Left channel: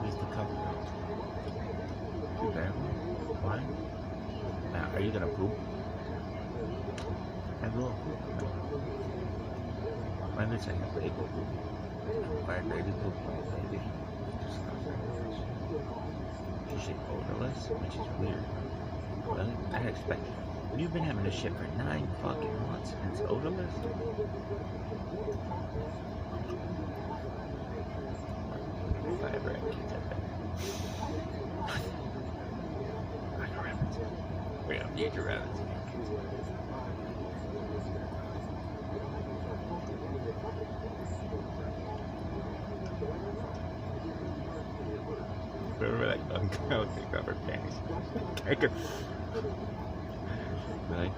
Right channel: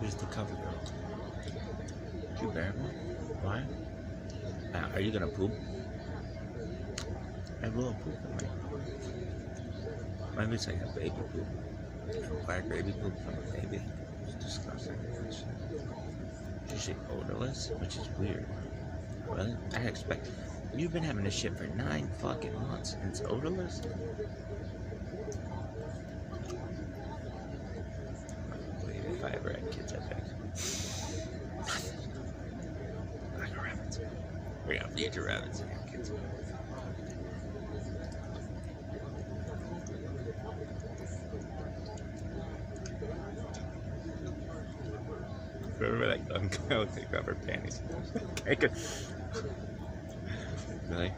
Who's the cover girl? You bear me? Why? Now, are you gonna poop? I will poop. Maybe it's like a baby poop. Why baby poop from a baby? It's disgusting. You should odorless, which is weird. Really? I expect. You've been having this shit for 9 fucking months and it's odorless? If I ever had kids, I bet. Like rabbits. We have nature rabbits and have kids. Remember that young girl take off her panties? I could. Really?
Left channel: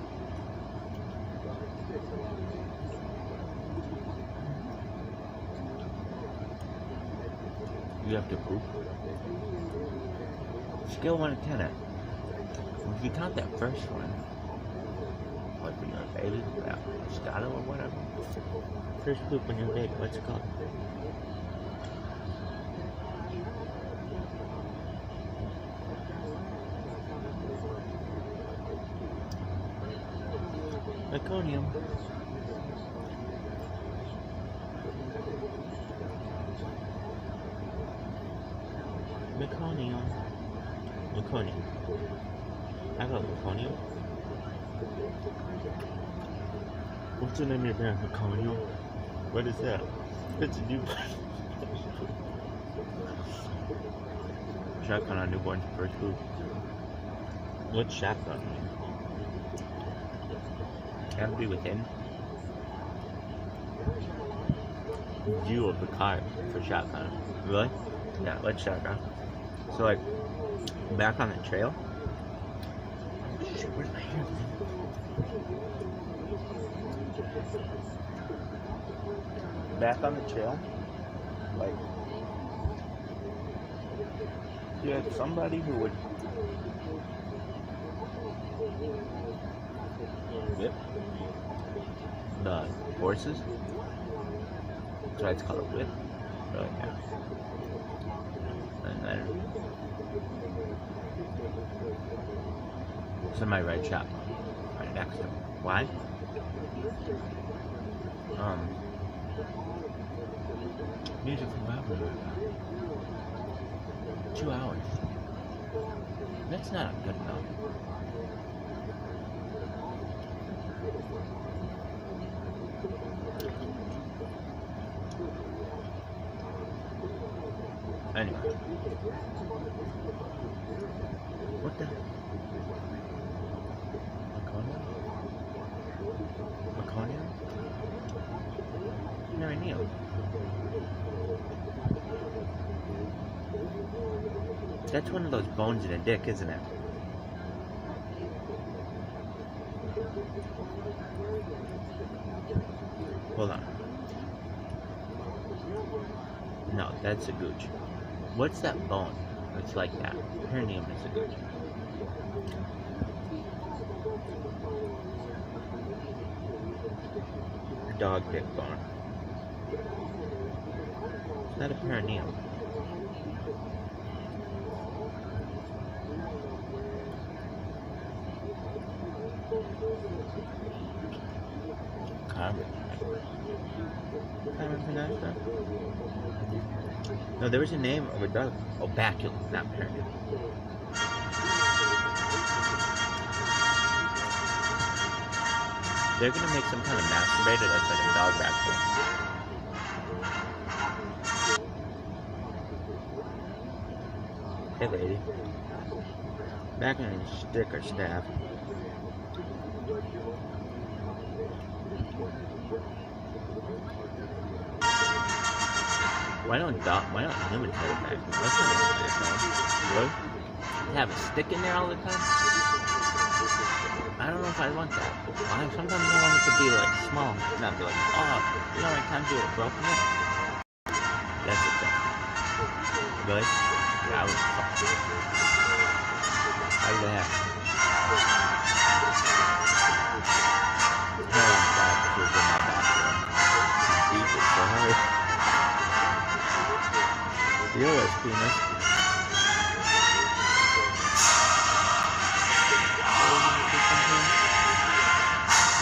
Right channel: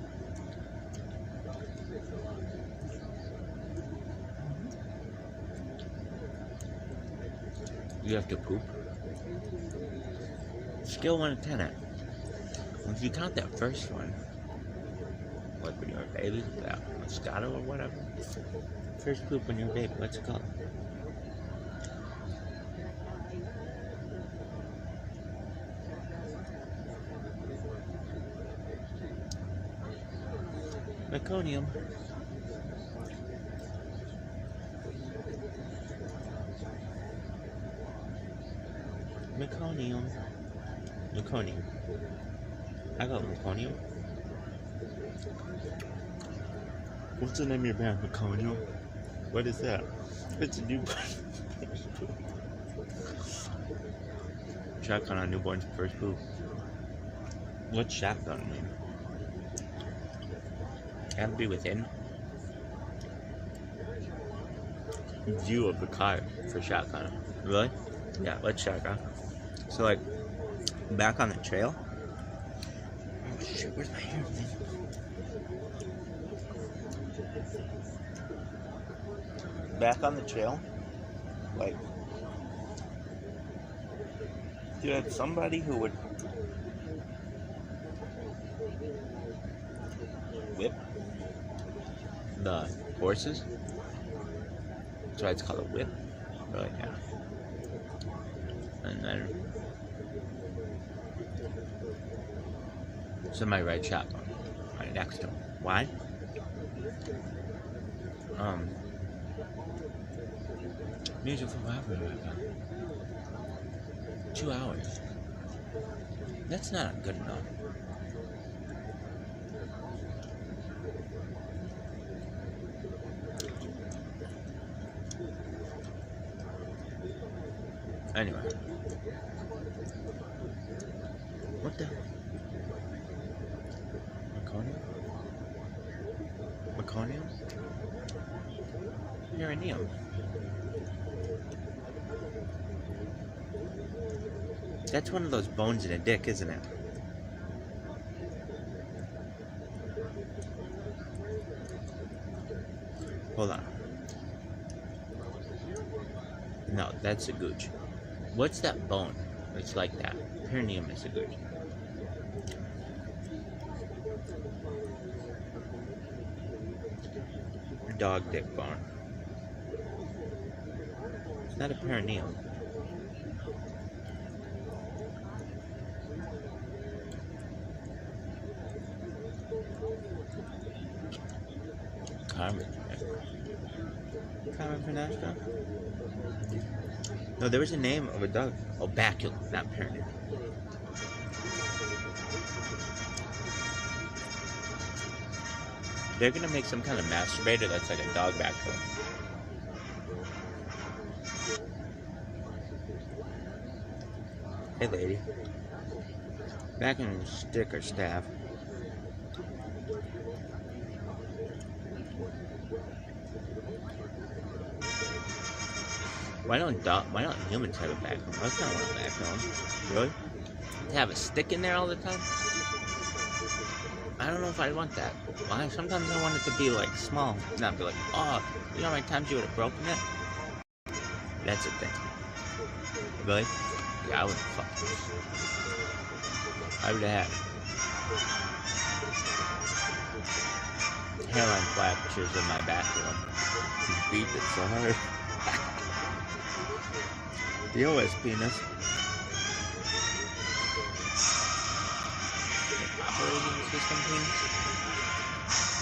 You have to poop? Scale 1 to 10 it. If you count that first one, like when you're a baby, yeah, Moscato or whatever. First poop when you're a baby, what's it called? Meconium. Meconium. Meconium. I got Meconium. What's the name of your band? Meconium? What is that? It's a newborn. Shotgun on newborn's first poop. What's shotgun mean? Have to be within view of the car for shotgun. Really? Yeah, let's shotgun. So like back on the trail. Oh shit, where's my hair? Back on the trail, like you had somebody who would whip the horses. That's why it's called a whip. Really, yeah. And then somebody ride shotgun right next to him. Why? Music from Library right now. 2 hours. That's not good enough. Anyway. What the? Meconium? Meconium? You're a Neil. That's one of those bones in a dick, isn't it? Hold on. No, that's a gooch. What's that bone? It's like that. Perineum is a gooch. Dog dick bone. It's not a perineum. Common for that stuff? No, there was a name of a dog. Oh, baculum, not pyramid. They're gonna make some kind of masturbator that's like a dog baculum. Hey, lady. Back in your stick or staff. Why don't humans have a backbone? That's not what a backbone. Really? To have a stick in there all the time? I don't know if I want that. Sometimes I want it to be like small, not be like, oh, you know how many times you would have broken it? That's a thing. Really? Yeah, I would fuck. I would have. Hair on flat, which was in my bathroom. Deep it so hard. The OS penis.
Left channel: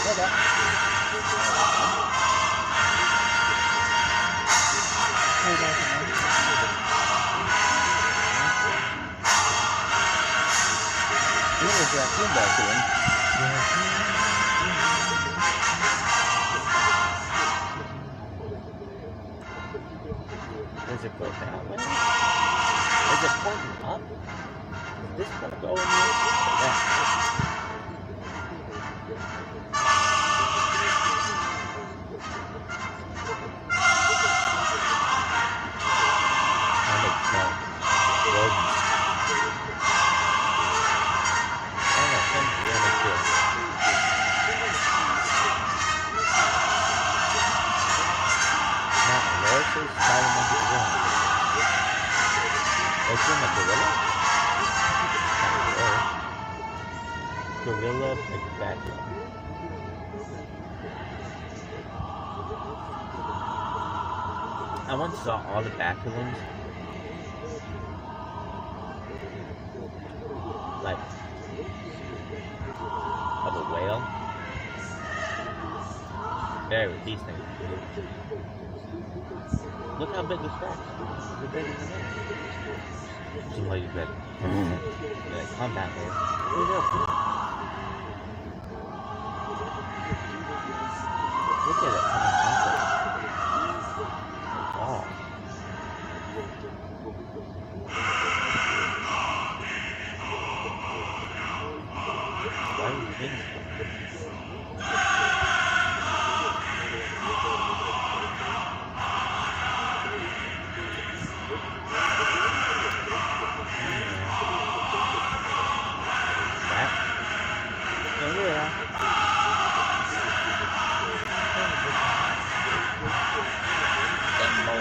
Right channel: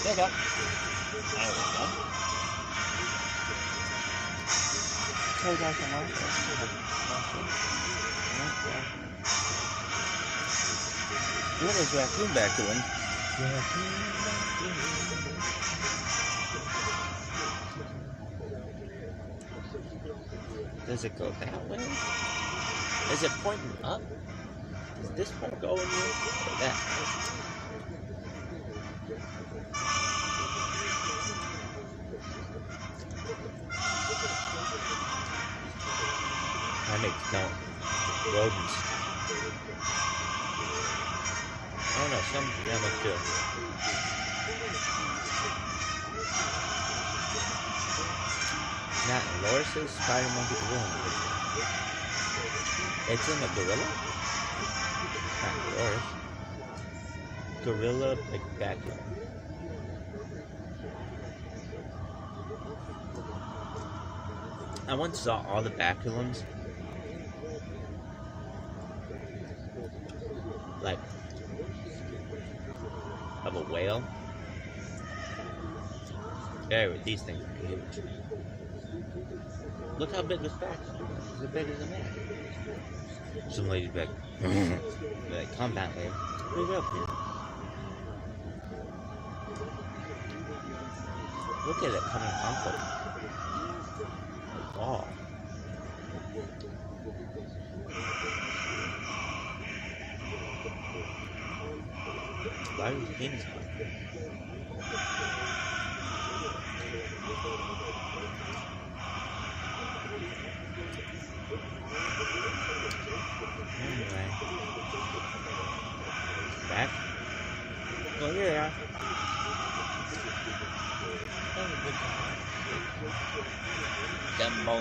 Shut up. Hey guys, there's that room back to him. Does it go that way? Is it pointing up? Does this one go in here? Yeah. That makes sense. Rodents. I don't know, some like this. Now, Loris's spider monkey gorilla. It's in a gorilla? Not Loris. Gorilla backyard. I once saw all the baculums. Like of a whale. Better with these things. Look how big this box is. It's bigger than that. Some lady's like, yeah, come back here. Look at it coming off it. Wow. Why are you thinking? Back? Oh yeah. Jumbo.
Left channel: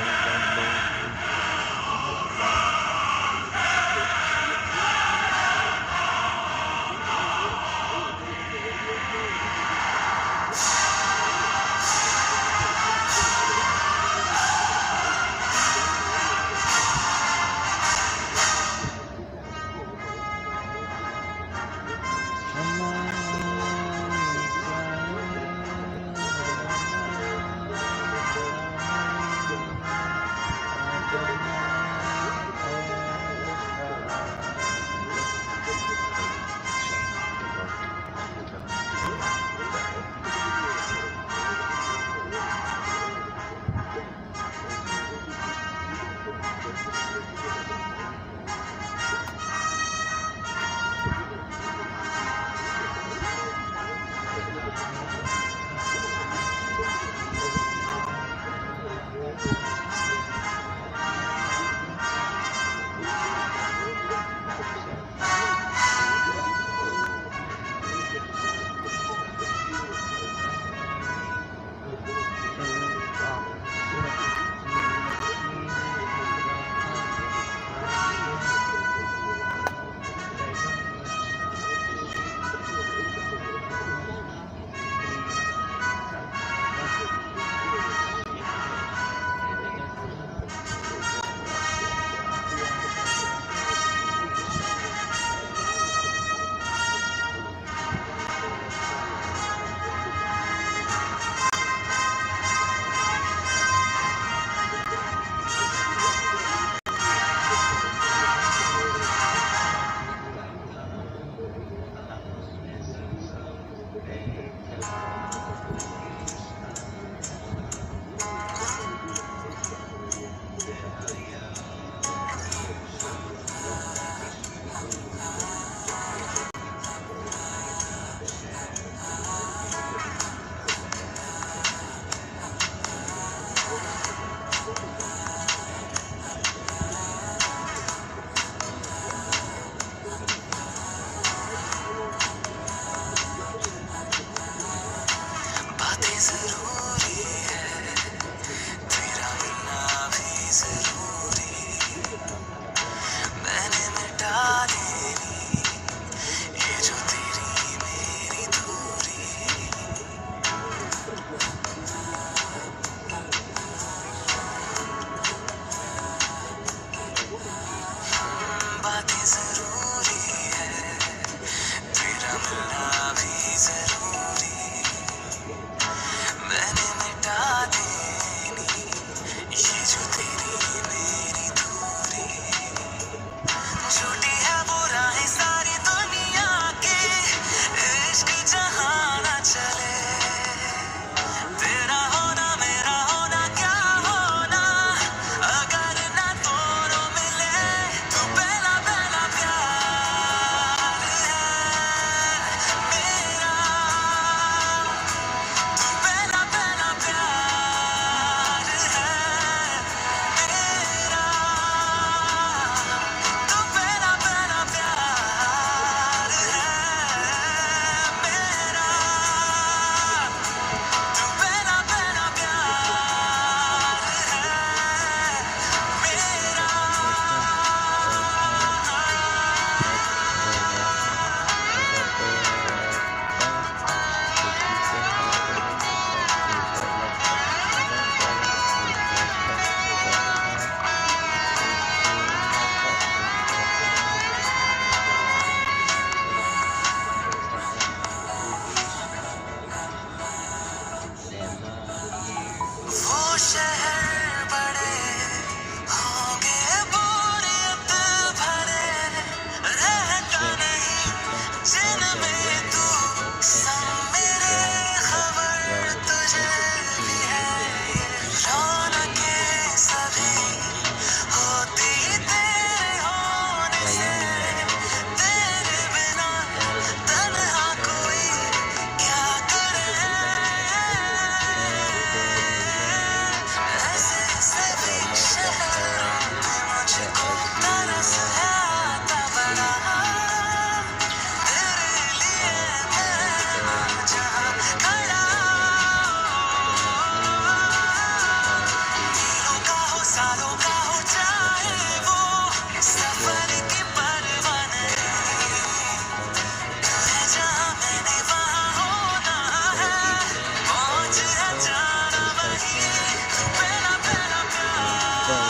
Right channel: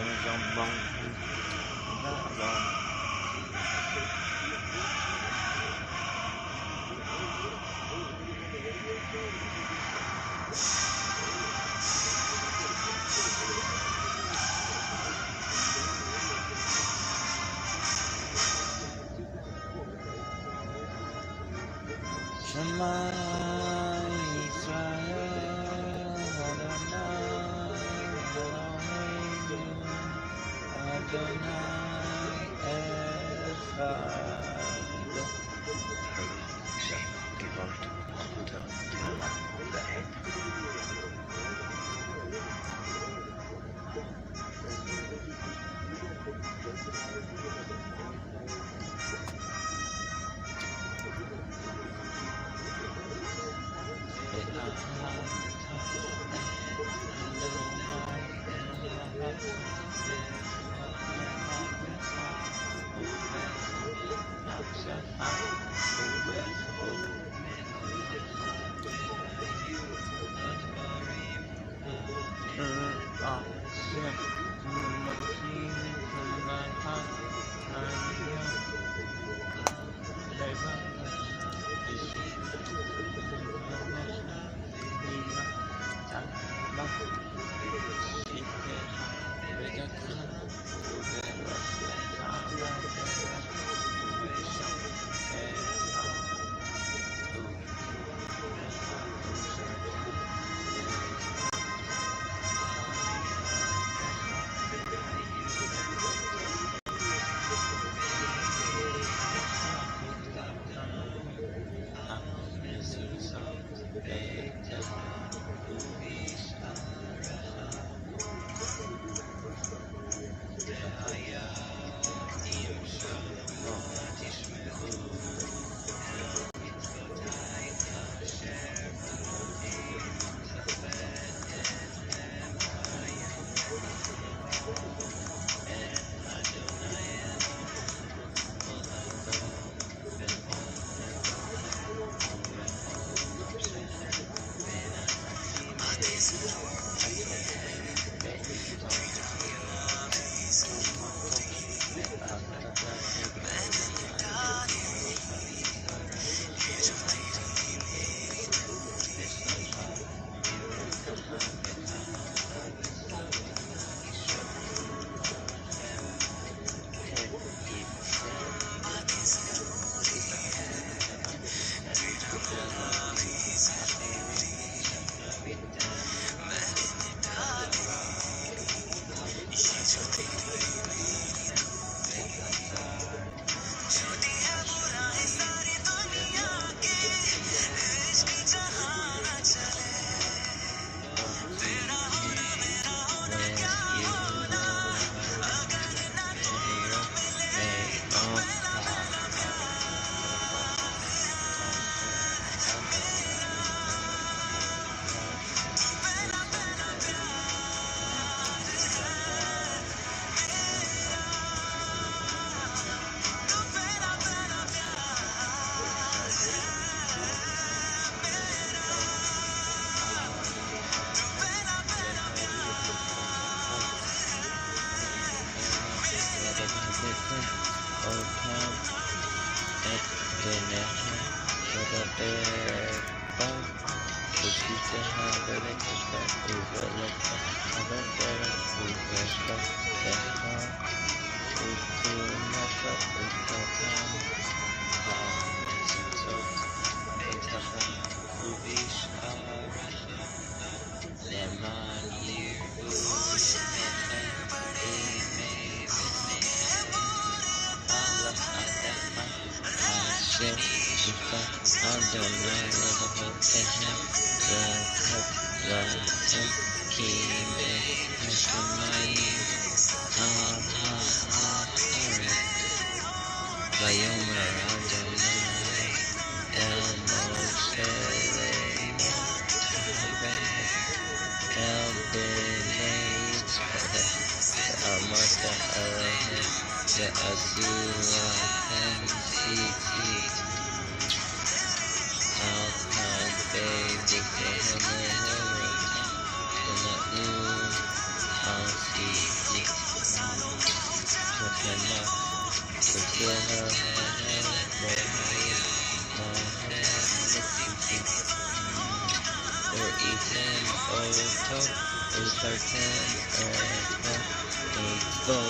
Okay,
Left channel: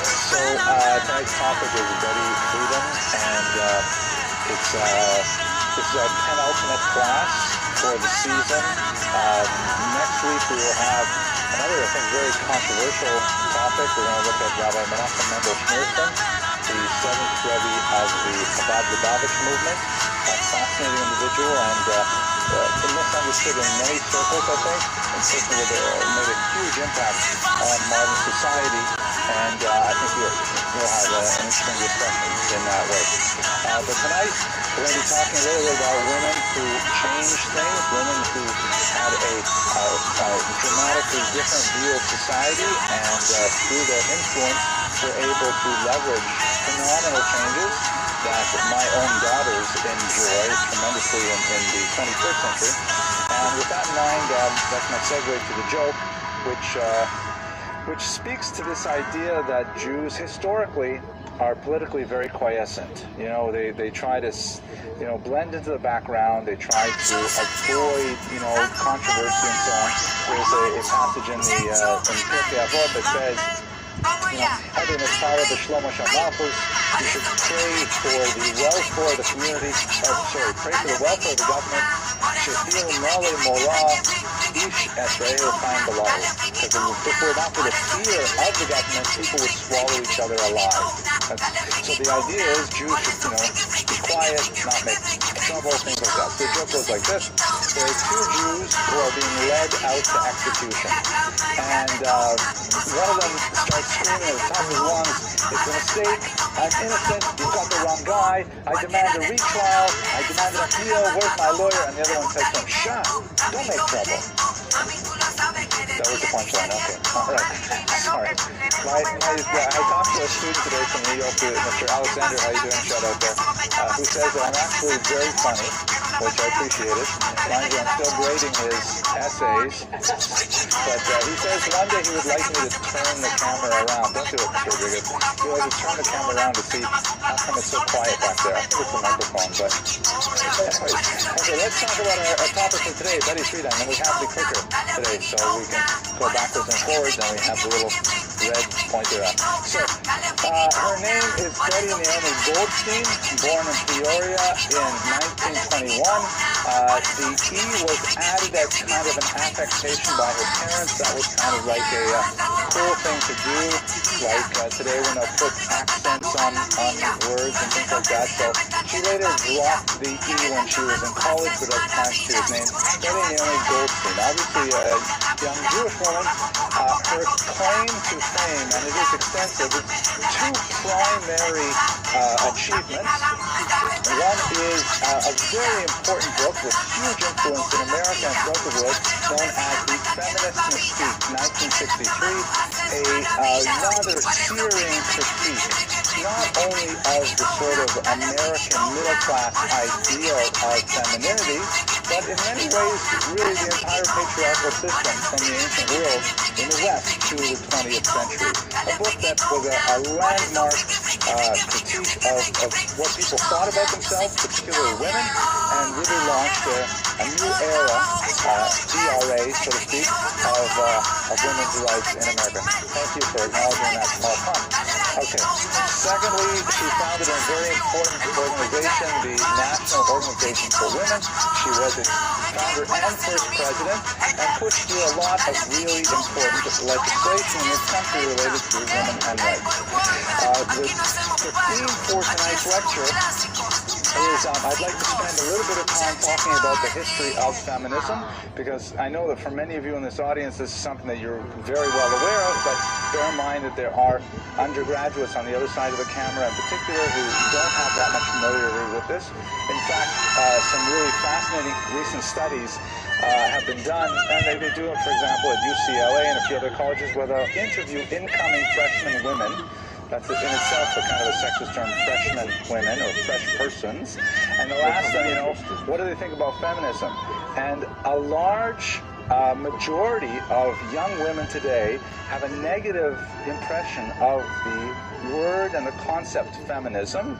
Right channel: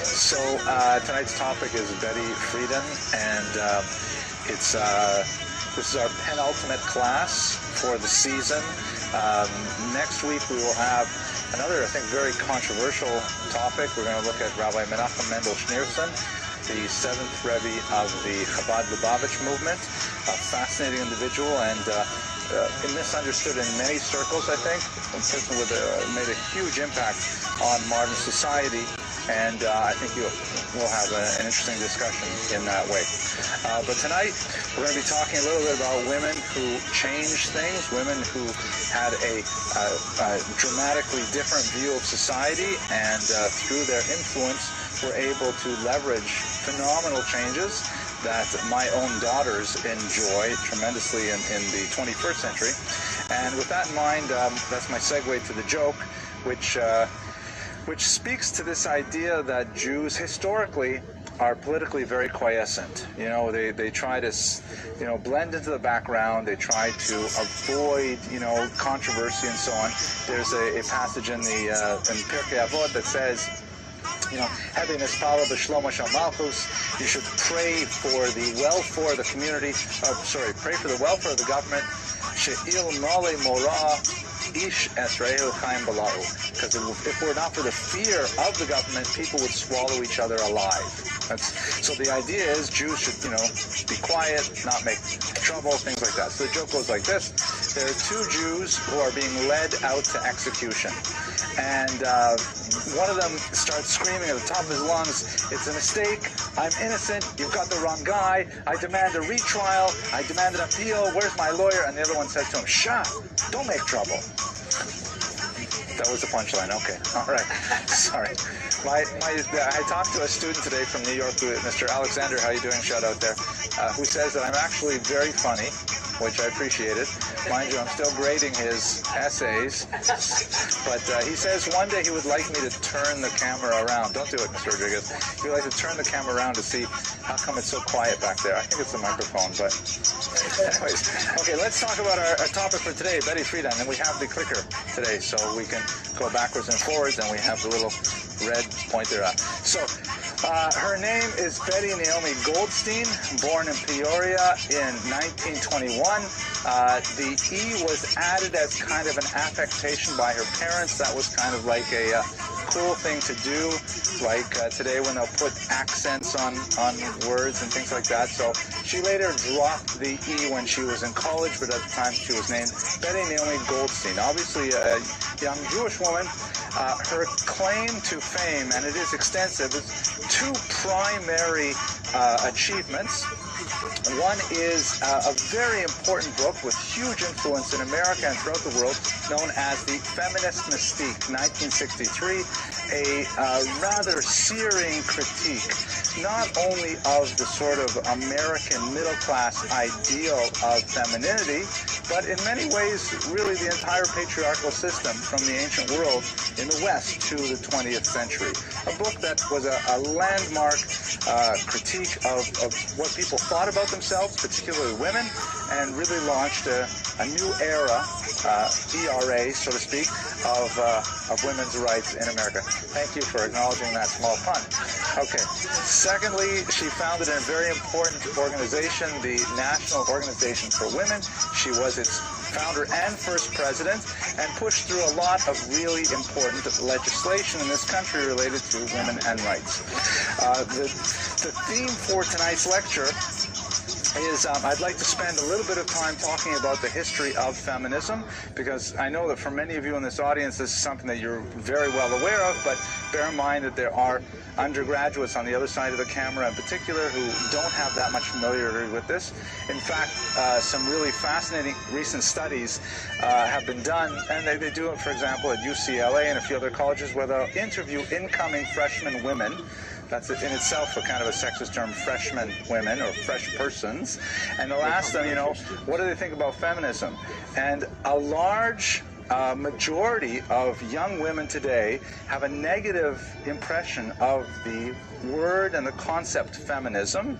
so tonight's topic is Betty Friedan, and this is our penultimate class for the season. Next week we will have another, I think, very controversial topic. We're going to look at Rabbi Menachem Mendel Schneerson, the 7th Rebbe of the Chabad Lubavitch movement, a fascinating individual and misunderstood in many circles, I think, and certainly made a huge impact on modern society. And I think we'll have an interesting discussion in that way. But tonight, we're going to be talking a little bit about women who changed things, women who had a dramatically different view of society, and through their influence, were able to leverage phenomenal changes that my own daughters enjoy tremendously in the 21st century. And with that in mind, that's my segue to the joke, which speaks to this idea that Jews historically are politically very quiescent. You know, they try to, blend into the background. They try to avoid, controversy and so on. There's a passage in in Pirkei Avot that says, having this power of the Shlomo Malchus, you should pray for the welfare of the community, pray for the welfare of the government, she'il male mora ish Esrael chaim below. Because if it were not for the fear of the government, people would swallow each other alive. So the idea is Jews should, be quiet, not make trouble, things like that. So the joke goes like this. There are two Jews who are being led out to execution. And one of them starts screaming at the top of his lungs, "It's a mistake, I'm innocent, you've got the wrong guy, I demand a retrial, I demand an appeal, where's my lawyer?" And the other one says to him, "Shh, don't make trouble." That was the punchline. Okay. All right. Sorry. I talked to a student today from New York, Mr. Alexander. How you doing? Shout out there. Who says that I'm actually very funny, which I appreciated. Mind you, I'm still grading his essays. But he says one day he would like me to turn the camera around. Don't do it, Mr. Rodriguez. He would like to turn the camera around to see how come it's so quiet back there. I think it's the microphone, but anyways. Okay, let's talk about our topic for today, Betty Friedan. And we have the clicker today, so we can go backwards and forwards, and we have the little red pointer up. So, her name is Betty Naomi Goldstein, born in Peoria in 1921. The E was added as kind of an affectation by her parents. That was kind of like a cool thing to do, like today when they'll put accents on words and things like that. So she later dropped the E when she was in college, but at the time she was named Betty Naomi Goldstein. Obviously a young Jewish woman. Her claim to fame, and it is extensive, is two primary achievements. One is a very important book with huge influence in America and throughout the world, known as The Feminist Mystique, 1963, a rather searing critique, not only of the sort of American middle-class ideal of femininity, but in many ways, really the entire patriarchal system from the ancient world in the West to the 20th century. A book that was a landmark critique of what people thought about themselves, particularly women, and really launched a new era, ERA, so to speak, of women's rights in America. Thank you for acknowledging that small pun. Okay. Secondly, she founded a very important organization, the National Organization for Women. She was its founder and first president, and pushed through a lot of really important legislation in this country related to women and rights. The theme for tonight's lecture is I'd like to spend a little bit of time talking about the history of feminism, because I know that for many of you in this audience, this is something that you're very well aware of, but bear in mind that there are undergraduates on the other side of the camera in particular who don't have that much familiarity with this. In fact, some really fascinating recent studies have been done, and they do it, for example, at UCLA and a few other colleges, where they'll interview incoming freshman women. That's in itself a kind of a sexist term, freshman women or fresh persons. And they'll ask them, what do they think about feminism? And a large majority of young women today have a negative impression of the word and the concept feminism.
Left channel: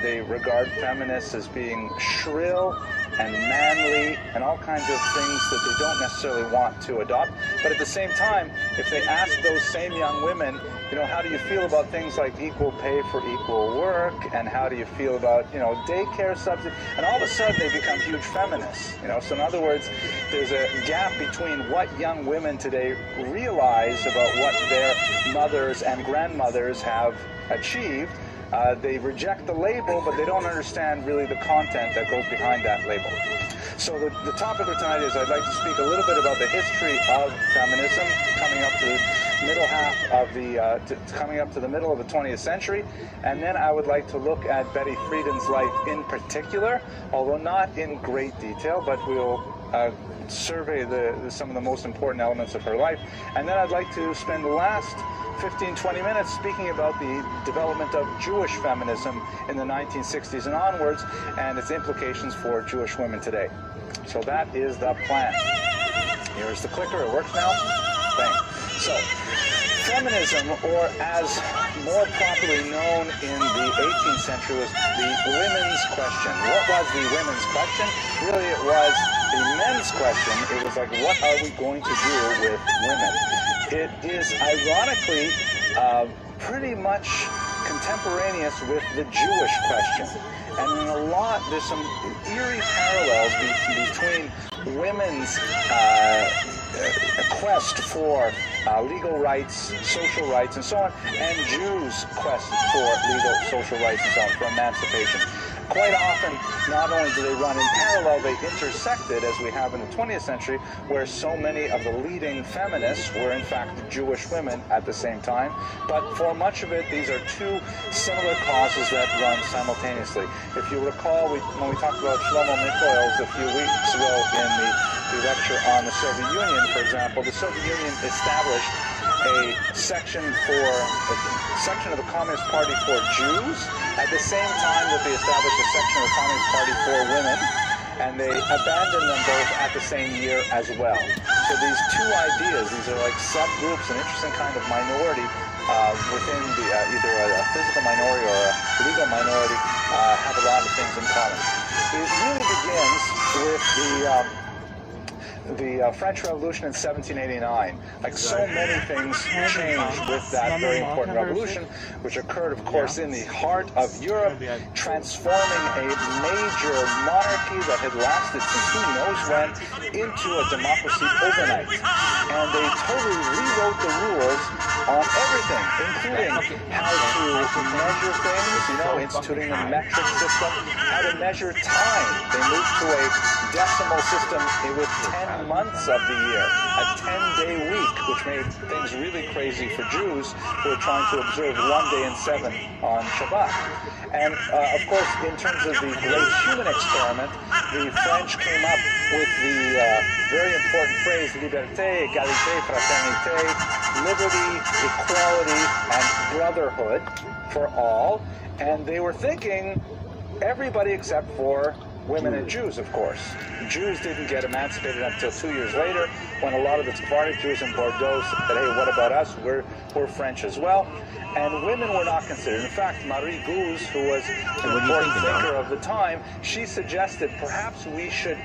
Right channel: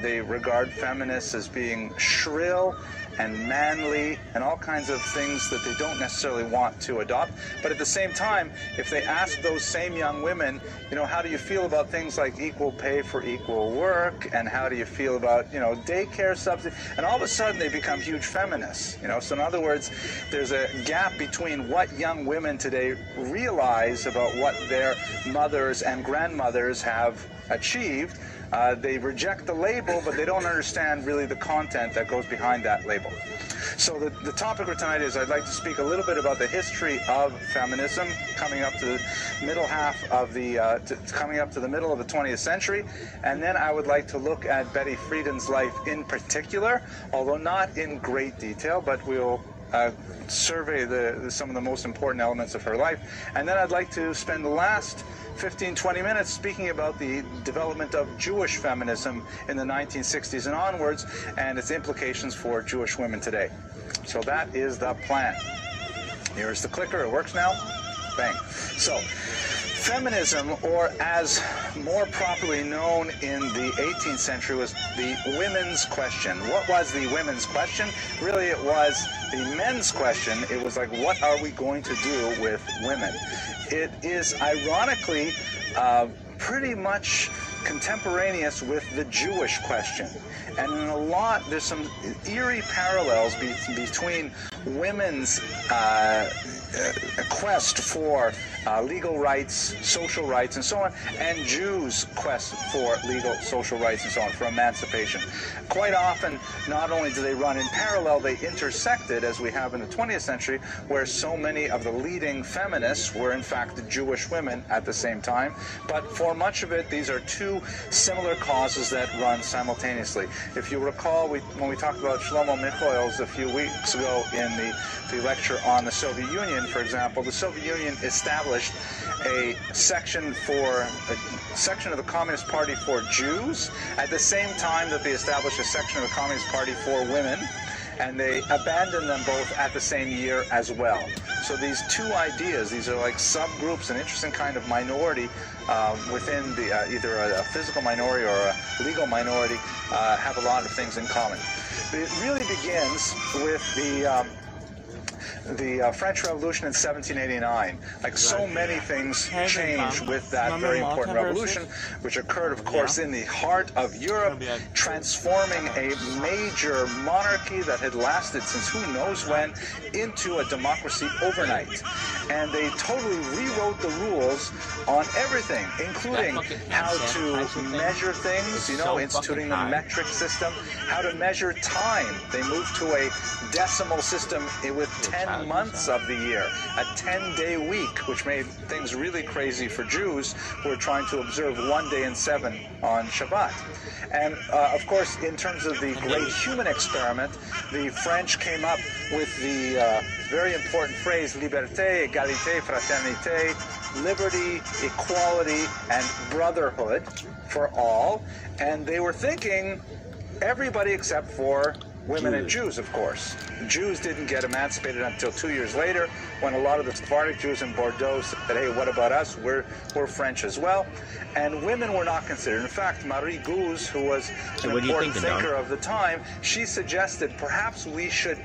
They regard feminists as being shrill, and manly and all kinds of things that they don't necessarily want to adopt. But at the same time, if they ask those same young women, how do you feel about things like equal pay for equal work, and how do you feel about, daycare subsidy, and all of a sudden they become huge feminists. So in other words, there's a gap between what young women today realize about what their mothers and grandmothers have achieved. They reject the label, but they don't understand really the content that goes behind that label. So the topic of tonight is I'd like to speak a little bit about the history of feminism coming up to the middle half of coming up to the middle of the 20th century, and then I would like to look at Betty Friedan's life in particular, although not in great detail, but we'll survey some of the most important elements of her life. And then I'd like to spend the last 15-20 minutes speaking about the development of Jewish feminism in the 1960s and onwards, and its implications for Jewish women today. So that is the plan. Here's the clicker. It works now. Bang. So feminism, or as more properly known in the 18th century, was the women's question. What was the women's question? Really, it was the men's question. It was like, what are we going to do with women? It is ironically pretty much contemporaneous with the Jewish question. And in a lot, there's some eerie parallels between women's quest for legal rights, social rights, and so on, and Jews' quest for legal, social rights, and so on, for emancipation. Quite often, not only do they run in parallel, they intersected, as we have in the 20th century, where so many of the leading feminists were, in fact, Jewish women at the same time. But for much of it, these are two similar causes that run simultaneously. If you recall, when we talked about Shlomo Mikloel's a few weeks ago in the lecture on the Soviet Union, for example, the Soviet Union established a section of the Communist Party for Jews at the same time that they established a section of the Communist Party for women, and they abandoned them both at the same year as well. So these two ideas, these are like subgroups, an interesting kind of minority within either a physical minority or a legal minority, have a lot of things in common. It really begins with the French Revolution in 1789. Like so many things changed with that very important revolution, which occurred, of course, in the heart of Europe, transforming a major monarchy that had lasted since who knows when into a democracy overnight. And they totally rewrote the rules on everything, including how to measure things, instituting the metric system, how to measure time. They moved to a decimal system with 10 months of the year, a 10-day week, which made things really crazy for Jews who were trying to observe 1 day in 7 on Shabbat. And of course, in terms of the great human experiment, the French came up with the very important phrase, liberté, égalité, fraternité, liberty, equality, and brotherhood for all. And they were thinking everybody except for women and Jews, of course. Jews didn't get emancipated until 2 years later, when a lot of the Sephardic Jews in Bordeaux said, hey, what about us? We're French as well. And women were not considered. In fact, Marie Gouze, who was an important thinker of the time, she suggested perhaps we should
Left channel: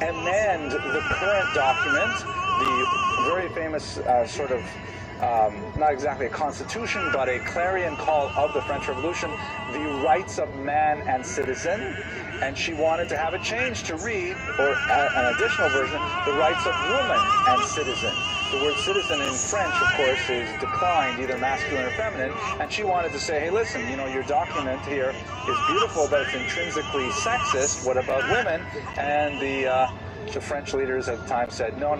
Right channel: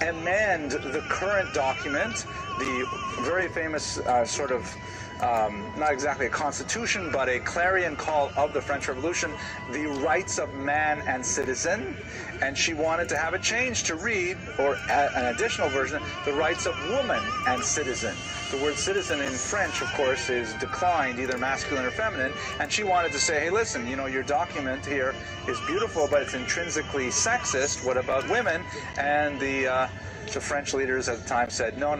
amend the current document, the very famous not exactly a constitution, but a clarion call of the French Revolution, the rights of man and citizen. And she wanted to have a change to read, or an additional version, the rights of woman and citizen. The word citizen in French, of course, is declined, either masculine or feminine. And she wanted to say, hey, listen, your document here is beautiful, but it's intrinsically sexist. What about women? And the French leaders at the time said, no.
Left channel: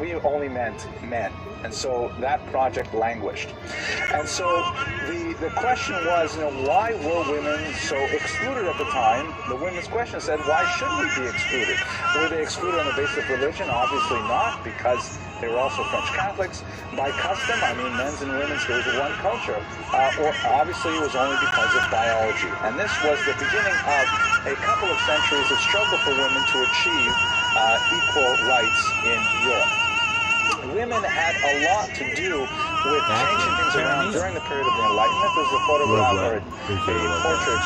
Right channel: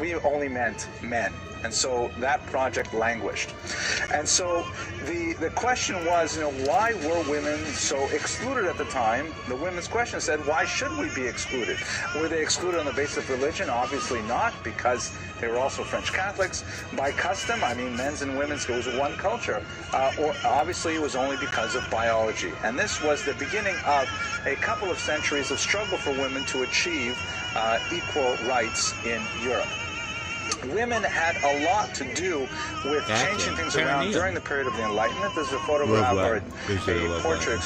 We only meant men. And so that project languished. And so the question was, why were women so excluded at the time? The women's question said, why should we be excluded? Were they excluded on the basis of religion? Obviously not, because they were also French Catholics. By custom, men's and women's, it was one culture. Or obviously it was only because of biology. And this was the beginning of a couple of centuries of struggle for women to achieve equal rights in Europe. women had a lot to do with changing things around during the period of the Enlightenment. There's a photograph, or a portrait,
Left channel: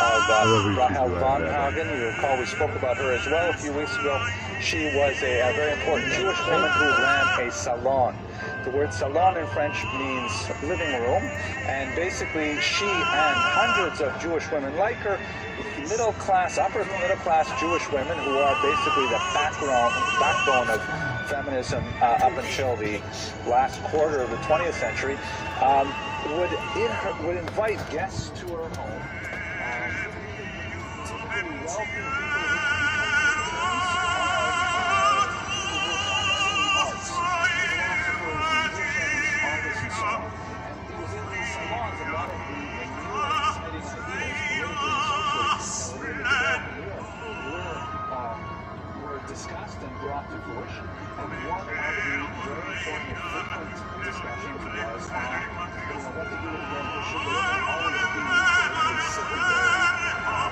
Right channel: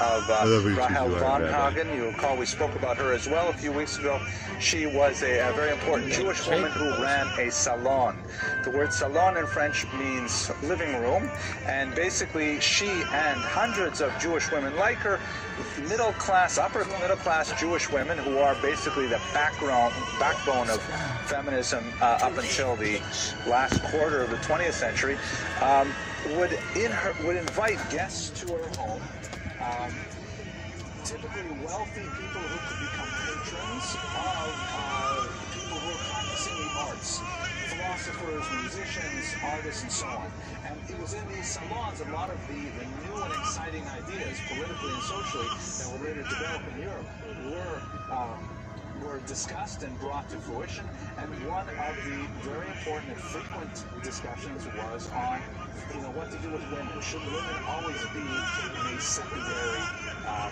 of Rahel von Hagen. You recall we spoke about her as well a few weeks ago. She was a very important Jewish woman who ran a salon. The word salon in French means living room, and basically she and hundreds of Jewish women like her, middle class, upper middle class Jewish women who are basically the backbone of feminism up until the last quarter of the 20th century, would invite guests to her home, typically wealthy people who could become patrons of people who were practicing the arts, philosophers, musicians, artists, and so on. And it was in these salons a lot of the new and exciting ideas, politically and socially, that were later developed in Europe were discussed and brought to fruition. And one of the very important and frequent discussions was on what to do with women. Should women always be in a secondary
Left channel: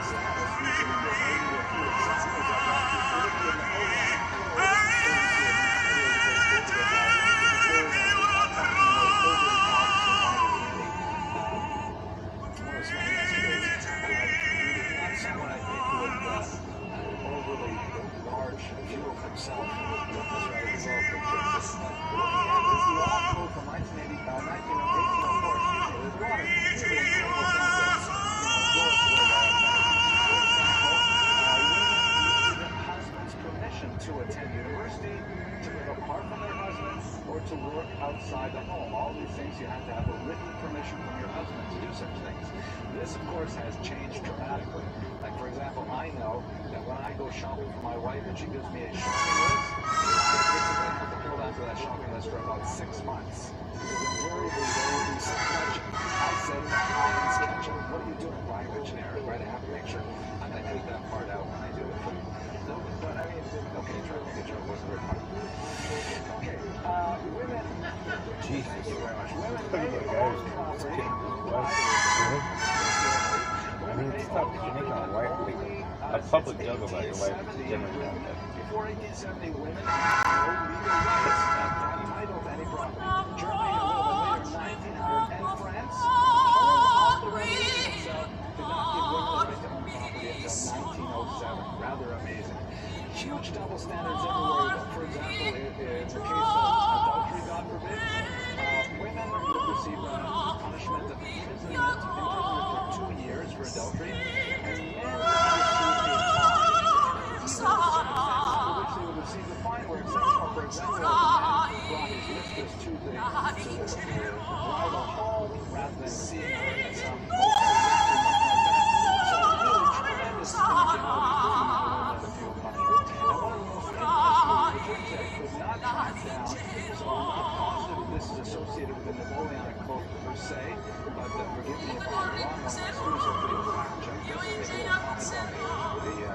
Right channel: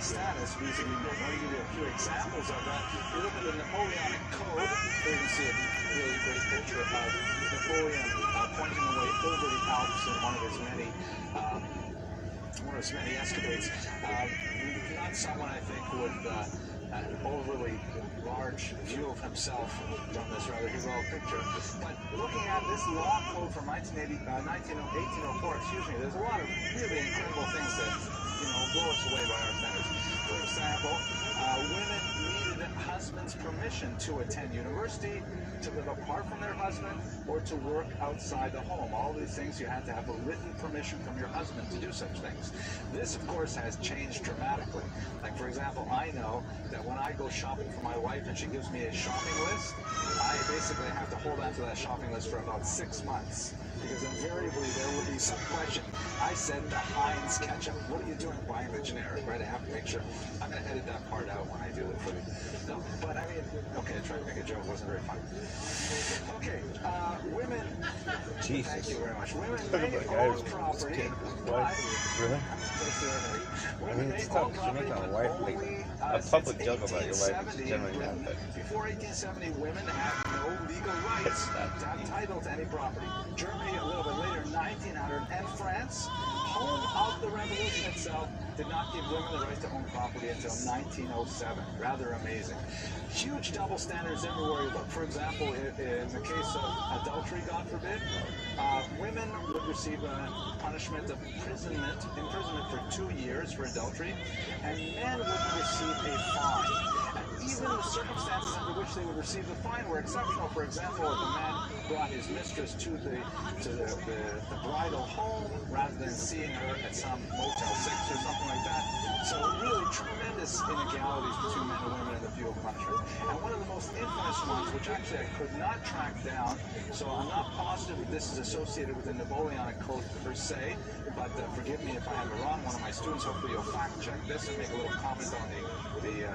status? Vis-a-vis the maybe a few examples of that. We look at the Napoleonic Code, where we see a really great picture of Napoleon talking about over the Alps in one of his many escapades. Not someone, I think, who would overly large view of himself in this rather bizarre picture. But looking at this law code from 1804, there's a lot of really incredible things that blow us away by our face. For example, women needed their husband's permission to attend university, to live apart from their husband, or to work outside the home. All these things you have to have a written permission from your husband to do such things. This, of course, has changed dramatically. Like, for example, I know that when I go shopping for my wife and she gives me a shopping list, I basically have to hold on to that shopping list for about 6 months. Because invariably there will be some question. I said that Heinz ketchup. What are you doing buying the generic, right? I have to make sure. I'm going to edit that part out when I do it. No, but I mean, okay, I tried to make a joke. It wasn't very funny. Okay, women. Jesus. Thank you very much. Women may own property. I mean, it's tough because you're making a wife, like, a public joke about your wife is generally not good. Before 1870, women had no legal rights to have title to any property. Germany, a little bit later, 1900, and France, home of the revolution itself, did not give women the right to own property until 1907. Rather amazing. Huge double standards everywhere. For example, in the case of adultery, God forbid, women would receive a punishment of imprisonment for 2 years for adultery, and men would receive a fine. Even the circumstances under which they would receive the fine were exceptional. For example, if a man brought his mistress to the bridal home rather than seeing her at some motel 6 or something like that. So really tremendous inegalities between men and women in the field of punishment. And one of the most infamous ones, which actually I could not track down, so I'm not positive that this is associated with the Napoleonic Code per se, but forgive me if I have it wrong. One of my students, hopefully you'll fact check this and make a little comment on the video.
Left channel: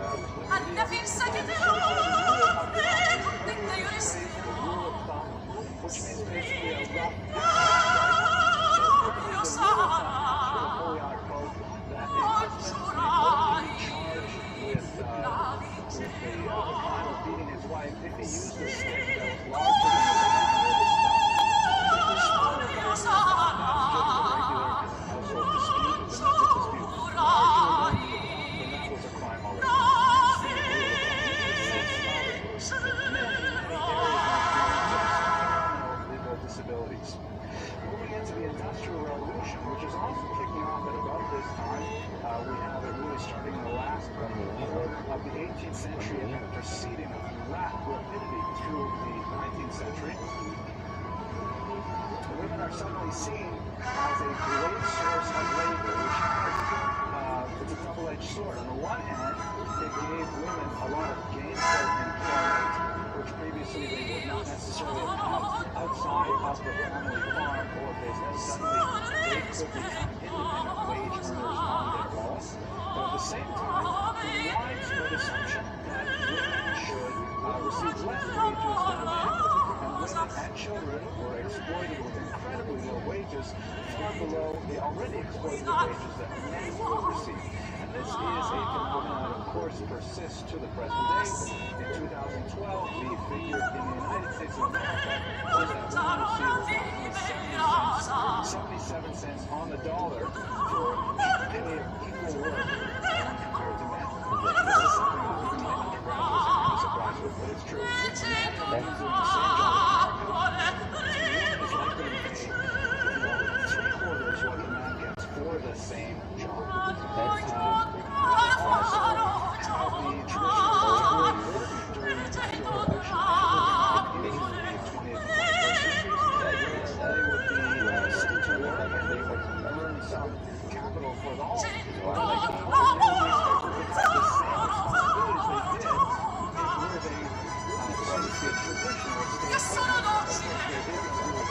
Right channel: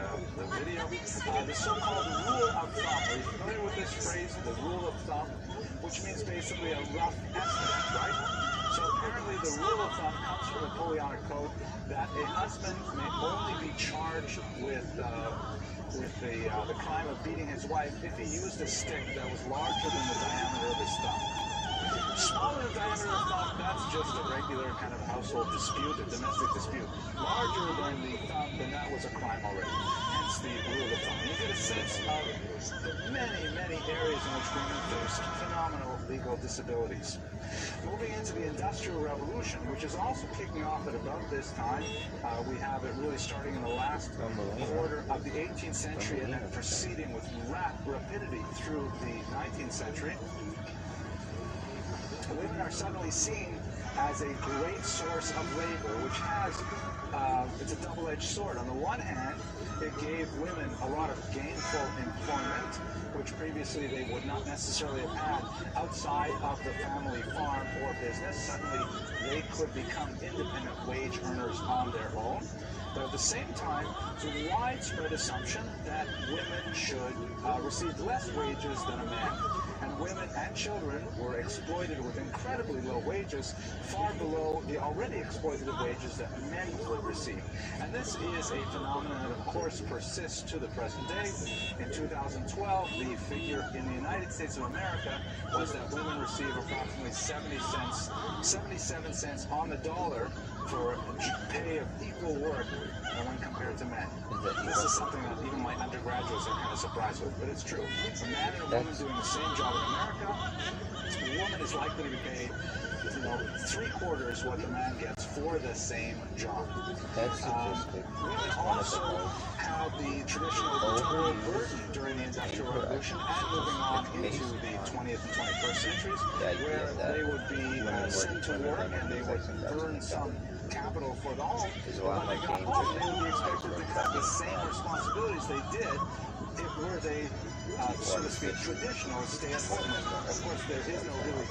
The so-called rule of thumb. Are you familiar with this phrase, the rule of thumb, which means basically a rough estimate, right? So typically the rule of thumb comes from the Napoleonic Code that a husband may only be charged with the crime of beating his wife if he used a stick that was larger than the diameter of his thumb. Smaller than the thumb, that's just a regular kind of household dispute, a domestic dispute. Larger than the thumb, then that was a crime already. Hence the rule of thumb. You get a sense of the many areas in which women face phenomenal legal disabilities. Moving into the Industrial Revolution, which is also kicking off at about this time, we have it really starting in the last quarter of the 18th century and then proceeding with rapidity through the 19th century. Women are suddenly seen as a great source of labor, which has, it's a double-edged sword. On the one hand, it gave women a lot of gainful employment, which previously they would not necessarily have had outside of the family farm or business. Suddenly, they could become independent wage earners on their own. But at the same time, the widespread assumption that women should received less wages than men, and women and children were exploited with incredibly low wages, far below the already exploitative wages that men would receive. And this is a phenomenon that, of course, persists to the present day. In 2012, the figure in the United States of America was that women receive approximately 77 cents on the dollar for pay of equal work when compared to men. This is something that even my undergraduates are kind of surprised with, but it's true. It's a man and a woman doing the same job in America. The woman is likely to pay, three-quarters what the man gets for the same job. Women also have the traditional maternal burden during the Industrial Revolution and moving on into the 20th and 21st centuries, where they would be sent to work and they would earn some capital for the home. They would be expected to have the same responsibilities they did were they, so to speak, traditional stay-at-home mothers. Of course, there is no real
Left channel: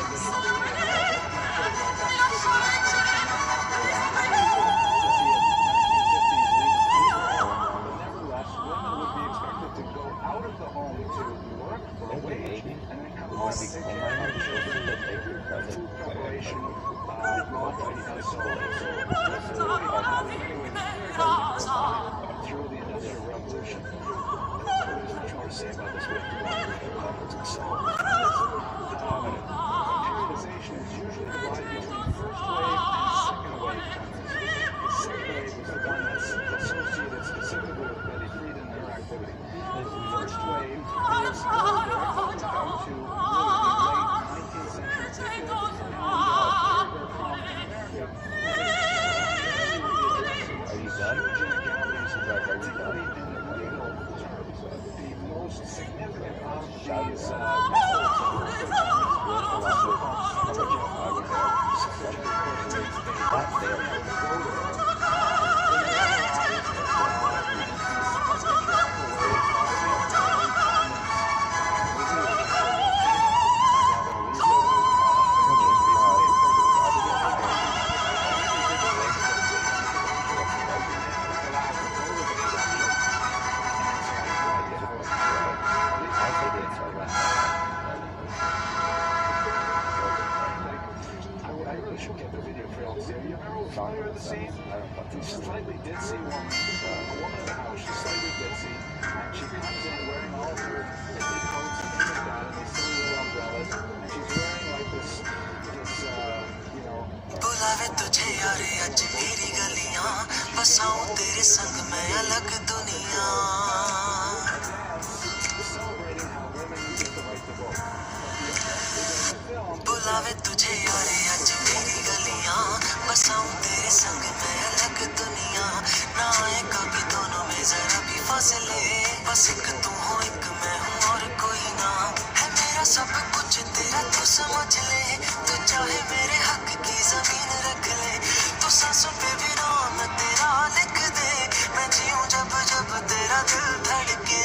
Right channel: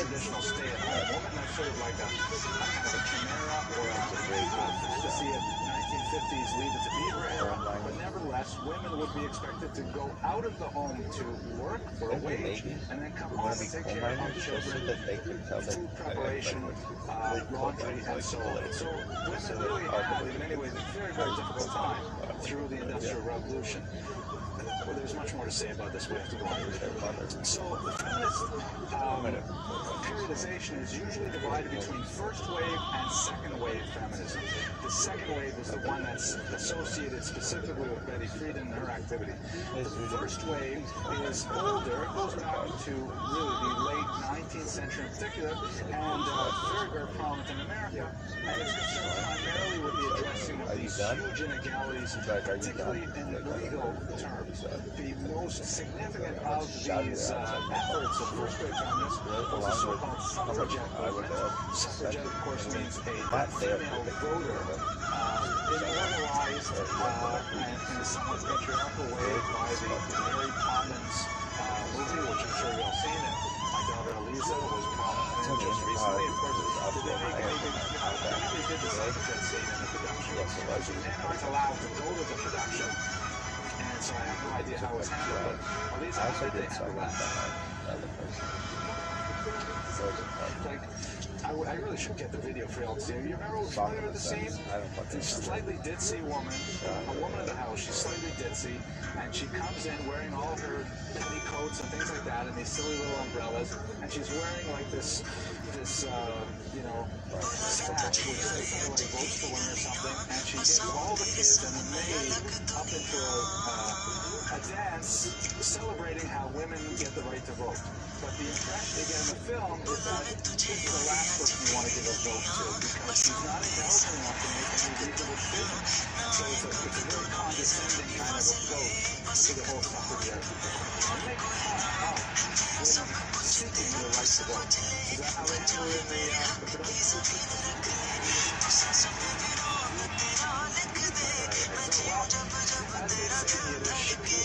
traditional stay-at-home. Sort of like a to see a 1950s Leave It to Beaver era. But nevertheless, women would be expected to go out of the home to work for a wage and then come home and take care of their children, food preparation, laundry, and so on. So women really had, in many ways, a very, very difficult time through the Industrial Revolution. Well, there's much more to say about this. We have to go on with their comments. So, periodization is usually divided between first wave and second wave feminism. The second wave was the one that's associated specifically with Betty Friedan and her activity. The first wave is older. It goes back to really the late 19th century in particular, and very, very prominent in America. And it's primarily with the addressing of these huge inegalities, particularly in legal terms. The most significant of these efforts of first-wave feminism was the so-called suffragette. Suffragette, of course, means a female voter. It realized in a somewhat patriarchal way by the very prominent movie, which I'm sure you've seen, My Daughter Louisa, was prominent recently. Of course, they did the suffragette allowed to go to the production. So I have no idea how it's happened, but at least I think they have that. I really should get the video for y'all to see. You remember familiar with the scene? She's a slightly ditzy woman, a woman in the house. She's slightly ditzy, and she comes in wearing all her hippie coats and things like that, and these silly little umbrellas, and she's wearing like this celebrating how women get the right to vote. But the effect is in the film बुलावे तुझे यारे आज मेरी गलियां बसाऊं तेरे संग मैं अलग दुनिया ना आए कभी दोनों में जरा भी फासले बस एक तू हो एक मैं हूँ और कोई ना है मेरा सब कुछ तेरा तू समझ ले तू चाहे मेरे हक की जमीन रख ले तू सांसों पे भी नाम तेरा लिख दे मैं जीऊं जब जब तेरा दिल धड़के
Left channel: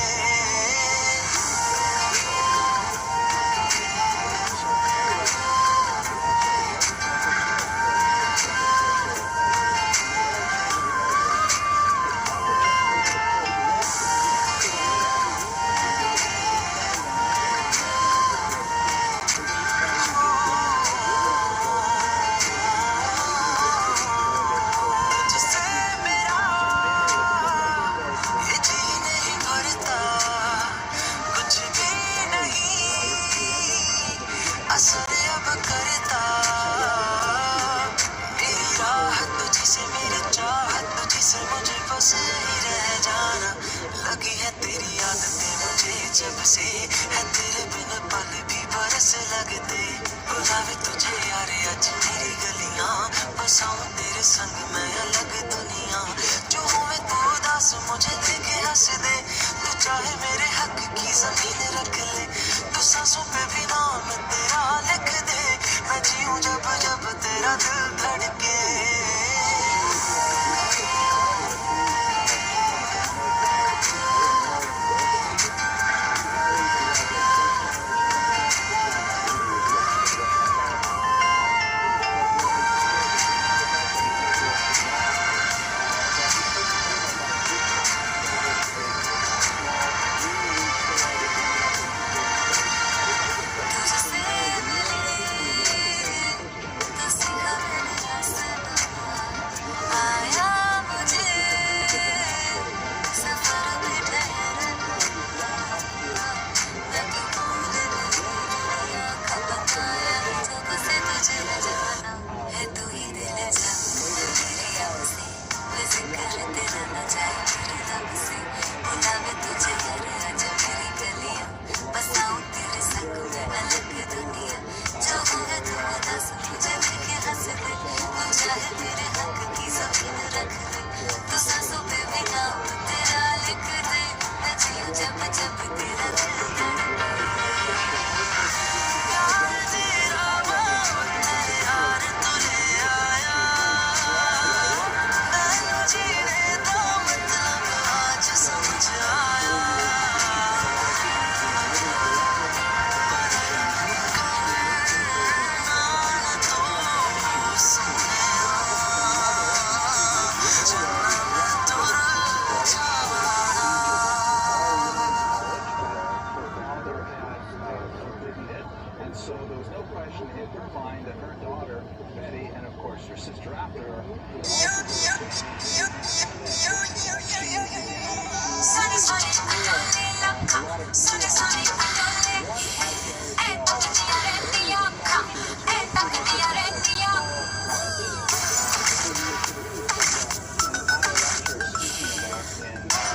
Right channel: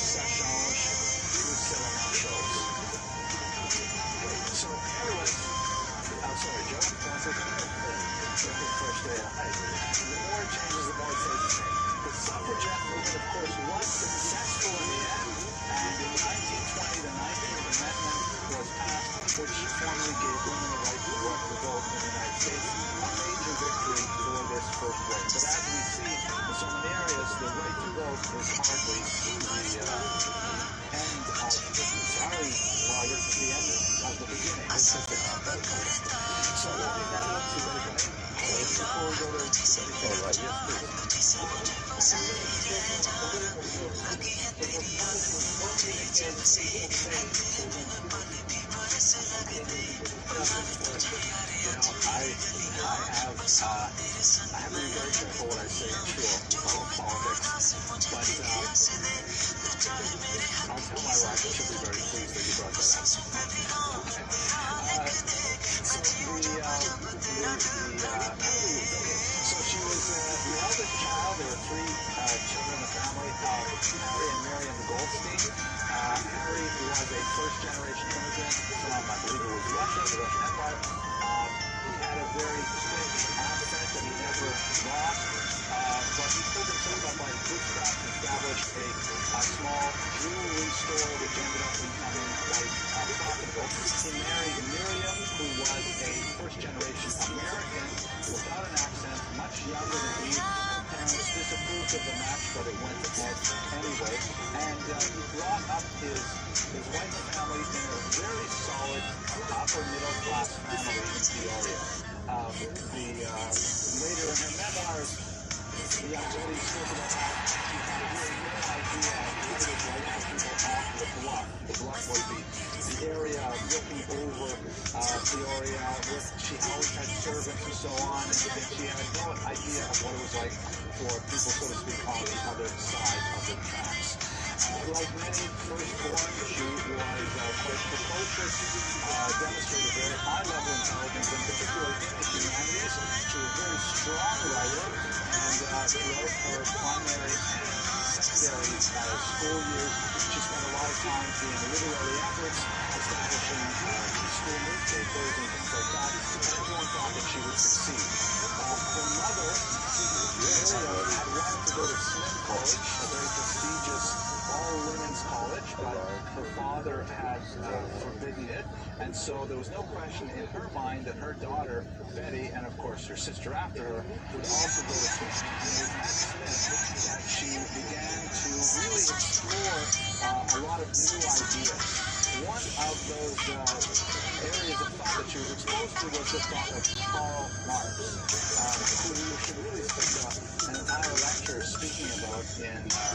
जब से है तेरे बिन पल भी बरस लगते बुलावे तुझे यारे आज मेरी गलियां बसाऊं तेरे संग मैं अलग दुनिया जो हुए तू उदास मुझे देखे हंस दे तू चाहे मेरे हक की जमीन रख ले तू सांसों पे भी नाम तेरा लिख दे मैं जीऊं जब जब तेरा दिल धड़के जब जब तेरा दिल याद तेरा यार तू ले आया नहीं जीने दो मतलब आज समझाया And so there was no question in her mind that her daughter, Betty, and of course her sister after her, would also go to school. She began to really explore a lot of new ideas. One of those areas of thought that she was exposed to was this concept of small lives. An entire lecture speaking about in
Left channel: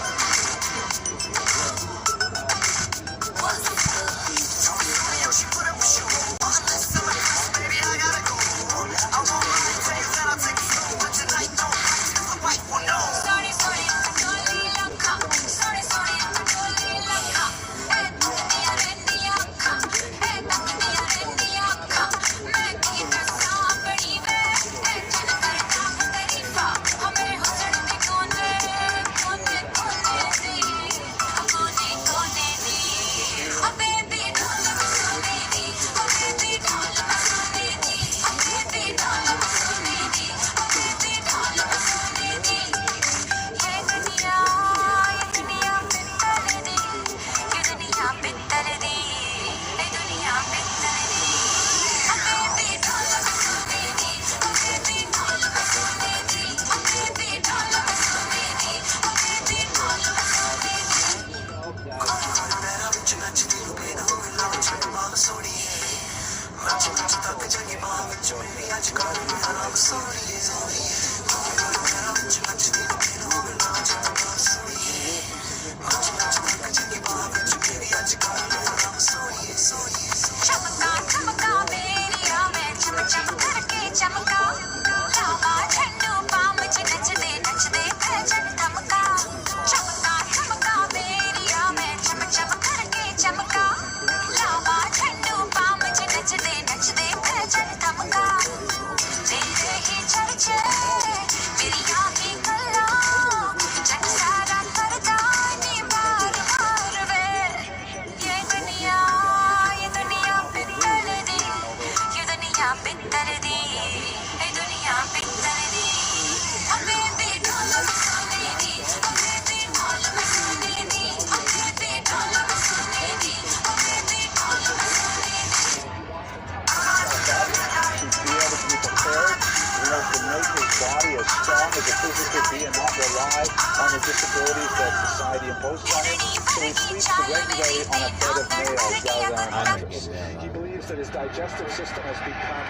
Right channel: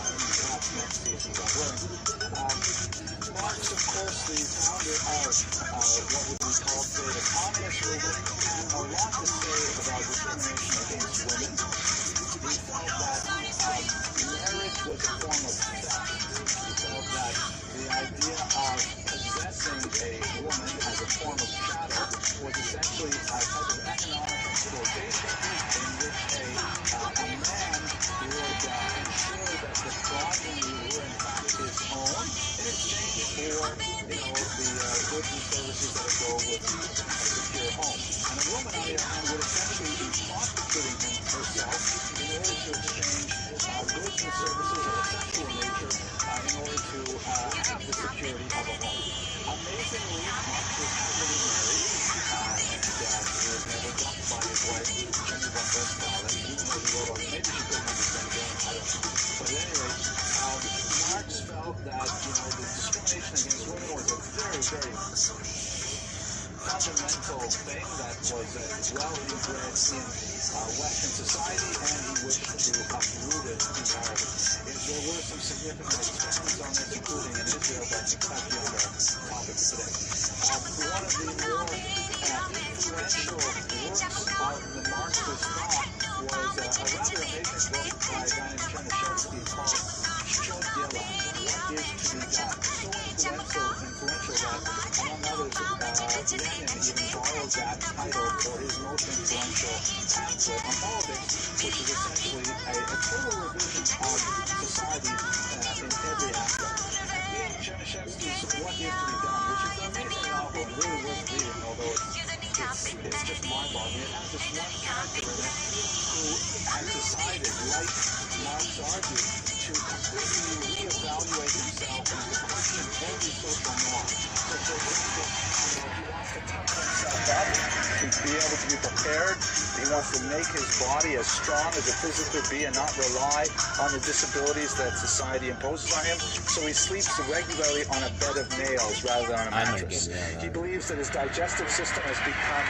to make his body as strong as it physically be and not rely on the disabilities that society imposes on him. So he sleeps regularly on a bed of nails rather than on a mattress. He believes that his digestive system has become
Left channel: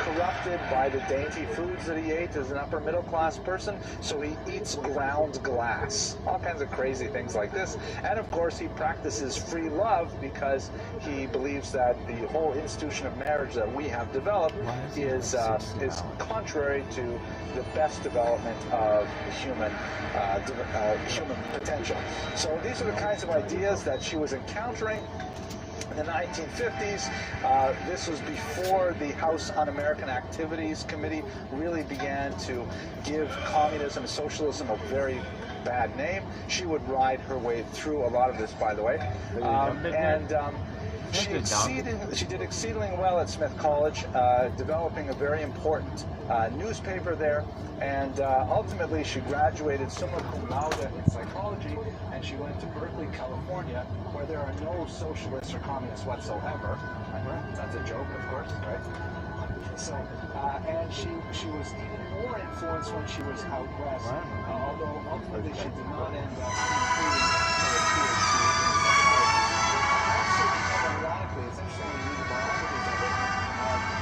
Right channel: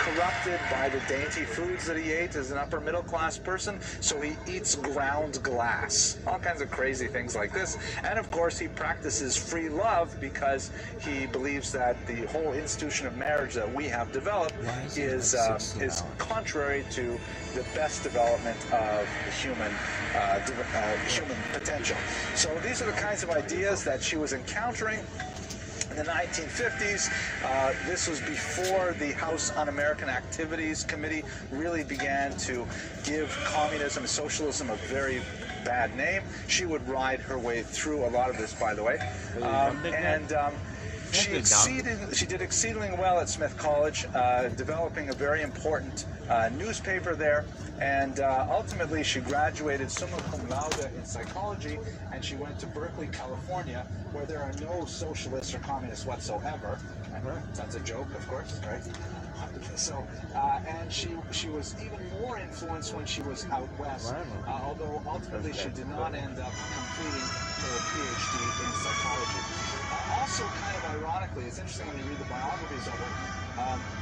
corrupted by the dainty foods that he ate as an upper middle class person, so he eats ground glass. All kinds of crazy things like this. And of course he practices free love because he believes that the whole institution of marriage that we have developed is contrary to the best development of human potential. So these are the kinds of ideas that she was encountering in the 1950s. This was before the House Un-American Activities Committee really began to give communism and socialism a very bad name. She would ride her way through a lot of this, by the way. She did exceedingly well at Smith College, developing a very important newspaper there, and ultimately she graduated summa cum laude in psychology, and she went to Berkeley, California, where there are no socialists or communists whatsoever. That's a joke, of course, right? So, and she was even more influenced when she was out west, although ultimately she did not end up completing her PhD in psychology. Also, kind of ironically, it's interesting when you read the biographies of it,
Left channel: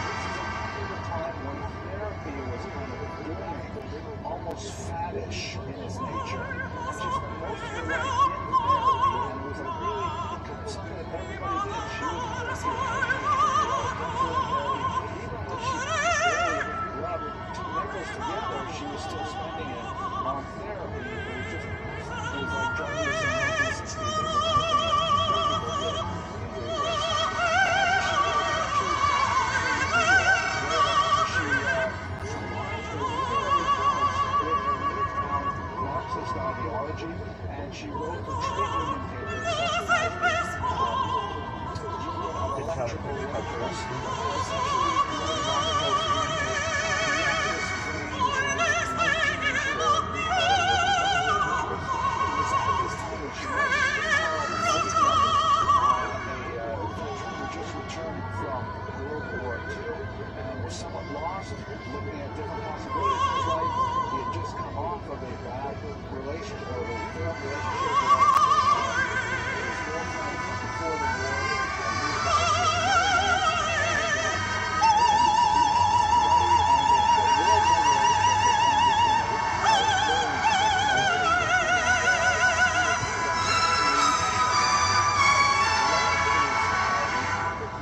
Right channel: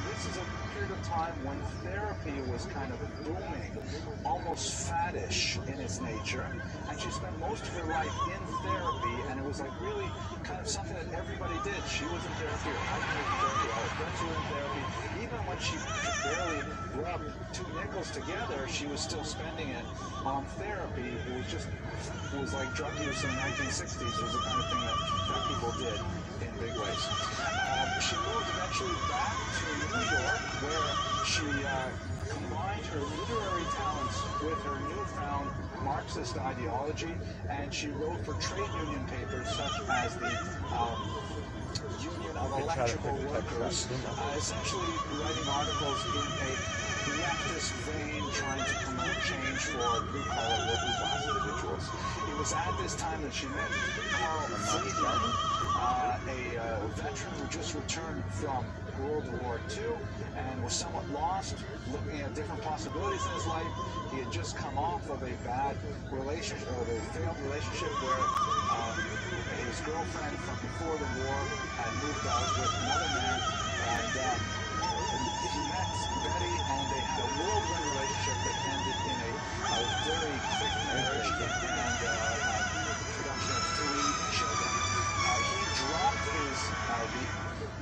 this is a period of time when therapy was kind of booming, almost faddish in its nature, and she spent most of her life in therapy, and it was was like really kind of something that everybody did. She was in therapy, her husband was in therapy, our friends were in therapy. Even when she barely rubbed 2 nickels together, she was still spending it on therapy. It was like drug use in the 1960s. It was the kind of thing that people did in big ways. She moved eventually back to New York, where she combined her literary talents with her newfound Marxist ideology, and she wrote for trade union papers such as the Union of Electrical Workers, essentially writing articles in a leftist vein trying to promote change for blue-collar working class individuals. It was at this time that she met Carl Friedman, a veteran who just returned from World War II and was somewhat lost, looking at different possibilities in his life. He had just come off of a bad relationship, or a failed relationship where his girlfriend from before the war had moved out with another man, and he met Betty, and they had a whirlwind relationship that ended in a very quick marriage and production of 3 children.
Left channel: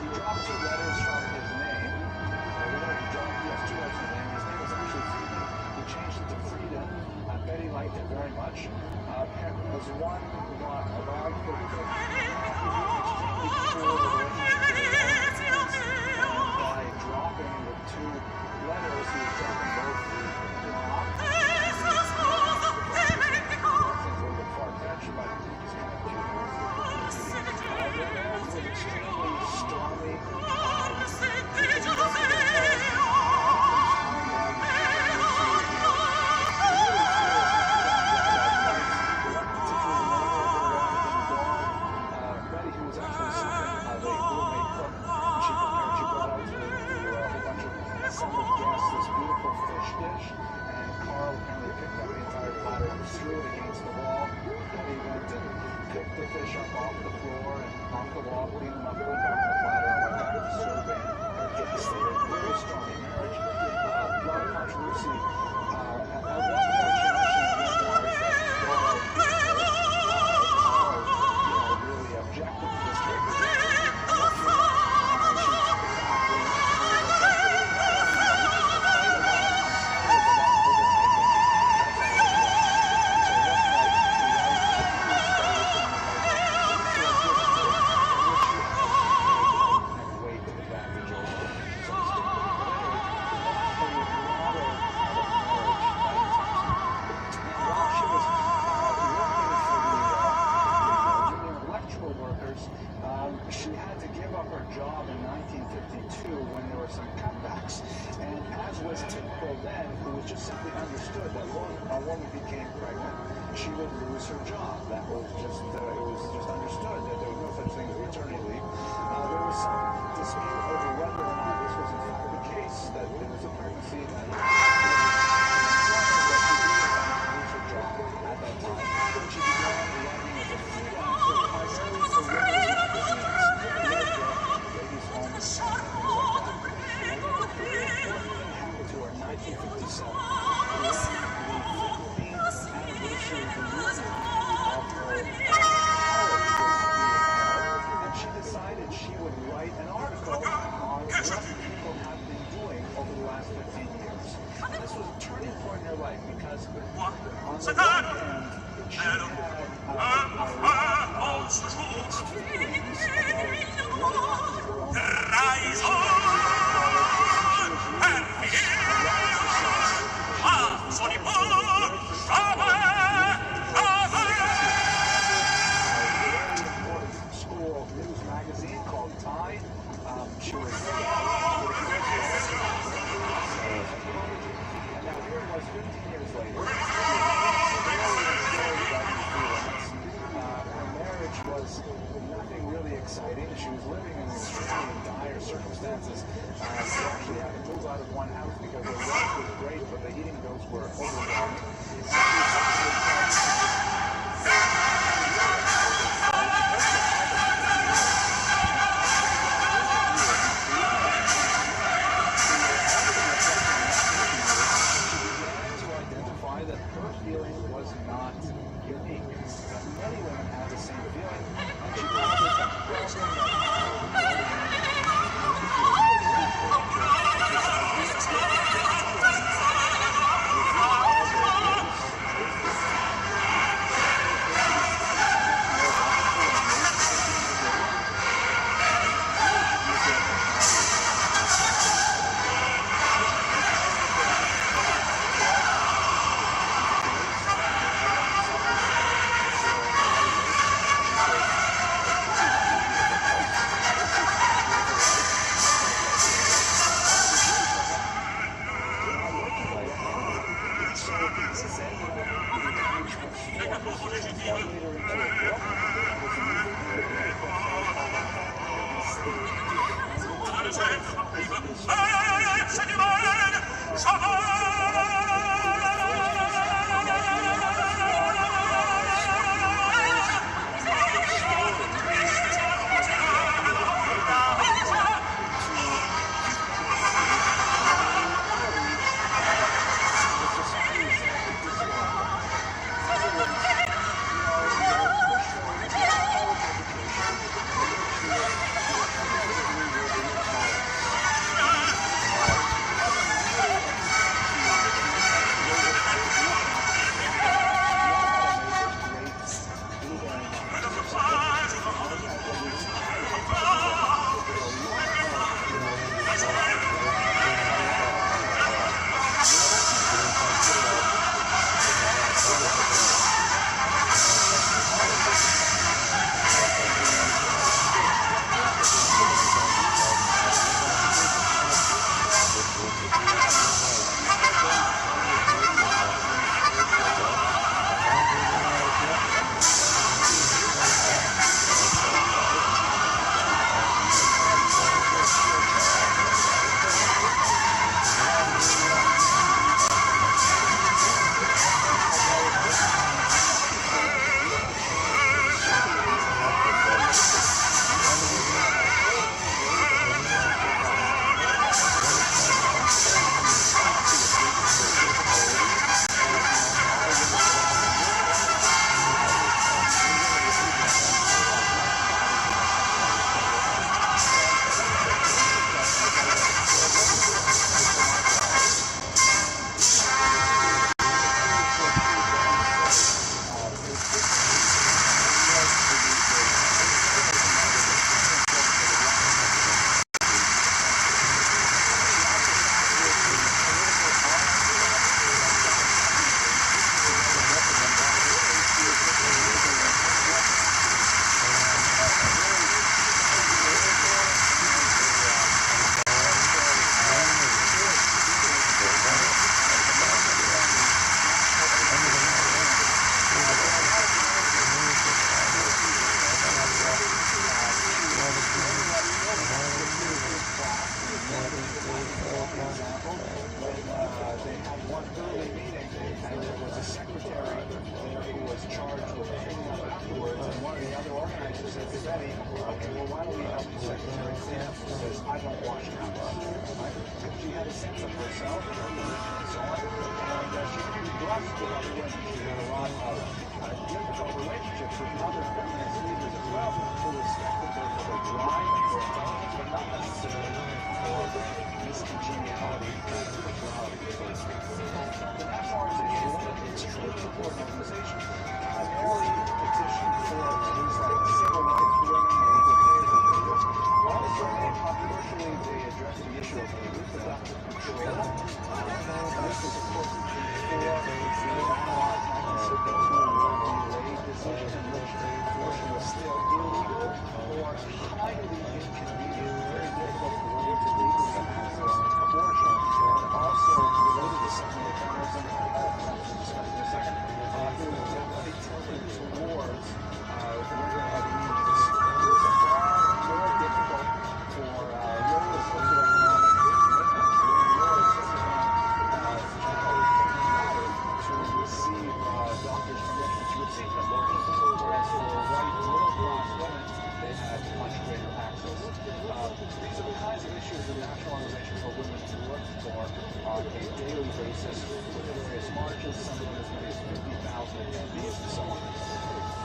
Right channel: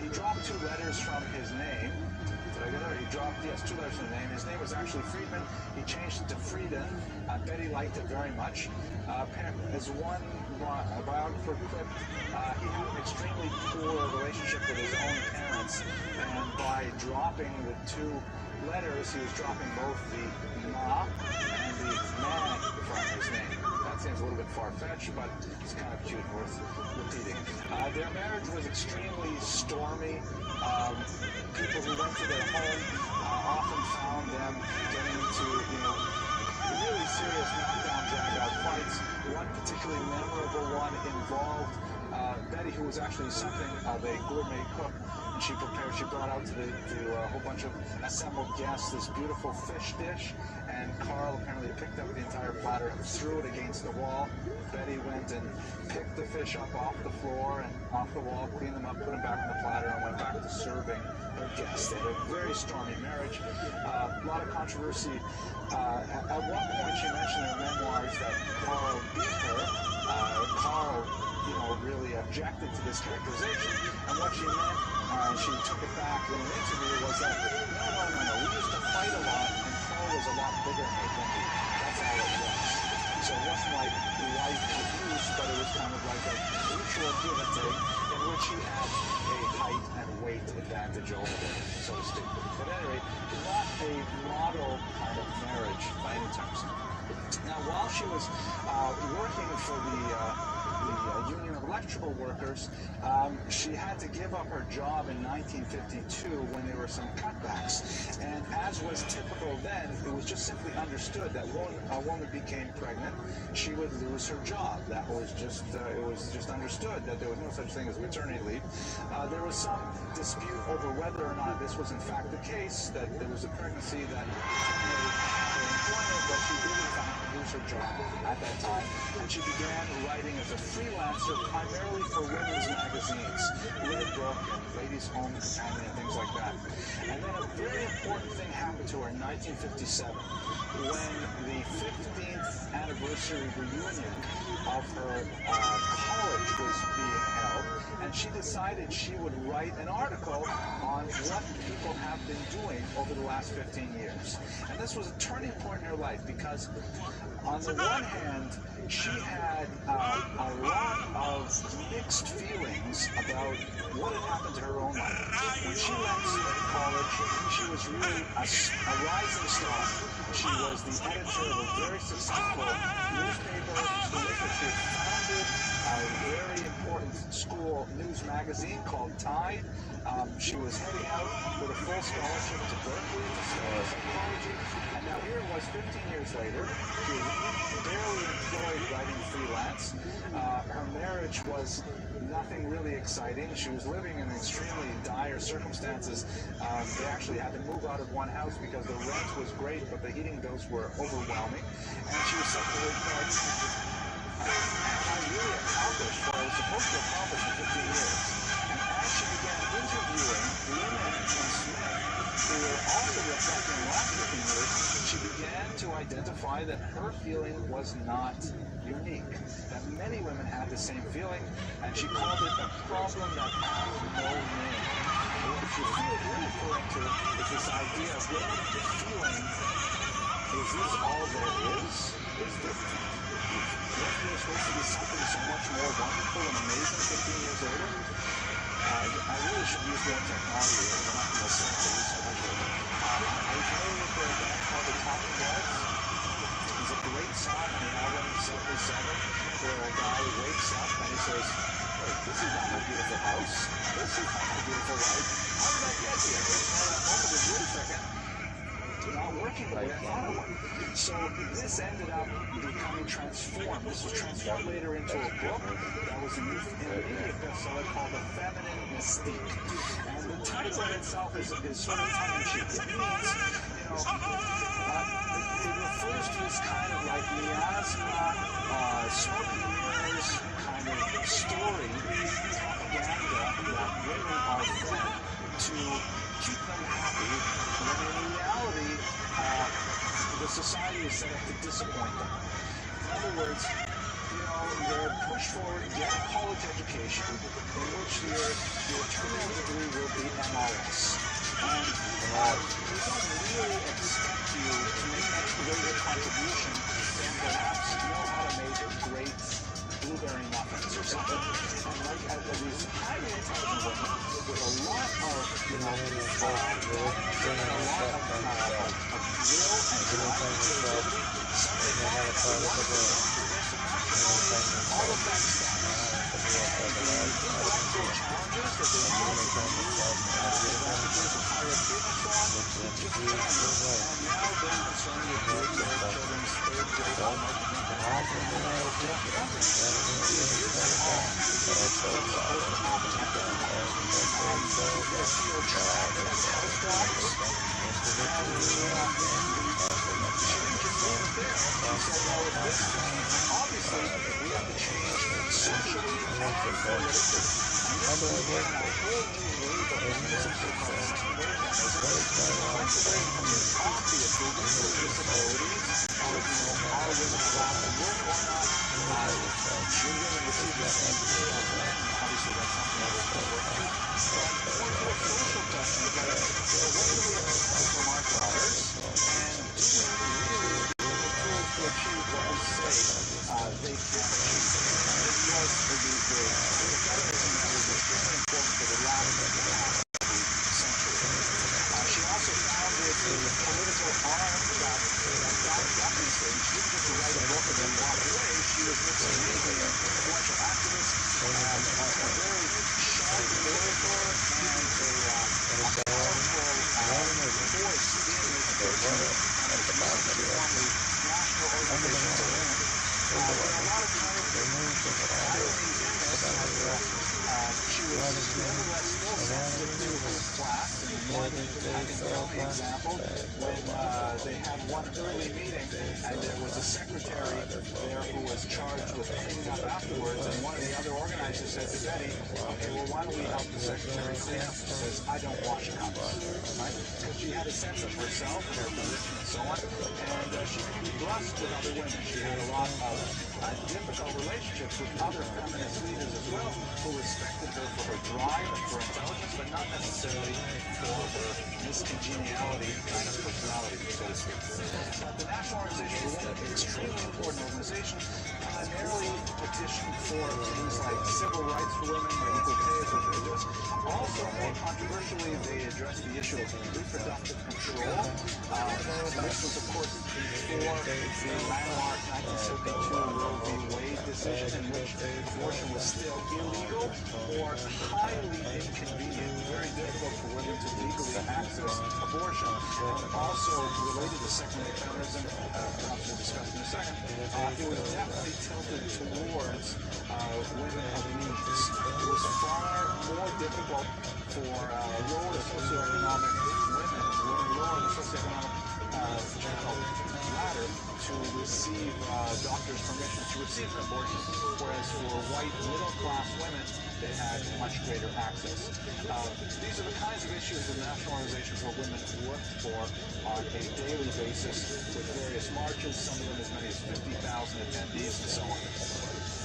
He dropped 2 letters from his name. He dropped, yes, 2 letters from his name. His name was actually Friedman. He changed it to Frieden. Betty liked it very much. As one biographer put, he had an extremely poor relationship with his own parents, and by dropping the 2 letters, he was dropping both the ma and the ma from his name. That seems a little bit far-fetched, but it's kind of cute, worth repeating. Their marriage was extremely stormy. People who went to their home often found them getting into, really serious knockdown, drag-out fights. One particularly memorable one involved Betty, who was actually something of a gourmet cook. And she brought out to a whole bunch of assembled guests this beautiful fish dish, and Carl apparently picked up the entire platter and threw it against the wall. Betty went and picked the fish up off the floor and off the wall, cleaned them up, put them back on the platter, and went back to serving her guests. They had a very stormy marriage, a lot of controversy. At one point, she mentioned in memoirs that Carl beat her. Carl, really objected to this characterization, and what she meant, she took it back when the interview was that, no, we used to fight a lot, and Carl was a lot bigger than I think. That's all it was. So it wasn't like life abuse, but it was kind of like a mutual give and take, in which she had a height and weight advantage over her, so to speak. But anyway, not a model kind of marriage by any terms. Now, while she was working for the Union of Electrical Workers, she had to give up her job in 1952 when there were some cutbacks. And as was typical then, it was just simply understood that when a woman became pregnant, she would lose her job. That was just, it was just understood that there was no such thing as maternity leave. There was some dispute over whether or not this was in fact the case, that there was a pregnancy that but she did in fact lose her job at that time, and she began writing as a freelancer primarily for women's magazines, Red Book, Ladies' Home Companion, and things like that. And then a very important thing happened to her in 1957, when the 15th anniversary reunion of her college was being held, and she decided she would write an article on what people have been doing over the last 15 years. And this was a turning point in her life because, on the one hand, she had a lot of mixed feelings about what had happened to her own life. When she went to college, she was really a rising star. She was the editor of a very successful newspaper, a very important school news magazine called Tide. She was heading out with a full scholarship to Berkeley, psychology, and now here it was 15 years later. She barely enjoyed writing freelance. Her marriage was nothing really exciting. She was living in extremely dire circumstances. She actually had to move out of one house because the rent was great, but the heating bills were overwhelming. And she was subsequently tried to just really accomplished what I was supposed to accomplish in 15 years. She began to identify that her feeling was not unique, that many women had the same feeling, and she called it a problem that had no meaning. If you feel really culture, it's this idea of getting the feeling, is this all there is? Is this so much more wonderful and amazing 15 years later? I really should use that technology. So this ended up becoming transformed. This was transformed later into a book that was a movie bestseller called The Feminine Mystique. And the title itself is sort of society is set up to discipline them. In other words, they're pushed for a college education in which your terminal degree will be a bonus. And really expect you to make a greater contribution than perhaps you know how to make great blueberry muffins or something. And at least I like to do it. There's a lot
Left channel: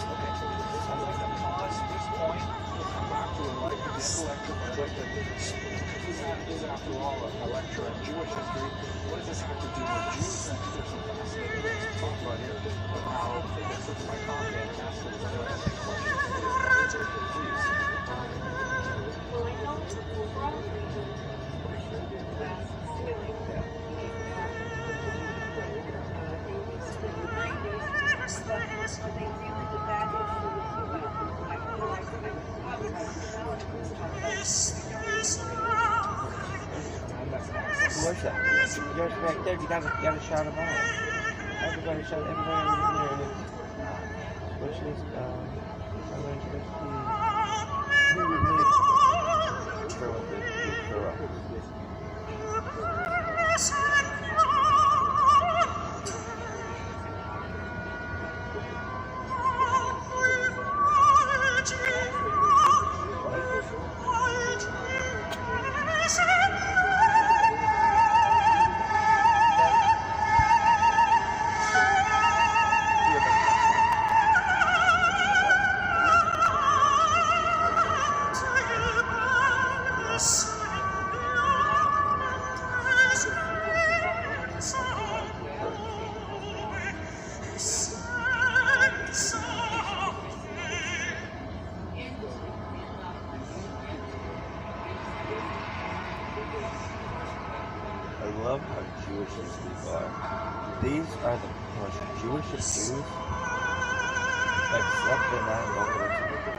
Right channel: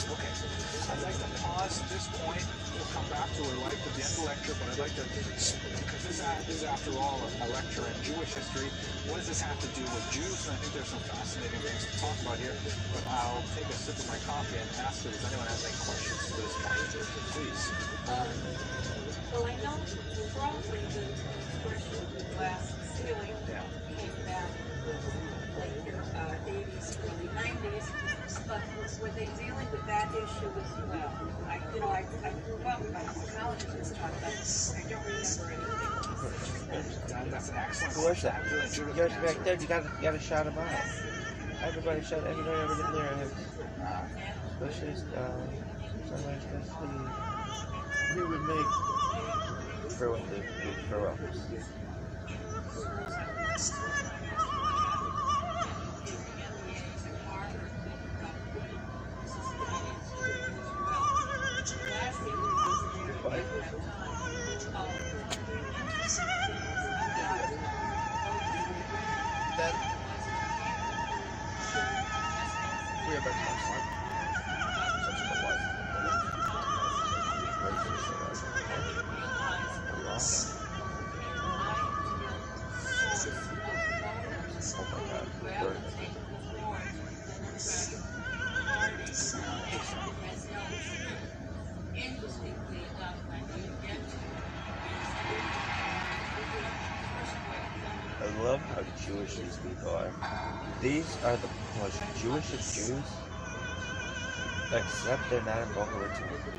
Okay, I'd like to pause at this point. We'll come back to it right at the end of the lecture, but I'd like to, because this is after all a lecture on Jewish history, what does this have to do with Jews? And I think there's some fascinating things to talk about here. I'll take a sip of my coffee and ask if anyone has any questions for this point. Please. Well, I know probably the last ceiling came back like 80s to 90s, but were they dealing with that issue as well? I probably my knowledge was talking about it. I don't remember anything. Who was that? Yours back there. You gotta shout them out. Everybody shout. Everybody over there. What's this? Somebody's supposed to be. Who would make? Throw up. I love how Jewish these people are. These are the most Jewish of Jews. Except they're not involved with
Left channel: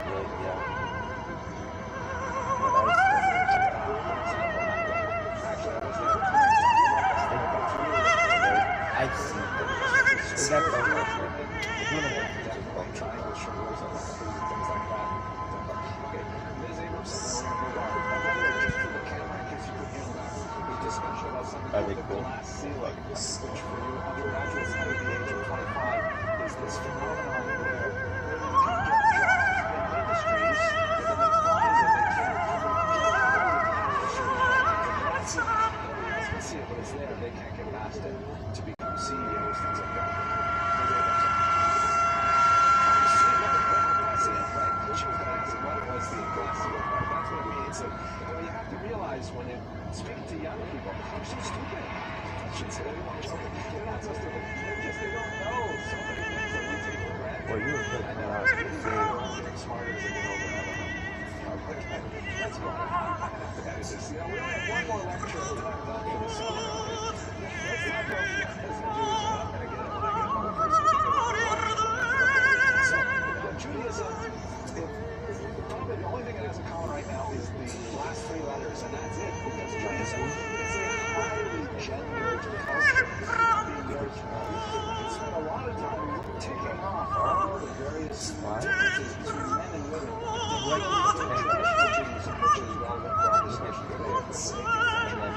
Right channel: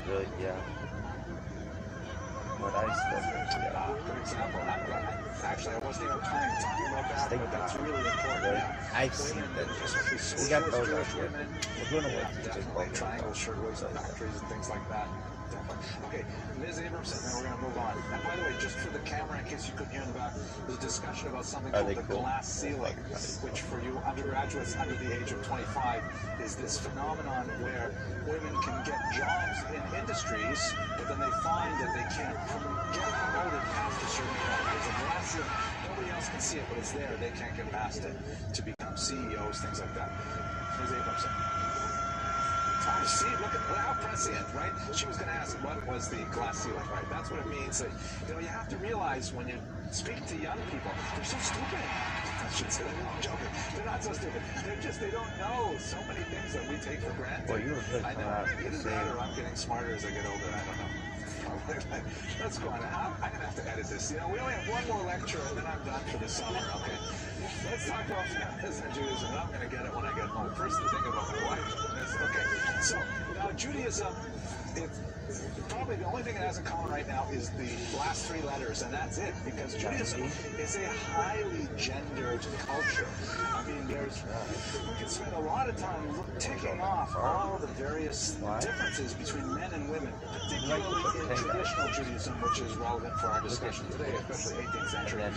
good, yeah. What I said. Actually, I wasn't even trying to talk about that. That's really important. I've seen that. We got those right there. We're doing it Like triangle sugars and factories and things like that. Okay, Ms. Abrams, and then we're going to move on. And by the way, just for the camera, in case you couldn't hear in the back, there's discussion about something called the glass ceiling, which for you undergraduates under the age of 25 is this phenomenon where women can get jobs in industries, but then they find that they can't get promoted past a certain point. There's a glass ceiling. Nobody else can see it, but it's there. They can't get past it to become CEOs, things like that. Ms. Abrams. See, look at how can I see it, right? She was going to ask what was the glass ceiling, right? That's what it means. You have to realize when you're speaking to young people, they're so stupid. I should say that. I'm joking. They're not so stupid. They don't know so many things that we take for granted. Well, you were good. I know. I'm getting smarter as I get older. I don't know. Let's go on. I'm going to have to edit this. We only have one more lecture, and then I'm done for the summer. Okay? Let's talk about feminism and Judaism. I'm going to get it when I get home. First, I'm thinking about my wife. So, Judaism, probably the only thing it has in common right now is the last three letters, and that's it, because Judaism is a highly gendered culture. I mean, you can spend a lot of time ticking off all the various differences between men and women, particularly in traditional Judaism, which is relevant for our discussion today, especially 18th century.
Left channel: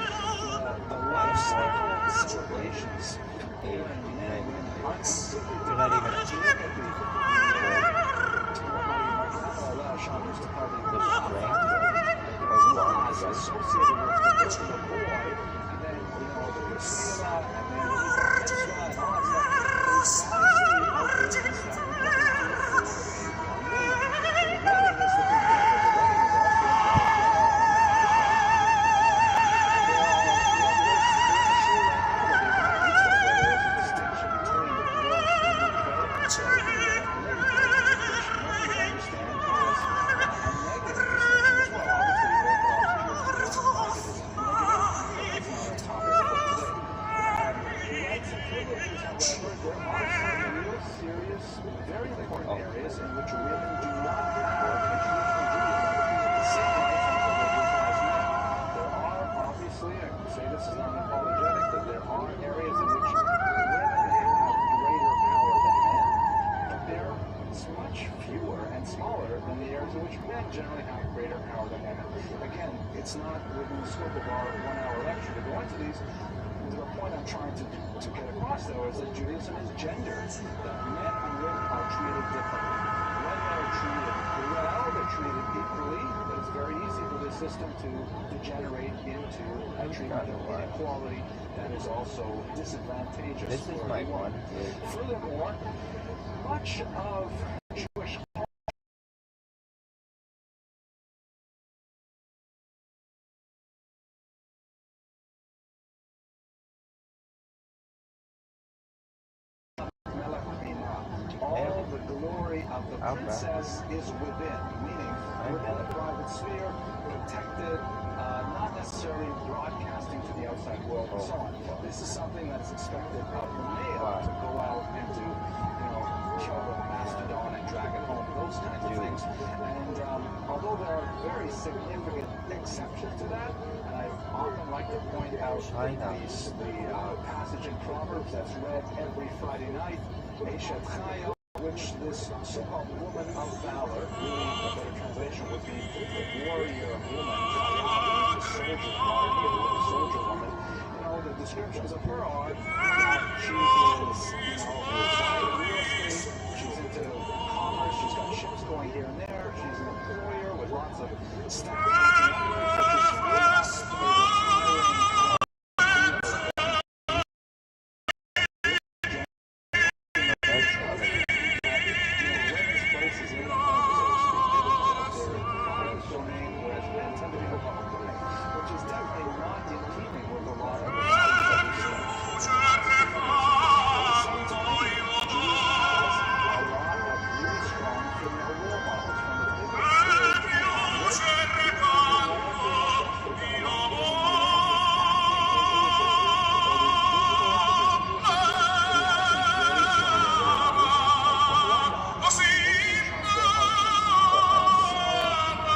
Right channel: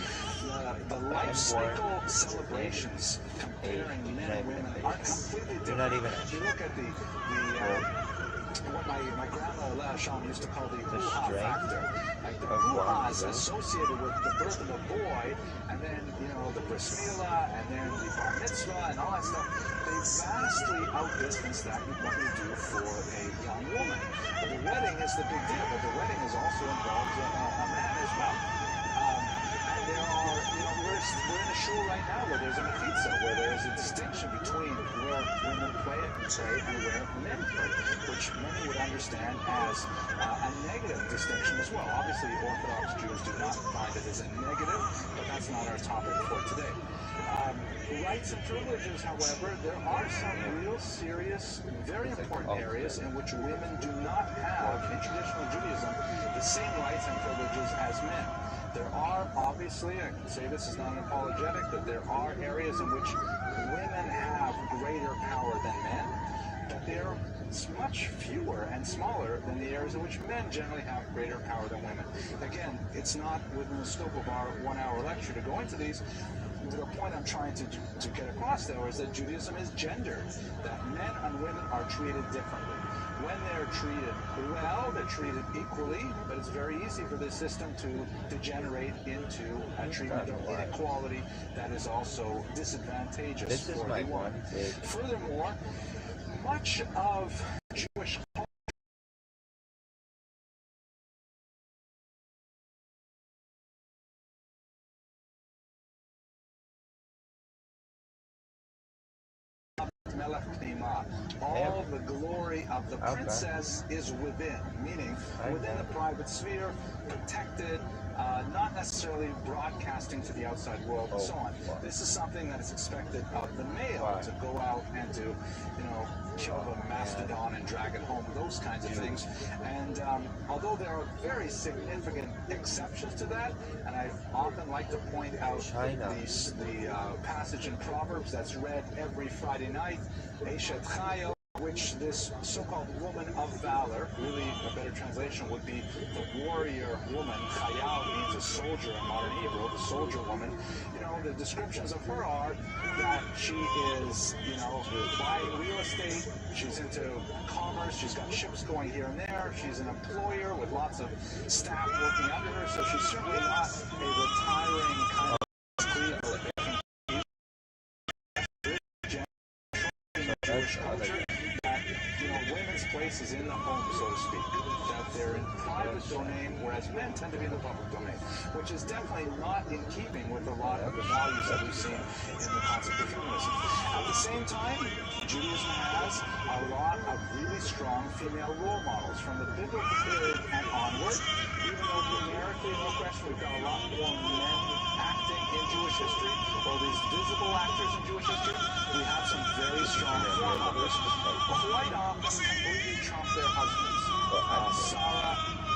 The life cycle celebrations comparing men and women are completely different. If you look at what my grandma Sean used to call the hoo-ha factor, the hoo-has associated with the birth of a boy, and then the brismila, and then the bar mitzvah, and all that stuff. They vastly outdistance that we probably do for a young woman. But the wedding is the big deal. But the wedding is also involved in a man as well. We're in a show right now where there's a pizza, where there's a distinction between where women pray and where men pray, which many would understand as a negative distinction as well. Obviously, Orthodox Jews do not find it as a negative, but that's not our topic for today. Rights and privileges, however, there are some real serious, very important areas in which women do not have, in traditional Judaism, the same rights and privileges as men. There are, obviously, I can say this is not apologetic, that there are areas in which women have greater power than men, but they're much fewer and smaller than the areas in which men generally have greater power than women. Again, it's not within the scope of our 1 hour lecture to go into these. The point I'm trying to get across, though, is that Judaism is gendered, that men and women are treated differently. When they're treated well, they're treated equally, but it's very easy for this system to degenerate into a treatment of inequality that is also disadvantageous for everyone. Furthermore, much of Jewish all the glory of the princess is within, meaning within the private sphere, protected, not necessarily broadcasting to the outside world and so on. This is something that is expected of the male to go out and to, kill the mastodon and drag it home, those kinds of things. And although there are very significant exceptions to that, and I often like to point out the passage in Proverbs that's read every Friday night, Eshet Chayo, which this so-called woman of valor, really a better translation would be the warrior woman. Chayal means a soldier in modern Hebrew, a soldier woman. The descriptions of her are that she is, buying real estate, she's into commerce, she's got ships going here and there, she's an employer with lots of staff working under her, so she's certainly not a retiring kind of women's place is in the home, so to speak, that they're in the private domain, whereas men tend to be in the public domain, which is definitely not in keeping with a lot of the values that we've seen in the concept of feminism. At the same time, Judaism has a lot of really strong female role models from the biblical period and onward. Even though numerically, we've got a lot more men acting in Jewish history, or these visible actors in Jewish history, we have some very strong role models. Why not trump their husbands? Sarah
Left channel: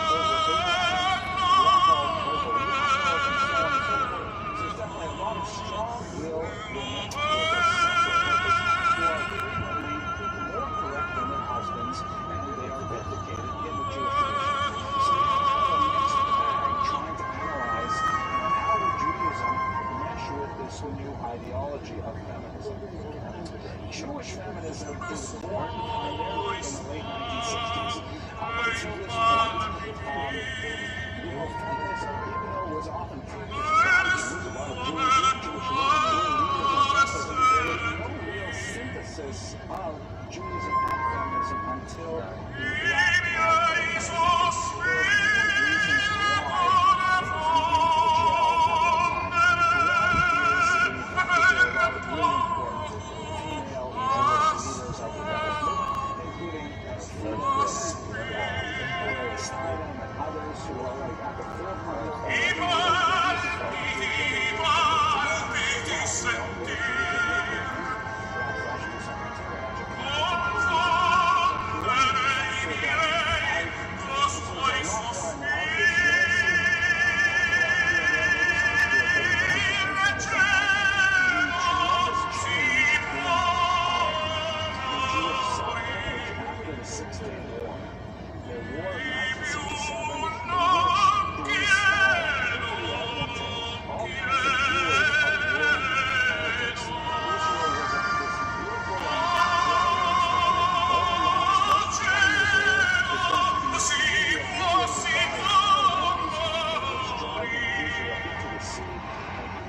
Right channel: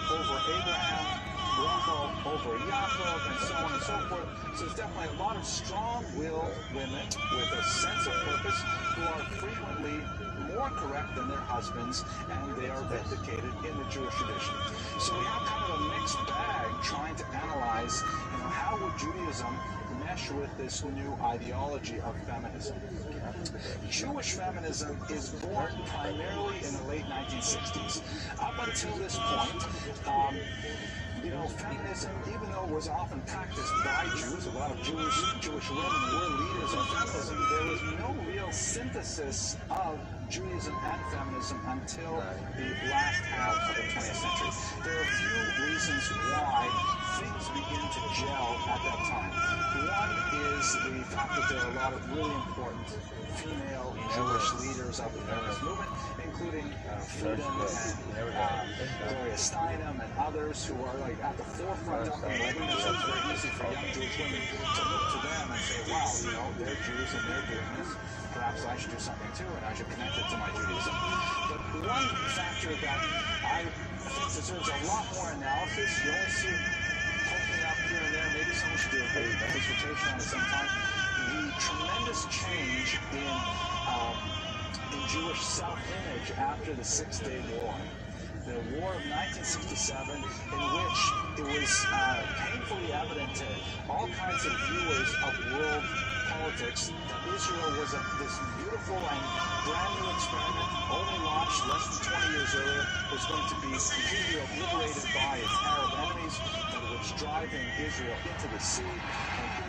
over Abraham, Rachel over Yaakov, and so on and so forth. So there's definitely a lot of strong-willed women with a sense of purpose who are frequently more correct than their husbands, and they are vindicated in the Jewish tradition. So we have kind of a mixed bag trying to analyze, how would Judaism mesh with this new ideology of feminism. Jewish feminism is born primarily in the late 1960s. Up until this point, feminism, even though it was often practiced by Jews, a lot of Jewish women were leaders of feminism, there was no real synthesis of Judaism and feminism until the last half of the 20th century. There are a few reasons why things begin to gel at that time. One is the fact that there are a lot of really important female Jewish leaders of the feminist movement, including Friedan and Gloria Steinem and others who are at the forefront of it. It's very easy for Jewish women to look to them and say, wow, they're Jews and they're Christians. Perhaps I should do something too, and I should connect it to my Judaism. But one factor that I deserves a lot more analysis, you don't see here and there, maybe someone should do a better dissertation on it sometime. The tremendous change in Jewish self-image after the Six-Day War. The War of 1967, in which it was painfully evident to all kinds of viewers of world politics, Israel was this beautiful and brand new experiment, only launched less than 20 years later, is going to be completely obliterated by its Arab enemies, and it was driving Israel into the sea,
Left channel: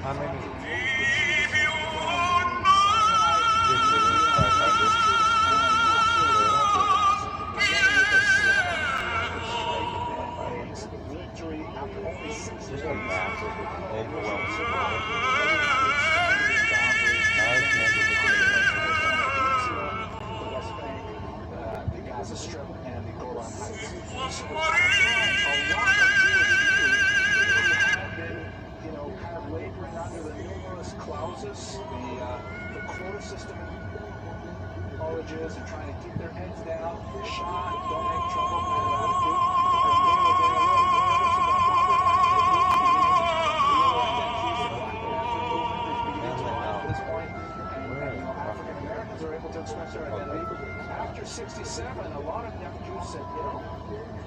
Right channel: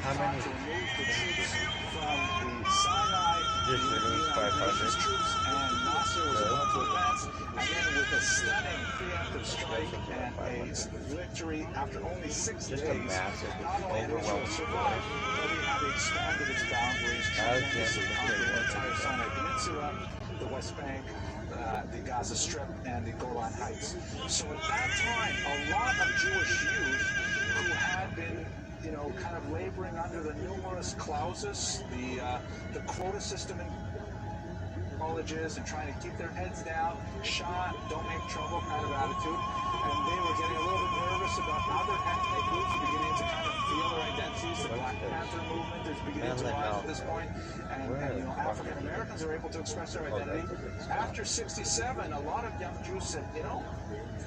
and he tried to remove the troops from the Sinai, the United troops, and Nasser was about to advance, again with a stunning preemptive strike and a victory after only 6 days. Not only did Israel survive, but he had to expand its boundaries and the entire Sinai Peninsula, the West Bank, the Gaza Strip, and the Golan Heights. So at that time, a lot of Jewish youth who had been, kind of laboring under the numerous clauses, the quota system in colleges, and trying to keep their heads down, shy, don't make trouble kind of attitude, and they were getting a little bit nervous about other ethnic groups beginning to kind of feel their identities. The Black Panther movement is beginning to rise at this point, and African Americans are able to express their identity. After 67, a lot of young Jews said,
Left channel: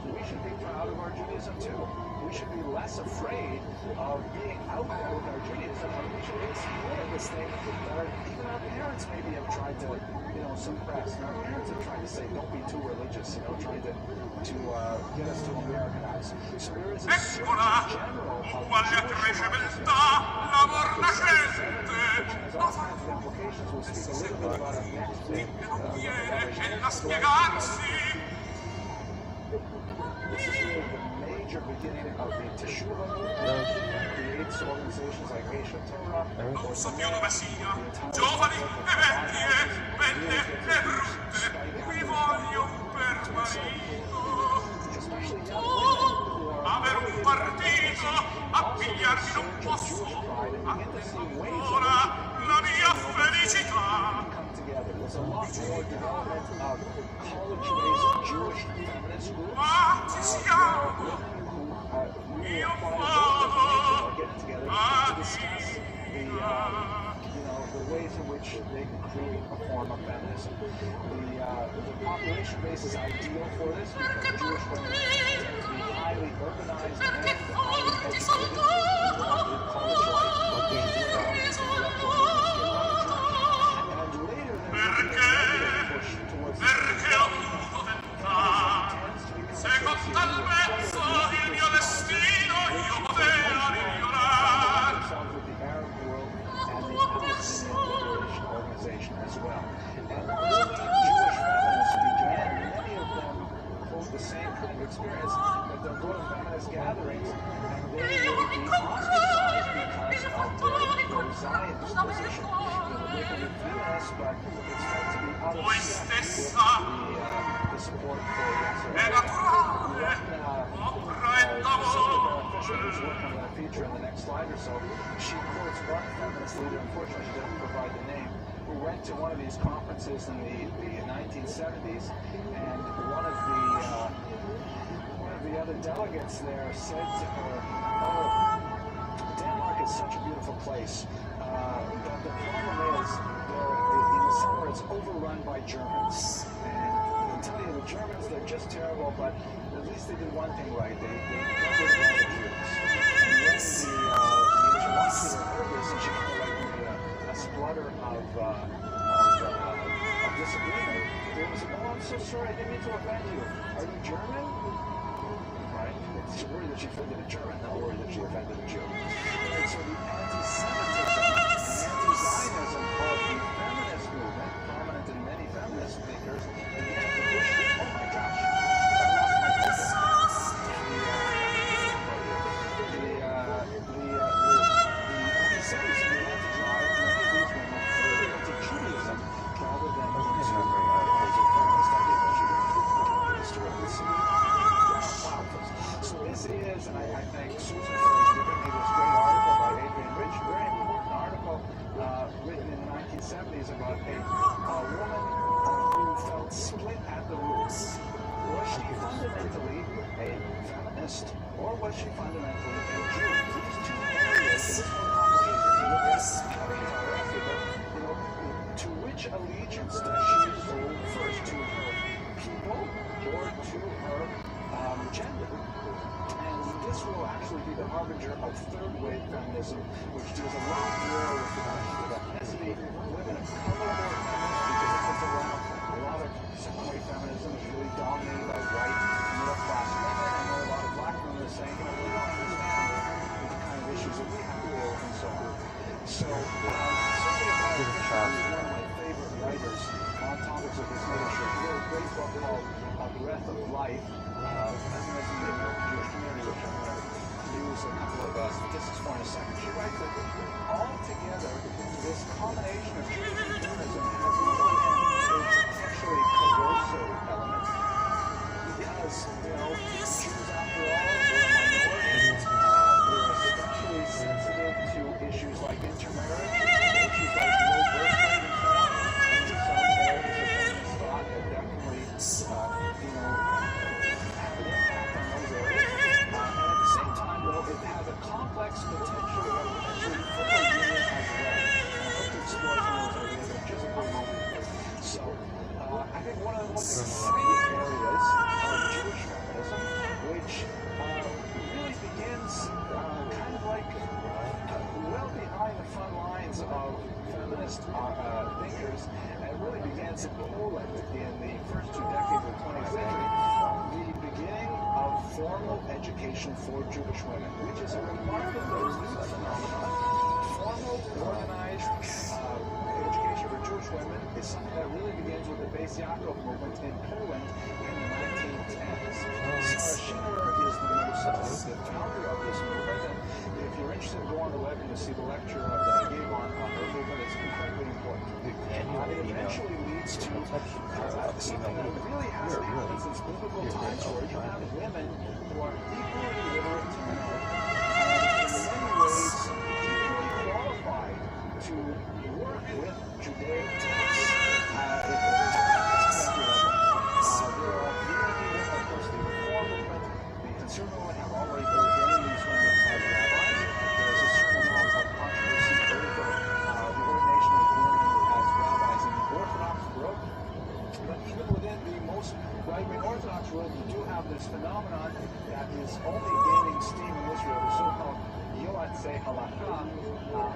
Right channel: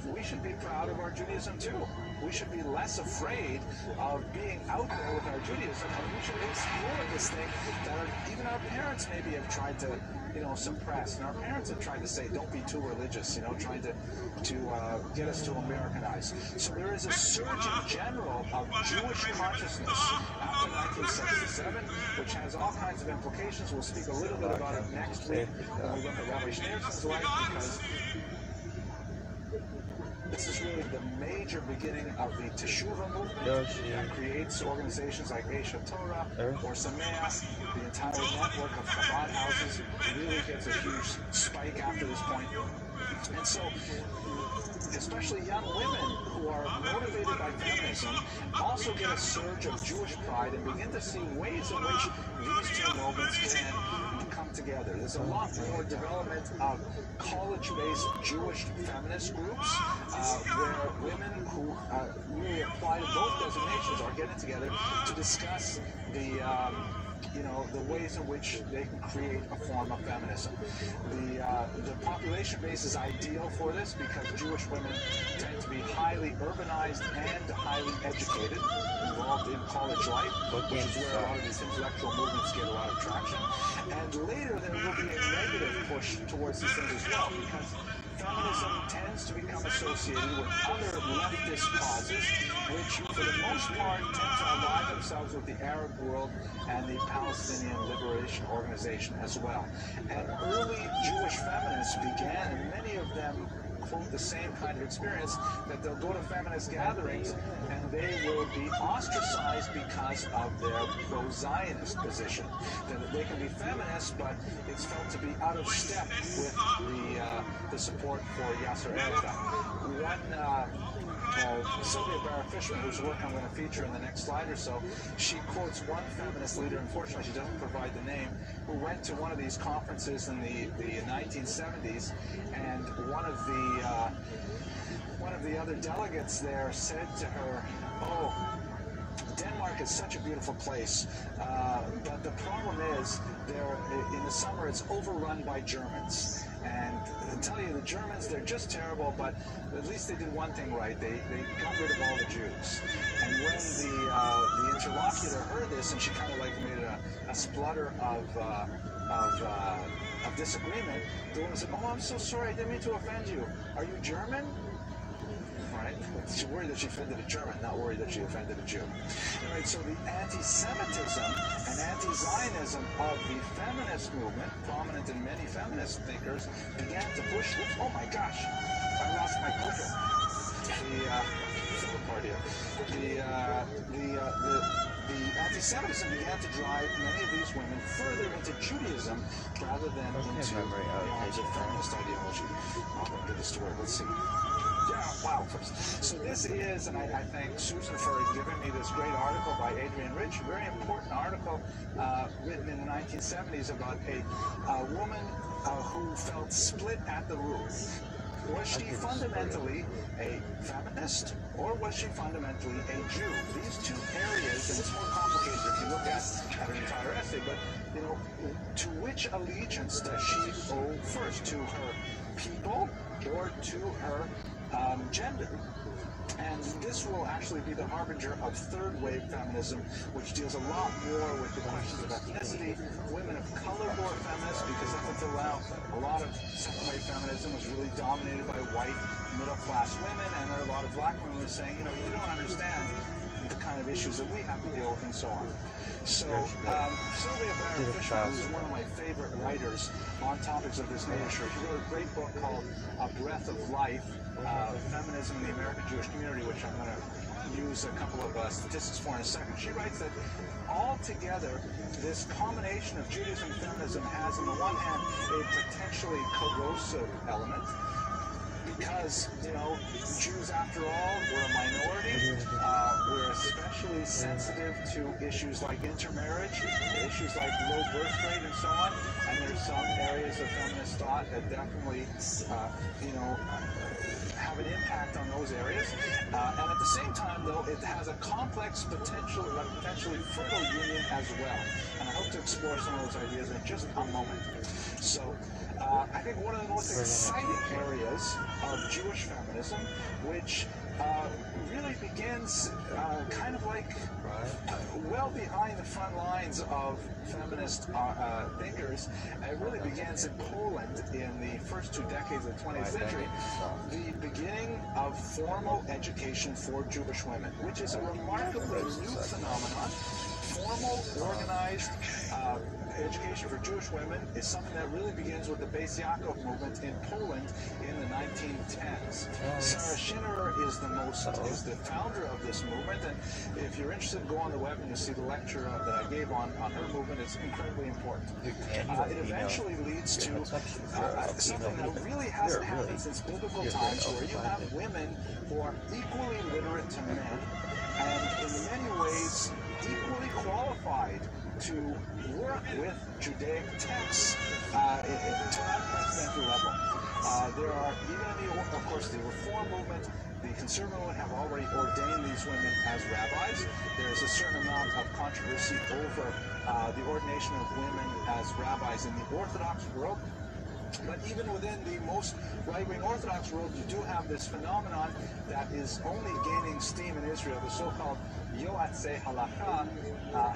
we should be proud of our Judaism too. We should be less afraid of being out there with our Judaism, and we should explore this thing that even our parents maybe have tried to suppressed. And our parents have tried to say, don't be too religious, trying to get us to Americanize. So there is a surgeon general of Jewish consciousness after 1977, which has all kinds of implications. We'll speak a little bit about it next week. This is really the major beginning of the Teshuvah movement that creates organizations like ShareToBeATrillionaire or Samea. The entire network of Chabad houses really gets a huge spike after this point. And so, especially young women who are motivated by feminism also get a surge of Jewish pride and begin to see ways in which these two movements can come together. There's a lot more development of college-based Jewish feminist groups where women who really apply to both designations are getting together to discuss the ways in which they can create a form of feminism. The population base is ideal for this because Jewish women tend to be highly urbanized and highly educated, involved in college life, which is where a lot of these intellectual movements get a lot of traction. And later there will be a negative push towards this thing as well, because feminism tends to become associated with other leftist causes, which for the most part tend to align themselves with the Arab world and the Palestinian Liberation Organization as well. And early Jewish feminists began, many of them quote the same kind of experience, that they'll go to feminist gatherings and they will be ostracized because of their pro-Zionist position. That they can be feminists, but it's felt to be out of step with the support for Yasser Arafat. Sylvia Barra-Fisher, whose work I'm going to feature in the next slide or so, she quotes one feminist leader, unfortunately she doesn't provide the name, who went to one of these conferences in the 1970s, and one of the other delegates there said to her, "Oh, Denmark is such a beautiful place, but the problem is, in the summer it's overrun by Germans. And I tell you, the Germans, they're just terrible, but at least they did one thing right. They got rid of all the Jews." And when the interlocutor heard this, and she kind of like made a splutter of disagreement, there was, "Oh, I'm so sorry, I didn't mean to offend you. Are you German?" Right? She's worried that she offended a German, not worried that she offended a Jew. Right, so the anti-Semitism and anti-Zionism of the feminist movement, prominent in many feminist thinkers, began to push. Oh my gosh, I lost my pointer. The anti-Semitism began to drive many of these women further into Judaism rather than into feminist ideology. I'll get this to work. Let's see. Wow. So this is, and I thank Susan for giving me this great article by Adrienne Rich, a very important article written in the 1970s about a woman who felt split at the roots. Was she fundamentally a feminist, or was she fundamentally a Jew? These two areas, and it's more complicated if you look at an entire essay, but to which allegiance does she owe first? To her people or to her gender? And this will actually be the harbinger of third-wave feminism, which deals a lot more with the questions of ethnicity. Women of color are more feminists because it fits around a lot of second-wave feminism is really dominated by white, middle-class women, and there are a lot of black women saying, we don't understand the kind of issues that we have to deal with, and so on. So, Sylvia Barra-Fisher is one of my favorite writers on topics of this nature. She wrote a great book called A Breath of Life, Feminism in the American Jewish Community, which I'm going to use a couple of statistics for in a second. She writes that altogether, this combination of Judaism and feminism has, on the one hand, a potentially corrosive element, because, Jews, after all, we're a minority. We're especially sensitive to issues like intermarriage, issues like low birth rate, and so on. And there's some areas of feminist thought that definitely, have an impact on those areas. And at the same time, though, it has a complex potentially fertile union as well. And I hope to explore some of those ideas in just a moment. So, I think one of the most exciting areas of Jewish feminism, which really begins kind of like well behind the front lines of feminist thinkers. It really begins in Poland in the first 2 decades of the 20th century. The beginning of formal education for Jewish women, which is a remarkably new phenomenon. Formal, organized education for Jewish women is something that really begins with the Beis Yaakov movement in Poland in the 1910s. Sarah Schinnerer is the founder of this movement, and if you're interested, go on the web and you'll see the lecture that I gave on her movement. It's incredibly important. It eventually leads to something that really hasn't happened since biblical times, where you have women who are equally literate to men, and in many ways equally qualified to work with Judaic texts at the 20th century level. There are, of course, the Reform movement, the conservative movement have already ordained these women as rabbis. There's a certain amount of controversy over the ordination of women as rabbis in the Orthodox world. But even within the most right-wing Orthodox world, you do have this phenomenon that is only gaining steam in Israel, the so-called Yoatzei Halakha,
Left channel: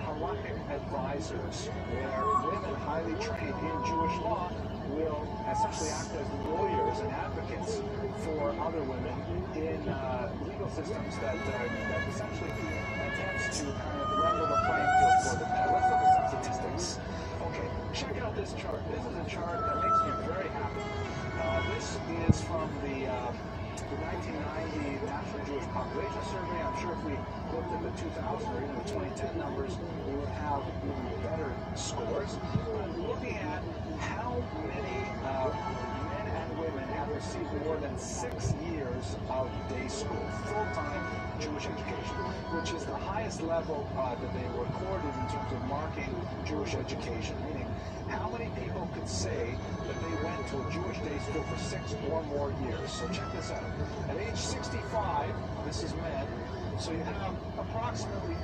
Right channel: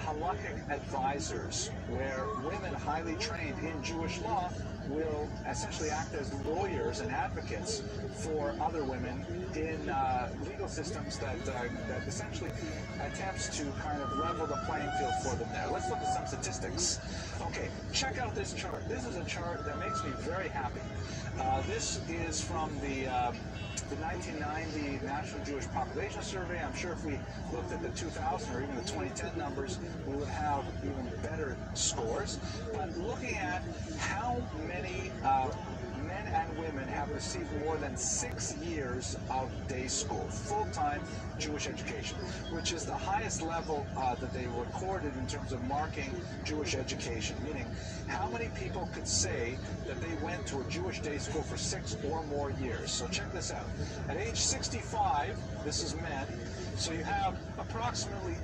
halakhic advisors, where women highly trained in Jewish law will essentially act as lawyers and advocates for other women in legal systems that essentially attempts to kind of level the playing field for them there. Let's look at some statistics. Okay, check out this chart. This is a chart that makes me very happy. This is from the 1990 National Jewish Population Survey. I'm sure if we looked at the 2000 or even the 2010 numbers, we would have even better scores. But looking at how many men and women have received more than 6 years of day school, full-time Jewish education, which is the highest level that they recorded in terms of marking Jewish education, meaning how many people could say that they went to a Jewish day school for 6 or more years. So check this out. At age 65, this is men, so you have approximately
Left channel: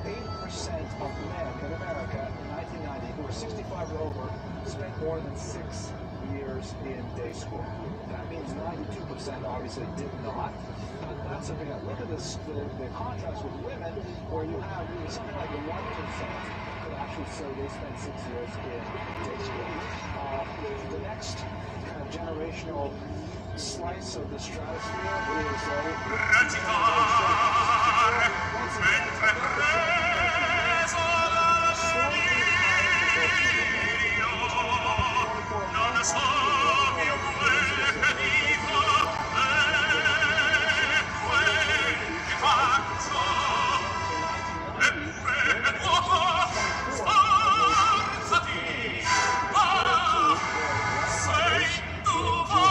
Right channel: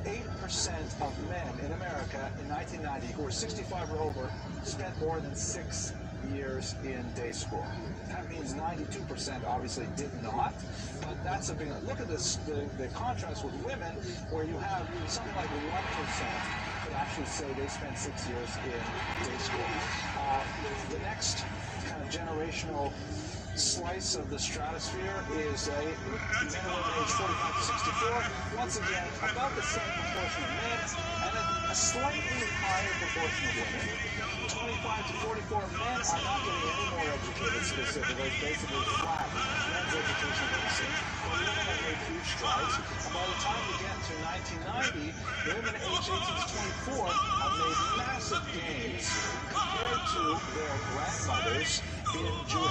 8% of men in America in 1990 who were 65 or over spent more than 6 years in day school. That means 92% obviously did not, but that's a big, look at this, the contrast with women, where you have something like 1% that actually say they spent 6 years in day school. The next kind of generational slice of the stratosphere is a age 45 to 64. Once again, about the same proportion of men, and then a slightly higher proportion of women. 25 to 44 men, I'm not really any more educated, so they're basically flat. That's education ratio. Women have made huge strides. By the time we get to 1990, women aged 18 to 24 have made massive gains compared to their grandmothers in Jewish almost very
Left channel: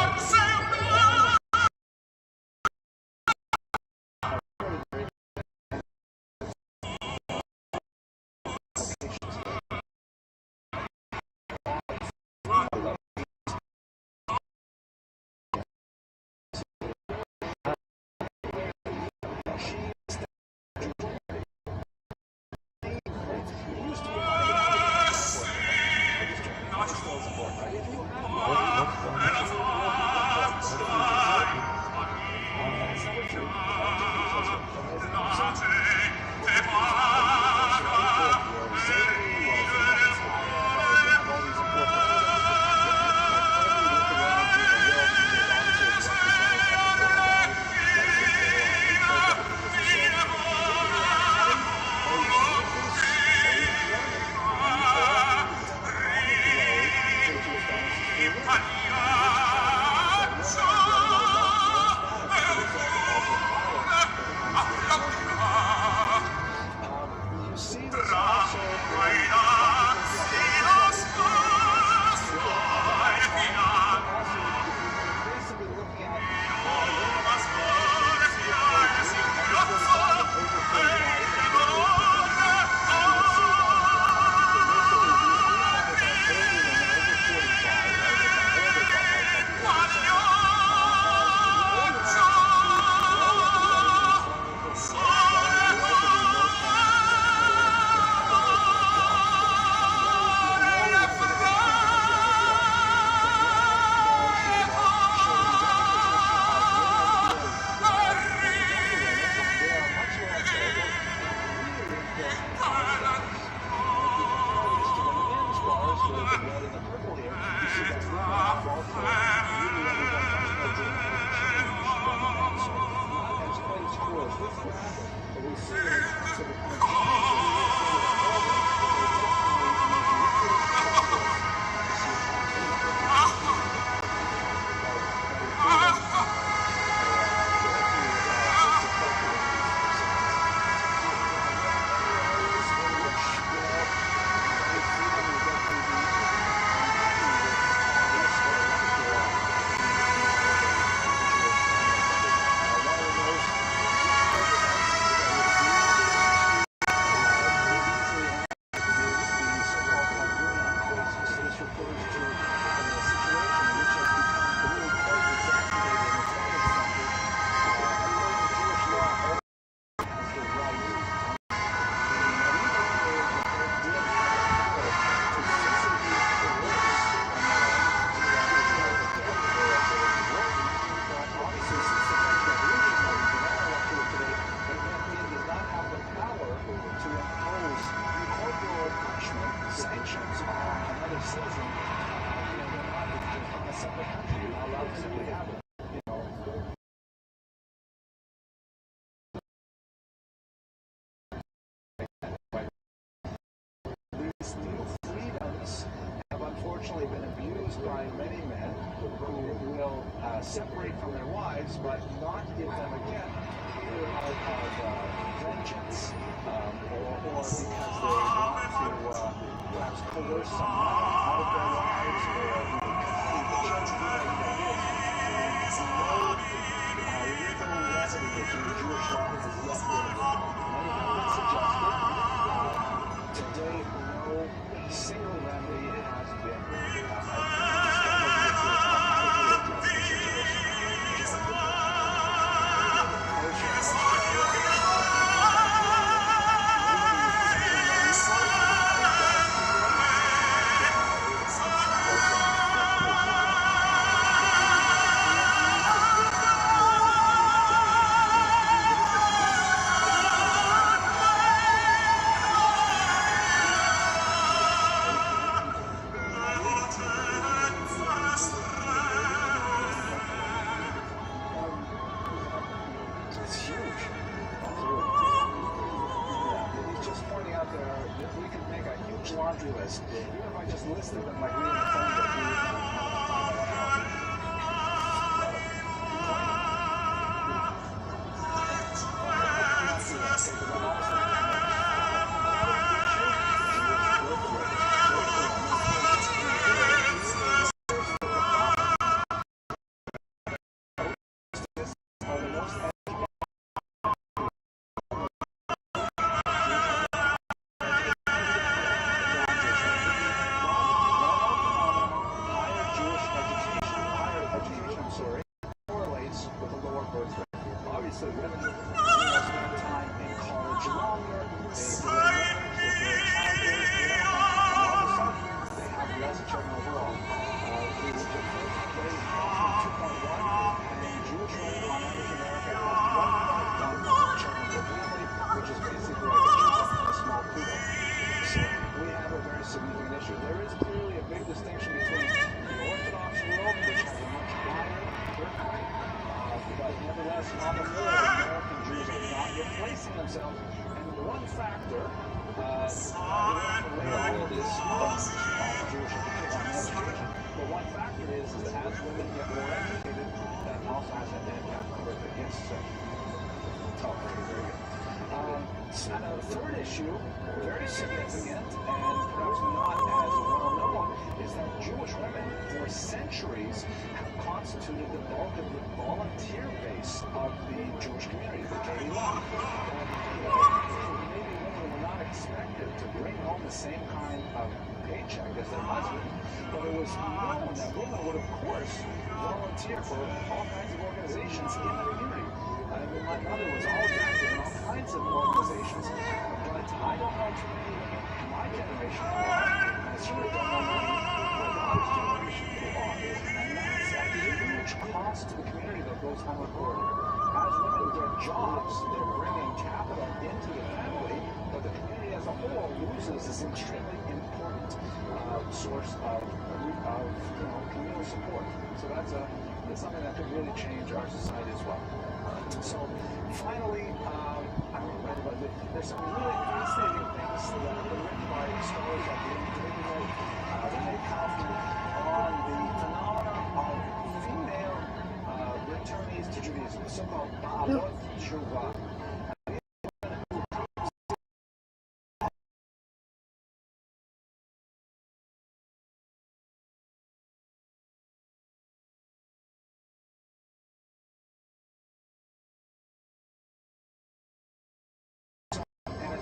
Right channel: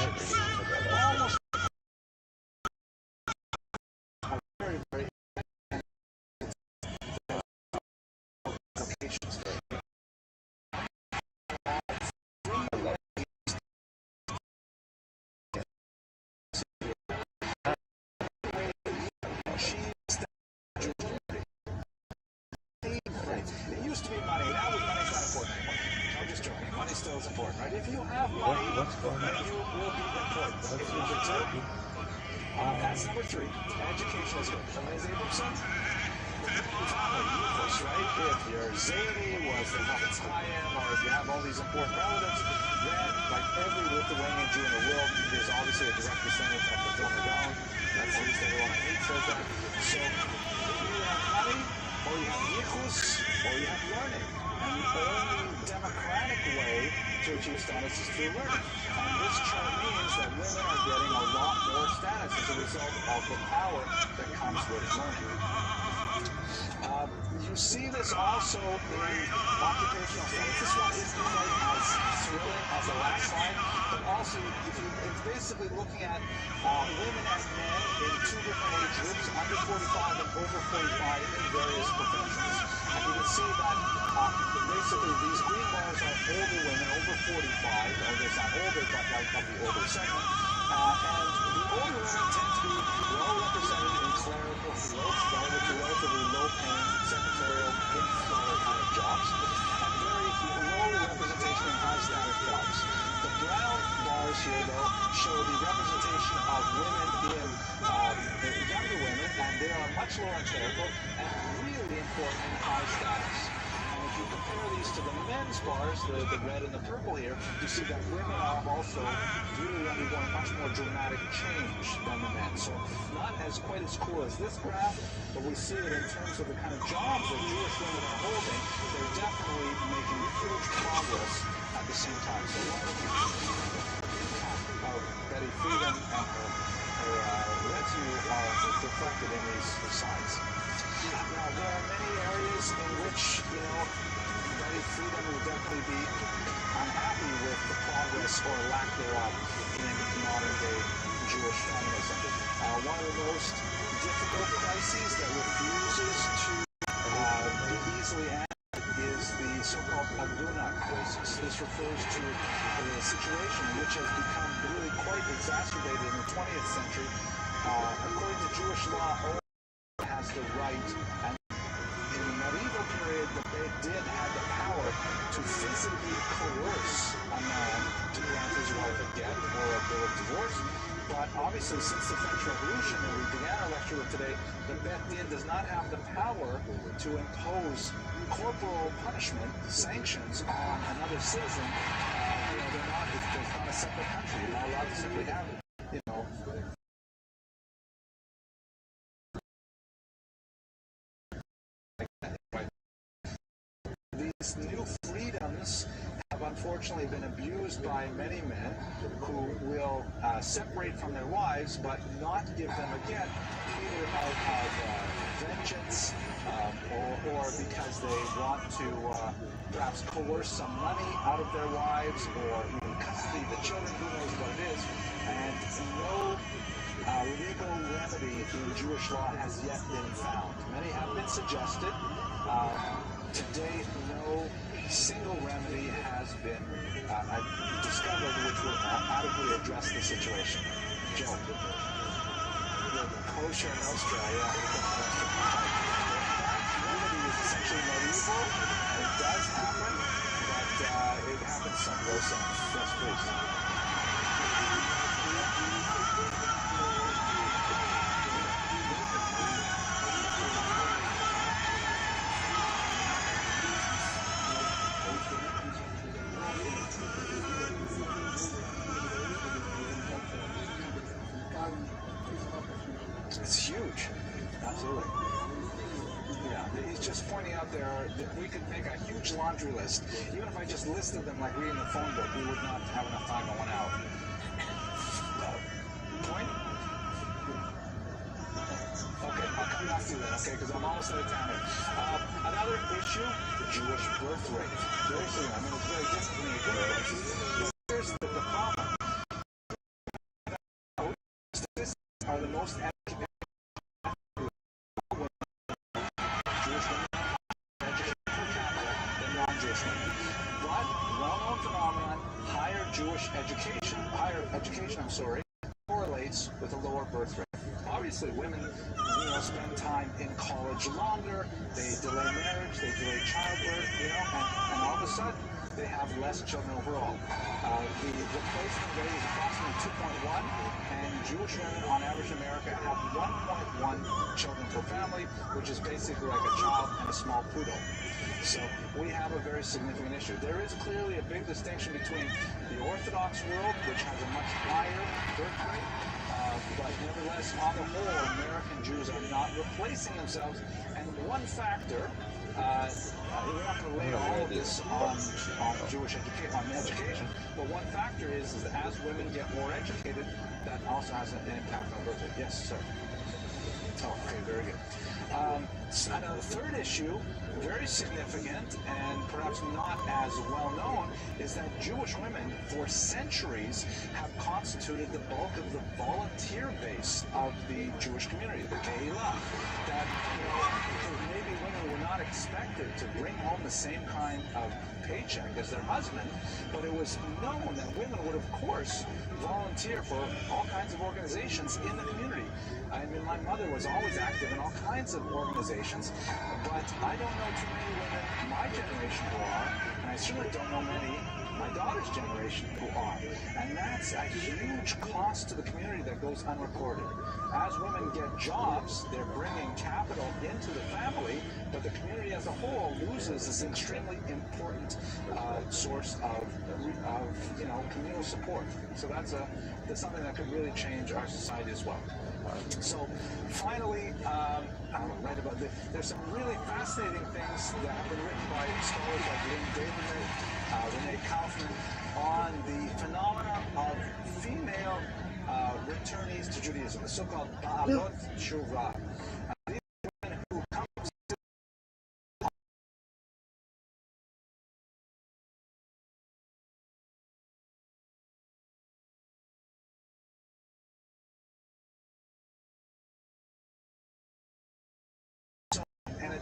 That's number 3. Education is amazing. Your Zadie was the woman's high-end, or you have all these important elements. Then, like every Lithuanian Jew in the world, there's obviously a direct descendant of the former Valley. That's the So, you have Hattie, or you have Yichus, or you have learning. And the only democratic way to achieve status is through learning. And this chart means that women are getting a lot more status as a result of the power that comes with learning. You see this also in occupational therapy. This one is as a last slide, but also it's basically looking at women as men in 2 different age groups, under 45 and over 45 in various professions. And you can see that basically these green bars are older women, over 45, or they're not older, but like of the older segment. And the older ones tend to be well represented in clerical fields, relatively low-paying secretarial jobs, and very low representation in high-status jobs. The brown bars here, though, show the representation of women in the younger women, and they are much lower the red and the purple here, you see that women have also really undergone much more dramatic change than the men. So not as quite as cool as this graph, but we see it in terms of the kind of jobs that Jewish women are holding. They're definitely making huge progress at the same time. So Betty Friedan and her retinue are reflected in these results. Now, there are many areas in which, Betty Friedan will definitely be unhappy with the progress or lack thereof in modern-day Jewish feminism. One of the most difficult crises that refuses to easily end is the so-called Paguna crisis. This refers to a situation which has become really quite exacerbated in the 20th century. According to Jewish law, all has the right, and in the medieval period, the court did have the power to physically coerce a man to grant his right of death or a bill of divorce. But obviously, since the French Revolution, where we began our lecture with today, the Benedictine does not have the power to impose corporal punishment, sanctions on another citizen. There's not a separate country. You're not allowed to simply have it. These new freedoms have unfortunately been abused by many men who will separate from their wives, but not give them again, either out of vengeance or because they want to perhaps coerce some money out of their wives or custody of the children, who knows what it is. And no legal remedy in Jewish law has yet been found. Many have been suggested. Today, no single remedy has been discovered which will adequately address the situation. Joe, closure in Australia. Remedy is essentially medieval. It does happen, but it happens someplace else. It's huge. Absolutely. Yeah, he's just pointing out there that we could make a huge laundry list. Even if I just listed them like we in the phone book, we would not have enough time in 1 hour. Point? Okay, I'll come back to that, okay, because I'm almost out of time. Another issue, Jewish birth rate. Those are one of the places in the are the most correlates with a lower birth rate. Obviously, women spend time in college longer, they delay marriage, they delay childbirth, and all of a sudden, they have less children overall. The replacement rate is approximately 2.1, and Jewish women, on average in America, have 1.1 children per family, which is basically like a child and a small poodle. So we have a very significant issue. There is clearly a big distinction between the Orthodox world, which has a much higher birth rate, but nevertheless, on the whole, American Jews are not replacing themselves. And one factor, we have to lay all of this on Jewish education, but one factor is that as women get more educated, that also has an impact on birth rate. Yes, sir. Oh, okay, very good. And a third issue, very significant and perhaps not as well known, is that Jewish women for centuries have constituted the bulk of the volunteer base of the Jewish community, the Kehillah. That maybe women were not expected to bring home the same kind of paycheck as their husband, but it was known that women would, of course, volunteer for all kinds of organizations in the community. I mean, my mother was always active in all kinds of organizations, but I don't know too many women my generation who are, and I certainly don't know many my daughter's generation who are. And that's a huge cost to the community that goes unreported. as women get jobs, they're bringing capital into the family, but the community as a whole loses this extremely important source of communal support. So that's something that could really change our society as well. So finally, there's some really fascinating things that have been written by scholars like Renee Kaufman on the phenomena of female returnees to Judaism, the so-called Ba'alot Tshuva.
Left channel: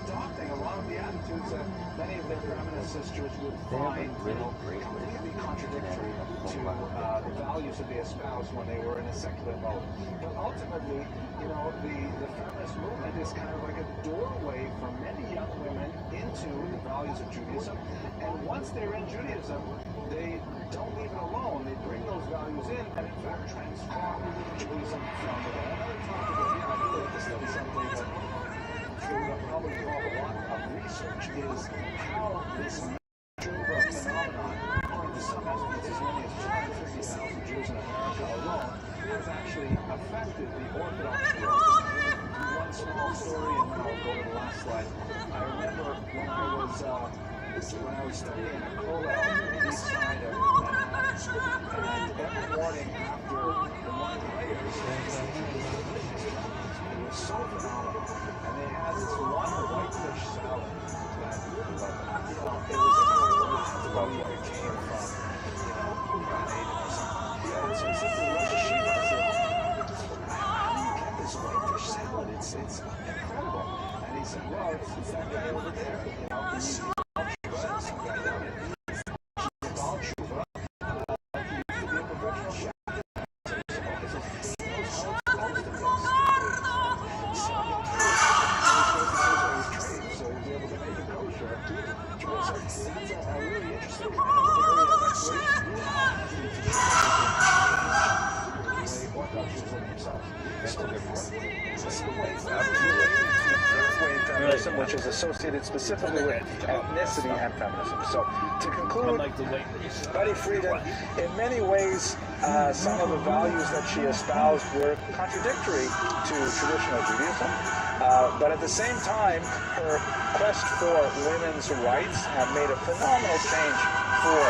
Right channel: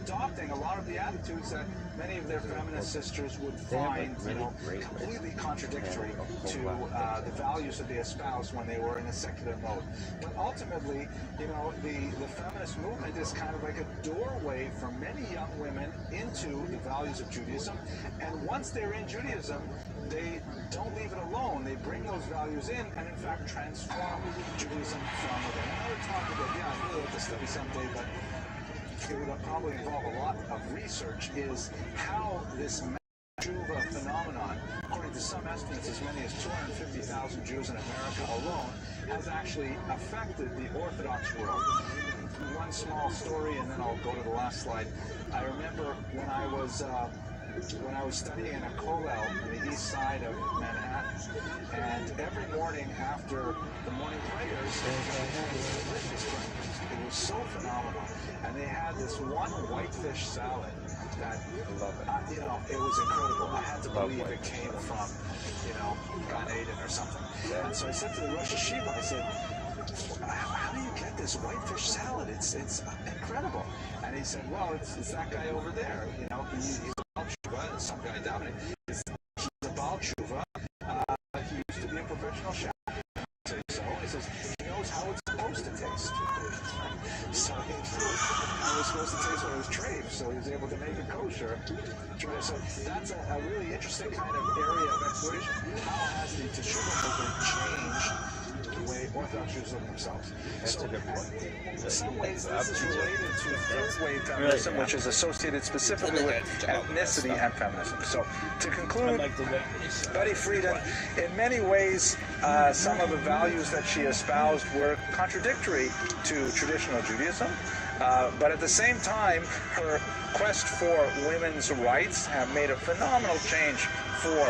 Adopting a lot of the attitudes that many of their feminist sisters would find completely contradictory to the values that they espoused when they were in a secular mode. But ultimately, the feminist movement is kind of like a doorway for many young women into the values of Judaism. And once they're in Judaism, they don't leave it alone. They bring those values in and, in fact, transform Judaism from within. Another topic that, I'd really like to study someday, but it would probably involve a lot of research, is how this Tshuva phenomenon, according to some estimates as many as 250,000 Jews in America alone, has actually affected the Orthodox world. One small story, and then I'll go to the last slide. I remember when I was studying in a kollel on the east side of Manhattan, and every morning after the morning prayers, it was so phenomenal. And they had this one whitefish salad that, it was incredible. I had to believe it came from, Gan Eden or something. And so I said to the Rosh Hashiva, I said, how do you get this whitefish salad? It's incredible. And he said, well, it's that guy over there. He's Baal Tshuva, and some guy down there. He's Baal Tshuva. He used to be a professional chef. So he says, he knows how it's supposed to taste. So he was supposed to taste what it was trained, so he was able to make it kosher. So that's a really interesting kind of area of exploration. How has the Teshuvah movement changed the way Orthodox Jews look themselves? So in some ways, this is related to third wave feminism, which is associated specifically with ethnicity and feminism. So to conclude, Betty Friedan, in many ways, some of the values that she espoused were contradictory to traditional Judaism, but at the same time, her quest for women's rights have made a phenomenal change for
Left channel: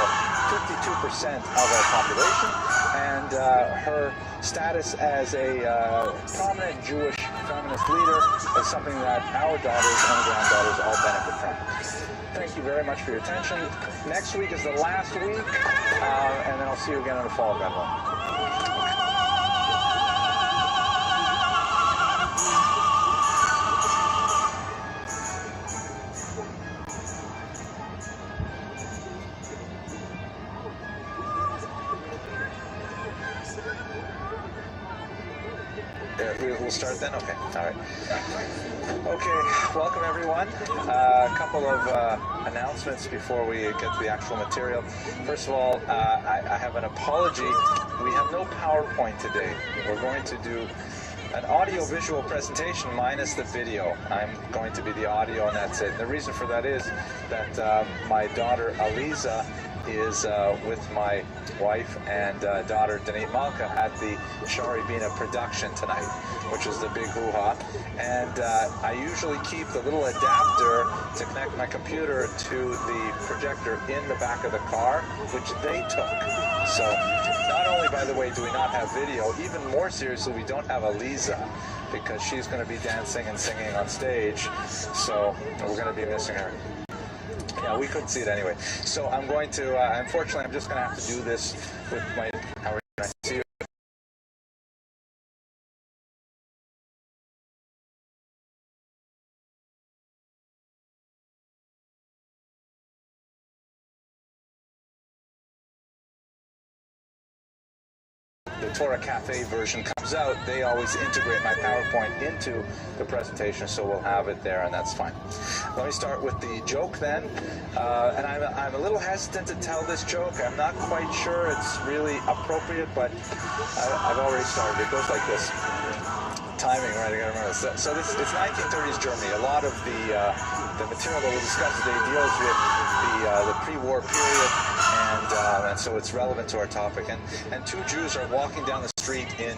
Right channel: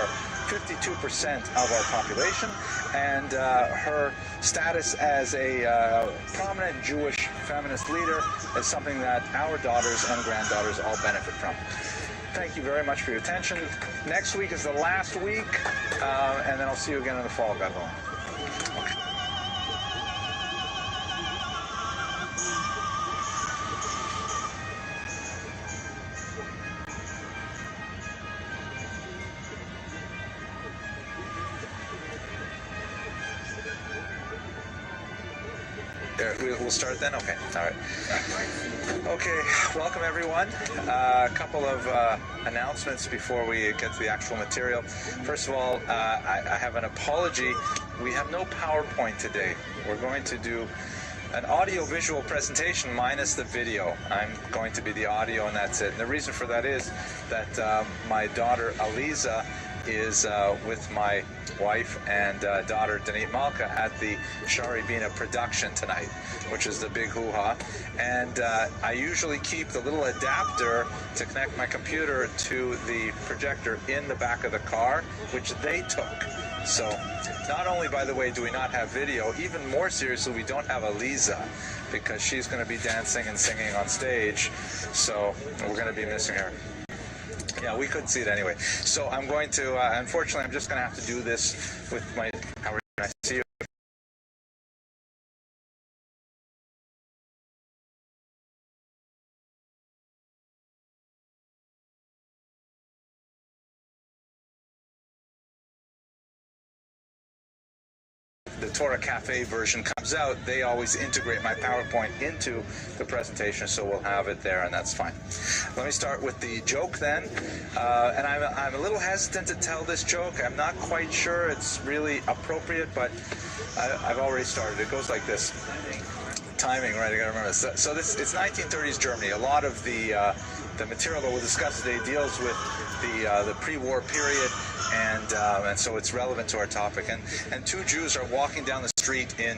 52% of our population, and her status as a prominent Jewish feminist leader is something that our daughters and granddaughters all benefit from. Thank you very much for your attention. Next week is the last week, and then I'll see you again in the fall, God willing. We'll start then? Okay. All right. Okay. Welcome, everyone. A couple of announcements before we get to the actual material. First of all, I have an apology. We have no PowerPoint today. We're going to do an audio-visual presentation minus the video. I'm going to be the audio, and that's it. And the reason for that is that my daughter, Aliza, is with my wife and daughter Danit Malka at the Shari Bina production tonight, which is the big hoo-ha. And I usually keep the little adapter to connect my computer to the projector in the back of the car, which they took. So not only, by the way, do we not have video, even more seriously, we don't have Aliza, because she's going to be dancing and singing on stage, so we're going to be missing her. Yeah, we couldn't see it anyway. So I'm going to, unfortunately, I'm just going to have to do this with my, how are you? Nice to see you. The Torah Cafe version comes out, they always integrate my PowerPoint into the presentation, so we'll have it there, and that's fine. Let me start with the joke then, and I'm a little hesitant to tell this joke. I'm not quite sure it's really appropriate, but I've already started. It goes like this. timing, right? I gotta remember this. So it's 1930s Germany. A lot of the material that we'll discuss today deals with the pre-war period, and so it's relevant to our topic. And two Jews are walking down the street in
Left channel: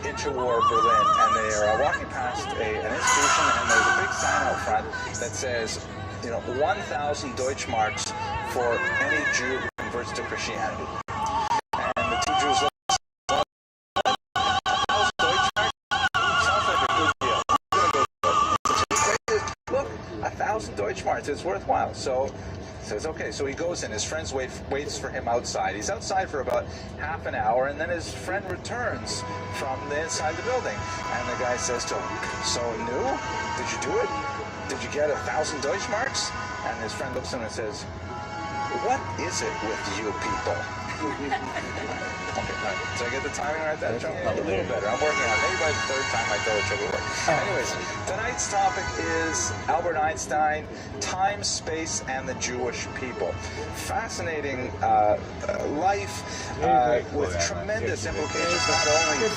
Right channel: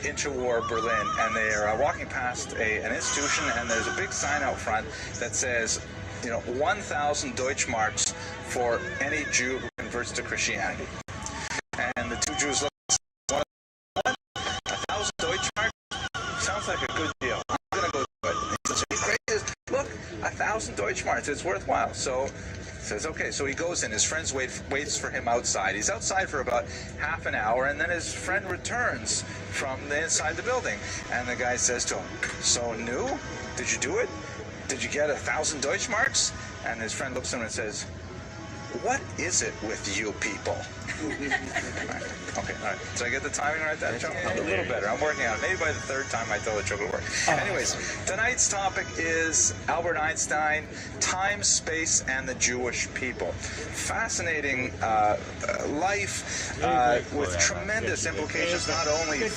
interwar Berlin, and they are walking past an institution, and there's a big sign out front that says, 1,000 Deutschmarks for any Jew who converts to Christianity. And the two Jews look. 1,000 Deutschmarks sounds like a good deal. I'm gonna go do it. Look, 1,000 Deutschmarks. It's worthwhile. So says okay. So he goes in. His friends waits for him outside. He's outside for about half an hour, and then his friend returns from the inside the building, and the guy says to him, "So new? Did you do it? Did you get 1,000 Deutschmarks?" And his friend looks at him and says, "What is it with you people?" Okay, all right. Did I get the timing right there, Joe? A little better. I'm working on it. Maybe by the third time I tell the joke will work. Anyways, tonight's topic is Albert Einstein, time, space, and the Jewish people. Fascinating life with tremendous implications, not only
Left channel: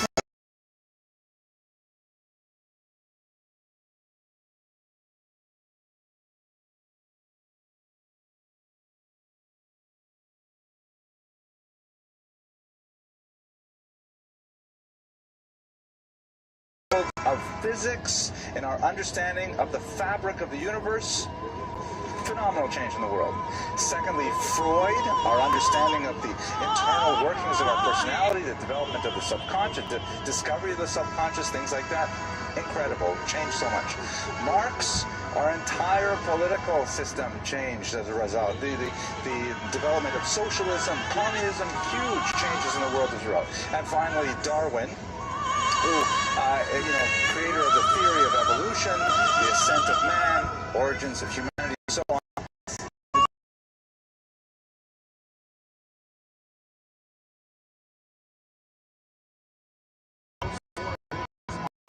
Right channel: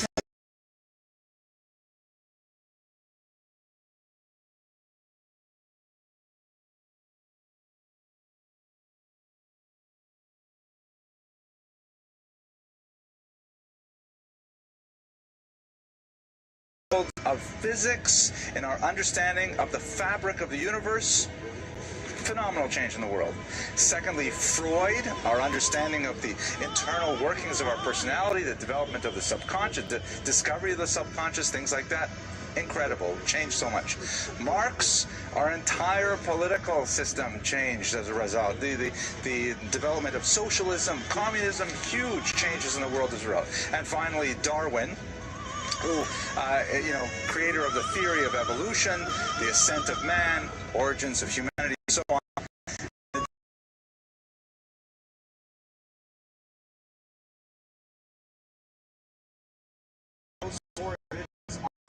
of physics and our understanding of the fabric of the universe. Phenomenal change in the world. Secondly, Freud, our understanding of the internal workings of our personality, the development of the subconscious, the discovery of the subconscious, things like that. Incredible. Changed so much. Marx, our entire political system changed as a result. The development of socialism, communism, huge changes in the world as a result. And finally, Darwin, who, creator of the theory of evolution, the ascent of man, origins of humanity, and so on.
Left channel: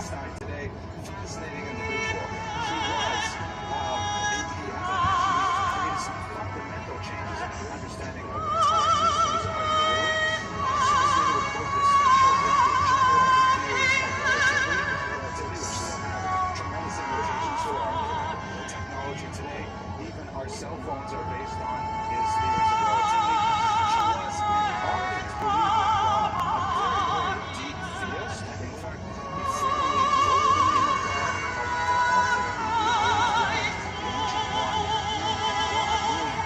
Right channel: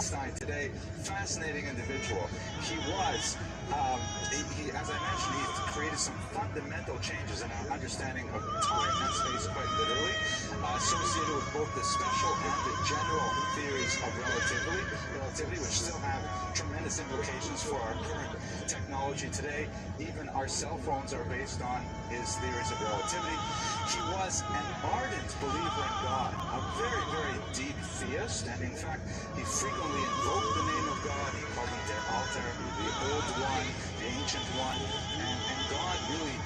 Einstein today, fascinating individual. He was, as I mentioned, he created some fundamental changes in our understanding of time and space, quite literally, associated with both the special and the general theories of relativity, which still have tremendous implications for our current technology today. Even our cell phones are based on his theories of relativity. He was an ardent believer in God, a very, very deep theist, and in fact, he frequently invoked the name of God, called him the Alter, the Old One, the Ancient One, and God really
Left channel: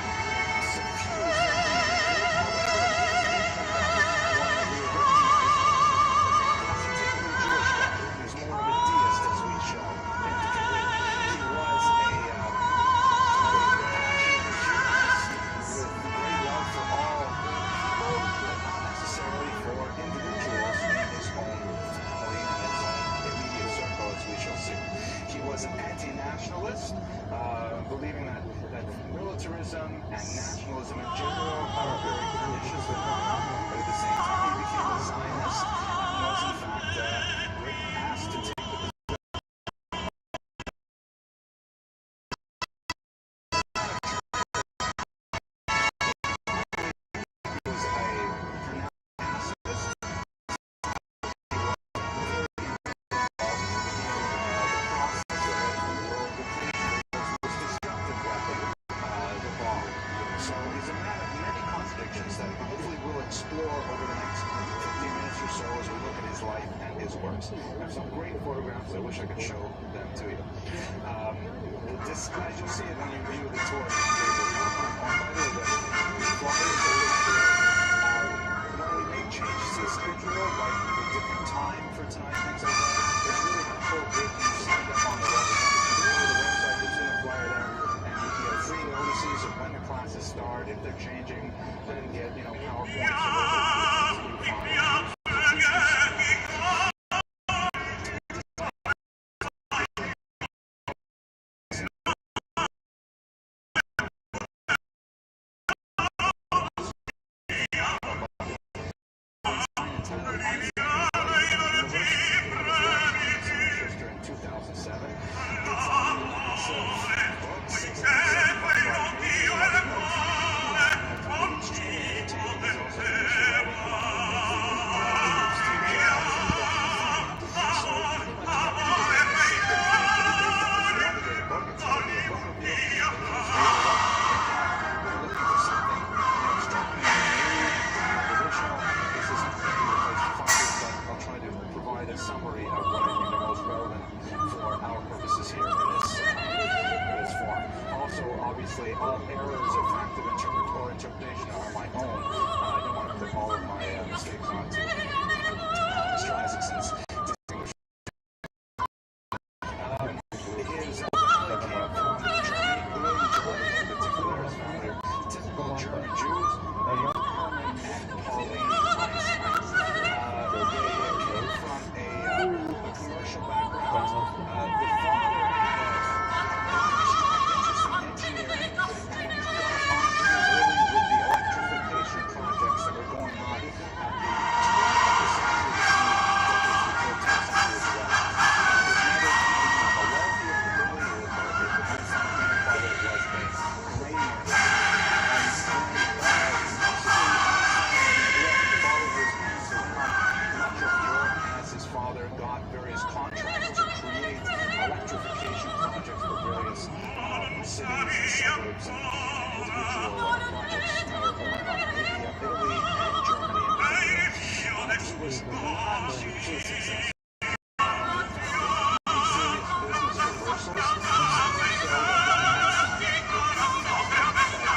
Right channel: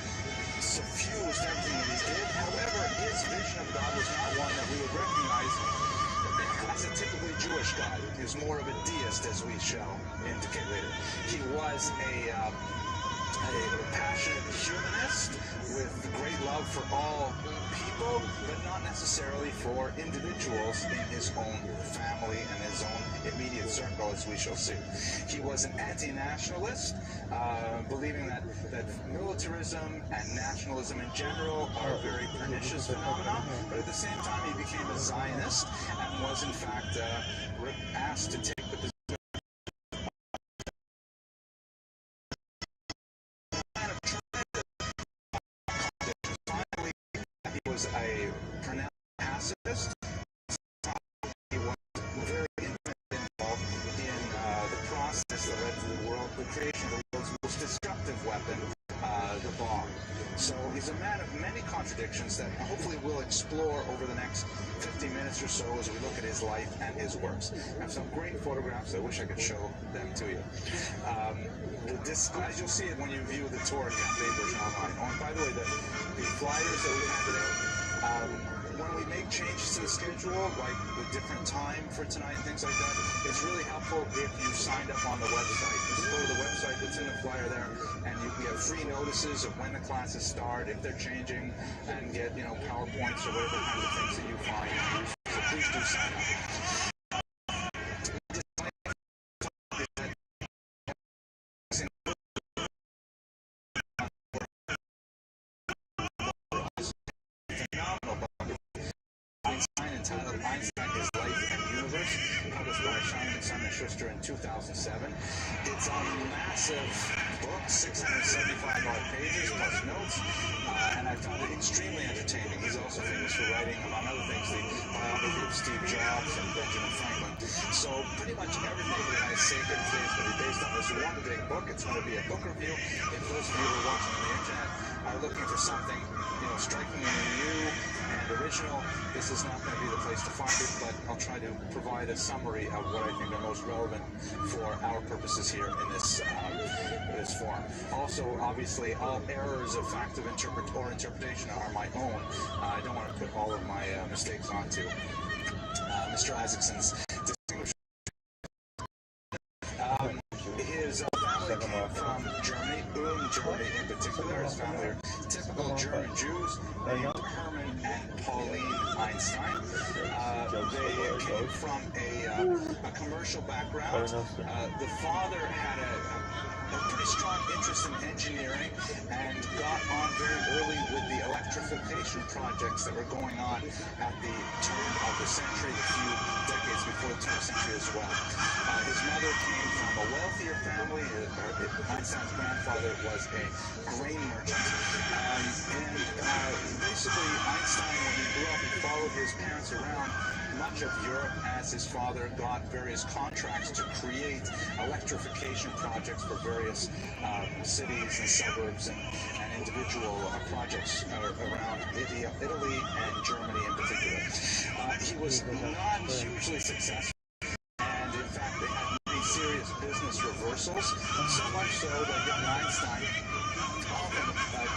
suffused everything that he did. However, his vision of God was not one that we would recognize as a typically Jewish God. He was more of a deist, as we shall indicate later. He was a passionate humanist with great love for all people, but not necessarily for individuals in his own family and his own immediate circle, as we shall see. He was an anti-nationalist, believing that militarism and nationalism in general are very pernicious phenomena, but at the same time he became a Zionist and was in fact asked to take the that hopefully we'll explore over the next 15 minutes or so as we look at his life and his works. I have some great photographs. I wish I could show them to you. As you'll see it when you view the tour of the papers online. Oh, by the way, the flyers that we have today, when we make changes to the schedule, like the different time for tonight, things like that, it's really helpful if you signed up on the website. Just go to the website, it's in the flyer there, and you can get free notices of when the classes start, if they're changing, and get, PowerPoints or whatever things that you find. So please do sign up. Entitled Einstein, His Life and the Universe, published by Simon & Schuster in 2007. It's a massive book, 675 pages, plus notes, and I found it extremely entertaining. He's also famous for writing, among other things, the biography of Steve Jobs and Benjamin Franklin. So pretty much It's going to be a book review. They first made it up on the internet. I'm looking for something, strikingly new, original. This is not going to be the place to find it, but I'll try to provide a summary of what I think are most relevant for our purposes here in this forum. Also, obviously, all errors of fact of interpretation are my own. I don't want to put all of my mistakes onto Mr. Isaacson's distinguished. His family came from Germany, early Germany in particular. His family are typical German Jews named Hermann and Pauline Einstein. They came from a commercial background. The father had a pretty strong interest in engineering and got on very early with the electrification projects that were going on at the turn of the century, a few decades before the 20th century as well. His mother came from a wealthier family. Einstein's grandfather was a grain merchant. And basically Einstein, when he grew up and followed his parents around much of Europe as his father got various contracts to create electrification projects for various cities and suburbs and individual projects around Italy and Germany in particular. He was not hugely successful. Business reversals, so much so that Einstein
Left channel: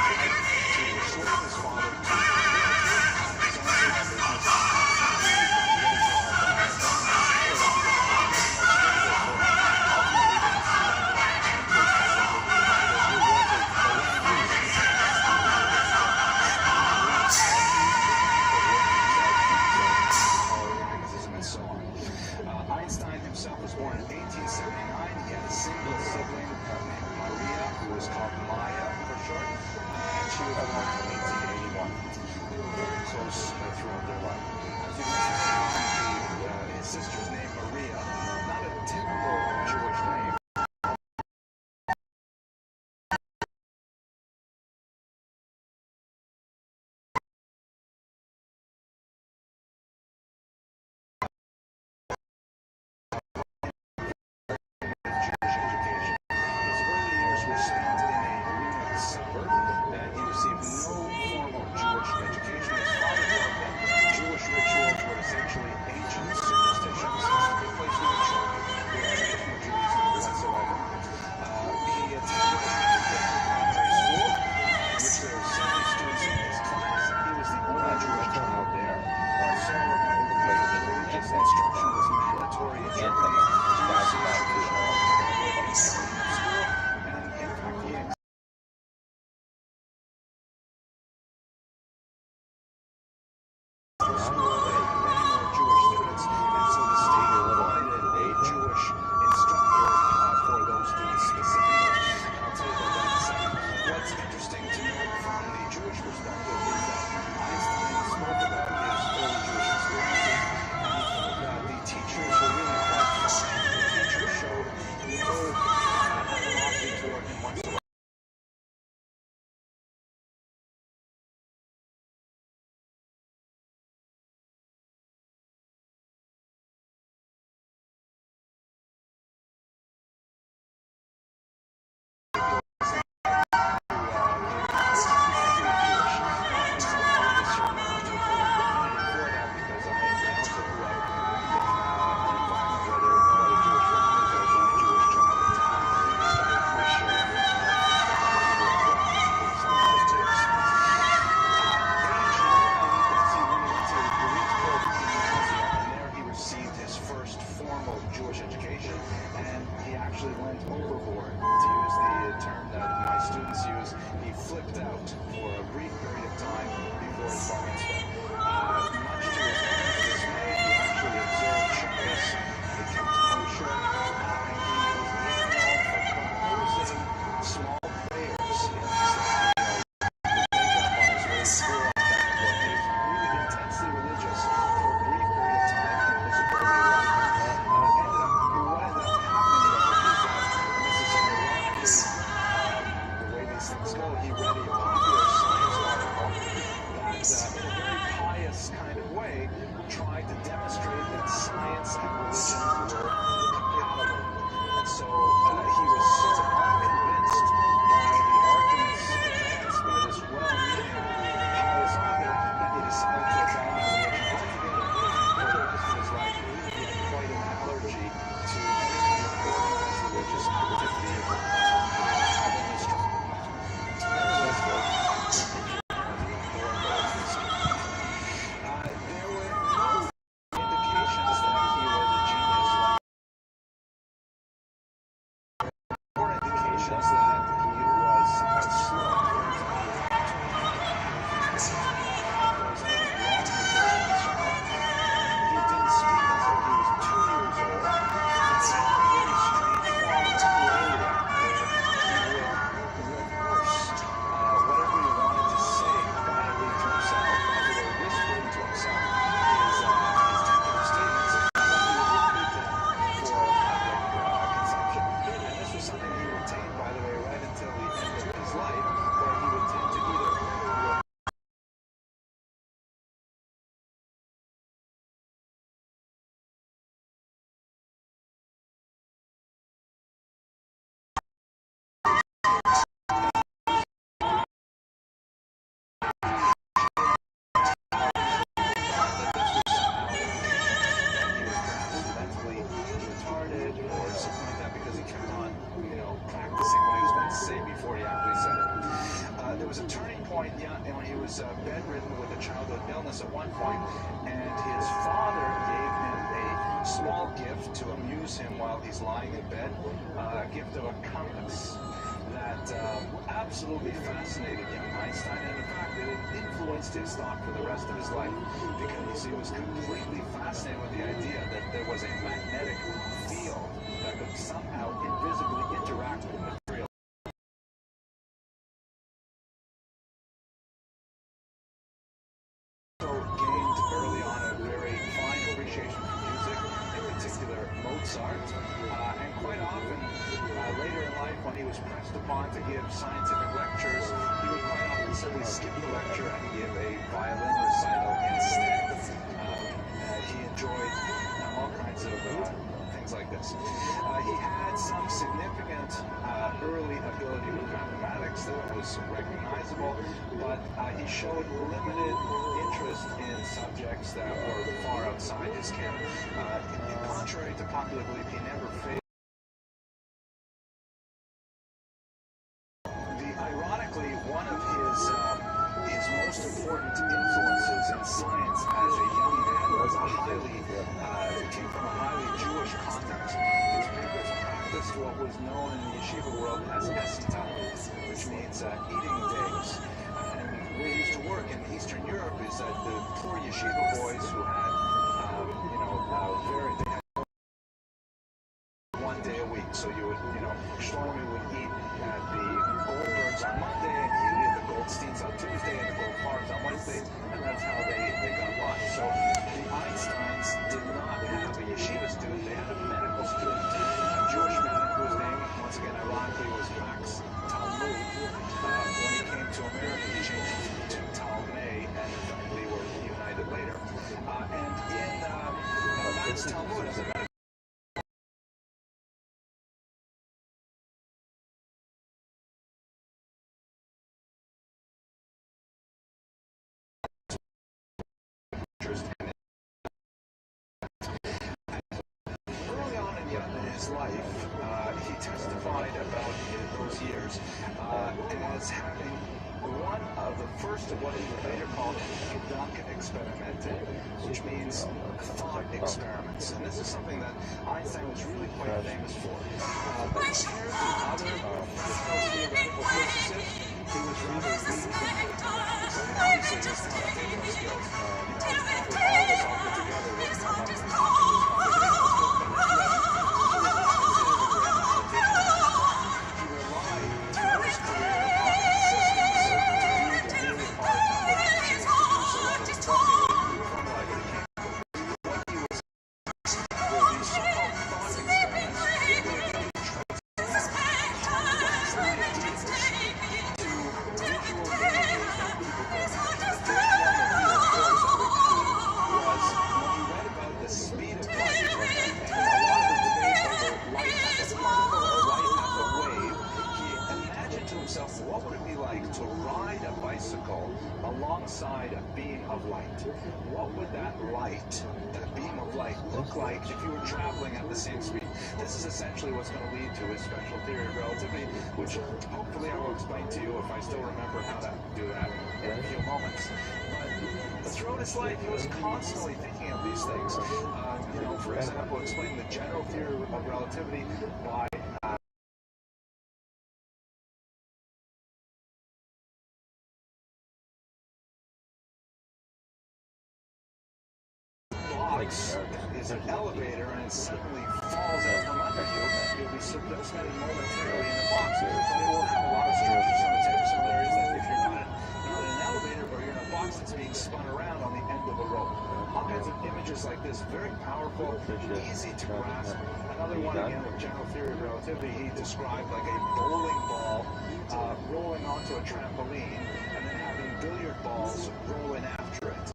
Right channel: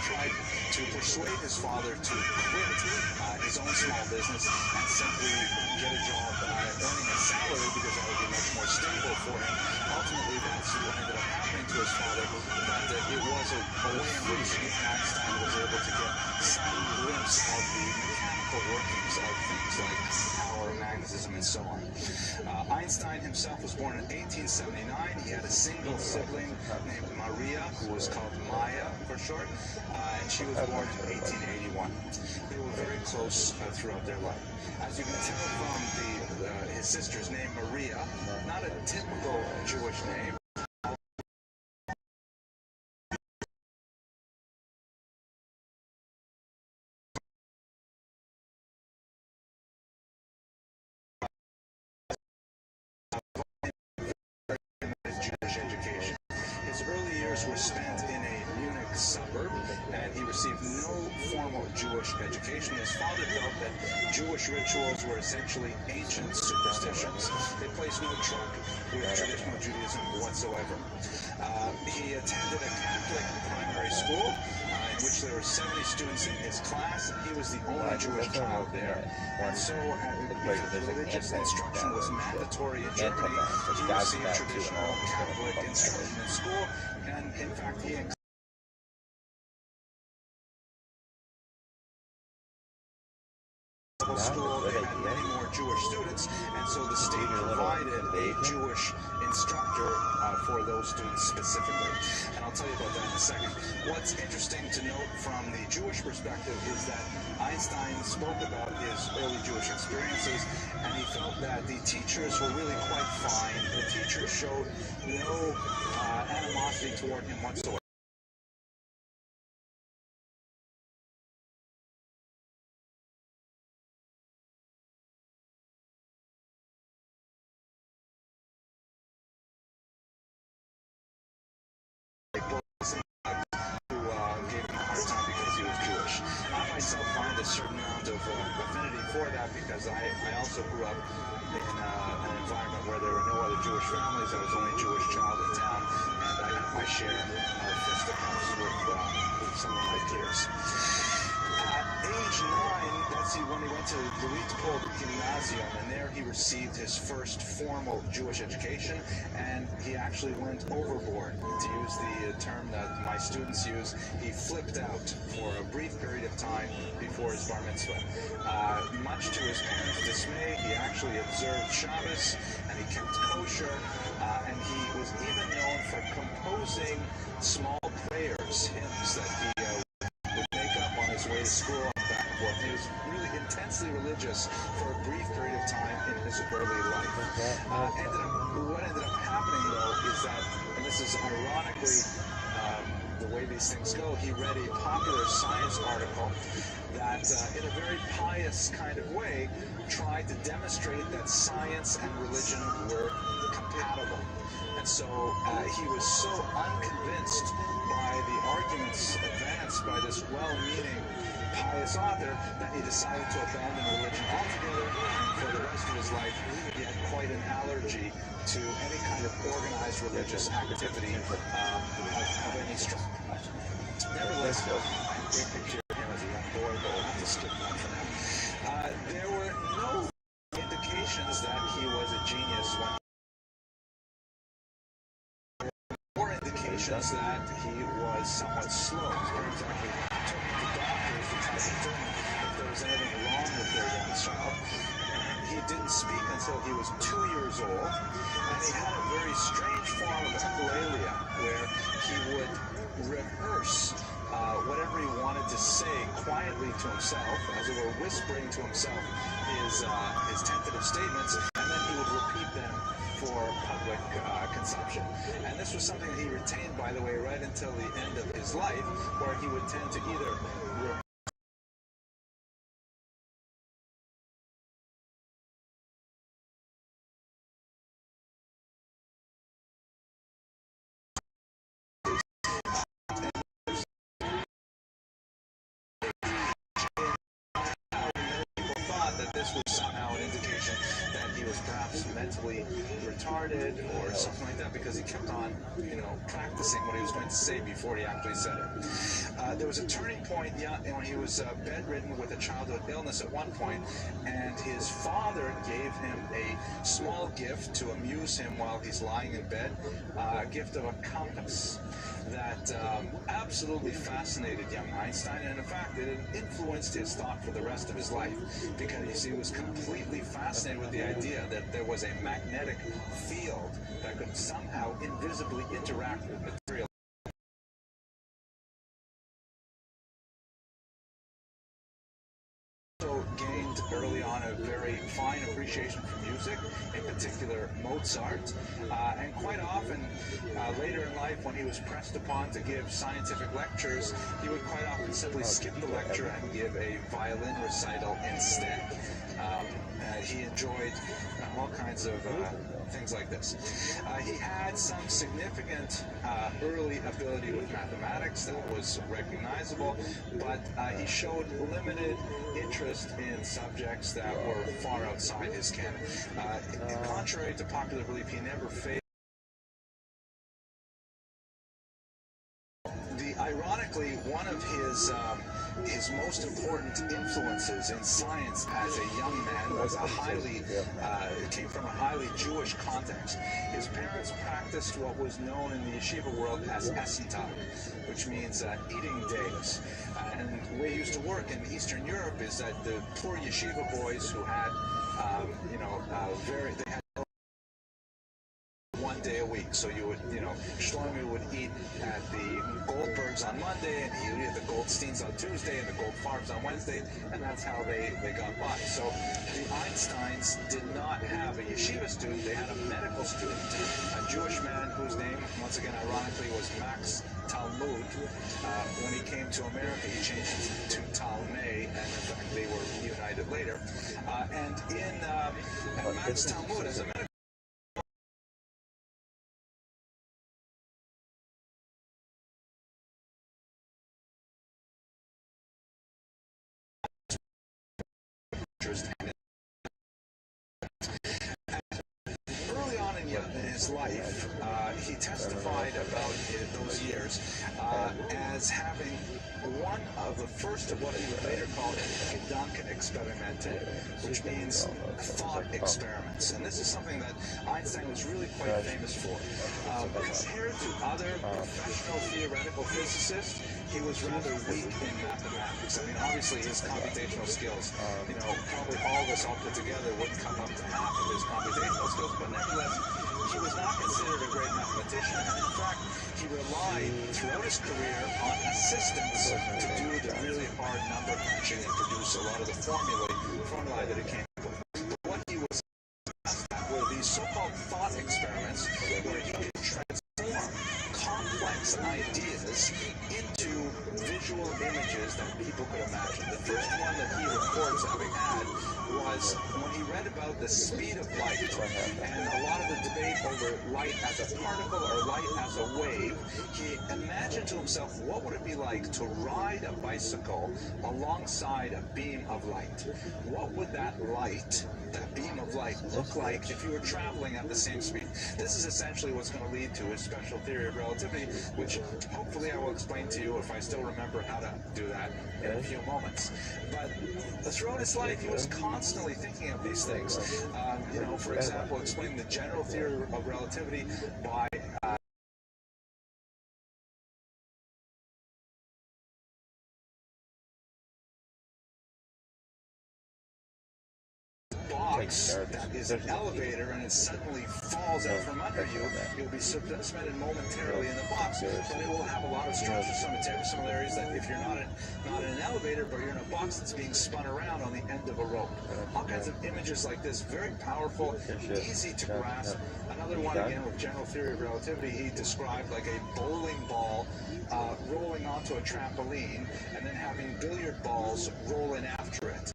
tried to persuade his father to quit his own small business and simply get a job earning a salary because that would be much more stable for him. Ultimately, what ended up happening to his father was that it was a lame reason Einstein was able to get some glimpse of the workings of things like polymagneticism and so on. Einstein himself was born in 1879. He had a single sibling named Maria, who was called Maya for short, and she was born in 1881. They were very close throughout their life. As you can tell from his sister's name, Maria, not a typical Jewish name. Were spent in a Munich suburb, and he received no formal Jewish education. His father felt that Jewish rituals were essentially ancient superstitions. They placed no track with traditional Judaism whatsoever. He attended a Catholic primary school in which there were 70 students in his class, and he was the only Jewish child there. And so, religious instruction was mandatory in Germany. He received traditional Catholic instruction in school. In fact, he school they had many more Jewish students, and so the state provided a Jewish instructor for those students specifically. And I'll tell you about that in a second. What's interesting to note from the Jewish perspective is that Einstein spoke about his early Jewish experiences, and he felt that the teachers were really quite fine. The teachers showed no animosity toward him whatsoever. Received his first formal Jewish education, and he actually went overboard, to use the term that my students use. He flipped out for a brief period of time before his bar mitzvah. Much to his parents' dismay, he actually observed Shabbos, and he kept kosher, and he was even known for composing small prayers, hymns that he would make up on his way to school and back and forth. He was really intensely religious for a brief period of time in his early life. What ended up happening, though, is that, and this is ironically the way these things go, he read a popular science article that, in a very pious kind of way, tried to demonstrate that science and religion were compatible. he was so unconvinced by the arguments advanced by this well-meaning, pious author that he decided to abandon religion altogether, and for the rest of his life he had quite an allergy to any kind of organized religious activity of any sort. Nevertheless, there were no indications that he was a genius, or indications that he was somewhat slow. There was anything wrong with their child. He didn't speak until he was 2 years old, and he had a very strange form of echolalia where he would rehearse whatever he wanted to say quietly to himself, as it were whispering to himself his tentative statements, and then he would repeat them for public consumption. And this was something he retained, by the way, right until the end of his life, where he would tend to either retarded or something like that, because he kept on, practicing what he was going to say before he actually said it. There was a turning point when he was bedridden with a childhood illness at one point, and his father gave him a small gift to amuse him while he's lying in bed, a gift of a compass that absolutely fascinated young Einstein, and in fact it influenced his thought for the rest of his life, because he was completely fascinated with the idea that there was a magnetic field that could somehow invisibly interact with material. Also gained early on a very fine appreciation for music, in particular Mozart, and quite often later in life, when he was pressed upon to give scientific lectures, he would quite often simply skip the lecture and give a violin recital instead. He enjoyed all kinds of things like this. He had some significant early ability with mathematics that was recognizable, but he showed limited interest in subjects that were far outside his ken. Contrary to popular belief, he never failed. Ironically, one of his most important influences in science as a young man was came from a highly Jewish context. His parents practiced what was known in the yeshiva world as Essen time, which means eating days. And the way it used to work in Eastern Europe is that the poor yeshiva boys who had, they had 1 day a week. So you would, Shlomi would eat at the Goldbergs on Monday, and he would eat at the Goldsteins on Tuesday, and the Goldfarbs on Wednesday, and that's how they got by. So the Einsteins did not have a yeshiva student, they had a medical student, a Jewish man whose name, once again, ironically, was Max Talmud. When he came to America, he changed it to Talmay, and in fact, they were united later. And in Max Talmud, as a medical early on in his life, he testified about those years as having one of the first of what he would later call Gedankenexperimente, which means thought experiments. And this is something that Einstein was really quite famous for. Compared to other professional theoretical physicists, he was rather weak in mathematics. I mean, obviously his computational skills, probably all of us all put together wouldn't come up to half of his computational skills, but nevertheless, he was not considered a great mathematician. In fact, he relied throughout his career on assistants to do the really hard number crunching and produce a lot of the formulae that he came up with. What he was were these so-called thought experiments where he could transform complex ideas into visual images that people could imagine. The first one that he reports having had was when he read about the speed of light, and a lot of the debate over light as a particle or light as a like to ride a bicycle alongside a beam of light? What would that light, that beam of light, look like if you were traveling at the same speed? This is essentially what's going to lead to his special theory of relativity, which hopefully I will explain to you if I still remember how to do that in a few moments. But throughout his life, he was constantly thinking of these things. You know, for example, explaining the general theory of relativity by box is an elevator and it suddenly falls out from under you, you'll be suspended momentarily in the box, but it will have a lot of structural similarities that if you're not in an elevator, but you're in a box that's being spun around on the end of a rope. All kinds of images like this, very powerful, easy to grasp. Another one, again, with general theory of relativity, he described like a bowling ball rolling onto a trampoline and then having billiard balls roll in after it.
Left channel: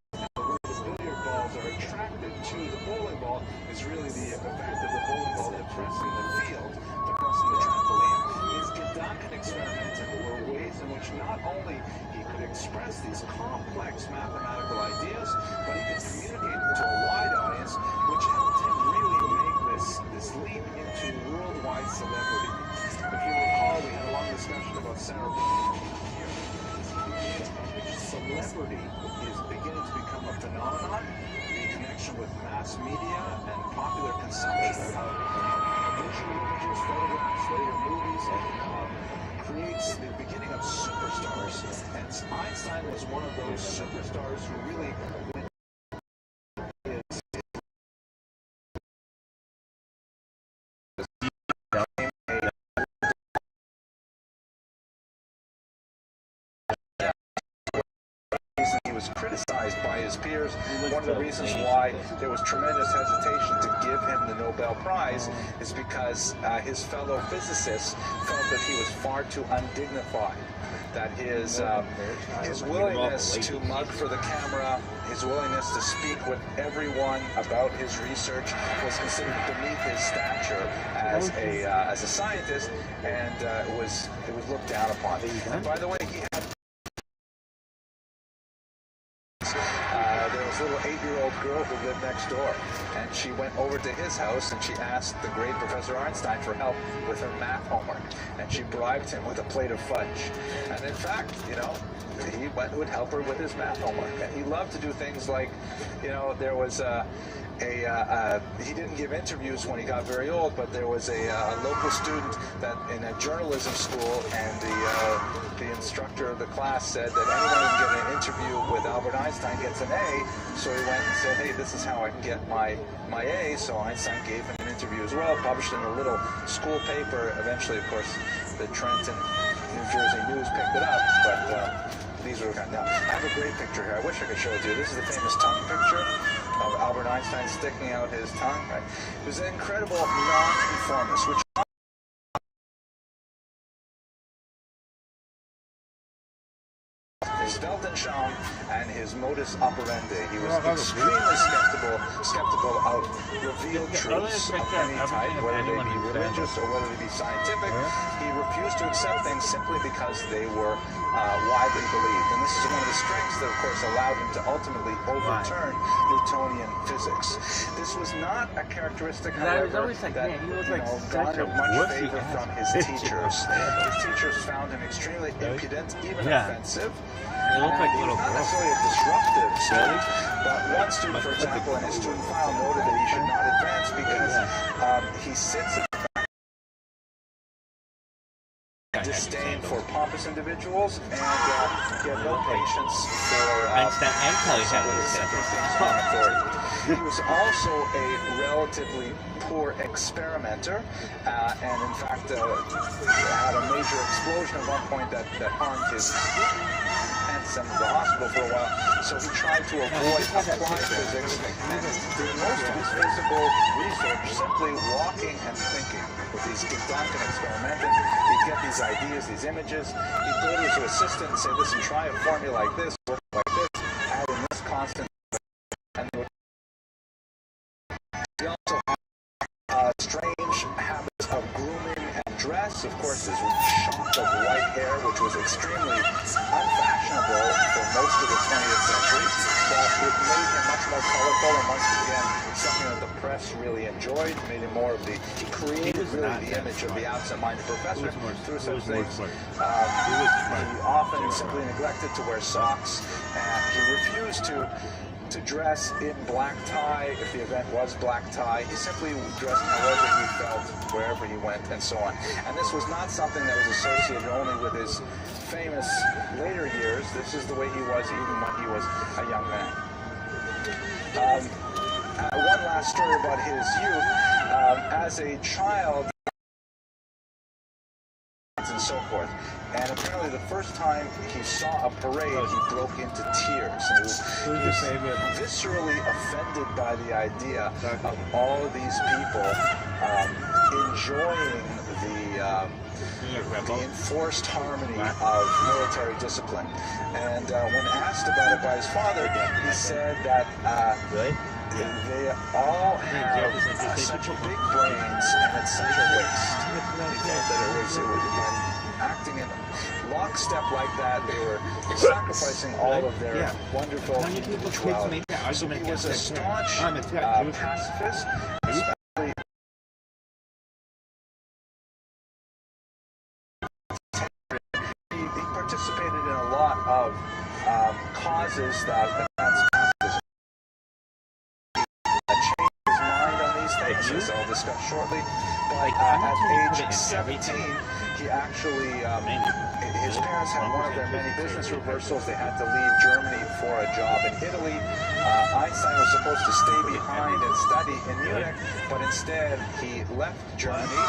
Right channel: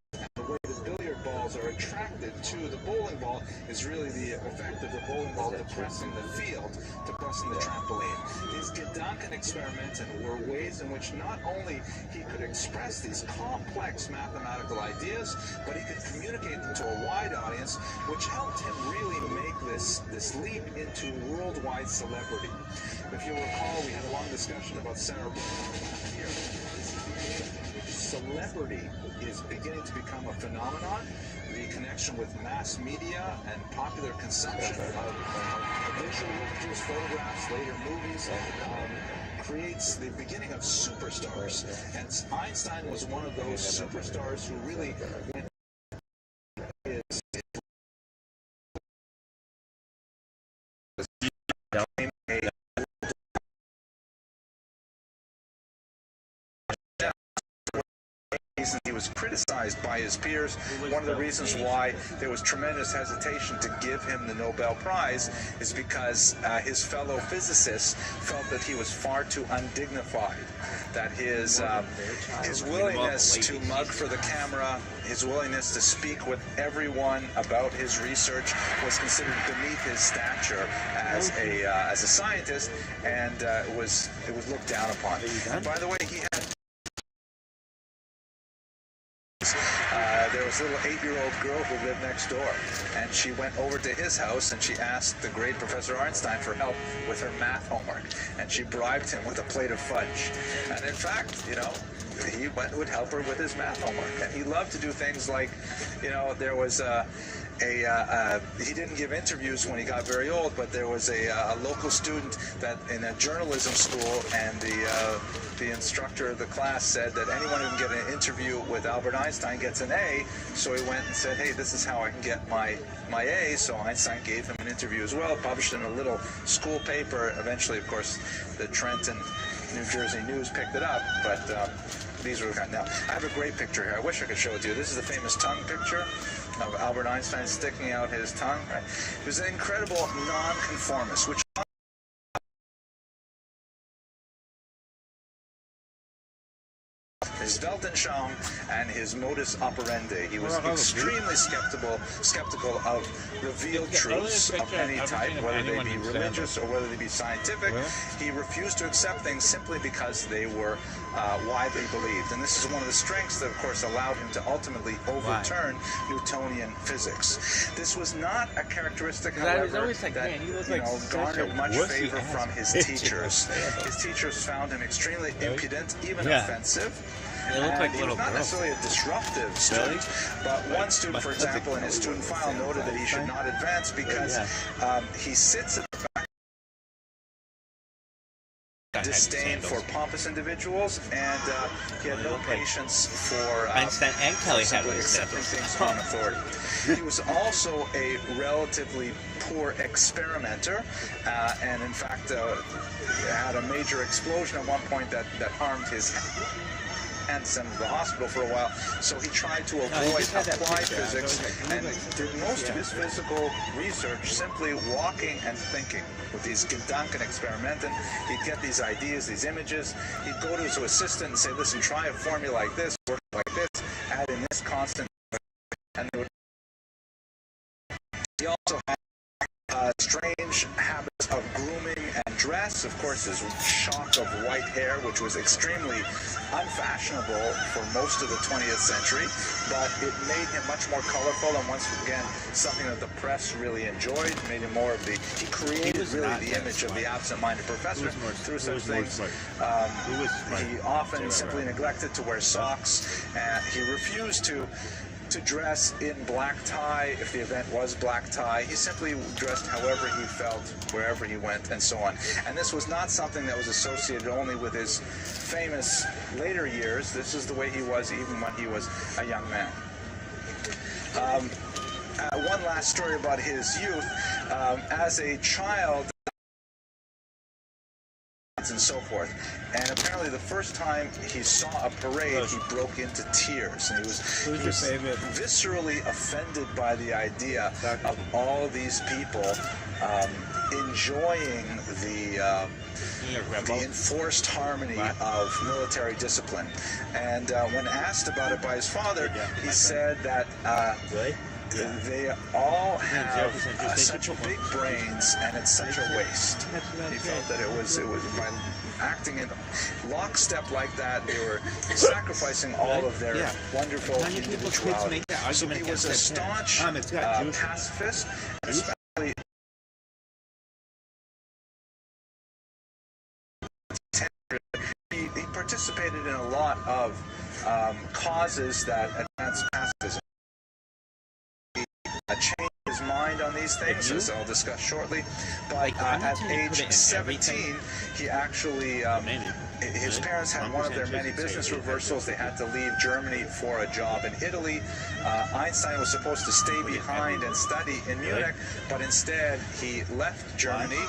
Are attracted to the bowling ball is really the effect of the bowling ball depressing the field, depressing the trampoline. His Gedanken experimenten were ways in which not only he could express these complex mathematical ideas, but he could communicate them to a wide audience, which helped him really make this leap into worldwide celebrity. If you recall, we had a long discussion about celebrity is beginning to become a phenomenon. The connection with mass media and popular consumption of visual images, photographs, later movies, creates the beginning of superstars. And Einstein was one of those superstars who really went he was criticized by his peers. One of the reasons why there was tremendous hesitation to give him the Nobel Prize is because his fellow physicists felt that he was far too undignified, that his willingness to mug for the camera, his willingness to speak with everyone about his research was considered beneath his stature as a scientist, and it was looked down upon. And by the way, he had there was a little 8-year-old girl who lived next door, and she went over to his house and she asked the great Professor Einstein for help with her math homework, and she bribed him with a plate of fudge. And in fact, you know, he would help her with his math homework, and he loved to do things like, you know, there was he didn't give interviews when he got very old, but there was a local student that in a journalism school, and the instructor of the class said that anyone who can get an interview with Albert Einstein gets an A. So he went and said, hey, this is how I can get my A. So Einstein gave him an interview as well, published in a little school paper. Eventually, of course, the Trenton, New Jersey News picked it up, but these were now. I have a great picture here. I wish I could show it to you. This is the famous tongue picture of Albert Einstein sticking out his tongue. Right? He was an incredible nonconformist, which his Weltanschauung and his modus operandi. He was extremely skeptical of revealed truths of any type, whether they be religious or whether they be scientific. He refused to accept things simply because they were widely believed. And this is one of the strengths that, of course, allowed him to ultimately overturn Newtonian physics. This was not a characteristic, however, that garnered much favor from his teachers. His teachers found him extremely impudent, even offensive. They look like little girls. Not necessarily a disruptive student, but one student, for example, in his student file noted that he should not advance because he sits at the back. Disdain for pompous individuals, and he had no patience for Einstein and Kelly had accepting things on authority. He was also a relatively poor experimenter, and in fact had a major explosion at one point that harmed his and sent him to the hospital for a while, so he tried to avoid applied physics and did most of his physical research simply walking and thinking. With these Gedanken experimenten, he'd get these ideas, these images, he'd go to his assistant and say, listen, try a formula like this, work like this, add in this constant, and they would. He also had strange habits of grooming and dress, of course, his shock of white hair, which was extremely unfashionable for most of the 20th century, but it made him much more colorful, and once again, something that the press really enjoyed, made him more of the, he created really the image of the absent-minded professor through such things. He often simply neglected to wear socks, and he refused to dress in black tie if the event was black tie. He simply dressed however he felt, wherever he went, and so on. And this was not something that was associated only with his famous later years. This is the way he was even when he was a young man. One last story about his youth. As a child, and so forth. And apparently the first time he saw a parade, he broke into tears. And he was viscerally offended by the idea of all these people enjoying the enforced harmony of military discipline. And when asked about it by his father, he said that they all have such big brains, and it's such a waste. He felt that it was by acting in lockstep like that, they were sacrificing all of their wonderful individuality. So he was a staunch pacifist, especially he participated in a lot of causes that advanced pacifism. Changed his mind on these things, as I'll discuss shortly. But at age 17, he actually, his parents had one of their many business reversals. They had to leave Germany for a job in Italy. Einstein was supposed to stay behind and study in Munich, but instead he left Germany,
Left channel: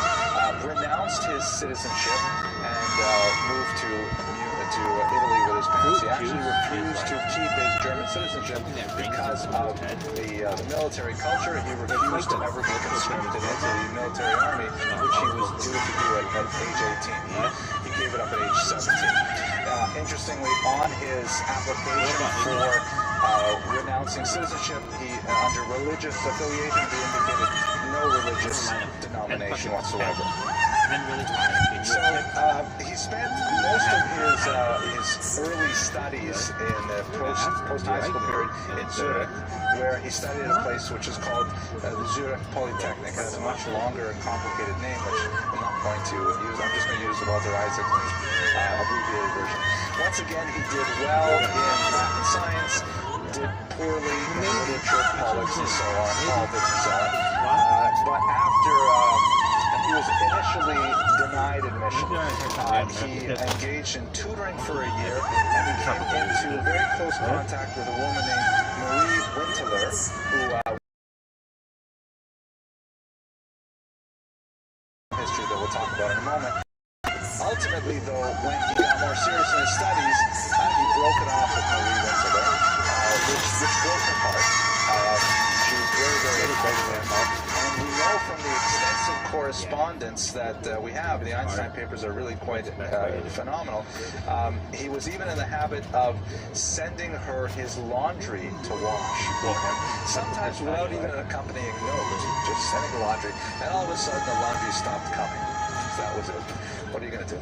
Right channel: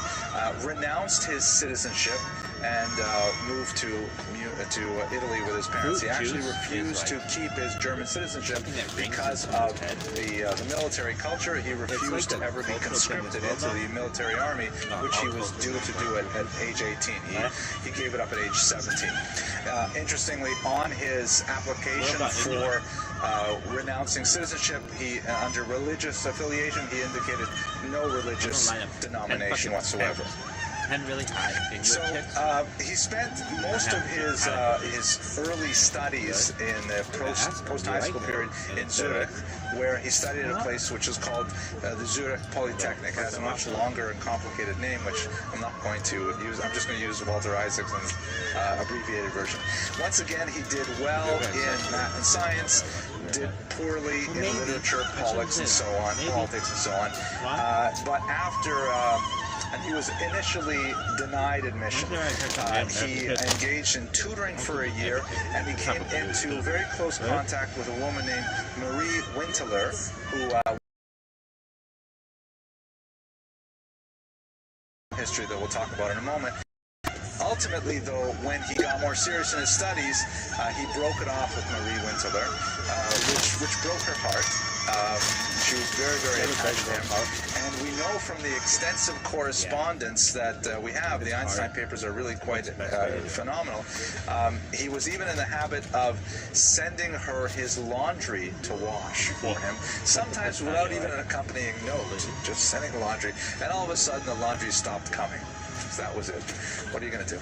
renounced his citizenship, and moved to Italy with his parents. He actually refused to keep his German citizenship because of the military culture. He refused to ever be conscripted into the military army, which he was due to do at age 18. He gave it up at age 17. Interestingly, on his application for renouncing citizenship, he under religious affiliation, he indicated no religious denomination whatsoever. So he spent most of his early studies in the post-high school period in Zurich, where he studied at a place which is called the Zurich Polytechnic. It has a much longer and complicated name, which I'm not going to use. I'm just going to use Walter Isaacson's abbreviated version. Once again, he did well in math and science, did poorly in literature, politics, and so on. But after he was initially denied admission, he engaged in tutoring for a year, and he came into very close contact with a woman named Marie Winteler, who history that we'll talk about in a moment. Ultimately, though, when he got more serious in his studies, he broke it off with Marie Winteler, which broke her heart. She was very, very educated, and we know from the extensive correspondence that we have, the Einstein papers are really quite phenomenal. He was even in the habit of sending her his laundry to wash for him, sometimes without even an accompanying note, just sending the laundry, and all of a sudden the laundry stopped coming. So that was it. What are you going to do?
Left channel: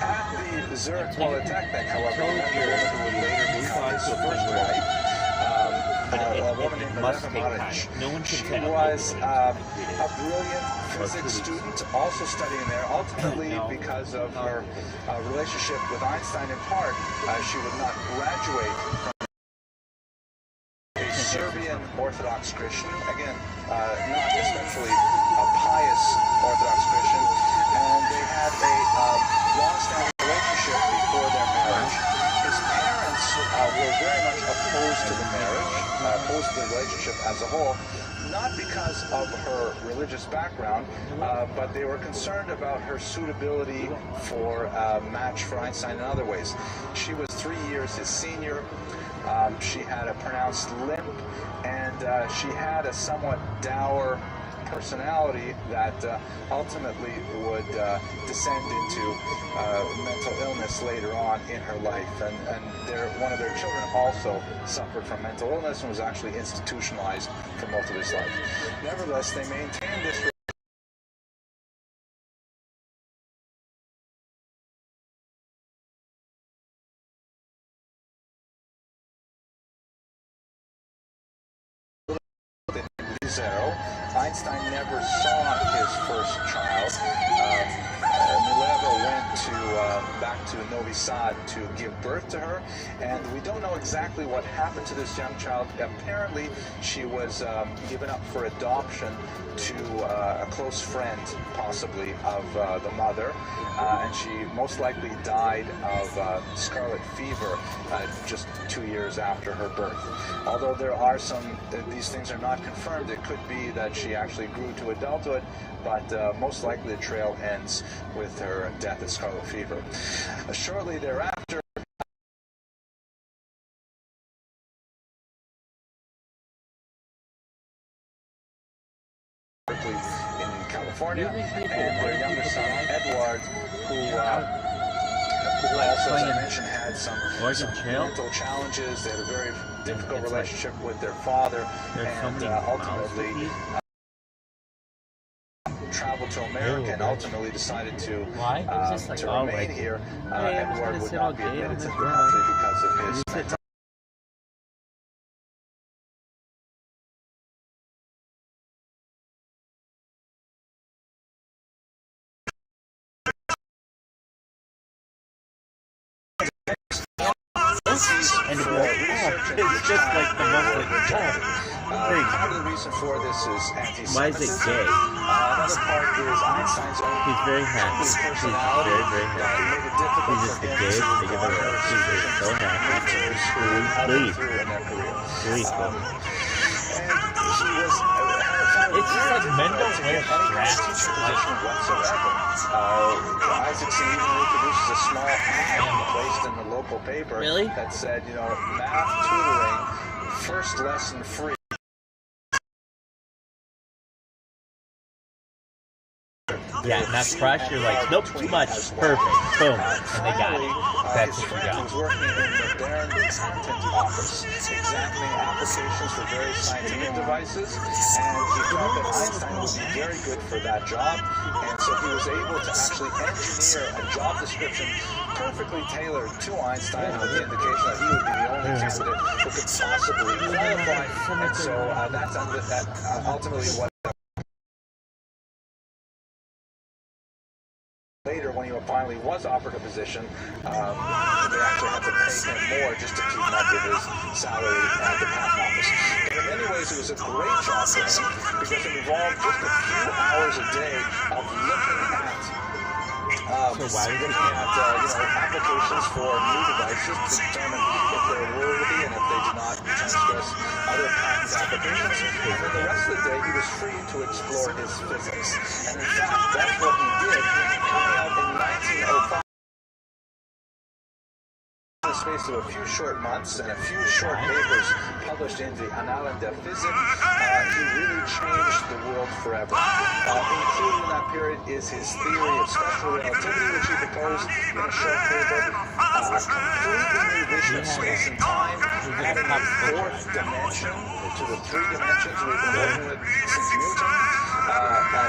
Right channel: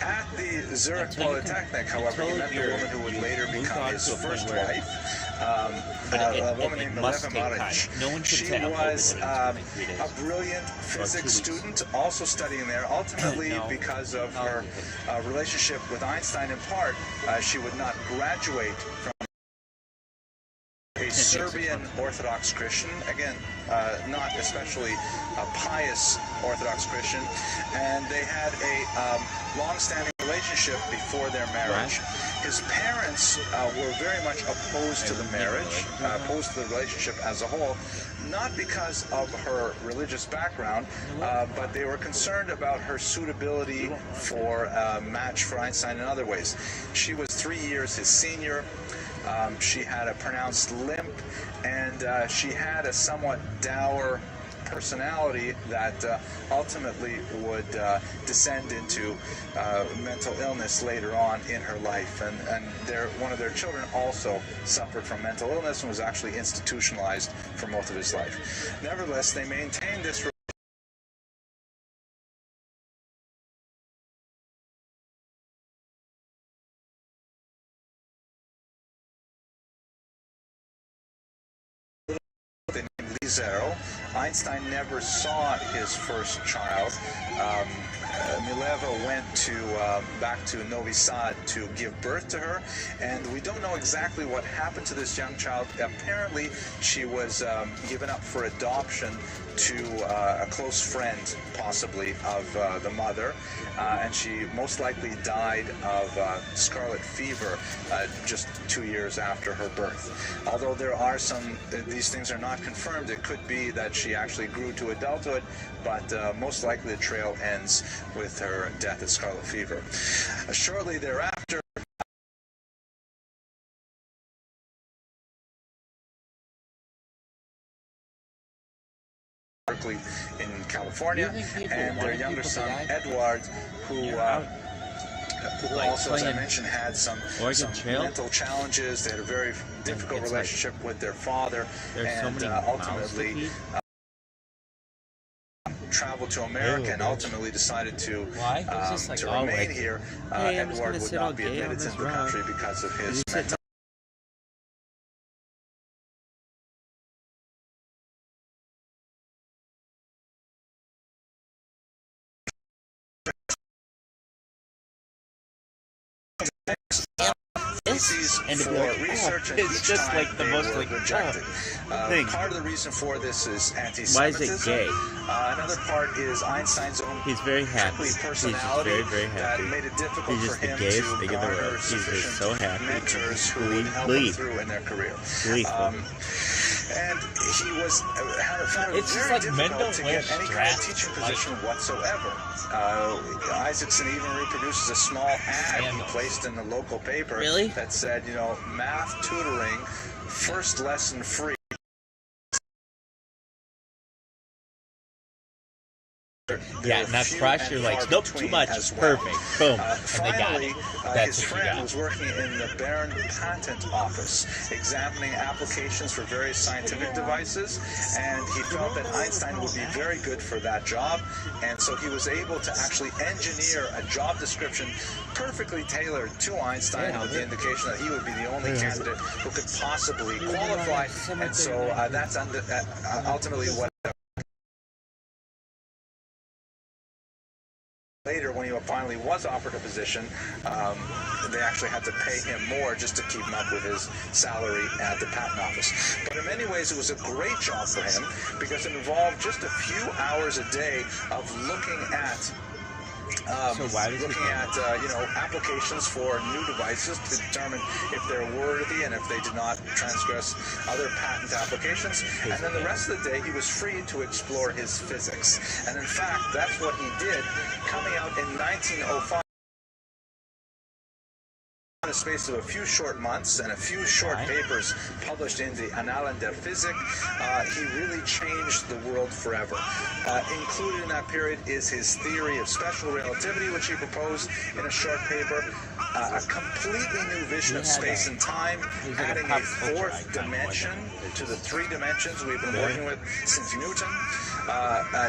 At the Zurich Polytechnic, however, he met a woman who would later become his first wife. A woman named Mileva Maric. She was a brilliant physics student, also studying there. Ultimately, because of her relationship with Einstein in part, she would not graduate from a Serbian Orthodox Christian, again, not especially a pious Orthodox Christian, and they had a long-standing relationship before their marriage. His parents were very much opposed to the marriage, opposed to the relationship as a whole, not because of her religious background, but they were concerned about her suitability for a match for Einstein in other ways. She was 3 years his senior. She had a pronounced limp, and she had a somewhat dour personality that ultimately would descend into mental illness later on in her life. And one of their children also suffered from mental illness and was actually institutionalized for most of his life. Nevertheless, they maintained this zero. Einstein never saw his first child. Mileva went back to Novi Sad to give birth to her, and we don't know exactly what happened to this young child. Apparently, she was given up for adoption to a close friend, possibly, of the mother, and she most likely died of scarlet fever just 2 years after her birth. Although there are these things are not confirmed. It could be that she actually grew to adulthood, but most likely the trail ends with her death of scarlet fever. Shortly thereafter, in California, and their younger son Edward, who also, as I mentioned, had some mental challenges. They had a very difficult relationship with their father, and ultimately traveled to America and ultimately decided to remain here. Edward would not be admitted to the country because of his mental. And to be like, it's just like the most rejected. Part of the reason for this is anti-Semitism. Why is it gay? Another part is Einstein's own He's very happy. personality. He's very happy. Made it difficult He's for just the him gayest to thing in the world. He's just so happy. mentors who helped him through in their career. And he was found it's just like Mendel to get any kind of teaching position whatsoever. Isaacson even reproduces a small ad placed in the local paper that said, math tutoring, first lesson free. Yeah, and that's fresh. You're like, nope, too much. Perfect. Boom. And they got it. That's his what you friend got. was working in the Baron Patent Office, examining applications for various scientific devices, and he thought that Einstein would be very good for that job, and so he was able to actually engineer a job description perfectly tailored to Einstein, with the indication that he would be the only candidate who could possibly qualify, and so that's ultimately what. Later, when he finally was offered a position, they actually had to pay him more just to keep up with his salary at the patent office. But in many ways, it was a great job for him because it involved just a few hours a day of looking at applications for new devices to determine if they're worthy and if they do not transgress other patent applications. And then the rest of the day, he was free to explore his physics. And in fact, that's what he did, coming out in 1905. In the space of a few short months and a few short papers published in the Annalen der Physik, he really changed the world forever. Included in that period is his theory of special relativity, which he proposed in a short paper, a completely new vision of space and time, adding a fourth dimension to the three dimensions we've been working with since Newton,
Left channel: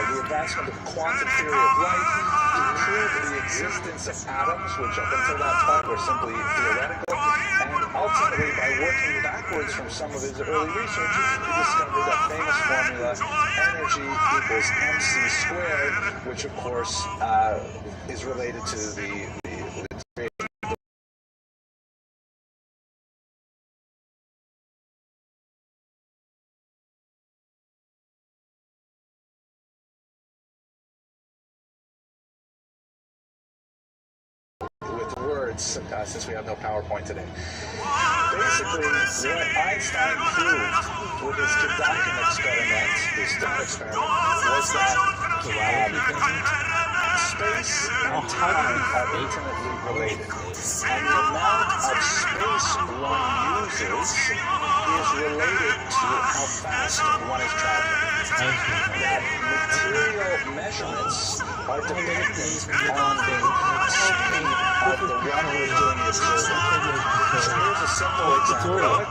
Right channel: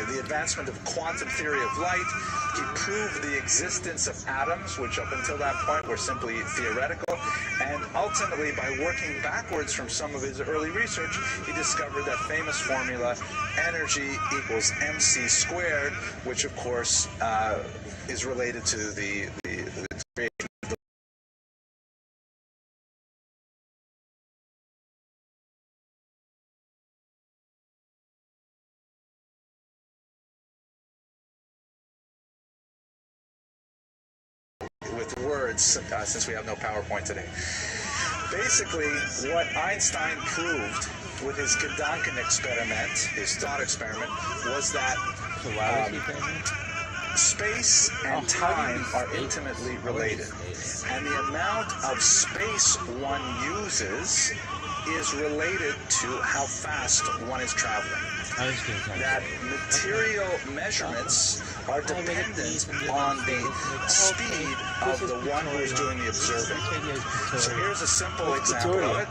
the advancement of quantum theory of light. He proved the existence of atoms, which up until that point were simply theoretical, and ultimately, by working backwards from some of his early research, he discovered that famous formula, energy equals mc squared, which of course is related to the creation of the since we have no PowerPoint today. Basically, what Einstein proved with his Gedanken experiment, his thought experiment, was that space and time are intimately related. And the amount of space one uses is related to how fast one is traveling. That material measurements are dependent on the speed of the one who is doing the observing. So here's a simple example of it.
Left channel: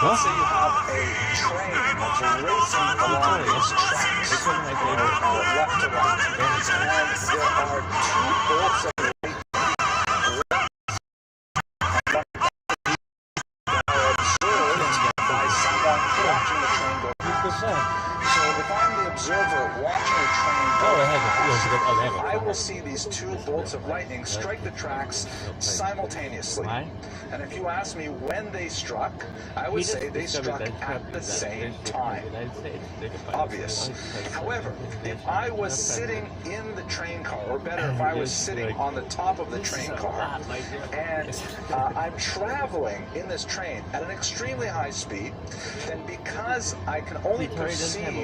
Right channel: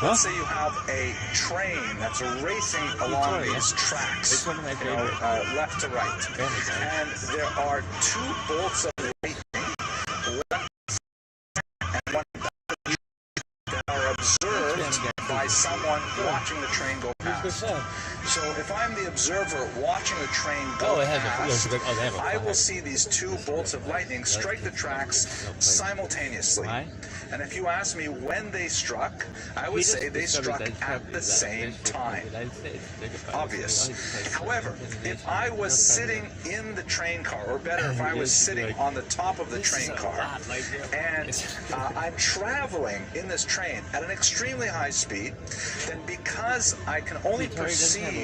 Let's say you have a train that's racing along these tracks, left to right, and there are two bolts of lightning left and one that are observed by someone watching the train go past. So if I'm the observer watching a train go past, I will see these two bolts of lightning strike the tracks simultaneously. And if you ask me when they struck, I would say they struck at the same time. Obvious. However, if I was sitting in the train car, or better, if I was sitting on the top of the train car, and I'm traveling in this train at an extremely high speed, then because I can only perceive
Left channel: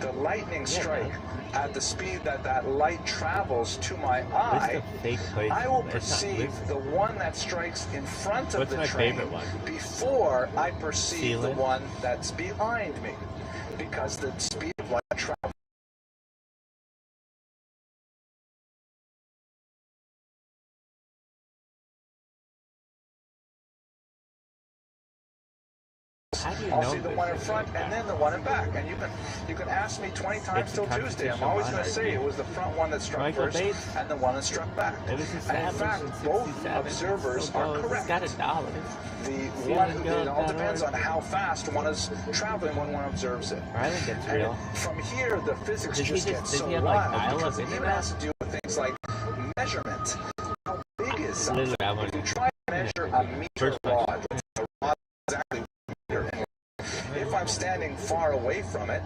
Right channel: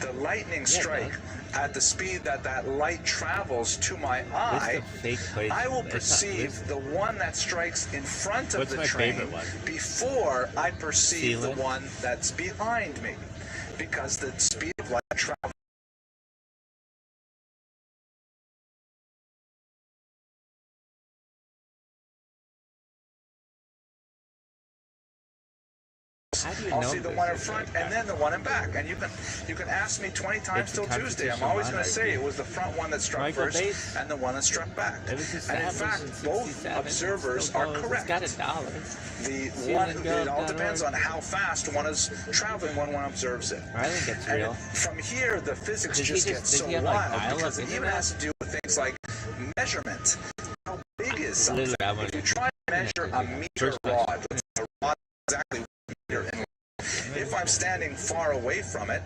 the lightning strike at the speed that that light travels to my eye, I will perceive the one that strikes in front of the train before I perceive the one that's behind me, because the speed of light travels. I'll see the one in front and then the one in back. And you can ask me 20 times till Tuesday. I'm always going to say it was the front one that struck first and the one that struck back. And in fact, both observers are correct. The one who, it all depends on how fast one is traveling when one observes it. And from here, the physics just gets so wild because it even has to do with things like measurement. How big is something? If you try to measure a meter rod, let's say a rod exactly. If I'm standing far away from it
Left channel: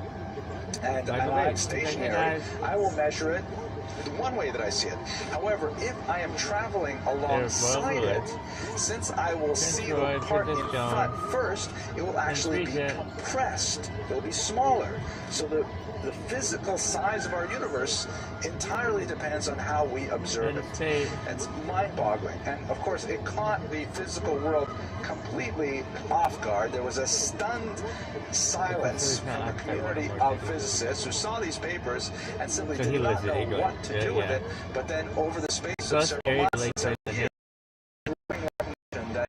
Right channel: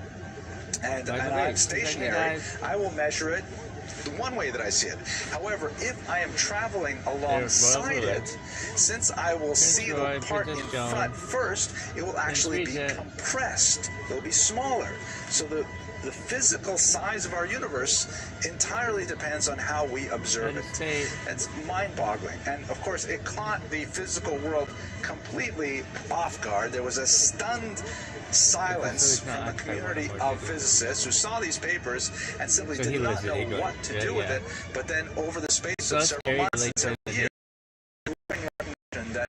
and I'm stationary, I will measure it the one way that I see it. However, if I am traveling alongside it, since I will see the part in front first, it will actually be compressed. It will be smaller. So the physical size of our universe entirely depends on how we observe it. It's mind-boggling. And of course, it caught the physical world completely off guard. There was a stunned silence from the community of physicists who saw these papers and simply did not know what to do with it. But then over the space of several months and several years, that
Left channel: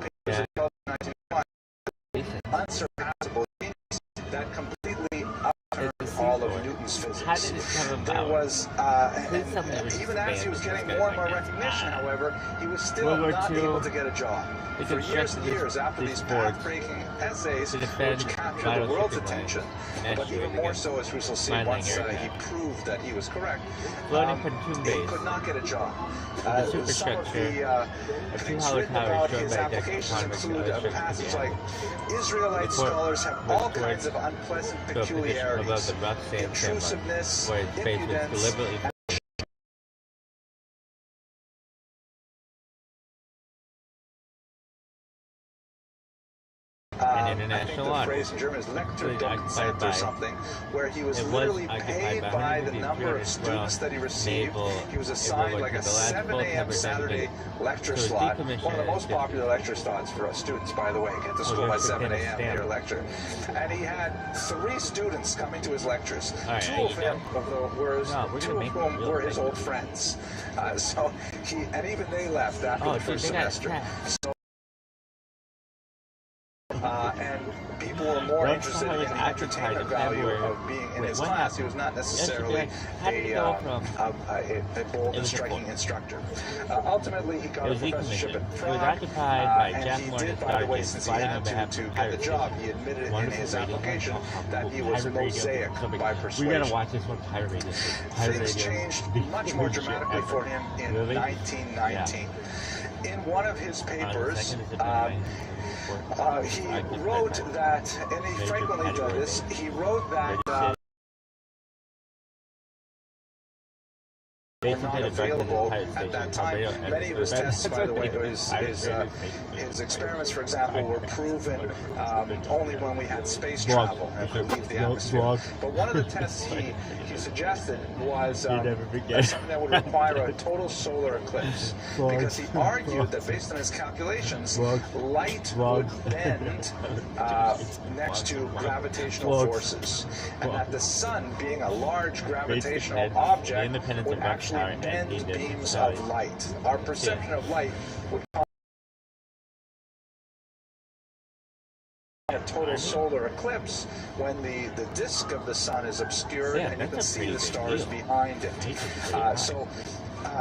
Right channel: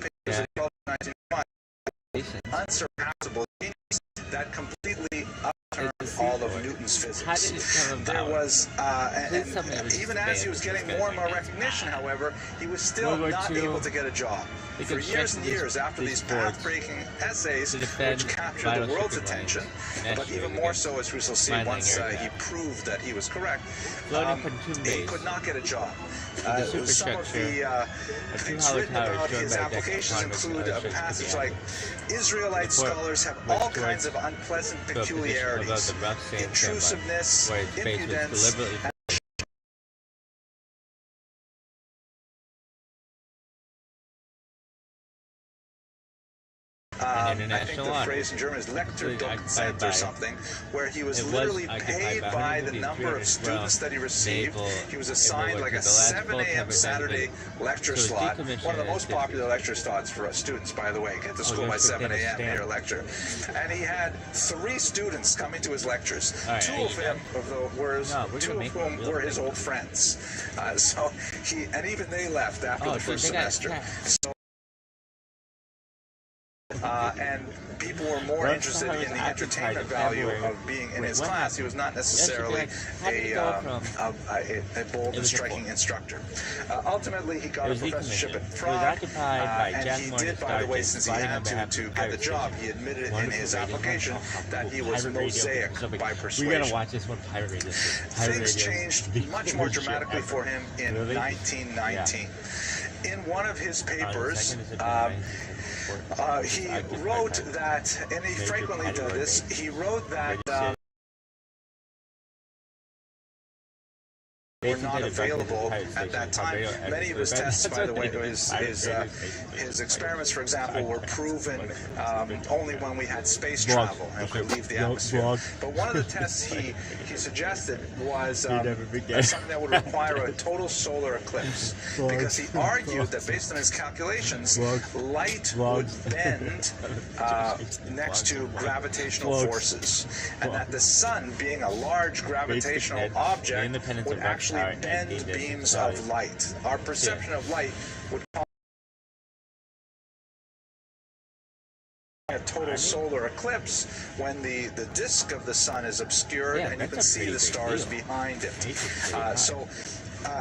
papers in 1995 unsurpassable genius that completely all of Newton's physics. There was, and even as he was getting more and more recognition, however, he was still not able to get a job. For years and years after these path-breaking essays, which captured the world's attention, but even more so, as we shall see once he proved that he was correct, he could not get a job. Some of the things written about his applications include a passage like, Israelite scholars have all kinds of unpleasant peculiarities, intrusiveness, impudence, I think the phrase in German is Lektordoktorand or something, where he was literally paid by the number of students that he received. He was assigned like a 7 a.m. Saturday lecture slot, one of the most popular lecture slots for students, by the way. Get to school by 7 a.m. hear a lecture. And he had 3 students coming to his lectures. Two of whom were his old friends. And even they left after the first semester. And people were more interested in the entertainment value of being in his class. He was not necessarily a bold and striking instructor. Ultimately, he got a professorship at Prague, and he did, by the way, since he had to get the job, he admitted in his application that he was Mosaic by persuasion. Things changed much more dramatically for him in 1919. In one of his papers, he wrote that, and he frequently does this, he wrote that were not available at that time. Many of his tests, by the way, his experiments, for example, were proven only when we had space travel and could leave the atmosphere. But one of the tests he suggested was something that would require a total solar eclipse, because he argued that based on his calculations, light would bend next to gravitational forces, and that the sun, being a large gravitational object, would actually bend beams of light. Our perception of light would cause a total solar eclipse when the disk of the sun is obscured and you can see the stars behind it. So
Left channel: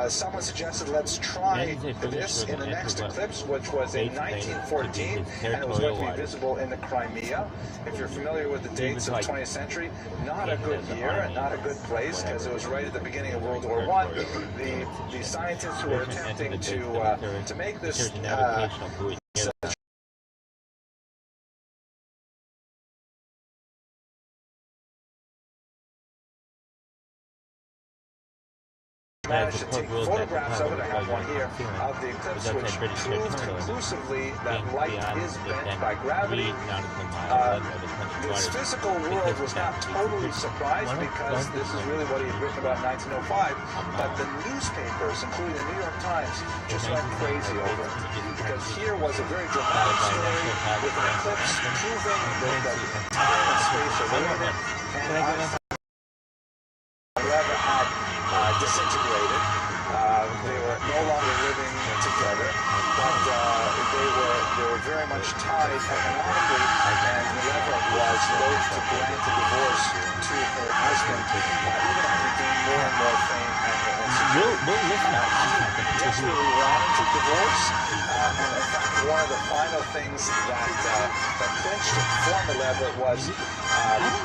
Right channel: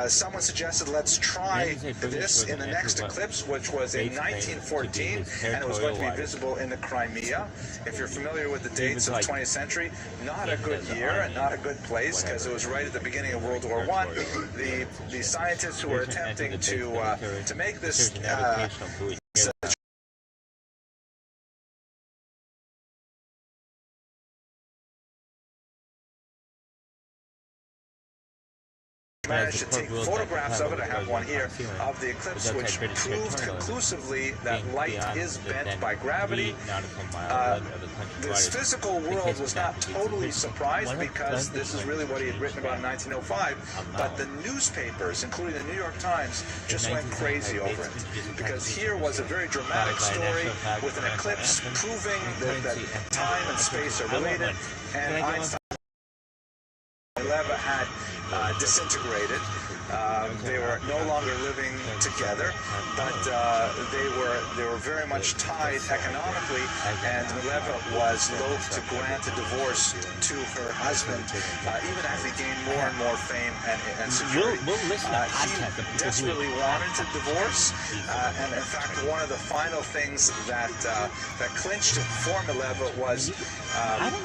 someone suggested let's try this in the next eclipse, which was in 1914, and it was going to be visible in the Crimea. If you're familiar with the dates of the 20th century, not a good year and not a good place, because it was right at the beginning of World War I. The scientists who were attempting to make this managed to take photographs of it. I have one here of the eclipse, which proved conclusively that light is bent by gravity. This physical world was not totally surprised, because this is really what he had written about in 1905, but the newspapers, including the New York Times, just went crazy over it, because here was a very dramatic story with an eclipse proving that time and space are limited, and Einstein had disintegrated. They were no longer living together, but they were very much tied economically, and Mileva was loath to grant a divorce to her husband, even as he gained more and more fame and security. He desperately wanted to divorce, and in fact, one of the final things that clinched it for Mileva was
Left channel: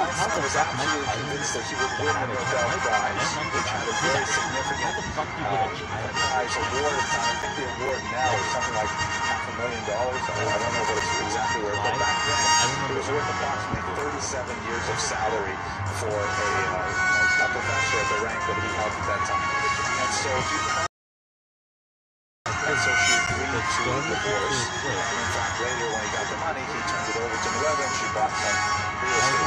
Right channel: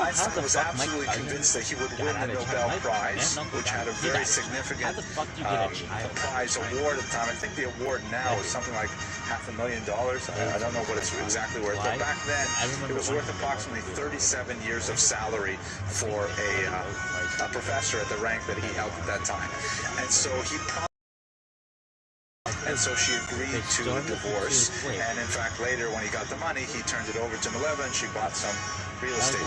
Einstein was absolutely convinced that he would win the Nobel Prize, which had a very significant prize award at the time. I think the award now is something like $500,000. I don't know what it's exactly worth, but back then it was worth approximately 37 years of salary for a professor at the rank that he held at that time. And so she agreed to divorce, and in fact later when he got the money, he turned it over to Mileva and she bought some real estate.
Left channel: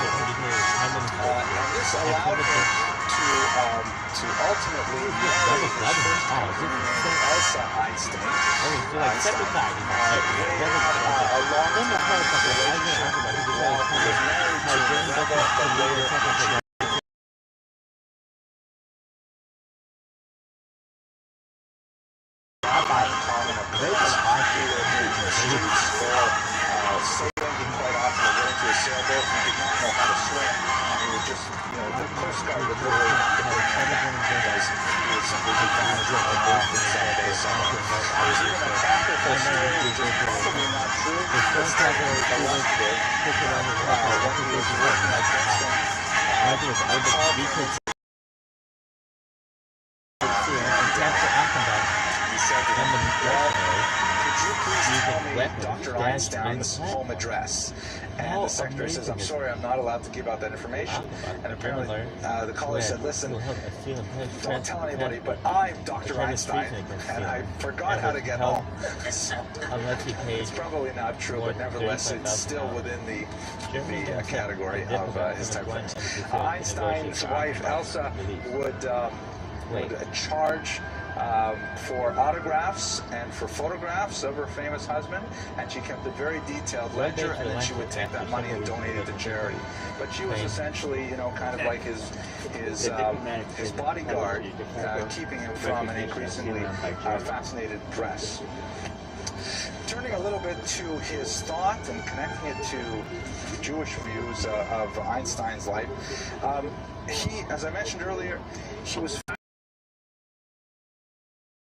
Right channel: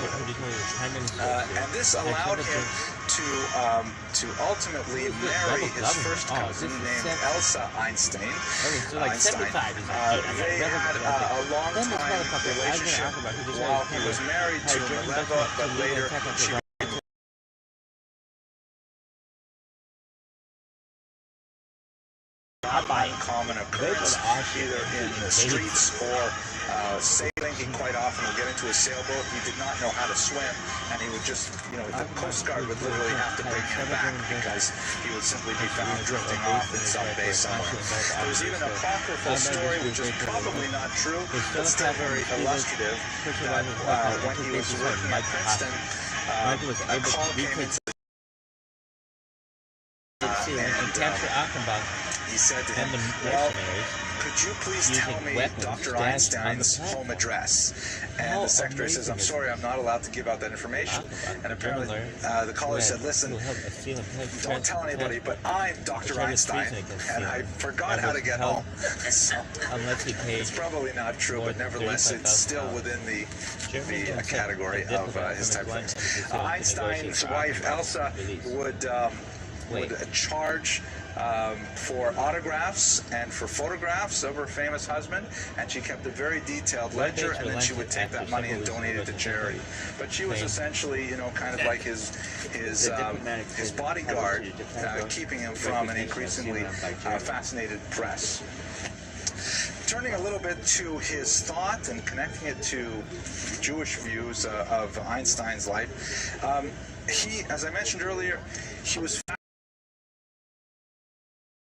And this allowed him to ultimately marry his first cousin named Elsa Einstein. They had a long-time relationship while he was married to Mileva, but later she common occurrence, either in the streets or sailing. He quite often would get into a sailboat. He did not know how to swim, and he would just, the Coast Guard would literally have to bring him back, because he would simply be found drifting off in some bay somewhere. There's even a apocryphal story, which is probably not true, but still very illustrative, that when he was working at Princeton, a call came in. He said to him, well, could you please tell me Dr. Einstein's home address? And the secretary says, I'm sorry, I'm not allowed to give out that information. And apparently the caller said, listen, don't tell anybody, but I'm Dr. Einstein, and I forgot how to get home. So it's probably not true, but nevertheless, it's still within the category of his type of things. Einstein's wife, Elsa, would charge for autographs and for photographs of her famous husband, and she kept a very detailed ledger, and then she would take that money and donate it to charity. But she was essentially, kind of like his bodyguard, keeping him from an increasingly fascinated press. Turning a little bit to his thought and connecting it to Jewish views of Einstein's life, he, as I mentioned earlier, he was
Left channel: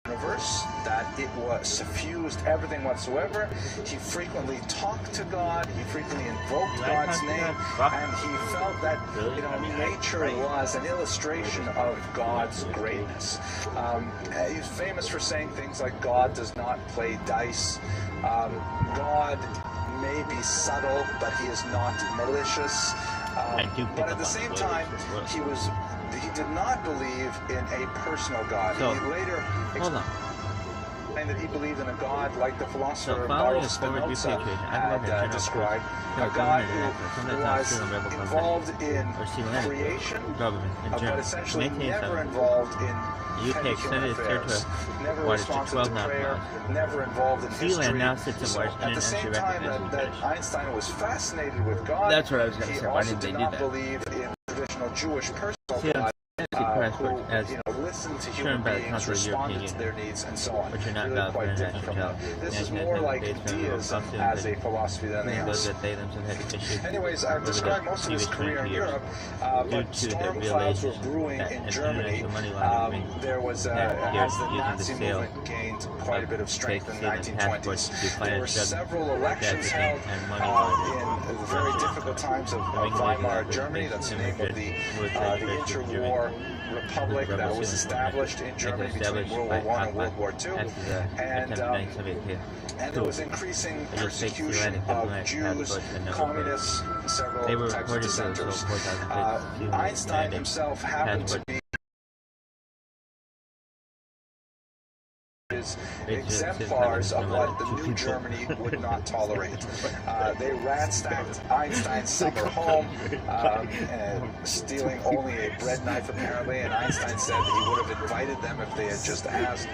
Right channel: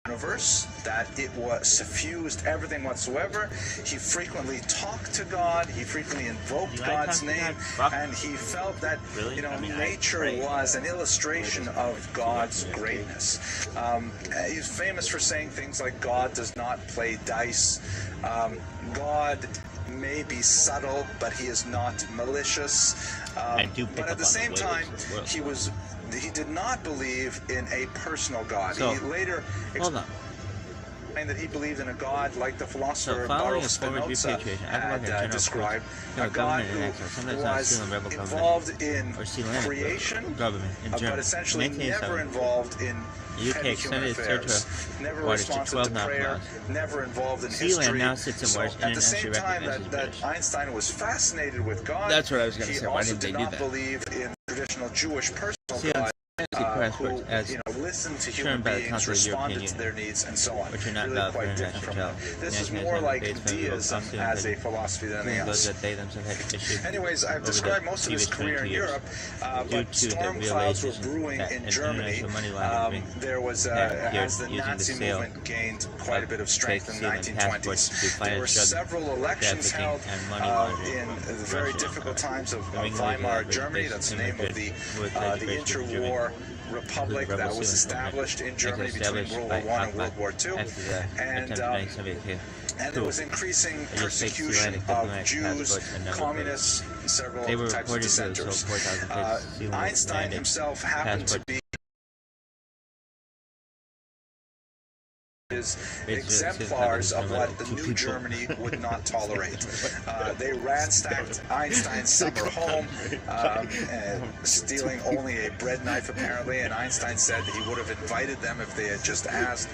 universe, that it was suffused everything whatsoever. He frequently talked to God, he frequently invoked God's name, and he felt that nature was an illustration of God's greatness. He's famous for saying things like God does not play dice, God may be subtle, but he is not malicious. But at the same time, he did not believe in a personal God. He later explained that he believed in a God like the philosopher Baruch Spinoza had described, a God who was involved in creation, but essentially never involved in petty human affairs, never responsive to prayer, never involved in history. So at the same time that Einstein was fascinated with God, he also did not believe in traditional Jewish personal God. who listened to human beings, responded to their needs, and so on. Really quite different from them. This is more like deism as a philosophy than anything else. Anyways, I've described most of his career in Europe, but storm clouds were brewing in Germany. There was, as the Nazi movement gained quite a bit of strength in the 1920s, there were several elections held in the very difficult times of Weimar Germany. That's the name of the interwar republic that was established in Germany between World War I and World War II. And there was increasing persecution of Jews, communists, several types of dissenters. Einstein himself happened to be exemplars of what the new Germany would not tolerate. They ransacked Einstein's summer home, stealing only a bread knife apparently, and Einstein said that he would have invited them if they had just asked.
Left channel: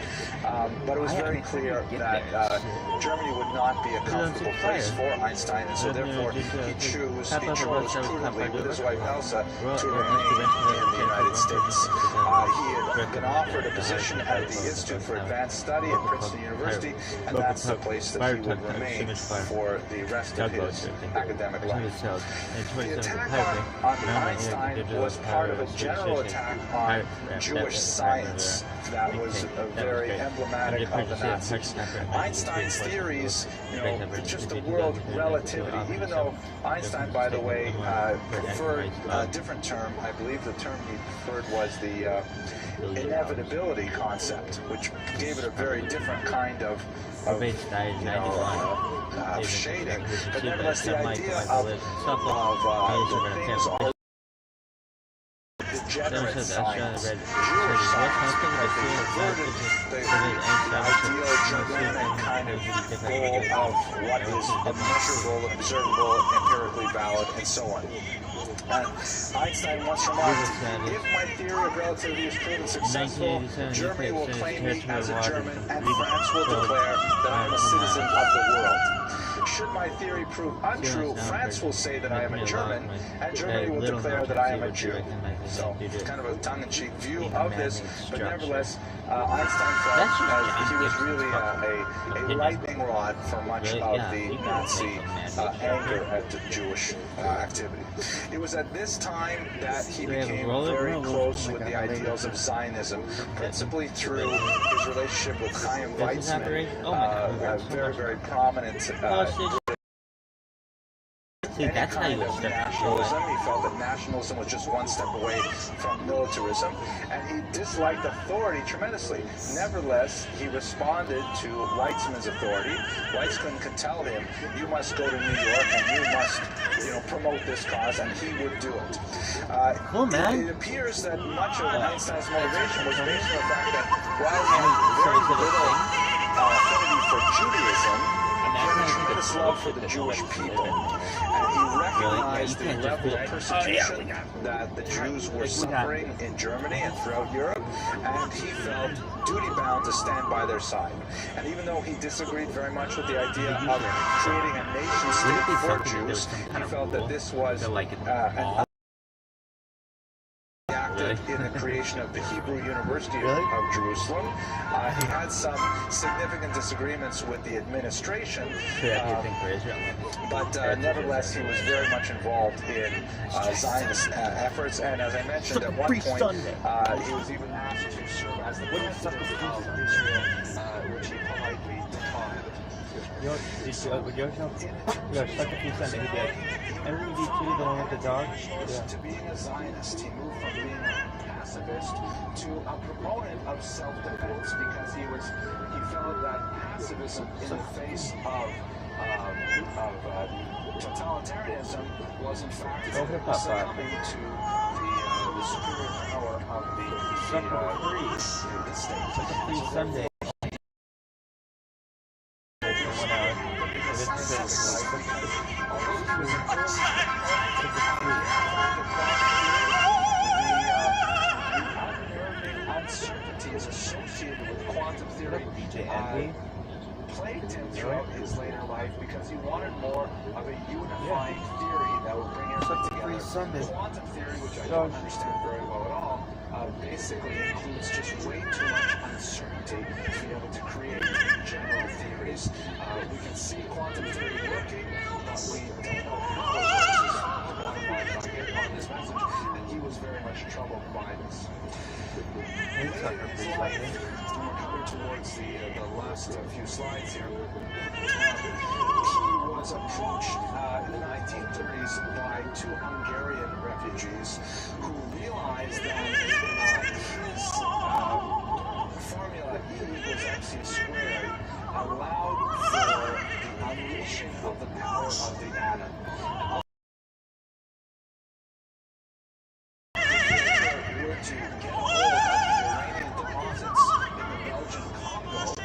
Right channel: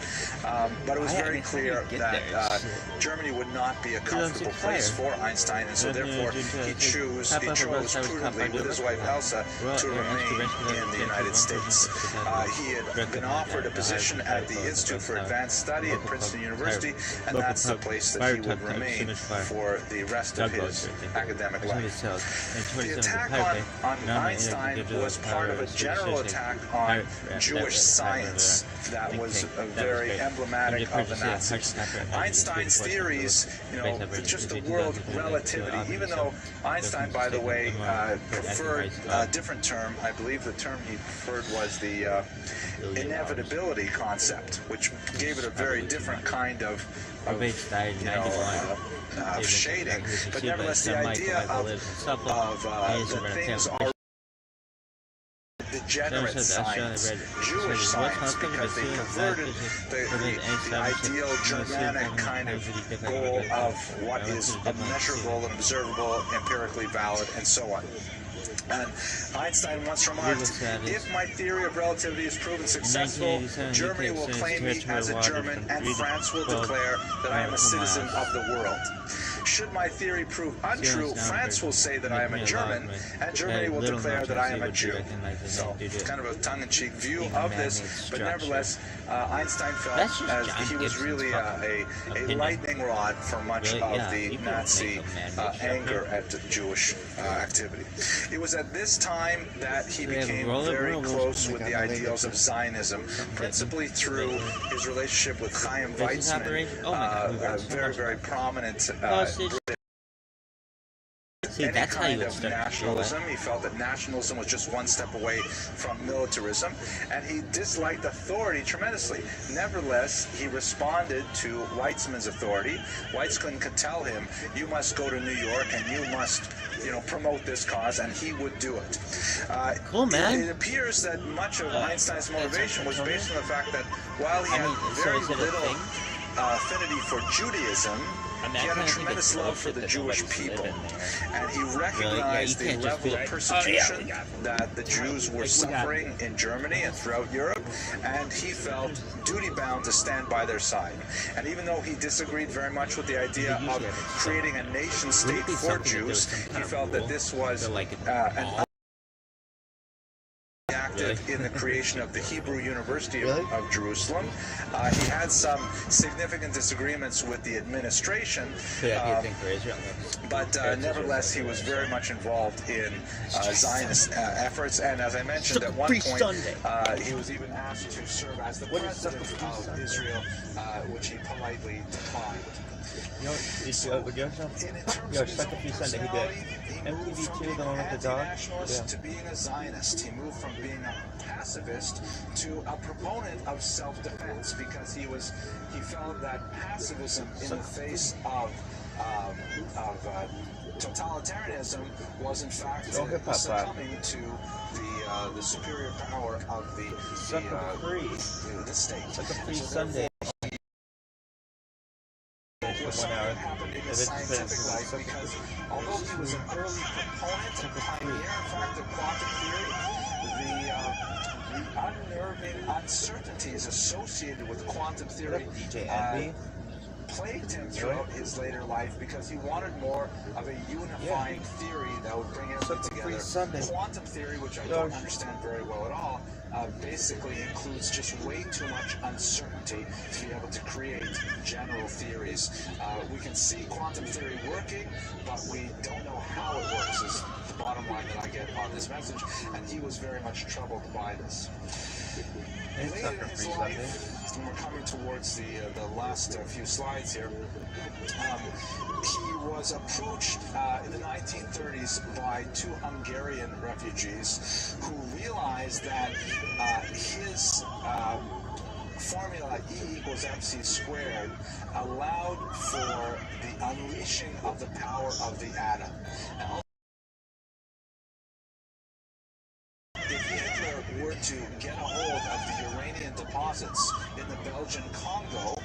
But it was very clear that Germany would not be a comfortable place for Einstein, and so therefore he chose prudently with his wife Elsa to remain in the United States. He had been offered a position at the Institute for Advanced Study at Princeton University, and that's the place that he would remain for the rest of his academic life. The attack on Einstein was part of a general attack on Jewish science that was very emblematic of the Nazis. Einstein's theories, just the world relativity, even though Einstein, by the way, preferred a different term. I believe the term he preferred was the inevitability concept, which gave it a very different kind of shading. But nevertheless, the idea of that things are degenerate science, Jewish science, because they perverted the ideal Germanic kind of goal of what is measurable and observable, empirically valid, and so on. And Einstein once remarked, if my theory of relativity is proven successful, Germany will claim me as a German, and France will declare that I am a citizen of the world. Should my theory prove untrue, France will say that I am a German, and Germany will declare that I am a Jew. So, it's kind of a tongue-in-cheek view of this, but nevertheless, Einstein felt as he was really a lightning rod for much of the Nazi anger at Jewish activity. It was at this time that he became very close with the ideals of Zionism, principally through his relationship with Chaim Weizmann, a very, very prominent any kind of nationalism. He felt that nationalism was just one step away from militarism, and he disliked authority tremendously. Nevertheless, he responded to Weizmann's authority. Weizmann could tell him, you must go to New York and you must, promote this cause, and he would do it. Cool, man. It appears that much of Einstein's motivation was based on the fact that while he had very little affinity for Judaism, he had a tremendous love for the Jewish people, and he recognized the level of persecution that the Jews were suffering in Germany and throughout Europe, and he felt duty-bound to stand by their side. And even though he disagreed very much with the idea of creating a nation-state for Jews, he felt that this was an in the creation of the Hebrew University of Jerusalem. He had some significant disagreements with the administration, but nevertheless he was very much involved in Zionist efforts, and as I mentioned, at one point he was even asked to serve as the president of Israel, which he politely declined. To being a Zionist, he moved from being a pacifist to a proponent of self-defense, because he felt that pacifism in the face of totalitarianism was in fact succumbing to the superior power of the state. Sunday. Although he was an early proponent of the quantum theory, the unnerving uncertainties associated with quantum theory plagued him throughout his later life, because he wanted more of a unifying theory that would bring everything together. Quantum theory, which I don't understand very well at all, basically includes just way too much uncertainty to be able to create general theories. We can see quantum theory working, but we don't know how it works is the bottom line that I get on this message, and he was very much troubled by this. Later in his life, when we're coming towards the last few slides here, he was approached in the 1930s by two Hungarian refugees who realized that his formula E equals MC squared allowed for the unleashing of the power of the atom. To get a hold of the uranium deposits in the Belgian Congo,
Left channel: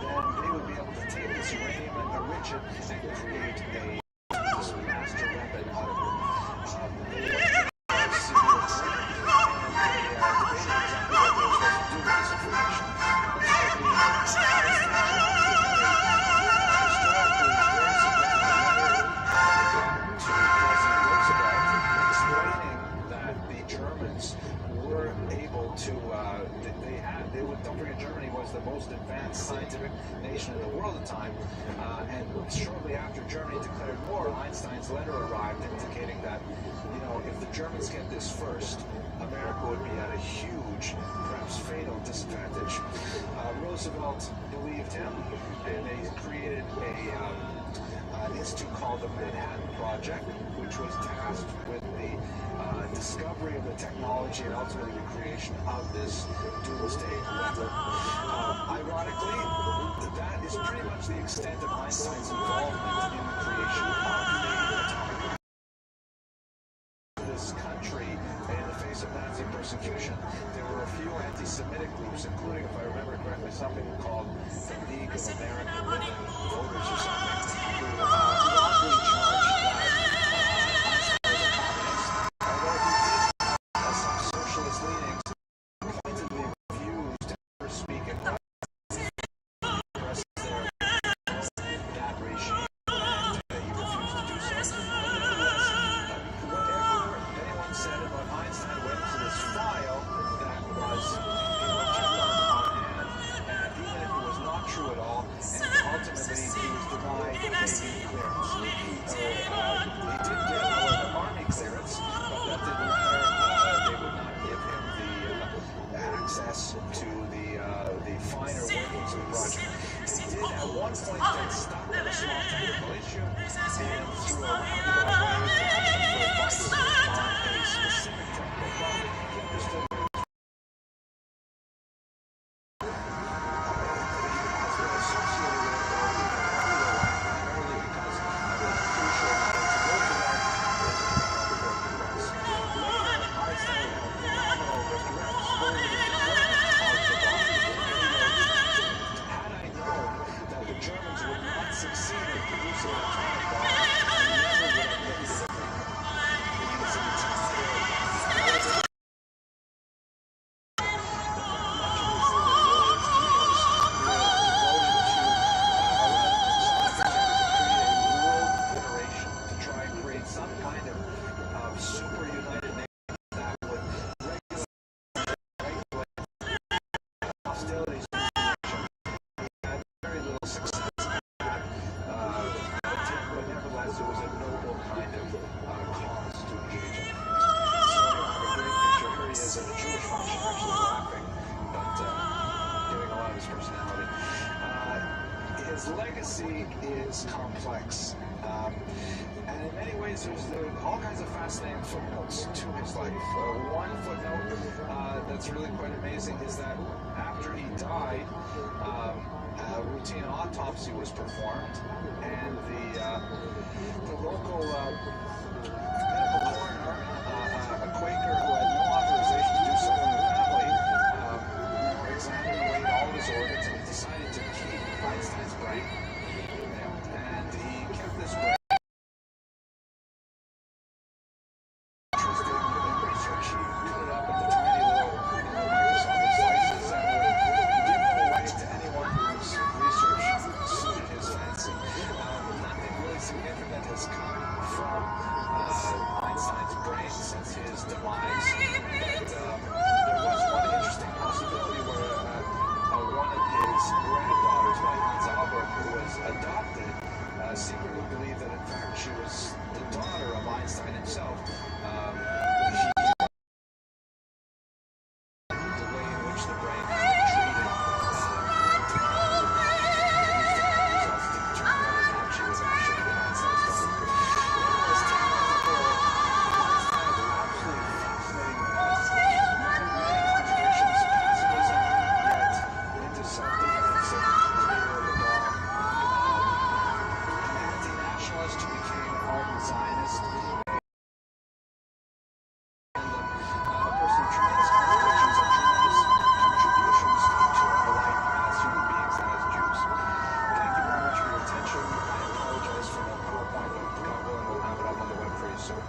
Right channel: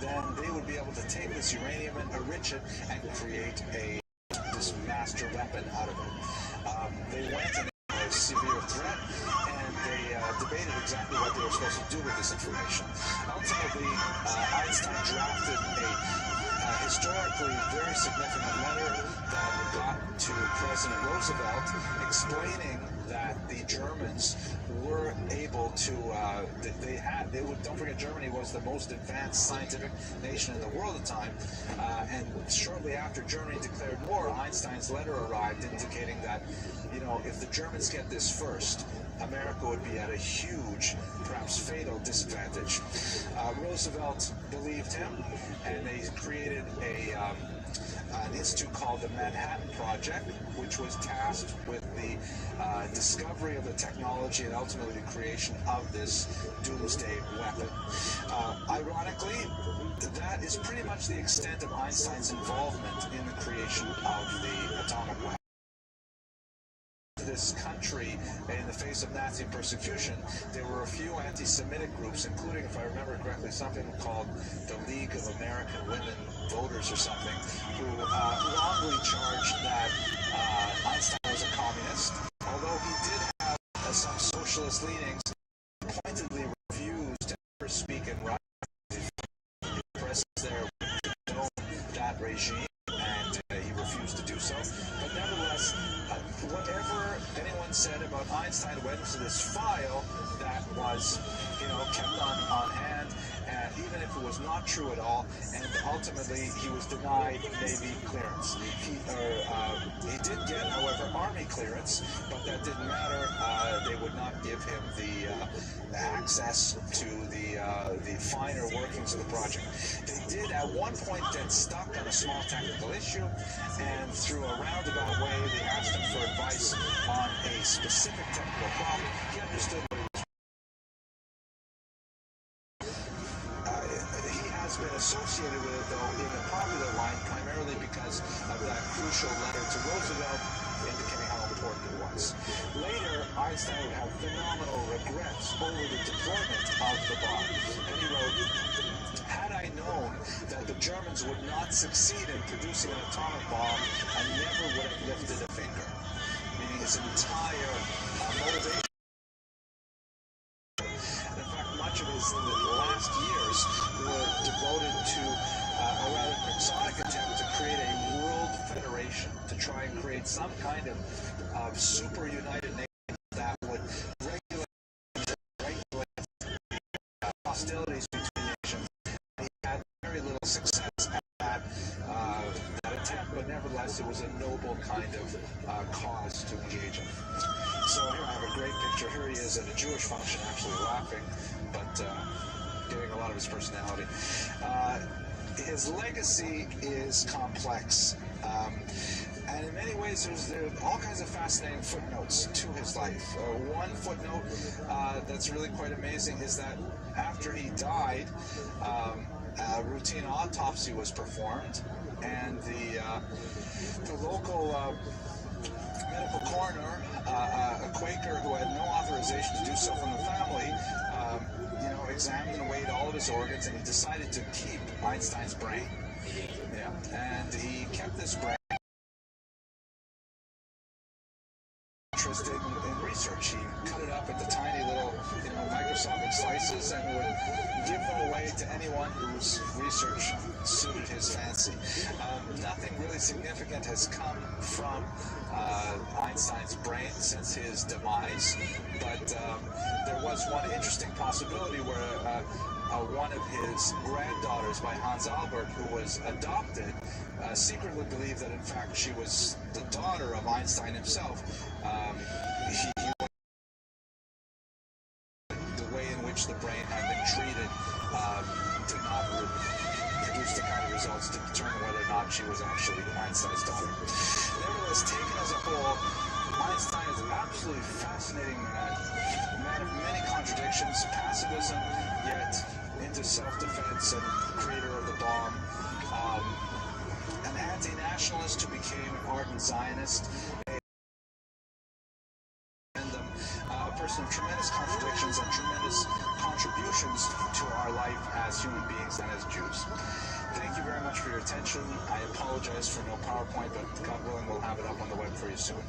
then they would be able to take this uranium and enrich it and create this master weapon out of it. They went in a severe threat and they debated exactly what they were supposed to do with this information. Ultimately, Einstein drafted a historically very significant letter that got to President Roosevelt explaining that the Germans were able to, don't forget, Germany was the most advanced scientific nation in the world at the time, and shortly after Germany declared war, Einstein's letter arrived indicating that, if the Germans get this first, America would be at a huge, perhaps fatal disadvantage. Roosevelt believed him, and they created an institute called the Manhattan Project, which was tasked with the discovery of the technology and ultimately the creation of this doomsday weapon. Ironically, that is pretty much the extent of Einstein's involvement in the creation of the atomic weapon. This country, in the face of Nazi persecution, there were a few anti-Semitic groups, including, if I remember correctly, something called the League of American Women Voters or something, who wrongly charged that Einstein was a communist, although he did have some socialist leanings. He pointedly refused to ever speak in Russian. The press there know that regime, and he refused to do so. But nevertheless, whatever anyone said about Einstein went into this file that was, kept on hand, even if it was not true at all, and ultimately he was denied Navy clearance. He did get, however, Army clearance, but that didn't matter. They would not give him the access to the finer workings of the project. They did at one point get stuck on a small technical issue, and through a roundabout way, they asked him for advice on a specific technical problem. He understood what it was. He has been associated with it, though, in a popular light, primarily because of that crucial letter to Roosevelt, indicating how important it was. Later, Einstein would have phenomenal regrets over the deployment of the bomb. And he wrote, "Had I known that the Germans would not succeed in producing an atomic bomb, I never would have lifted a finger." Meaning his entire motivation. In fact, much of his last years were devoted to, or rather an exotic attempt to create a world federation, to try and create some kind of super united nation that would regulate hostilities between nations. He had very little success at that attempt, but nevertheless, it was a noble kind of cause to engage in. So here I have a great picture. Here he is at a Jewish function, actually laughing, but giving a lot of his personality. His legacy is complex. And in many ways, there are all kinds of fascinating footnotes to his life. One footnote that's really quite amazing is that after he died, a routine autopsy was performed, and the local medical coroner, a Quaker who had no authorization to do so from the family, examined and weighed all of his organs, and he decided to keep Einstein's brain. And he kept this brain. Interested in research. He cut it up into tiny little, microscopic slices and would give them away to anyone whose research suited his fancy. Nothing really significant has come from Einstein's brain since his demise, but there was one interesting possibility where one of his granddaughters by Hans Albert, who was adopted, secretly believed that in fact she was the daughter of Einstein himself. The way in which the brain had been treated did not produce the kind of results to determine whether or not she was actually Einstein's daughter. Nevertheless, taken as a whole, Einstein is an absolutely fascinating man. Many contradictions, pacifism, yet into self-defense and creator of the bomb. An anti-nationalist who became an ardent Zionist. A person of tremendous contradictions and tremendous contributions to our life as human beings and as Jews. Thank you very much for your attention. I apologize for no PowerPoint, but God willing, we'll have it up on the web for you soon.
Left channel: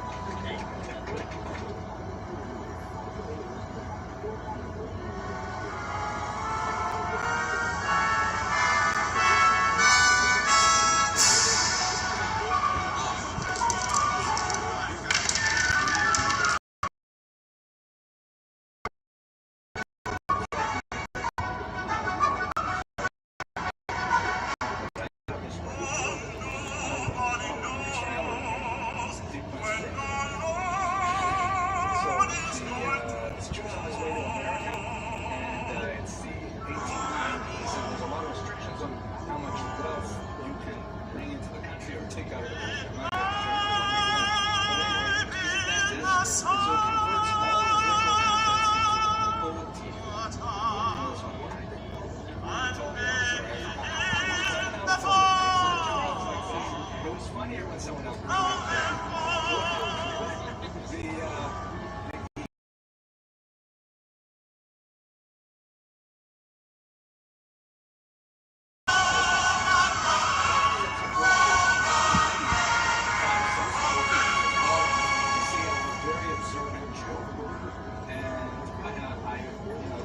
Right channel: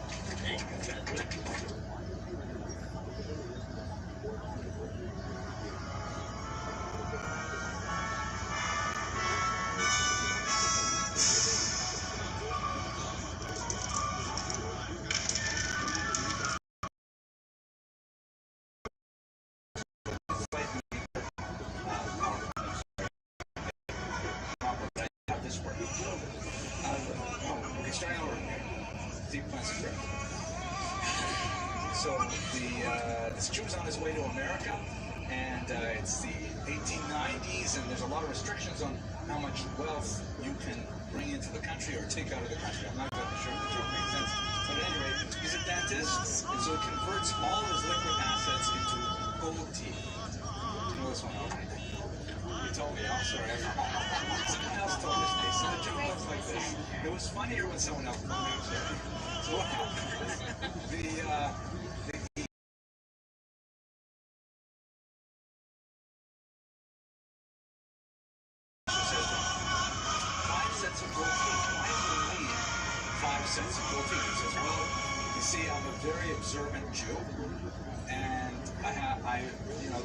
So this Jew's on his way to America, and it's the 1890s, and there's a lot of restrictions on how much wealth you can bring into the country or take out of the country. I'm not quite sure if that makes sense. But anyway, he's a dentist, and so he converts all of his liquid assets into gold teeth. You know this one, right? He told me also, right? Someone else told me this. So the joke was like this. It was funnier when someone else told me it. So what happened was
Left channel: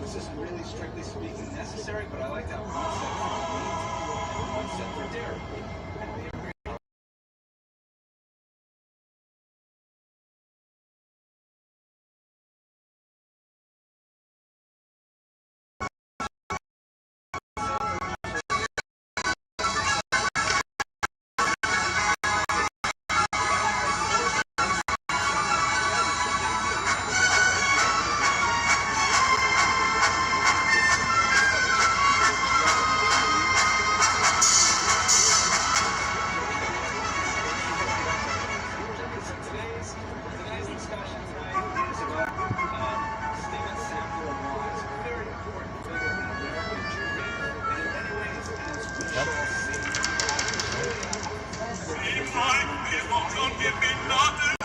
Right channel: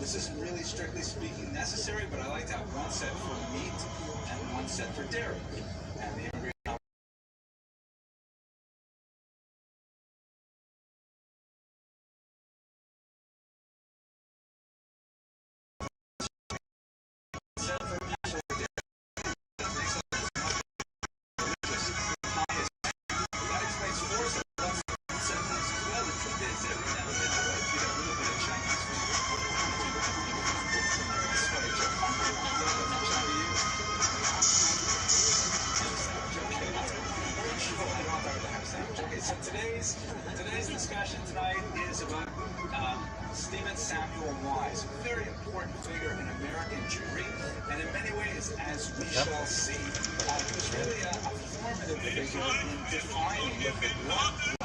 this isn't really strictly speaking necessary, but I like to have one set for meat and one set for dairy. And the ingredient Today's discussion tonight is about Stephen Samuel Wise, a very important figure in American Jewry, and in many ways, as we shall see, was really a formative figure in defining the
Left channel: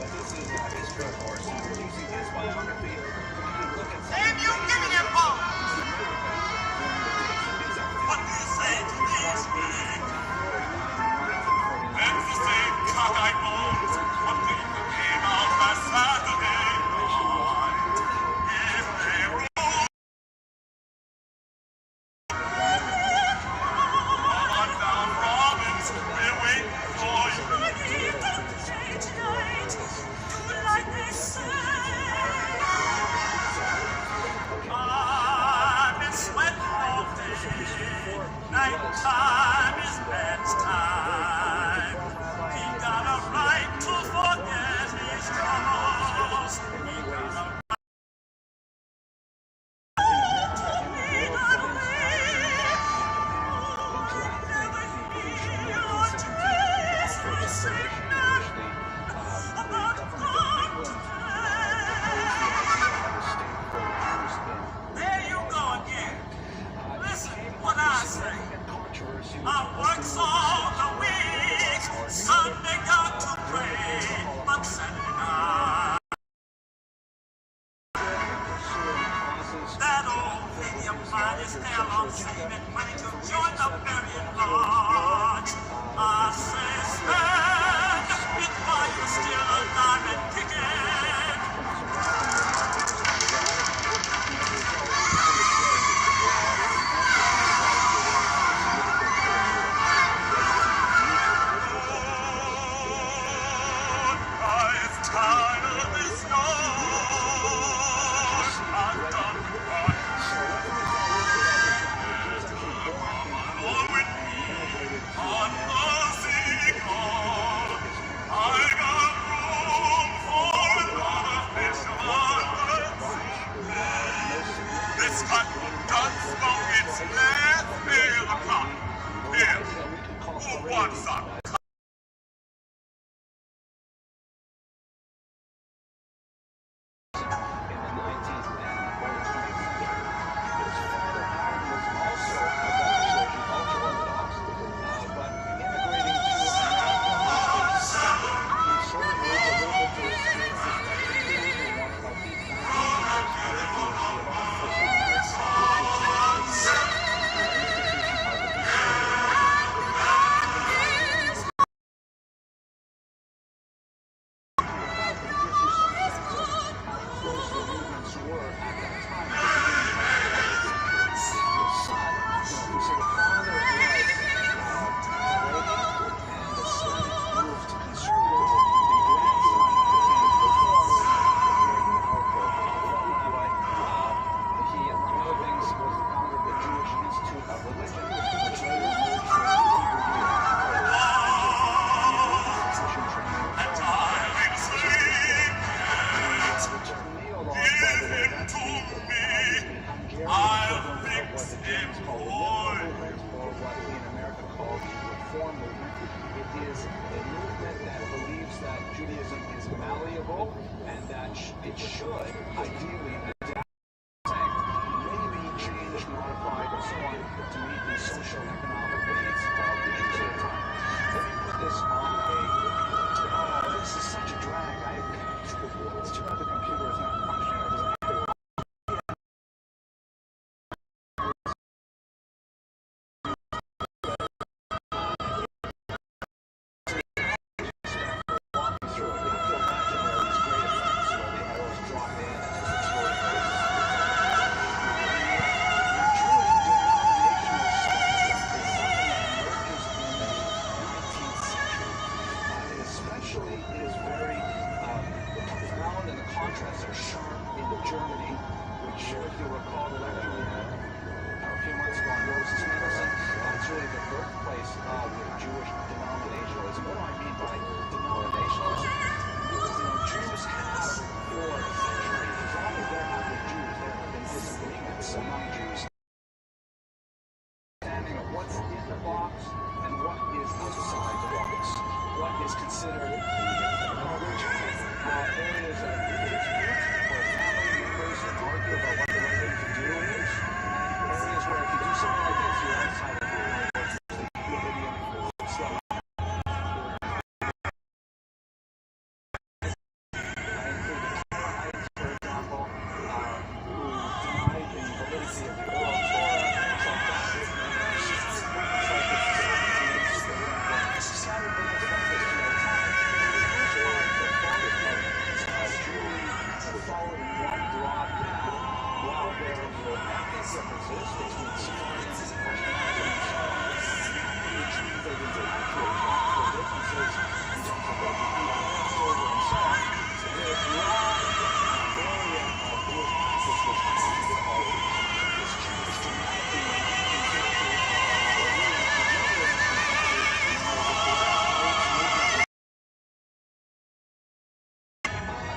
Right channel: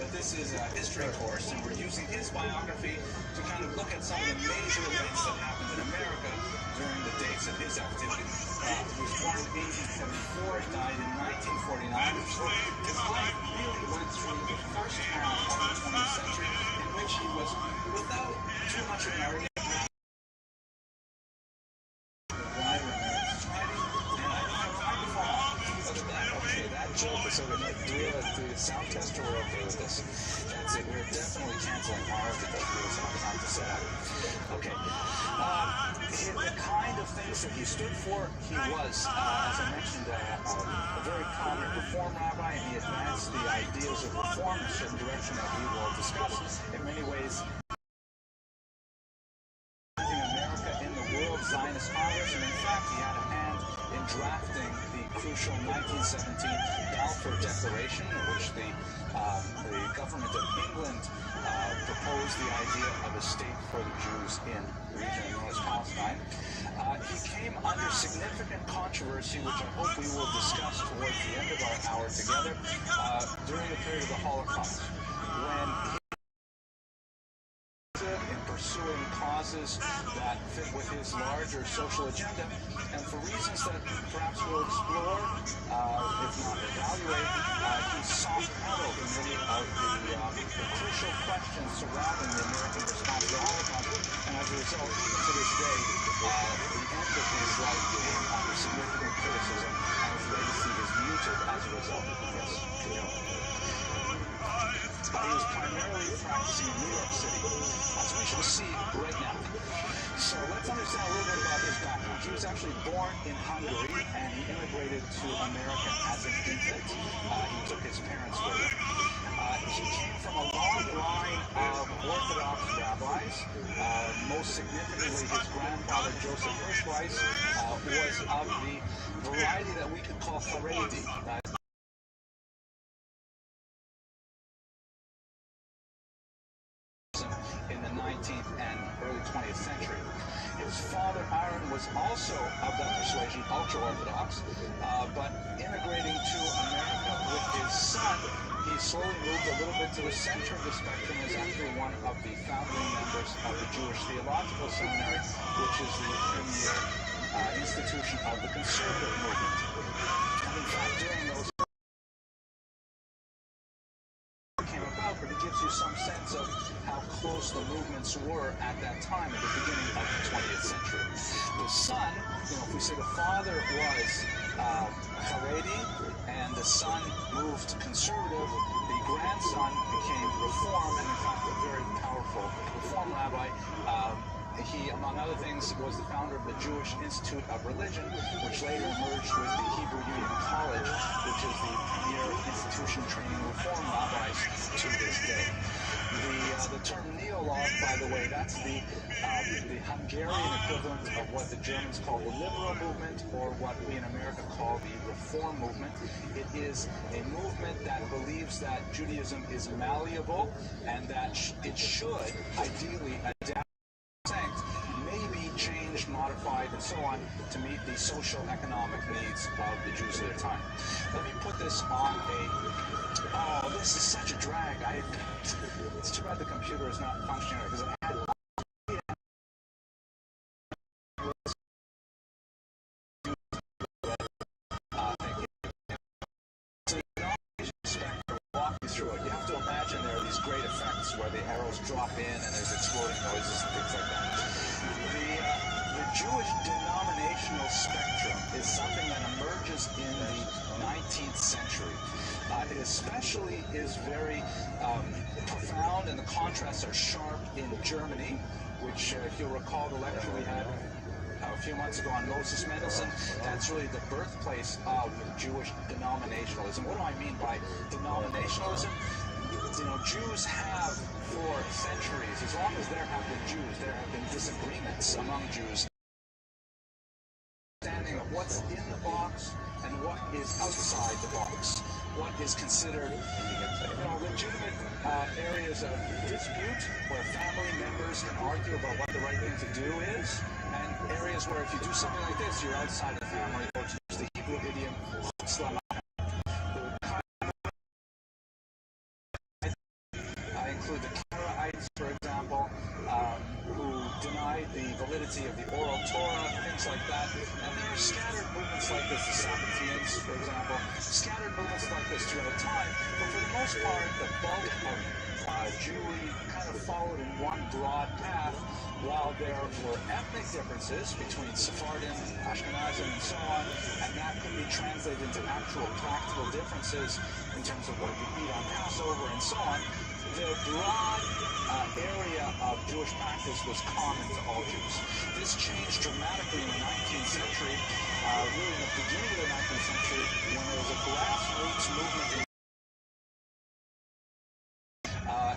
but this is a history course, and we're using his biography to kind of look at some of the major events that happened in America during the dates of his activity. He was born in 1824, died in 1949, which was without too much of a he stood for, he was, as I mentioned, a very prominent Reform rabbi, and he advanced the ideas of reformism in the direction that we all discussed. In many ways, America in the world Zionist Congress, and in fact, he had a hand in drafting the crucial 1917 Balfour Declaration, in which the government of England proposed the idea of a state for the Jews in Palestine. He came under significant controversy, which hopefully we'll discuss towards the end of our hour together, during the period of the Holocaust. In pursuing causes that fit with his larger social agenda, and for reasons that perhaps we'll explore, if not evaluate, he soft-pedaled in many of the crucial questions surrounding the American response to the Holocaust, and as a result, to this day, the emphasis is the center of the spectrum is actually one of the founding members of the Jewish Theological Seminary, which is the institution of the conservative movement. In fact, during those it gives you some sense of how close the movements were at that time, at the beginning of the 20th century. The son, if we say the father was Haredi, and the son moved conservative, the grandson became Reform, and a very powerful Reform rabbi. He, among other things, was the founder of the Jewish Institute of Religion, which later merged with the Hebrew Union College, which is the institution training Reform rabbis to this day. The term neo-laws, by the way, that's the Hungarian equivalent of what the Germans call the liberal movement, or what we in America call the Reform movement. It is a movement that believes that Judaism is malleable and that it should ideally adapt, maybe changed, modified, and so on to meet the social economic needs of the Jews at the time. Let me put this on oh, this is such a drag. It's too bad the computer is not functioning because I had walk you through it. You have to imagine there are these great effects where the arrows drop in and there's exploding noises and things like that. The Jewish denominational spectrum is something that emerges in the 19th century. It especially is very profound, and the contrasts are sharp in Germany, which, if you'll recall the lecture we had a few months ago on Moses Mendelssohn, that's really the birthplace of Jewish denominationalism. What do I mean by denominationalism? Jews have, for centuries, as long as there have been Jews, there have been disagreements among Jews. Understanding of what's in the box and what is outside the box. What is considered legitimate areas of dispute where family members can argue about what the right thing to do is, and areas where if you do something like this, you're outside the family, or it's the Hebrew idiom, I include the Karaites, for example, who denied the validity of the oral Torah, things like that. Scattered movements like this, the Sabbateans, for example, scattered movements like this throughout time, but for the most part, the bulk of Jewry followed in one broad path, while there were ethnic differences between Sephardim, Ashkenazim, and so on, and that could be translated into actual practical differences in terms of what you eat on Passover and so on. The broad area of Jewish practice was common to all Jews. This changed dramatically in the 19th century, really at the beginning of the 19th century, when there was a grassroots movement.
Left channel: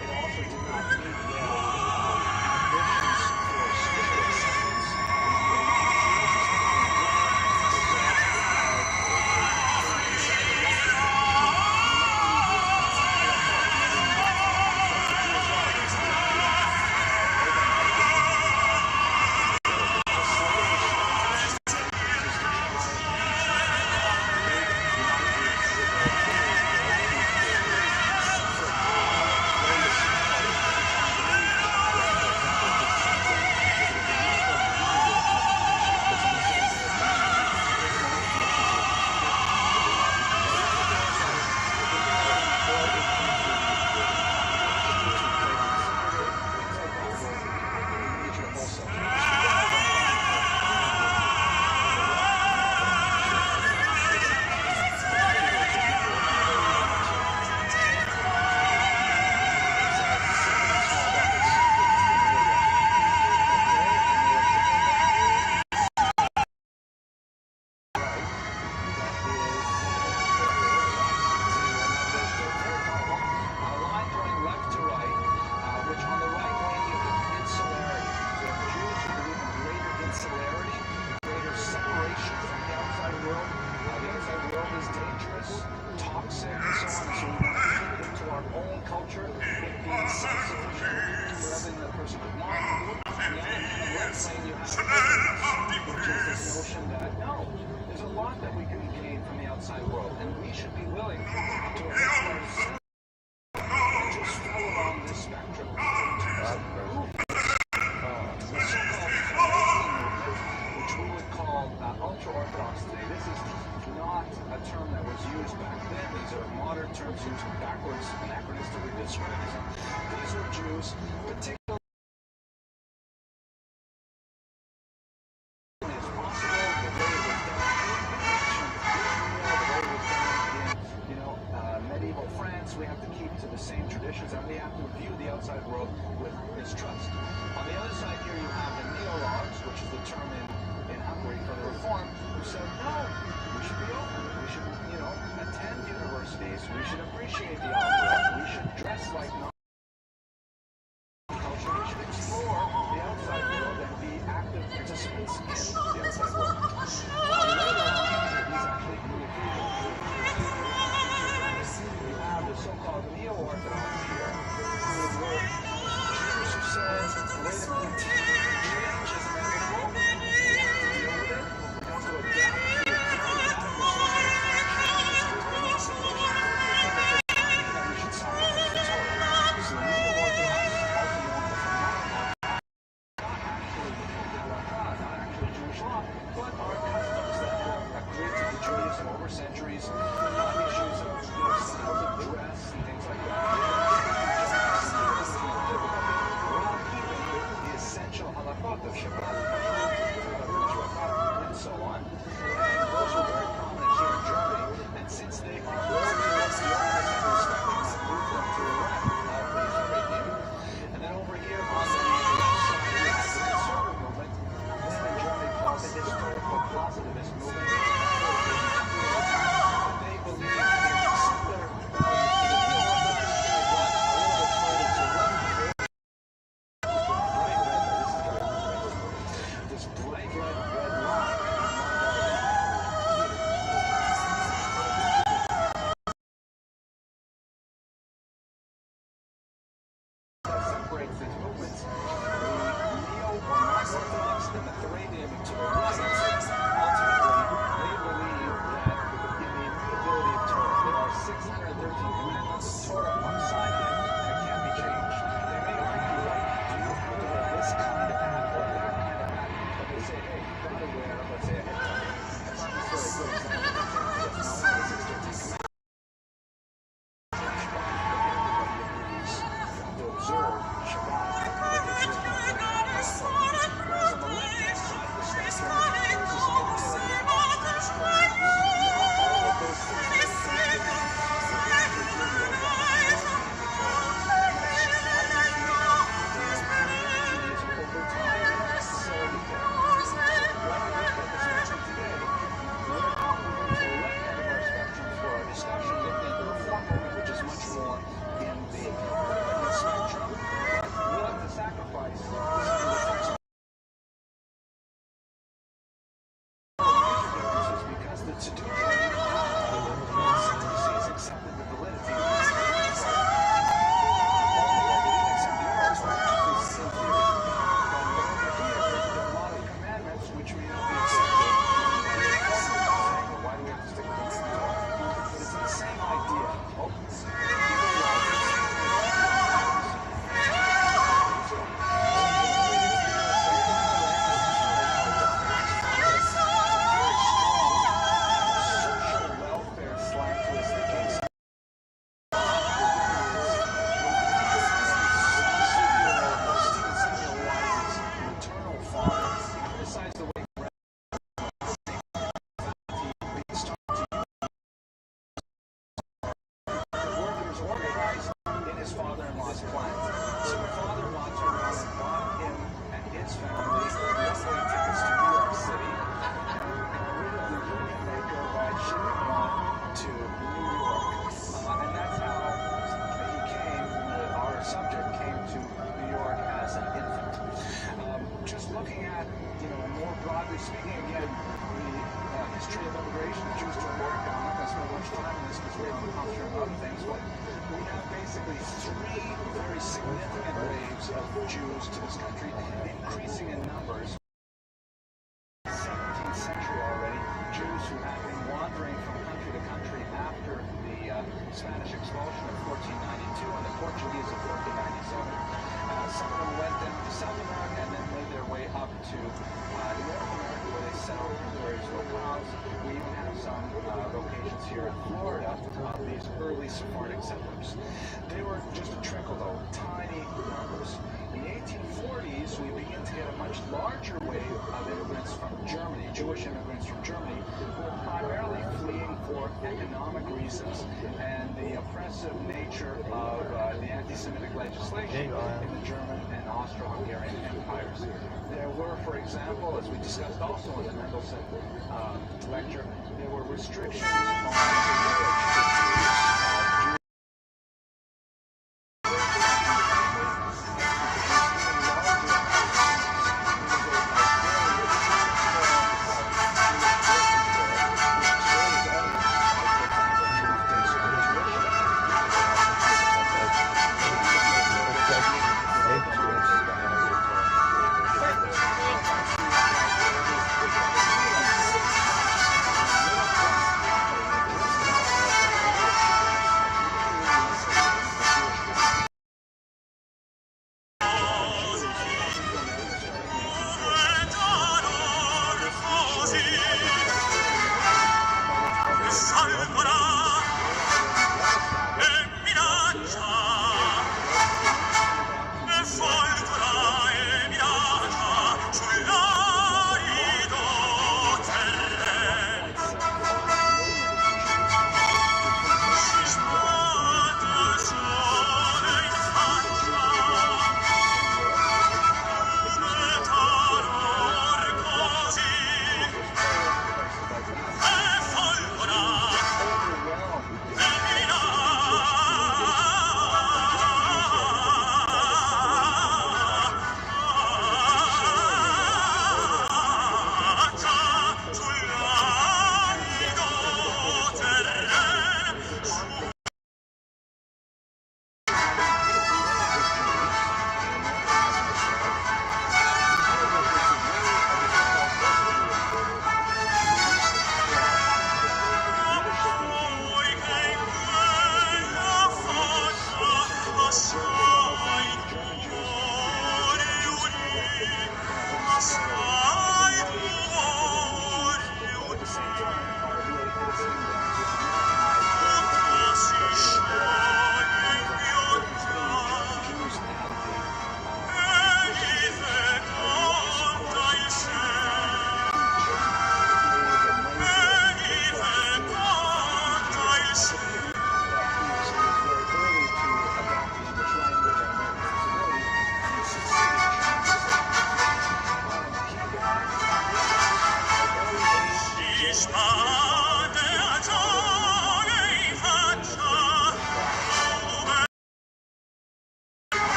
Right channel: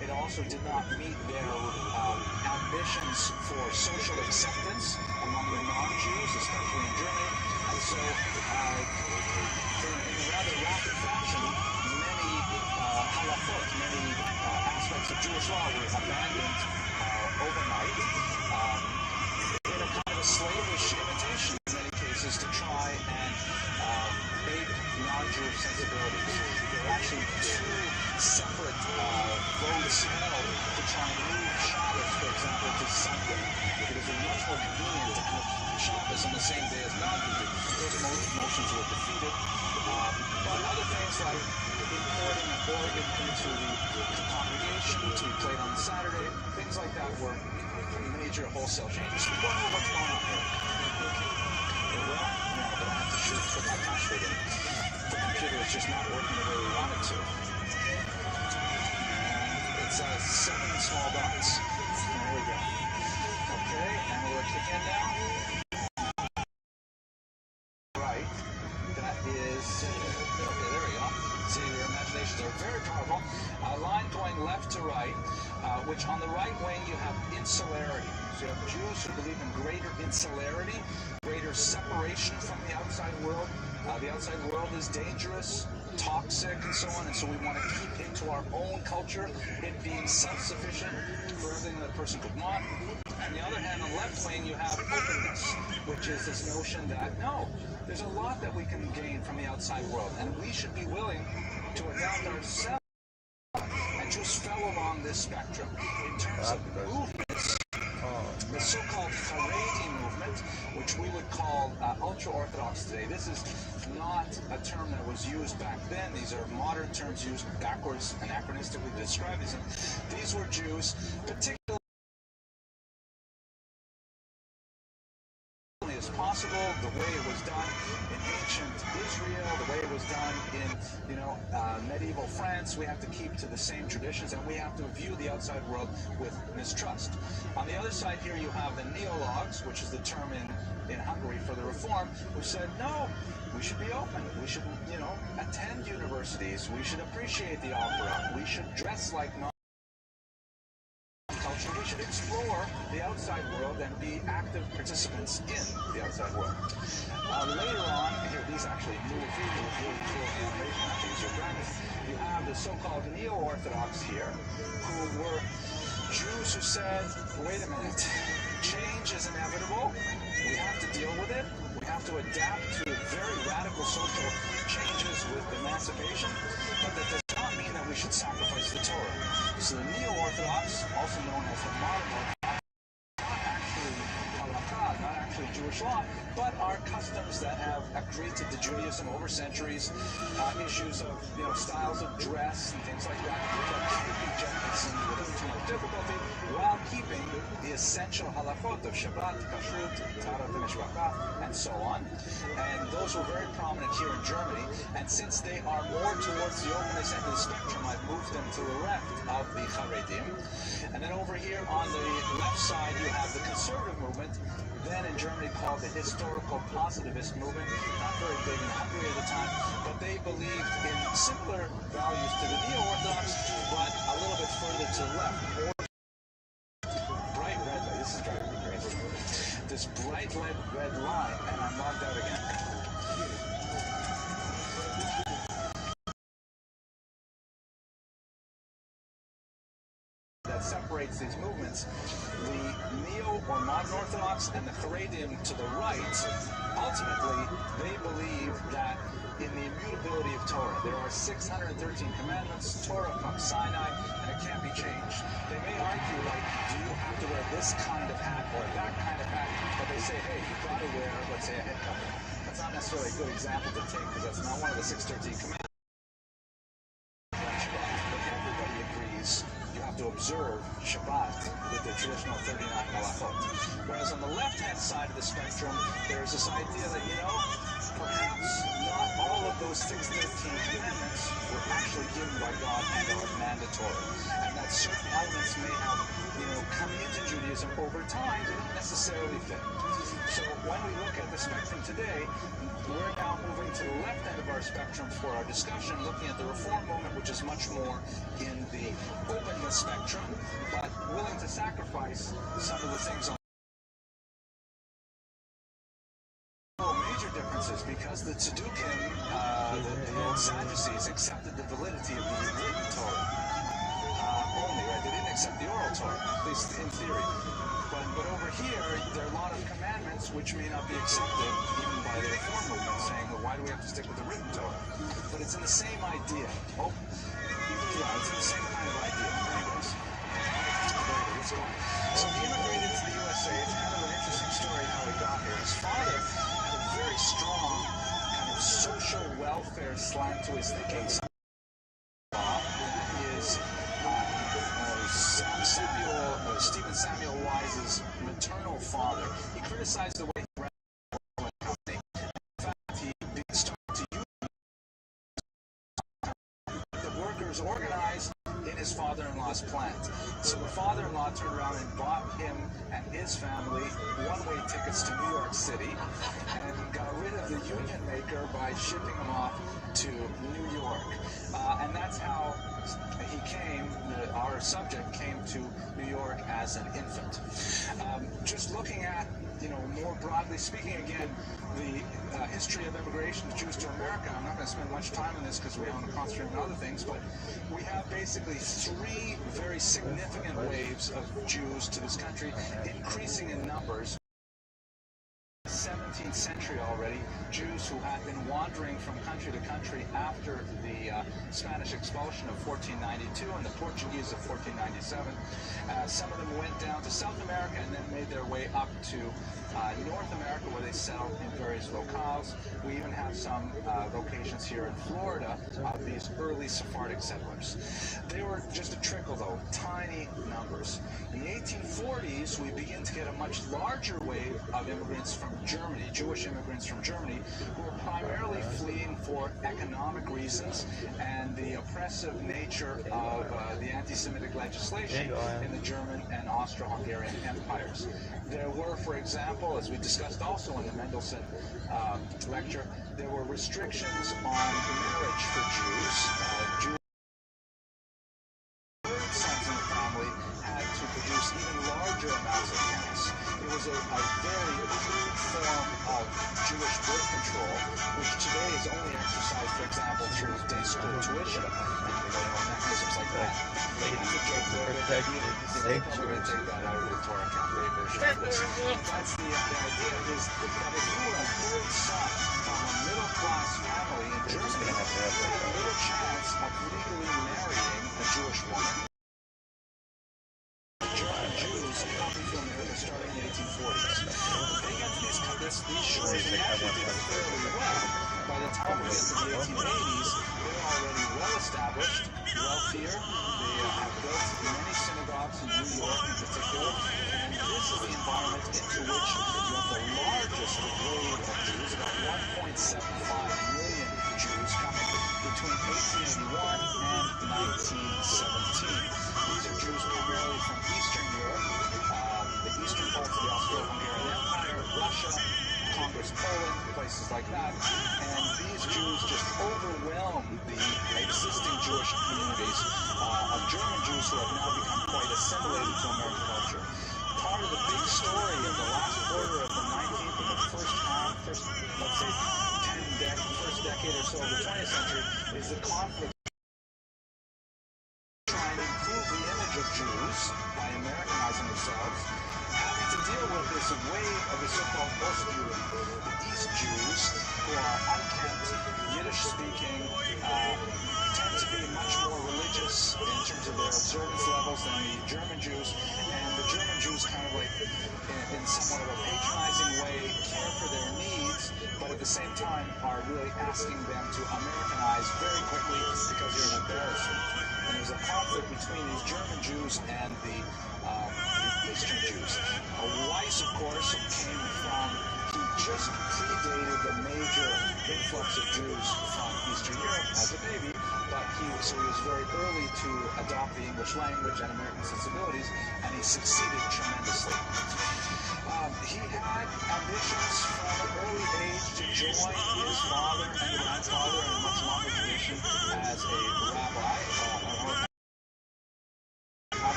It also did not meet their ambitions for social acceptance among the non-Jews, especially in Germany. So, in a rather rapid fashion, many aspects of Jewish law were abandoned overnight. There was a slavish intention in many cases to try and make non-Jews actually separate very small to try and leave Shabbos, for example, to Sunday. It would be much more convenient to have Shabbos on the same day as non-Jews. Those motions were defeated. But other things like importing oil into the congregation to trade on Saturday, things like that were major wholesale changes. We don't know what's going on. The computer is just not working the way we want it to. It says 7 small dots. Here we go. Okay, and we'll click on that. Right. That is, there we go. See, they're very powerful. A line going left to right, which on the right wing you have insularity. So you have Jews who believe in greater insularity, greater separation from the outside world. The outside world is dangerous, toxic, and so on, and so we want to keep it to our own culture, it being self-sufficient for everything that a person could want. On the other hand, on the left wing, you have openness, which is this notion that, no, there's a lot that we can gain from the outside world, and we should be willing to adapt ourselves and just not a term that was used back then. These are modern terms used backwards, anachronistically to describe these. These were Jews, particularly as possible, the way it was done in ancient Israel, the way it was done in, medieval France. We have to keep to the same traditions, and we have to view the outside world with mistrust. On the other side here, you have the neologues, which is the term in Hungary for the reform, who said, no, we should be open. We should, attend universities. We should appreciate the opera. We should dress like culture. We should explore the outside world and be active participants in the outside world. Later on, these actually you have the so-called neo-Orthodox here, who were Jews who said, wait a minute, change is inevitable. We have to deal with it. We have to adapt to very radical social changes with emancipation, but that does not mean that we should sacrifice the Torah. So the neo-Orthodox, also known as the modern Orthodox, not actually halakha, not actually Jewish law, but are customs that have accreted to Judaism over centuries, issues of styles of dress and things like that. While keeping the essential halachot of Shabbat, Kashrut, Tarat, and Mishpacha, and so on. And those were very prominent here in Germany. And since they are more towards the openness end of the spectrum, I've moved them to the left of the Haredim. And then over here on the left side, you have the conservative movement, then in Germany called the historical positivist movement. Not really big in Hungary at the time, but they believe in simpler values to the neo-Orthodox, but a little bit further to the left. This bright red line, and I marked that again. That separates these movements. The neo or non-Orthodox and the Haredim to the right, ultimately, they believe that in the immutability of Torah, there are 613 commandments, Torah from Sinai, and it can't be changed. They may argue, like, do you have to wear this kind of hat or that kind of hat? But they say, hey, you've got to wear, let's say, a head covering. That's not necessarily a good example to take because it's not one of the 613 commandments. Everybody agrees you have to observe Shabbat with the traditional 39 halachot. Whereas on the left-hand side of the spectrum, there's this idea that, perhaps not all of those 613 commandments were actually given by God or mandatory. And that certain elements may have, come into Judaism over time, they don't necessarily fit. So when we look at the spectrum today, we're now moving to the left end of our spectrum for our discussion, looking at the reform movement, which is much more in the openness spectrum, but willing to sacrifice some of the things on major differences because the Tzaddukim, the Sadducees, accepted the validity of the written Torah. Only they didn't accept the oral Torah, at least in theory. But over here, there are a lot of commandments which may not be accepted even by the reform movement, saying, well, why do we have to stick with the written Torah? But it's in the same idea. It's in the same kind of idea. So immigrated to the USA, it's kind of an interesting story how he got here. His father had a very strong kind of social welfare slant to his thinking. Stephen Samuel Wise's maternal father, he criticized the way he ran the company. He started to use the workers organized in his father-in-law's plant. So the father-in-law turned around and bought him and his family one-way tickets to New York City and got rid of the union maker by shipping him off to New York. And that's how he came, our subject came to New York as an infant. Just looking at, more broadly speaking, again, the history of immigration of Jews to America, I'm not going to spend much time on this because we're going to concentrate on other things, but we have basically three very significant waves of Jews to this country, increasing in numbers. 17th century already, Jews who had been wandering from country to country after the Spanish expulsion of 1492 and the Portuguese of 1497. Some of them went down to South America and then made their way up to North America, where they settled in various locales. We even have some locations here in Florida of these early Sephardic settlers. They were just a trickle, though, tiny numbers. In the 1840s, we begin to get a much larger wave of immigrants from Germany, Jewish immigrants from Germany, who were primarily fleeing for economic reasons and the oppressive nature of the anti-Semitic legislation in the German and Austro-Hungarian empires. There were, for example, as we discussed also in the Mendelssohn lecture, there were restrictions on marriage for Jews. Jews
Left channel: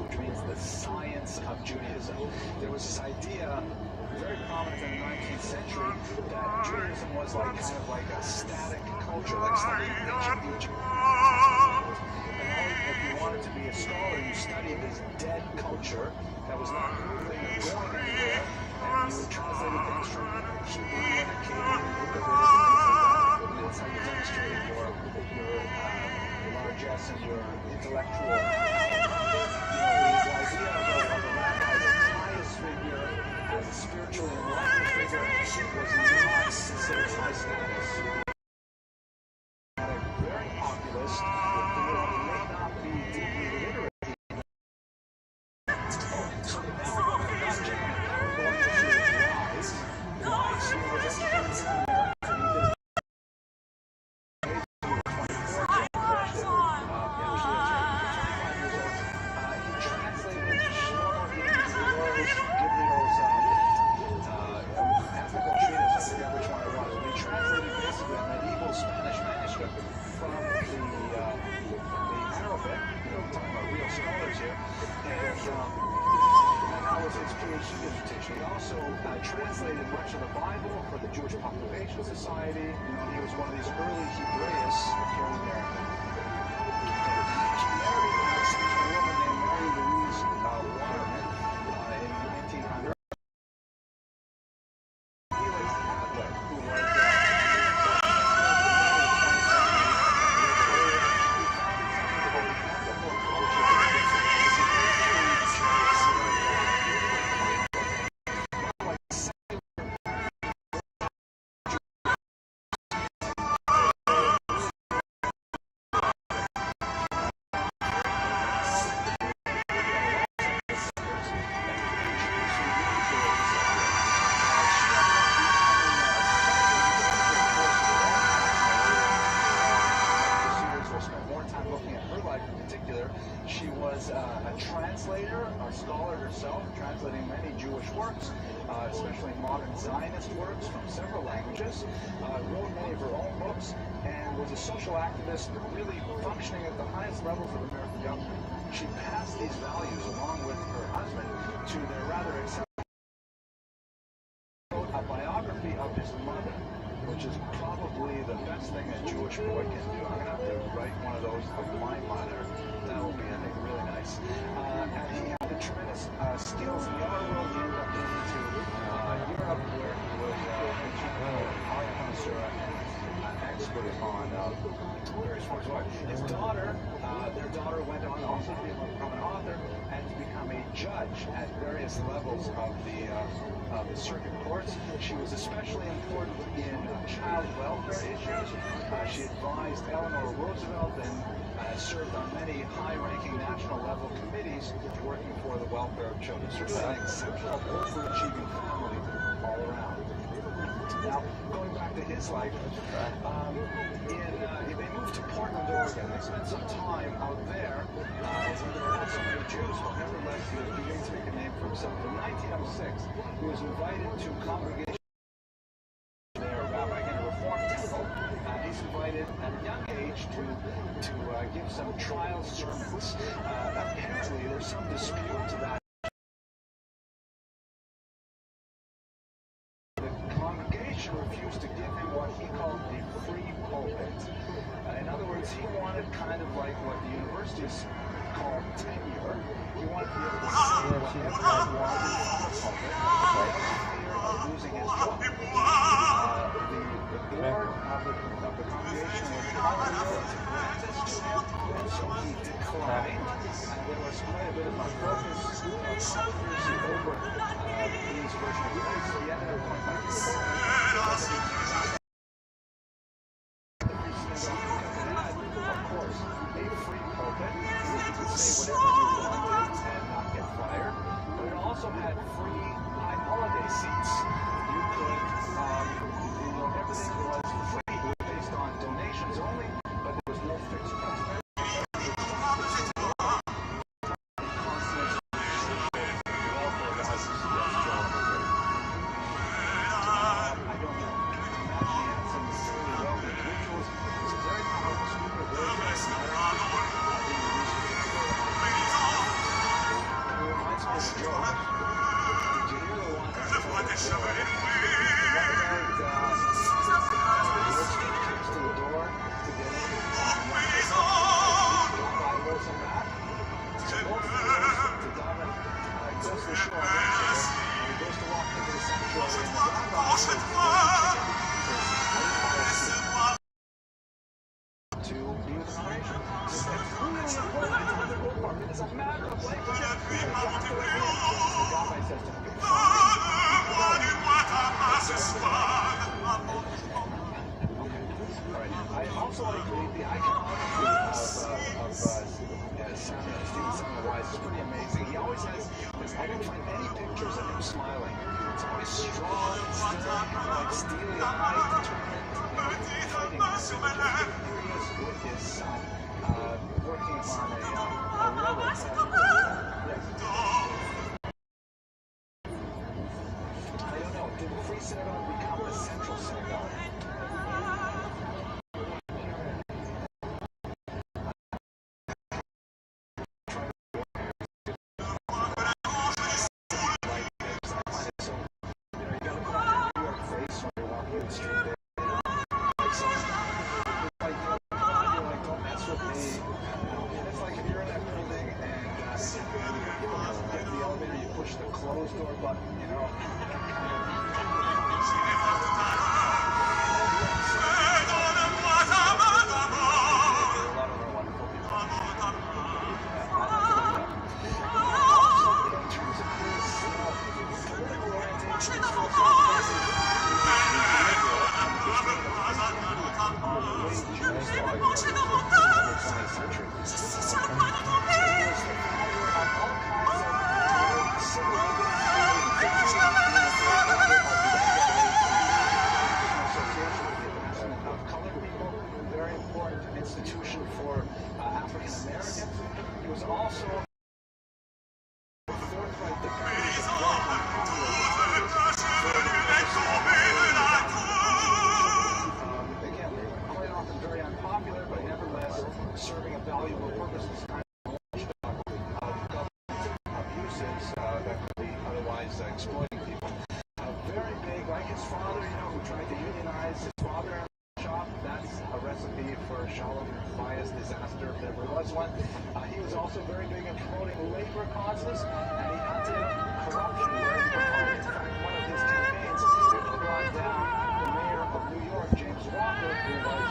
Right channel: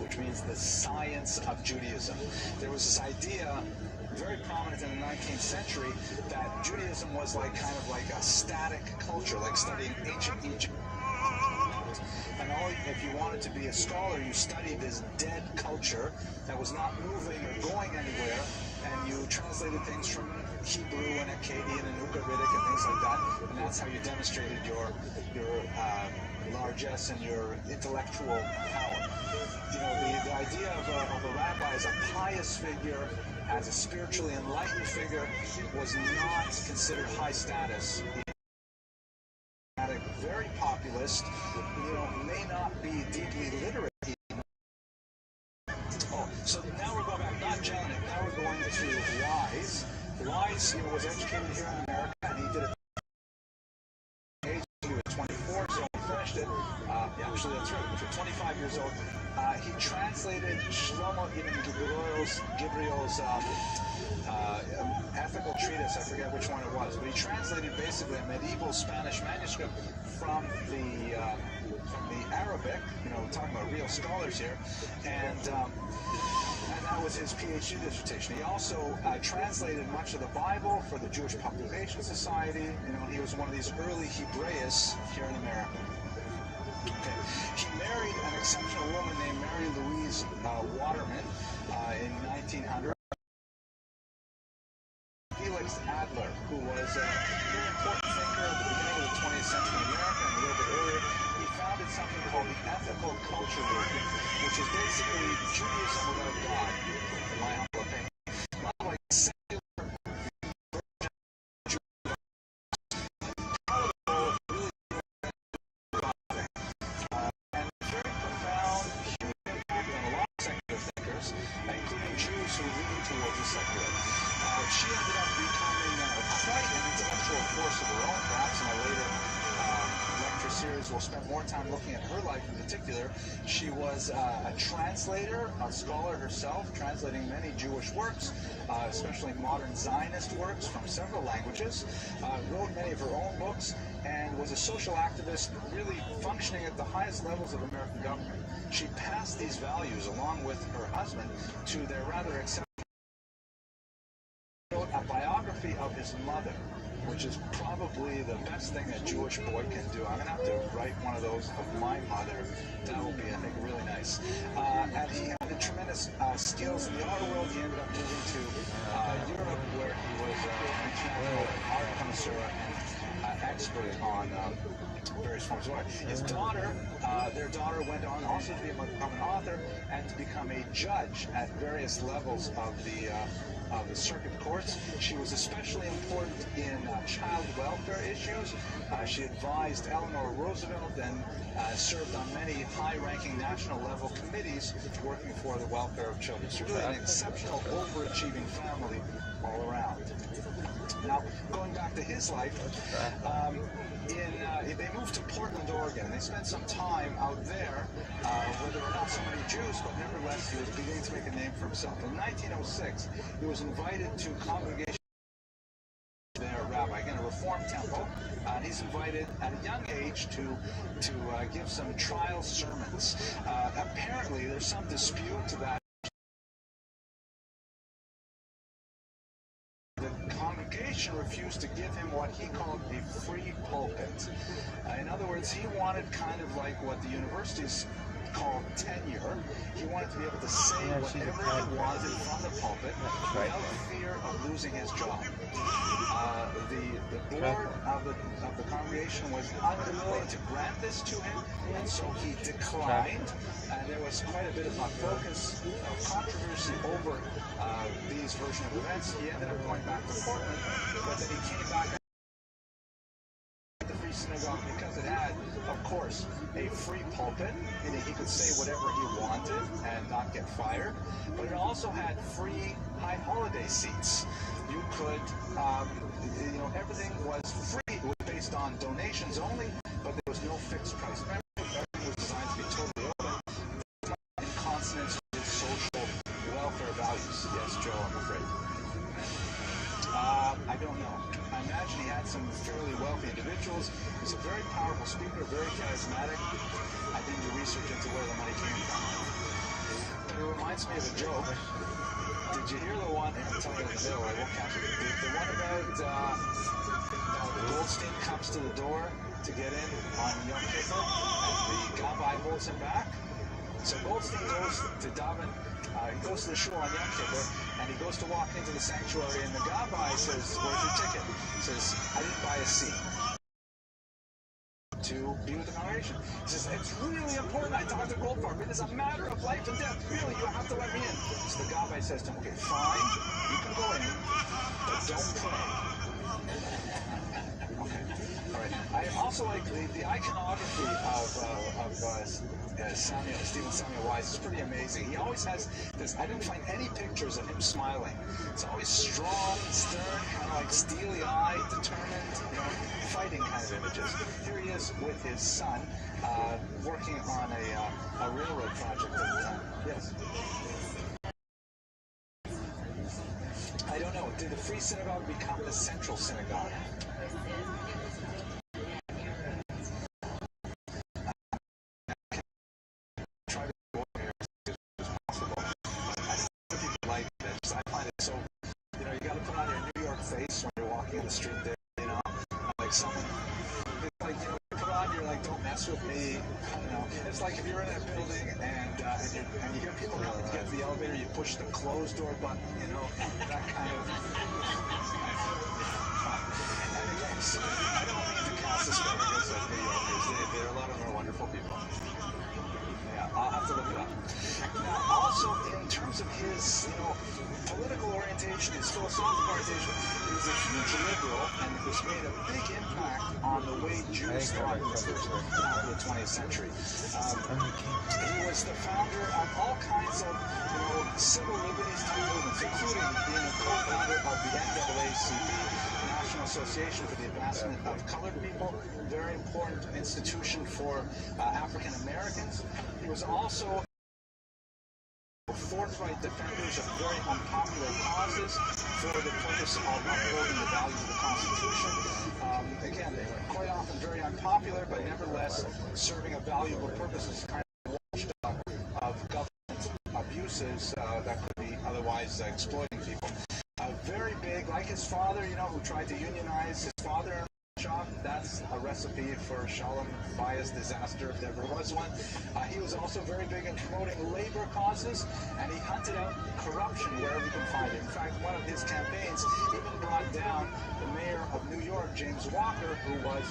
which means the science of Judaism. There was this idea, very prominent in the 19th century, that Judaism was like kind of like a static culture, like studying ancient Egypt. And if you wanted to be a scholar, you studied this dead culture that was not moving or going anywhere, and you translated things from Hebrew and Akkadian and Ugaritic and things like that, and that's how you demonstrated your largesse and your intellectual power. the idea of a rabbi as a pious figure, as a spiritually enlightened figure, was not considered high status. Very populist, may not be deeply literate. So now we're going to Janet. Now we're going to Wise. Wise was educated here in America, and he did it. He was 24, so he finished it. Actually, that's right. For 25 years old, he translated Shlomo Gabriel's ethical treatise. I forget which one it was, but he translated basically a medieval Spanish manuscript from the Arabic. We're talking about real scholars here, and that was his PhD dissertation. He also translated much of the Bible for the Jewish Population Society. He was one of these early Hebraists here in America. He married an exceptional woman named Mary Louise Waterman in 1900. Felix Adler, who was an important figure of the middle of the 20th century in America and a little bit earlier, he founded something called the Ethical Culture Movement, which is basically the Jewish word of God. Not like secular We'll spend more time looking at her life in particular. She was a translator, a scholar herself, translating many Jewish works, especially modern Zionist works from several languages, wrote many of her own books, and was a social activist really functioning at the highest levels of American government. She passed these values along with her husband to their rather exceptional. Wrote a biography of his mother, which is probably the best thing a Jewish boy can do. I'm going to have to write one of those of my mother. That will be, I think, really nice. And he had the tremendous skills in the auto world. He ended up moving to Europe, where he was an international art connoisseur and expert on various forms of art. His daughter, their daughter went on also to become an author and to become a judge at various levels of the circuit courts. She was especially important in child welfare issues. She advised Eleanor Roosevelt and served on many high-ranking national-level committees working for the welfare of children. So really an exceptional, overachieving family all around. Now, going back to his life, they moved to Portland, Oregon. They spent some time out there where there were not so many Jews, but nevertheless he was beginning to make a name for himself. In 1906, he was invited to congregation their rabbi in a Reformed temple. He's invited at a young age to give some trial sermons. Apparently, there's some dispute to that. Refused to give him what he called a free pulpit. In other words, he wanted kind of like what the universities call tenure. He wanted to be able to say whatever he wanted from the pulpit without fear of losing his job. The board of the congregation was unwilling to grant this to him, and so he declined. And there was quite a bit of controversy over these version of events. He ended up going back to Portland, but then he came back to the Free Synagogue because it had, of course, a free pulpit. He could say whatever he wanted and not get fired. But it also had free high holiday seats. You could, everything was free. It was based on donations only, but there was no fixed price. Everything was designed to be totally in consonance with social welfare values. Yes, Joe, I'm afraid. I don't know. I imagine he had some fairly wealthy individuals. He's a very powerful speaker, very charismatic. I did the research into where the money came from. It reminds me of a joke. Did you hear the one? I'll tell you the joke. The one about Goldstein comes to the door to get in on one visit. The rabbi holds him back. So Goldstein goes to daven. Goes to the shore on Yom Kippur, and he goes to walk into the sanctuary, and the rabbi says, "Where's your ticket?" He says, "I didn't buy a seat." To be with the congregation. He says, it's really important. I tell the gold farm, it is a matter of life and death. You have to let me in. So the rabbi says to him, okay, fine, you can go in. That's it. I also like the iconography of Stephen Samuel Wise is pretty amazing. He always has this, I don't find any pictures of him smiling. It's always strong, stern, kind of like steely-eyed, determined, fighting kind of images. Here he is with his son, working on a railroad project. Yes. I don't know. Did the Free Synagogue become the central synagogue? Push the closed door button, you know, that kind of. A lot of them are wonderful people. Yeah, I'll have to look it up. Also, in terms of his, political orientation, his philosophical orientation, he's liberal, and it's made a big impact on the way Jews thought in the 20th century. He was the founder of all kinds of civil liberties movement, including being the founder of the NAACP, National Association for the Advancement of Colored People, a very important institution for African Americans. He was also forthright defenders of very unpopular causes for the purpose of upholding the value of the Constitution. Again, quite often very unpopular, but nevertheless serving a valuable purpose as kind of watchdog of government abuses that could be otherwise exploiting people. Very big, like his father, who tried to unionize his father in the shop. That's a recipe for Shalom Bayah's disaster, if there ever was one. He was also very big in promoting labor causes, and he hunted out corruption wherever he could find it. In fact, one of his campaigns even brought down the mayor of New York, James Walker, who was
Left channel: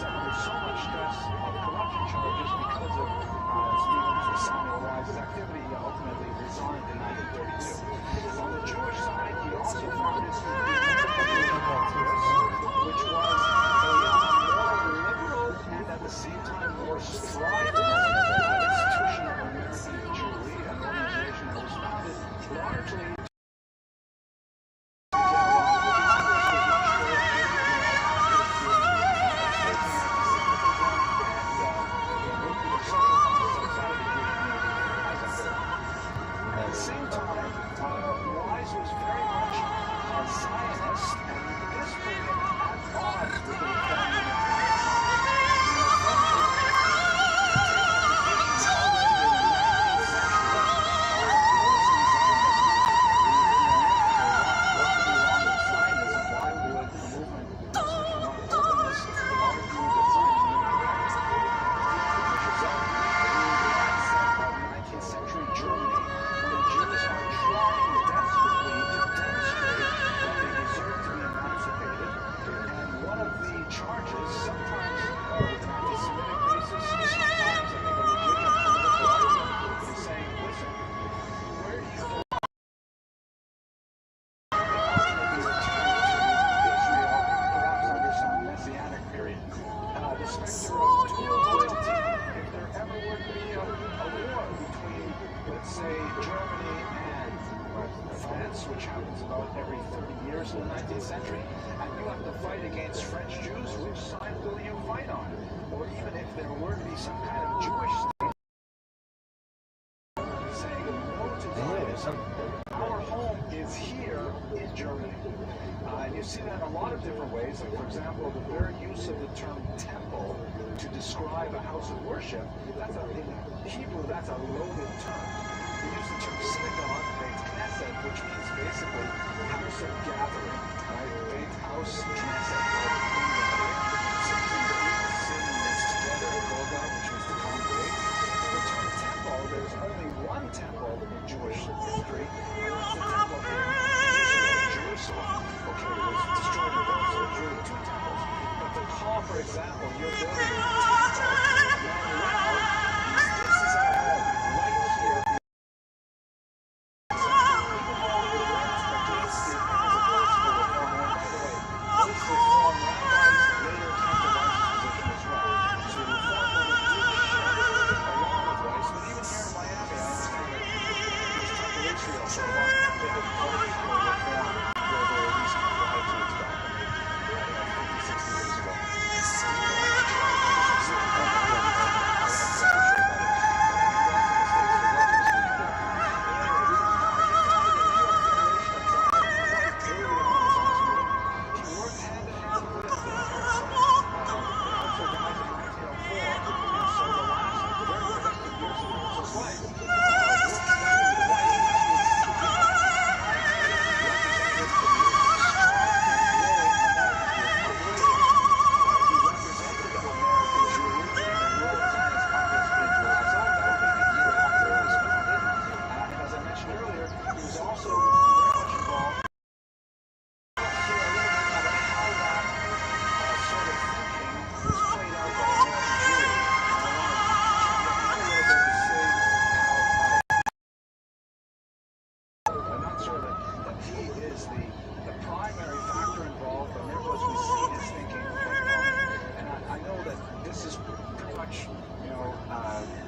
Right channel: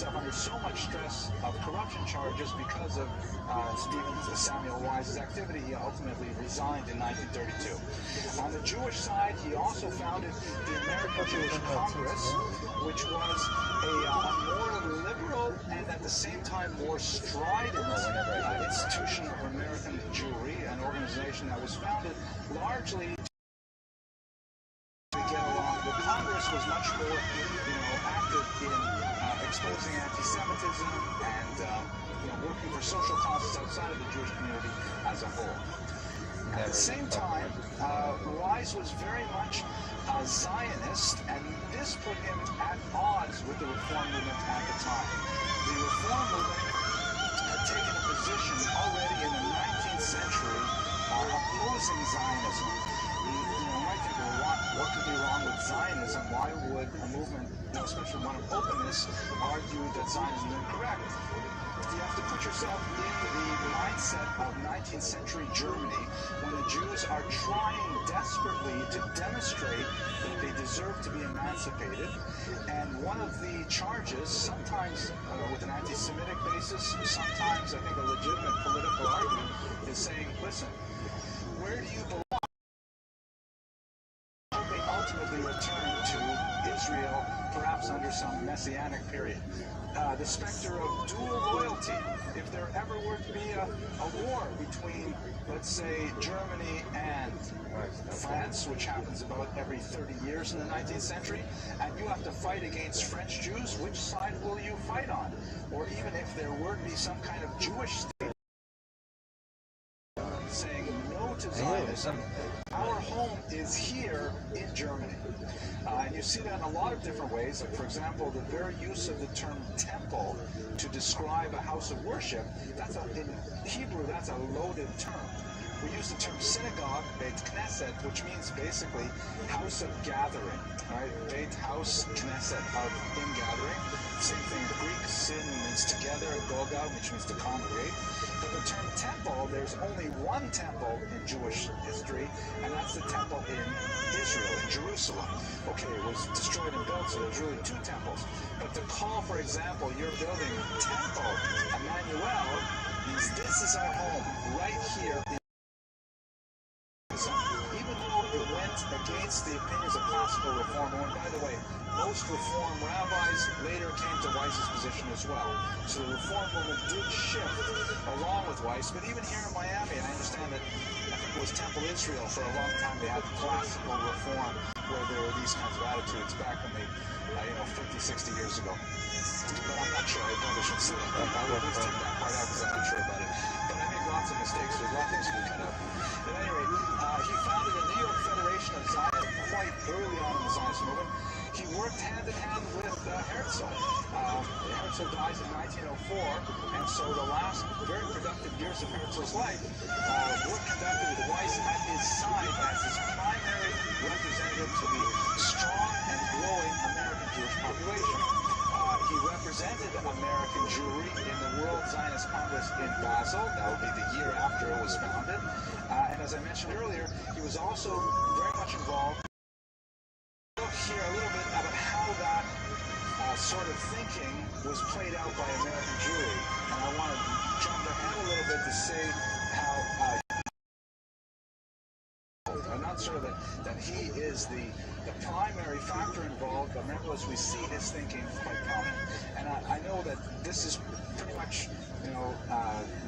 found under so much stress of corruption charges because of Stephen Samuel Wise's activity. He ultimately resigned in 1932. On the Jewish side, he also founded the American Jewish Congress, which was a more liberal and at the same time more strident institution of American Jewry, an organization that was founded largely to get along. The Congress was much more active in exposing anti-Semitism and working for social causes outside of the Jewish community as a whole. At the same time, Wise was very much a Zionist, and this put him at odds with the Reform movement at the time. The Reform movement had taken a position already in the 19th century opposing Zionism. What could be wrong with Zionism? Why would a movement, especially one of openness, argue that Zionism is incorrect? You have to put yourself in the mindset of 19th century Germany, when the Jews are trying desperately to demonstrate that they deserve to be emancipated. And one of the charges, sometimes with an anti-Semitic basis, sometimes I think a legitimate political argument, is saying, listen, where do you belong? They ultimately return to Israel, perhaps under some messianic period. The specter of dual loyalty, if there ever were to be a war between, let's say, Germany and France, which happens about every 30 years in the 19th century, and you have to fight against French Jews, which side will you fight on? Or even if there were to be some kind of Jewish state saying no to Zionism, our home is here in Germany. And you see that in a lot of different ways. Like, for example, the very use of the term temple to describe a house of worship, in Hebrew, that's a loaded term. We use the term synagogue, Beit Knesset, which means basically house of gathering, right? Beit house, Knesset of ingathering. Same thing in Greek, sin means together, Goga, which means to congregate. The term temple, there's only one temple in Jewish history, and that's the temple in Israel, Jerusalem. okay, it was destroyed and built, so it drew 2 temples. But to call, for example, you're building a temple, Emmanuel, this is our home, right here. Even though it went against the opinions of classical reform, and by the way, most reform rabbis later came to Weiss's position as well. So the reform movement did shift along with Weiss, but even here in Miami, I understand that it was Temple Israel for a long time. They had classical reform where there were these kind of attitudes back when they, 50, 60 years ago. I'm not sure. I probably should say it. I'm not sure about it. But I made lots of mistakes. There's lots of mistakes. But anyway, he founded the New York Federation of Zion quite early on in the Zionist movement. He worked hand in hand with Herzl. Herzl dies in 1904, and so the last very productive years of Herzl's life were conducted with Weiss at his side as his primary representative to the strong and growing American Jewish population. He represented American Jewry in the World Zionist Congress in Basel. That would be the year after it was founded. And as I mentioned earlier, he was also very much involved. Hear a little bit about how that sort of thinking was played out by American Jewry. And I want to jump ahead a little bit to say how I'm not sure that he is the primary factor involved, but nevertheless we see his thinking quite common. And I know that this is pretty much,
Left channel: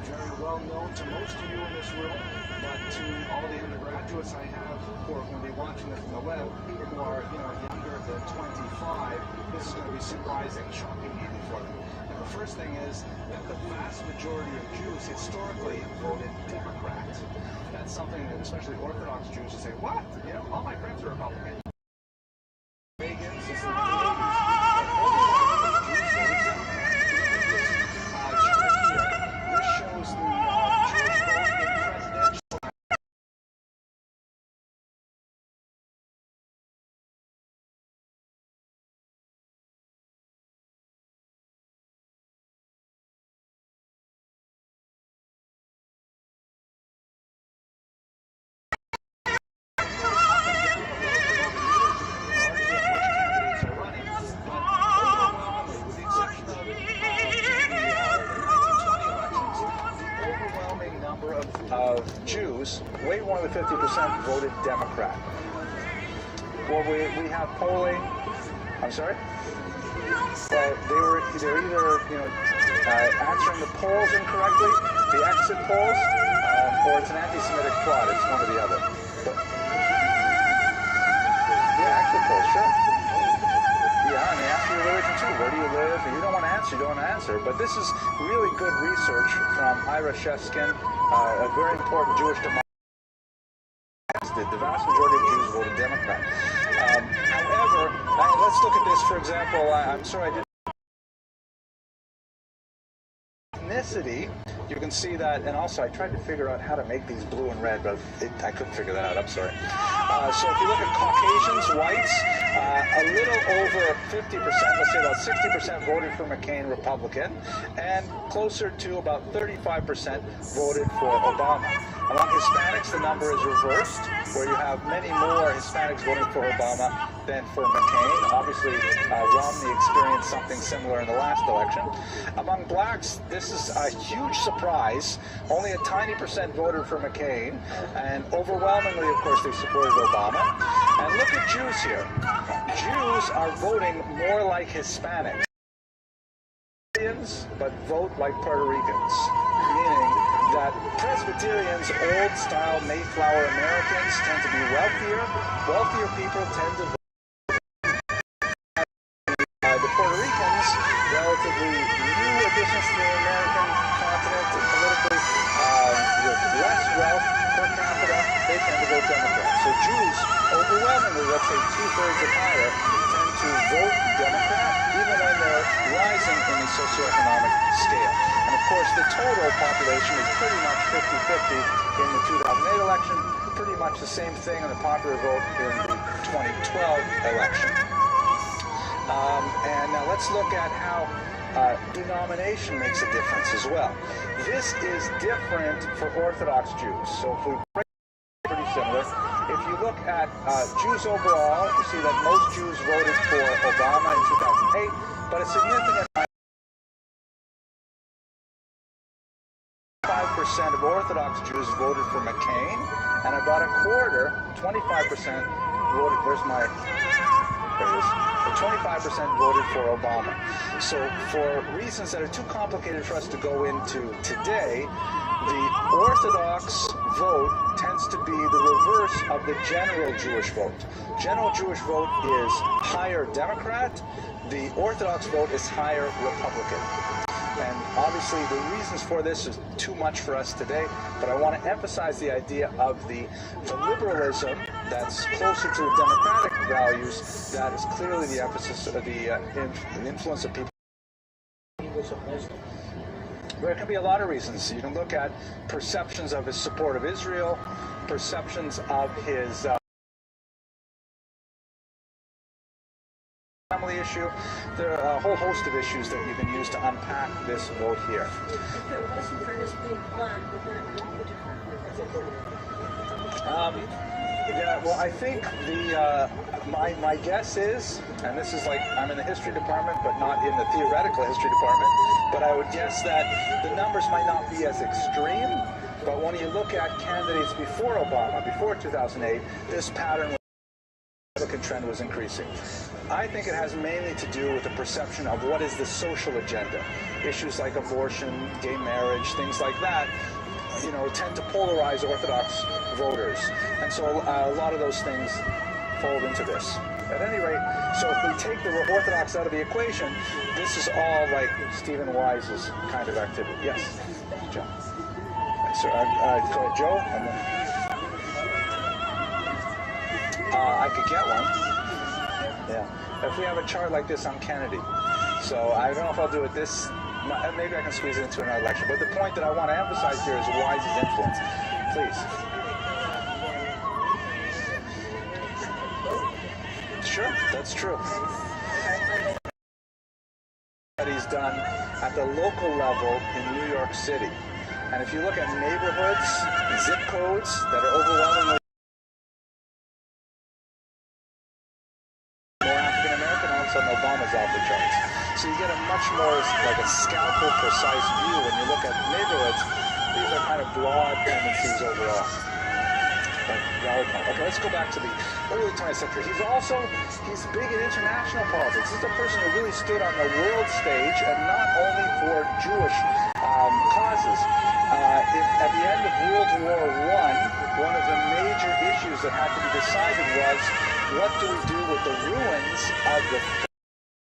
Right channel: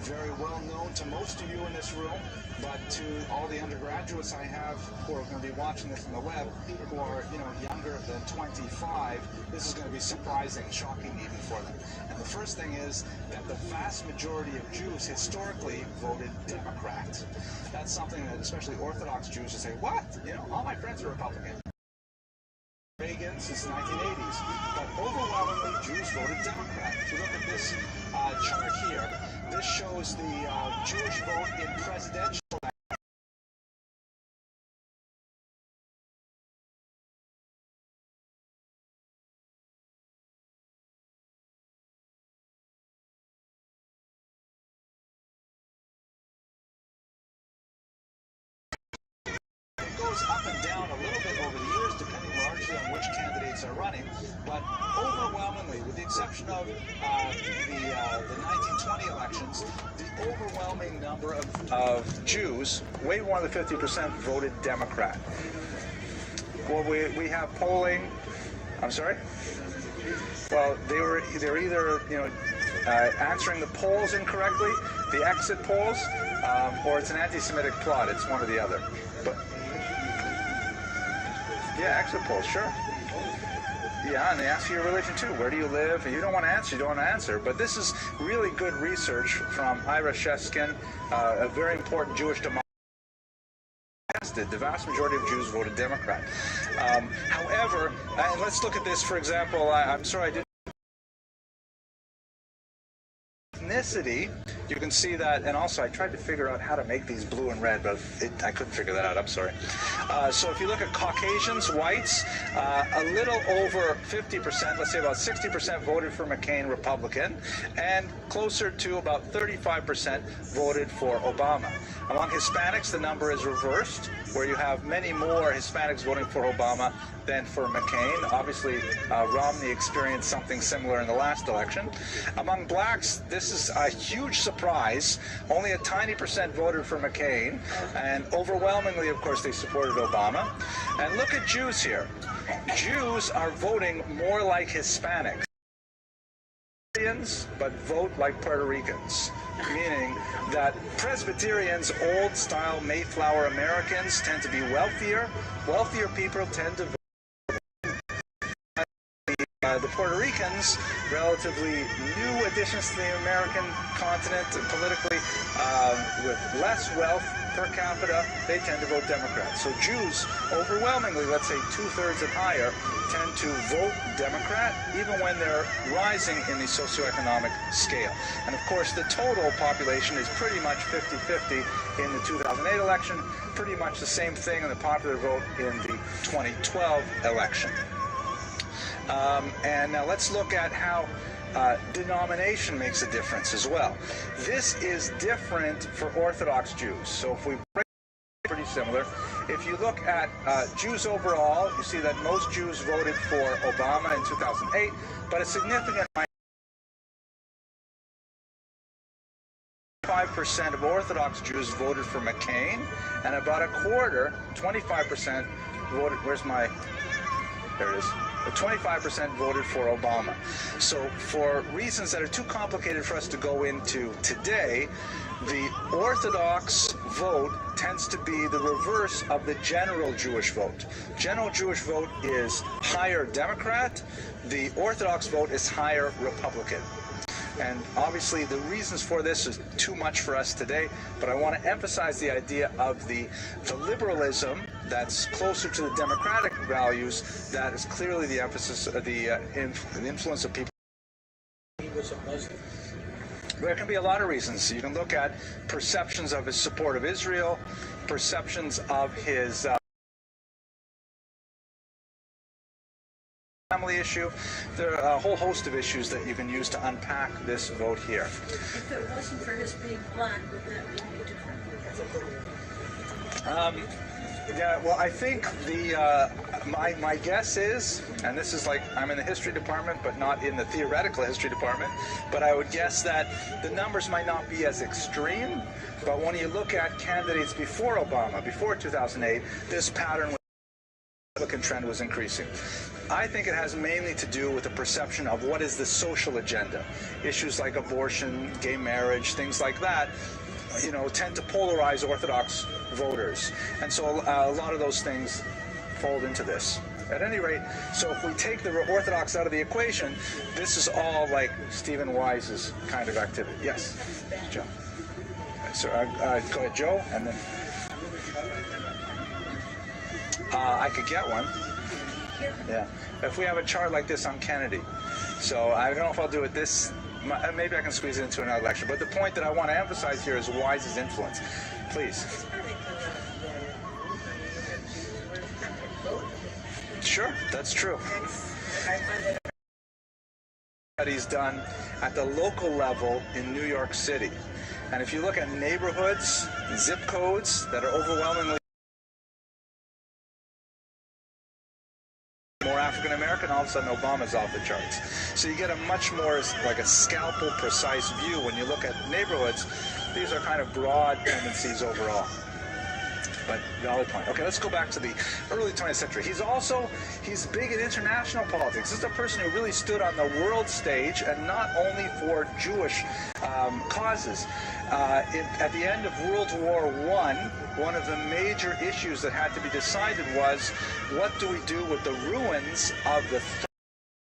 very well known to most of you in this room, but to all the undergraduates I have who are going to be watching this on the web, who are, younger than 25, this is going to be surprising, shocking even for them. And the first thing is that the vast majority of Jews historically voted Democrat. That's something that especially Orthodox Jews will say, what? All my friends are Republican. Reagan since the 1980s. But overwhelmingly, Jews voted Democrat. If you look at this chart here, this shows the Jewish vote in presidential. Of Jews, way more than 50% voted Democrat. Well, we have polling. I'm sorry. Well, they're either answering the polls incorrectly, the exit polls, or it's an anti-Semitic plot. It's one or the other. But yeah, exit polls, sure. Yeah, and they ask you your religion too. Where do you live? And you don't want to answer. You don't want to answer. But this is really good research from Ira Sheskin, a very important Jewish demographer. The vast majority of Jews voted Democrat. However, let's look at this, for example. I'm sorry I didn't. Ethnicity, you can see that, and also I tried to figure out how to make these blue and red, but I couldn't figure that out, I'm sorry. So if you look at Caucasians, whites, a little over 50%, let's say about 60% voted for McCain, Republican, and closer to about 35% voted for Obama. Among Hispanics, the number is reversed, where you have many more Hispanics voting for Obama than for McCain. Obviously, Romney experienced something similar in the last election. Among blacks, this is a huge surprise. Only a tiny percent voted for McCain, and overwhelmingly, of course, they supported Obama. And look at Jews here. Jews are voting more like Hispanics, but vote like Puerto Ricans, meaning that Presbyterians, old-style Mayflower Americans, tend to be wealthier. Wealthier people tend to vote. The Puerto Ricans, relatively new additions to the American continent politically, with less wealth per capita, they tend to vote Democrat. So Jews, overwhelmingly, let's say 2/3 and higher, tend to vote Democrat, even when they're rising in the socioeconomic scale. And of course, the total population is pretty much 50-50 in the 2008 election, pretty much the same thing in the popular vote in the 2012 election. And now let's look at how denomination makes a difference as well. This is different for Orthodox Jews. So if we break it pretty similar, If you look at Jews overall, you see that most Jews voted for Obama in 2008, but a significant 5% of Orthodox Jews voted for McCain, and about a quarter, 25%, voted, there it is, 25% voted for Obama. So for reasons that are too complicated for us to go into today, the Orthodox vote tends to be the reverse of the general Jewish vote. General Jewish vote is higher Democrat. The Orthodox vote is higher Republican. And obviously the reasons for this is too much for us today, but I want to emphasize the idea of the liberalism that's closer to the democratic values that is clearly the emphasis of the influence of people. There can be a lot of reasons. You can look at perceptions of his support of Israel, perceptions of his family issue. There are a whole host of issues that you can use to unpack this vote here. If it wasn't for his being black, would that be different? Yeah, well, I think the my guess is, and this is like I'm in the history department, but not in the theoretical history department, but I would guess that the numbers might not be as extreme. But when you look at candidates before Obama, before 2008, this pattern, the Republican trend was increasing. I think it has mainly to do with the perception of what is the social agenda. Issues like abortion, gay marriage, things like that, you know, tend to polarize Orthodox voters. And so a lot of those things fold into this. At any rate, so if we take the Orthodox out of the equation, this is all like Stephen Wise's kind of activity. Yes, Joe. So go ahead, Joe, and then I could get one. Yeah. If we have a chart like this on Kennedy. So I don't know if I'll do it this, maybe I can squeeze it into another lecture. But the point that I want to emphasize here is Wise's influence. Please. Sure, that's true. Studies done at the local level in New York City. And if you look at neighborhoods, zip codes that are overwhelmingly more African American, all of a sudden Obama's off the charts. So you get a much more like a scalpel precise view when you look at neighborhoods. These are kind of broad tendencies overall. But valid point. Okay, let's go back to the early 20th century. He's big in international politics. This is a person who really stood on the world stage, and not only for Jewish causes. At the end of World War I, one of the major issues that had to be decided was, what do we do with the ruins of the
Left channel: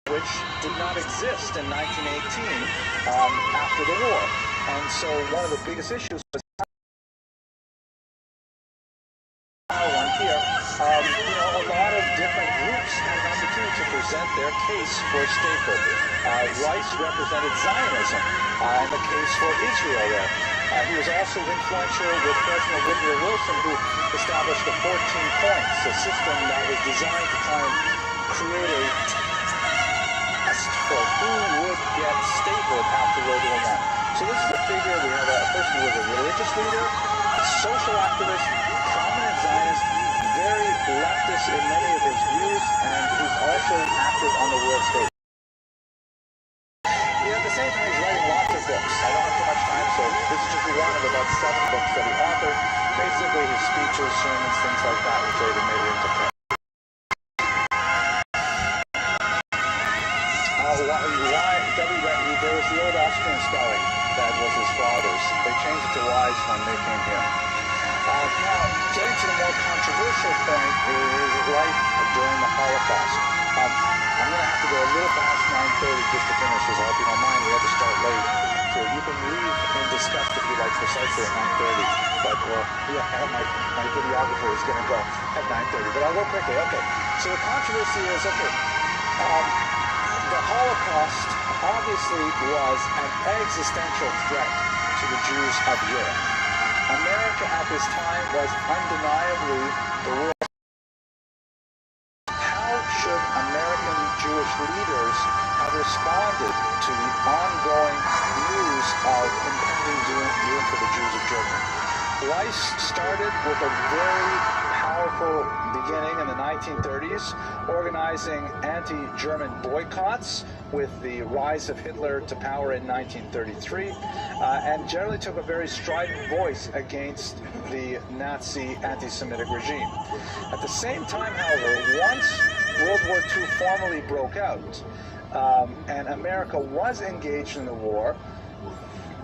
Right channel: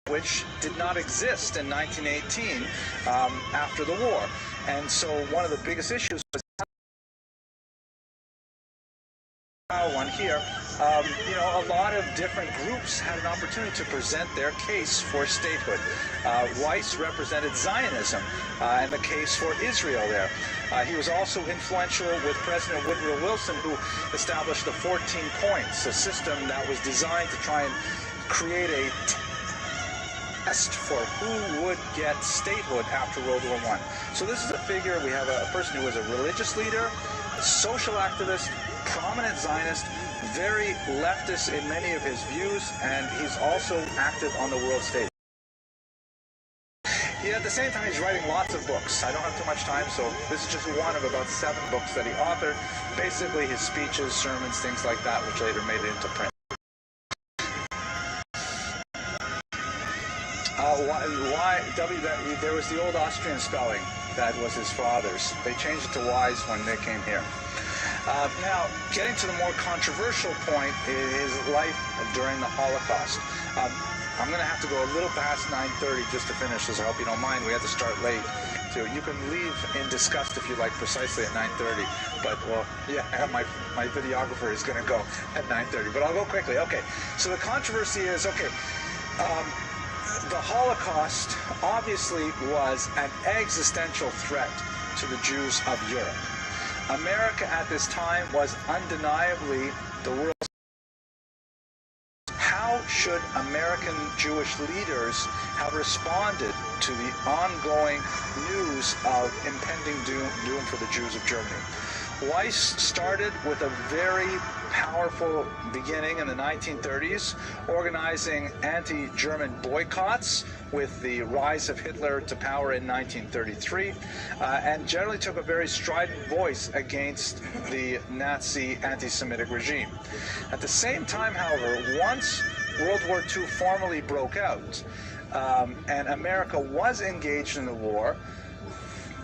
which did not exist in 1918 after the war? And so one of the biggest issues was one here. You know, a lot of different groups had an opportunity to present their case for statehood. Weiss represented Zionism in the case for Israel there. He was also influential with President Woodrow Wilson, who established the 14 points, a system that was designed to try and create a test for who would get statehood after World War I. So this is a figure, we have a person who was a religious leader, a social activist, prominent Zionist, very leftist in many of his views, and he's also active on the world stage. Yeah, at the same time, he's writing lots of books. I don't have too much time, so this is just one of about 7 books that he authored. Basically, his speeches, sermons, things like that, which later made it into print. There was the old Austrian spelling that was his father's. They changed it to Wise when they came here. Now, getting to the more controversial point is life during the Holocaust. I'm going to have to go a little past 9:30 just to finish this. I hope you don't mind. We had to start late. So you can leave in disgust if you like precisely at 9:30. But, well, yeah, my videographer is going to go at 9:30. But I'll go quickly. Okay, so the controversy is, okay, the Holocaust obviously was an existential threat to the Jews of Europe. America at this time was undeniably the world. How should American Jewish leaders have responded to the ongoing news of impending doom for the Jews of Germany? Weiss started with a very powerful beginning in the 1930s, organizing anti-German boycotts with the rise of Hitler to power in 1933, and generally took a very strident voice against the Nazi anti-Semitic regime. At the same time, however, once World War II formally broke out, and America was engaged in the war,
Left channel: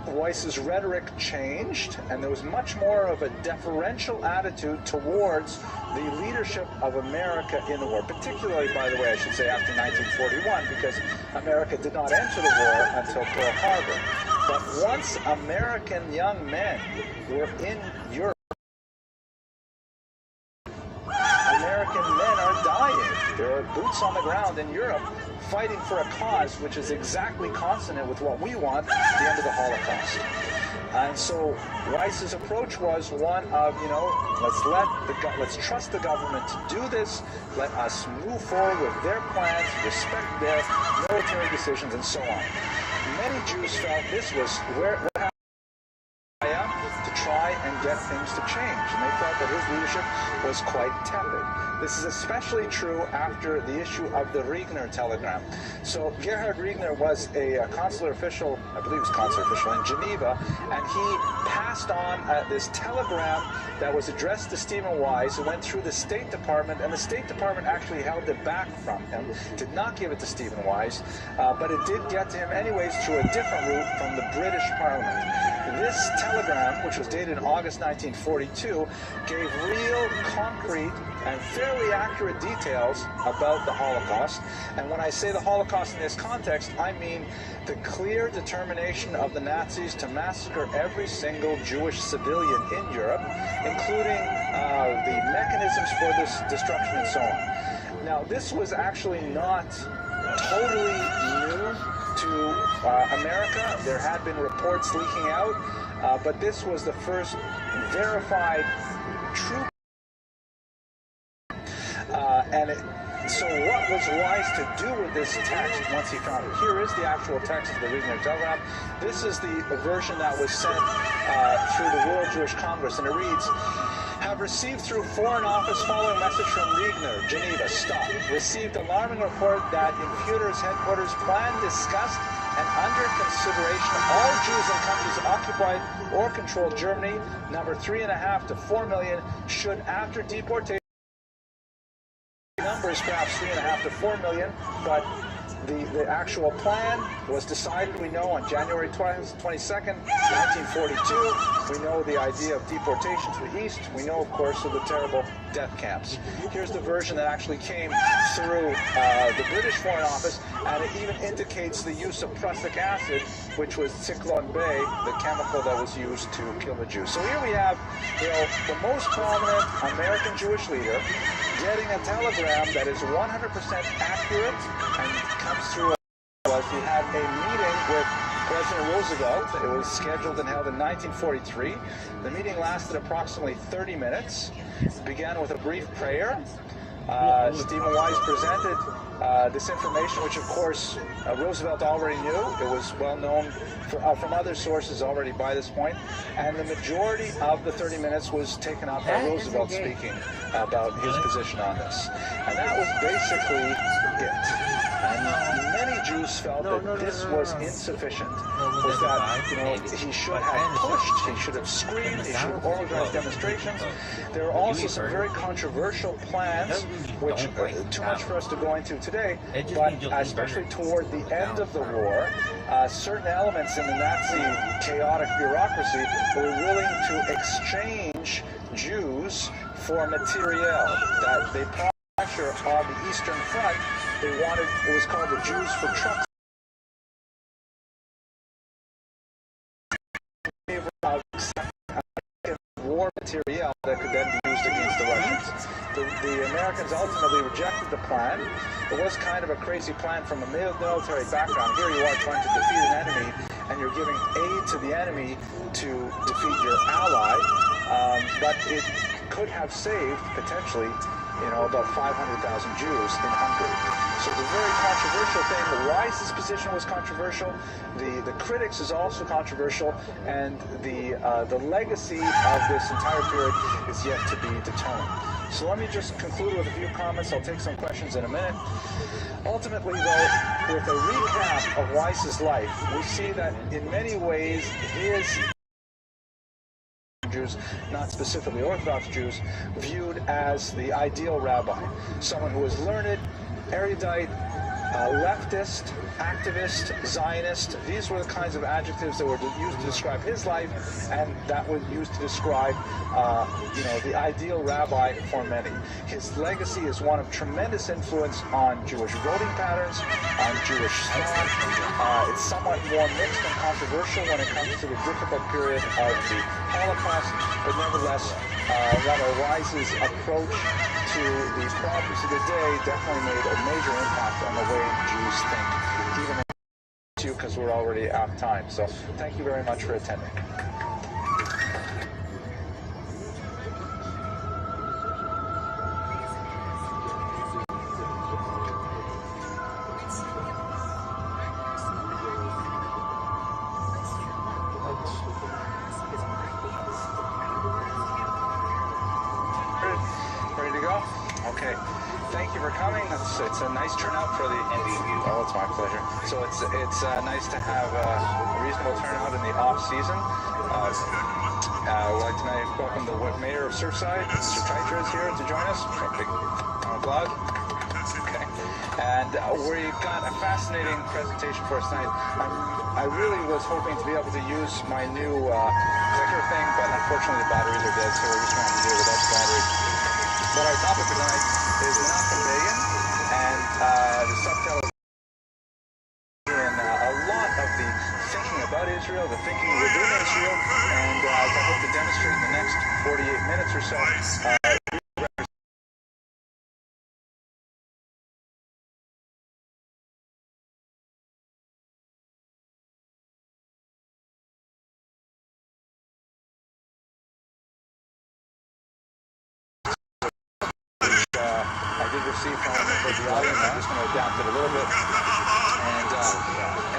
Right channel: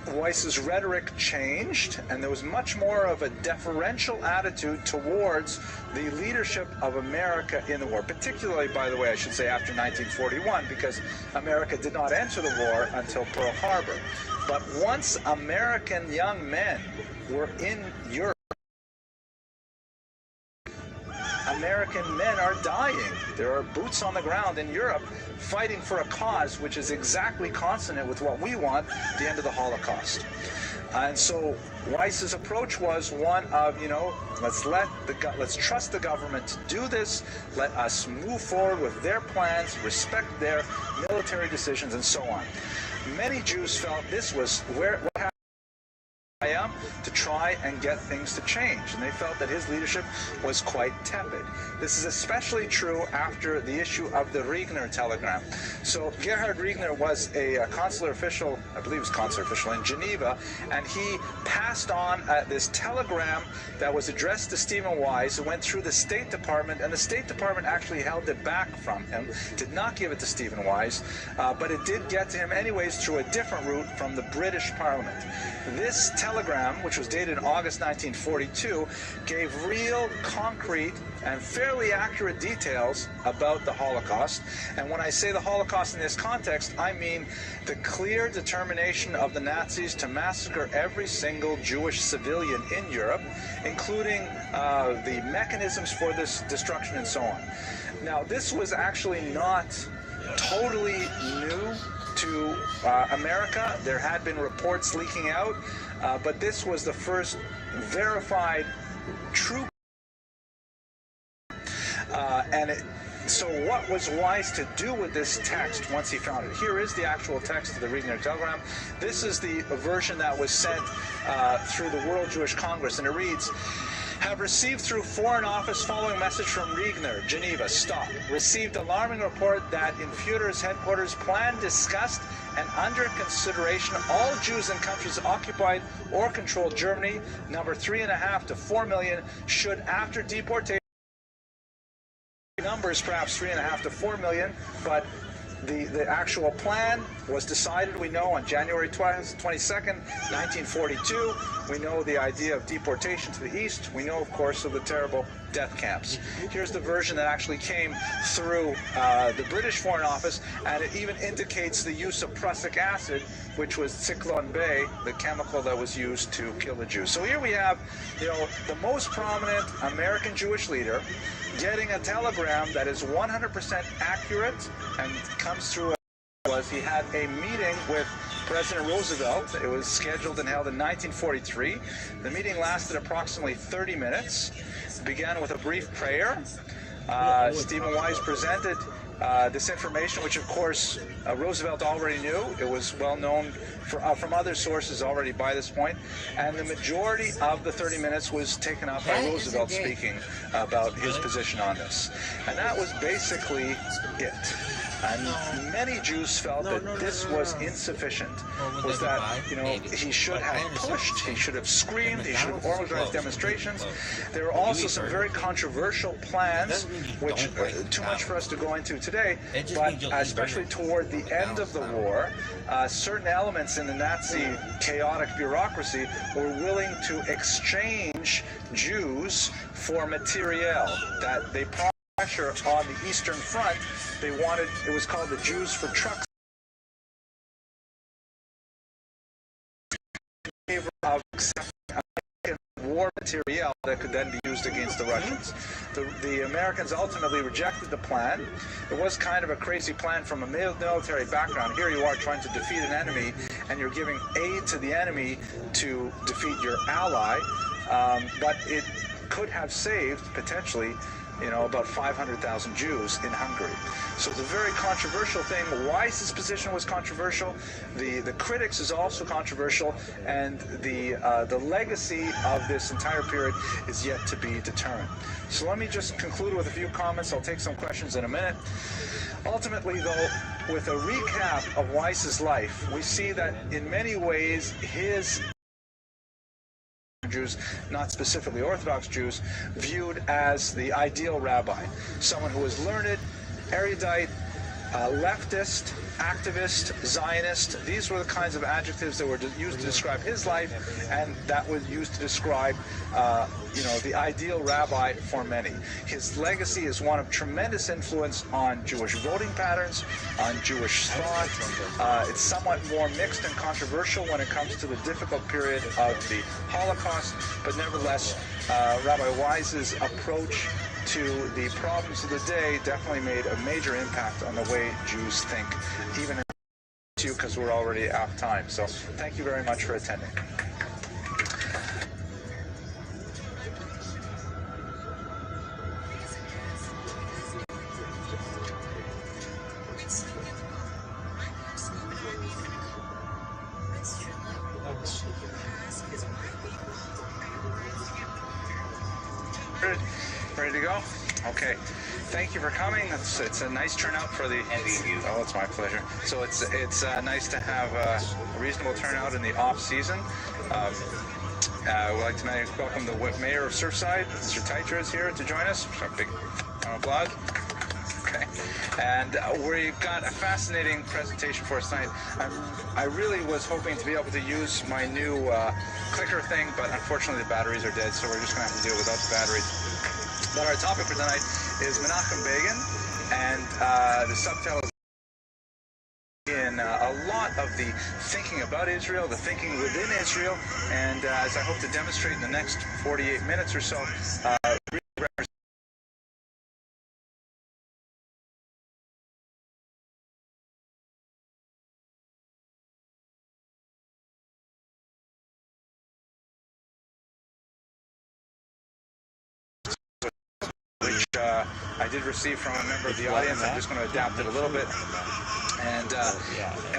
Weiss's rhetoric changed, and there was much more of a deferential attitude towards the leadership of America in the war, particularly, by the way, I should say, after 1941, because America did not enter the war until Pearl Harbor. But once American young men were in Europe, American men are dying. There are boots on the ground in Europe fighting for a cause which is exactly consonant with what we want, the end of the Holocaust. And so Weiss's approach was one of, let's trust the government to do this, let us move forward with their plans, respect their military decisions, and so on. Many Jews felt this was what happened to try and get things to change, and they felt that his leadership was quite tepid. This is especially true after the issue of the Regner telegram. So Gerhard Regner was a consular official, I believe he was consular official in Geneva, and he passed on this telegram that was addressed to Stephen Weiss. It went through the State Department, and the State Department actually held it back from him, did not give it to Stephen Weiss, but it did get to him anyways through a different route from the British Parliament. This telegram, which was dated in August 1942, gave real, concrete, and fairly accurate details about the Holocaust. And when I say the Holocaust in this context, I mean the clear determination of the Nazis to massacre every single Jewish civilian in Europe, including the mechanisms for this destruction and so on. Now, this was actually not totally new to America. There had been reports leaking out, but this was the first verified true. So what was Weiss to do with this text once he found it? Here is the actual text of the Regner telegram. This is the version that was sent through the World Jewish Congress, and it reads, "Have received through Foreign Office following message from Regner, Geneva, stop. Received alarming report that in Führer's headquarters plan discussed and under consideration all Jews in countries occupied or controlled Germany, number 3.5 to 4 million, should after deportation," numbers perhaps 3.5 to 4 million, but the actual plan was decided, we know, on January 22nd, 1942. We know the idea of deportation to the east. We know, of course, of the terrible death camps. Here's the version that actually came through the British Foreign Office, and it even indicates the use of prussic acid, which was Zyklon B, the chemical that was used to kill the Jews. So here we have, the most prominent American Jewish leader getting a telegram that is 100% accurate and comes through. He had a meeting with President Roosevelt. It was scheduled and held in 1943. The meeting lasted approximately 30 minutes. It began with a brief prayer. Stephen Weiss presented this information, which of course Roosevelt already knew. It was well known from other sources already by this point, and the majority of the 30 minutes was taken up by Roosevelt speaking about his position on this. And that was basically it. And many Jews felt that this was insufficient, was that, he should have pushed, he should have screamed, he should have organized demonstrations. There were also some very controversial plans, which too much for us to go into today, but especially toward the end of the war, certain elements in the Nazi chaotic bureaucracy were willing to exchange Jews for materiel that they pressure on the Eastern Front. They wanted, it was called the Jews for Trucks. Of war materiel that could then be used against the Russians. The Americans ultimately rejected the plan. It was kind of a crazy plan from a military background. Here you are trying to defeat an enemy, and you're giving aid to the enemy to defeat your ally. But it could have saved, potentially, about 500,000 Jews in Hungary. So it's a very controversial thing. Why his position was controversial, the critics is also controversial, and the legacy of this entire period is yet to be determined. So let me just conclude with a few comments. I'll take some questions in a minute. Ultimately, though, with a recap of Weiss's life, we see that in many ways his Jews, not specifically Orthodox Jews, viewed as the ideal rabbi, someone who was learned, erudite, leftist, activist, Zionist. These were the kinds of adjectives that were used to describe his life, and that was used to describe, the ideal rabbi for many. His legacy is one of tremendous influence on Jewish voting patterns, on Jewish thought. It's somewhat more mixed and controversial when it comes to the difficult period of the Holocaust, but nevertheless, Rabbi Weiss's approach to the problems of the day definitely made a major impact on the way Jews think, even because we're already out of time. So thank you very much for attending. Ready to go? Okay. Thank you for coming. It's a nice turnout for the. Oh, it's my pleasure. So it's nice to have a reasonable turnout in the off season. I would like to welcome the Mayor of Surfside, Mr. Teicher, is here to join us. A big round of applause. Okay. And we got a fascinating presentation for us tonight. I really was hoping to be able to use my new clicker thing, but unfortunately the batteries are dead, so we're just going to have to deal without the batteries. But our topic for tonight is Menachem Begin, and the subtitle in a lot of the thinking about Israel, the thinking within Israel, and as I hope to demonstrate in the next 48 minutes or so, I did receive from a member of the audience. I'm just going to adapt it a little bit. And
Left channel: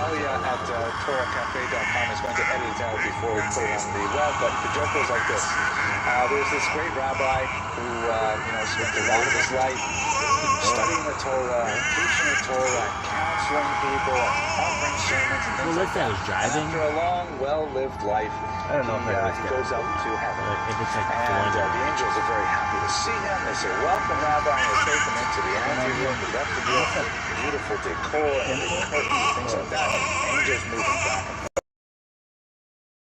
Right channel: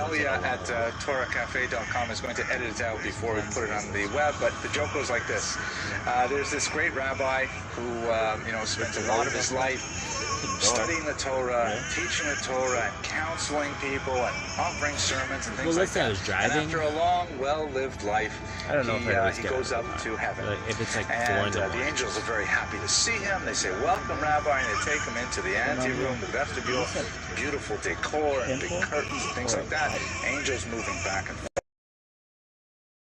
Elia at TorahCafe.com is going to edit it out before we put it on the web. But the joke goes like this. There's this great rabbi who, spent a lot of his life studying the Torah, teaching the Torah, and counseling people, and offering sermons and things like that. And after a long, well-lived life, he goes up to heaven. And the angels are very happy to see him. They say, "Welcome, Rabbi," and they take him into the anteroom, the vestibule, beautiful decor and big curtains and things like that. Angels moving back and forth.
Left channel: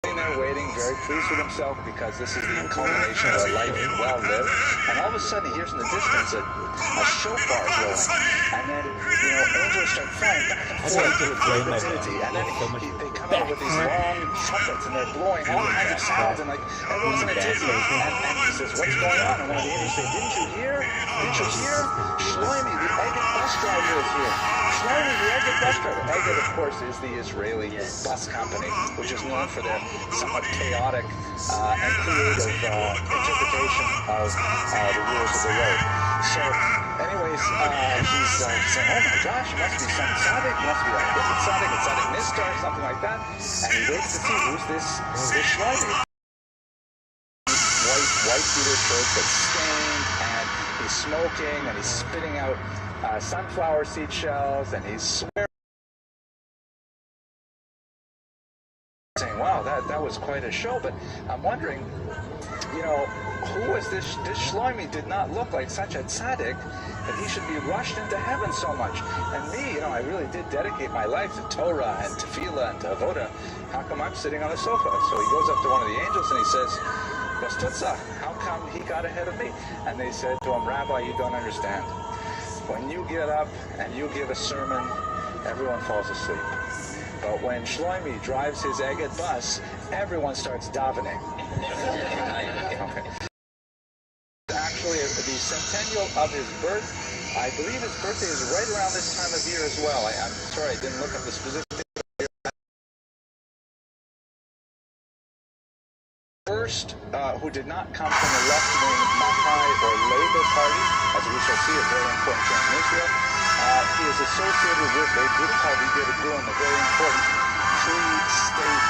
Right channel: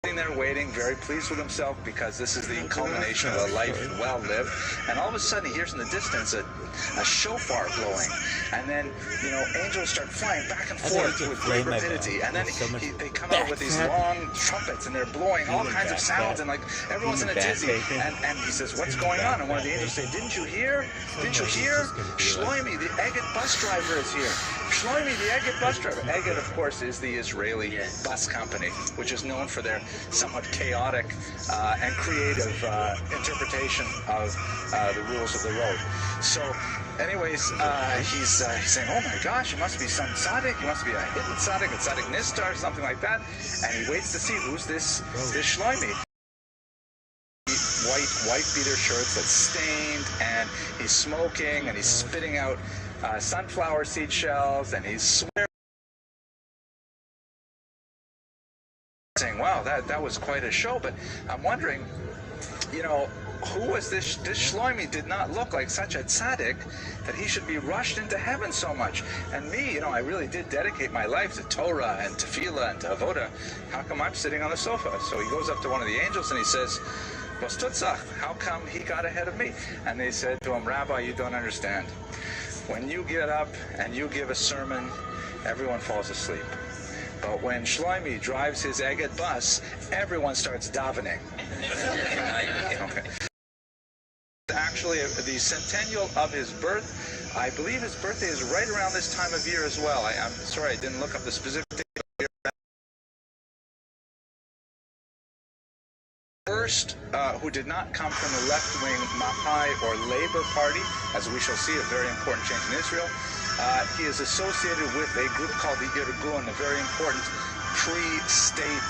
Sitting there waiting, very pleased with himself because this is the culmination of a life well lived. And all of a sudden he hears in the distance a shofar blowing. And then, angels start flying back and forth with great rapidity. And then they come out with these long trumpets and they're blowing all kinds of sounds and everyone's in a dizzy. And he says, "What's going on?" And one of the angels says, Didn't you hear? Shlomi, the Egged bus driver is here. Shlomi, the Egged bus driver. Egged, of course, is the Israeli bus company, which is known for their somewhat chaotic and creative interpretation of the rules of the road. So, anyways, he's saying, "Oh my gosh, it must be some tzaddik, it must be a hidden tzaddik, a tzaddik nistar, something like that." And he waits to see who's this Shlomi. White beater shirt that's stained, and he's smoking, and he's spitting out sunflower seed shells, and he's swearing, saying, "Wow, that was quite a show." But I'm wondering, who was this Shlomi? Did not look like such a tzaddik that he should be rushed into heaven so much. And me, I really did dedicate my life to Torah and tefillah and to avoda. How come I'm sitting on the sofa? So he goes up to one of the angels and he says, "What's tutzach? How come he got ahead of me?" And they said to him, "Rabbi, you don't understand. When you get up and you give a sermon, everyone falls asleep. But when Shlomi drives his Egged bus, everyone starts davening." Okay. Actually, the centennial of his birth, I believe his birthday is right around this time of year as well. I'm sorry, I didn't look up the specific date. first who did not come from the left-wing Mapai or Labour Party, as we shall see, a very important change in Israel. He is associated with a group called the Irgun, a very important pre-state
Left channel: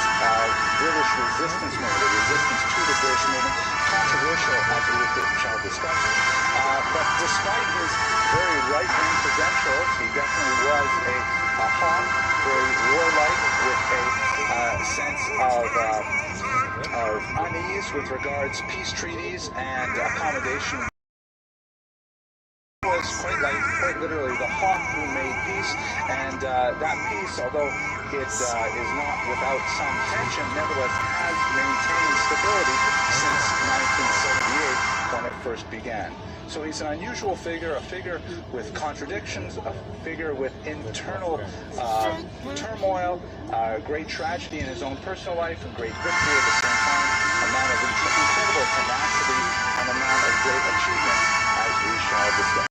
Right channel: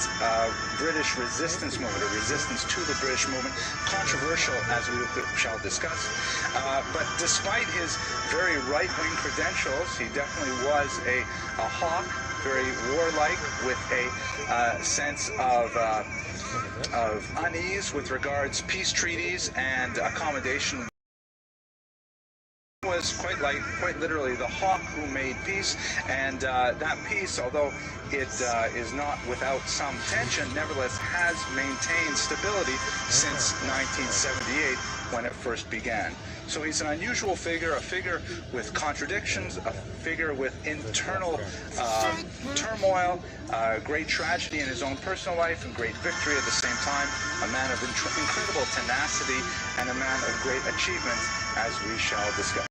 British resistance movement, a resistance to the British movement, controversial as we shall discuss. But despite his very right-wing credentials, he definitely was a hawk, very warlike, with a sense of unease with regards peace treaties and accommodation. Was quite literally the hawk who made peace, and that peace, although it is not without some tension, nevertheless has maintained stability since 1978 when it first began. So he's an unusual figure, a figure with contradictions, a figure with internal turmoil, great tragedy in his own personal life and great victory at the same time, a man of incredible tenacity and a man of great achievement, as we shall discuss.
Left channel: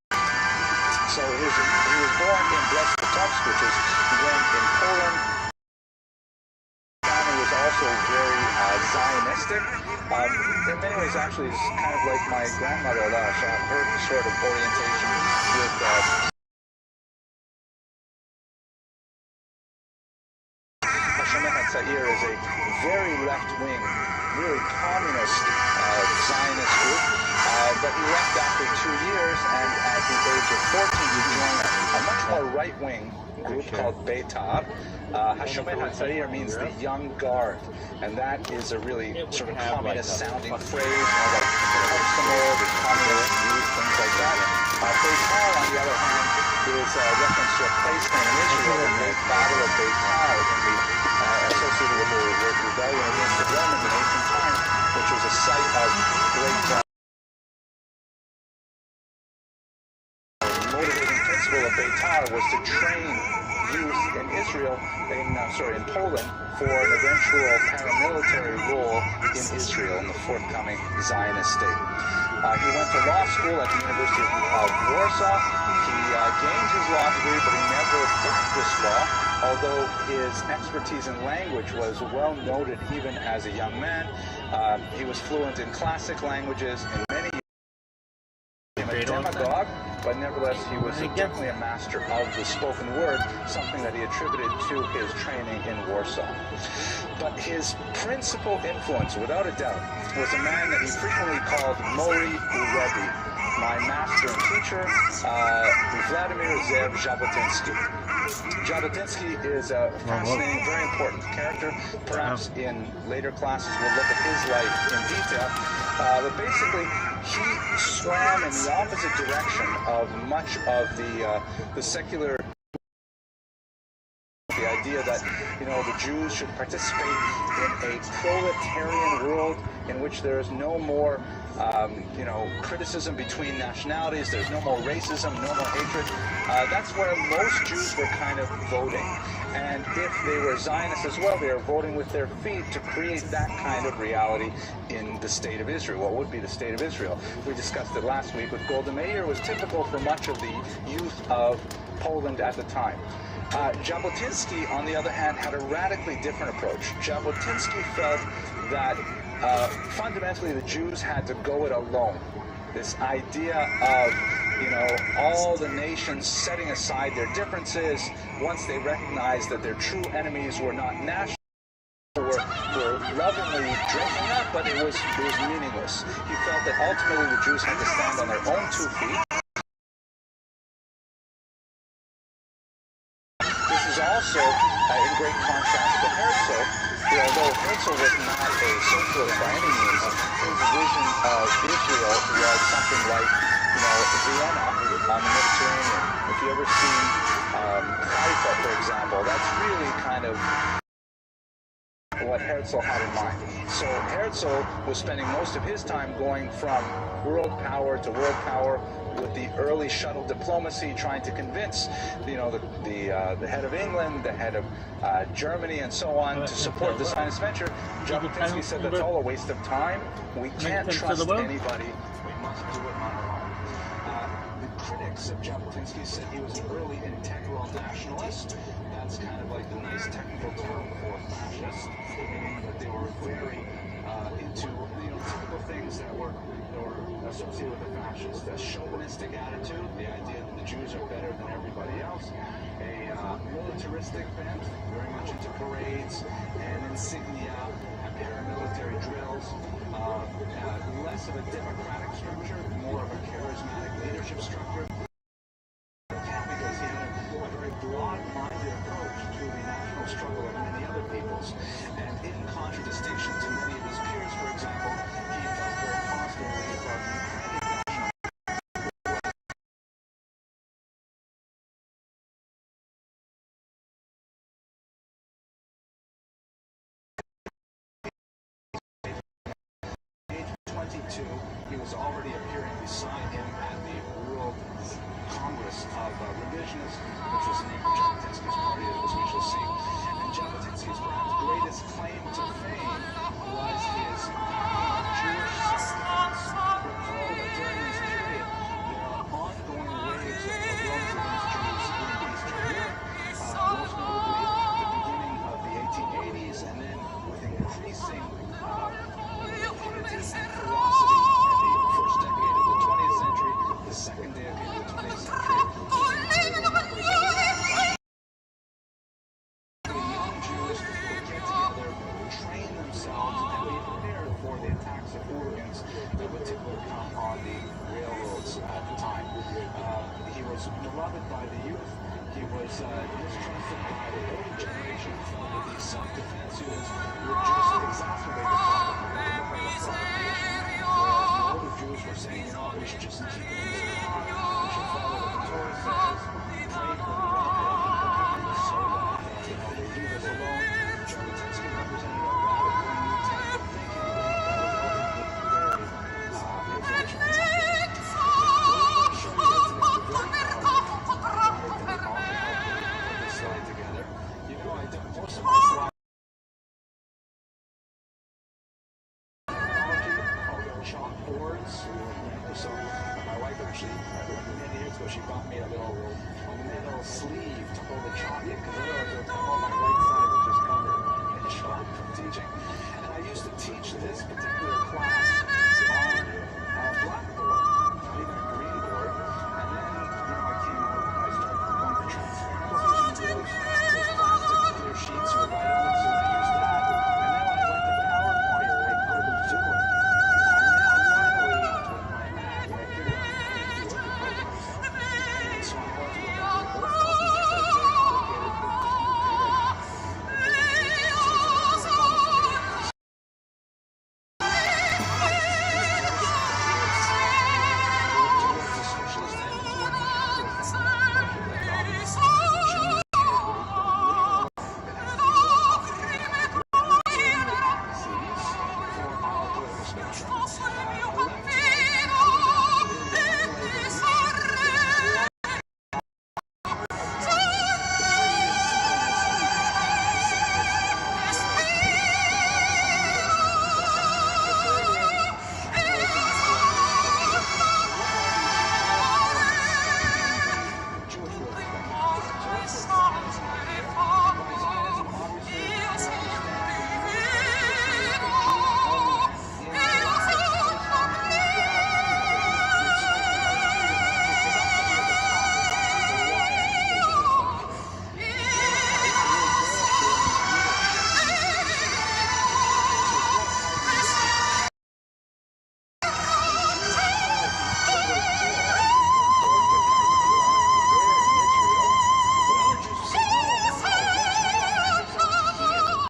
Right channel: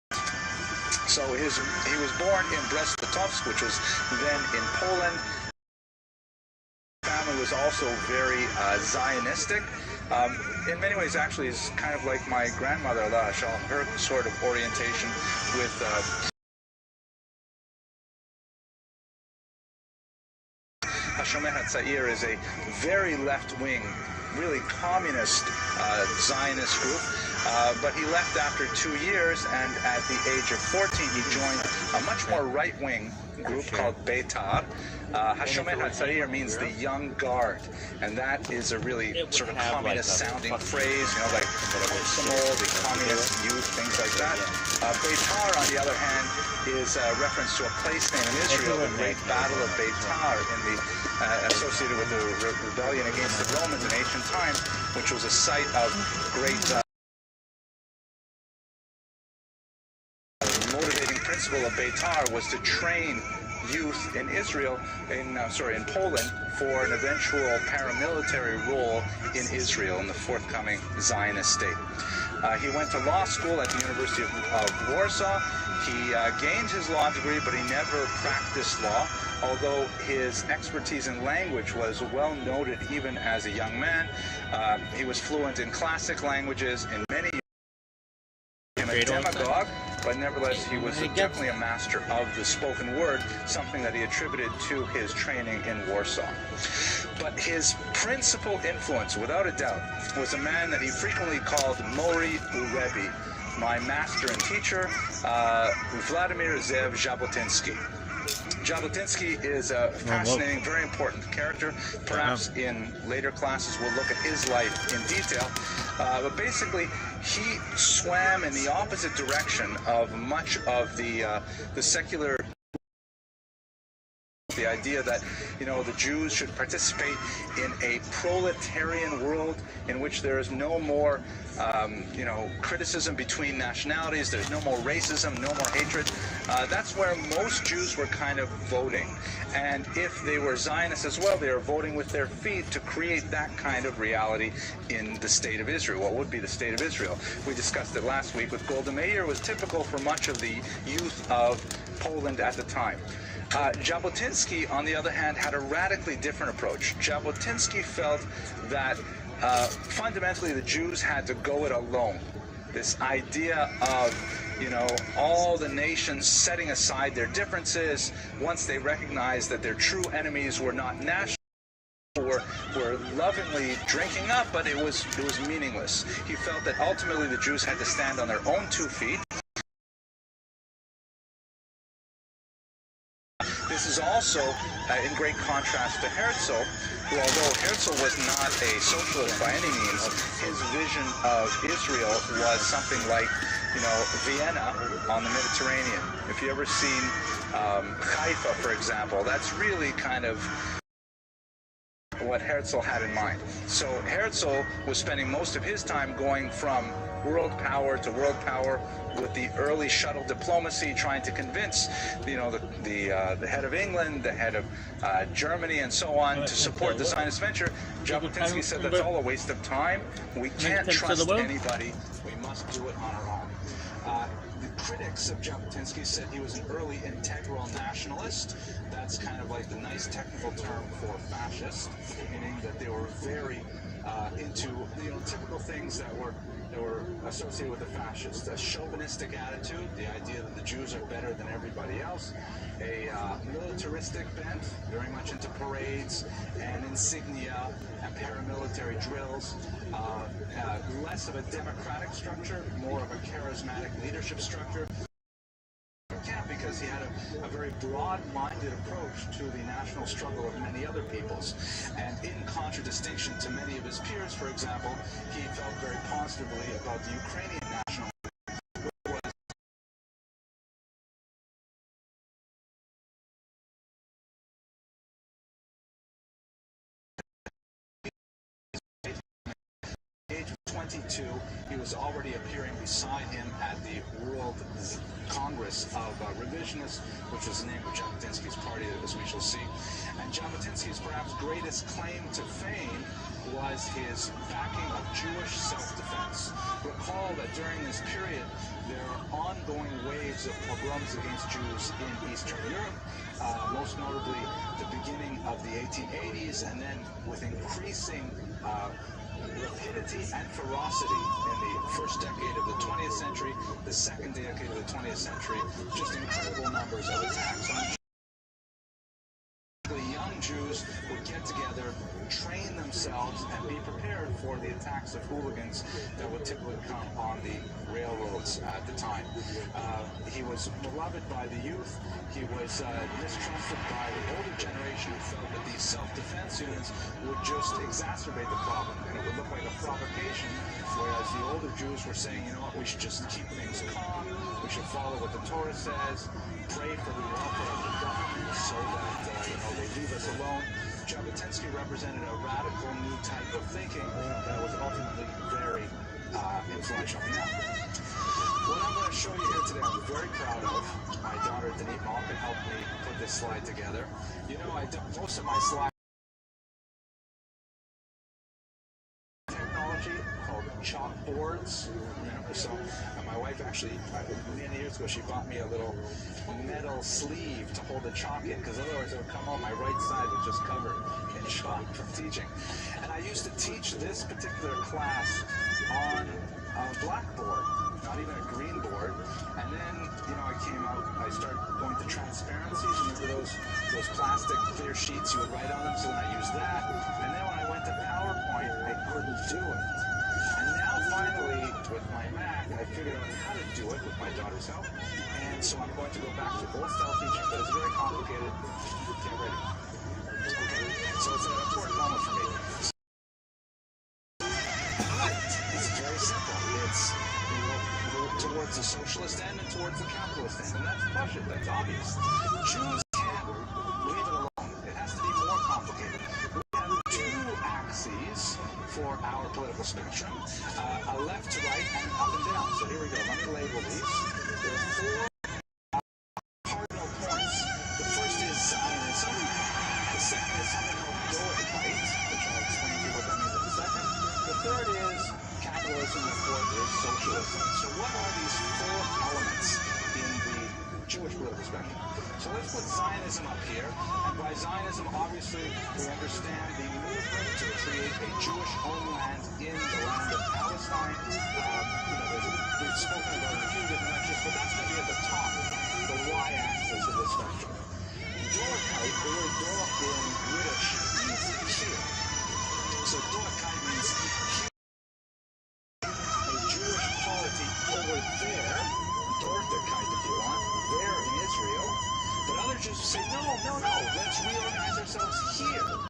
So he was born in Brest-Litovsk, which is then in Poland. His family was also very Zionistic. In many ways, actually, is kind of like my grandmother, her sort of orientation with Hatzair is a very left-wing, really communist Zionist group. But he left after 2 years, and at the age of 14, he joined a much more right-wing group called Beitar. Hashomer Hatzair means the young guard, and that is a really sort of communist-sounding phrase, you know, like Komsomol, the communist youth, things like that. Beitar, on the other hand, is a reference to a place name in Israel, the great Battle of Beitar, associated with the rebellion against the Romans in ancient times, which was a site of great motivating principle of Beitar was to train youth in Israel, in Poland, for an eventual paramilitary role in Israel in the forthcoming Zionist state. He went to law school at the University of Warsaw. He gained his law degree, but he never practiced law, although his expertise in language was well noted even as a young man. He was fluent in classic languages, in many a demagogue, but nevertheless he was definitely a master of the spoken word, something that he attributed to his training in Warsaw. But his principal influence, without a doubt, was a man that he frequently called Mori Rebbe, my master and teacher, Vladimir Zev Jabotinsky. Jabotinsky is a fascinating, very important character. Perhaps in later classes we'll look at his life in detail. But basically, he swam in the opposite direction of much of the secular. The idea that, you know, the Jews should participate in a proletarian world in which there is no more, criticism between nationalities, there's no more racism, no more hatred. That's where most Jews were kind of voting. And if they were Zionists as well, they were voting with their feet to create that kind of reality in the state of Israel. What would be the state of Israel? We discussed it last week with Golda Meir. Was typical for much of the youth of Poland at the time. Jabotinsky, on the other hand, had a radically different approach. Jabotinsky felt that fundamentally the Jews had to go it alone. This idea of, all the nations setting aside their differences once they recognized that their true enemies were not national, were lovingly drinking up, but it was meaningless. He felt that ultimately the Jews had to stand on their own 2 feet. This is also in great contrast to Herzl, who, although Herzl was not a socialist by any means, his vision of Israel was something like, Vienna on the Mediterranean. If you ever seen Haifa, for example, that's really kind of what Herzl had in mind. So Herzl was spending most of his time going from world power to world power with the early shuttle diplomacy, trying to convince, the head of England, the head of Germany, and so on, to support the Zionist venture. Jabotinsky said that's all a waste of time. We can't trust anybody. We must do it on our own. The critics of Jabotinsky said he was an early integral nationalist. That's kind of like the nice technical term for fascist, meaning that they were very into typical things that were associated with the fascists: a chauvinistic attitude, the idea that the Jews are better than everybody else; a militaristic bent, very much into parades and insignia and paramilitary drills; less of a democratic structure, more of a charismatic leadership structure. Because he had a very broad-minded approach to the national struggle of many other peoples. And in contradistinction to many of his peers, for example, he felt very positively about the Ukrainian national age of 22, he was already appearing beside him at the World Congress of Revisionists, which was the name of Jabotinsky's party, as we shall see. And Jabotinsky's perhaps greatest claim to fame was his backing of Jewish self-defense. Recall that during this period, there are ongoing waves of pogroms against Jews in Eastern Europe, most notably the beginning of the 1880s, and then with increasing rapidity and ferocity in the first decade of the 20th century, the second decade of the 20th century, just incredible numbers of attacks on young Jews would get together, train themselves, and be prepared for the attacks of hooligans that would typically come on the railroads at the time. He was beloved by the youth. He was distrusted by the older generation, who felt that these self-defense units would just exacerbate the problem. It would look like a provocation, whereas the older Jews were saying, you know what, we should just keep things calm, we should follow what the Torah says, pray for the welfare of the government so that they leave us alone. Jabotinsky represented a radical new type of thinking that was ultimately very influential. What I'm going to show you here today, I'm very proud of. My daughter Denise often helped me put this slide together. You know, most of my slides technology called chalkboards. So my wife actually, many years ago, she bought me a little metal sleeve to hold the chalk in, because otherwise it would come on my right side was just covered in chalk from teaching. And I used to teach this particular class on a blackboard, not even a green board. And then, I came out, I started going to transparencies, those plastic clear sheets you would write on them, so I used that. And then when I went to PowerPoint, I couldn't do it. And now finally, with my Mac, I figured out how to do it with my daughter's help. And so I'm going to go back to both self-teaching, but it's very complicated. So it's an important moment for me. Towards the socialist end and towards the capitalist end. And that's obvious. Jews, leave it alone. It has to be more complicated. We have two axes for our political spectrum. A left to right and up and down. So here we go. Let me label these. There's four part of points. The first is Zionism. The second is the third is capitalism, the fourth is socialism. So what are these four elements in the Jewish political spectrum? So let's put Zionism up here. And by Zionism, obviously, we understand the Jewish right to create a Jewish homeland in the land of Palestine. We've spoken about a few different answers, but that's going to be at the top, the y-axis of the spectrum. The Dorotite, the word Dorotite in Yiddish means to see it. So Dorotite means a Jewish polity over there, Dorotite if you want, there in Israel. But other Jews will say, no, let's reorganize ourselves here.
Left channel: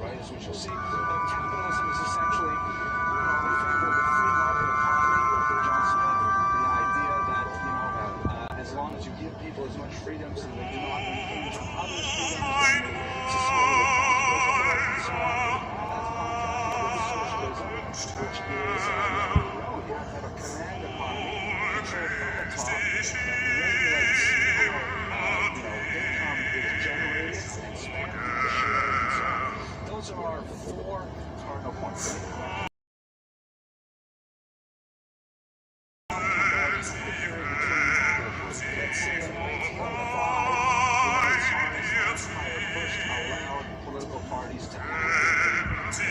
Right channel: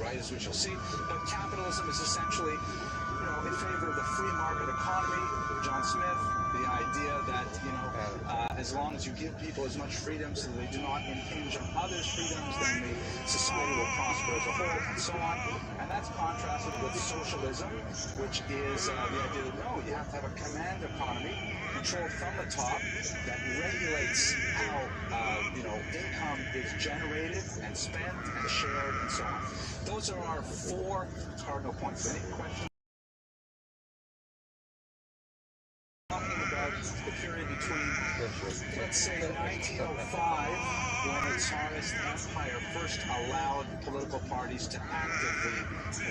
Right, as we shall see, capitalism is essentially, in favor of the free market economy. John Smith, the idea that, as long as you give people as much freedom so they do not impinge on others' freedoms, then the society will prosper as a whole, and so on. And that's contrasted with socialism, which is the idea that, no, you have to have a command economy controlled from the top that regulates how, income is generated and spent, shared, and so on. Those are our four let's say in 1905, when the Tsarist Empire first allowed political parties to actively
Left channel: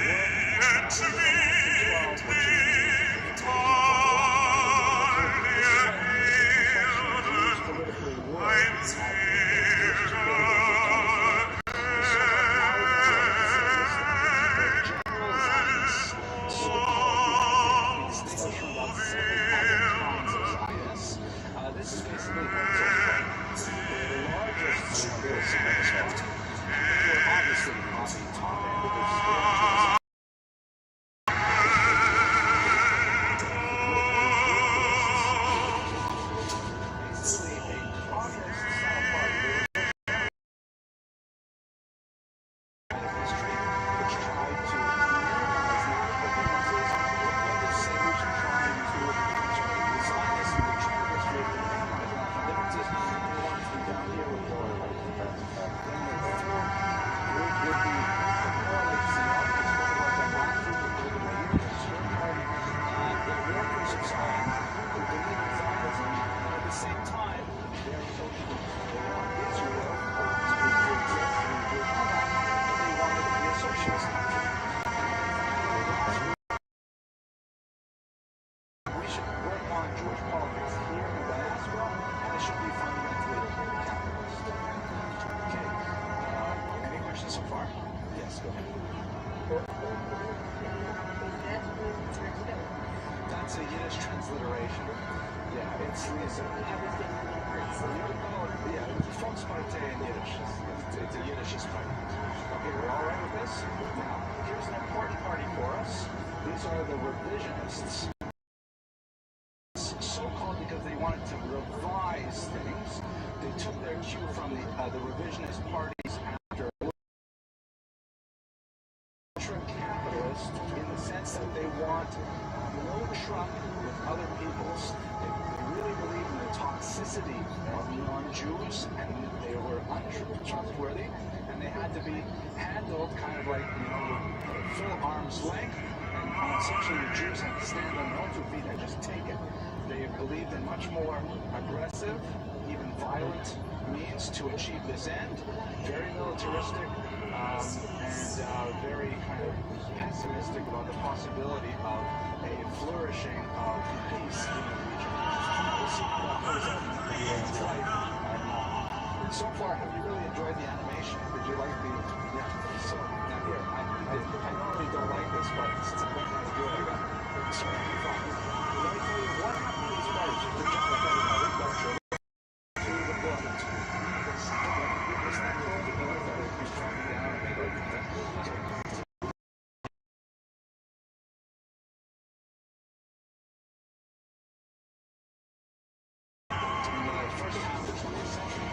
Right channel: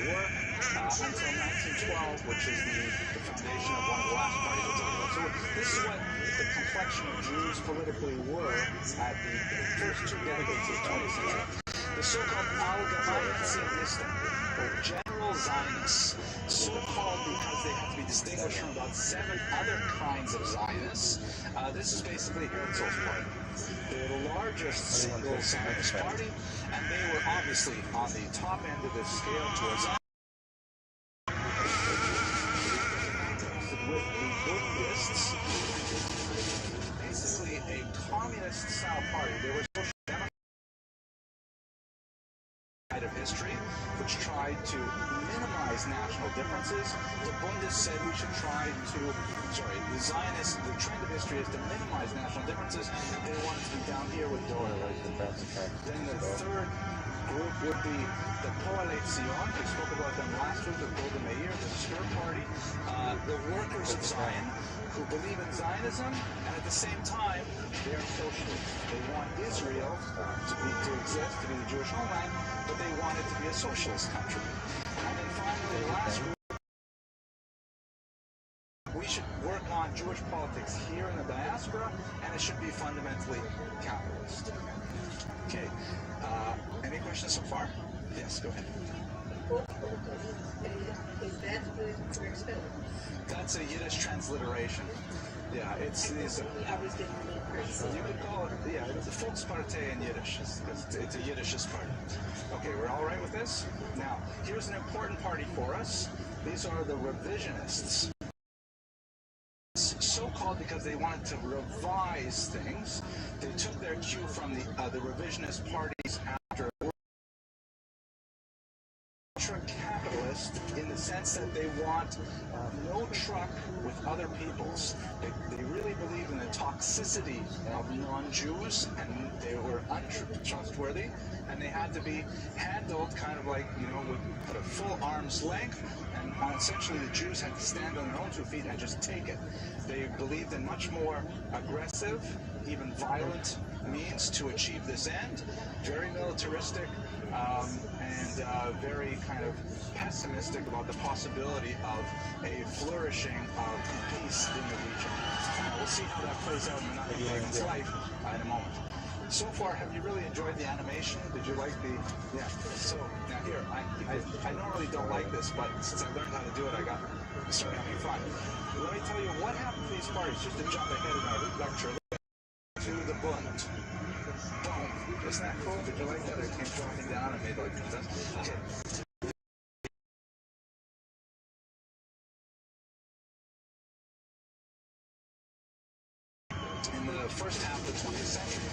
work, until 1912, which is the foundation of one of the last parties of government. So this is what the complexion of Jews politically were at the first 2 decades of Tsarist Empire. The so-called Allied Zionists, or general Zionists, so-called because they have to be distinguished from about 7 other kinds of Zionists. This is basically Herzl's party. They're the largest single Zionist party, and they were obviously on the top end of the scale towards with the basically a communist-style party. They were of history, which tried to minimize national differences. The point is say we should try to, the Zionists, the trend of history is to minimize national differences. They wanted to be down here with the oil. Then the third group would be the Coalition. We spoke about them last week with Golda Meir, the third party, the workers of Zion, who believe in Zionism, and at the same time, they're socialists. They want Israel to exist, to be a Jewish homeland, but they want it to be a socialist country. And then finally, the last group, we should work on Jewish politics here in the diaspora, and it should be fundamentally capitalist. Okay. Any questions so far? Yes, go ahead. That's a Yiddish transliteration. Yeah, it's these. You would call it, yeah, it's a Volkspartei in Yiddish. It's a Yiddishist party. Okay, we're all right with this? Now, here's an important party for us. These are the revisionists. So-called because they wanted to revise things. They took their cue from the revisionist parties after ultra-capitalist in the sense that they want no truck with other peoples. They really believe in the toxicity of non-Jews, and they were untrustworthy, and they had to be handled kind of like, at a full arm's length, and essentially the Jews had to stand on their own 2 feet and just take it. They believed in much more aggressive, even violent means to achieve this end, very militaristic, and very kind of pessimistic about the possibility of a flourishing of peace in the region. We'll see how that plays out in another year's life. I don't know. So far, have you really enjoyed the animation? Did you like the... Yeah. So, now here, I normally don't like this, but since I learned how to do it, I got... Sorry, I'm fine. Let me tell you what happened to these parties. Just to jump ahead in my lecture to the bullet. Isn't that cool? Did you like that? It keeps dropping down and they go like this. Okay. In the first half of the 20th century,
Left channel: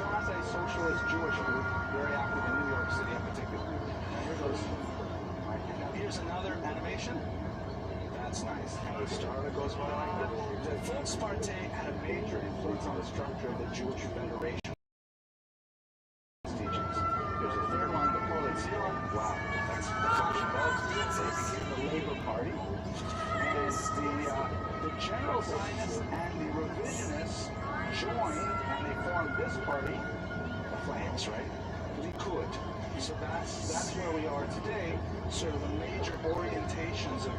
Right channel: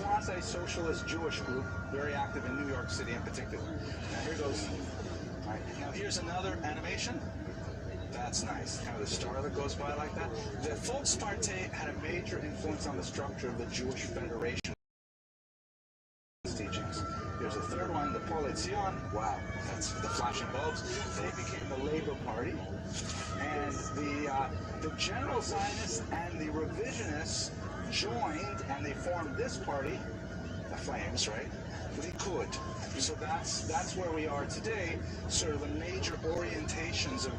quasi-socialist Jewish group, very active in New York City in particular. Now here goes. All right. Now here's another animation. That's nice. Kind of a star that goes by like that. The Volkspartei had a major influence on the structure of the Jewish Federation teachings. There's a third one, the Coalition. Wow, that's the flashing bulbs. They became the Labor Party. And the general Zionists and the revisionists joined, and they formed this party, the Flames, right? Likud. So that's where we are today. Sort of the major orientations of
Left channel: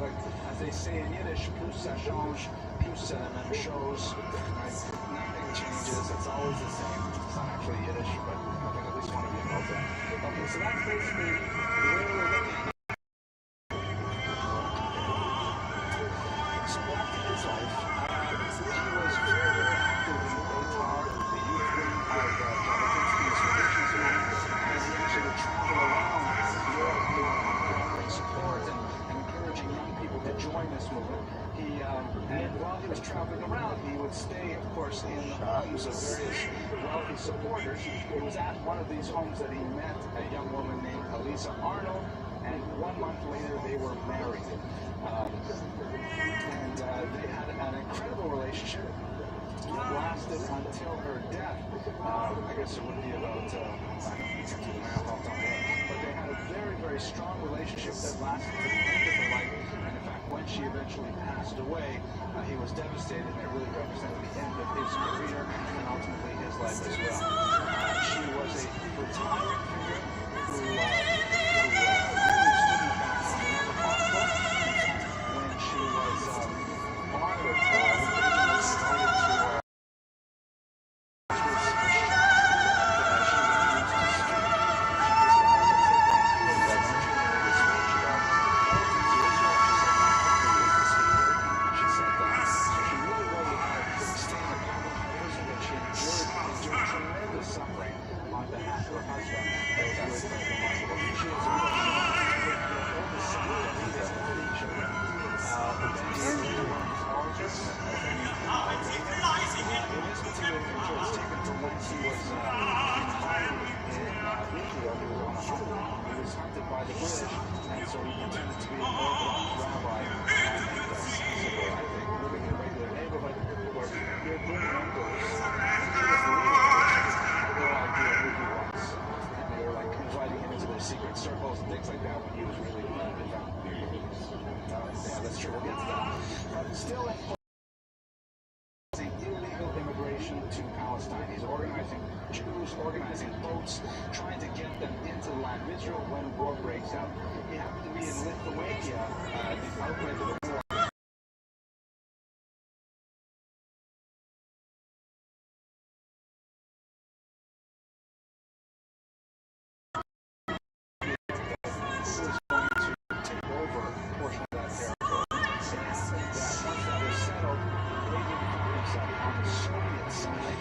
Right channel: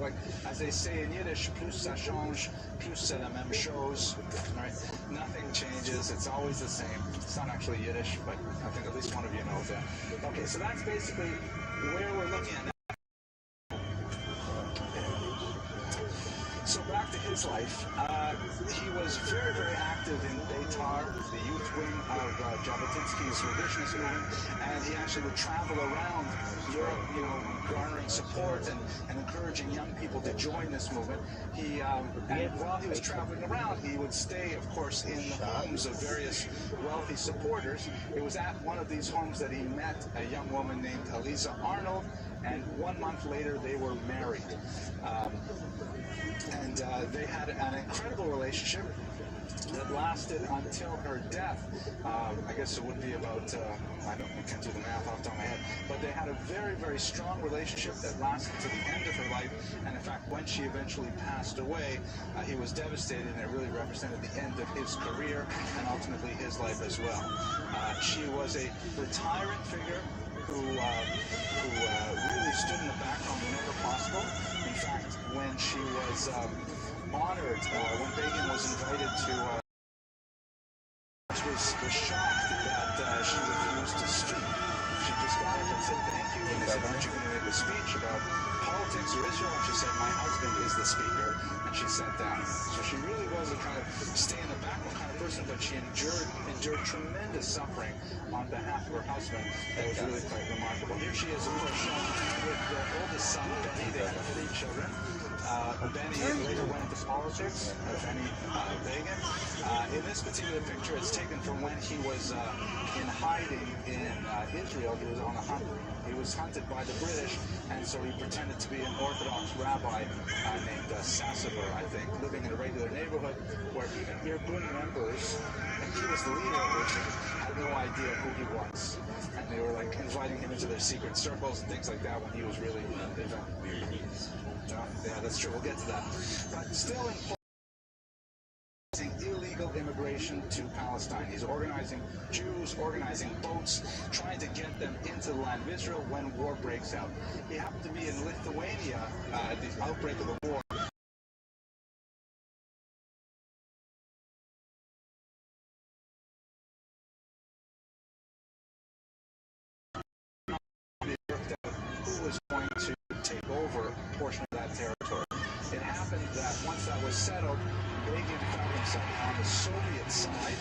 like, as they say in Yiddish, plus ça change, plus c'est la même chose, right? Nothing changes, it's always the same. It's not actually Yiddish, but I think at least one of you knows that. Okay, so that's basically where we're looking at now. So back to his life. He was very, very active in Beitar, the youth wing of Jabotinsky's revisionist movement, and he actually would travel around Europe, garnering support and encouraging young people to join this movement. And while he was traveling around, he would stay, of course, in the homes of various wealthy supporters. It was at one of these homes that he met a young woman named Eliza Arnold, and 1 month later they were married. And they had an incredible relationship. that lasted until her death. I guess it would be about, I can't do the math off the top of my head, but they had a very, very strong relationship that lasted to the end of her life. And in fact, when she eventually passed away, he was devastated, and it really represented the end of his career and ultimately his life as well. She was a retiring figure who really stood in the background whenever possible. In fact, when she was honored, when Begin was invited to was shocked that she refused to speak. She just got up and said thank you, and was continuing the speech about politics in Israel. She said, my husband is the speaker, and she sat down. So she really was a kind of stay in the background kind of person, but she endured tremendous suffering on behalf of her husband. That was really quite remarkable. Here she is, with their oldest son, Benny. They had 3 children. Benny later went into politics, Benny Begin. In this particular picture, it's taken from when he was in hiding in Israel. He was on a hunt. He was hunted by the British, and so he pretended to be an Orthodox rabbi named Sassabur, I think, living in a regular neighborhood where Irgun members, and he was the leader of it, had no idea who he was. And they were like inviting him into their secret circles and things like that when he was really yeah, that's true. We'll get to that. But still illegal immigration to Palestine. He's organizing Jews, organizing boats, trying to get them into the land of Israel when war breaks out. He happened to be in Lithuania at the outbreak of the war. Who was going to take over a portion of that territory. It happened that once that was settled, Begin found himself on the Soviet side,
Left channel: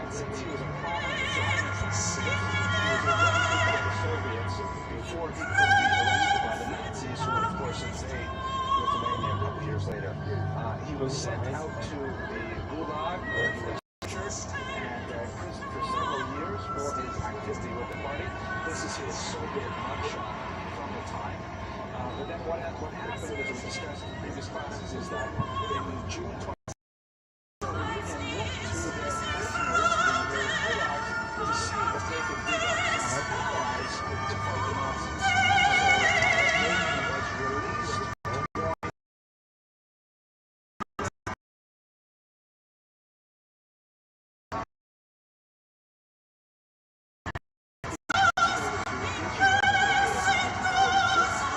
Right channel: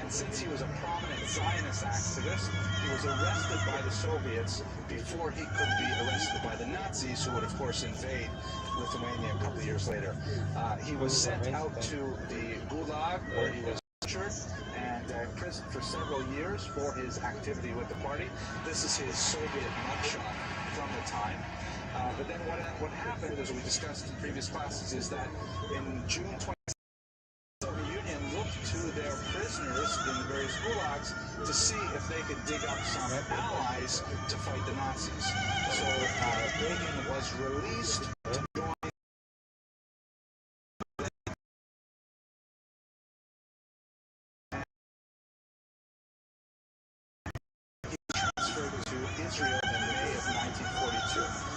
and since he was a prominent Zionist activist, he was arrested by the Soviets before he could be arrested by the Nazis, who would of course invade Lithuania a couple years later. He was sent out to the Gulag, where he was tortured and imprisoned for several years for his activity with the party. This is his Soviet mugshot from the time. But then what happened, as we discussed in previous classes, is that in June 20, the Union looked to their prisoners in various gulags to see if they could dig up some allies to fight the Nazis. So Begin was released to join Israel in May of 1942.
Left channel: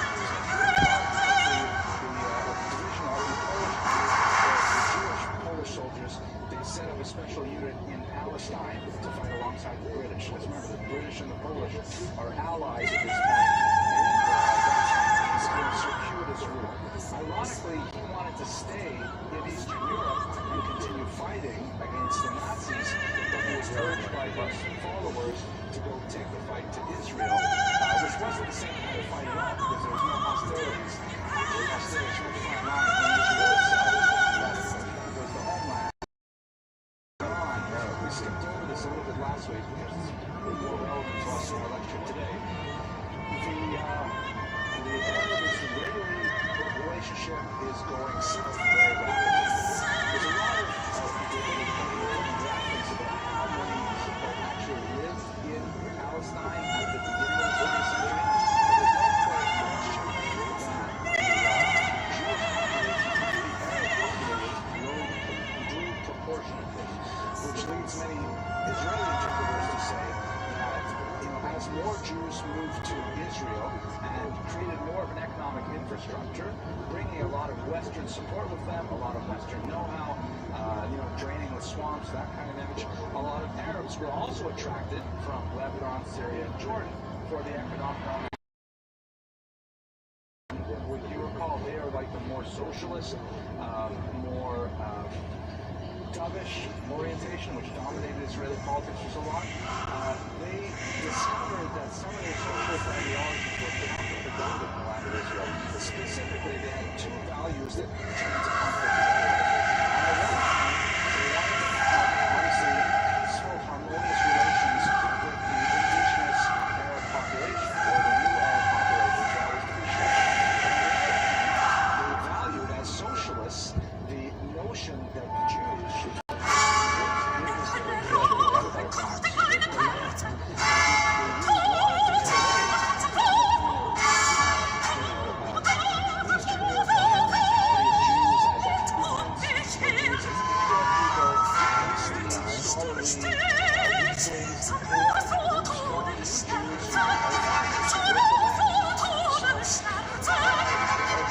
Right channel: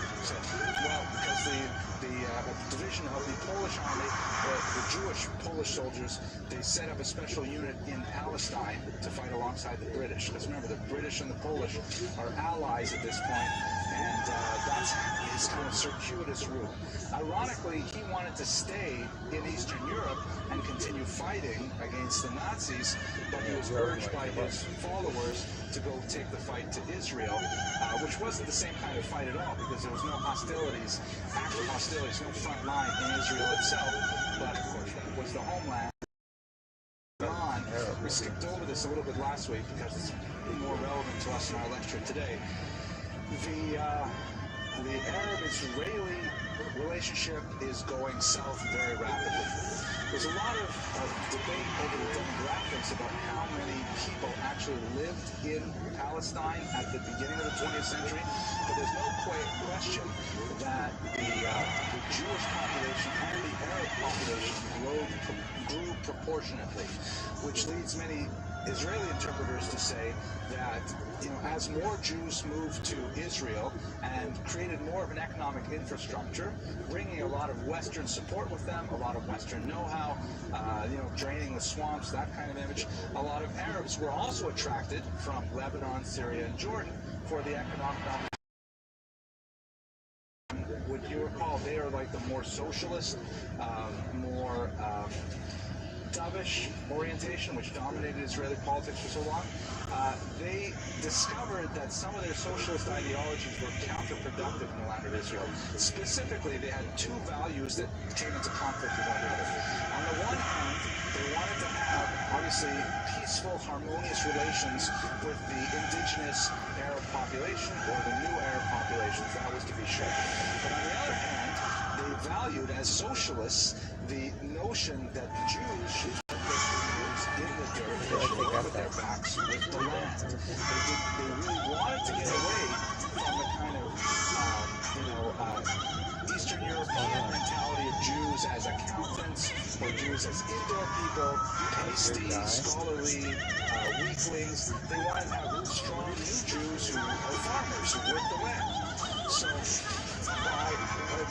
The division of the Polish army, or the Jewish Polish soldiers, they set up a special unit in Palestine to fight alongside the British. Because remember, the British and the Polish are allies at this point, and that's his kind of circuitous rule. Ironically, he wanted to stay in Eastern Europe and continue fighting against the Nazis, but he was urged by his followers to go take the fight to Israel, which wasn't the same kind of fight at all, because there was no hostilities, no front line in Israel itself, but of course that was the homeland. We skipped over this a little bit last week because it's more relevant to us in our lecture today. The Arab-Israeli relationship is going south very rapidly. There's a lot of debate over the demographics about how many people actually lived in Palestine at the beginning of the 20th century, but there's no question that the Jewish population and the Arab population grew proportionately, which leads many Israeli interpreters to say that, as more Jews moved to Israel and created more of an economic infrastructure, bringing a lot of Western support with them, a lot of Western know-how, draining the swamps, that kind of image, a lot of Arabs were also attracted from Lebanon, Syria, and Jordan for the economic opportunity. Would you recall they are like the more socialist, more dovish orientation, which dominated Israeli politics for so long? They discovered that some of their socialist ideologies were counterproductive in the land of Israel. Specifically, they had 2 values that came into conflict with one another. On the one hand, they wanted to have, obviously, peaceful, harmonious relations with the indigenous Arab population, or the new Arab population, that was to be sure. But on the other hand, they valued, as socialists, the notion that the Jews should weak wings. They want to have strong new Jews who are farmers who work the land. So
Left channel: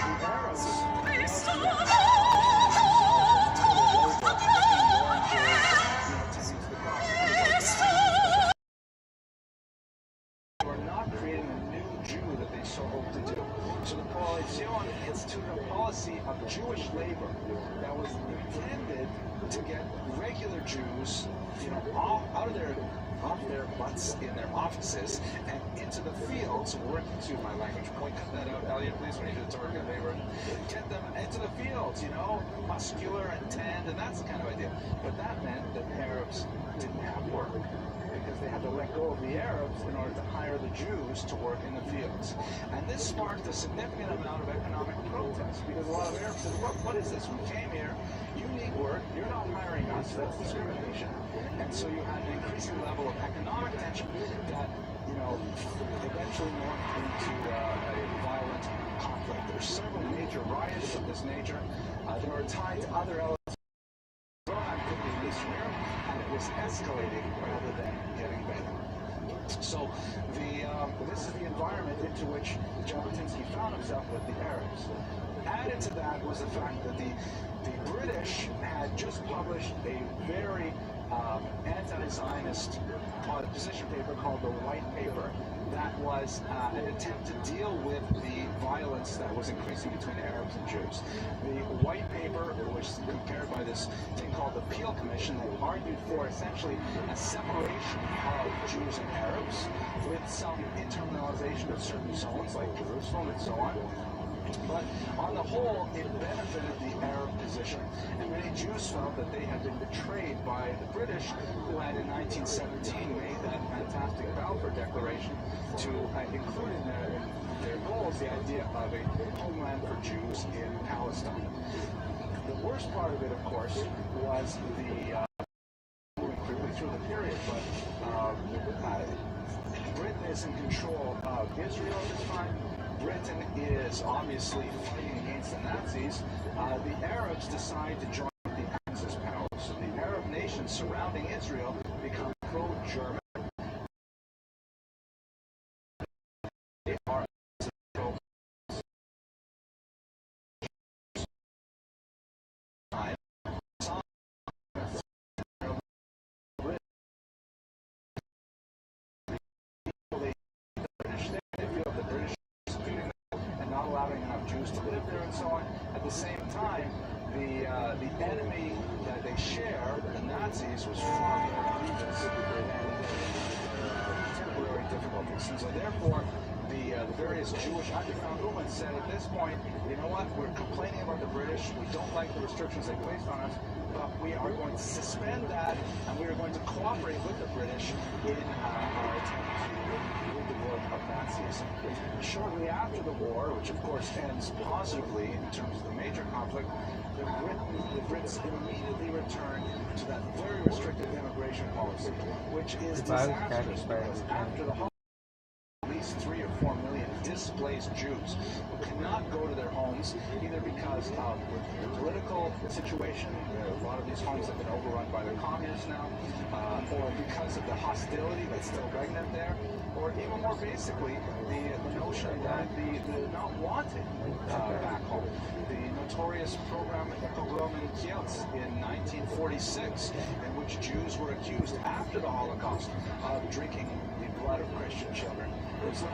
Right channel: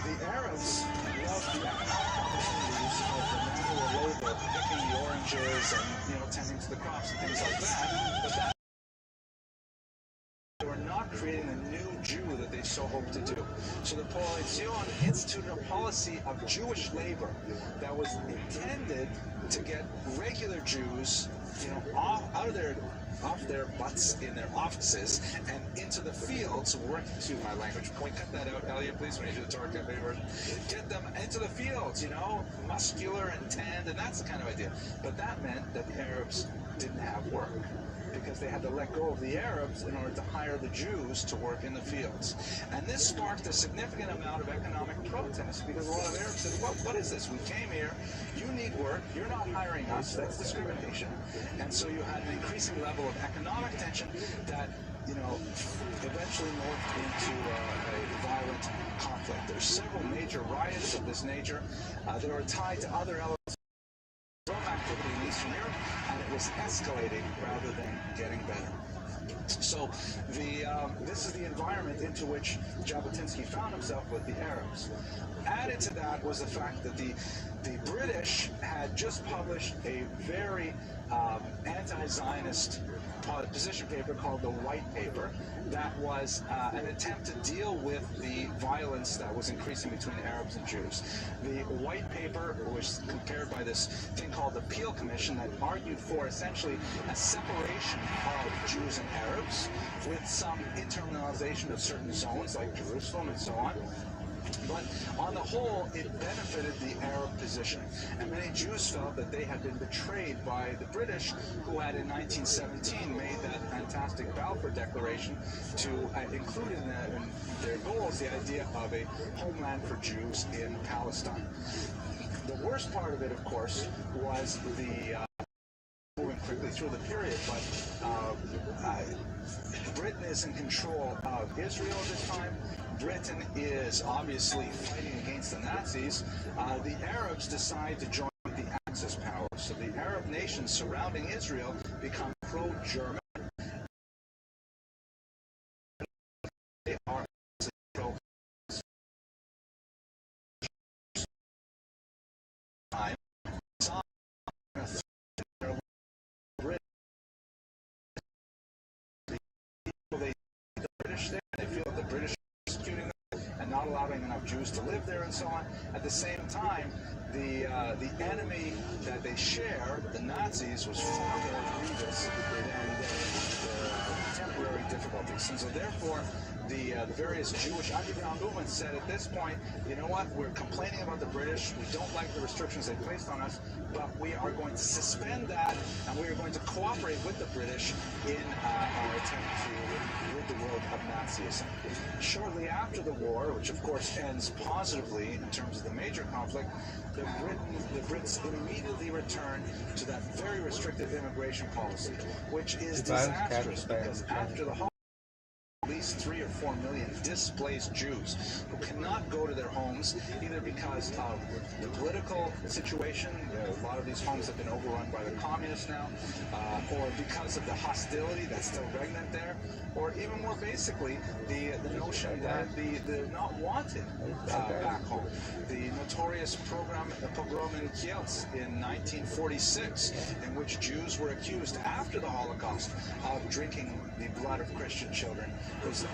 the Arabs love that. Picking the oranges and tending to the crops and things like that. They were not creating a new Jew that they so hoped to do. So the Coalition instituted a policy of Jewish labor that was intended to get regular Jews, out of off their butts in their offices and into the fields working. To my language, point that out, Elliot, please, when you do the Torah version. Get them into the fields, muscular and tanned, and that's the kind of idea. But that meant that the Arabs didn't have work, because they had to let go of the Arabs in order to hire the Jews to work in the fields. And this sparked a significant amount of economic protest, because a lot of Arabs said, well, what is this? We came here, you need work, you're not hiring us, that's discrimination. And so you had an increasing level of economic tension that, eventually morphed into a violent conflict. There's several major riots of this nature that are tied to other elements of activity in Eastern Europe, and it was escalating rather than getting better. So this is the environment into which Jabotinsky found himself with the Arabs. Added to that was the fact that the British had just published a very anti-Zionist position paper called the White Paper that was an attempt to deal with the violence that was increasing between Arabs and Jews. The White Paper was compared by this thing called the Peel Commission that argued for essentially a separation of Jews and Arabs with some internalization of certain zones like Jerusalem and so on. But on the whole, it benefited the Arab position. And many Jews felt that they had been betrayed by the British, who had in 1917 made that fantastic Balfour Declaration to include in their goals the idea of a homeland for Jews in Palestine. The worst part of it, of course, was moving quickly through the period, but Britain is in control of Israel at this time. Britain is obviously fighting against the Nazis. The Arabs decide to join the Axis powers. So the Arab nations surrounding Israel become pro-German. They are allowing enough Jews to live there and so on. At the same time, the enemy that they share, the Nazis, was far more grievous than temporary difficulties. And so therefore, the various Jewish underground movements said at this point, you know what, we're complaining about the British, we don't like the restrictions they placed on us, but we are going to suspend that, and we are going to cooperate with the British in our attempt to rid the world of Nazism. Shortly after the war, which of course ends positively in terms of the major conflict, the Brits immediately return to that very restrictive immigration policy, which is disastrous, because after the at least 3 or 4 million displaced Jews who cannot go to their homes, either because of the political situation, a lot of these homes have been overrun by the communists now, or because of the hostility that's still regnant there, or even more basically, the notion that they're not wanted back home. The notorious pogrom in Kielce in 1946, in which Jews were accused after the Holocaust of drinking the blood of Christian children, was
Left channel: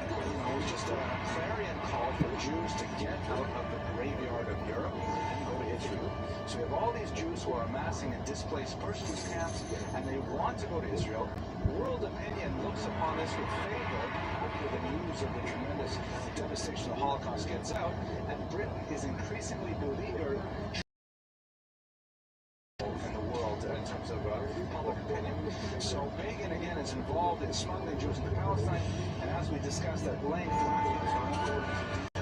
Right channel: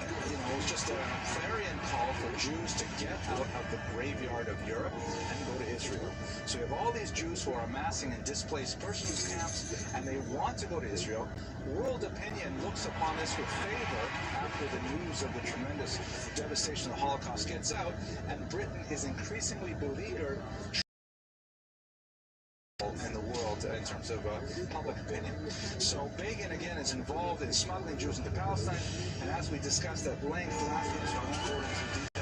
just a clarion call for Jews to get out of the graveyard of Europe and go to Israel. So you have all these Jews who are amassing in displaced persons camps, and they want to go to Israel. World opinion looks upon this with favor after the news of the tremendous devastation of the Holocaust gets out, and Britain is increasingly beleaguered in the world in terms of public opinion. So Begin again is involved in smuggling Jews into Palestine, and as we discussed at length last week, so I'm not going into detail.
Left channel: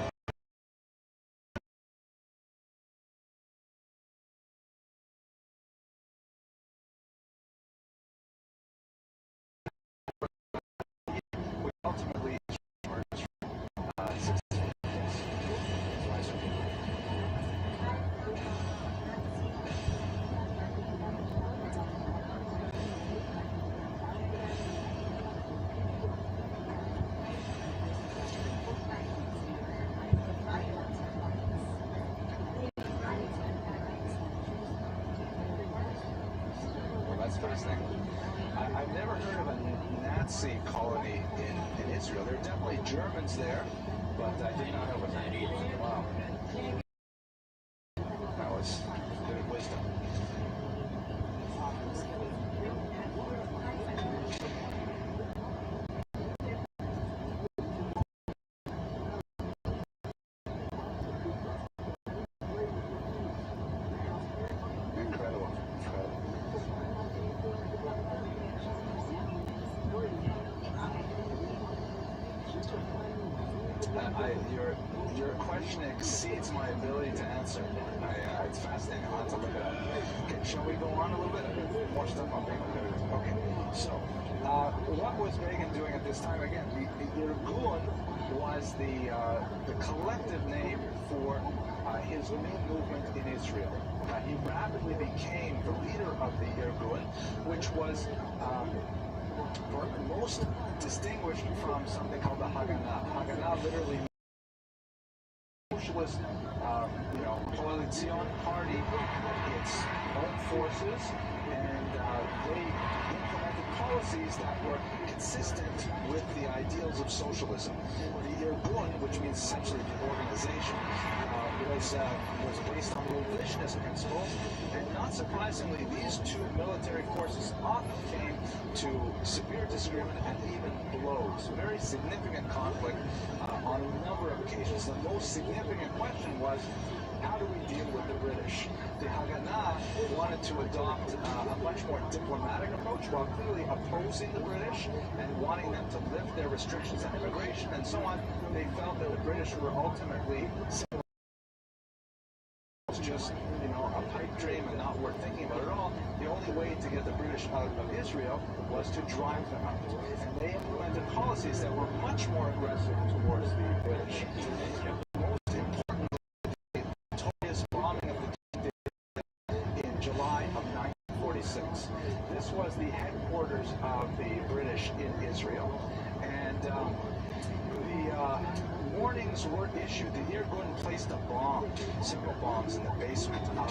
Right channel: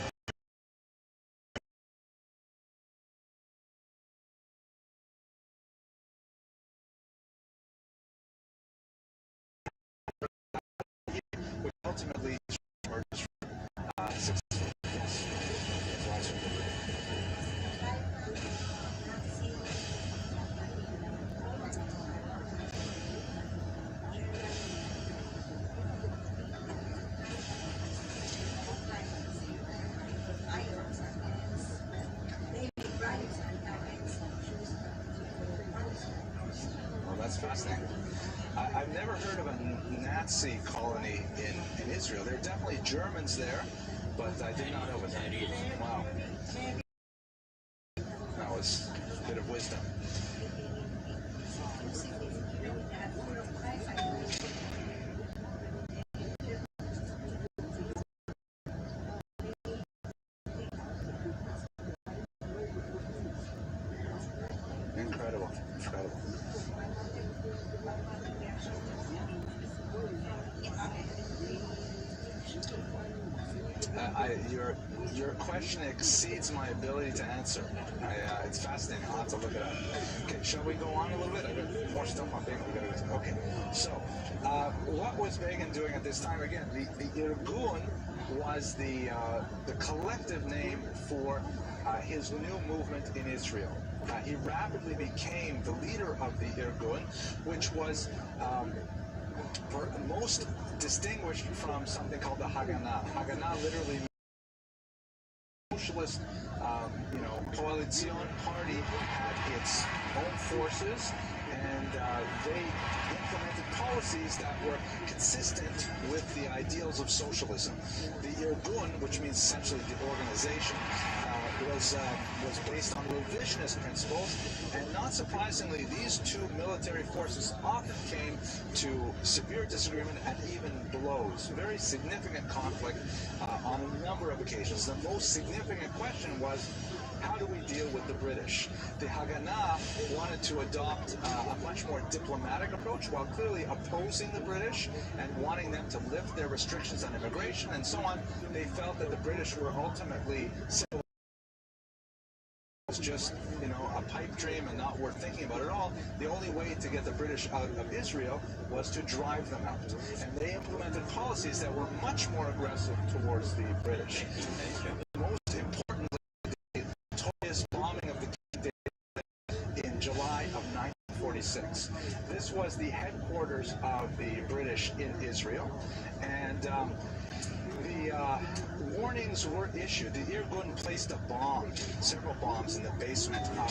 Ultimately interesting. I've never heard of a Nazi colony in Israel. There are definitely Germans there, but I did not know it was that. Wow. That was a bit of wisdom. Incredible. Incredible. Your question exceeds my ability to answer. It's fascinating. I'll have to look it up. Okay, shall we go on a little bit? I got more stuff on Begin. Okay, so what was Begin doing at this time? Again, the Irgun was the collective name for his new movement in Israel. He rapidly became the leader of the Irgun, which was most distinguished from something called the Haganah. Haganah literally means socialist, coalition party had its own forces, and they implemented policies that were consistent with the ideals of socialism. The Irgun, which means essentially the organization, was based on revisionist principles, and not surprisingly, these two military forces often came to severe disagreement and even blows. Very significant conflict on a number of occasions. The most significant question was, how do we deal with the British? The Haganah wanted to adopt a much more diplomatic approach while clearly opposing the British and wanting them to lift their restrictions on immigration and so on. They felt that the British were ultimately just, a pipe dream and not worth thinking about at all. The only way to get the British out of Israel was to drive them out. And they implemented policies that were much more aggressive towards the British. Most importantly, the notorious bombing of the in July of 1946. This was the headquarters of the British in Israel. And the warnings were issued. The Irgun placed several bombs in the basement of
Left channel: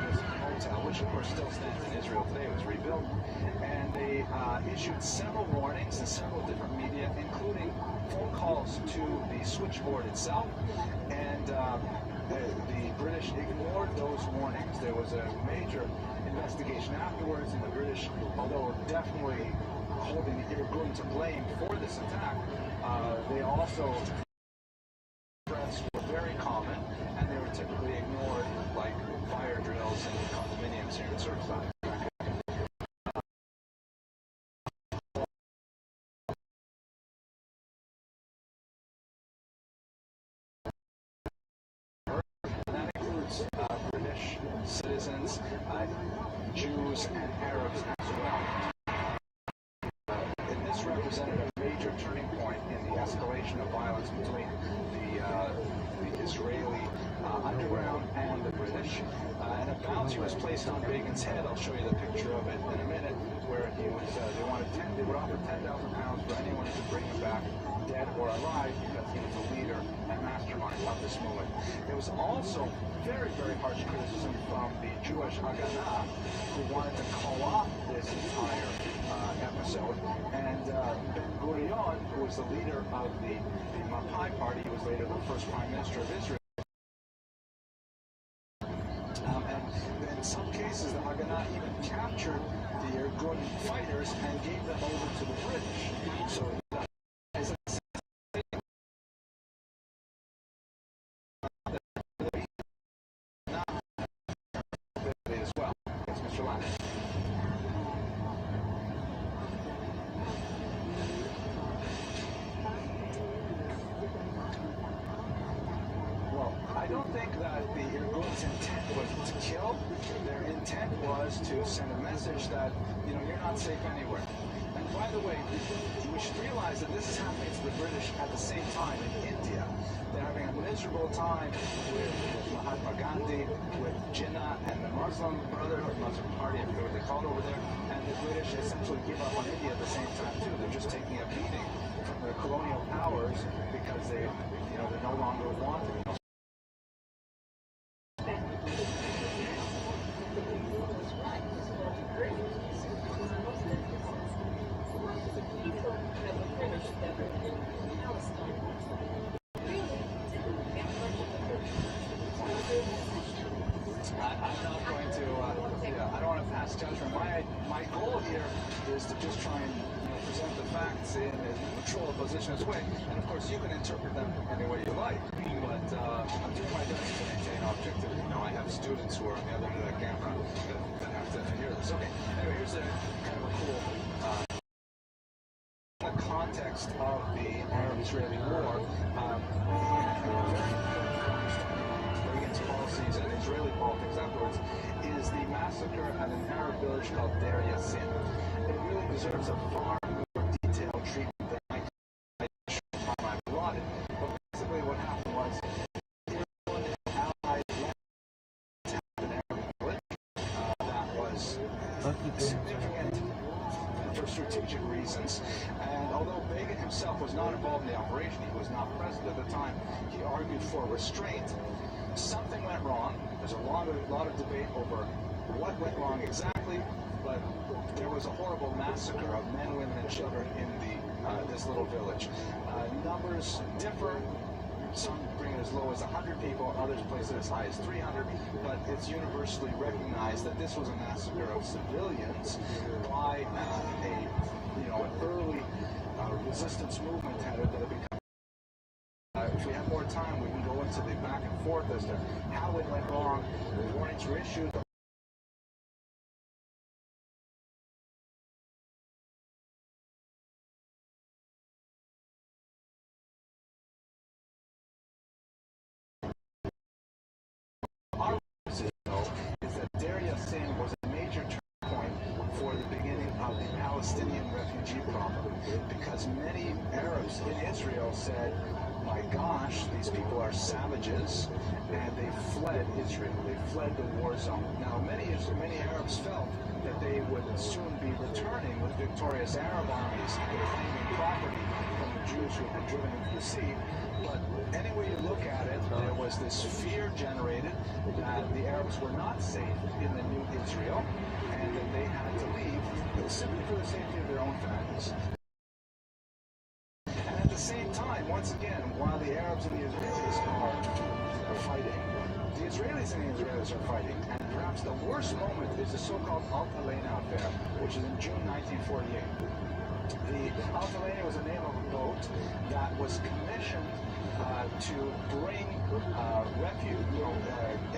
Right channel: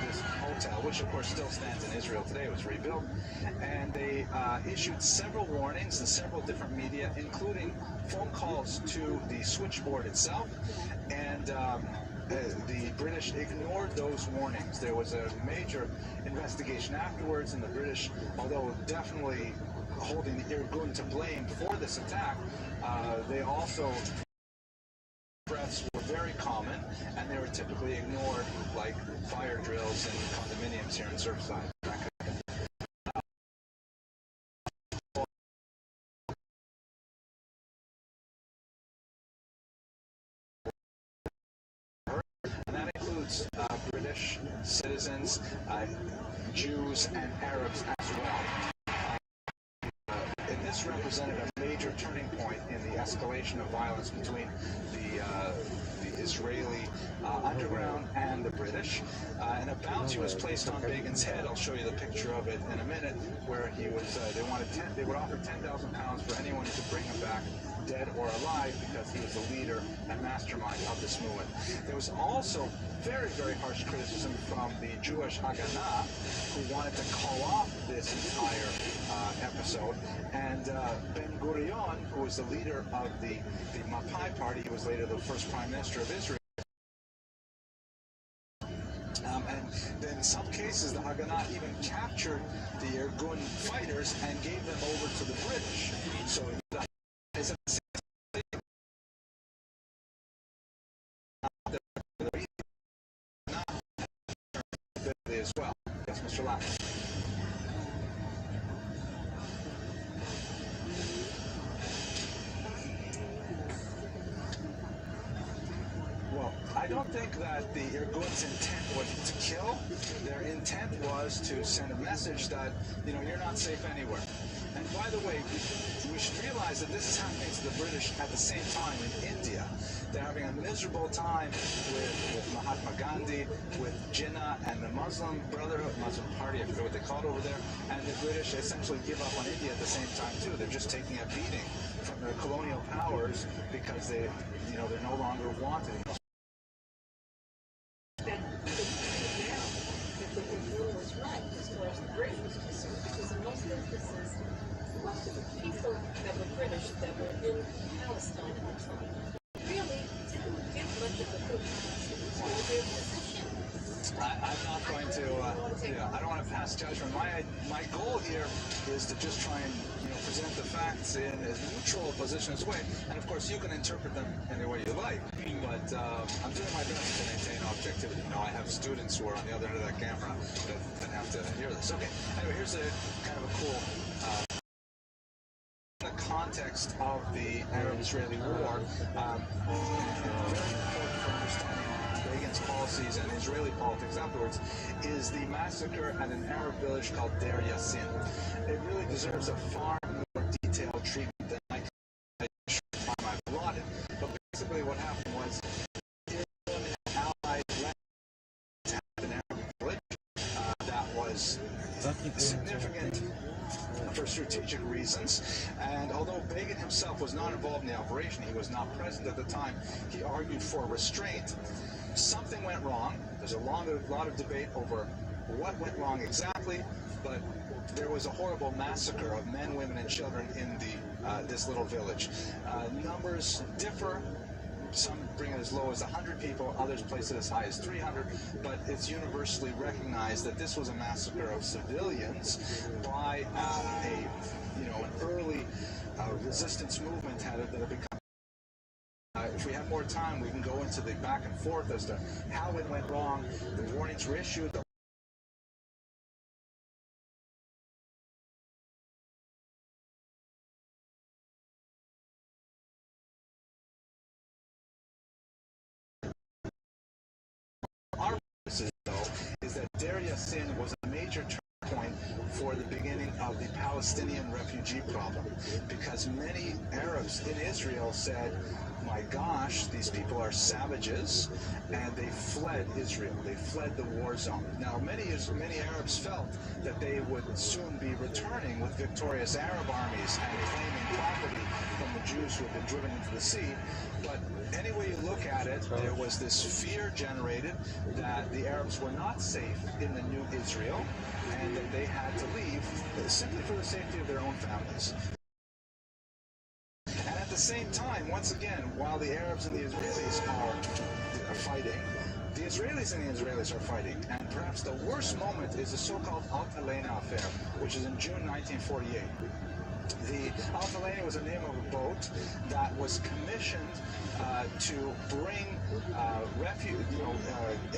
this hotel, which of course still stands in Israel today. It was rebuilt. And they issued several warnings in several different media, including phone calls to the switchboard itself. And the British ignored those warnings. There was a major investigation afterwards, and the British, although definitely holding the Irgun to blame for this attack, they also threats were very common, and they were typically ignored, like fire drills and condominiums here in Surfside. And that includes British citizens, Jews, and Arabs as well. And this represented a major turning point in the escalation of violence between the Israeli underground and the British. And a bounty was placed on Begin's head. I'll show you the picture of it in a minute, where he was. They would offer £10,000 for anyone who could bring him back, dead or alive, because he was the leader and mastermind of this movement. There was also very, very harsh criticism from the Jewish Haganah, who wanted to call off this entire episode. And Ben-Gurion, who was the leader of the Mapai party, he was later the first prime minister of Israel. And in some cases, the Haganah even captured the Irgun fighters and gave them over to the British. So as well. Yes, Mr. Lack. Well, I don't think that the Irgun's intent was to kill. Their intent was to send a message that, you're not safe anywhere. And by the way, we should realize that this is happening to the British at the same time in India. They're having a miserable time with Mahatma Gandhi, with Jinnah and the Muslim Brotherhood, Muslim Party, I forget what they call it over there, and the British essentially give up on India at the same time too. They're just taking a beating from the colonial powers because they're no longer wanted. together in Palestine, which really can't much of a good I'm not going to, I don't want to pass judgment. My goal here is to just try and present the facts in as neutral a position as way, and of course you can interpret them any way you like. But I'm doing my best to maintain objectivity. I have students who are on the other end of that camera that have to hear this. Okay. Anyway, here's a kind of a cool. The context of the Arab-Israeli war. Reagan's policies and Israeli politics afterwards is the massacre at an Arab village called Deir Yassin. It really deserves a far more detailed treatment than I allotted. But basically what happened was Israel and allied attacked an Arab village that was significant for strategic reasons, and although Begin himself was not involved in the operation, he was not present at the time, he argued for restraint. Something went wrong. There's a lot of debate over what went wrong exactly, but there was a horrible massacre of men, women, and children in this little village. Numbers differ. Some bring it as low as 100 people, others place it as high as 300, but it's universally recognized that this was a massacre of civilians by an early resistance movement that had become. If we have more time, we can go into the back and forth as to how it went wrong. The warnings were issued. Our message, though, is that Deir Yassin was a major turning point for the beginning of the Palestinian refugee problem, because many Arabs in Israel said, my gosh, these people are savages, and they fled Israel. They fled the war zone. Now, many Arabs felt that they would soon be returning with victorious Arab armies and claiming property from the Jews who had been driven into the sea. But any way you look at it, there was this fear generated that the Arabs were not safe in the new Israel, and that they had to leave simply for the safety of their own families. At the same time, once again, while the Arabs and the Israelis are fighting, the Israelis and the Israelis are fighting. And perhaps the worst moment is the so-called Alt Elena affair, which is in June 1948. The Alt Elena was the name of a boat that was commissioned to bring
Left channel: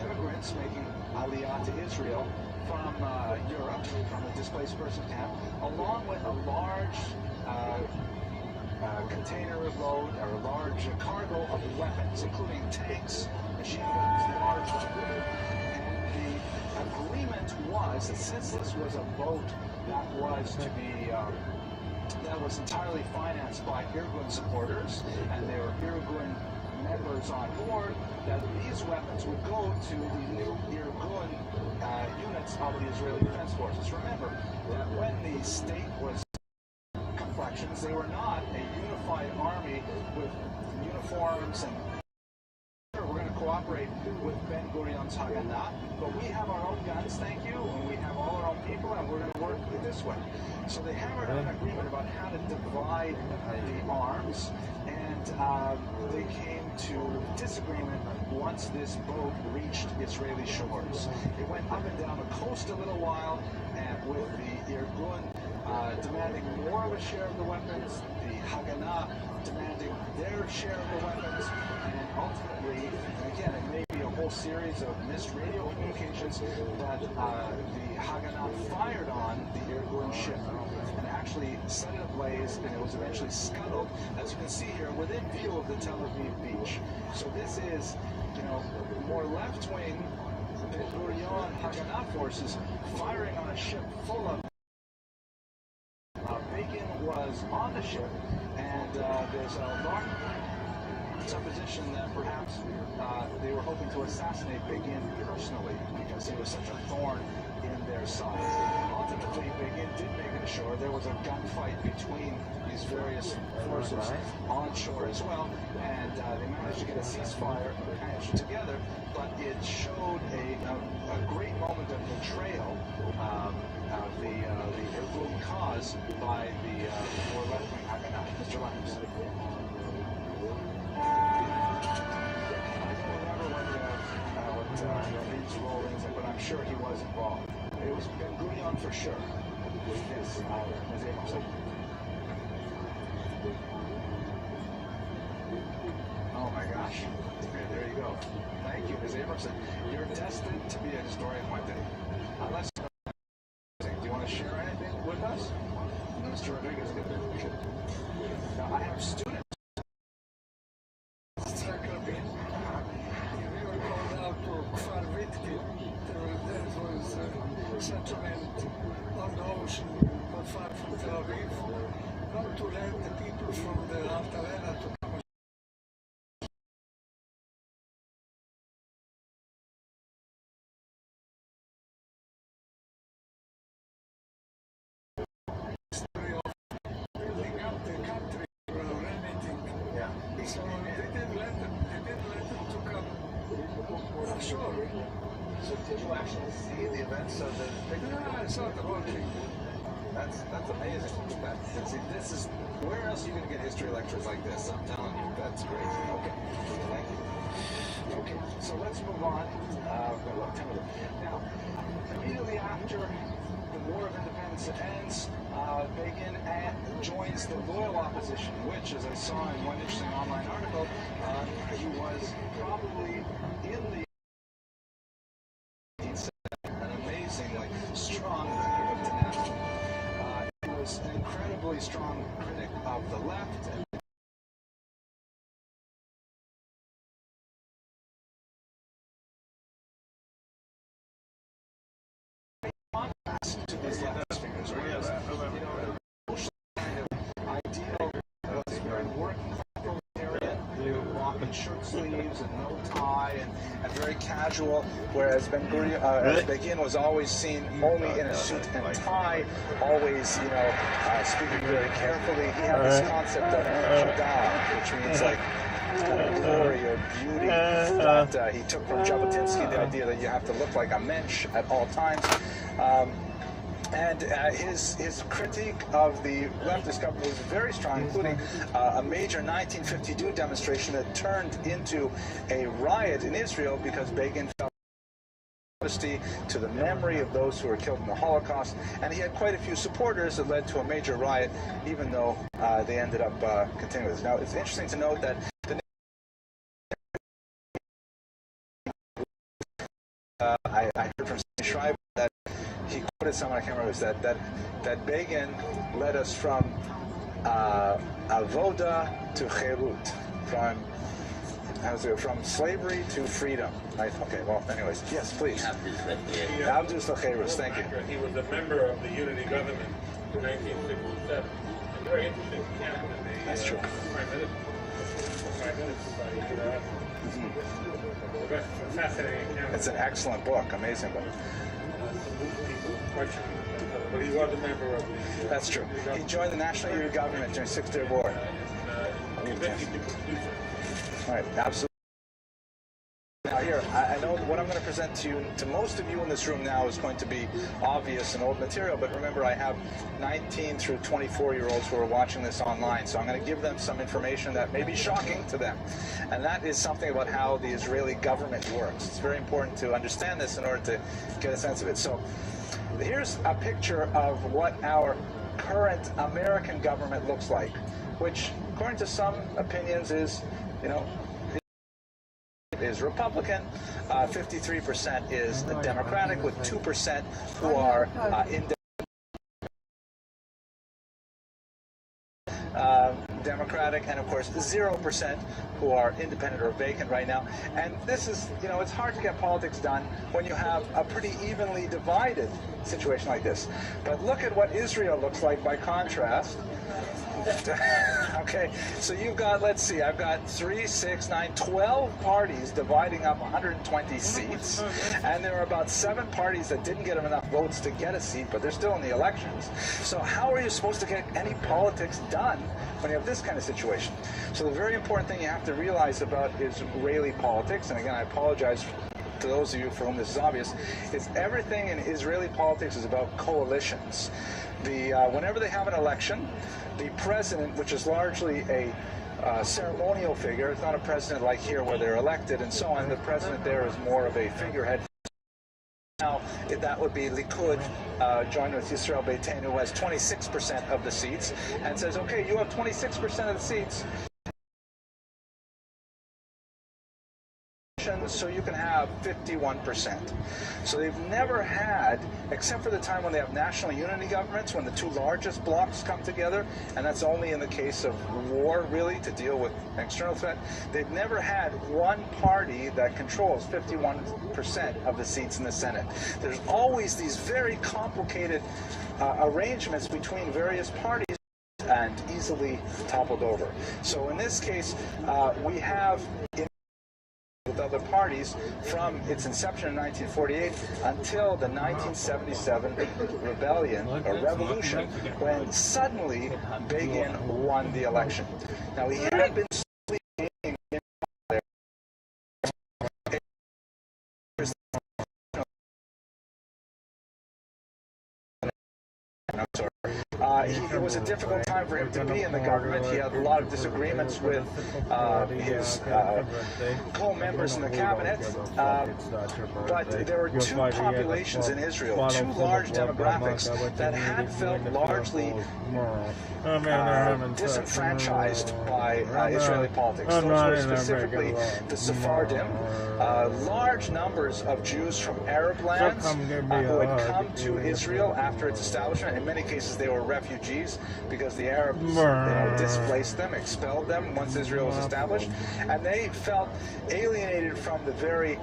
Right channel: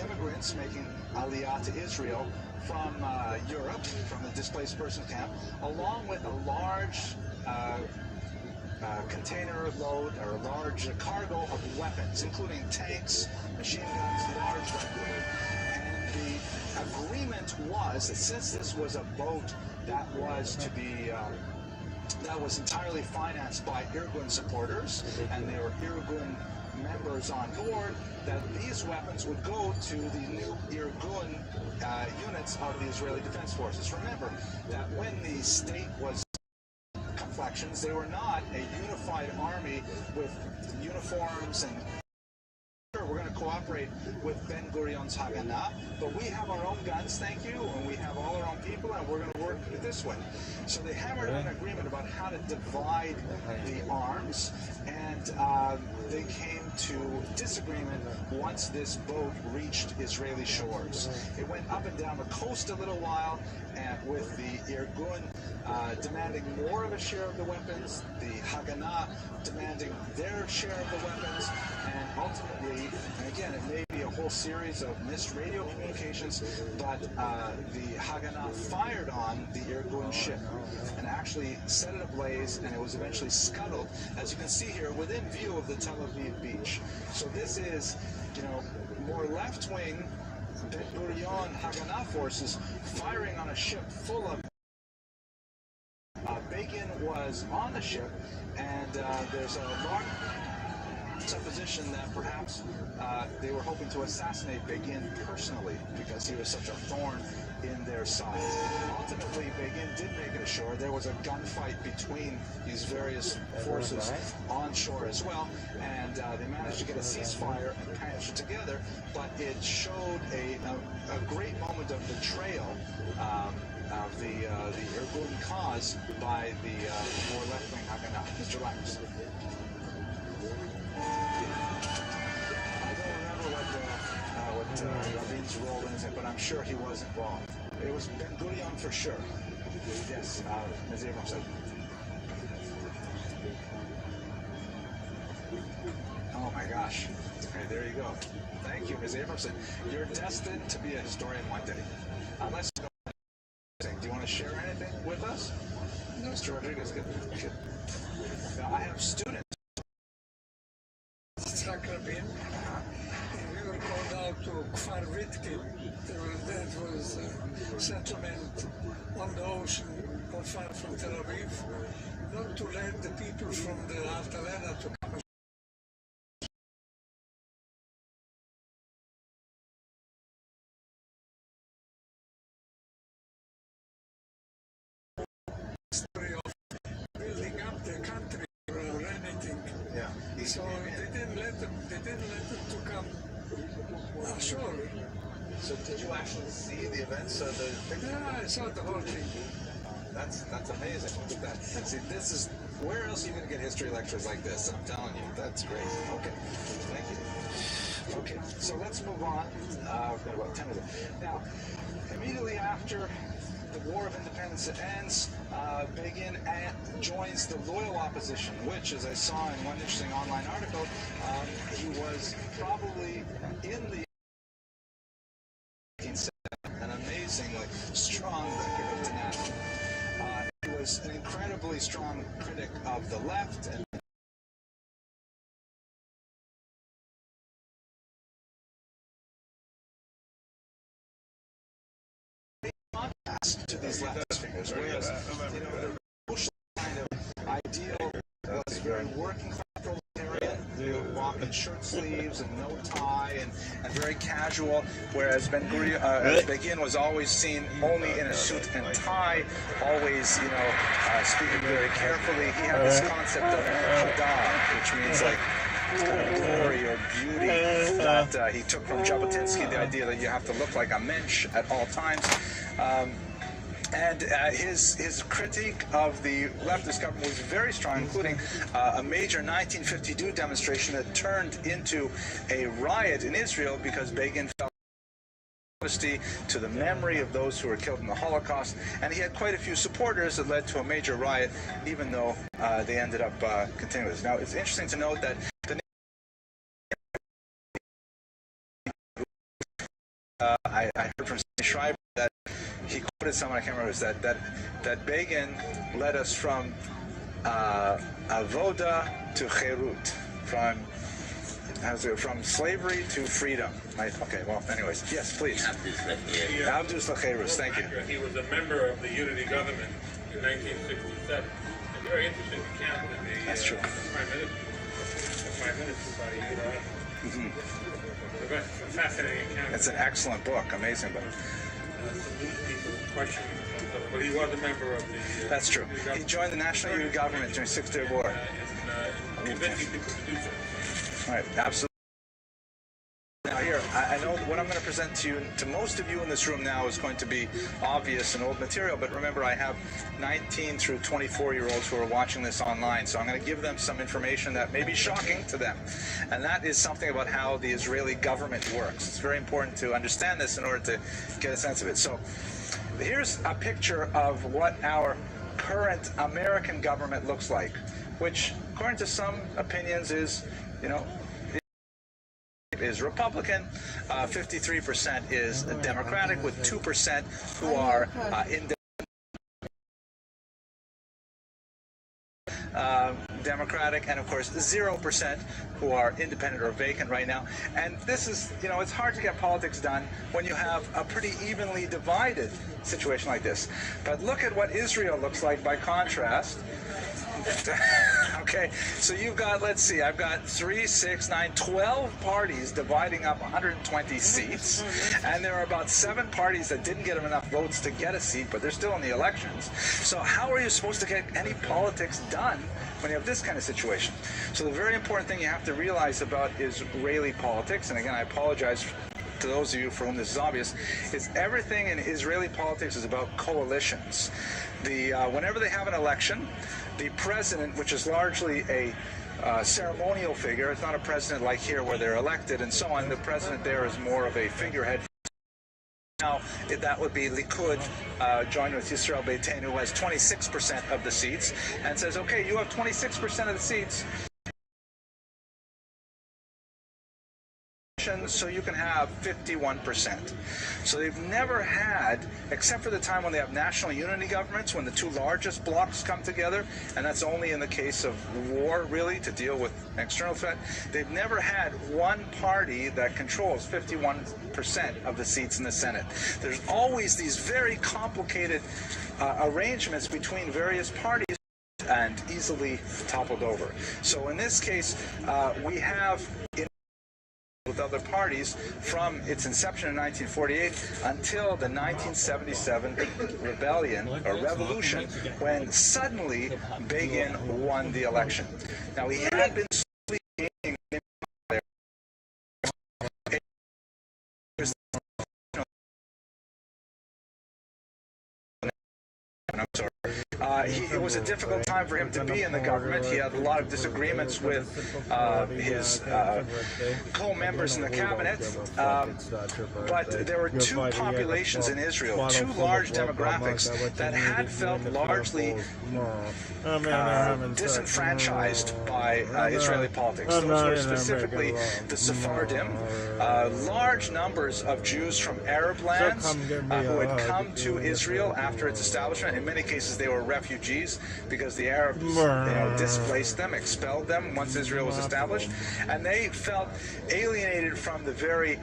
immigrants making aliyah to Israel from Europe, from the displaced person camp, along with a large container load or a large cargo of weapons, including tanks, machine guns, large weapons. And the agreement was that since this was a boat that was to be that was entirely financed by Irgun supporters, and there were Irgun members on board, that these weapons would go to the new Irgun units of the Israeli Defense Forces. Remember that when the state was complexions, they were not a unified army with uniforms and we're going to cooperate with Ben Gurion's Haganah, but we have our own guns, thank you, and we have all our own people, and we're going to work this way. So they hammered out an agreement about how to divide the arms, and they came to disagreement once this boat reached Israeli shores. It went up and down the coast a little while, and with the Irgun demanding more of a share of the weapons, the Haganah demanding their share of the weapons, and ultimately, and again, it may be a whole series of missed radio communications, but the Haganah fired on the Irgun ship and actually set it ablaze, and it was eventually scuttled, as you can see here, within view of the Tel Aviv beach. So this is, more left-wing Ben Gurion Haganah forces firing on a ship full of Begin was on the ship, and there's a large supposition that perhaps they were hoping to assassinate Begin personally because he was such a thorn in their side. Ultimately, Begin did make it ashore. There was a gunfight between these various forces on shore as well, and they managed to get a ceasefire and patch together, but it showed a great moment of betrayal of the Irgun cause was by the more left-wing, Mr. Lennox. I don't remember what Rabbi's role is, but I'm sure he was involved. It was Ben Gurion for sure. Yes, Ms. Abrams. Oh my gosh. Okay, there you go. Thank you, Ms. Abramson. You're destined to be a historian one day. Let's go. Do you want to share anything with us? Mr. Rodriguez, good. Now, I have students. Rabin, we were called out to Kfar Vitkin. That was a settlement on the ocean not far from Tel Aviv, not to let the people from the Altalena to come story of building up the country or anything. Yeah. So they didn't let them to come ashore. So did you actually see the events of the picture? Yeah, I saw the whole thing. That's amazing. Look at that. See, this is, where else are you going to get history lectures like this? I'm telling you, that's crazy. Okay, thank you. Okay, so let's move on. We've got about 10 minutes. Now, immediately after the War of Independence ends, Begin joins the loyal opposition, which, as I saw in one interesting online article, he was probably in the an amazingly strong record of tenacity. He was an incredibly strong critic of the left and to these leftist figures, whereas the social kind of ideal was very working class proletariat, who walked in shirt sleeves and no tie and very casual, whereas Begin was always seen only in a suit and tie, always speaking very carefully. He had this concept of Hadar, which means like kind of glory or beauty that he took from Jabotinsky, the idea that you have to look like a mensch at all times. And his critique of the leftist government was very strong, including a major 1952 demonstration that turned into a riot in Israel because Begin felt to the memory of those who were killed in the Holocaust, and he had quite a few supporters that led to a major riot, even though they ended up continuing this. Now, it's interesting to note that the I heard from Schreiber that he quoted someone, I can't remember, that Begin led us from avoda to cherut, from slavery to freedom. Right? Okay, well, anyways, yes, please. Abdus Lacherus, thank you. He was a member of the Unity government in 1967. A very interesting account in the That's true. Prime Minister by ViralRabbi. A fascinating account. It's an excellent book, amazing book. Some people question, but he was a member of the... That's true. He joined the National Unity government during the Six-Day War. Convincing people to do so. All right, absolutely. Now here, I know what I'm going to present to you, to most of you in this room now, is going to be obvious and old material, but remember I have 19 through 24-year-olds who are watching this online, so I'm going to give them some information that may be shocking to them. And that is something about how the Israeli government works. It's very important to understand this in order to get a sense of it. So here's a picture of what our current American government looks like, which, according to some opinions, is, is Republican, 53% is Democratic, with 2% who are Democratic, and of course 0% who are independent or vacant right now. And this is, it's hard to get politics done when you have a pretty evenly divided situation like this. But look at what Israel looks like by contrast. Okay, so you've got, let's see, I've got 3, 6, 9, 12 parties dividing up 120 seats, and there are about 7 parties that didn't get enough votes to get a seat, but they're still in the elections. So how are you supposed to get any politics done when you have this kind of situation? So the very important thing you have to realize about Israeli politics, and again, I apologize to those of you for whom this is obvious, is everything in Israeli politics is about coalitions. whenever they have an election, the president, which is largely a ceremonial figure, it's not a president like here where they're elected and so on. The president there is more of a figurehead. Now, that would be Likud, joined with ViralRabbi, who has 26% of the seats, and says, okay, you have 26% of the seats, so you can have 51%. So they've never had, except for the time when they have national unity governments, when the two largest blocs come together, and that's only in the case of war, really, to deal with external threat, they've never had one party that controls 51% of the seats in the Senate. There's always these very complicated arrangements between various parties and easily toppled over. So in this case, we have with other parties from its inception in 1948 until the 1977 rebellion or revolution, when suddenly Begin won the election. Now, he had been slowly gaining there. It was a difficult time for him to be in the government. He had a lot of disagreements with his co-members in the cabinet. But there were two populations in Israel, two large demographics that had felt largely disenfranchised by Israeli politics. Those were specifically the Sephardim, large numbers of Jews from Arab lands who had come to Israel after its establishment. In many cases, they were refugees because the Arabs displaced them, expelled them once Israel was established, and they felt alienated from the very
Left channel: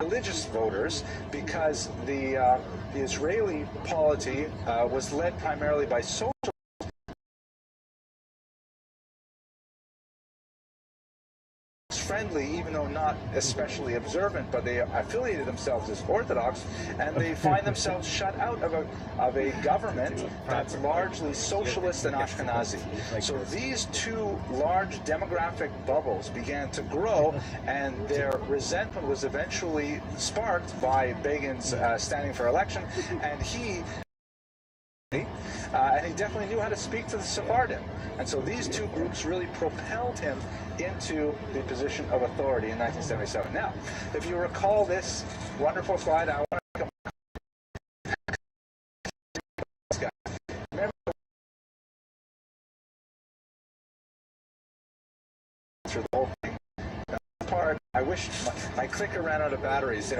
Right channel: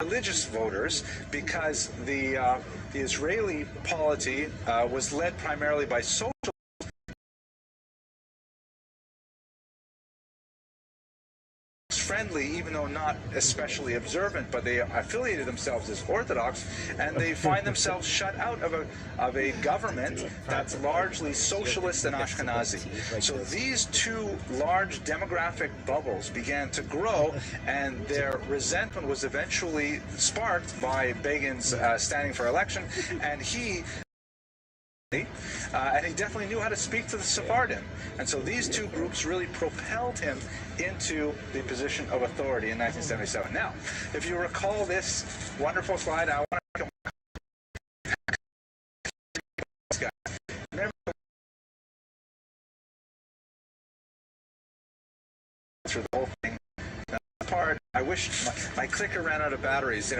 religious voters because the Israeli polity was led primarily by social friendly, even though not especially observant, but they affiliated themselves as Orthodox, and they find themselves shut out of a government that's largely socialist and Ashkenazi. So these two large demographic bubbles began to grow, and their resentment was eventually sparked by Begin's standing for election, and he definitely knew how to speak to the Sephardim. And so these two groups really propelled him into the position of authority in 1977. Now, if you recall this wonderful slide, I want to remember through the whole thing. Part, I wish my clicker ran out of batteries.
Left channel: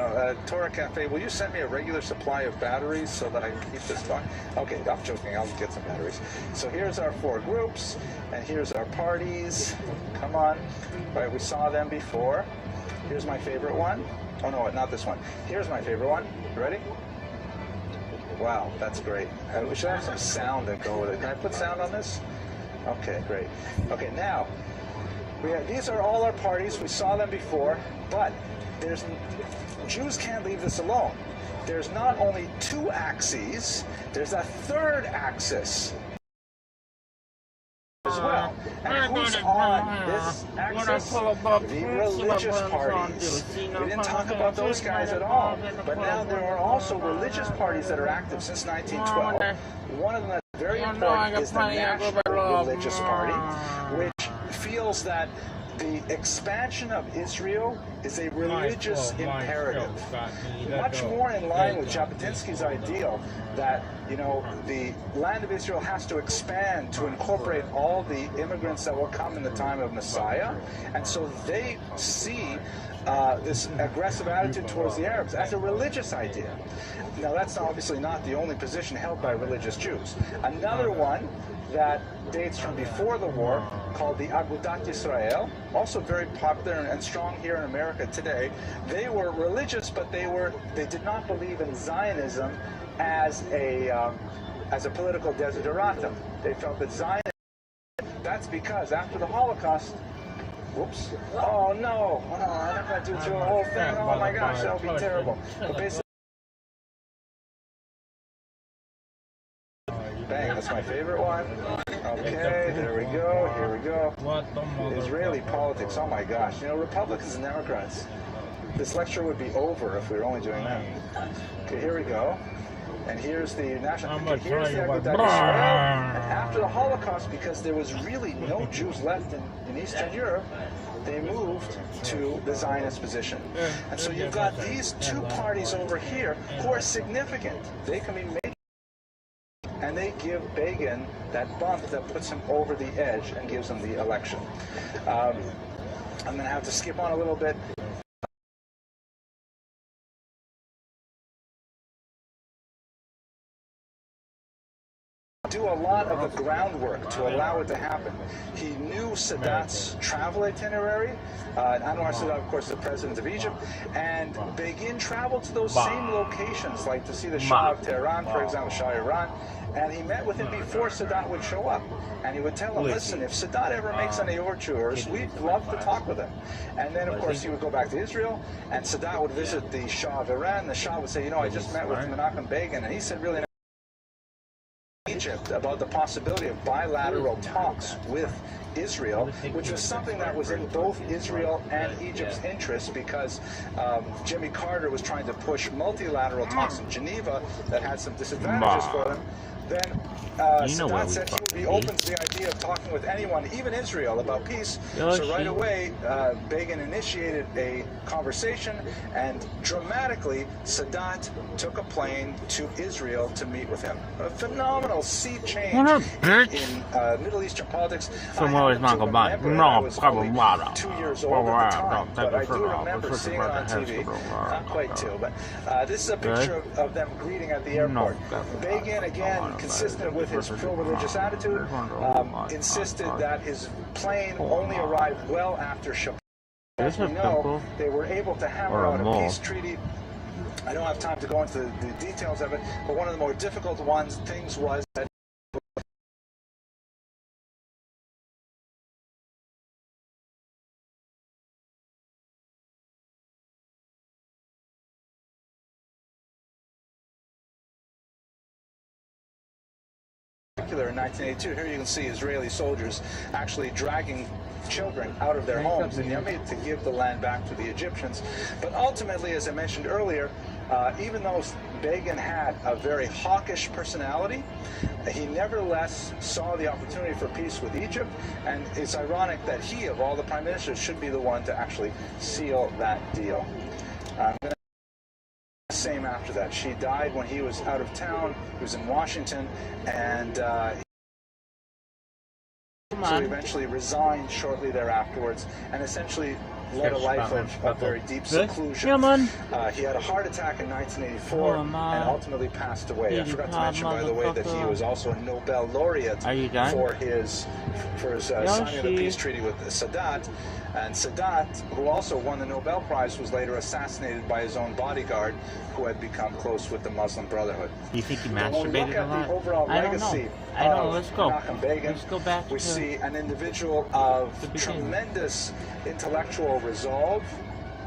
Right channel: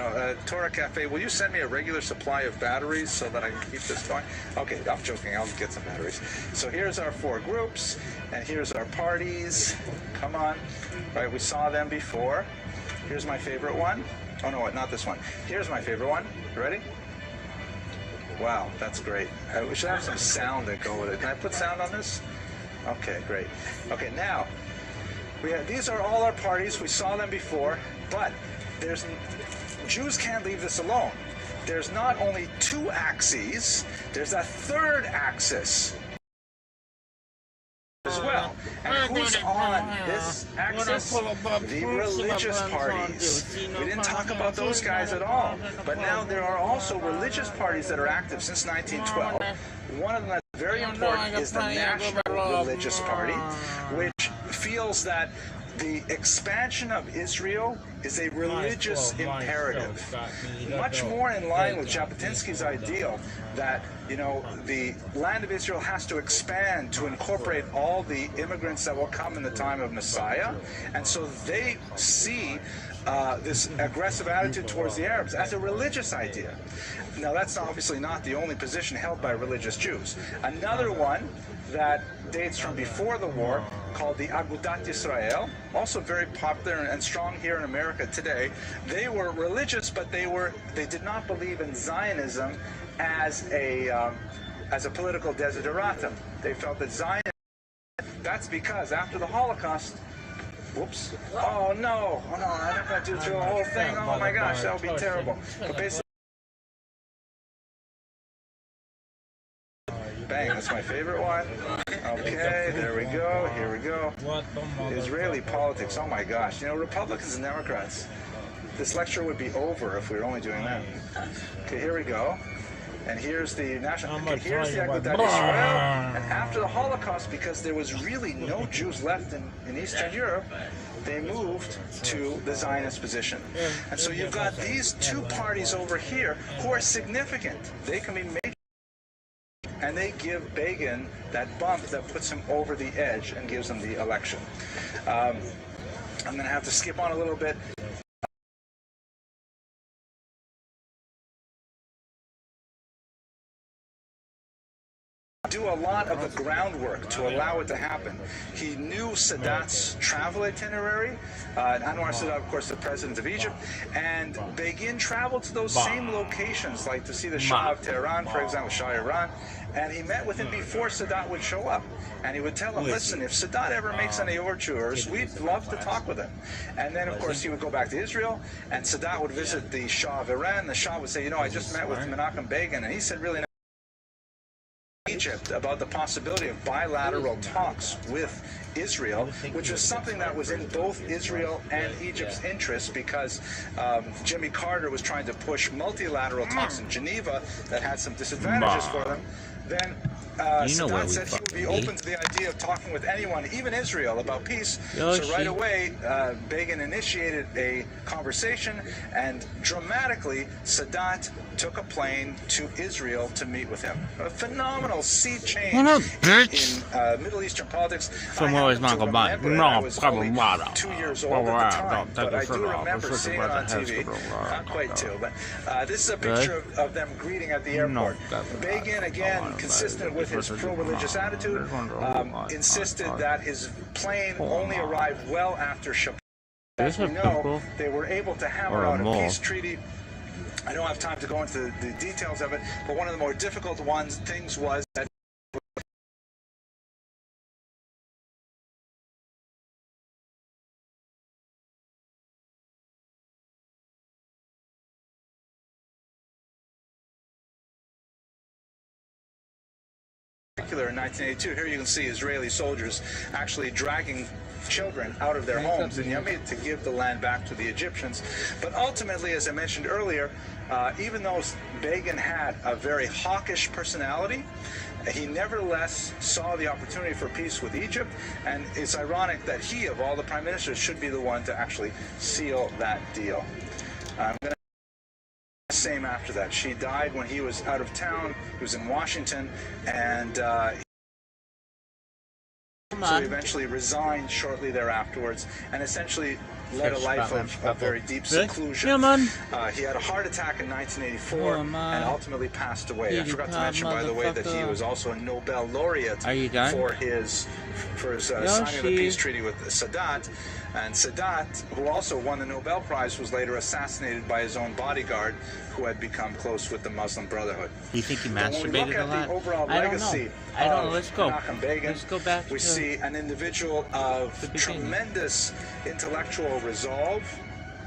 Torah Cafe, will you send me a regular supply of batteries so that I can keep this going? Okay, I'm joking. I'll get some batteries. So here's our four groups, and here's our parties. Come on. All right, we saw them before. Here's my favorite one. Oh, no, not this one. Here's my favorite one. You ready? Wow, that's great. We should have some sound that go with it. Can I put sound on this? Okay, great. Okay, now, these are all our parties. We saw them before, but Jews can't leave this alone. There's not only two axes, there's a third axis as well. And who's on this axis? The religious parties. We didn't talk about those guys at all, but now there are also religious parties that are active since 1912. One of them that's very important is the National Religious Party, which feels that the expansion of Israel is a religious imperative, much more in line with Jabotinsky's ideal that, the land of Israel has to expand to incorporate all the immigrants that will come in the time of Messiah. And so they see this aggressive attitude towards the Arabs as a religious idea. Now, that's obviously not the only position held by religious Jews. Another one that dates from before the war, called the Agudat Yisrael, also very popular and strong here in America today. They were religious, but they did not believe in Zionism as a political desideratum. They felt that Zionism, that's because after the Holocaust, whoops, oh no, I'm not going to do through the whole thing, oh my gosh, that would be terrible. But basically, bang, that's my favorite one. Okay, there we go, here we go. Israeli politics, oh my gosh. Republicans and Democrats, this lecture would be over if we were only doing that. Okay, here we go. And here's the national. Here's the Agudat Israel. And after the Holocaust, because there was really no Jews left in Eastern Europe, they moved to the Zionist position. And so you've got these two parties over here who are significant. They can be major, and they give Begin that bump that puts him over the edge and gives him the election. I'm going to have to skip on a little bit. Do a lot of the groundwork to allow it to happen. He knew Sadat's travel itinerary. Anwar Sadat, of course, the president of Egypt, and Begin traveled to those same locations, like to see the Shah of Tehran, for example, Shah of Iran, and he met with him before Sadat would show up. And he would tell him, listen, if Sadat ever makes any overtures, we'd love to talk with him. And then, of course, he would go back to Israel, and Sadat would visit the Shah of Iran. The Shah would say, you know, I just met with Menachem Begin, and he said, really, Egypt about the possibility of bilateral talks with Israel, which was something that was in both Israel and Egypt's interests, because Jimmy Carter was trying to push multilateral talks in Geneva that had some disadvantages for them. Then Sadat said he would be open to the idea of talking with anyone, even Israel, about peace. So right away, Begin initiated a conversation, and dramatically, Sadat took a plane to Israel to meet with him. A phenomenal sea change in Middle Eastern politics. I was only 2 years old at the time, but I do remember seeing it on TV. Not quite two, but this is a picture of them greeting at the airport. Begin, again, consistent with his pro-religious attitude, insisted that his plane only arrived well after Shabbat. As we know, they were able to hammer out a peace treaty. I don't have time to go into the details of it, but one of the more difficult things was that in 1982, here you can see Israeli soldiers actually dragging children out of their homes in Yamit to give the land back to the Egyptians. But ultimately, as I mentioned earlier, even though Begin had a very hawkish personality, he nevertheless saw the opportunity for peace with Egypt, and it's ironic that he, of all the prime ministers, should be the one to actually seal that deal. I'm going to same after that. She died when he was out of town. He was in Washington, and so he eventually resigned shortly thereafterwards, and essentially led a life of very deep seclusion. He had a heart attack in 1984 and ultimately passed away. I forgot to mention, by the way, that he was also a Nobel laureate for his signing of the peace treaty with Sadat. And Sadat, who also won the Nobel Prize, was later assassinated by his own bodyguard, who had become close with the Muslim Brotherhood. Do you think he masturbated when we look at the overall legacy of Menachem Begin, we see an individual of tremendous intellectual resolve,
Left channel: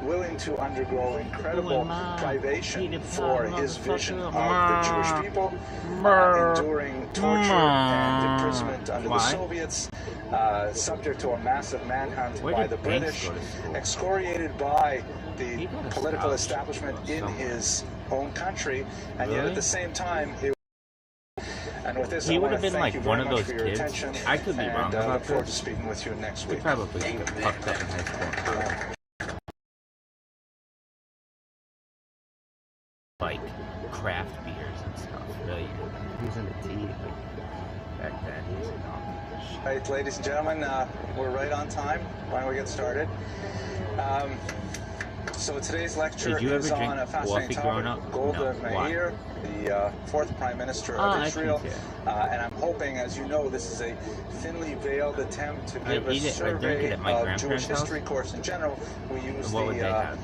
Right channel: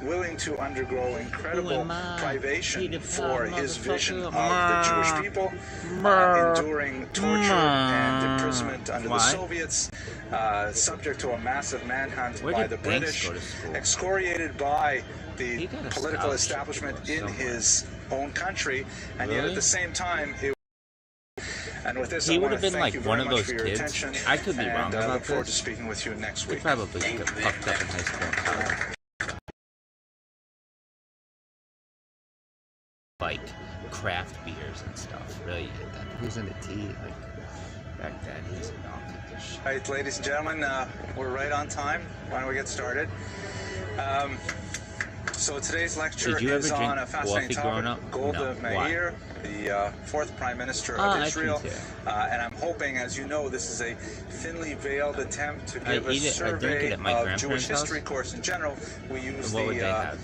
willing to undergo incredible privation for his vision of the Jewish people, enduring torture and imprisonment under the Soviets, subject to a massive manhunt by the British, excoriated by the political establishment in his own country, and yet at the same time, and with this, I want to thank you very much for your attention. I could be wrong about I look forward to speaking with you next week. He probably got fucked up in high school. Like craft beers and stuff. Really, he's into tea. Back then, he's a donkey. All right, ladies and gentlemen, we're right on time. Why don't we get started? So today's lecture is on a fascinating topic, Golda Meir, the fourth Prime Minister of Israel. And I'm hoping, as you know, this is a thinly veiled attempt to give a survey of Jewish history course in general. We use the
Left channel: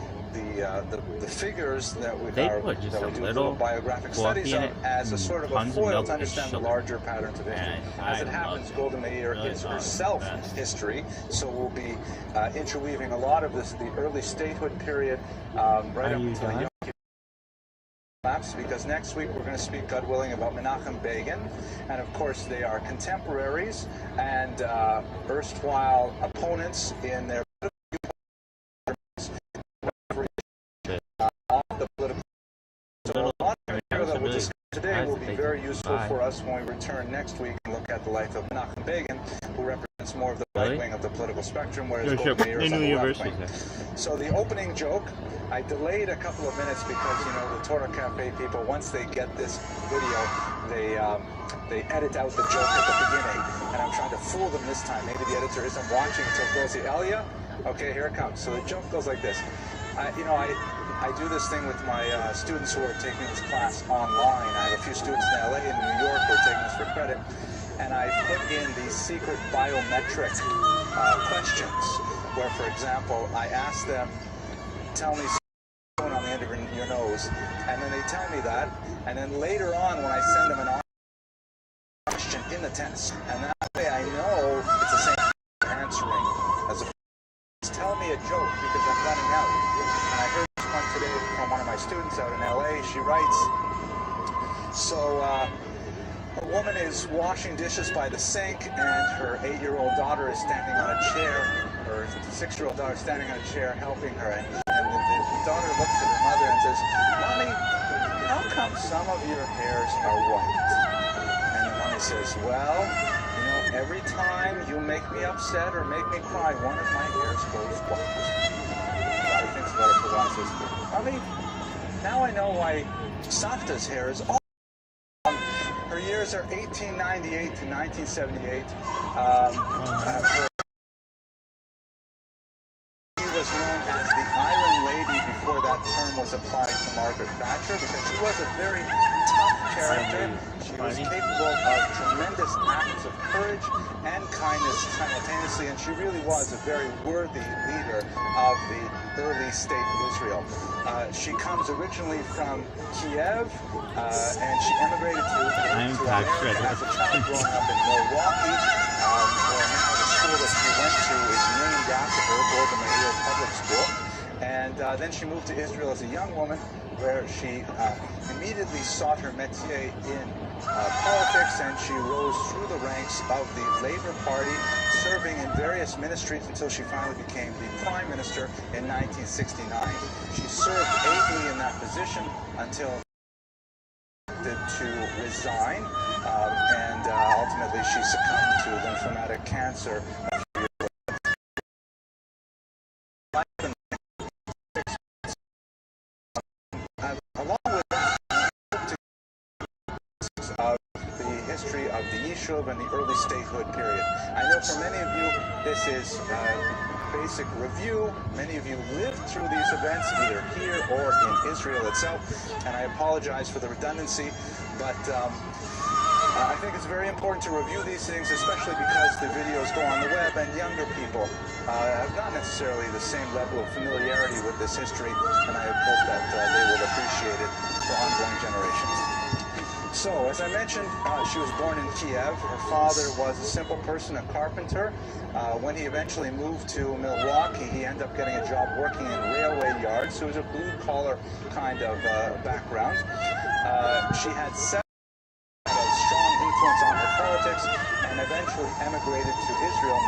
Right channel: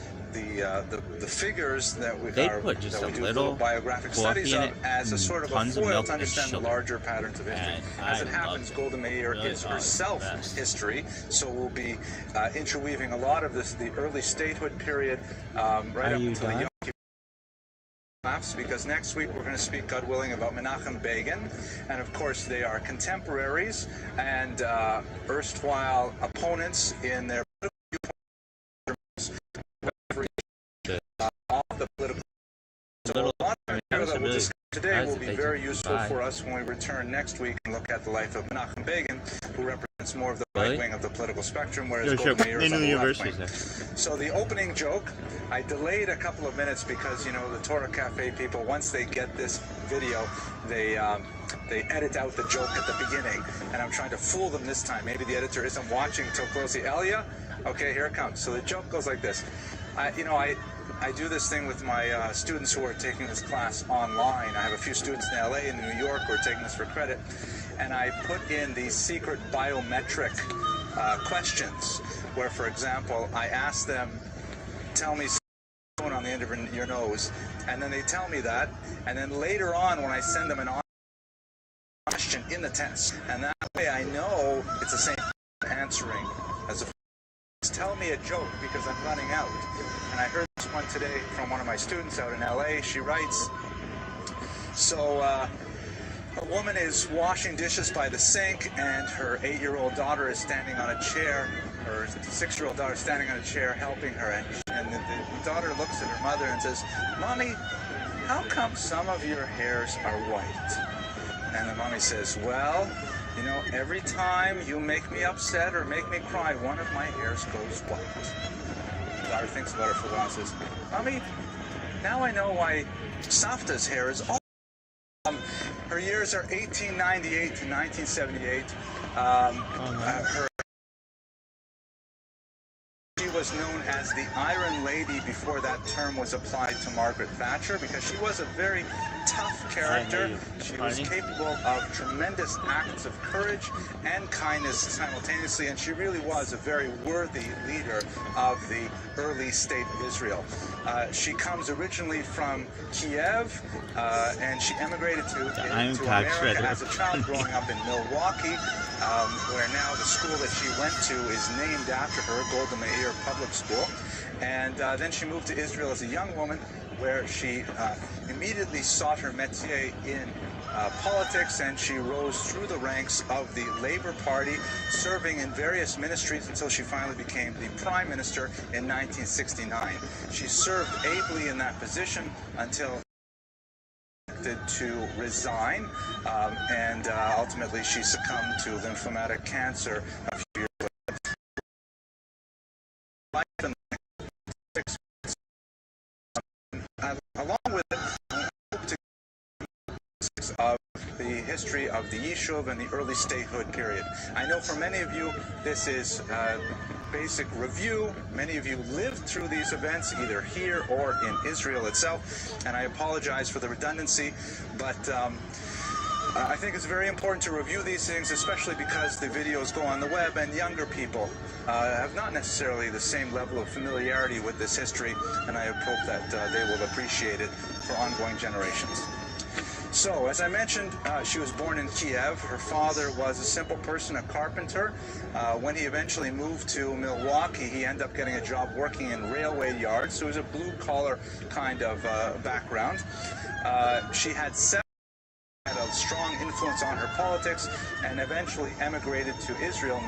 figures that we do little biographic studies of as a sort of a foil to understand the larger patterns of history. As it happens, Golda Meir is herself history, so we'll be interweaving a lot of this, the early statehood period, right up until the Yom Kippur collapse, because next week we're going to speak, God willing, about Menachem Begin, and of course they are contemporaries and erstwhile opponents in their all the political. So a lot of material that we'll discuss today will be very useful for us when we return next week and look at the life of Menachem Begin, who represents more of the right wing of the political spectrum, whereas Golda Meir is on the left wing. So the opening joke, I delayed a couple of minutes because, you know, the Torah Cafe people, once they get this video, they edit out the joke at the beginning, and I'm trying to fool them this time. Maybe the editor isn't watching until close the Elia. Okay, here it comes. So the joke goes like this. I do this thing with my students who are taking this class online. I have a few students in LA and New York who are taking this for credit, and I put in these secret biometric questions where, for example, I ask them, tell me something on the end of your nose, and then they tell me that, and then later on when I send them an question in the test, and that way I know it's the same answering as a tell me a joke because I'm running out. And I heard this one today from one of my students out in LA. She writes, so a woman is washing dishes by the sink and her 8-year-old daughter is standing on a chair, her 6-year-old daughter is standing on a chair helping her, and the daughter looks at her mother and says, Mommy, how come some of your hairs are white? And the mommy says, well, you know, every time you make me upset or make me cry, one of my hairs goes white. The daughter thinks about it for a while and says, Mommy, now I know why Savta's hair is all. Her years are 1898 to 1978. She was known as the Iron Lady before that term was applied to Margaret Thatcher because she was a very tough character. She was capable of tremendous acts of courage and kindness simultaneously, and she really was a very worthy leader of the early state of Israel. She comes originally from Kiev, and she emigrated to America as a child, growing up in Milwaukee, where now the school that she went to is named after her, Golda Meir Public School. And then she moved to Israel as a young woman, where she immediately sought her métier in politics, and she rose through the ranks of the Labour Party, serving in various ministries until she finally became the Prime Minister in 1969. She served ably in that position until to resign, and ultimately she succumbed to lymphomatic cancer a few years later. Along with it, of the history of the Yishuv and the early statehood period. I know for many of you this is basic review. Many of you lived through these events either here or in Israel itself, and I apologize for the redundancy, but I think it's very important to review these things, especially because the videos go on the web and younger people have not necessarily the same level of familiarity with this history, and I hope that they will appreciate it for ongoing generations. So, as I mentioned, she was born in Kiev. Her father was a simple person, a carpenter. When he eventually moved to Milwaukee, he ended up getting a job working in railway yards, so it was a blue-collar kind of background. She had a strong influence on her politics and eventually emigrated to Israel.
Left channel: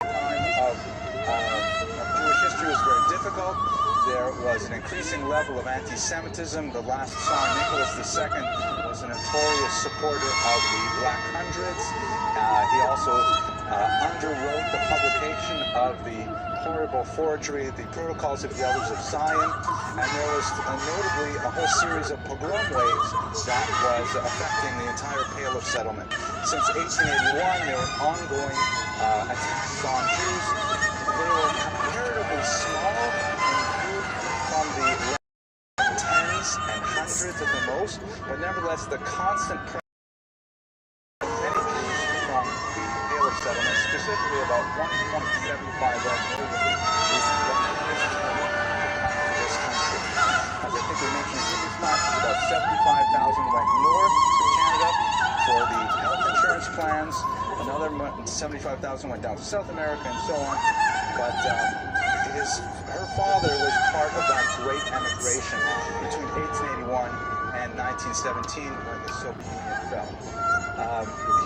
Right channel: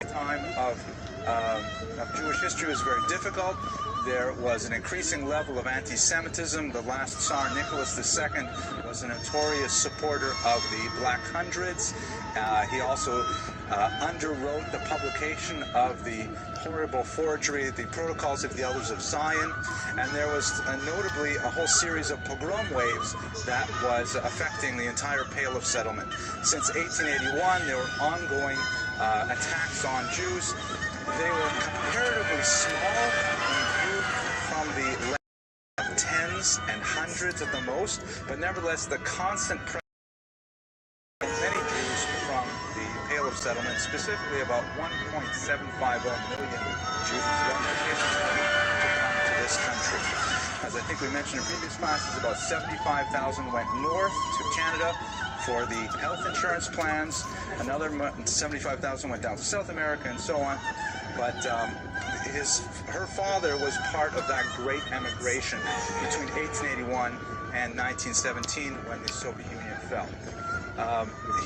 The time of Jewish history was very difficult. There was an increasing level of anti-Semitism. The last Tsar Nicholas II was a notorious supporter of the Black Hundreds. He also underwrote the publication of the horrible forgery, the Protocols of the Elders of Zion, and there was notably a whole series of pogrom waves that was affecting the entire Pale of Settlement. Since 1881, there were ongoing attacks on Jews. They were comparatively small in view from the tens and hundreds at the most, but nevertheless the constant pressure of many Jews from the Pale of Settlement, specifically about 1.75 million Jews to this country. As I think we mentioned in previous classes, about 75,000 went north to Canada for the health insurance plans. Another 75,000 went down to South America and so on. But her father was part of that great emigration between 1881 and 1917 when the Soviet Union fell.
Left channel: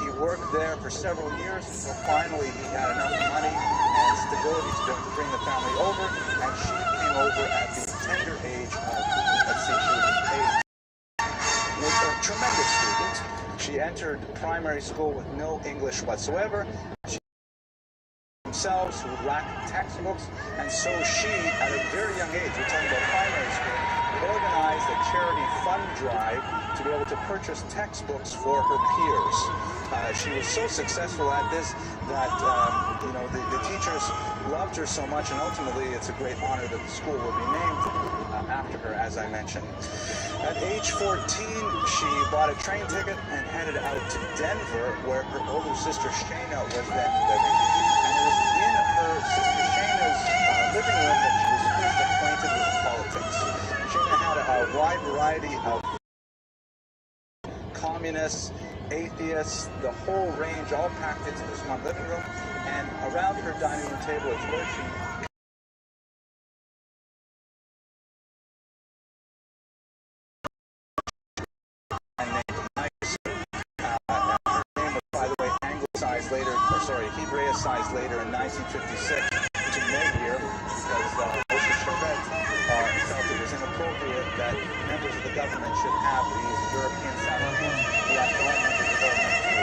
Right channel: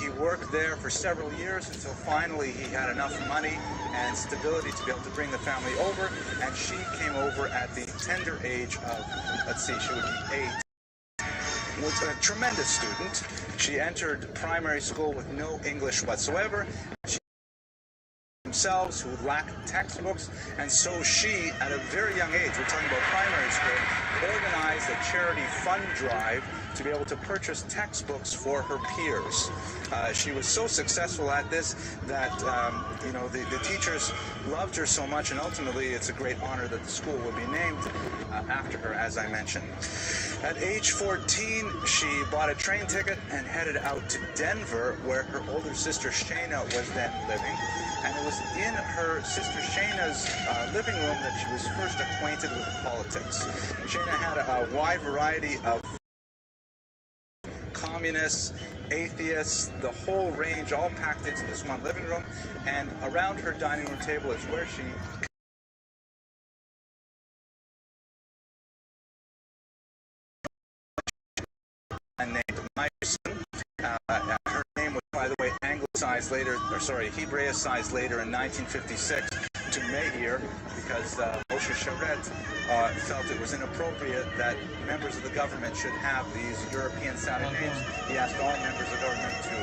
He worked there for several years until finally he had enough money and stability to be able to bring the family over, and she came over at the tender age of, let's see, she was 8. was a tremendous student. She entered primary school with no English whatsoever. She themselves who lacked textbooks, and so she, at a very young age, we're talking about primary school, organized a charity fund drive to be able to purchase textbooks for her peers. She was so successful at this that the teachers loved her so much, and ultimately it's a great honor that the school will be named after her, as I mentioned. At age 14, she bought a train ticket and headed out to Denver, where her older sister Shayna was then living. And it was in her sister Shayna's living room that she was first acquainted with politics. Shayna had a wide variety of communists, atheists, the whole range, all packed into this one living room. And around her dining room table is where she named Myerson. Her name was, by the way, anglicized later, Hebraicized later in 1956 to Meir, because Moshe Sharet felt it was inappropriate that members of the government should have these European-sounding names. He asked all members of the government to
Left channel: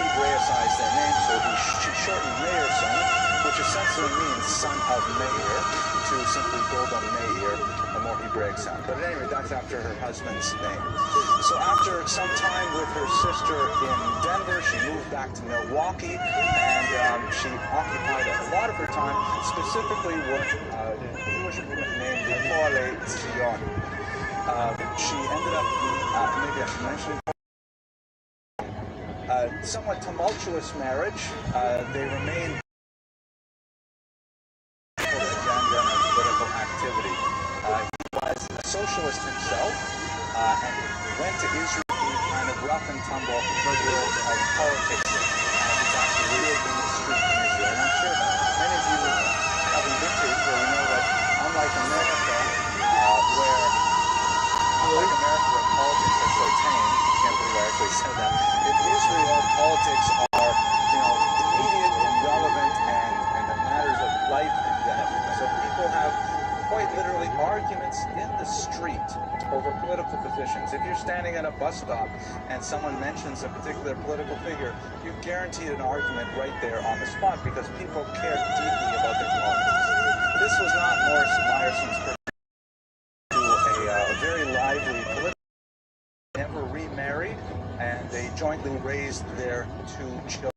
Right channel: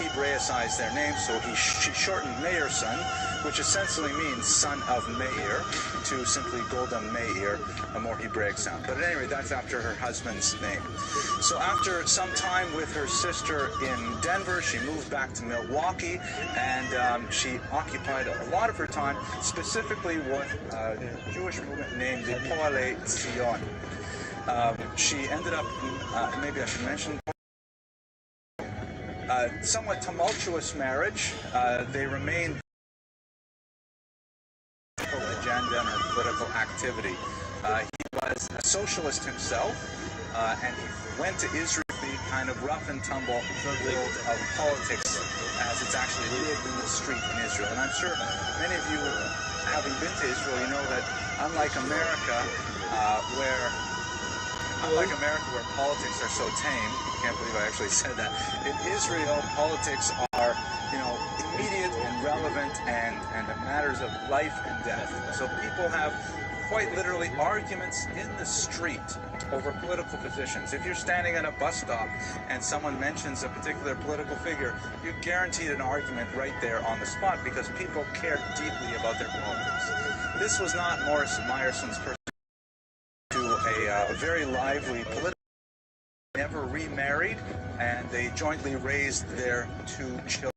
Hebraicize their names, so she shortened Meyerson, which essentially means son of Meir, to simply Golda Meir, a more Hebraic sound. But at any rate, that's after her husband's name. So after some time with her sister in Denver, she moved back to Milwaukee, and she occupied a lot of her time, specifically with a Jewish movement named the Poalei Zion. She ended up, maybe I should mention, somewhat tumultuous marriage. They remained agenda and political activity. He was a socialist himself and went to Israel the kind of rough and tumble world of politics as it's actually lived in the street in Israel. And I'm sure many of you, having been to Israel, you know that unlike America, where politics are so tame, I can't believe I actually said that. In Israel, politics are, immediate and relevant and the matters of life and death. So people have quite literally arguments in the street over political positions. If you're standing at a bus stop and someone mentions a particular political figure, you're guaranteed an argument right there on the spot because people care deeply about their politics. This was not Morris Meyerson's person. A very lively political, never remarried, and they jointly raised their 2 children,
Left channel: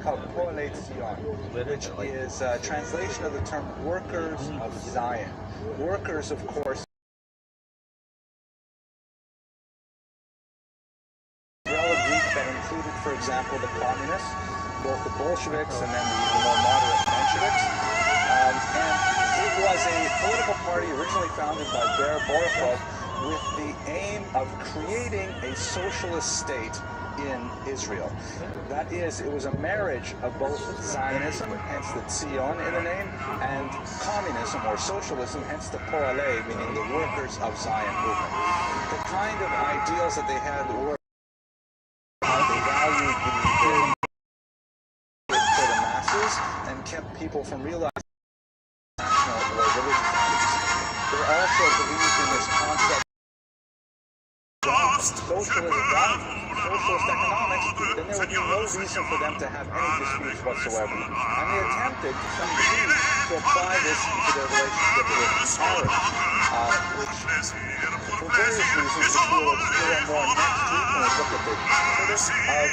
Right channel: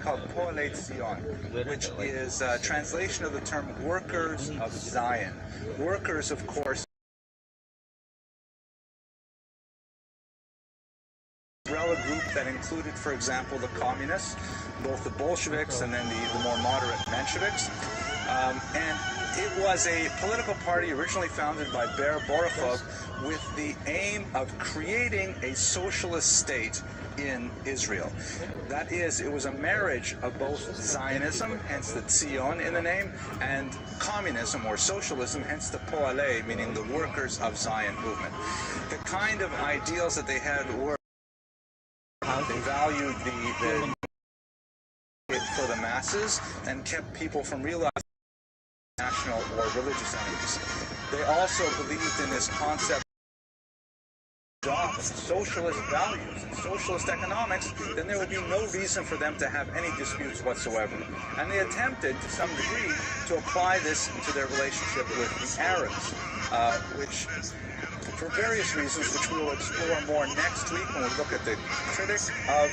called Poalei Zion, which is a translation of the term workers of Zion. Workers, of course, umbrella group that included, for example, the communists, both the Bolsheviks and then the more moderate Mensheviks. And it was a political party originally founded by Ber Borachov with the aim of creating a socialist state in Israel. That is, it was a marriage of both Zionism, hence the Zion in the name, and communism or socialism, hence the Poalei, meaning the workers of Zion movement. The kind of ideals that they had were they valued the for the masses and kept people from realizing national or religious entities. They also believed in this concept of socialist values, socialist economics, then there would be no reason for them to have any disputes whatsoever. And they attempted, to some degree, to apply this to their relationship with the Arabs, which, for various reasons, which we will explore more next week when we look at the critics of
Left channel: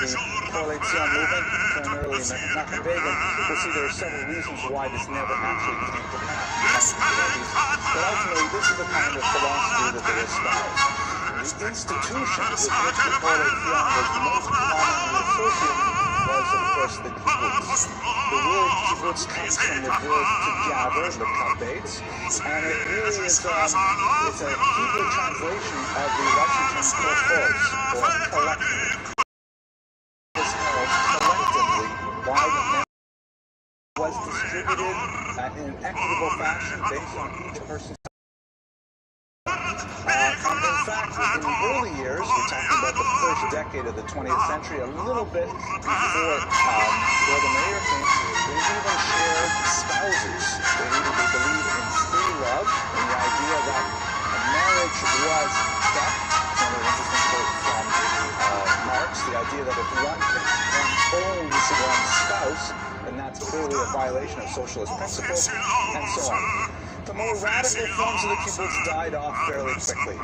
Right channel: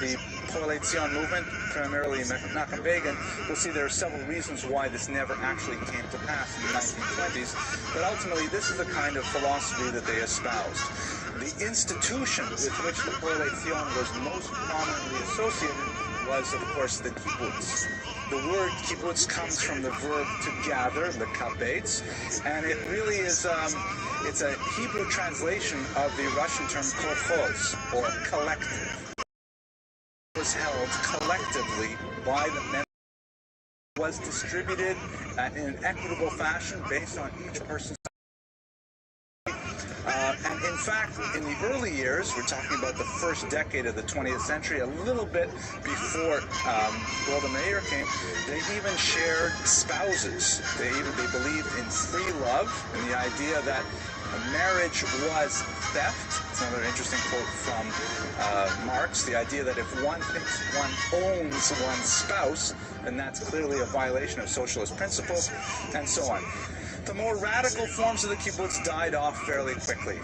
the Poalei Zion movement, primarily Menachem Begin, we'll see there are several reasons why this never actually came to pass in the 1920s. But ultimately, this is the kind of philosophy that they espouse. The institution with which the Poalei Zion was most commonly associated was, of course, the kibbutz. The word kibbutz comes from the verb to gather, the kabetz, and it really is it's a Hebrew translation of the Russian term kolkhoz, or collective. It was held collectively by the members. Was distributed in an equitable fashion based on each person's. And in fact, in the early years, we're talking about the first decade of the 20th century, a little bit before Golda Meir came, they even shared spouses. They believed in free love and the idea that marriage was theft. It's another interesting quote from Marx. The idea that if one owns one's spouse, then that's clearly a violation of socialist principles, and so on. The more radical forms of the kibbutz died off fairly quickly.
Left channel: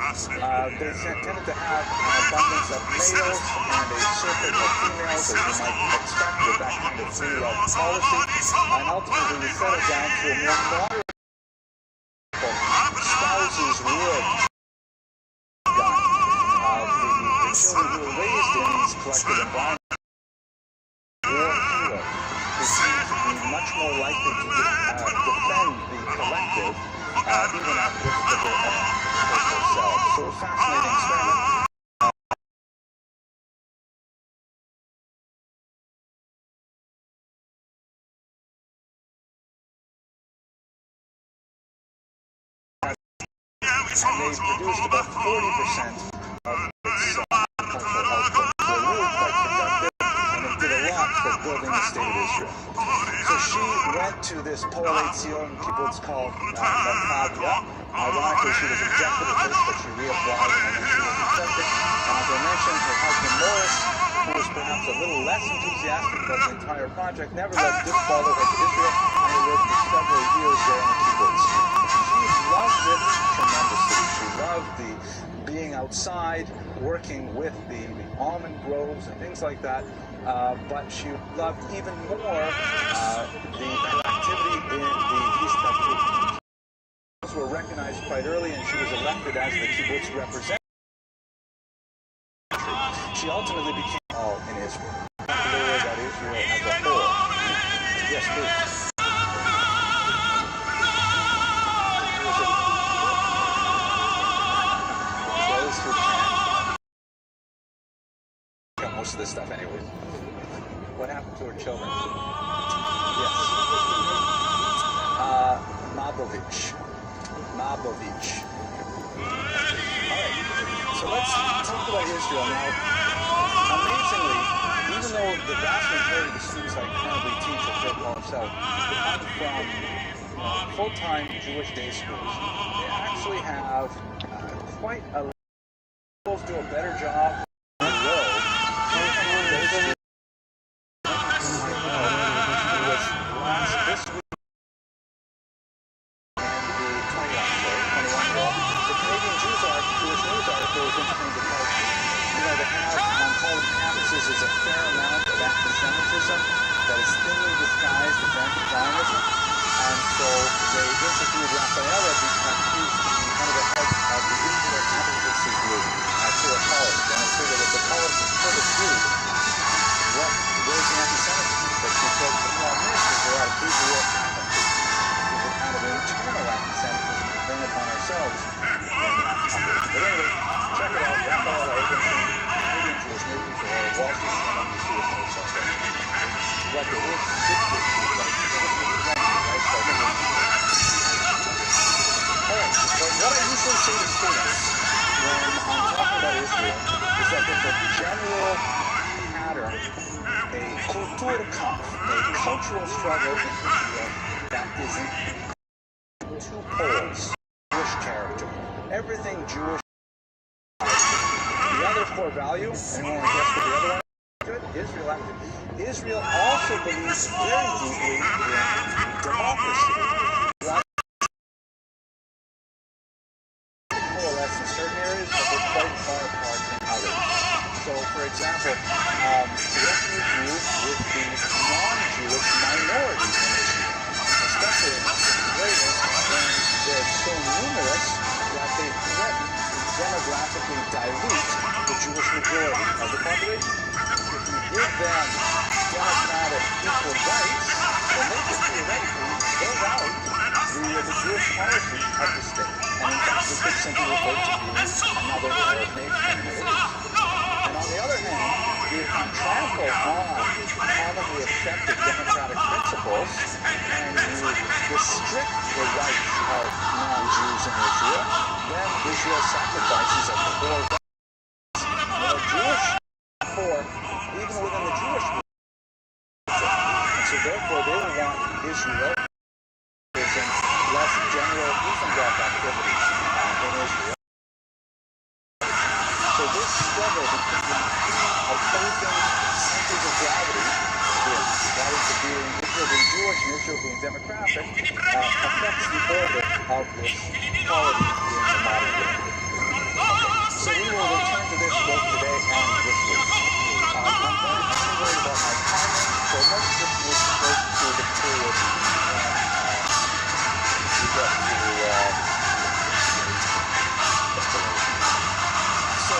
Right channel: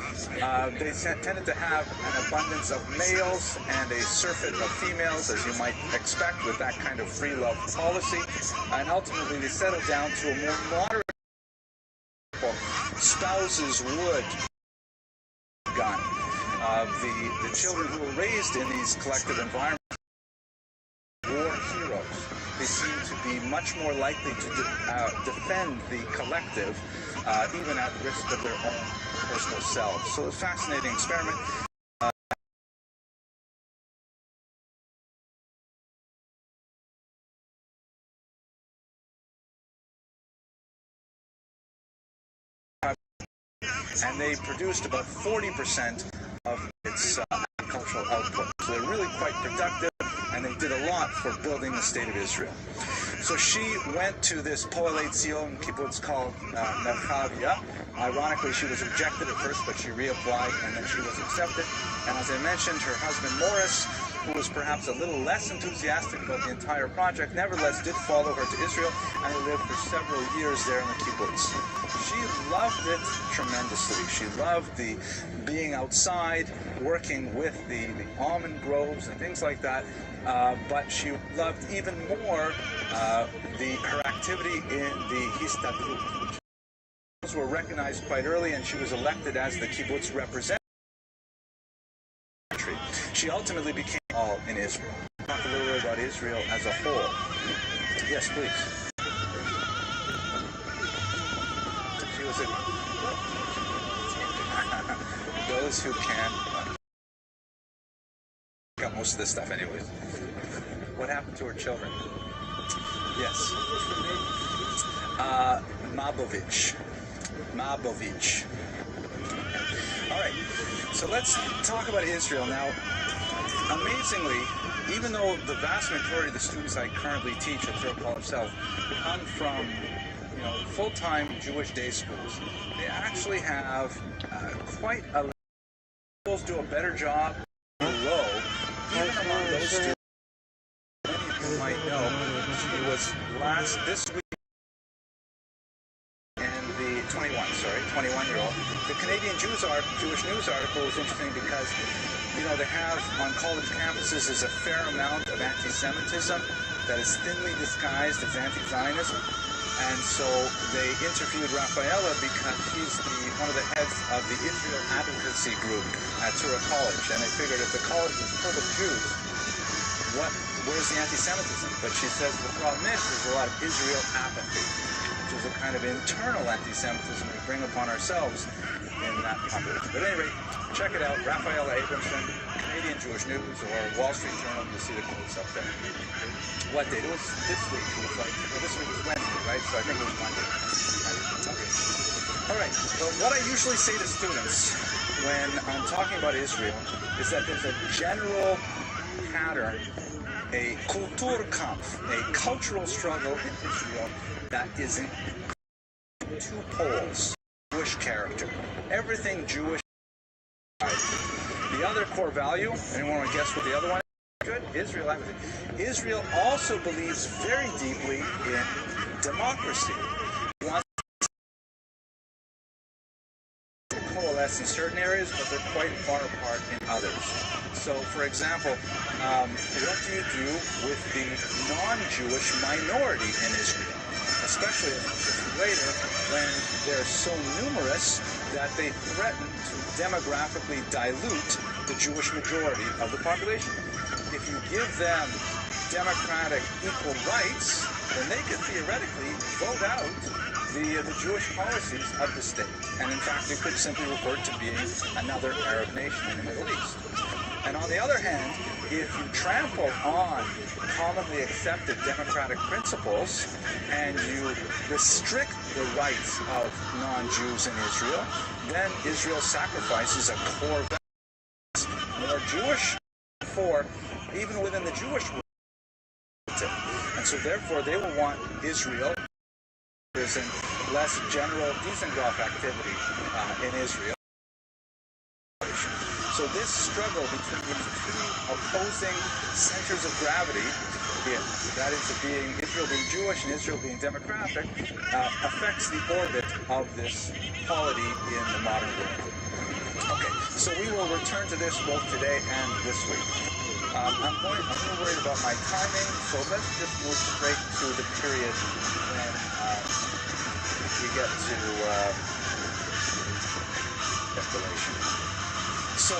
They tended to have an abundance of males and a surfeit of females, as you might expect with that kind of free love policy, and ultimately they settled down to a more moderate spouses would gun. The children who were raised in these collective environments were heroes. They seem to be much more likely to defend the collective, even at risk of their own personal selves. So a fascinating experiment. And they produced about 40% of its agricultural output. So they're really quite productive, and they did a lot for building the state of Israel. So she went to this Poalei Zion kibbutz called Merchavia. Ironically, she was rejected at first, but she reapplied, and then she was accepted. And as I mentioned, her husband Morris, who was perhaps a little less enthusiastic about the entire project, nevertheless did follow her to Israel, and he lived for several years there in the kibbutz. She loved it tremendously. She loved the being outside, working with the almond groves and things like that, but she loved even more her activity in the Histadrut. Those were recognized quite early, and she was elected as the kibbutz representative. She ultimately became all in Israel. Talk a little bit about Israel as a whole. Yes, please. Those who can got most of this stuff anyways. What happened to her children? Yes. Mabovich. All right. So let's talk about Israel now. Amazingly, even though the vast majority of the students I currently teach at Phil College South come from full-time Jewish day schools, they actually have quite a do a better job on the road. Even among those students you might know, it was this week in the 21-year-old. The Canadian Jewish News article is interesting because they have on college campuses is a fair amount of anti-Semitism that is thinly disguised as anti-Zionism. And so they interviewed Rafaela because he's one of the heads of the Israel advocacy group at Tua College. And they figured if the college is full of Jews, where's the anti-Semitism? But she said the problem is there's a lot of Israel apathy, which is a kind of internal anti-Semitism we bring upon ourselves in that country. But anyway, check it out, Rafaela Abramson, Canadian Jewish News, or Wall Street Journal, you see the quotes up there. What they did this week was like, this week is Wednesday, right? So I think all right, so what I usually say to students when I'm talking about Israel is that there's a general pattern, a Kulturkampf, a cultural struggle in Israel that is in two poles. Jewish character. Everything Jewish. The other core value, anyone want to guess what the other one is? Good. Israel also believes very deeply in democracy. Coalesce in certain areas, but they're quite far apart in others. So, for example, what do you do with the non-Jewish minority in Israel? Especially later when they're so numerous that they threaten to demographically dilute the Jewish majority of the population. If you give them democratic equal rights, then they could theoretically vote out the Jewish policies of the state. And in fact, they could simply refer to being another Arab nation in the Middle East. And on the other hand, if you trample on commonly accepted democratic principles and you restrict the rights of non-Jews in Israel, then Israel sacrifices a core value. Jewish core, even within the Jewish movement. And so therefore they will want Israel and less general Wiesengraf activity in Israel. So this struggle between the two opposing centers of gravity, that is to being Israel being Jewish and Israel being democratic, affects the orbit of this polity in the modern world. Okay, so we will return to this both today and this week. I'm really worried about my timing, so let's just move straight to the period when we get to declaration. So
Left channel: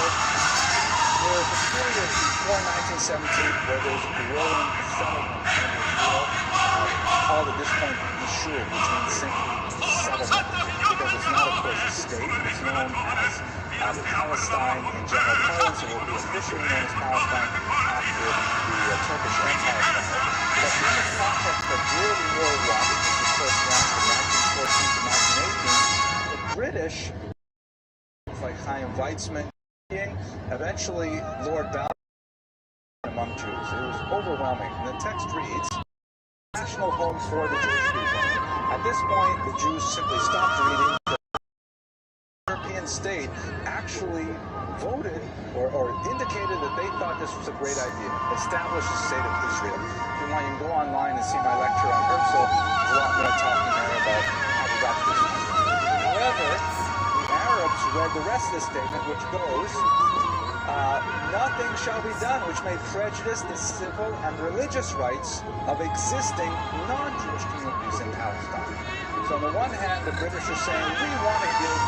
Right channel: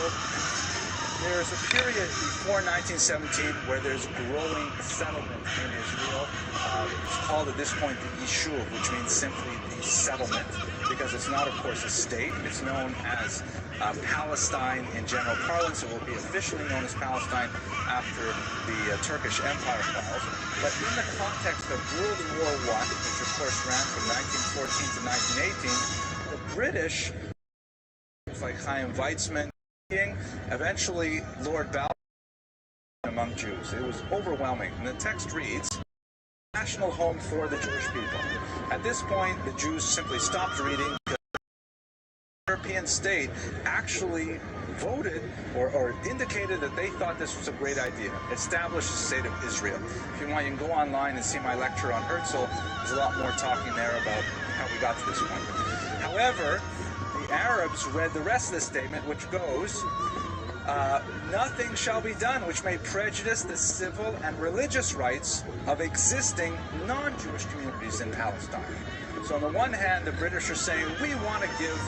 there's a period before 1917 where there's growing settlement in Israel. It's called at this point the Yishuv, which means simply settlement, because it's not, of course, a state. It's known as Palestine in general parlance. It will be officially known as Palestine after the Turkish Empire fell. But in the context of World War I, which of course ran from 1914 to 1918, the British, like Chaim Weizmann, eventually Lord Balfour among Jews. It was overwhelming. And the text reads, national home for the Jewish people. At this point, the Jews simply stopped reading. The European state actually voted or indicated that they thought this was a great idea. Establish the state of Israel. If you want, you can go online and see my lecture on Herzl. There's a lot more talking there about how we got to this point. However, the Arabs read the rest of the statement, which goes, nothing shall be done which may prejudice the civil and religious rights of existing non-Jewish communities in Palestine. So on the one hand, the British are saying, we want to give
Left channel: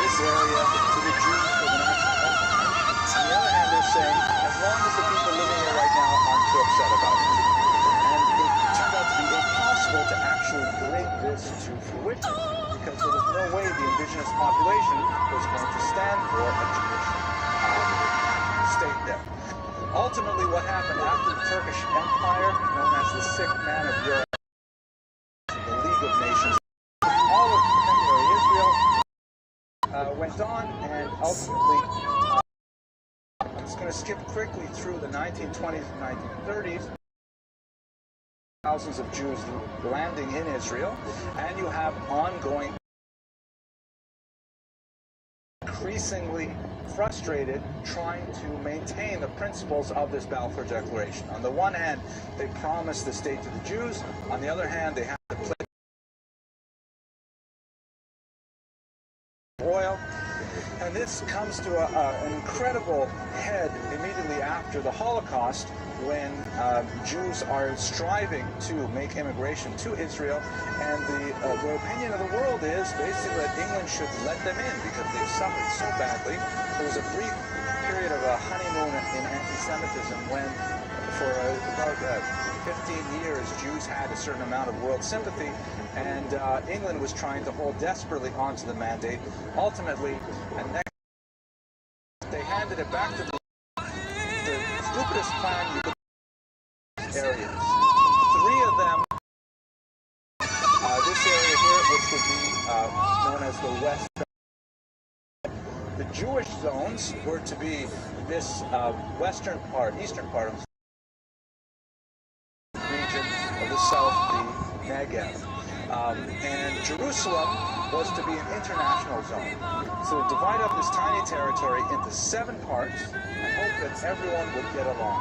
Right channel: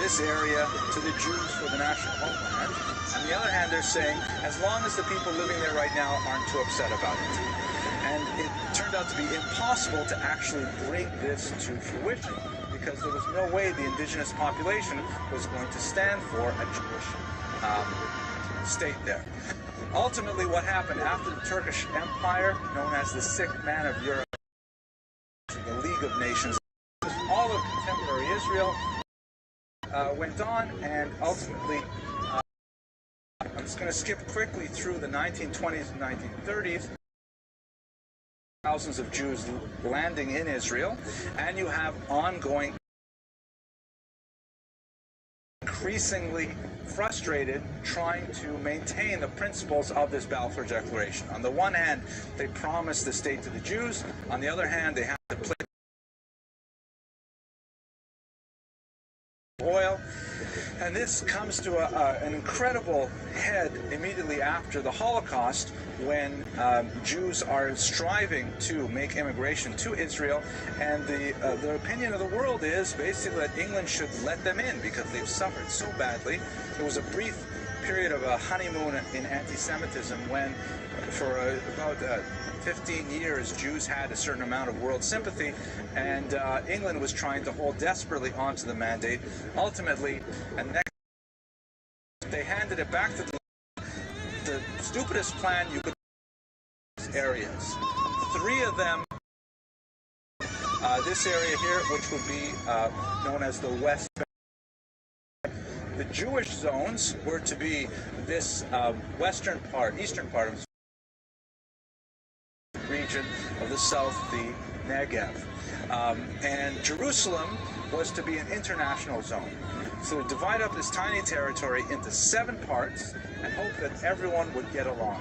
this area to the Jews for the national homeland. On the other hand, they're saying, as long as the people living there right now aren't too upset about it. And it turned out to be impossible to actually bring this to fruition, because there was no way the indigenous population was going to stand for a Jewish state there. Ultimately, what happened after the Turkish Empire, known as the Sick Man of Europe, the League of Nations, all of contemporary Israel went on, and ultimately, I'm just going to skip quickly through the 1920s and 1930s. Thousands of Jews landing in Israel, and you have ongoing, increasingly frustrated trying to maintain the principles of this Balfour Declaration. On the one hand, they promised the state to the Jews. On the other hand, they have to play oil. And this comes to an incredible head immediately after the Holocaust, when Jews are striving to make immigration to Israel, and the opinion of the world is basically that England should let them in because they've suffered so badly. There was a brief period of a honeymoon in anti-Semitism when, for about 15 years, Jews had a certain amount of world sympathy, and England was trying to hold desperately onto the mandate. Ultimately, and next, they handed it back to the stupidest plan you could areas. 3 of them, this area here, which would be known as the West Bank. The Jewish zones were to be this eastern part of the region of the south, the Negev. And Jerusalem was to be an international zone. So to divide up this tiny territory into 7 parts and hope that everyone would get along.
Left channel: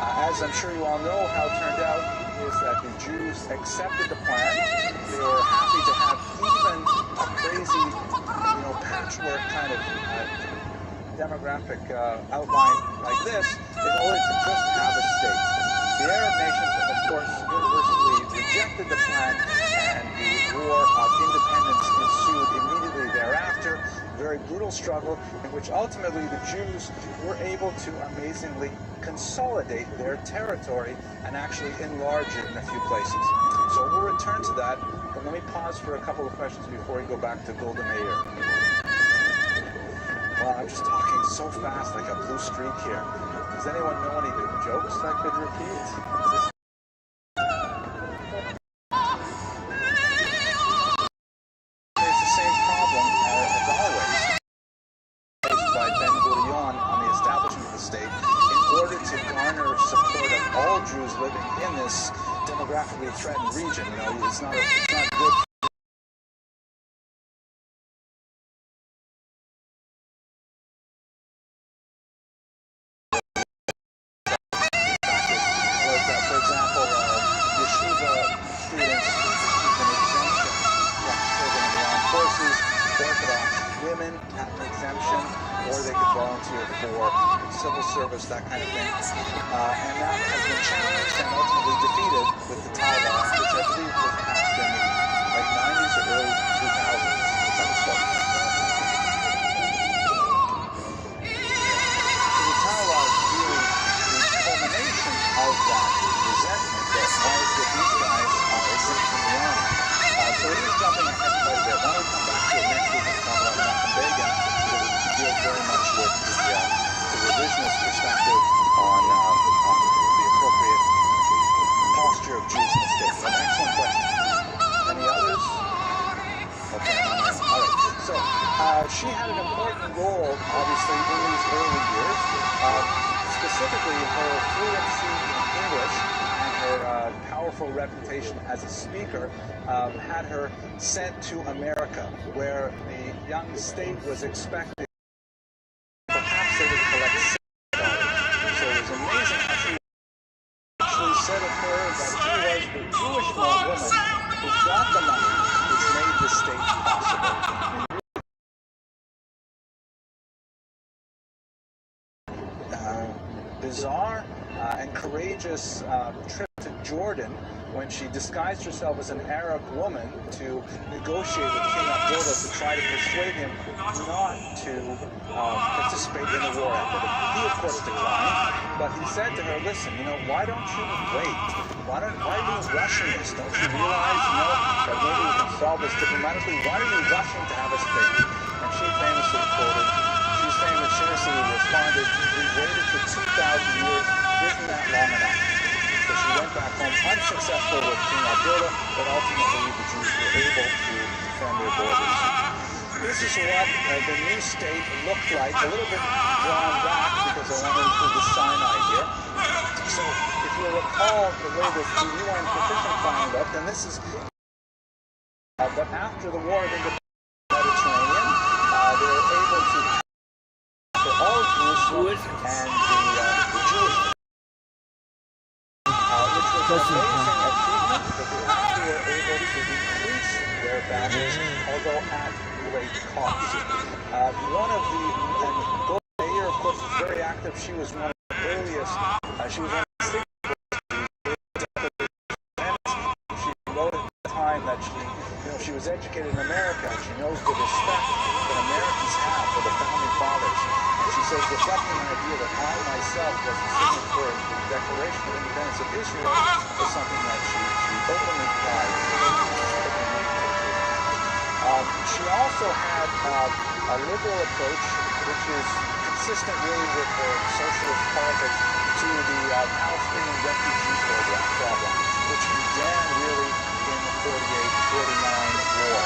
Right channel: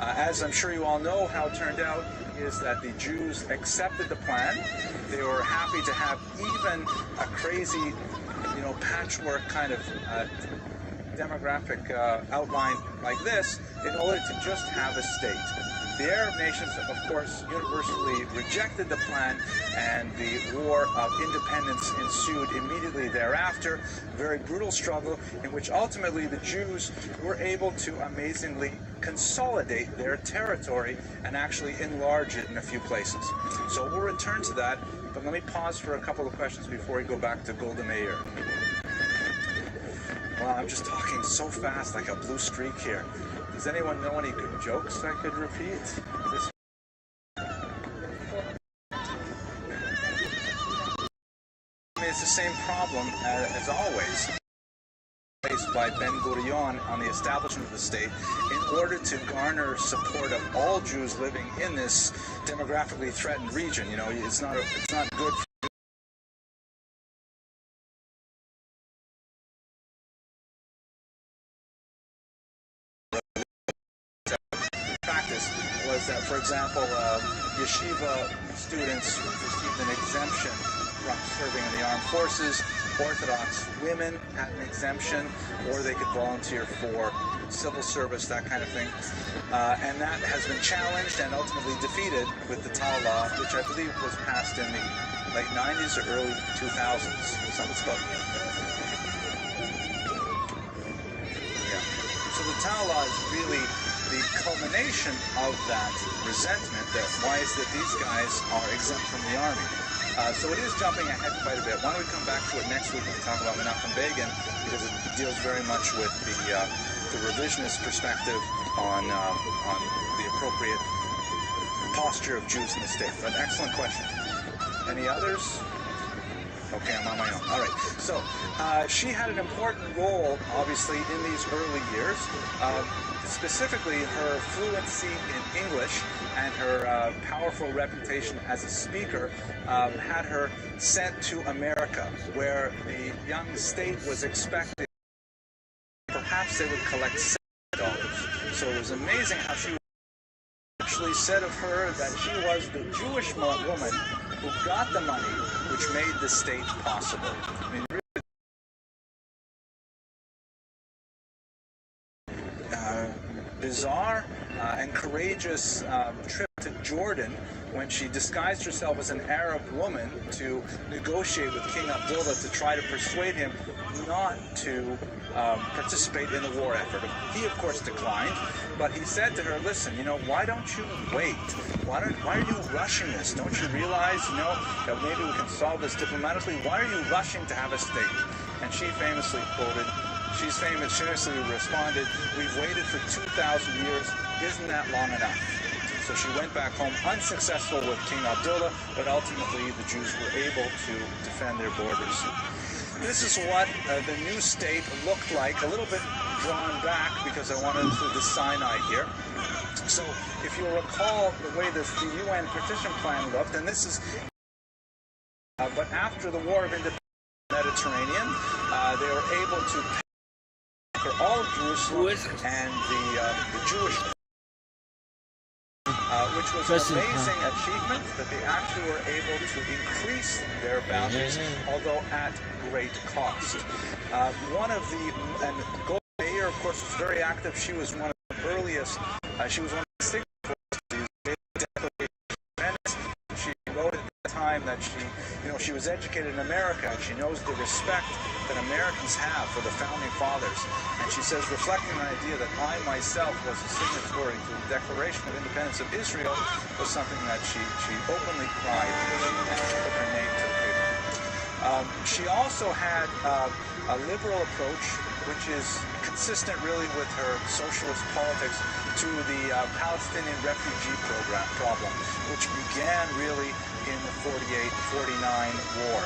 As I'm sure you all know, how it turned out is that the Jews accepted the plan. They were happy to have even a crazy, patchwork kind of demographic outline like this in order to just have a state. The Arab nations, of course, universally rejected the plan, and the War of Independence ensued immediately thereafter. A very brutal struggle in which ultimately the Jews were able to amazingly consolidate their territory and actually enlarge it in a few places. So we'll return to that, but let me pause for a couple of questions before we go back to Golda Meir. Well, I'm just talking so fast, like a blue streak here. Does anyone know any good jokes I could repeat? It's the same problem as always faced by Ben-Gurion on the establishment of the state in order to garner support of all Jews living in this demographically threatened region. It's not good that, for example, yeshiva students received an exemption from serving in the armed forces. Orthodox women had an exemption, or they could volunteer for civil service, that kind of thing. And that has been challenged and ultimately defeated with the Tal law, which I believe was passed in the late 90s or early 2000s. So the Tal law is really the culmination of that resentment that why is that these guys are exempt from the army. So it is jumping ahead quite a bit. Why don't we come back to it next week and talk about Menachem Begin, because it deals very much with the revisionist perspective on the appropriate posture of Jews in the state. But excellent question. Any others? Okay, I'm on my own. All right. So she had an important role, obviously, in these early years. Specifically, her fluency in English and her powerful reputation as a speaker had her sent to America, where the young state was expecting perhaps they would collect $6. So it was amazing how she actually said of her that she was the Jewish woman who got the money which made the state possible. I mean, bizarre and courageous trip to Jordan when she disguised herself as an Arab woman to negotiate with King Abdullah to try to persuade him not to participate in the war effort. He, of course, declined, but he said to her, listen, why don't you wait? Why are you rushing this? Don't you realize, that maybe we can solve this diplomatically? Why are you rushing to have a state? And she famously quoted, she's famously responded, we've waited for 2,000 years, isn't that long enough? So she went back home unsuccessful with King Abdullah, but ultimately the Jews were able to defend their borders. This is what the new state looked like, a little bit drawn back because I want to include the Sinai here. So if you'll recall the way the UN partition plan looked, and this is, but after the War of Independence in the Mediterranean, they were able to for all of Jerusalem and the Jewish, which was an amazing achievement that they actually were able to increase their boundaries, although at great cost. One of the, and Golda Meir, of course, was very active. She was one of the earliest, she was one of the signatories to she wrote at the time that she was educated in America, and she knows the respect that Americans have for the founding fathers. And she says, reflecting on the idea that I myself was a signatory to the Declaration of Independence of Israel was something that she openly cried and put her name to. She also had a liberal approach, which is consistent really with her socialist politics, to the Palestinian refugee problem, which began really in the 48-49 war.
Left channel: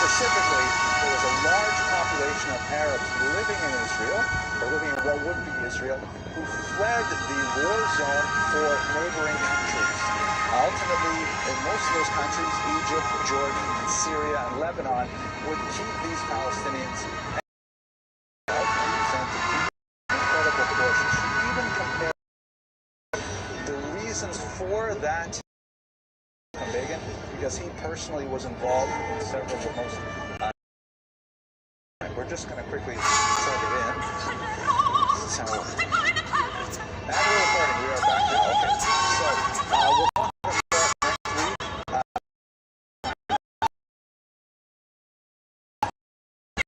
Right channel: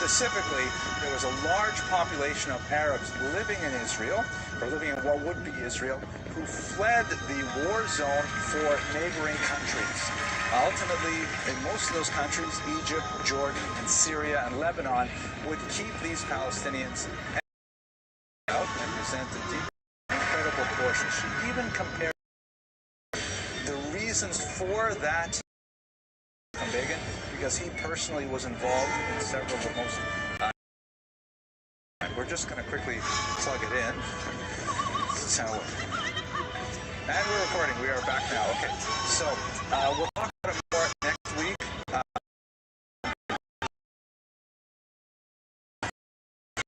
Specifically, there was a large population of Arabs living in Israel, or living in what would be Israel, who fled the war zone for neighboring countries. Ultimately, in most of those countries, Egypt, Jordan, and Syria, and Lebanon, would keep these Palestinians out and presented incredible portions. She even compared the reasons for that Begin, because he personally was involved in several of the most we're just going to quickly plug it in. So, and we're recording. We are back now. Okay, so we'll talk about it next week.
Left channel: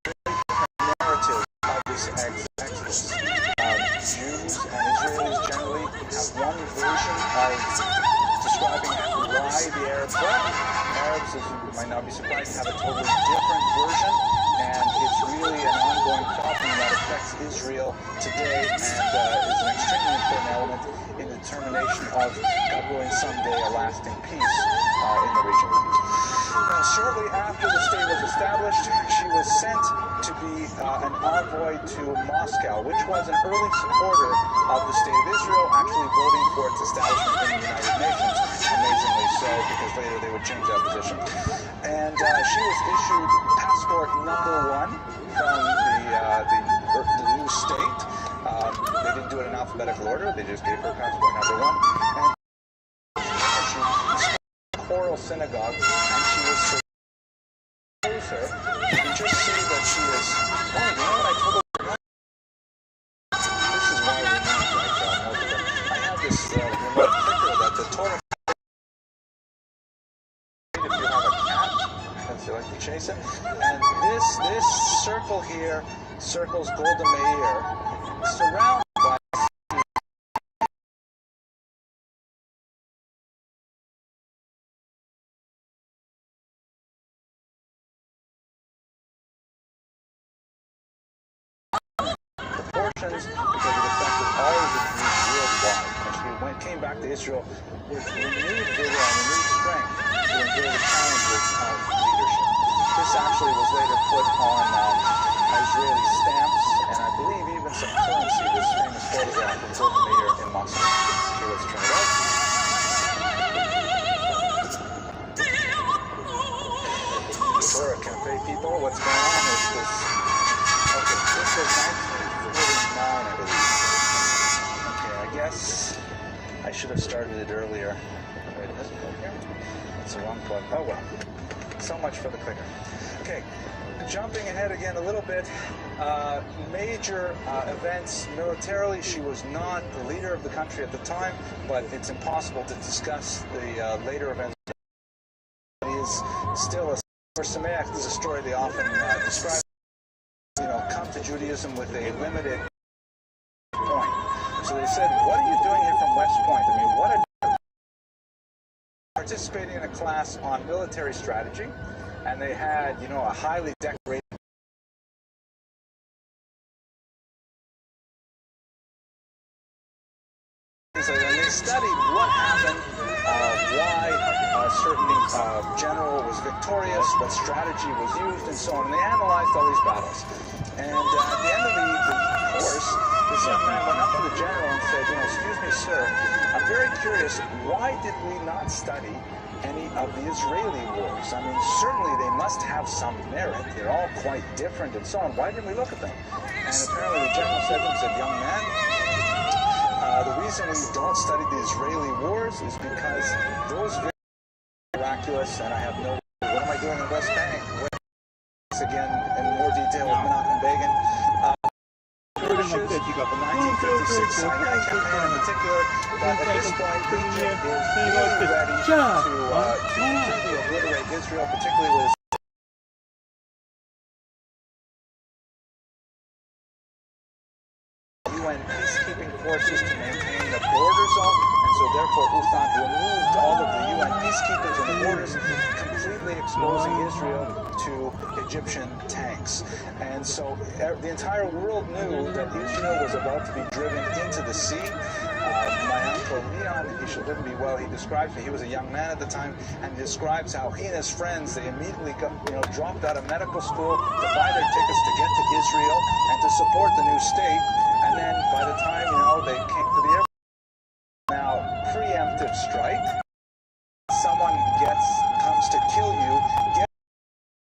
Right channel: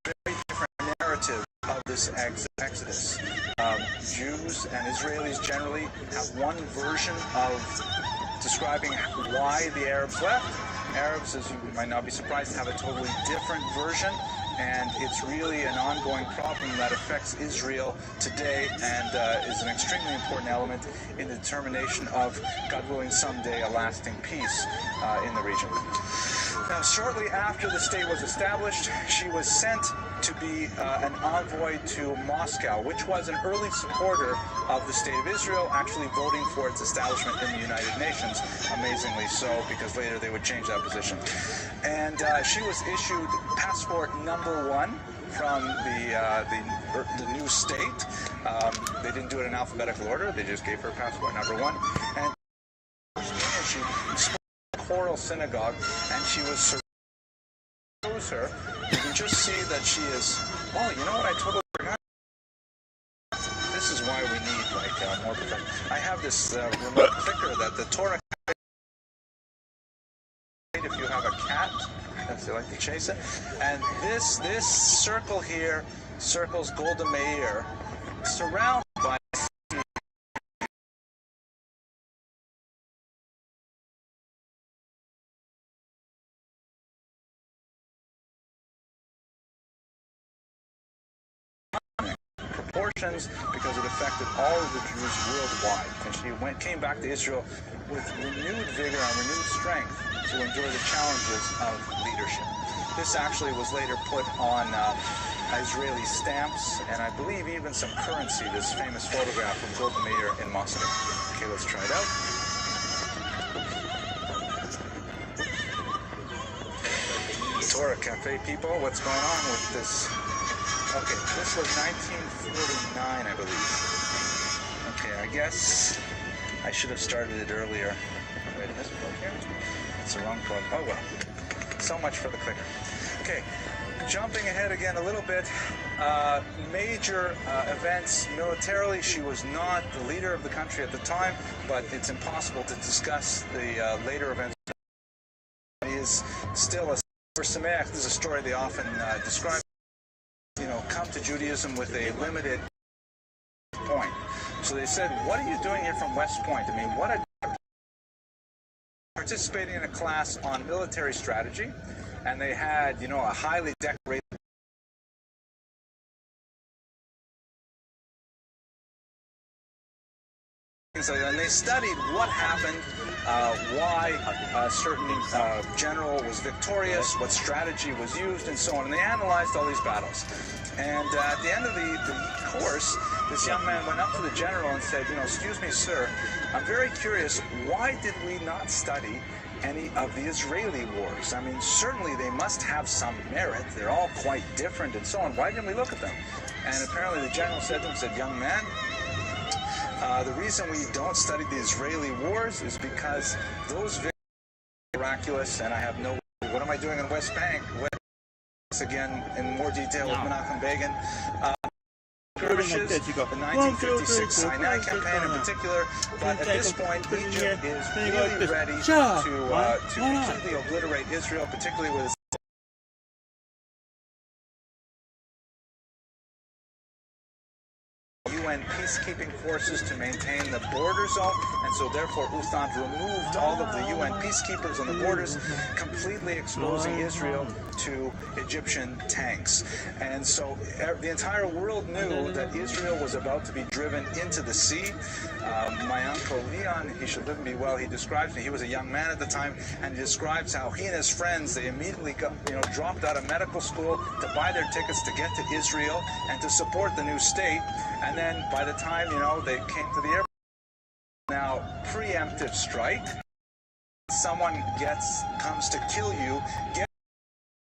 Very different narrative of this exodus. Jews and Israelis generally have one version of describing why the Arabs left. Arabs, as you might not be surprised, have a totally different version, and it's really an ongoing problem that affects Israel today and is an extremely important element in the determination of, God willing, someday a lasting peace in the region. Now, shortly after the state was established, she was sent to be an envoy to Moscow, which was an early supporter of the State of Israel, actually voting for its establishment in the United Nations, amazingly so, because later they would change that position. And she was issued passport number 1 from the new state. They didn't do it in alphabetical order, they just gave her passport number 1. And temporal synagogue, and she was surrounded her. You can just see that she is. Oh, you know what? I totally forgot. This is why we need like more. I have this remote clicker that the Torah. If you have a cat, if you like to chase it, and this circle here circles Golda Meir, surrounded by proportions because it affected all of the Jews worldwide. And she came back to Israel with renewed vigor and renewed strength to endure the challenges of leadership. This actually was later put on Israeli stamps, and I believe even some currency, this famous photograph of Golda Meir in Moscow. Okay, let's turn it out. Torah Cafe people, what's going on with this? Okay, this was 1949, I believe. Okay, I guess I should have started it earlier. Wait, this plug here? That's the wrong plug. Oh well. So much for the clicker. Okay, jumping ahead again a little bit. Major events militarily. She was not the leader of the country at the time, but it's impossible to discuss the later events. It is still a for Sameach. This is a story they often describe. You know, come to Judaism with a limited point. So they said, what are you doing here from West Point? I mean, what a... Participating in a class on military strategy, and they had, you know, a highly decorated... And they studied what happened, why a certain general was victorious, what strategy was used, and so on. And they analyzed all these battles. And at the end of the course, this young man went up to the general and said, you know, excuse me, sir, I'm very curious, why did we not study any of the Israeli wars? I mean, certainly they must have some merit. They're all quite different and so on. Why didn't we look at them? And apparently the general said to him, said, young man, the reason we don't study the Israeli wars is because those very miraculous, and I have no... What am I doing in West Bank? Again, in more detail with Menachem Begin. The 1956 Sinai campaign in particular, but at this point, Egypt is really ready to completely obliterate Israel, particularly with UN peacekeeping forces to maintain the border zone, and so therefore UNAMID removed all of the UN peacekeepers on the borders, completely exposing Israel to Egyptian tanks. And so the entire world knew that Israel was about to be driven into the sea. My uncle Leon, he should live and be well, he describes me, he was a young man at the time, and he describes how he and his friends, they immediately got, dropped out of medical school to buy their tickets to get to Israel and to support the new state. And then by the time, they came to the airport, now preemptive strike, someone comes to kill you,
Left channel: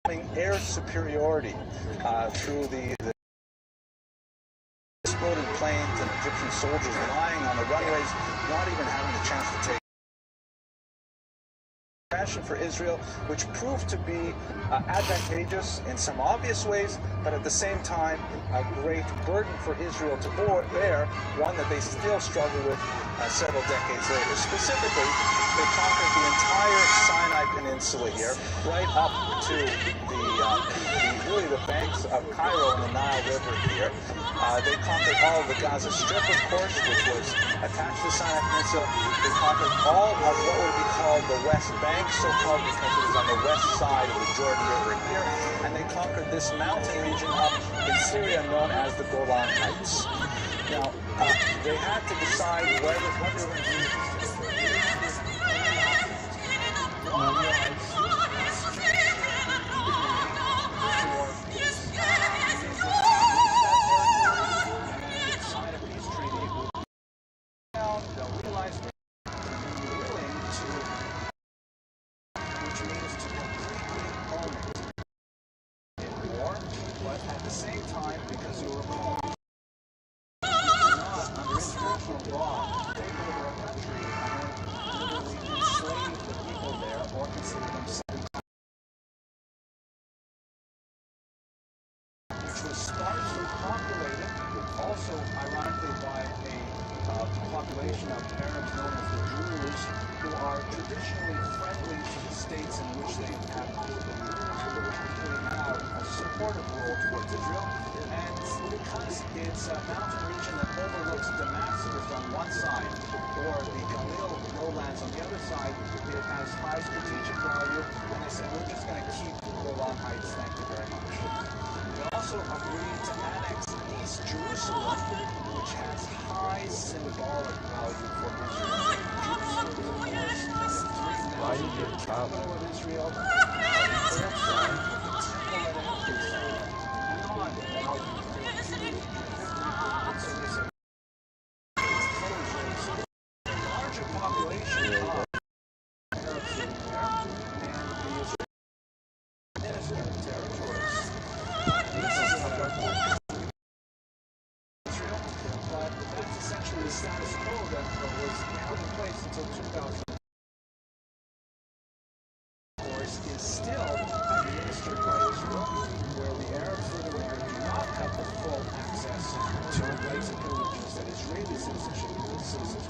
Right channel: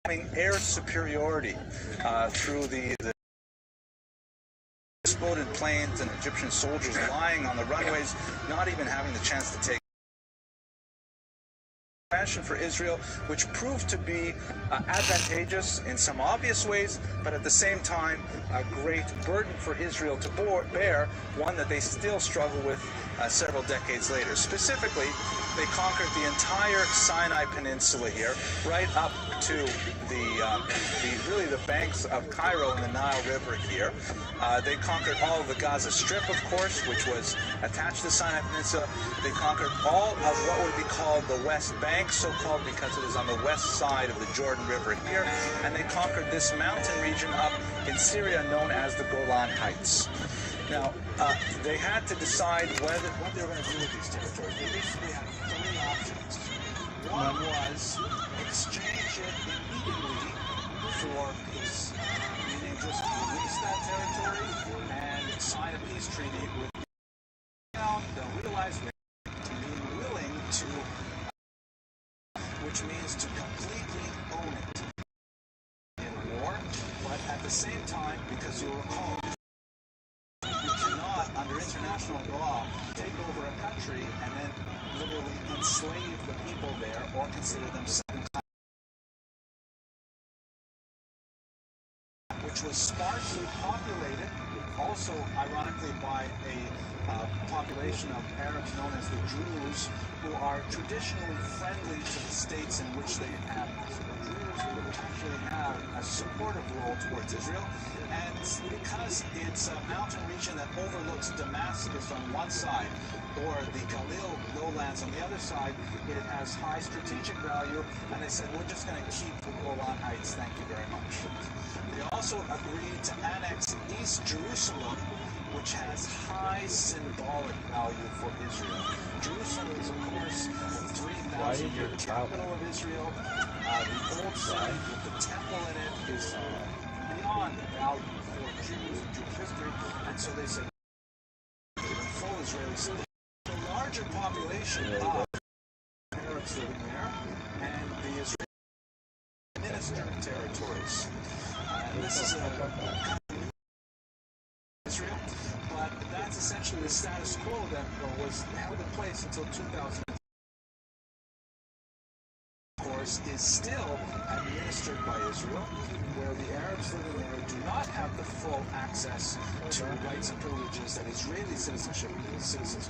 getting air superiority through the exploded planes and Egyptian soldiers lying on the runways, not even having the chance to take for Israel, which proved to be advantageous in some obvious ways, but at the same time a great burden for Israel to bear, one that they still struggle with several decades later. Specifically, they conquered the entire Sinai Peninsula here, right up to the banks of Cairo and the Nile River here. They conquered all of the Gaza Strip, of course, which was attached to the Sinai Peninsula. They conquered all of what would be called the West Bank, so-called because it was on the west side of the Jordan River here, and they conquered this mountain region up in Syria known as the Golan Heights. Now, they had to decide what they were going to do with these territories. One was exchange for peace. They just release that territory and sign a peace treaty with they'll realize to be willing to, which means to completely own it in war, but at the same time, because you'll recall, you cannot, under international law, take over a country and then literally enslave the people there or consider them which was sparsely populated, also ironically by a population of Arabs known as the Druze, who are traditionally friendly to the states in which they inhabit. The Druze actually have a supportive role towards Israel, and because it's a mountain region that overlooks Damascus on one side, or the Galil lowlands on the other side, it has high strategic value, and they said, we're just going to keep the Golan Heights, thank you very much. They also agreed to annex East Jerusalem, which has high symbolic value for Israel. Jerusalem is, of course, the 3,000-year capital of Israel. The old side with the temple in it is beyond value for Jewish history, and so they say full Israeli city. A larger population of Arabs living there, and the Israeli administrative territories. This is Israel, but that's essentially the status quo that was held in place until 2000. Of course, is still administered by Israel, where the Arabs living there do not have the full access to rights and privileges that Israeli citizens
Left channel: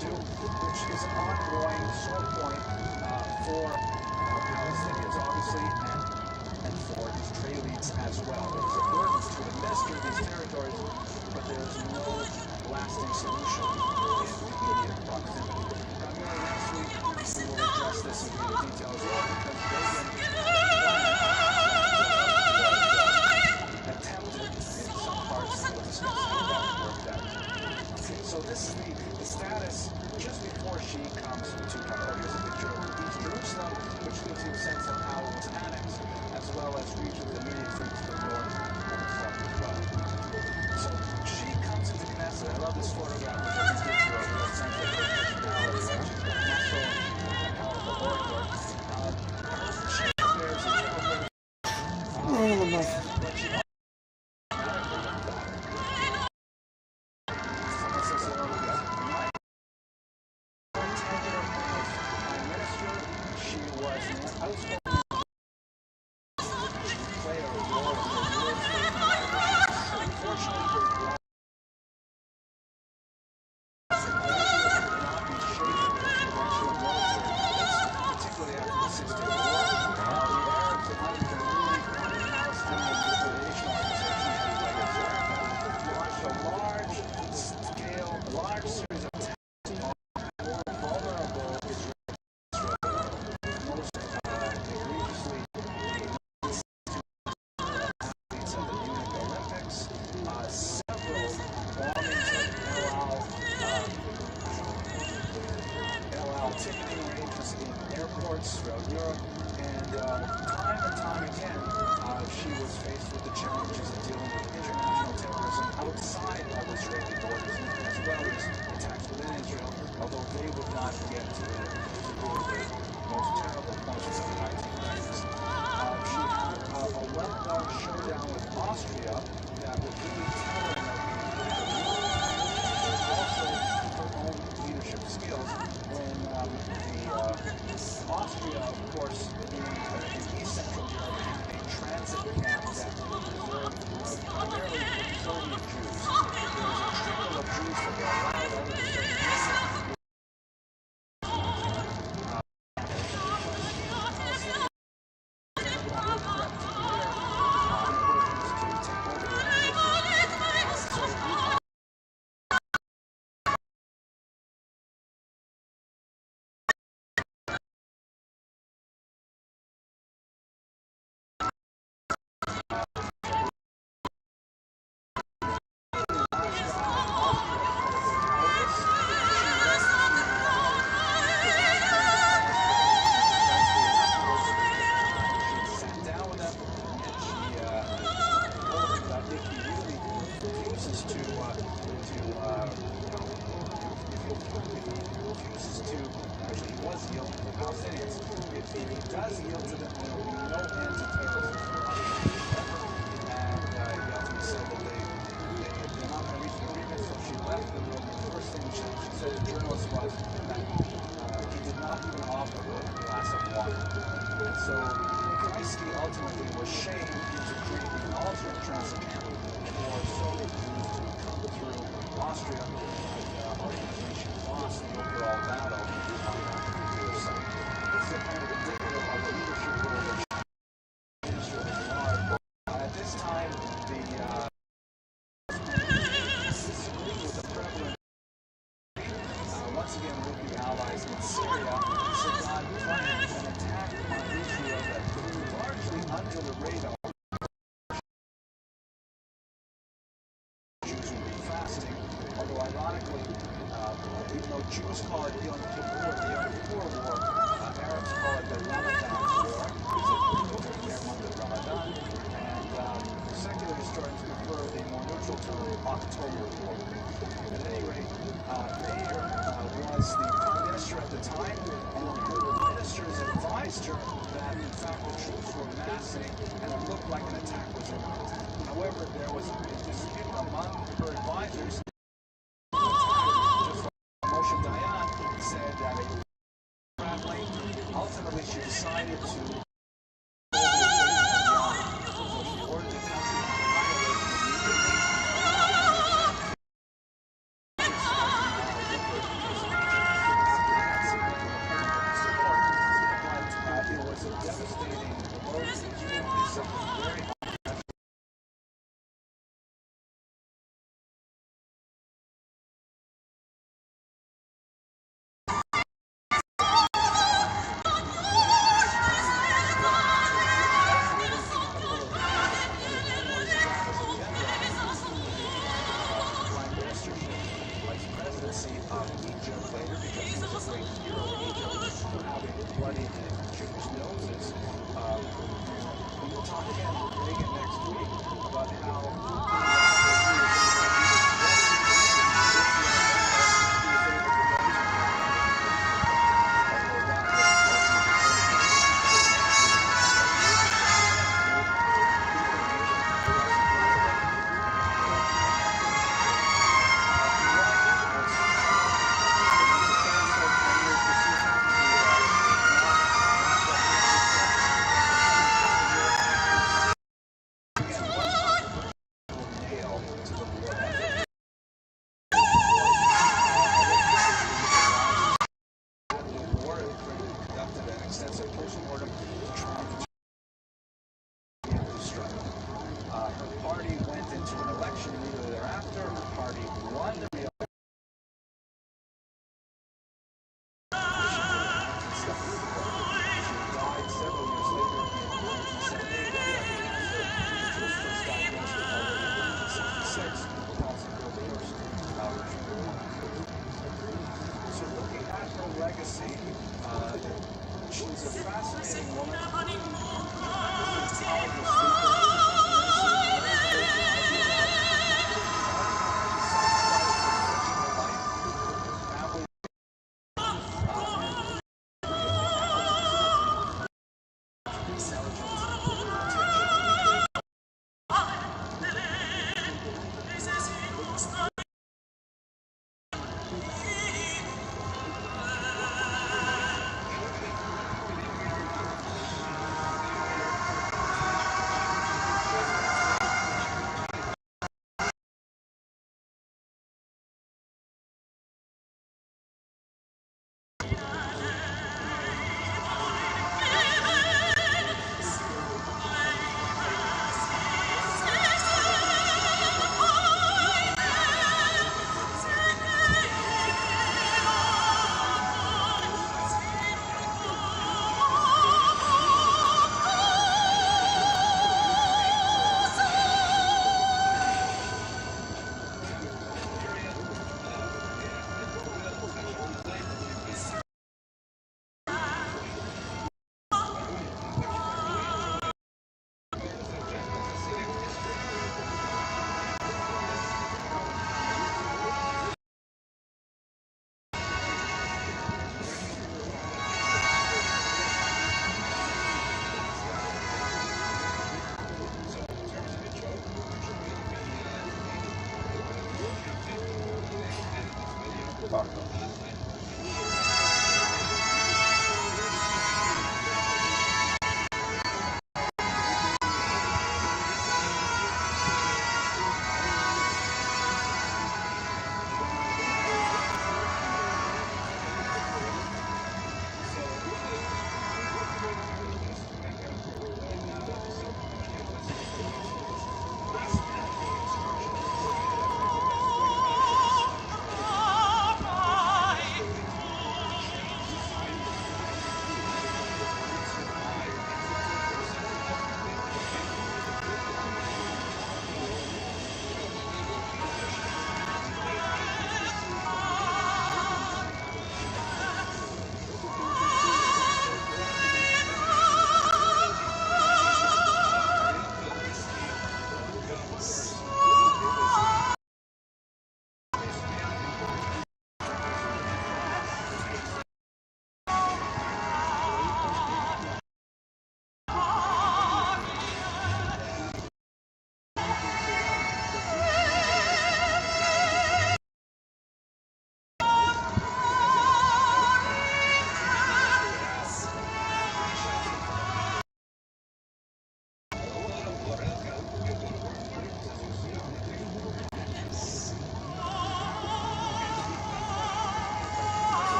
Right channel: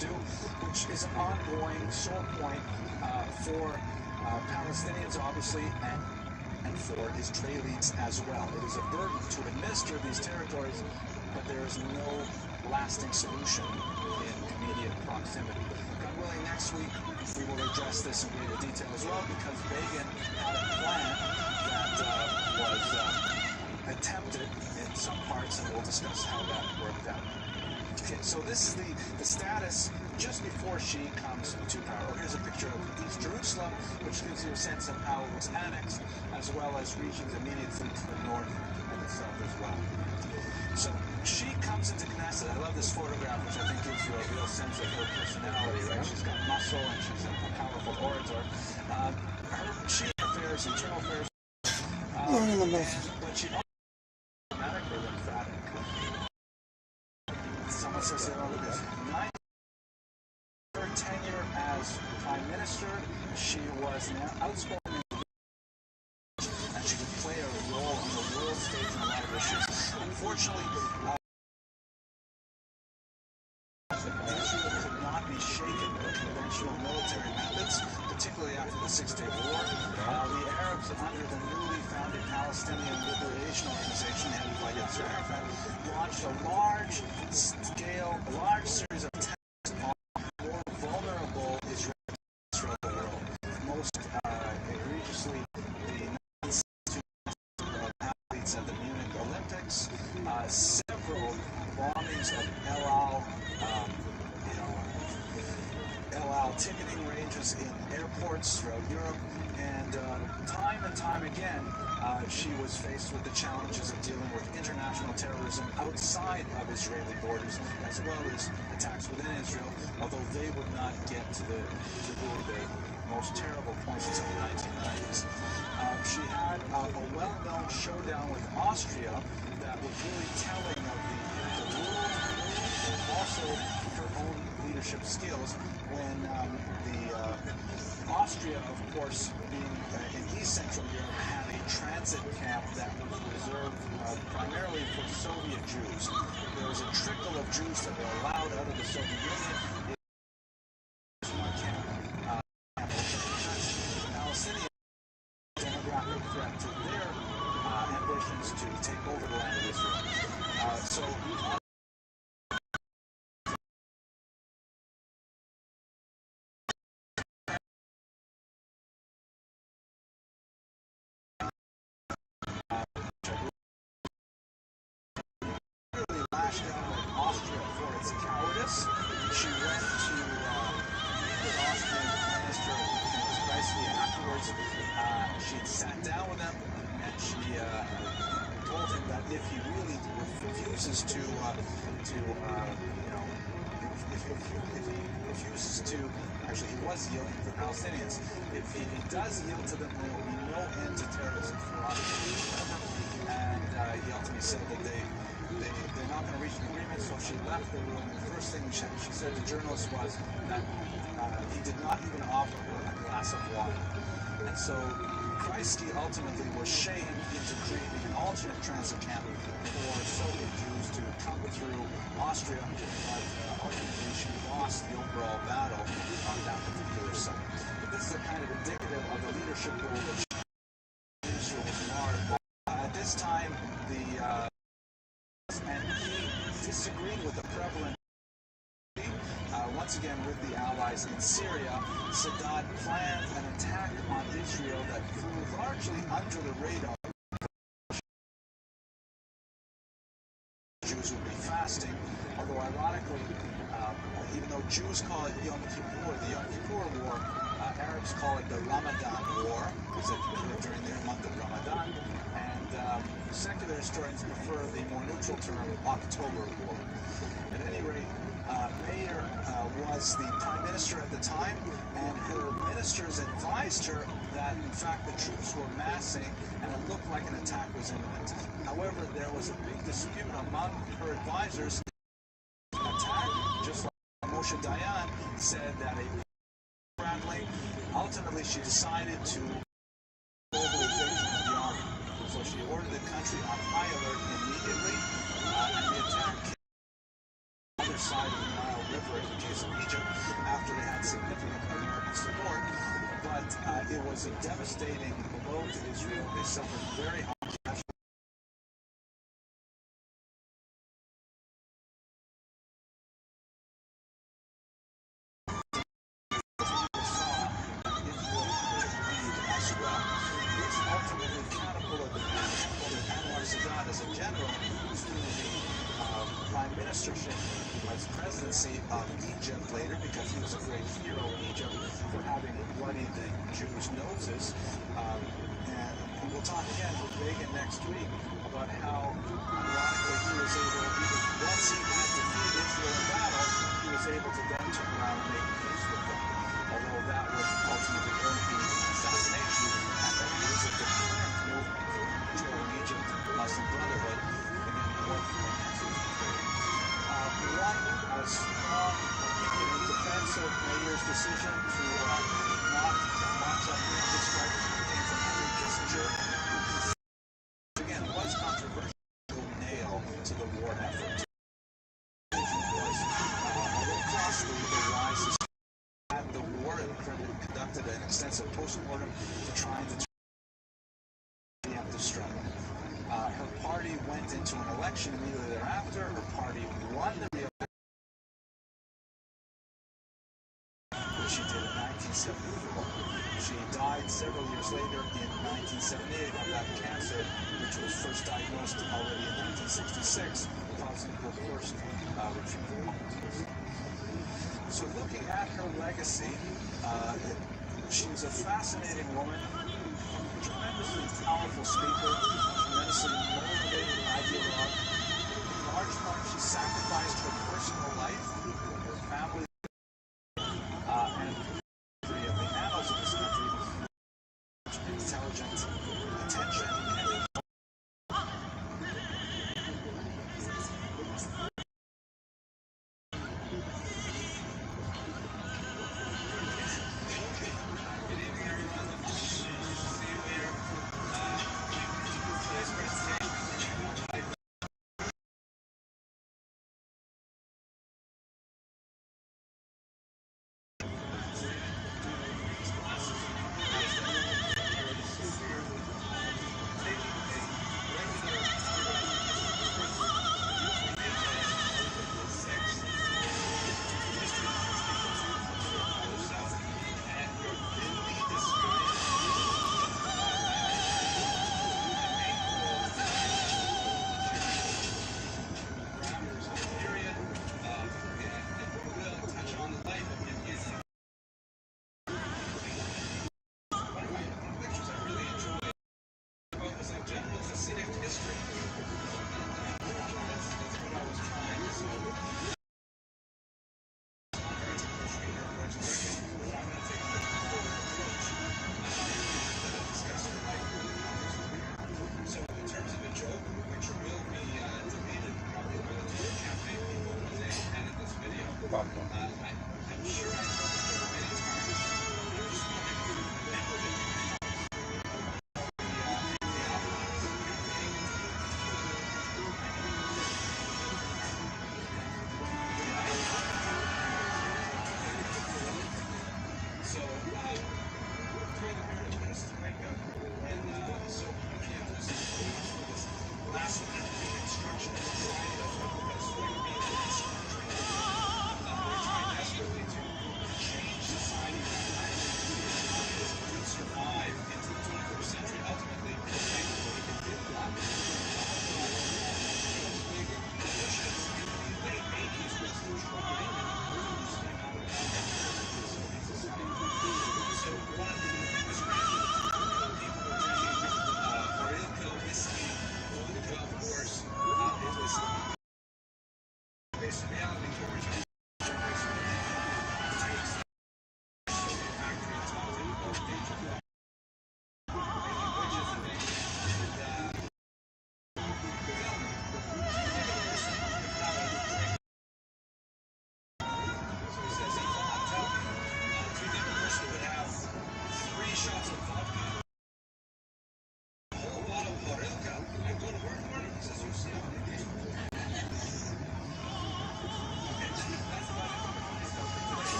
do, which is an ongoing sore point for Palestinians, obviously, and for Israelis as well. It is a burden to administer these territories, but there is no lasting solution in immediate proximity. God willing, next week we will address this in greater detail as well, because Begin had a plan that was attempted in some parts, and we'll discuss how that worked out. Okay, so this is the status just before she comes to power. Here's a picture of East Jerusalem, which gives you a sense of how it was annexed, as well as regions immediately to the north and the south as well. So she comes into Knesset. I love this photograph, which I think gives you a real sense of her personality. Right? She's got muscle, and she's a powerful orator. Her chief affairs, internal affairs, but she also dramatically emphatic. Someone says that over this. Her tenure as prime minister, she was an outspoken. She would play a role in the world stage in a lot of issues. Unfortunately, not be shaken with the conventional military methods, particularly after the 6-Day War. The Arabs, under the newly founded Palestinian Liberation Organization, headed by Yasser Arafat, launched a large series of attacks on more vulnerable Israelis. Most egregiously, athletes at the Munich Olympics, several bombings of El Al ticketing ranges in airports throughout Europe, and time again, she was faced with the challenges of dealing with international terrorism outside of Israeli borders, as well as attacks within Israel, although they would not get to the most terrible points of the 1990s. She had a well-known showdown with Austria that was really telling of the rules, and also her own leadership skills when Austria, of course, in East Central Europe, had a transit camp that was reserved primarily for Soviet Jews. There was a trickle of Jews that were allowed out of the Soviet Union. Palestinians. If he does yield to them, there will be no end to terrorism for and he ultimately said that they're not going to reach an agreement, so she left the room. The first thing she said to journalists was that he did not even offer her a glass of water. And so Kreisky ultimately was shamed into creating an alternate transit camp for Soviet Jews to come through Austria, but ultimately she lost the overall battle on that particular site. This is kind of indicative of the leadership role that she used. At this time, the disagreed with the prevalent once again with the Allies in Syria. Saddam planned an attack on Israel that flew largely under the radar. Jews would be fasting, although ironically, even though Jews call it Yom Kippur, the Yom Kippur War, Arabs call it the Ramadan War. It's during the month of Ramadan, and secular historians prefer the more neutral term October War. At any rate, Mayer was the prime minister at the time, and her ministers advised her that, in fact, the troops were massing and it looked like an attack was imminent. However, there was a big dispute among her advisors. Attack, just like Moshe Dayan said that it was traveling. Ultimately, she decided to mobilization of the army. So she ordered the country on high alert immediately. It was a devastating blow to Israel. They suffered very hard. Prime ministership, vice presidency of Egypt later, because he was a great hero in Egypt for having bloodied the Jews' noses. And we'll talk again with Reagan next week about how he was able to do this blessing he was able to then turn around and make peace with them. Although that was ultimately going to be extensive post-mortem to try and preemptive strike. Her party went into an election immediately thereafter. Her party won the election. She did in 1974. She died several years later in 1978 of that cancer, which was first diagnosed already in 1966, causing her first regime. So looking at her legacy, she was a fascinating woman, tremendously powerful speaker, tremendously motivated ideologue. She sacrificed her personal life, her family, and the annals of this country, intelligent attention.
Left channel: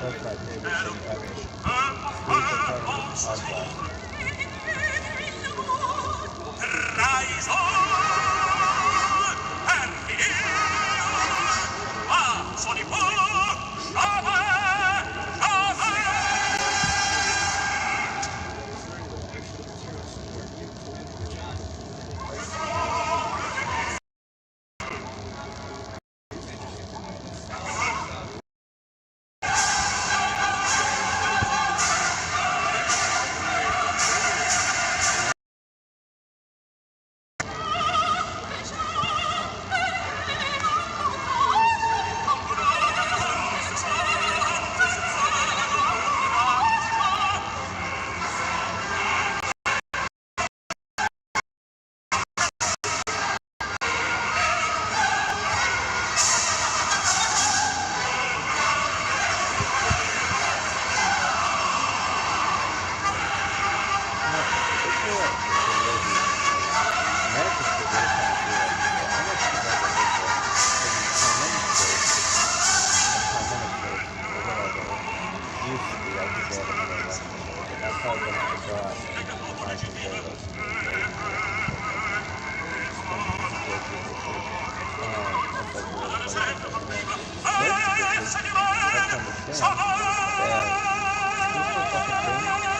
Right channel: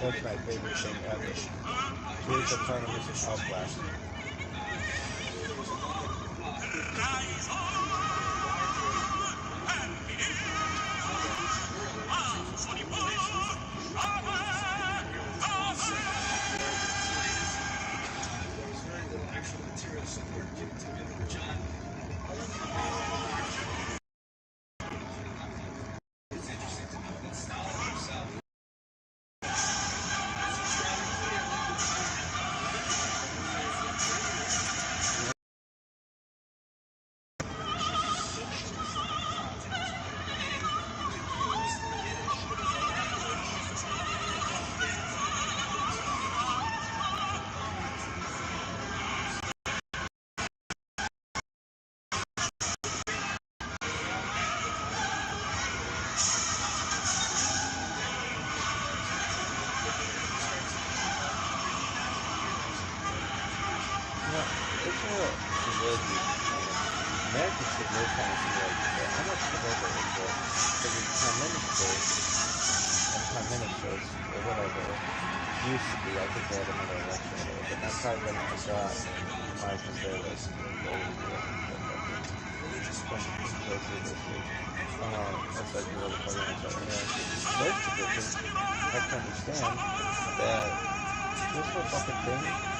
That's my favorite thing ever. Spiritual tournaments of glass. you're trying to feel like, well, how much is that in for? Because it's 10 minutes first, and 10 minutes first, or whatever. Used to be, I think they have another election show, but that's how when I saw it, I compared us to the day we were that's like really funny. And then, most of it is, I have to understand that this whole fucking thing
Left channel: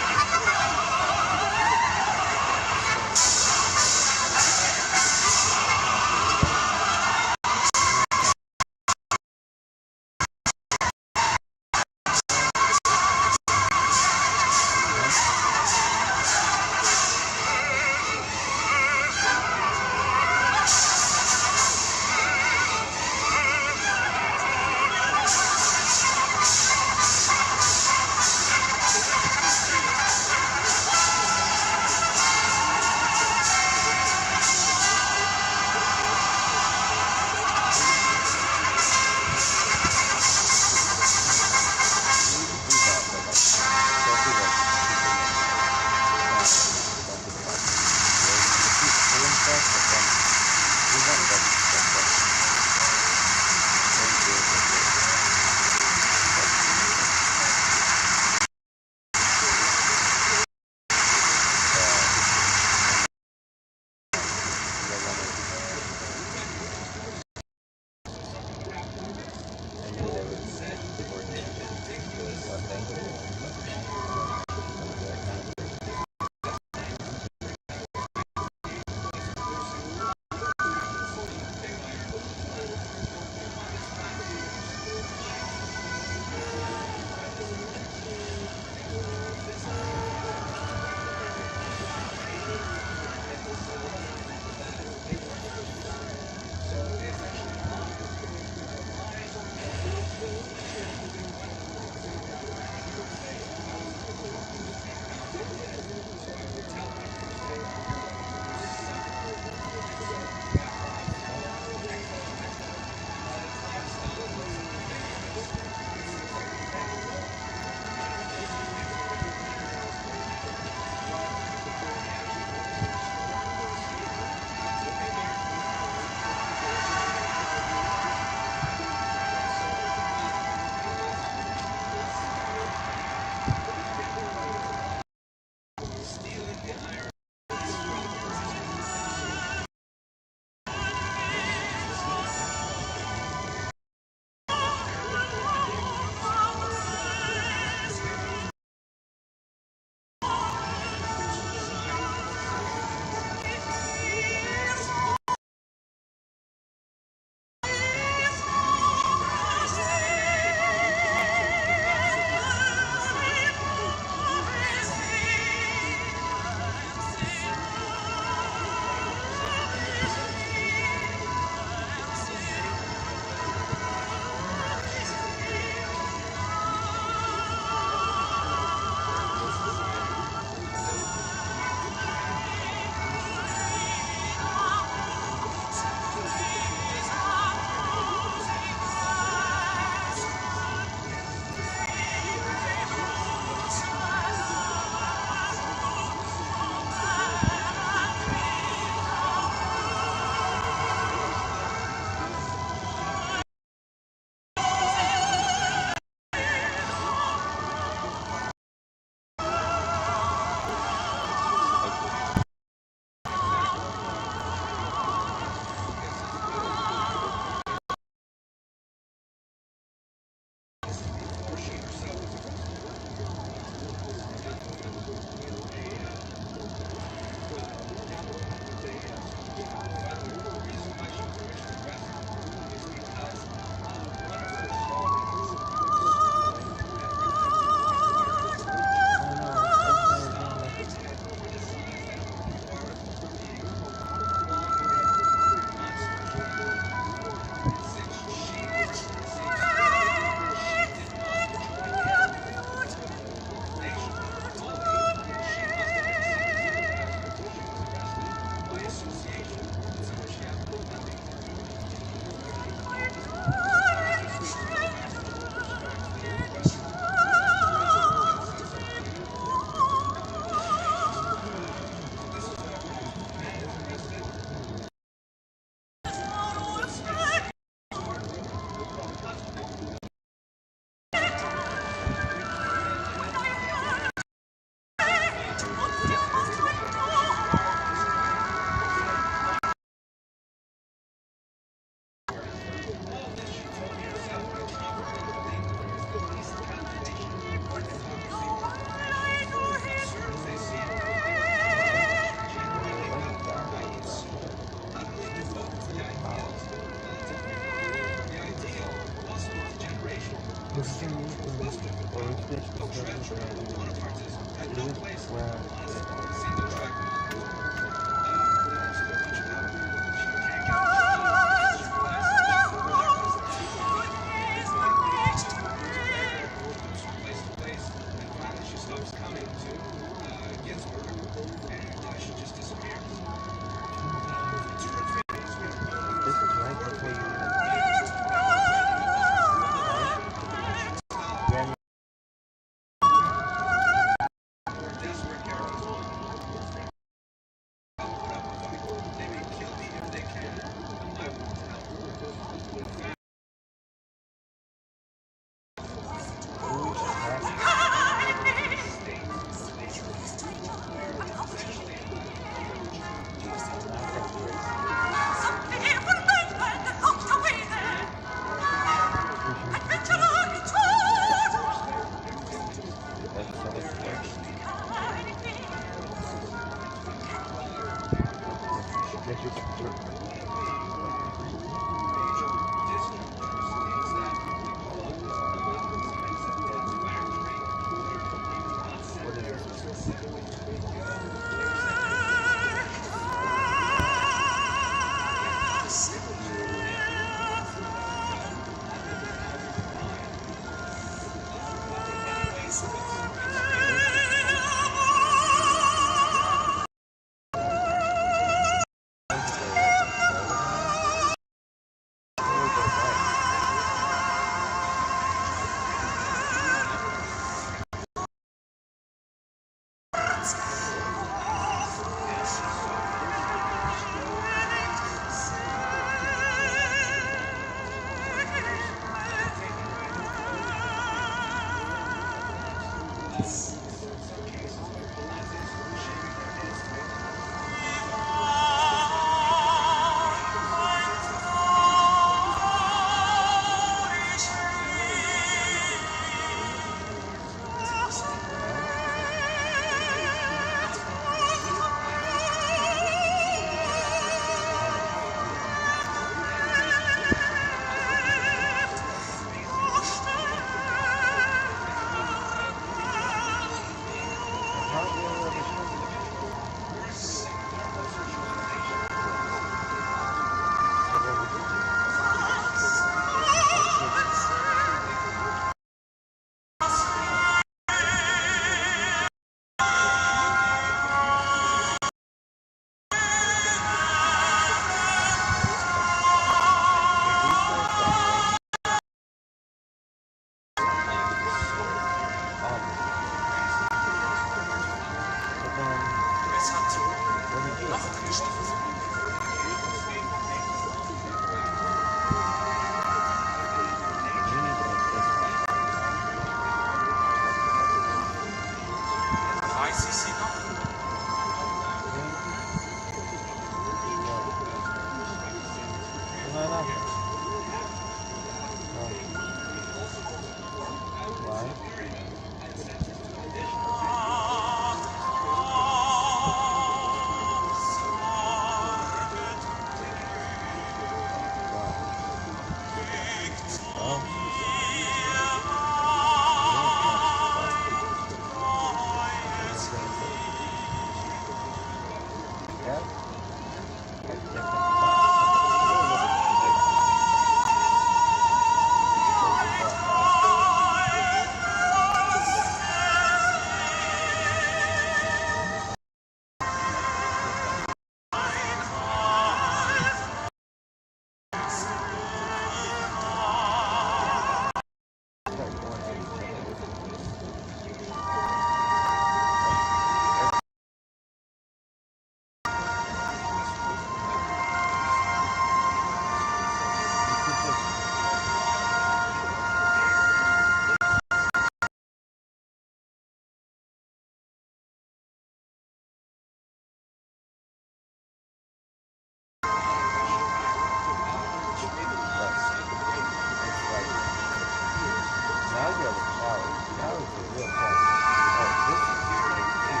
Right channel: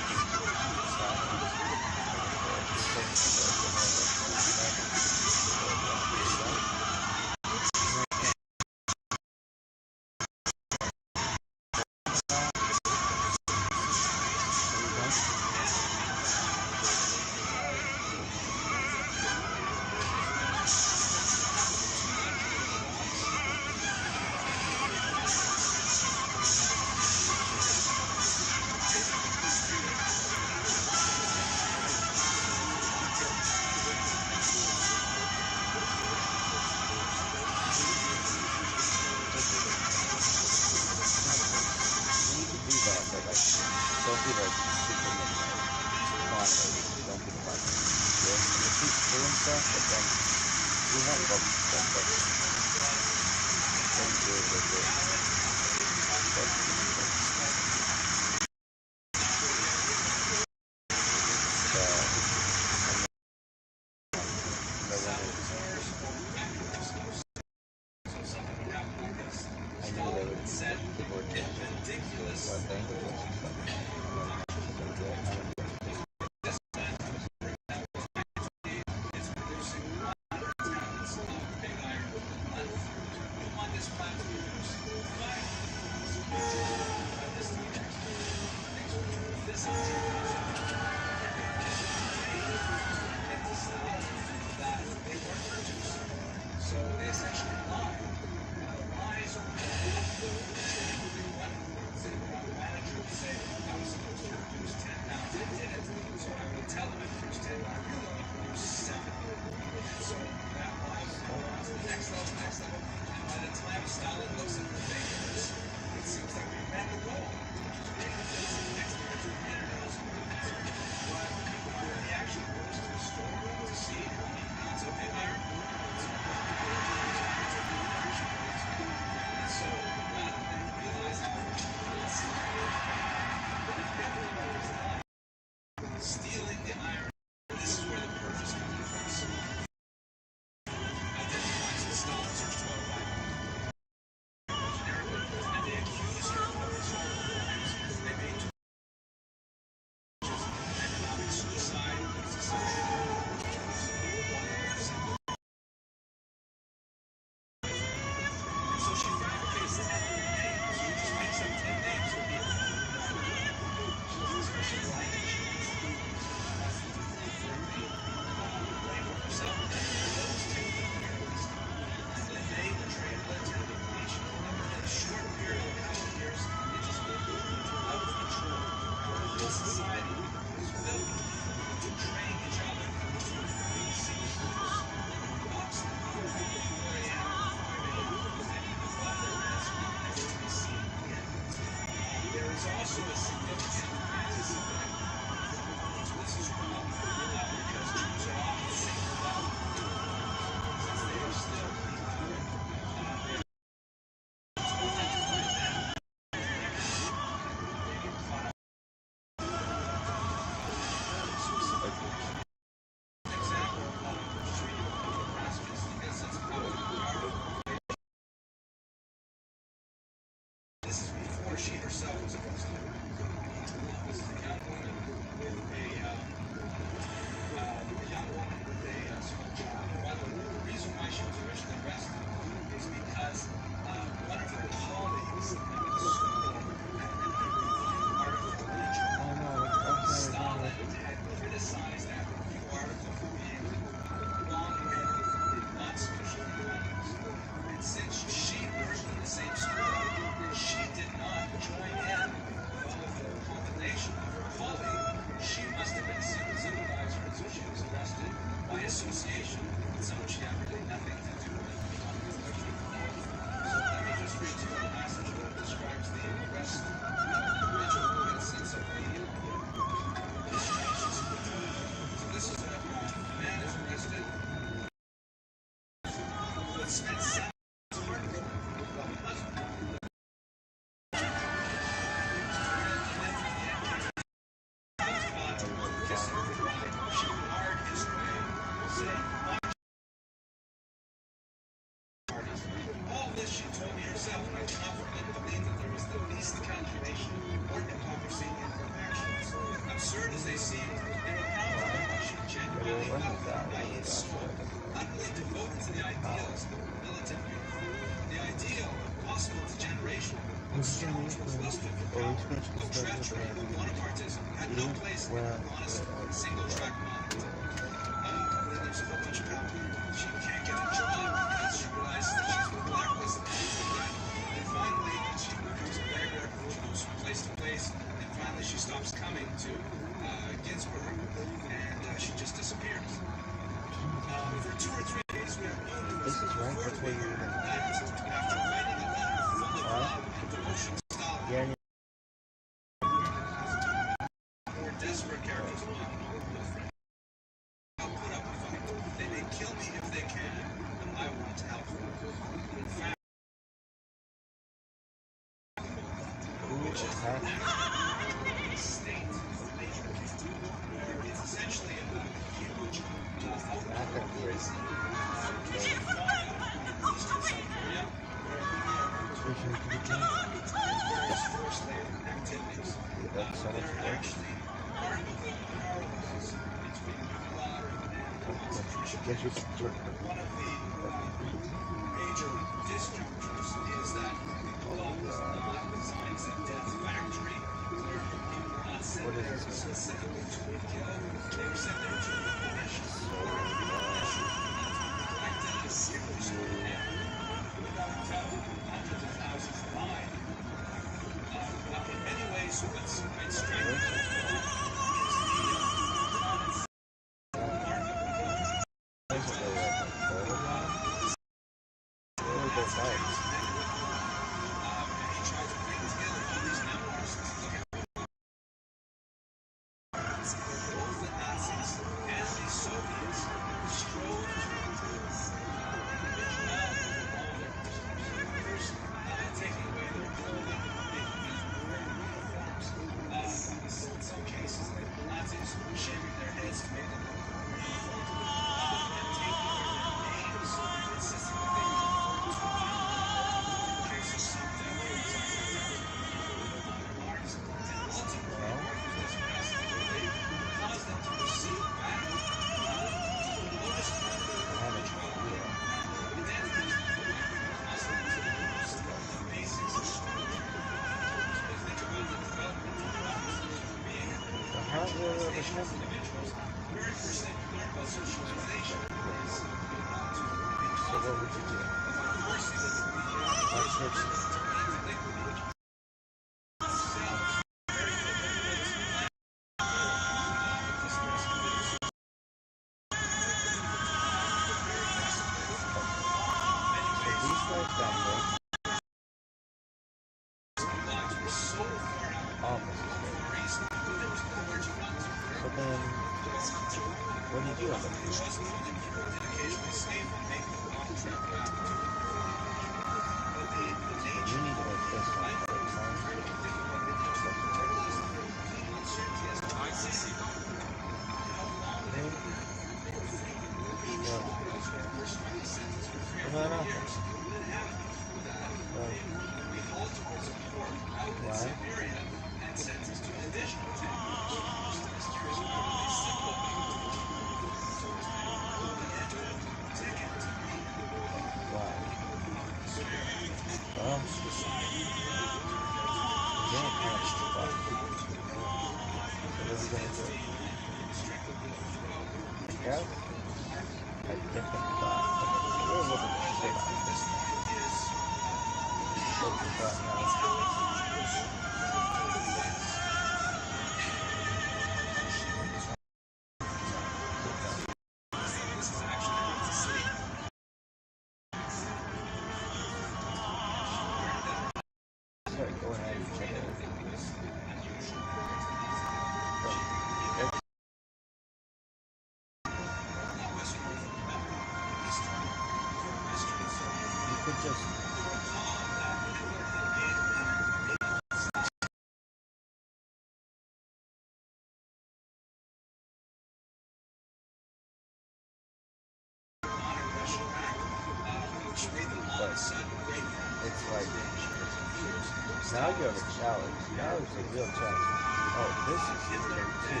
Now you have a shower. Now it's a real challenge. Oh, this is great too.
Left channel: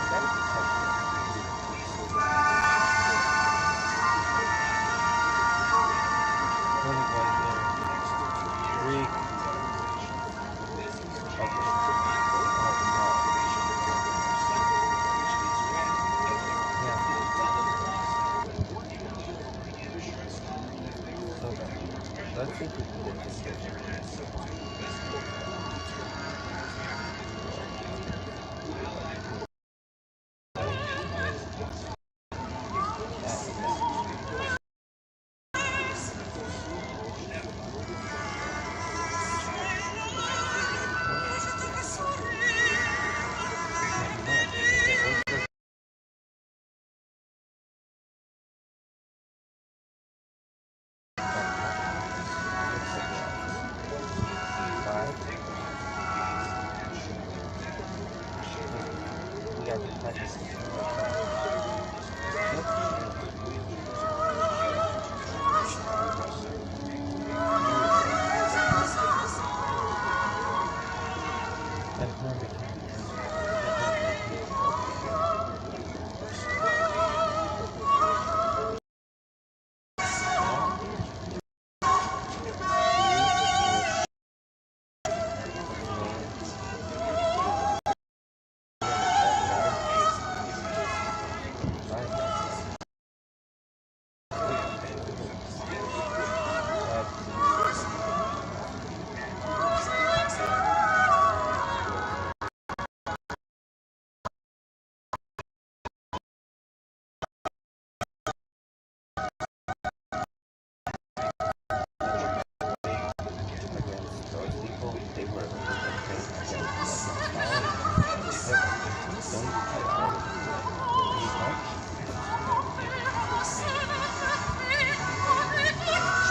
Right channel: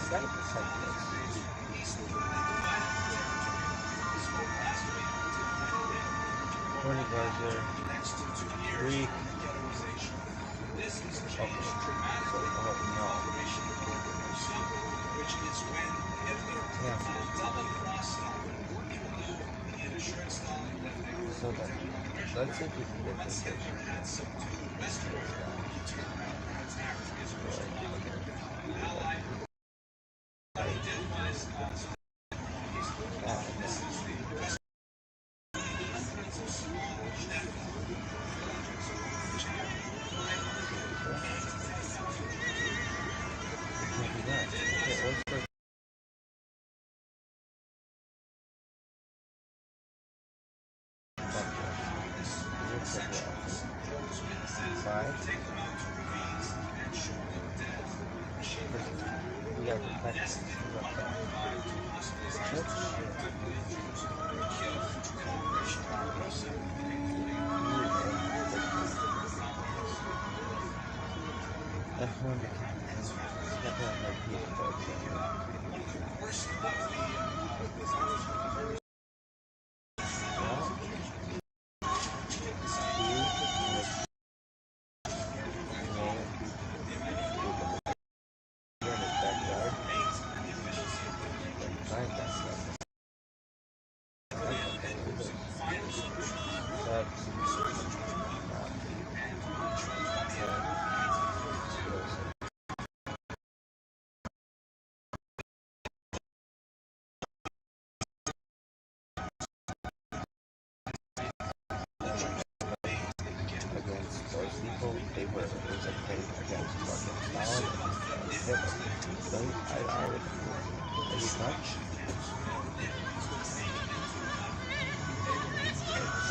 You gotta protect this. What is right there? 3.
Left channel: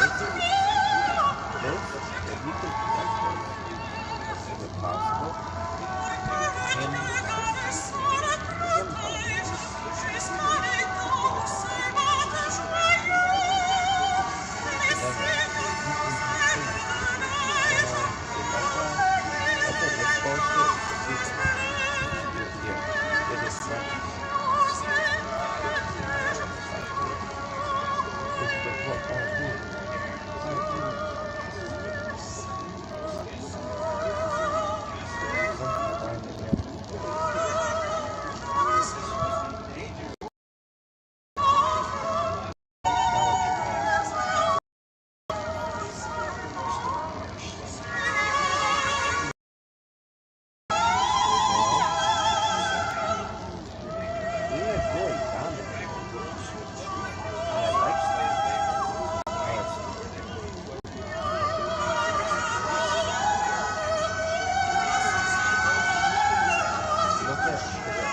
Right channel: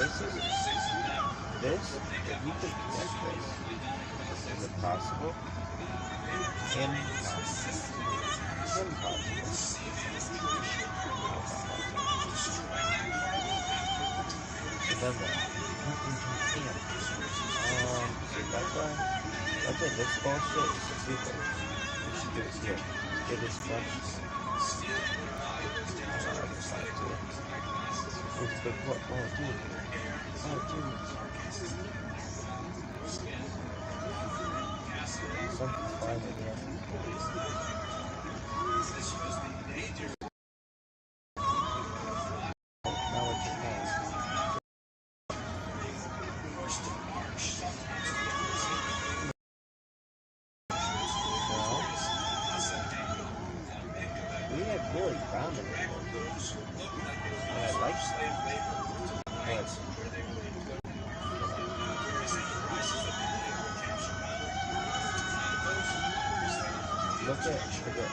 Let's see if we can get this.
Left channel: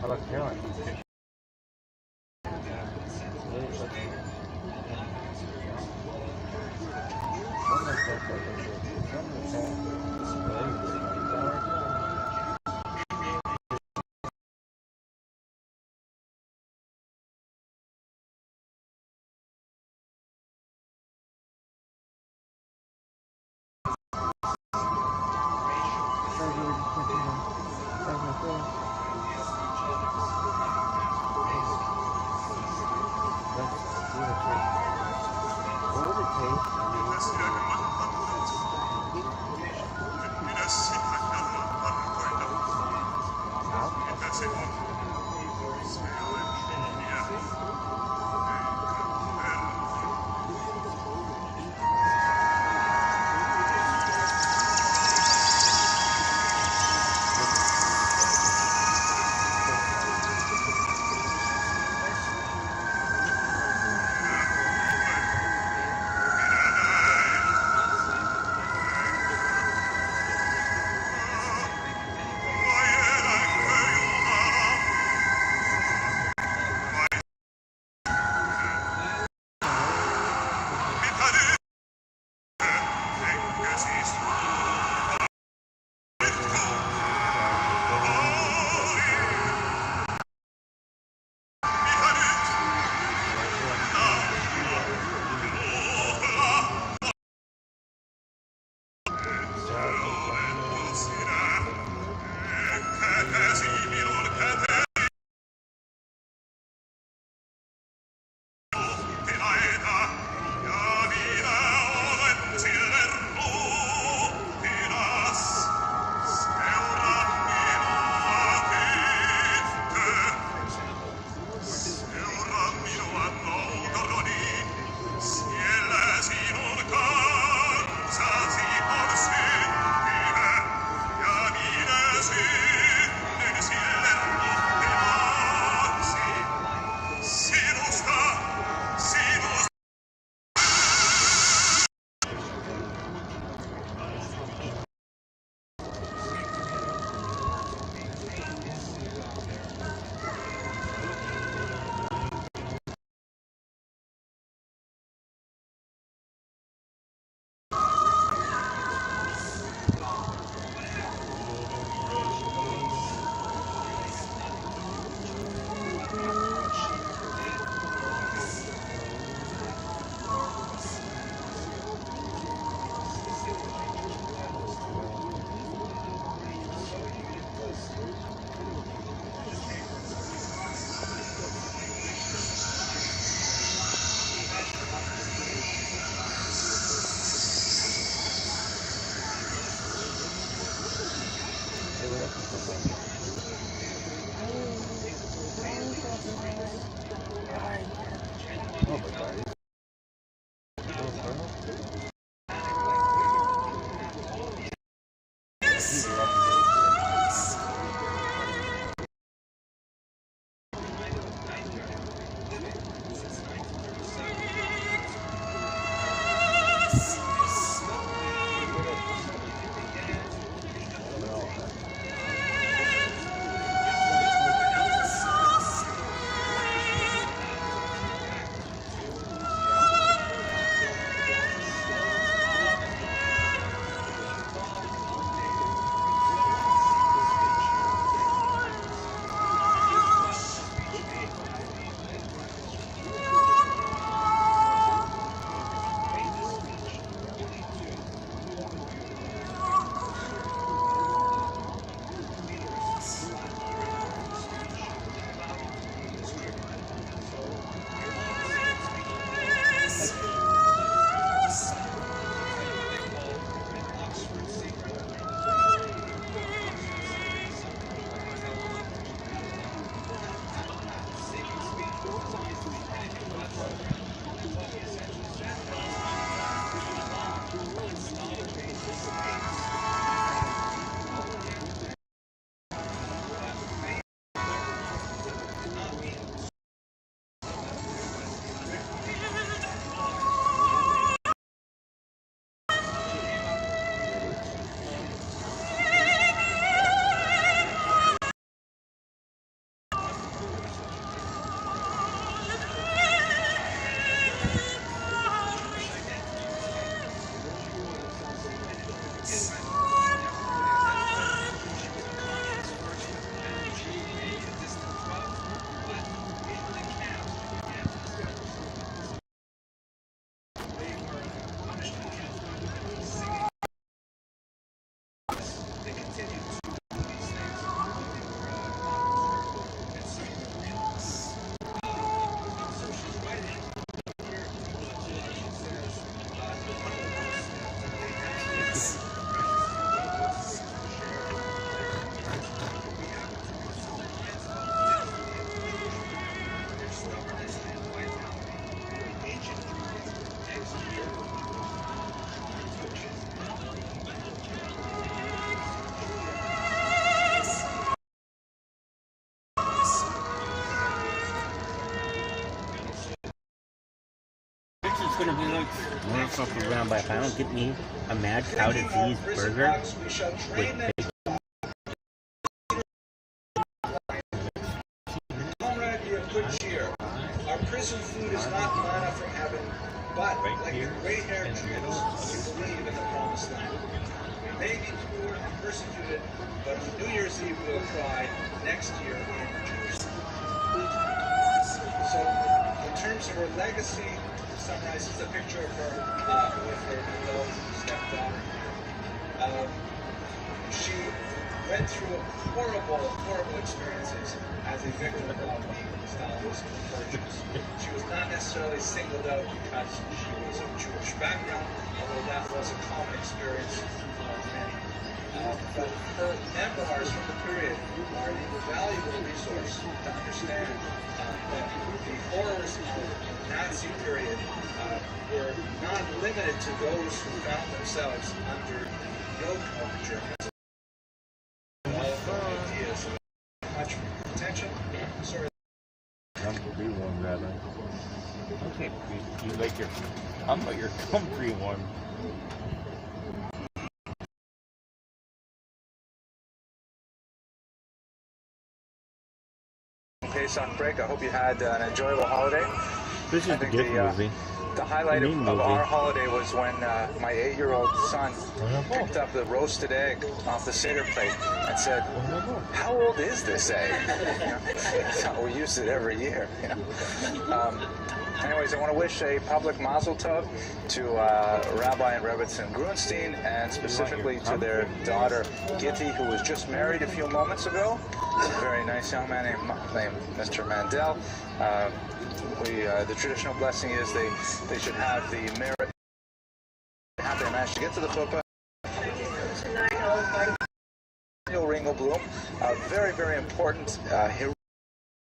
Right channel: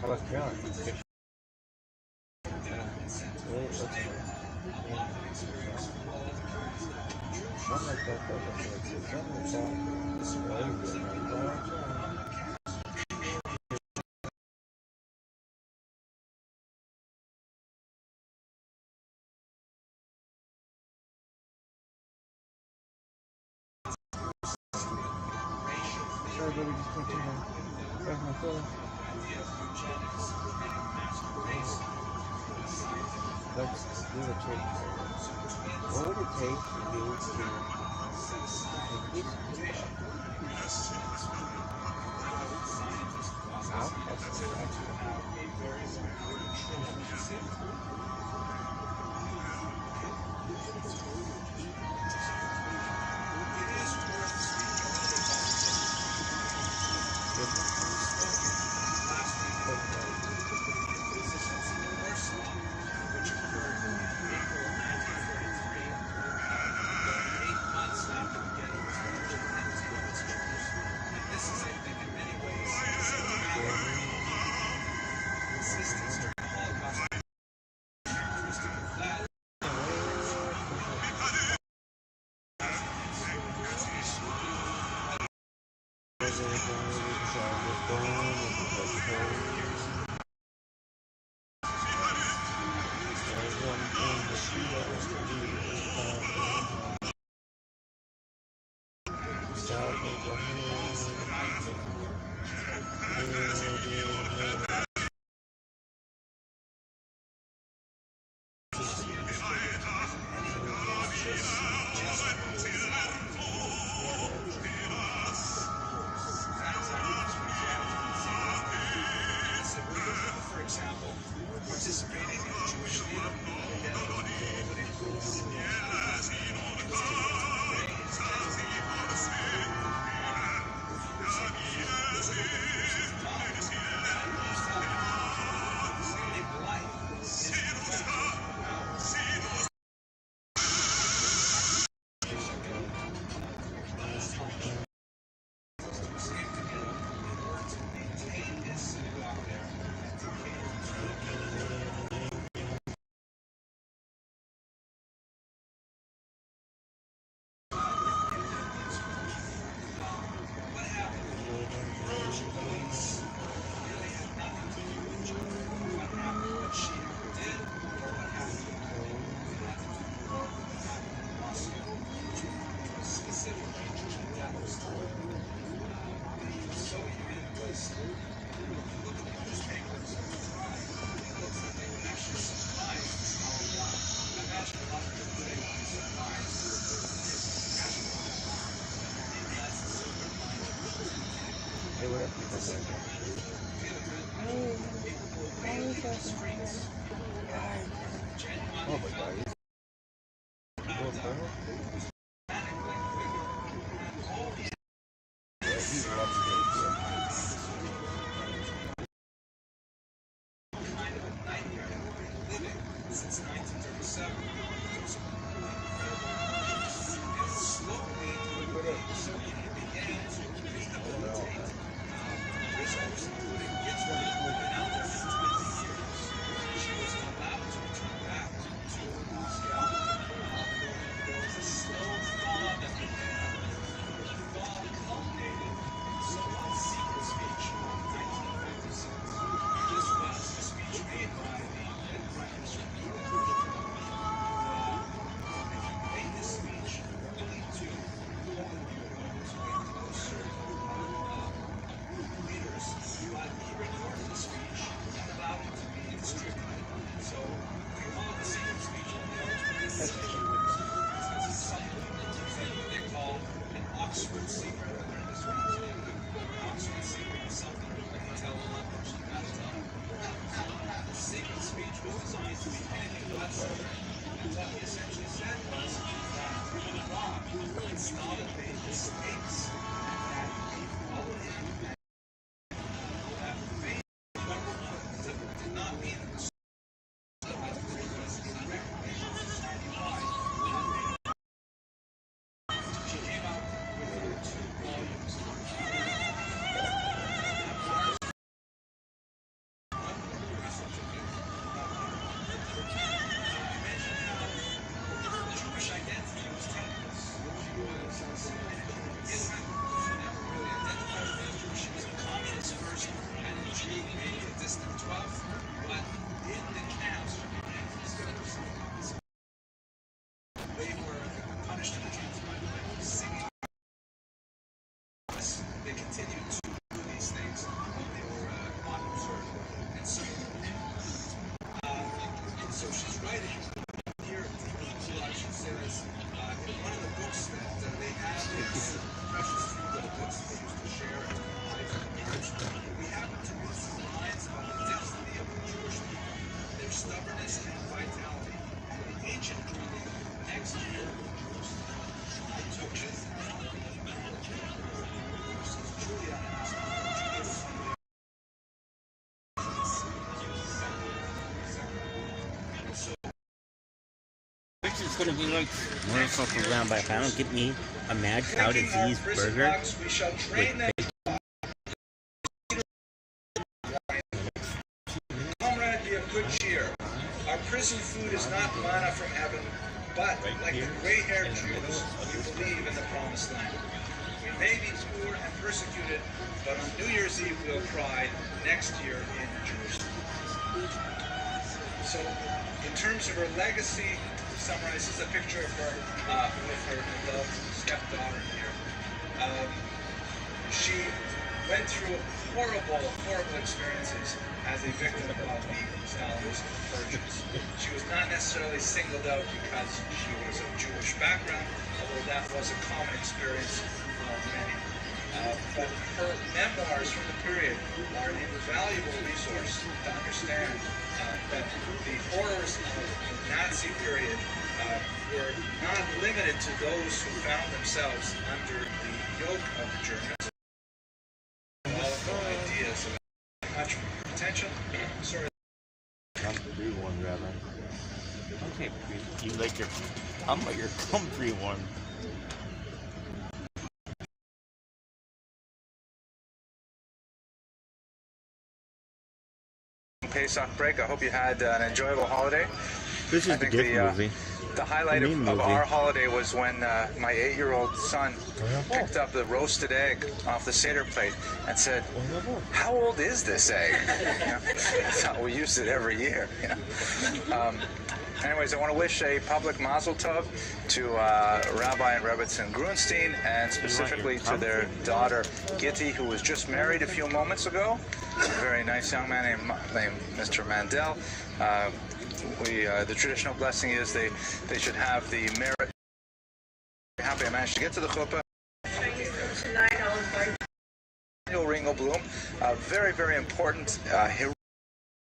How about Carolyn? What would it take for me to Oh my God. It's gonna be like one fuck around, but if I don't get me a mad cow disease burger with bacon. Comrade, be of good cheer. Our prison food is not manna from heaven, but like the gray-haired Jews, we believe in the promised land. We may be poor and persecuted, but on New Year's Eve we'll cry next year in Jerusalem. So, in terms of her legacy, summarizes a picture of her with her adult stepdaughter here. She went through horrible experiences as a victim of the Stalinist purges. She was not necessarily singled out because she was of Jewish background, although that was a common experience of many. But her memoirs from the period are an invaluable resource to understand that the horrors of the Nazi period were not limited to those who found themselves under the yoke of the Germans. All of the ideas of much attention. Sorry. Comfrey one, rather. Okay, you like your comfrey one. Pesach break. I hope you had an enjoyable holiday. This is the gift movie. The highlight of our holiday was when my 8-year-old son picked up the roasted egg off the Seder plate and said, "How old is this egg?" So we used it every year. Anyways, I want to wish a public mazel tov to Rabbi and Rebbetzin Grunstein, and specifically to their daughter Gitti, who was just married a few moments ago. A very nice young man named Mr. Mandel. The traditional blessing is they should have the merit. Happy I managed to get to the chuppah. Ringelblum, very, very important.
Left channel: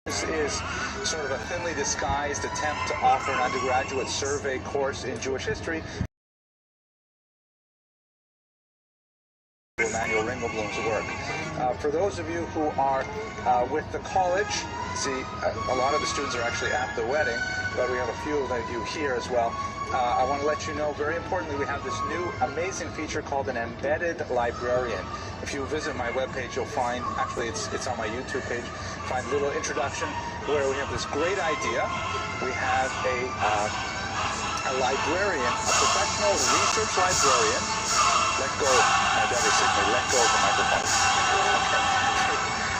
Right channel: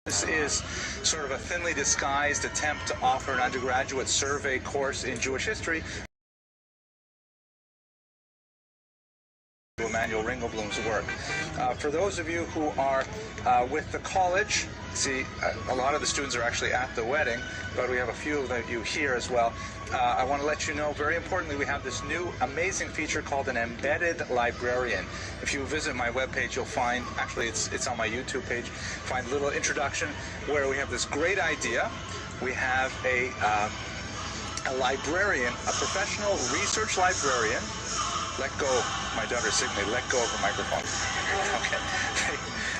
This is sort of a thinly disguised attempt to offer an undergraduate survey course in Jewish history. Emanuel Ringelblum's work. For those of you who are with the college, see, a lot of the students are actually at the wedding, but we have a few of you here as well. I want to let you know, very importantly, we have this new amazing feature called an embedded librarian. If you visit my webpage, you'll find, actually it's on my YouTube page, find a little introduction where we have this great idea. We have a librarian, a professional research librarian. Let go, my daughter Sydney, let go of the microphone. Okay.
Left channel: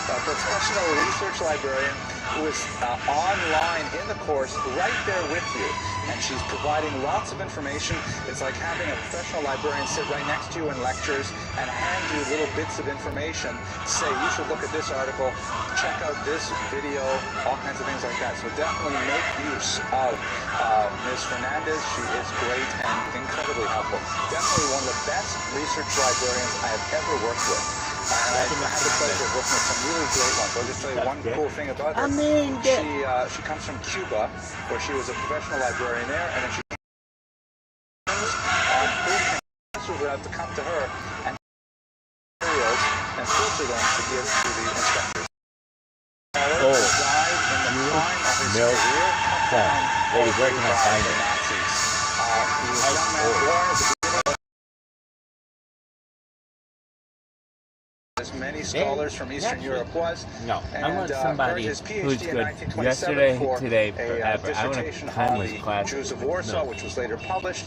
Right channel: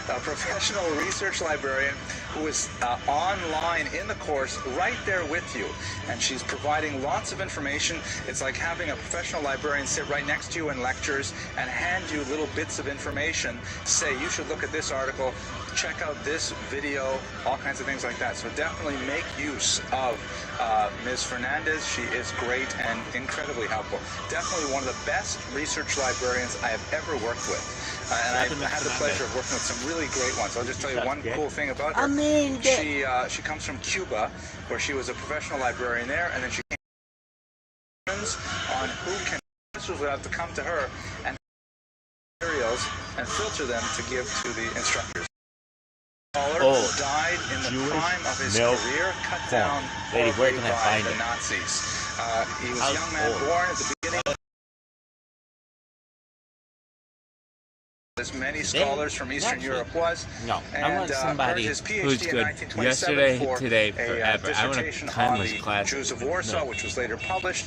A professional research librarian who is online in the course right there with you. And she's providing lots of information. It's like having a professional librarian sit right next to you in lectures and hand you little bits of information. Say, you should look at this article, check out this video, all kinds of things like that. So definitely make use of Ms. Fernandez. She is great and incredibly helpful. Definitely one of the best research librarians I have ever worked with. And I had the pleasure of working with some really great ones. I'll just tell you one cool thing about her. She comes from Cuba, where she was a professional librarian there, and then she came on who can professors would have to come to her and materials and filter them to give to the instructors. Who died in the prime of his career, cut down Lady, where can I find the it? Nazis. He was a young man born at the beginning. As many scholars from Eastern Europe was. No, I want somebody who's good yesterday, today, forever. I want a timeless classic. Jews of Warsaw, which was later published.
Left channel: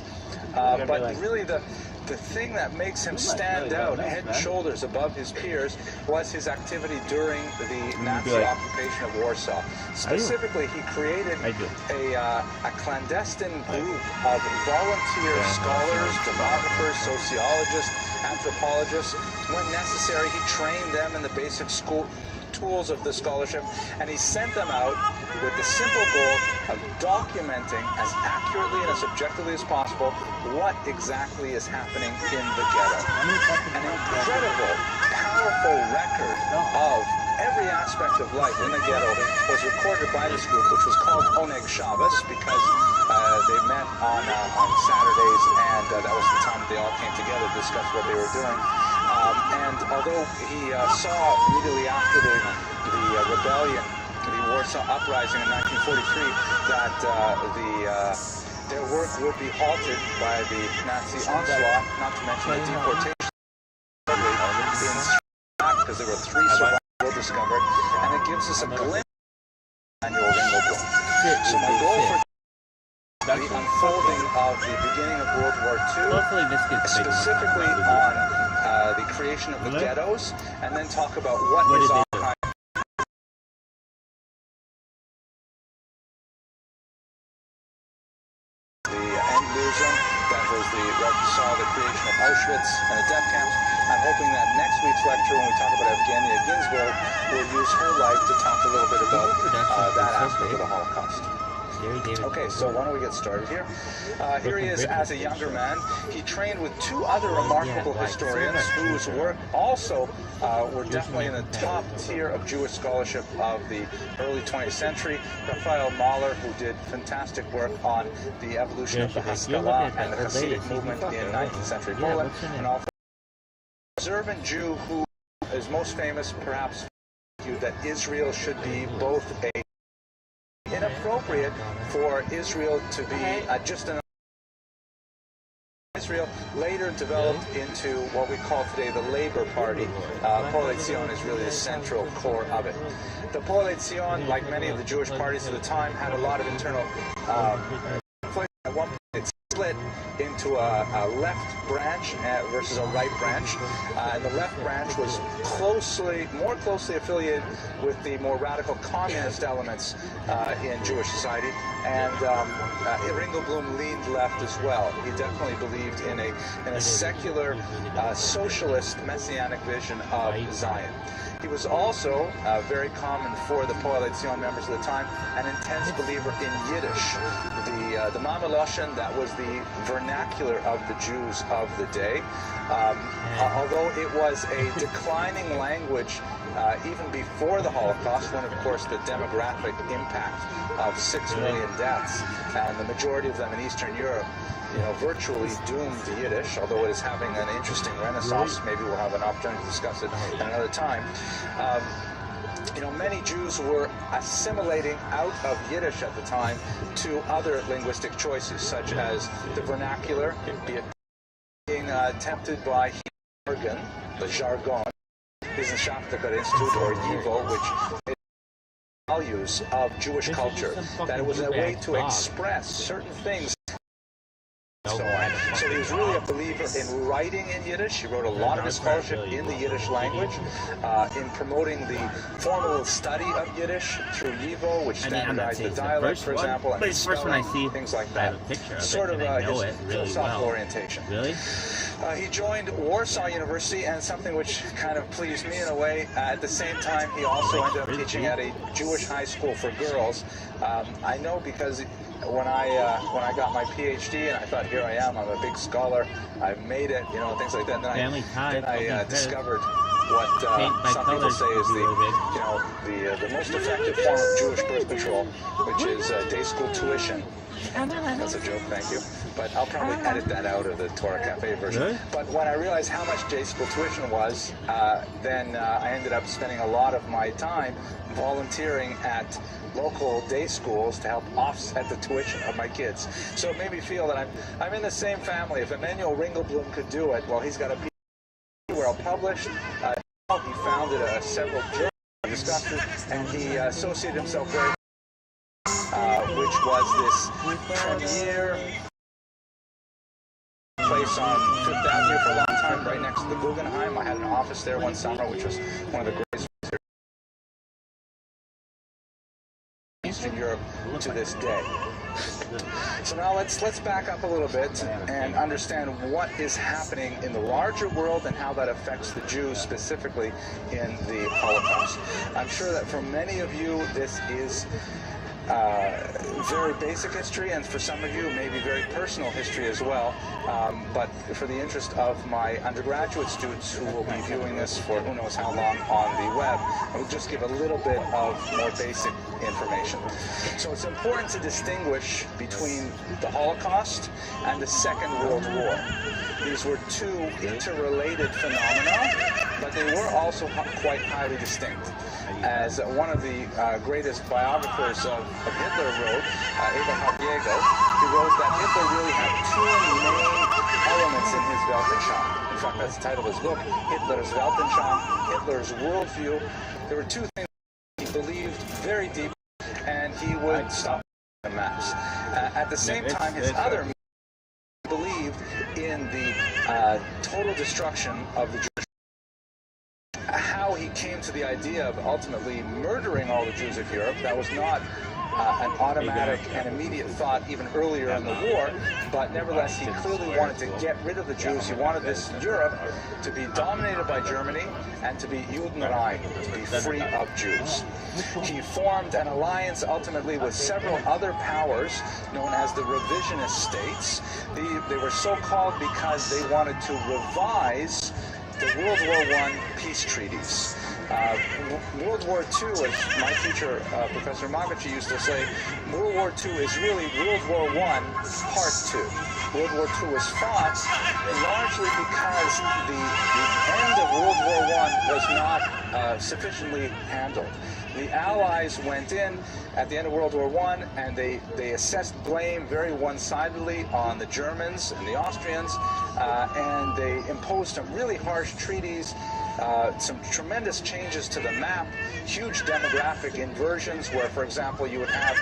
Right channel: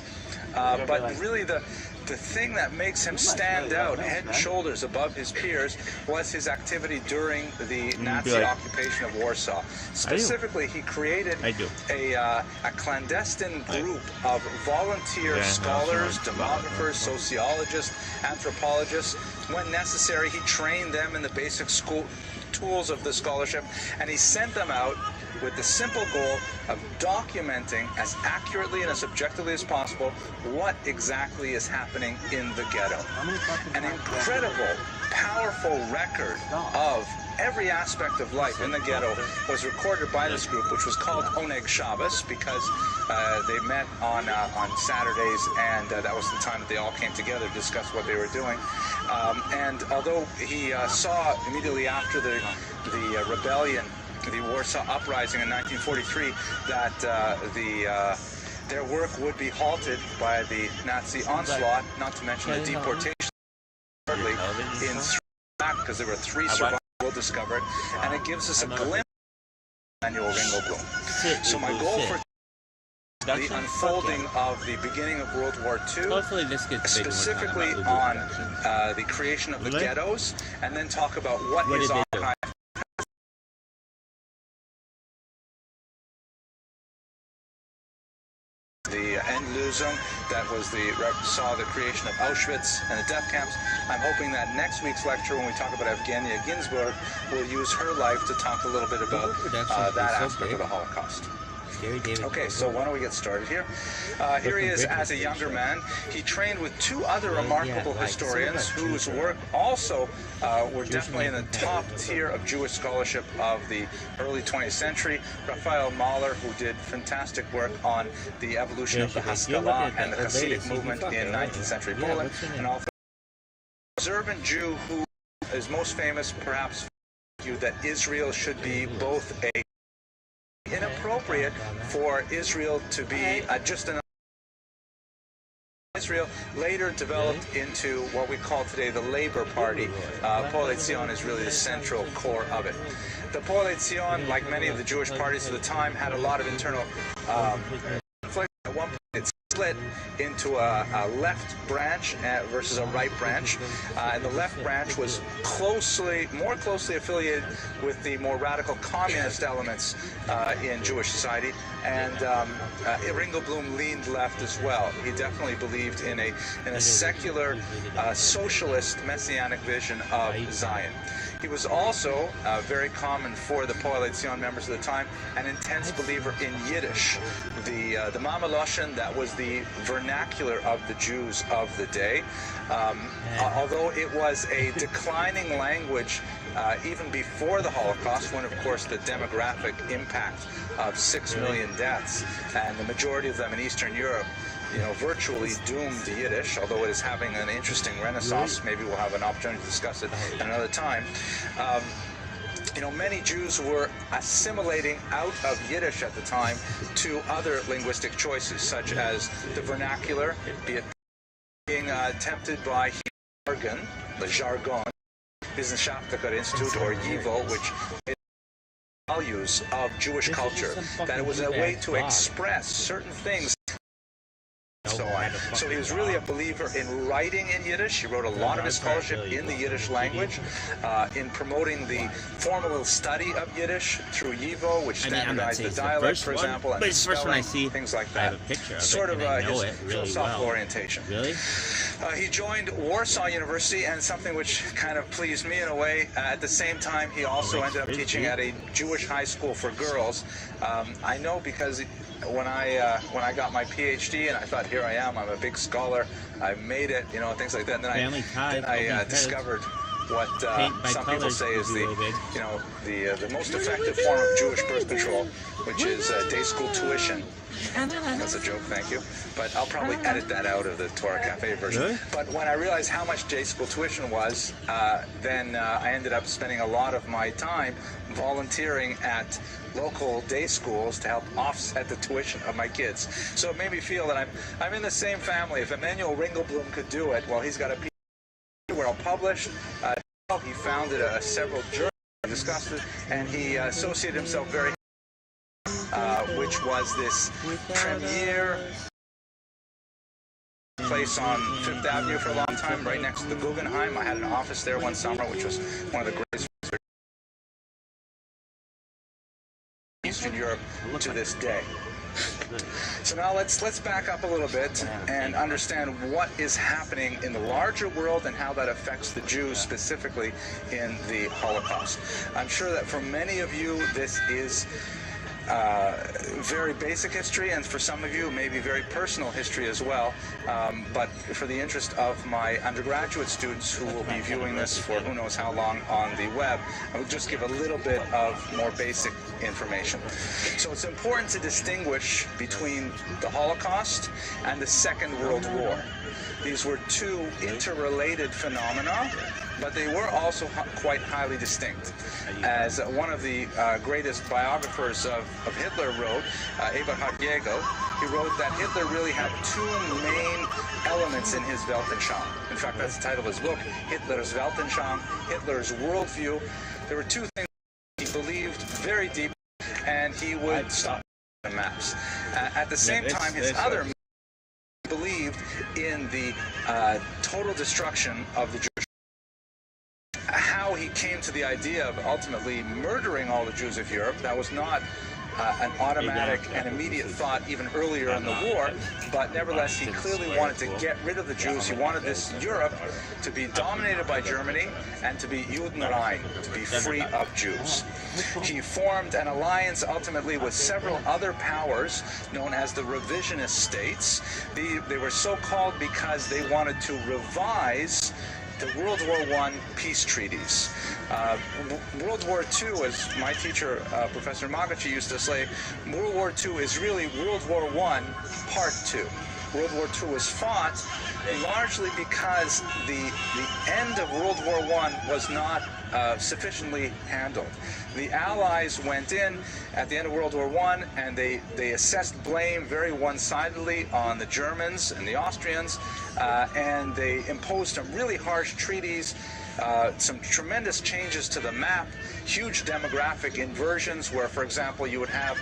But really the thing that makes him stand out head and shoulders above his peers was his activity during the Nazi occupation of Warsaw. Specifically, he created a clandestine group of volunteer scholars, demographers, sociologists, anthropologists. When necessary, he trained them in the basic school tools of the scholarship, and he sent them out with the simple goal of documenting as accurately and as objectively as possible what exactly is happening in the ghetto. An incredible, powerful record of every aspect of life in the ghetto was recorded by this group, which was called Oneg Shabbos, because they met on Saturdays, and that was the time that they all came together to discuss what they were doing. And although he saw immediately after the rebellion, the Warsaw Uprising in 1943, that their work would be halted by the Nazi onslaught, not to mention the deportation because there were 3 survivors discovered, and it gives us a glimpse of Emanuel Ringelblum. So my goal for the unfolding of the beginning of World War II, specifically on the creation of the ghettos, and then talk about what is archived. The Endlösung, that was saw the creation of Auschwitz and the death camps. I'm hoping that next week's lecture, when we talk about Evgenia Ginsburg, we'll use her life to talk a little bit about that aspect of the Holocaust. Okay, so why don't we get started here? Here he is as a younger man. He trained with 2 other remarkable historians whose work also were definitely in the top tier of Jewish scholarship of the early 20th century. Raphael Mahler, who did fantastic work on the evolution of the Haskalah and the Hasidic movement in 19th century Poland, and also an observant Jew who is most famous, perhaps, that Israel should be both a inappropriate for Israel to be just an Israel later developed into what we call today the Labour Party. Poale Zion is really the central core of it. The Poale Zion, like many of the Jewish parties of the time, had a lot of internal conflict. At one point it split into a left branch versus a right branch, and the left branch was more closely affiliated with the more radical communist elements in Jewish society, and Ringelblum leaned left as well. He definitely believed in a secular, socialist, messianic vision of Zion. He was also very common for the Poale Zion members of the time, an intense believer in Yiddish, the Mama Lashon, that was the vernacular of the Jews of the day. Although it was a declining language even before the Holocaust, when of course the demographic impact of 6 million deaths, and the majority of them in Eastern Europe, virtually doomed to Yiddish, although it is having an interesting renaissance. Maybe we'll have an opportunity to discuss it at another time. Many Jews were assimilating out of Yiddish at the time to other linguistic choices, such as the vernacular, being tempted by jargon, the jargon, Wissenschaftlicher Institute, or YIVO, which is values of Jewish culture, that it was a way to express certain things. So on. So he was really a believer in writing in Yiddish. He wrote a lot of his scholarship in the Yiddish language, in promoting the formal study of Yiddish through YIVO, which standardized the dialect, for example, and spelling, things like that. Sort of his philosophical orientation. Really? He joined Warsaw University, and something which kind of pleased me in a way, at the same time he also ended up teaching at a Jewish high school for girls. I know because when I got my PhD and I thought, here I am, I'm a big scholar, I made it, things like that. And then I discovered what some people say is the most effective form of Jewish birth control, which is day school tuition. That's a joke, thank you. But I'll probably edit that out of the Torah Cafe version. Really? But when I realized how much day school tuition was, then I ended up spending a lot of my time volunteering at local day schools to help offset the tuition of my kids. So it made me feel that I'm in the same family. If Emmanuel Ringelblum could do it, well, he's got a PhD, well published. He founded several journals, discussed it, and he associated himself very which was this premier place on Fifth Avenue for a long time, right next to the Guggenheim. I had an office there one summer, which was one of the greatest in Eastern Europe to this day. So now let's back up a little bit and understand what is happening in the larger world and how that affects the Jews specifically in the Holocaust. I'm sure that for many of you this is very basic history, and for some of you maybe very personal history as well, but for the interest of my undergraduate students who will be viewing this for who knows how long on the web, I will just give a little bit of more basic information. So it's important to distinguish between the Holocaust and the Second World War. These were two interrelated phenomena, but they were also quite highly distinct. As one of the greatest biographers of Hitler wrote, Eberhard Jägel, he wrote that Hitler really had two main elements in his Weltanschauung. In fact, that's the title of his book, Hitler's Weltanschauung, Hitler's worldview. There were two things he believed very deeply, and he would stop the maps. At the same time, his other believed in the total destruction of the Jewish. How he came to the idea of ultimately murdering all the Jews of Europe, that was not an automatic and immediate thought even earlier in the war, but nevertheless he clearly wanted to get rid of the Jews. He wanted this Europe to be dominated by Germany and to be Judenrein, to be free of Jews. He formed an alliance ultimately with several other powers known as the revisionist states. They were so called because they wanted to revise the World War I peace treaties. World War II, as my teacher, Professor Magachi, used to say, World War II is really World War I Part 2. World War II was fought largely because the end of World War I was not sufficiently handled. The Allies went in at the end of World War I, and they assessed blame very one-sidedly on the Germans and the Austrians, and they imposed some really harsh treaties, some tremendous changes to the map, huge demographic inversions where, for example, you would have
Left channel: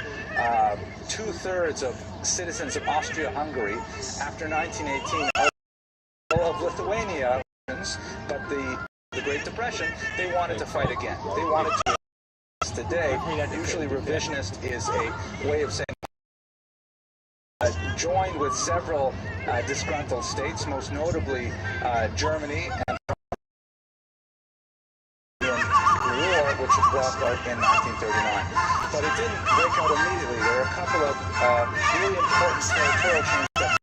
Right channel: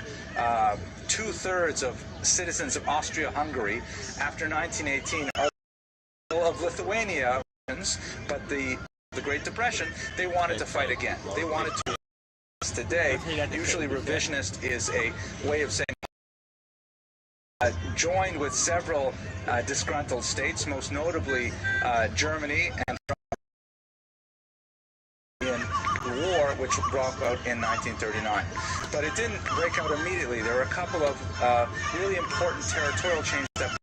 2/3 of citizens of Austria-Hungary after 1918 of Lithuania, but the Great Depression, they wanted to fight again. They wanted to. Today, usually revisionist is a way of saying joined with several disgruntled states, most notably Germany, and in which broke out in 1939. But it didn't break out immediately. There were a couple of really important territorial changes that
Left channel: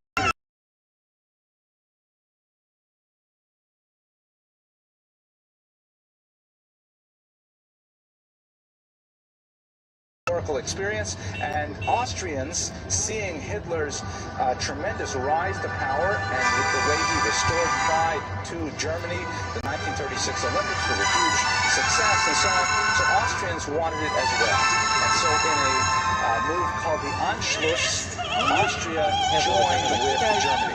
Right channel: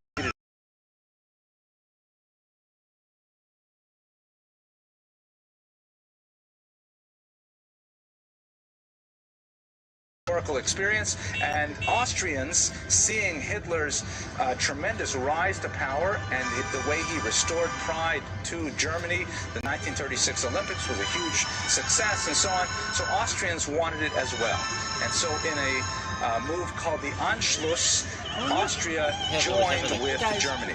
historical experience, and Austrians, seeing Hitler's tremendous rise to power and the way he restored pride to Germany, the 1936 Olympics was a huge success and so on, so Austrians wanted it as well. And so in a move called the Anschluss, Austria joined with Germany.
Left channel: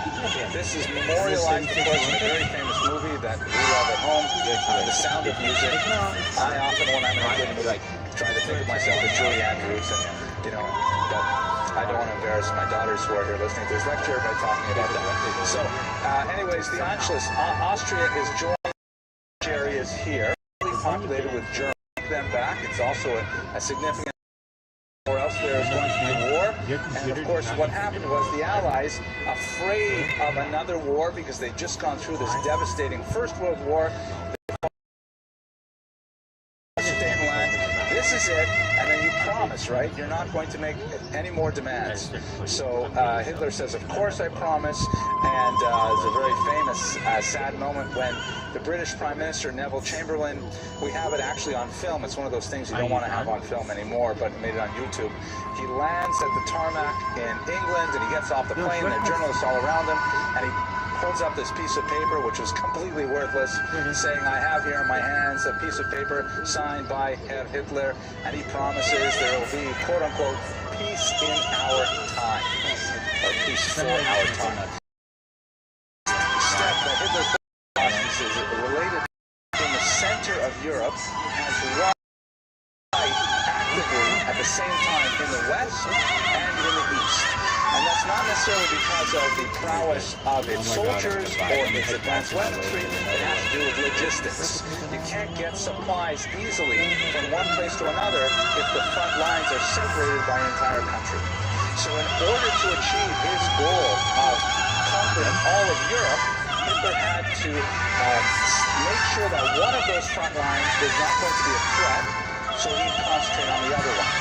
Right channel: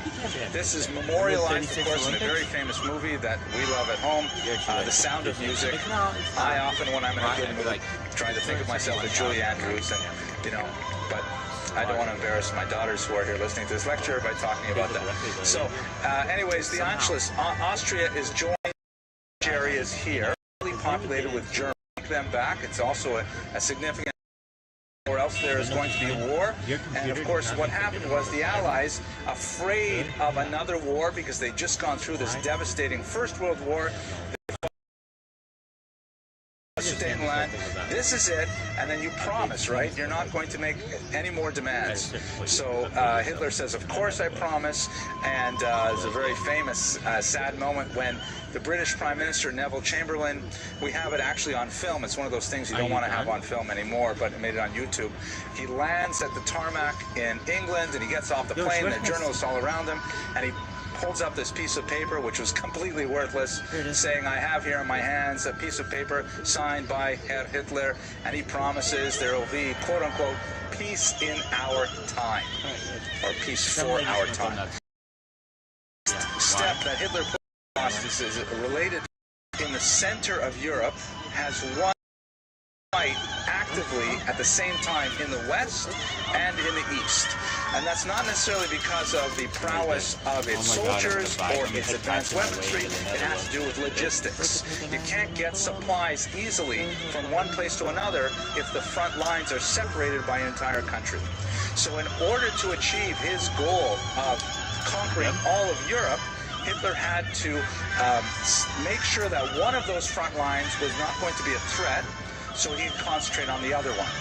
This is memorialized, of course, in a very famous movie that we love at home, The Sound of Music. I often, when I'm in a good mood, try to think of myself as Julie Andrews, and but I don't want to embarrass my daughters who are here listening to this lecture by talking about that. So, anyways, the Anschluss, Austria is joined areas here, populated with Germans. Take them back. It's also a significant. Or else there is going to be a war. And of course, what happened was the Allies, afraid of another war because they'd just gone through this devastating First World War, this is it, and then you promise, right? You're not going to make any more demands. So Hitler says, of course I promise, and it's a very famous, sad moment when the British Prime Minister, Neville Chamberlain, we have it actually on film. It's one of those things you don't want to have on film anymore, but it made it on YouTube. He lands at the tarmac in England, and he gets off the plane, and there are journalists all around him, and he holds up this piece of paper, which was completely worthless, saying, I have here in my hands a piece of paper signed by Herr Hitler, and he promises there will be, quote-unquote, peace in our time, or peace for our time. Step that Hitler put is related in the center of Europe, has one fight actively at the same time in the West and in the East. And that's not necessarily because of the prowess of its soldiers or its advanced weaponry. It has to do with logistics. You can't get supplies easily from one place to another if the front lines are separated by an entire country. So in order to achieve his goal of conquering all of Europe, Hitler had to make sure that one of those front lines was not going to be a threat, so he'd concentrate on the other one.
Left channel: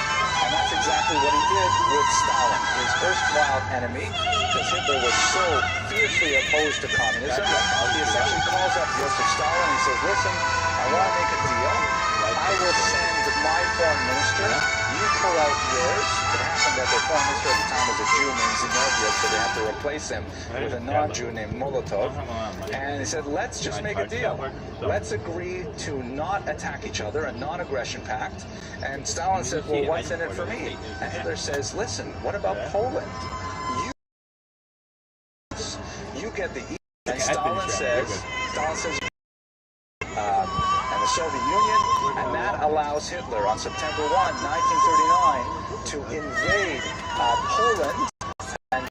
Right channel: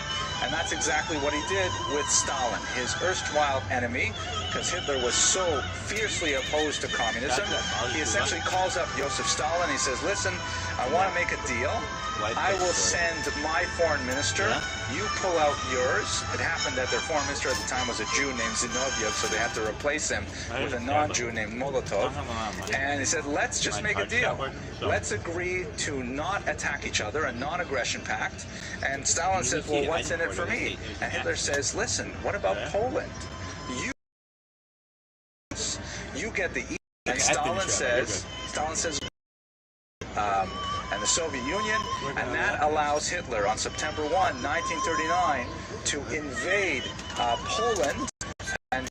And that's exactly what he did with Stalin, his erstwhile enemy, because Hitler was so fiercely opposed to communism. He essentially calls up Joseph Stalin. He says, listen, I want to make a deal. I will send my foreign minister. You pull out yours. It happened that their foreign minister at the time was a Jew named Zinoviev, so they had to replace him with a non-Jew named Molotov. And he said, let's just make a deal. Let's agree to not attack each other, a non-aggression pact. And Stalin says, well, what's in it for me? And Hitler says, listen, what about Poland? You get the East. And Stalin says, and the Soviet Union, and that allows Hitler on September 1, 1939, to invade Poland. And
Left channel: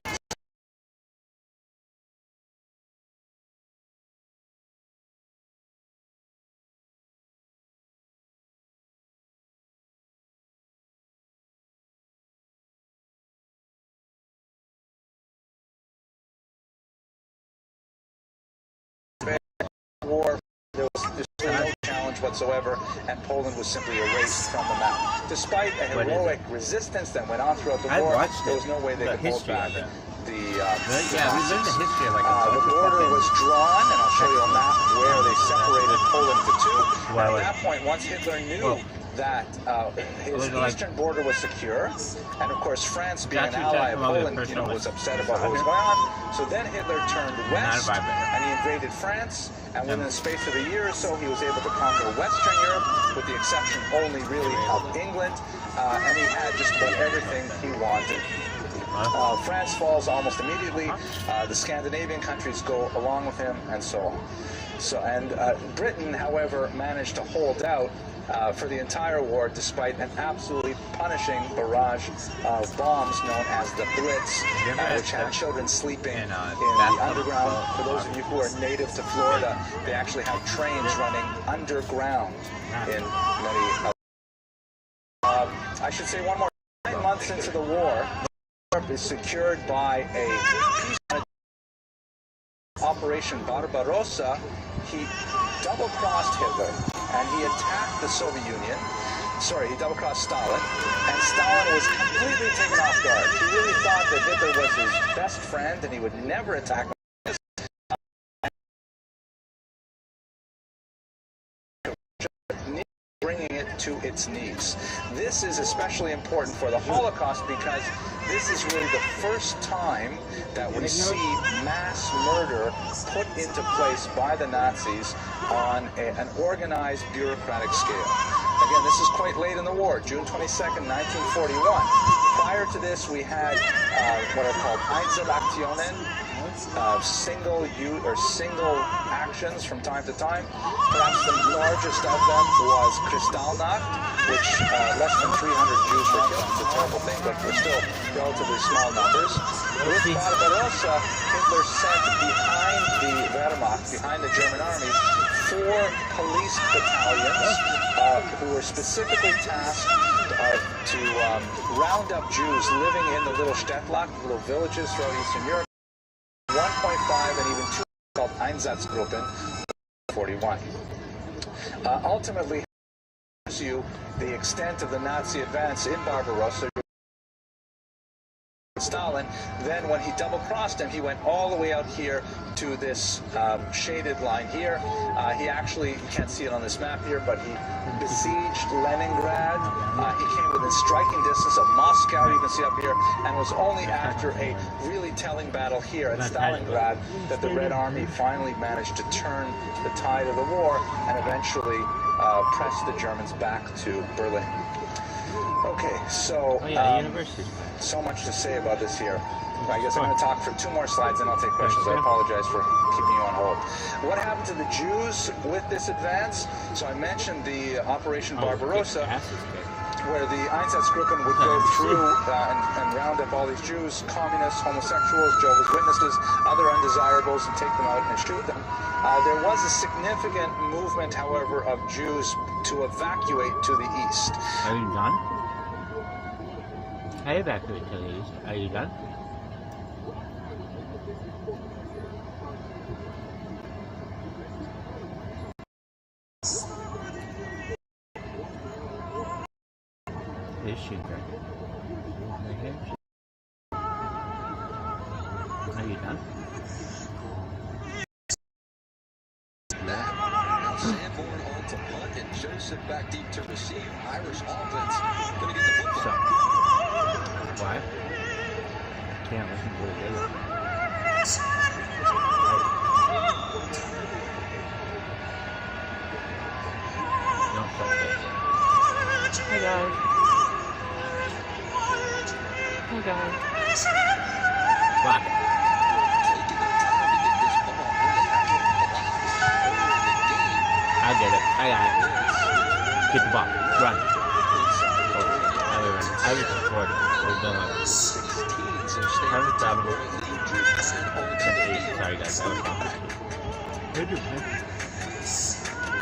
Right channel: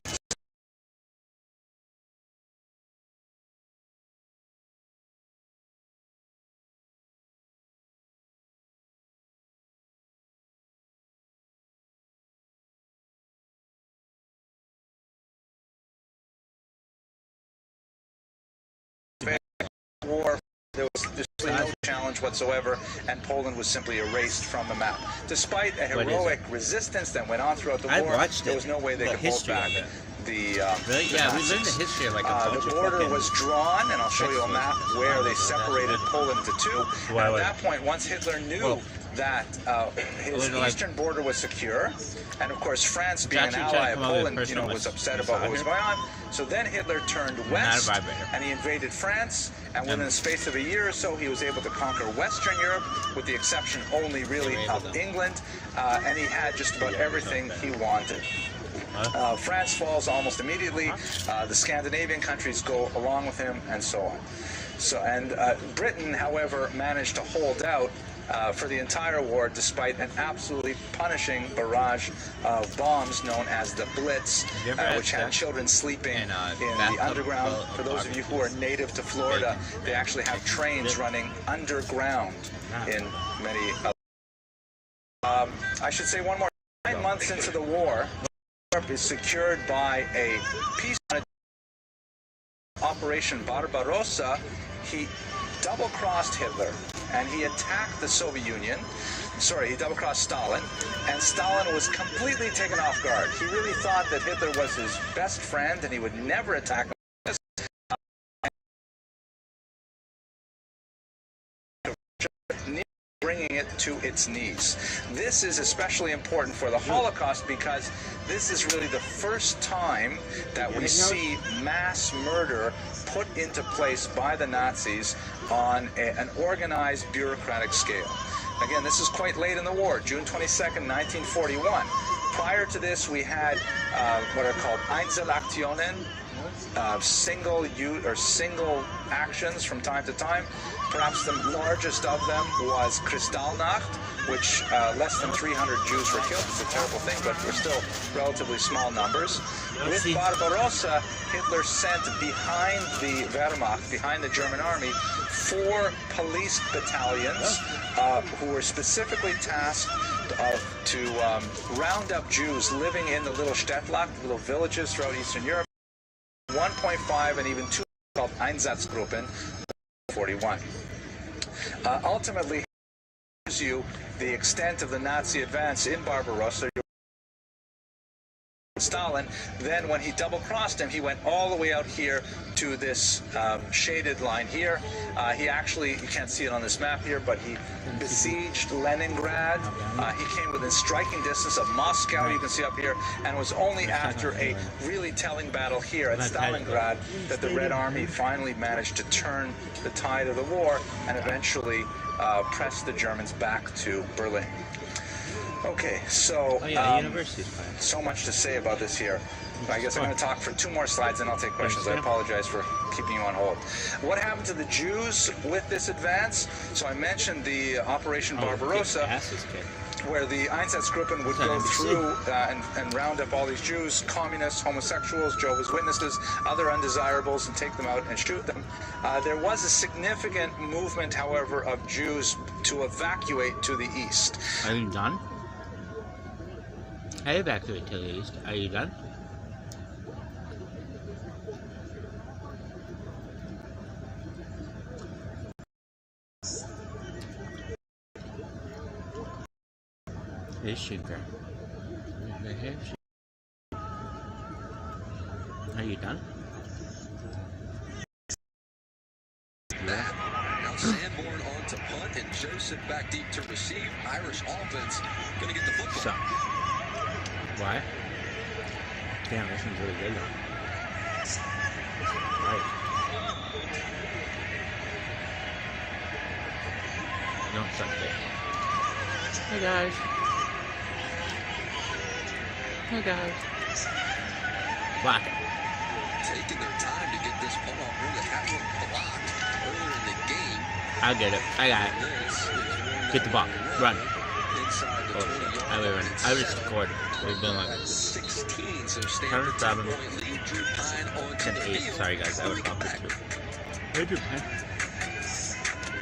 war, there was no challenge whatsoever, and Poland was simply erased from the map. Despite a heroic resistance that went on throughout the war, there was no way they could hold back the we learned the history of the border was drawn, and I'll show you a map where they separated Poland into two. And at that point, once Hitler knew that his eastern border was secure, and of course France, being an ally of Poland, was upset about what was going on. So then Hitler turned west, and he invaded France, and within the space of a year or so, he was able to conquer Western Europe, with the exception only really of England, and he had just about everything he wanted. France falls almost immediately. The Scandinavian countries go along with him, and so on. And Britain, however, managed to hold out for the entire war, despite an absolutely punishing barrage of bombs known as the Blitz, which had children sleeping in the underground. For those of you who are native to Florida, they actually have trains running underground in many. I should say one more. 9 months into the war, Europe is secured by a peace Operation Barbarossa. He double-crossed Hitler, and he attacked the Soviet Union. Sorry, he double-crossed Stalin, and Stalin was completely taken off guard. He really thought that Hitler was his best friend, and he would never attack him. Bringing it to its knees. This is especially important for the Holocaust because this is really the first time that we see mass murder put into place by the Nazis on an organized bureaucratic scale. Again, this is quite late in the war, June 22nd, 1941. Prior to this, we had what are called Einzelaktionen, single actions from time to time. Perhaps the largest of them was Kristallnacht, which less than 300 Jews were killed. It's a terrible thing, but we're still relatively small numbers. With Barbarossa, Hitler sent behind the Wehrmacht, behind the German army, 4 police battalions who were specifically tasked to round up Jews living in the little Städtlack, little villages throughout Eastern Europe. 1.5 and even 2 called Einsatzgruppen, 41. Ultimately, gives you the extent of the Nazi advance in Barbarossa. Stalin, then when he double-crossed him, he went all the way out here to this shaded line here. He actually, you can't see it on this map here, but he besieged Leningrad. He came within striking distance of Moscow, you can see up here, and it was only after a really telling battle here at Stalingrad that the Red Army finally managed to turn the tide of the war and eventually press the Germans back to Berlin. Okay, so so much to say about this here. I guess I'm going to talk for 2 more slides, and I'll take questions. I apologize for keeping you on hold. What happened to the Jews with this advance? So I mentioned the Operation Barbarossa, where the Einsatzgruppen would go through and round up all these Jews, communists, homosexuals, Jehovah's Witnesses, other undesirables, and take them out and shoot them. There was a significant movement, however, of Jews to evacuate to the east. Are you done? I evacuate to the east. Are you done? Is she there? Are you done? Now Sanborn on to punt and Joseph back deep to receive. Irish offense going to get the football. So, why? Damn, this one's really good. Right. Don't touch it. Hey guys. Hey guys. Block it. Taking their time to get this ball really having blocked earlier in the game. I did it. I got it. Get the ball. Run. I was recording. We're doing like 16, so Harvard problem. 10-8. Sorry guys, I was wrong.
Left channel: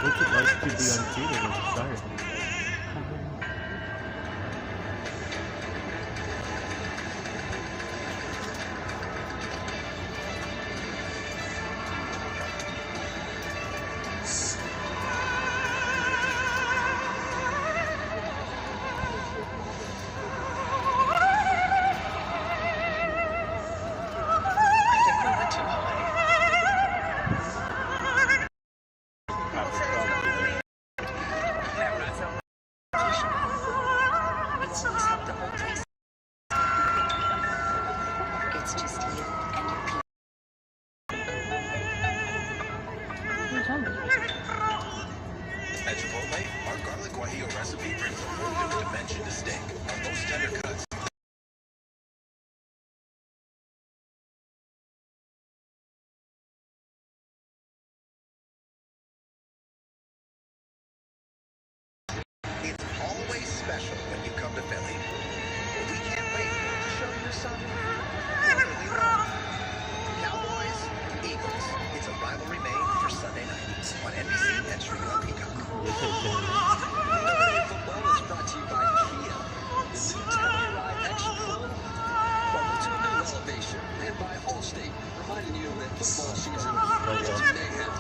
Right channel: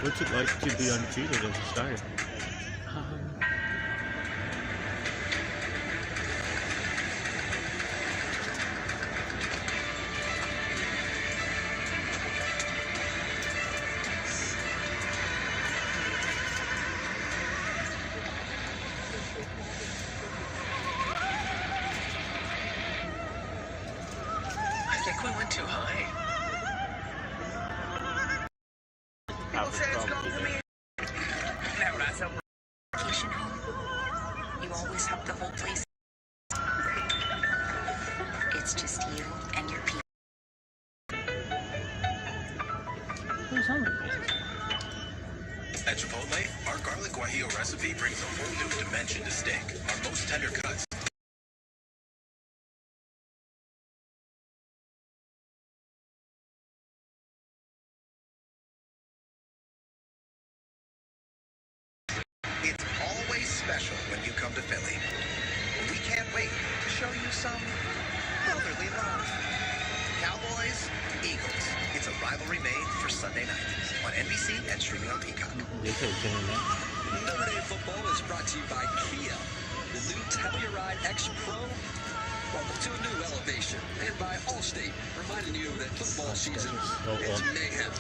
What's it like to be undefeated as a starter? At Chipotle, our garlic guajillo recipe brings a whole new dimension to steak. Our most tender cuts. It's always special when you come to Philly. We can't wait to show you some brotherly love. Cowboys, Eagles. It's a rivalry made for Sunday night on NBC and streaming on Peacock. Monday Football is brought to you by Kia. The new Telluride X Pro. Welcome to a new elevation. And by Allstate, reminding you that football season is mayhem.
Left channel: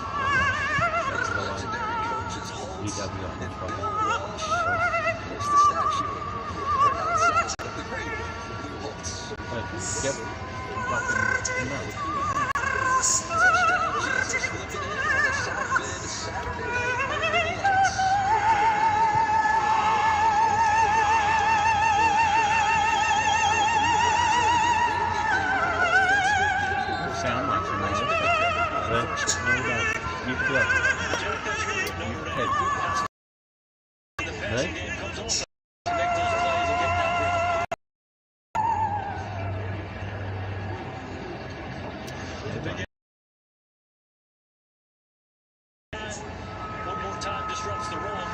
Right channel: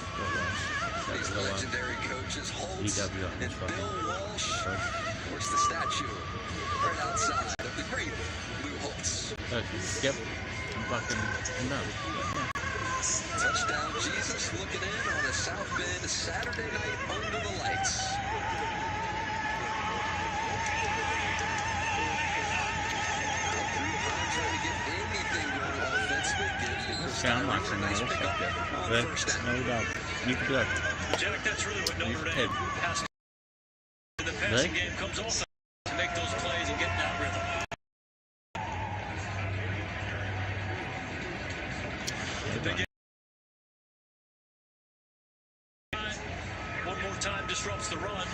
These legendary coaches, Holtz and Bill Walsh, there's the statue right outside of the great Blue Holtz. Yep. Fucking no. Touchdown Jesus looking in on a South Bend Saturday night under the lights. Sound like some nice stuff. But no doubt. You could do it. Jack, that's really what Notre Dame has to do. The passing game comes also to make those plays and get in that rhythm. One more time disrupts the run.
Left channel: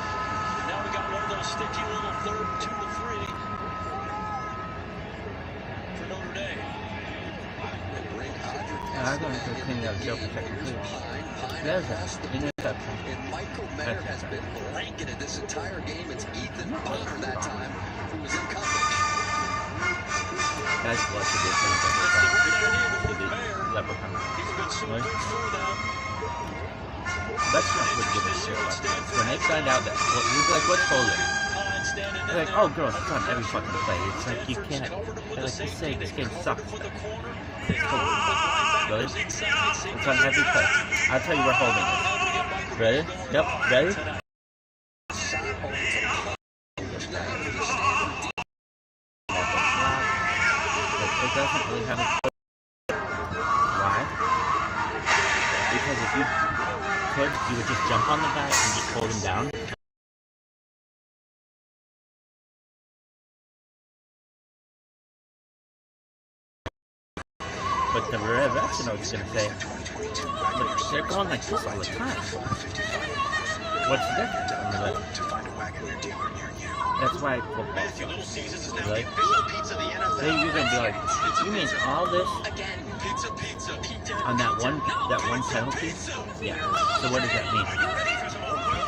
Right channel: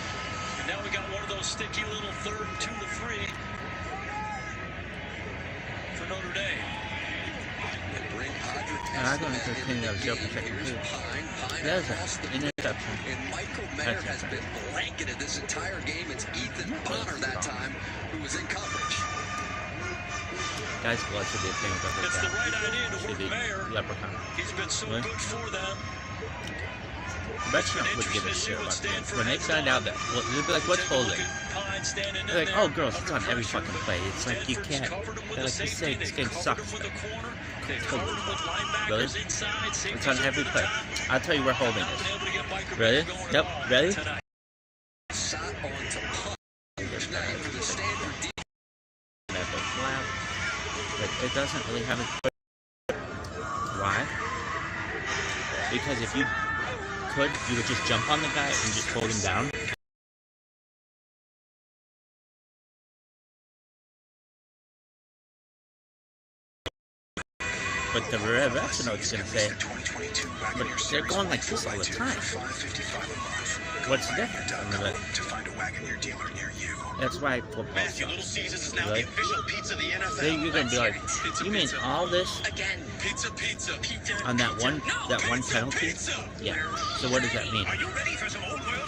And now we got one of those sticky little 3rd and 2 to 3 for Notre Dame. I'm going to continue that joke for second too. There's an interception. And Michael Mayer has been blanketed this entire game. It's Ethan Bonner that time who was in coverage. That's blessed to be a thing. It's the right idea for Mayer. Leprechaun. He's been so good for them. Veteran would give a shit about that. When they find out that, we'd be like, what's holding? They're like, oh, girls, it's on every fucking play. It's like, you can't. They're like, you say this game sucks. Really? It's on every play. I'll tell you we're holding it. Ready? Yep. Ready? Like, it doesn't really have a... Why? Because if you could, you would just jump on the guy and just hold him down. But the refs are going to say, but they're going like this all the time. What's the difference? I mean, like, that's why football sucks. Right? Then you're going to be like, you mean all this on that one penalty? Yeah. So what does that mean?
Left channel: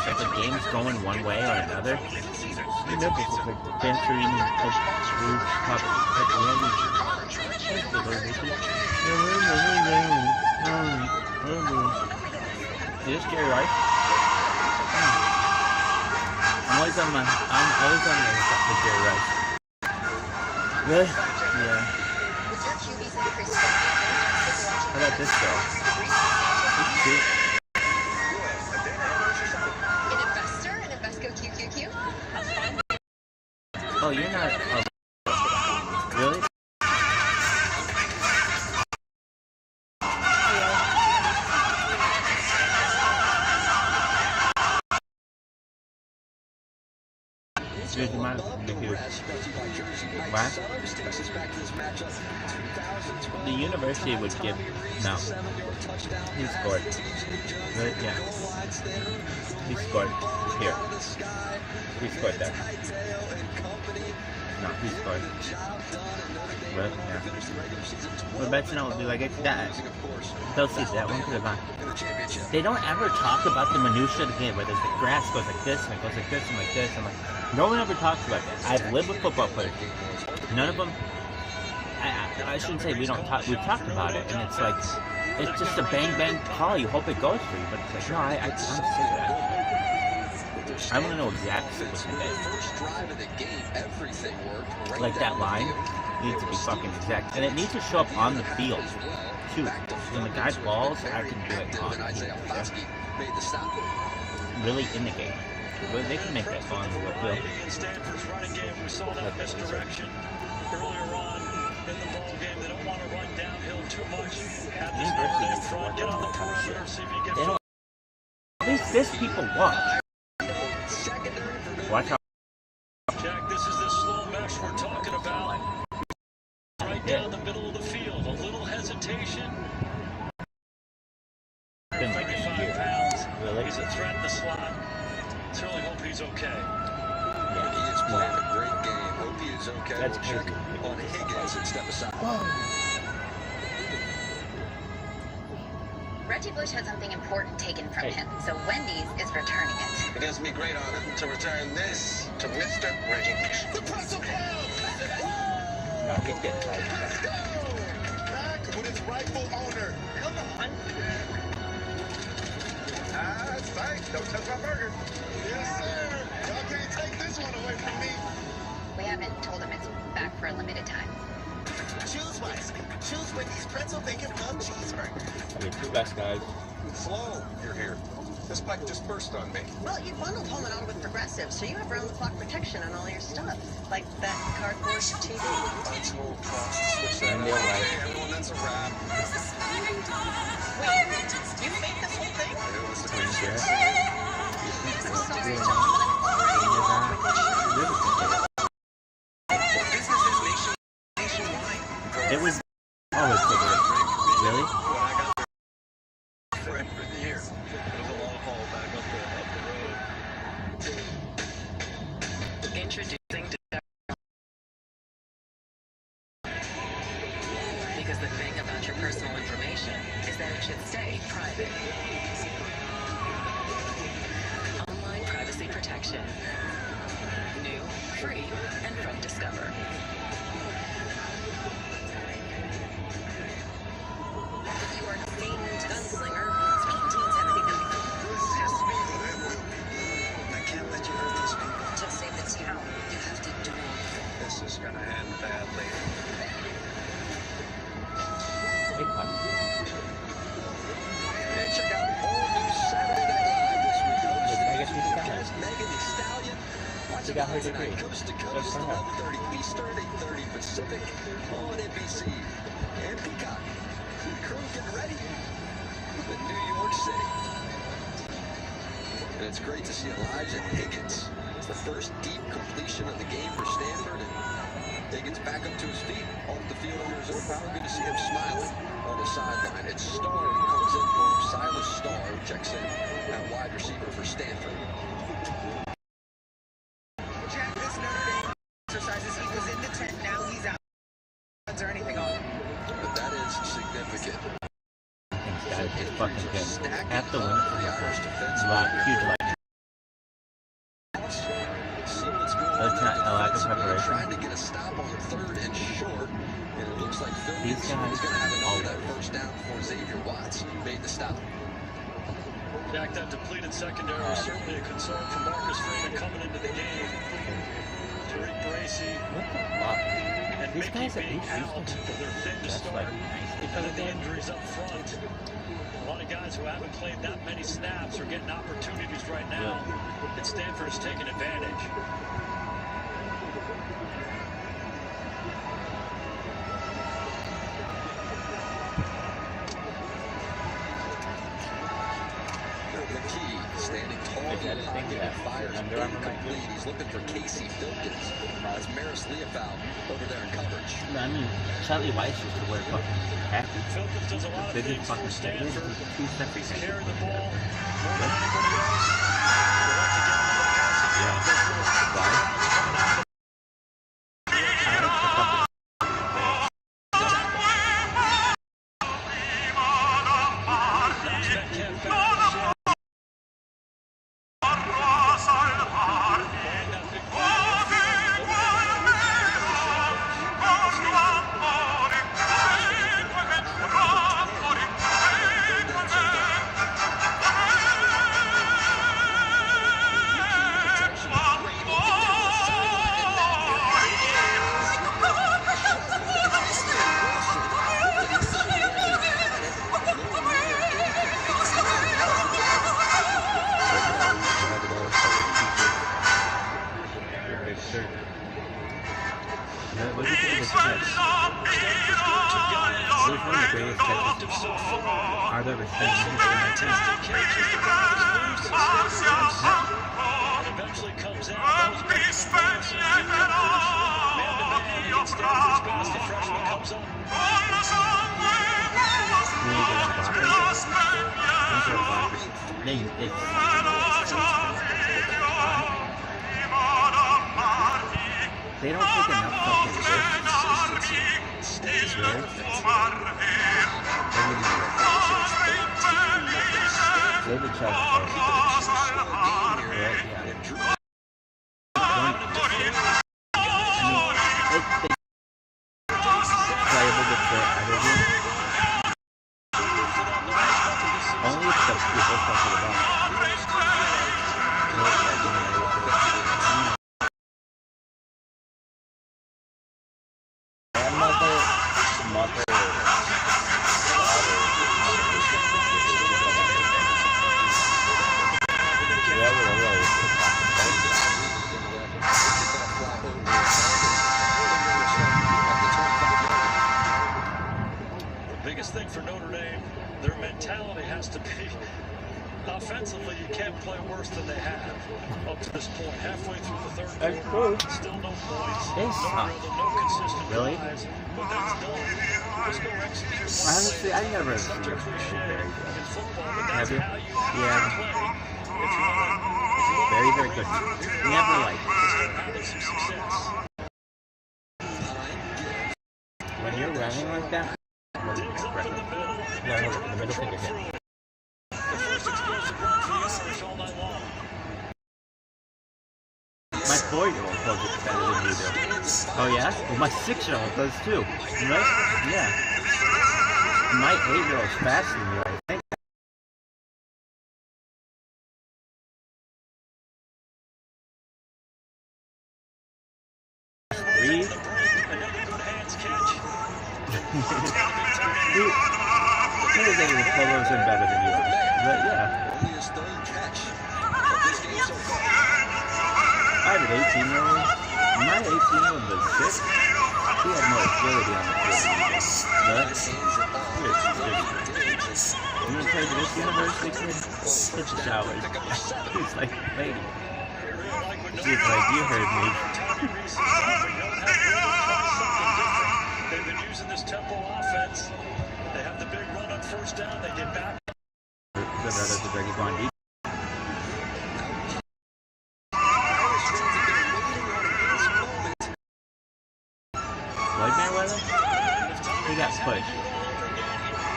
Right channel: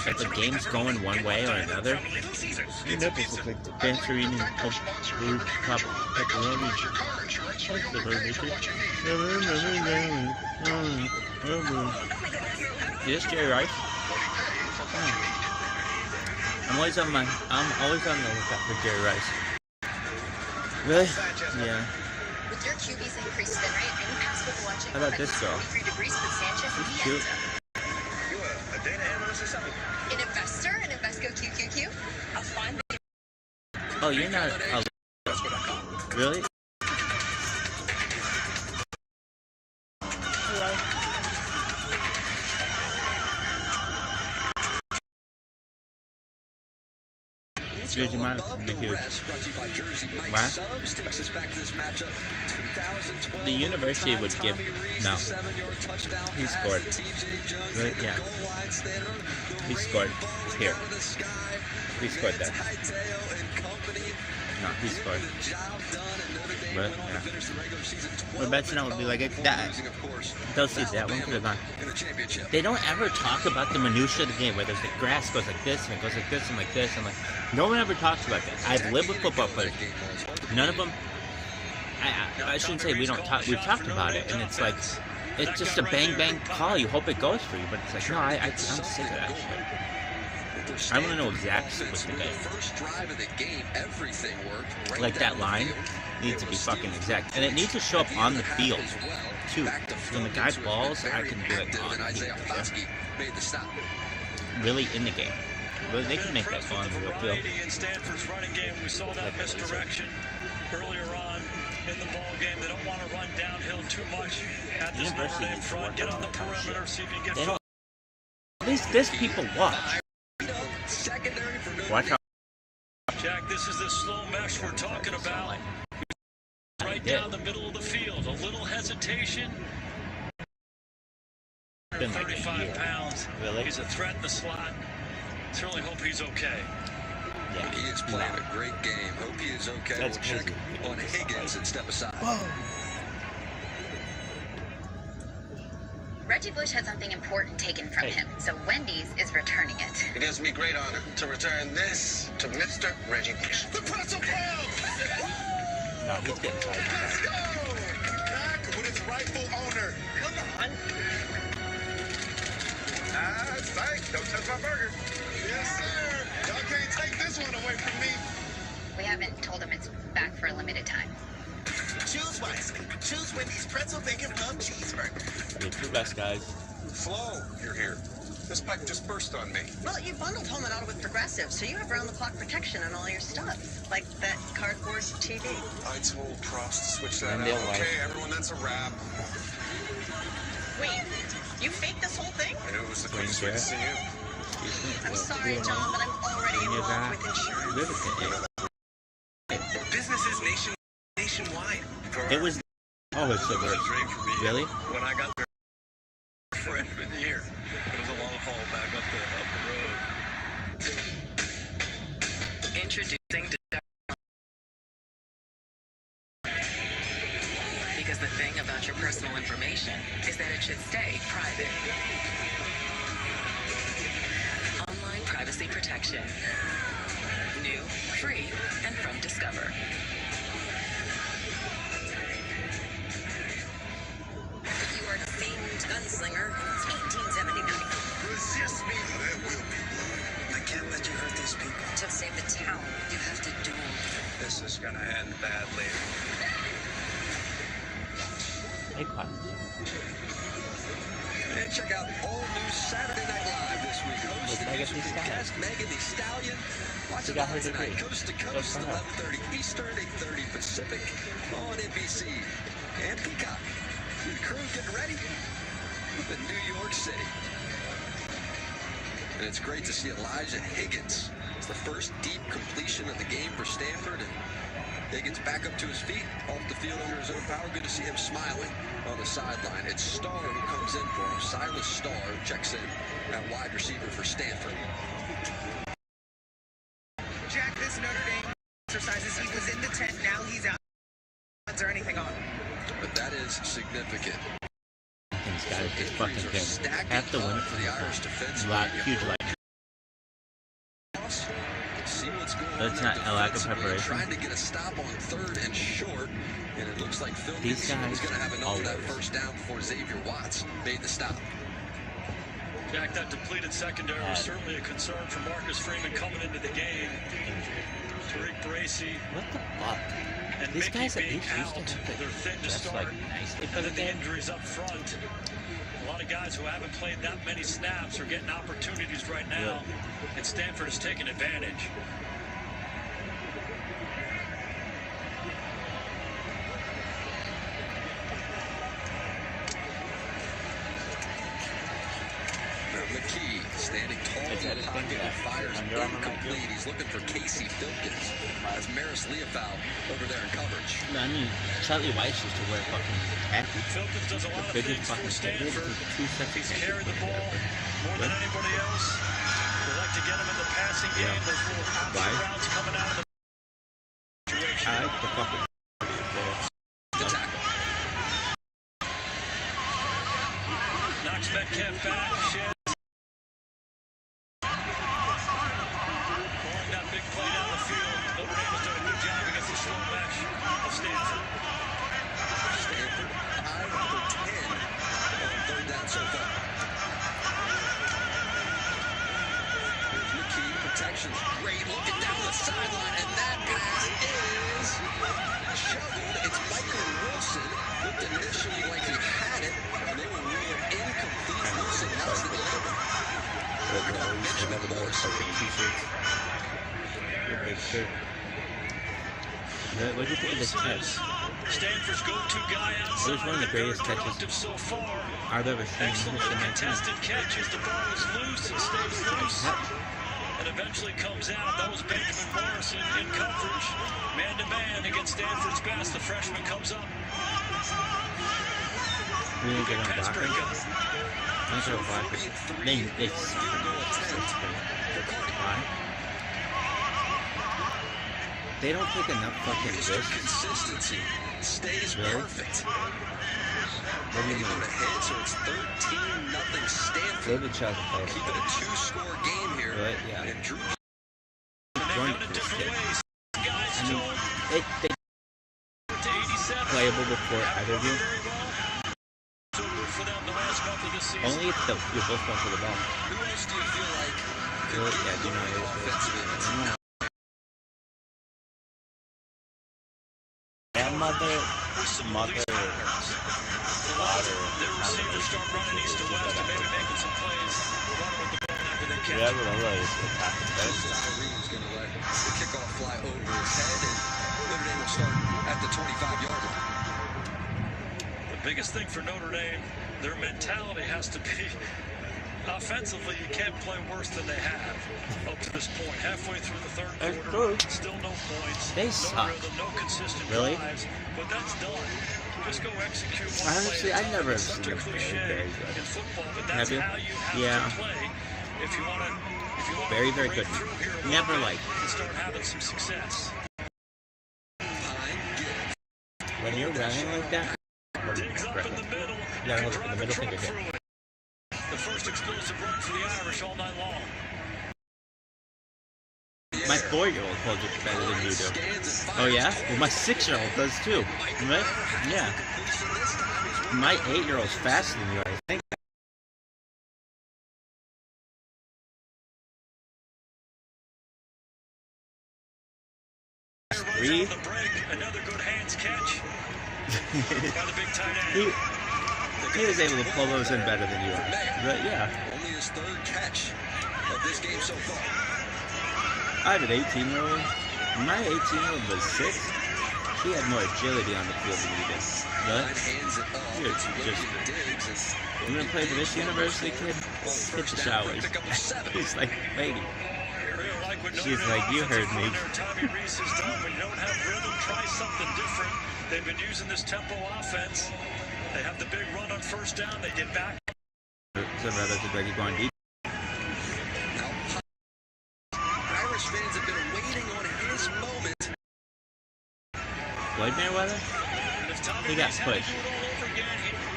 If the game's going one way or another, you know, it's like the venturing of blue pepperoni. Is this Jerry Rice? I'm always on the lookout for Jerry Rice. Really? Yeah. How about this girl? She's cute. An investor, an Invesco QQQ. Oh, you're not. Really? Excuse me, what? The university would give. No. He scored. Right? Yeah. He scored. Here. He scored there. No, he scored. Right? Yeah. What about you know would be like that? They'll see that one could have gone. They don't ever talk about the minutiae of the game, where there's the grass goes like this and it goes like this and like this and like. No one ever talks about that. I've lived with football players. None of them. I shouldn't say we don't talk. We've talked about it, and it's like it's just a bang bang call. You hope it goes for you, but it's like no, I'm sick of that shit. I want to know exactly what's in the game. Like that line needs to be fucking exact, and it needs to show up on the field too. When the guy balls, I can do it on the field. Really in the game. Well, they can make that on the real field. In Stanford's running game, we saw that misdirection earlier on in the ball game. They don't want to run downhill too much. Have this ball in front, get on the perimeter, see if you can get. At least this people watch. Watch out. Jack, this is the slow mesh we're talking about. Right down the middle of the field. A little hesitation. 55 pounds. Really? He's a threat in the slot. Certainly hope he's okay. Yeah. He is playing a great game. Hope he is okay. That's we'll crazy. check on Higgins and step aside. Whoa. Reggie Bush had something important taken from him, so Wendy's is returning it. It gives me great honor to return this to Mr. Reggie Bush. The pretzel pound! No, he's getting tired. rightful owner. Come on. Thanks. Don't touch my burger. Yes, sir. Y'all can't take this one away from me. We haven't told him it's back for a limited time. Choose wisely. Choose Wendy's pretzel bacon hub cheeseburger. The two best guys. Flo, you're here. This pack just burst on me. Well, you bundled home and auto with Progressive, so you have round-the-clock protection on all your stuff. Like that cardboard TV. I told Prost to switch that And out. they'll write. Okay, everyone, that's a wrap. Wait, you faked this whole thing? It was a good Twins switch there. to you. I'm sorry, John, but I'm already in love with insurance. Businesses nationwide. It was always so good. Really? When I got there freshman year, it was a long haul back up the road. Introducing because the thing about your personal information is that it should stay private. Online privacy protection. New, free, and from Discover. You are a famed gunslinger. It's 1879. Resist me, but I will. I can't let you hurt these people. To save the town, you have to do it. This is gonna end badly. Hey, Pop. And check out all new Saturday Night Live this week. Look, I get these guys. Cast Megan Thee Stallion. Watch She it got her tonight, degree. coast to Good coast, for her. 11:30 Eastern, 8:30 Pacific, on NBC and Peacock. The crew getting ready in New York City. And it's great to see Elijah Higgins. It's the first deep completion of the game for Stanford, and Higgins back up to his feet, off the field under his own power. Good to see him smiling on the sideline. It's Starr who comes in for him. Silas Starr who checks in at wide receiver for Stanford. Jack, this Notre Dame exercises, he was in the tent, now he's out. Is there anything on? But that is significant. These guys just fucking him. Have to win for the Irish defense. huge like. See what's going That's on not a lack of defensively. preparation. Trying to get a stop on third and short, and it looks like Phil These Gibson guys is going to have enough of that always. first down before Xavier Watts made the stop. Jack, that depleted secondary was certainly a concern for Marcus Freeman coming into the game. Tariq Bracy. What the fuck? And These Mickey guys at being least used to out. have They're thin to that's start. like nicely for And the then the game. injuries up front. A lot of guys who haven't played that many snaps are getting opportunities right now. And Stanford is taking advantage. McKee standing tall in the pocket and fires incomplete. He's looking for Casey Filkins. As Maris Leofow over there in coverage. I mean, Charlie Weiss used to wear fucking khaki. Filkins does a lot of Biggest things for fucking Stanford. 2 seconds. He's carried the ball more than anybody else. They like to get him in the passing game. Those little Why? routes coming out of the I like the fucking. knocks Metcalf back. That big play on the field. Open up a good job against the short backs of Stanford. Protection, great looking down the sideline, and that is Wilson. Looked initially like he had it, and they were really What do you think of this catch? Stanford's go-to guy It was one of the greatest catches so far. I've ever seen in history of my team. Contested catches, the ball is loose and stays loose. And eventually comes out. That was Benjamin Morrison. Good coverage. Man-to-man against Stanford's best. The freshman comes up. We need to get on blockers. Once you're blockers, they don't take enough fucking risks. consistency. Stays Really? perfect. What do you mean? Go to Chuck first. Keep it a two-score game here. Right, yeah. And Drew I mean, they playable before either of you. Only if you're both going for the ball. Grandmother, mother, father, The biggest thing for Notre Dame, their mentality has to be offensively, you can't play worse than they have up to this point. Halfway through the third quarter, still no points, they no suck. rhythm, no consistent Really? drives, but that's done. Just go execute one Honestly, play. I never have Such seen a them cliche very in good. football, but Have that's you? how you have Yeah. to play if you want to Very, very good. Never like. start having some success. When you're running like that, you gotta hold it with the middle finger here. The first explosive run for the Irish all night long. My 4-year-old holds it better than you do. Oh yeah? Well, my 6-year-old does too. Right? Yeah. My 8-year-old's faster than you, I think. Three. He was able to pull those in better than you are. But yeah. Only his third catch of this game so far. I have an 18-year-old. My 18-year-old was 6. She had more agility on the field than you did. But you gonna play for this university kid? Take the showers. He's like, lady. She's like, you heard me. They've been using this tempo offense. They have the big run on first down. They get back. Irish fans have been waiting on this moment. Lloyd Merriweather? He got pushed. You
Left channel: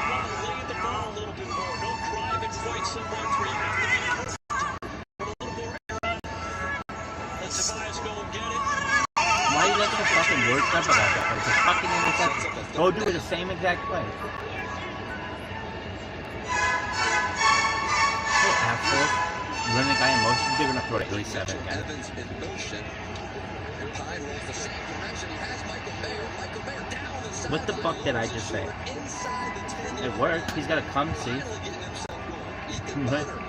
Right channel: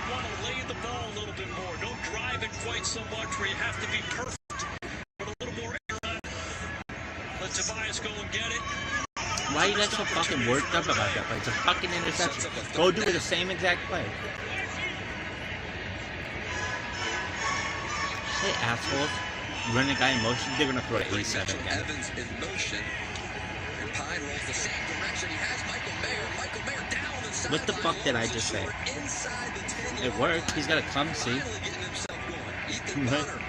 want to lay the ball a little bit more. Don't drive it quite so much where you have to be perfect. Put a little more air on it. Let Tobias go and get it. Why are you guys so fucking worked up about that? Like, it's a fucking interception. Go do the same exact play. Hey, assholes. Run the guy in motion, they're gonna throw it 87 again. Evans in motion. And Pine rolls the same direction. He has Michael Mayer. Michael Mayer down inside. What the fuck did I just say? Inside the 10. It worked. He's gotta come see.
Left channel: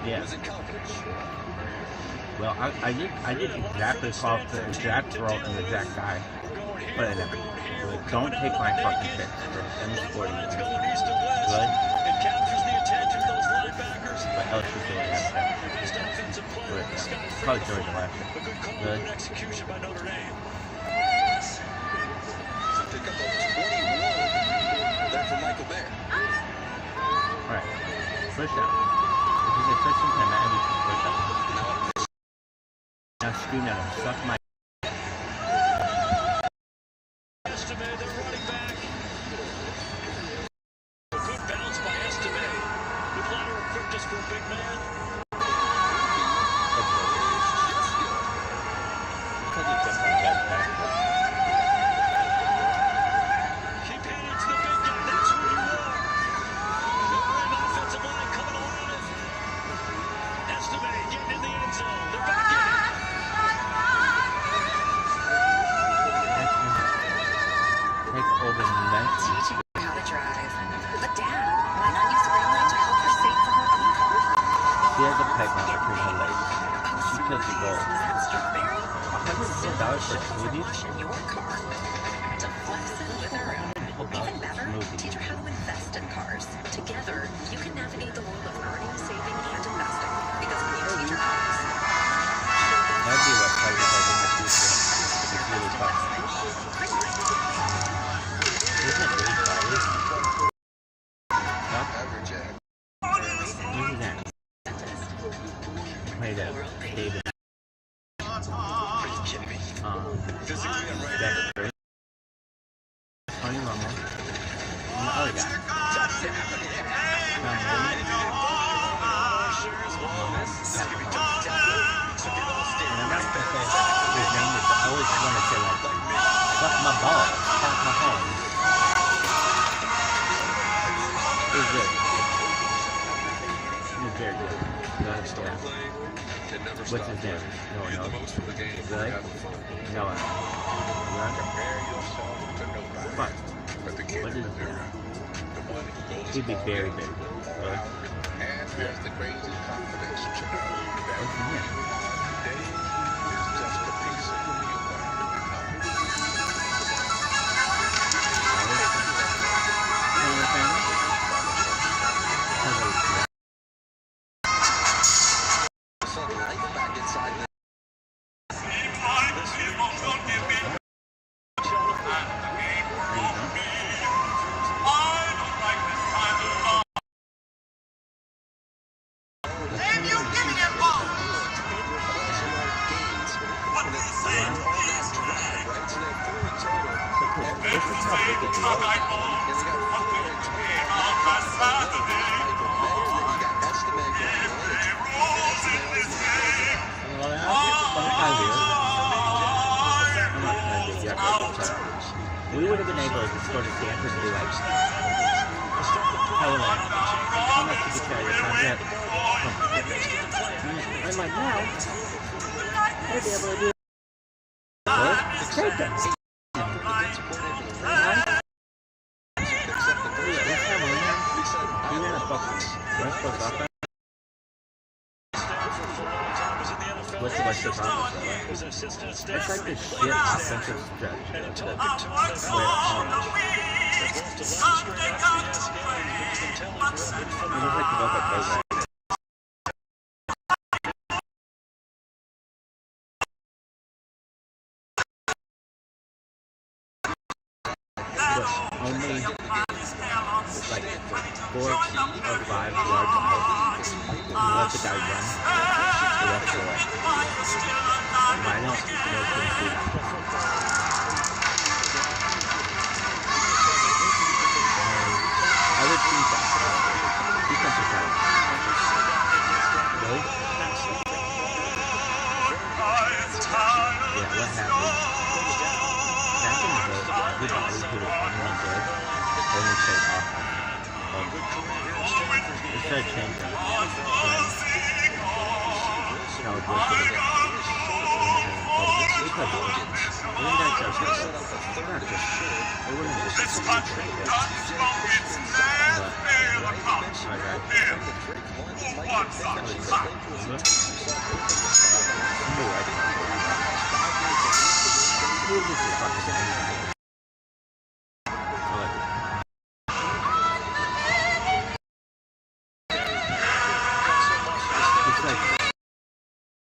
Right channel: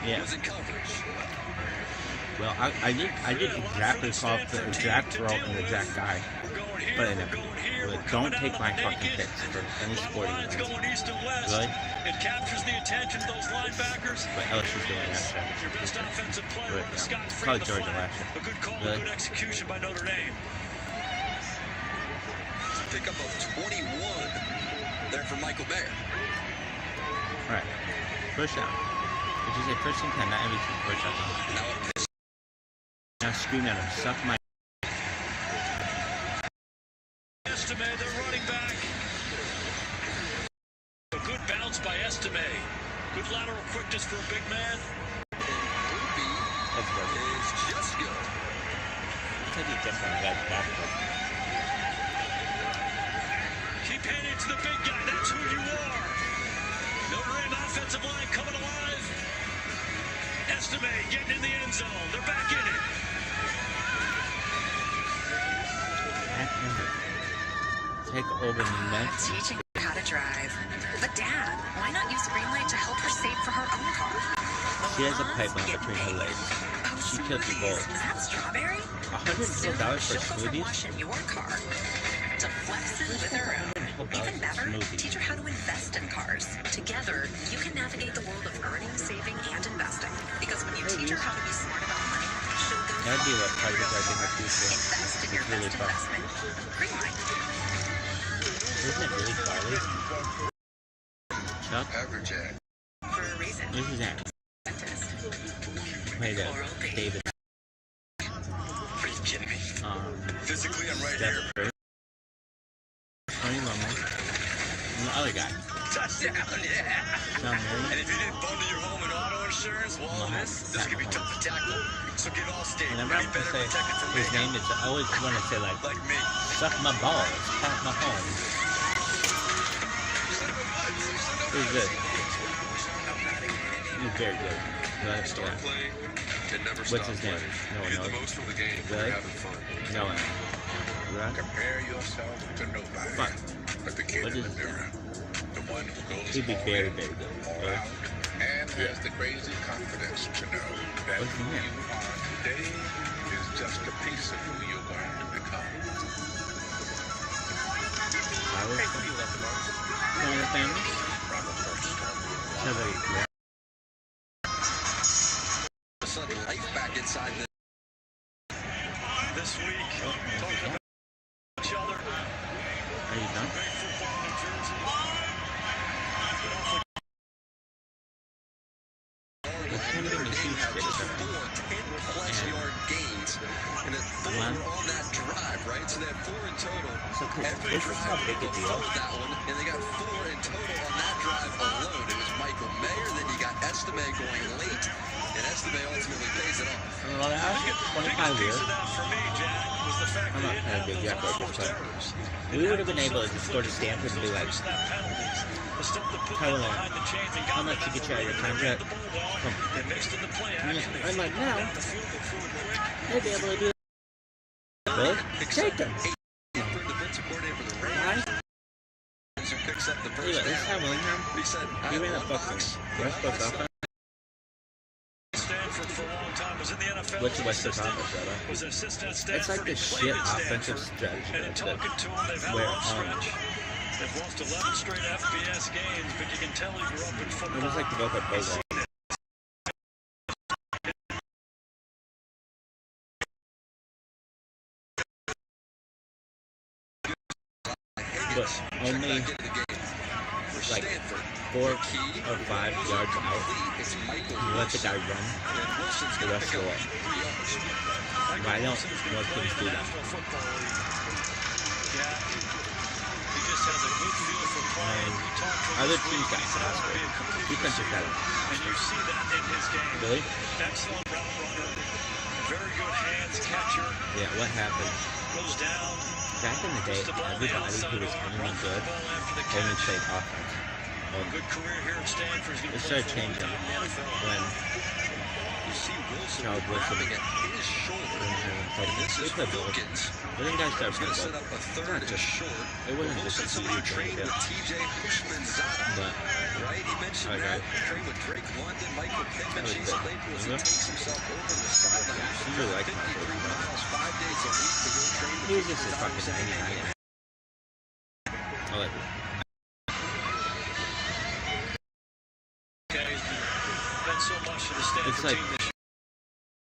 Yeah. Well, I did exactly call the exact throw and the exact guy. But I never. Really, don't take my fucking picks for any sporting event. Really? It captures the attention of those linebackers. But LSU's doing that shit. Your best offensive player, Scott Probably Georgia last year. A good call, Really? good execution by Notre Dame. Pick up of 21 there for Michael Mayer. Alright. First down. If you say first and 10, not every first down. Now scream at him. Suck my. Estime, they're running back. A good bounce by Estime. Good lateral quickness for a big man. That's good. Just good. Look how you jump on the guy's back. Keep heading to the big guy. That's who you are. Notre Dame offensive line coming alive. Estime getting in the end zone. They're back in it. Take over next. Teaching her how to drive. But Dad, why not use green light to help her save for her own car? She has a pipe mount between her legs. She killed the goal. Is that strawberry? $104 for smoothies? Wash in your car. To flex it with her own. Even better, teach her how to invest in cars. Together, you can navigate the world of earning, saving, and investing. Because when you teach her how to be smart online, That'd be what I did like in the future. It's really fun. Isn't it really fun? Nope. Average Jack. This is that. Play that. David. Are you kidding me? Physically, I'm right here. Tony Romo. And the other guy. Touchdown, yeah. And if you didn't bundle your home and auto insurance, well, this could be tough to tackle. So get all And I'm standard. not going to say his name is, I always want to say like suck my balls, pat my home. It was good. very good. Start playing and never What's stop his name? playing. No one Get the knows. most from the game. Really? You're having fun. No one knows. Really? Compare yourself to nobody. Fun. But the kid What in is the mirror, the one who goes He'd be all very, in, very good. all Really? out, and has the crazy confidence to know that What's who his name? you are today is just a piece of who you're going to become. Sudden life back inside the This week, each other. This is how big it is. And they got 4 in total on that drive alone. It was Michael Mayer, then you got Estime going late. And Estime ultimately goes it up. Well, that's 25 years. I'm not going to do that, we would have been able to just go to Stanford and be like, Helen, how much you get you out of your contract? I'm like, now, I'd be able to do it. Take them. We ran a fucking West Coast offense. What's the West Coast offense, brother? It's like this shit offensive stretch. It's like where it was like the vocal program. But only like 4 or 5 yards out, you let the guy run the rest of the way. But I don't know if things do that. And other teams got defensive talent. Really? Yeah, what happened? Back in the day, everybody who was anyone good only played offense. It started changing when Charles Wilson we played both. I think guys started playing both. Not just short. It wasn't just a complete trade. But, alright. Who is this fucking anybody? I like it. It's like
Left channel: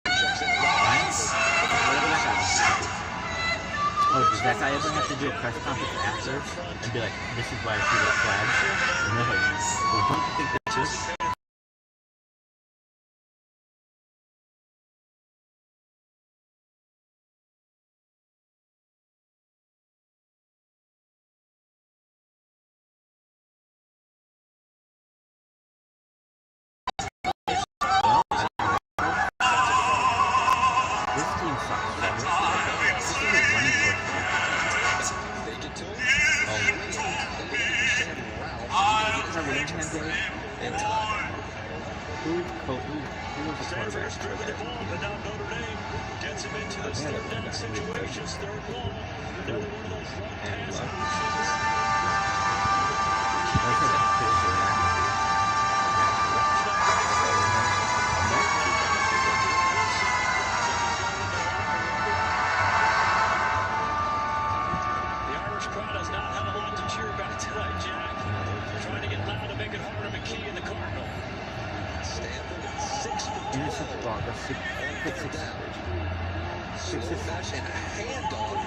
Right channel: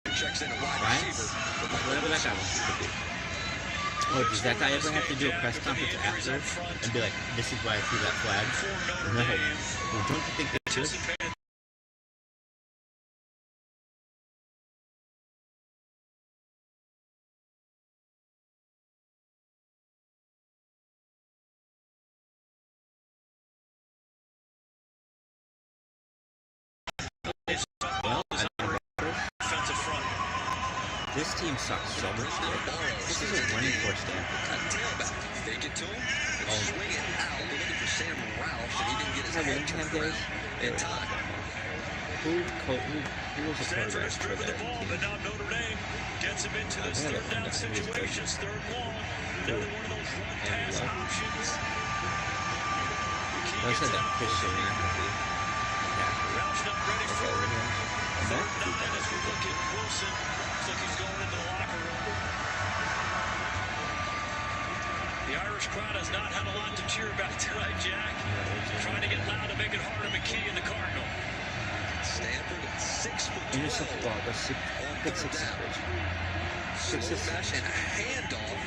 Ryan? Whatever that guy wants to do. Oh, does that guy ever have to do a press conference after and be like, this is why I see that flag? No. Well, don't you think that's just this team sucks so much. This is a running course game. Fake it to him. Oh. Have Willingham days? In time. Who was the quarterback for that? But now Notre Dame gets him into this third down situations, third long. They're one of those long pass options. Those are the Christian McAfee. The Irish crowd has not had a lot to cheer about tonight, Jack. Trying to get loud to make it hard to McKee and the Cardinal. Stanford at 6 for 12. Intercept ball, that's 6 down. 6 Mesh and a handoff.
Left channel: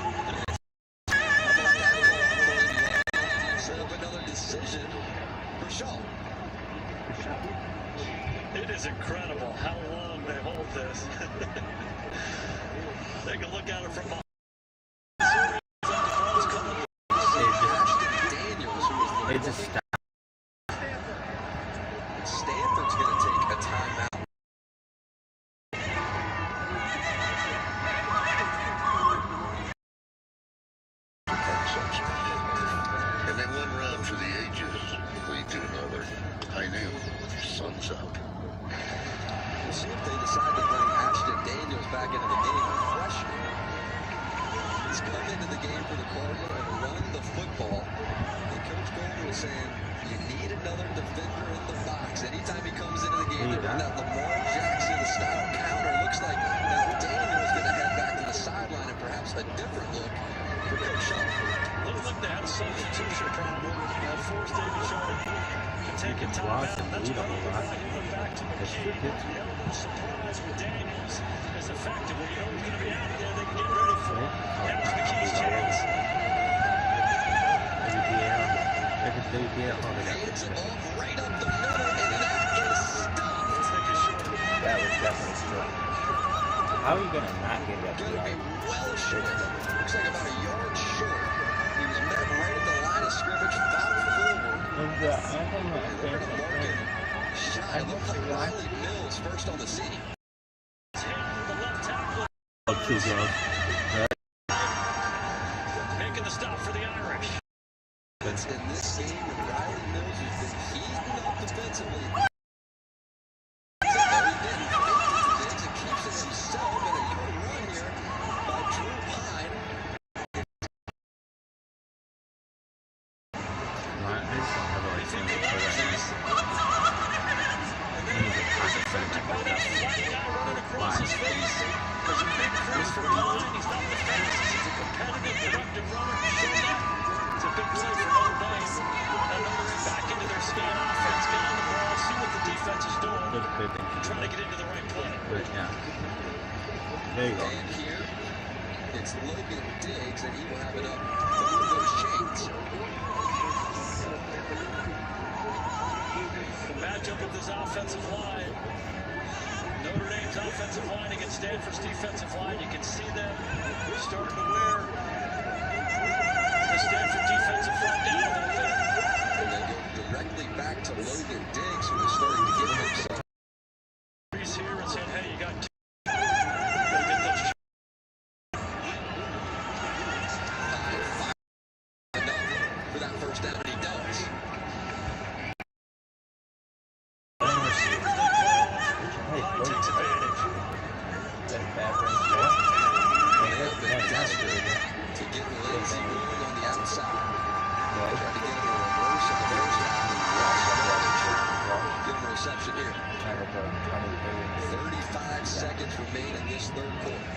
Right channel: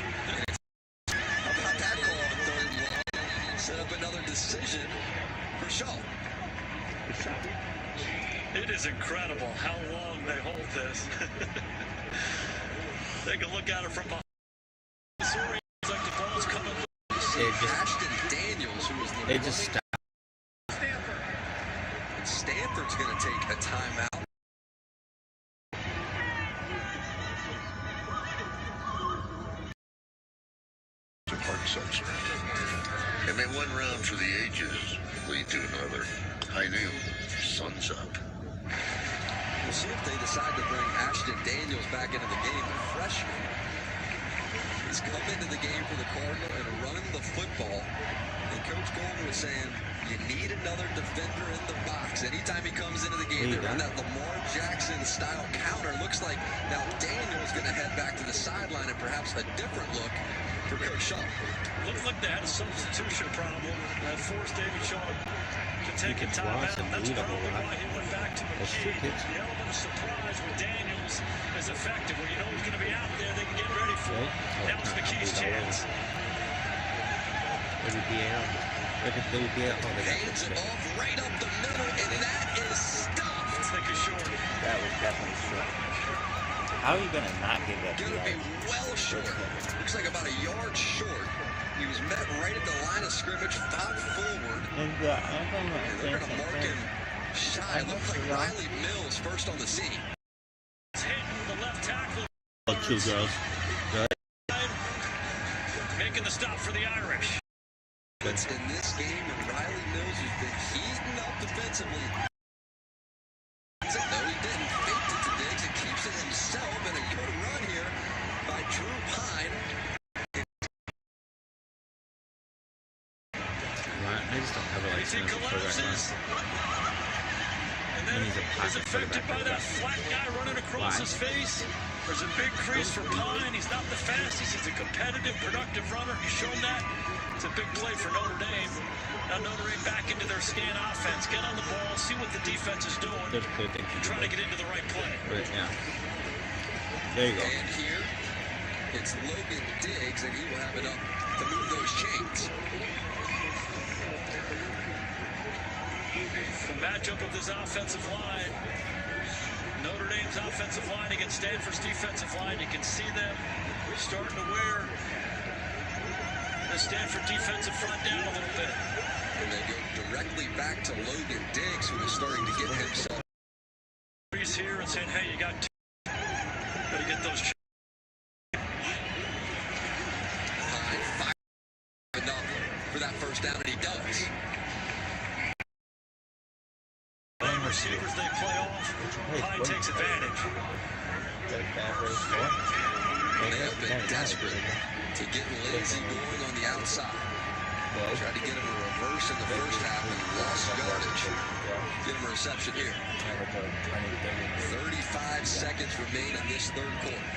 How about that call on 3rd and long? Set up another decision for Shaw. It is incredible how long they hold this. Take a look at it from behind. They just stopped. Stanford's going to take a timeout. And then one round for the ages lead to another. High noon, sun's up. We'll see if they decide to bring Ashton Daniels back into the game, a freshman. He's come into the game for the Cardinal and run the football. And Coach Golden was saying, you need another defender in the box. Anytime he comes into the game, they run that Lamar Jackson-style counter. Looks like now Daniels going to head back to the sideline and perhaps a different look for Coach Shaw. Looked like they had a substitution problem that forced David Shaw to take a timeout. That's probably why he went back to the game. The element of surprise with Daniels is effective. When you know he's going to be out there, they can get ready for it. That was McKee's chance. Hands it off right up the middle, and that is stuffed. That was definitely short. How are you going to not give that Gonna be well short. Looks like about a yard short. He was met right at the line of scrimmage, fouled forward. They're going to mark him shy. It looks like Riley Mills first on the scene. Oh, two girls. Making the stop for the Irish. It's in this game, and Riley Mills has been heating up defensively. No, he didn't. Faked it to Diggs and keeps it himself, and a good run here by Drew Pine. I just don't have a like single play right now. He's affected by that flat guy running across his face. There's a big crease for Pine. He's not the fastest. He's a competitive, productive runner. He's shown that. It's a big play for Notre Dame. Now Notre Dame back into their scan offense. Get on the ball, see what the defense is doing. Trying to get into the right play. Yeah. There you go. And here, it's Logan Diggs, and he will have it up to move those chains. The matchup of this offensive line. Notre Dame's offensive line against Stanford's defensive line. You can see them starting to wear the Stanford defensive front down a little bit. And they go directly back to Logan Diggs, who is starting to get himself. He's here and saying, hey, you got two. Got to get those. Enough for that first down, and he does. Receivers they play off. Pine takes advantage. They have been desperate to get Lindsey moving on the outside. Tried to get him a reverse in the first half and lost yardage. Give him a reception here. 35 seconds remain in this third quarter.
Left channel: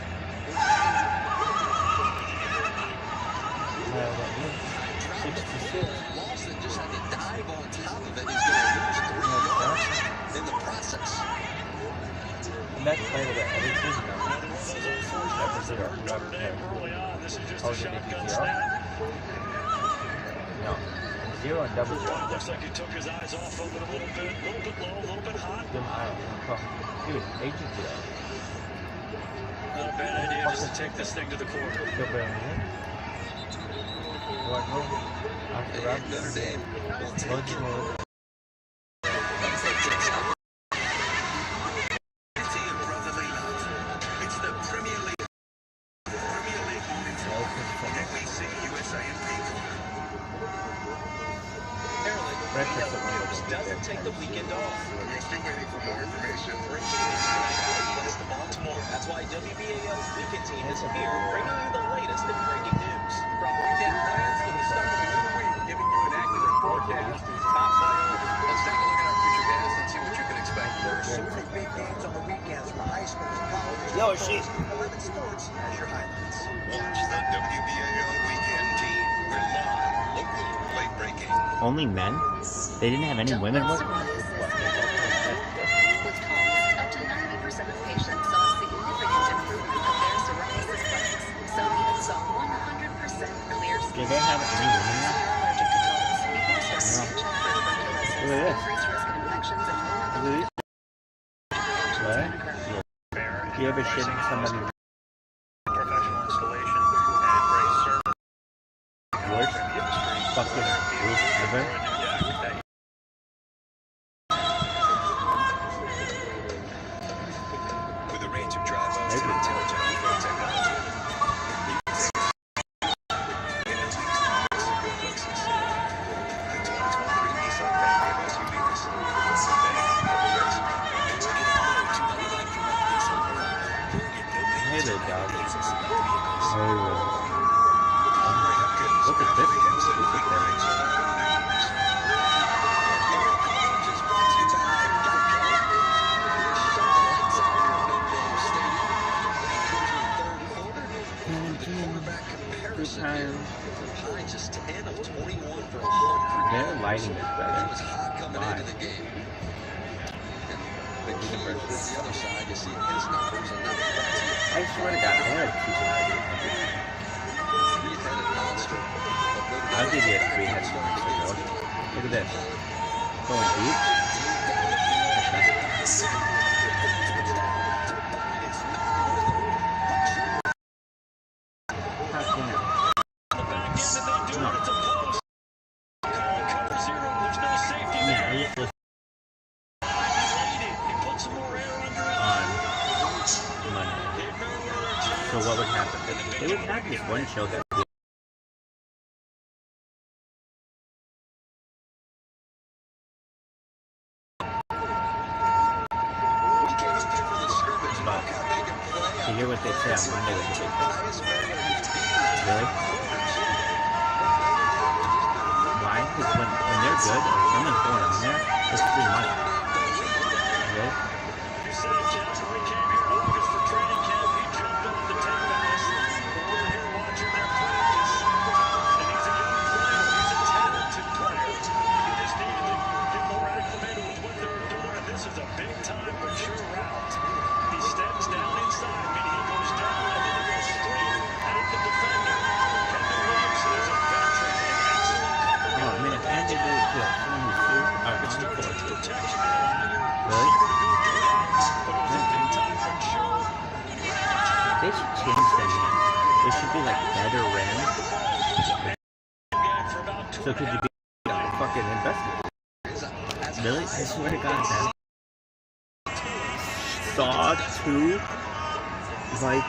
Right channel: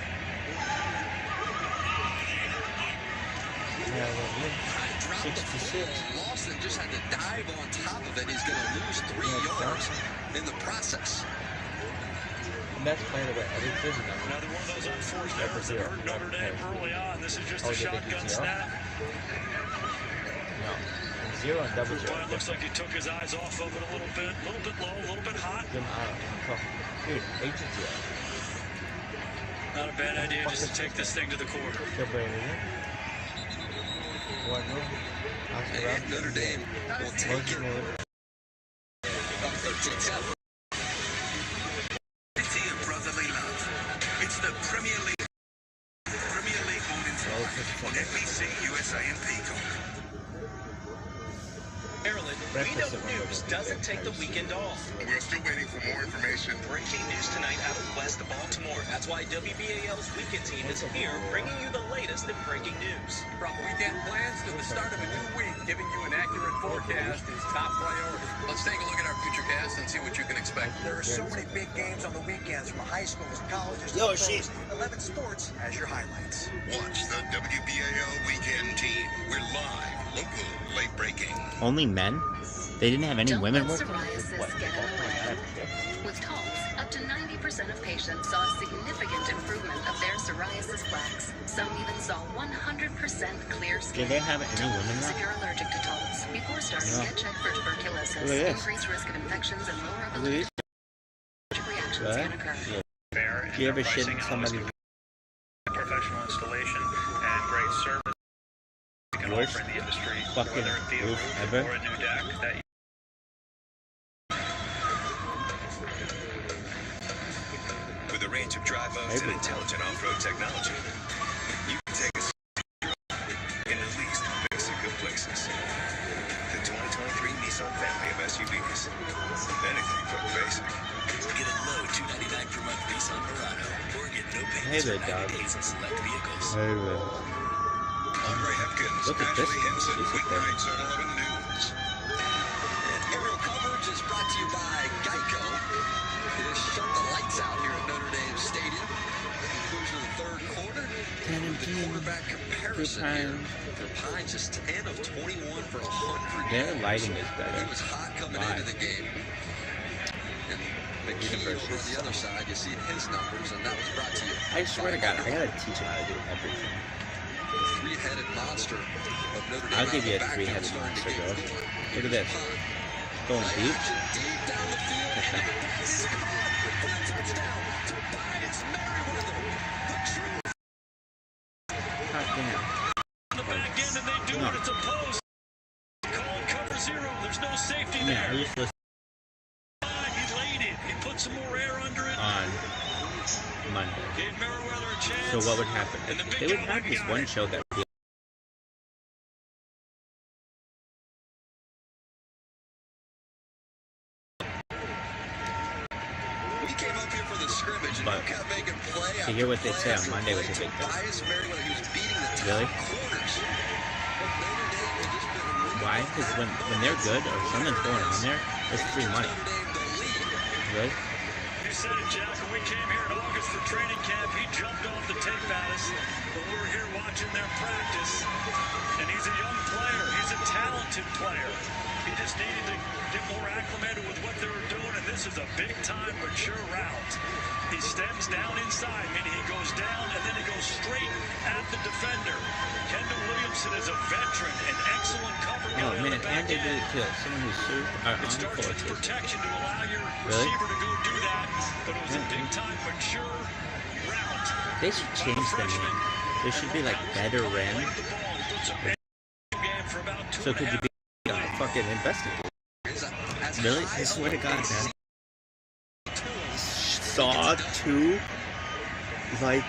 Dropped the football, Lawson just had to dive on top of it. He's going to lose 3 yards in the process. And that's part of it. Another one of those unfortunate errors that hurt Notre Dame early on. This is just a shotgun snap. No. Zero and double zero. Looks like he took his eyes off of it a little bit low, a little bit hot. Dude, agency. Not a bad idea just to take this thing to the quarter. And Notre Dame will take it. Unity and brotherly love. It's the Premier League. Premier League morning fly on NBC, USA and Peacock. Maryland, VW News doesn't take the weekend off. We're still waiting for more information. Breaking news tonight out of west of Baltimore. That's why WBAL's weekend team is here, bringing you the latest in breaking news. From weekend plans to the start of a new week, giving you an accurate forecast is top priority. Let's take a look at our future cast and see what you can expect. There are so many big games on the weekends from high schools, colleges, Yo, she. 11 Sports has your highlights. Watch the WBAL Weekend Team. We're live, local, late breaking. Only men? They didn't have any women work? With Talks, up to 90% of patients saw a significant improvement of their psoriasis plaques. Some even saw 100% clear skin. Did they have any women If you're allergic to Talks, before starting, get checked for tuberculosis, Look at this. increased risk of infections, and lower Look at these. reactions. Do you ever shit in somebody? Professional installation and great service. Worst fucking roof ever. With a range of dry modes and intelligent off-road technology, you can take us in at least Mexico places. The 2023 Nissan family of SUVs. Synthetic, racing, Hey there, dog. Hey, look at this. Look at this. Aerial coverage is brought to you by Geico. They shut the lights out here at Notre Dame Stadium. Into the third quarter. The quarterback comparison here. For Pine, just 10 of 21 for 100 Their yards. lighting is better. He was hot coming into the game. And McKee over on the other side, you see his numbers, and that was brought to you. I swear to God, I gotta teach him how to do everything. Three-headed monster of Notre Dame. I'll give you a three-headed monster, bro. Look at this. Going deep. God damn. On the back end, and they do it. It's a post. Calling cover zero. There's no safety Yeah, there. who's listening He laid it. He put some more air under it. on Monday? Gave Merriweather a chance. So what would happen? They would have this one show that would be We came up here for the scrimmage, and But kept making play to hear what they say on Monday was a big thing. Really? Why? Because when they're good or someone's going on there, it's free money. Really? You said it, Jeff. When we came here in August for training camp, he jumped over the tape at us. But we were here watching their practice. And he's a young player. He's a talented player. He just needed to get more acclimated with what they were doing. And this is a big-time, mature route. He steps down inside, meaning he goes down and then he goes straight at the defender. Kendall Williamson is a veteran and excellent cover. Oh man, and they do it to someone who's super on the court too. Protection to allow your Really? receiver to go do that. But it was a big-time, mature route. They should change them. There should be like better rim. So could you be fucking investigator? Really? I swear to God, man. Saw 2, like.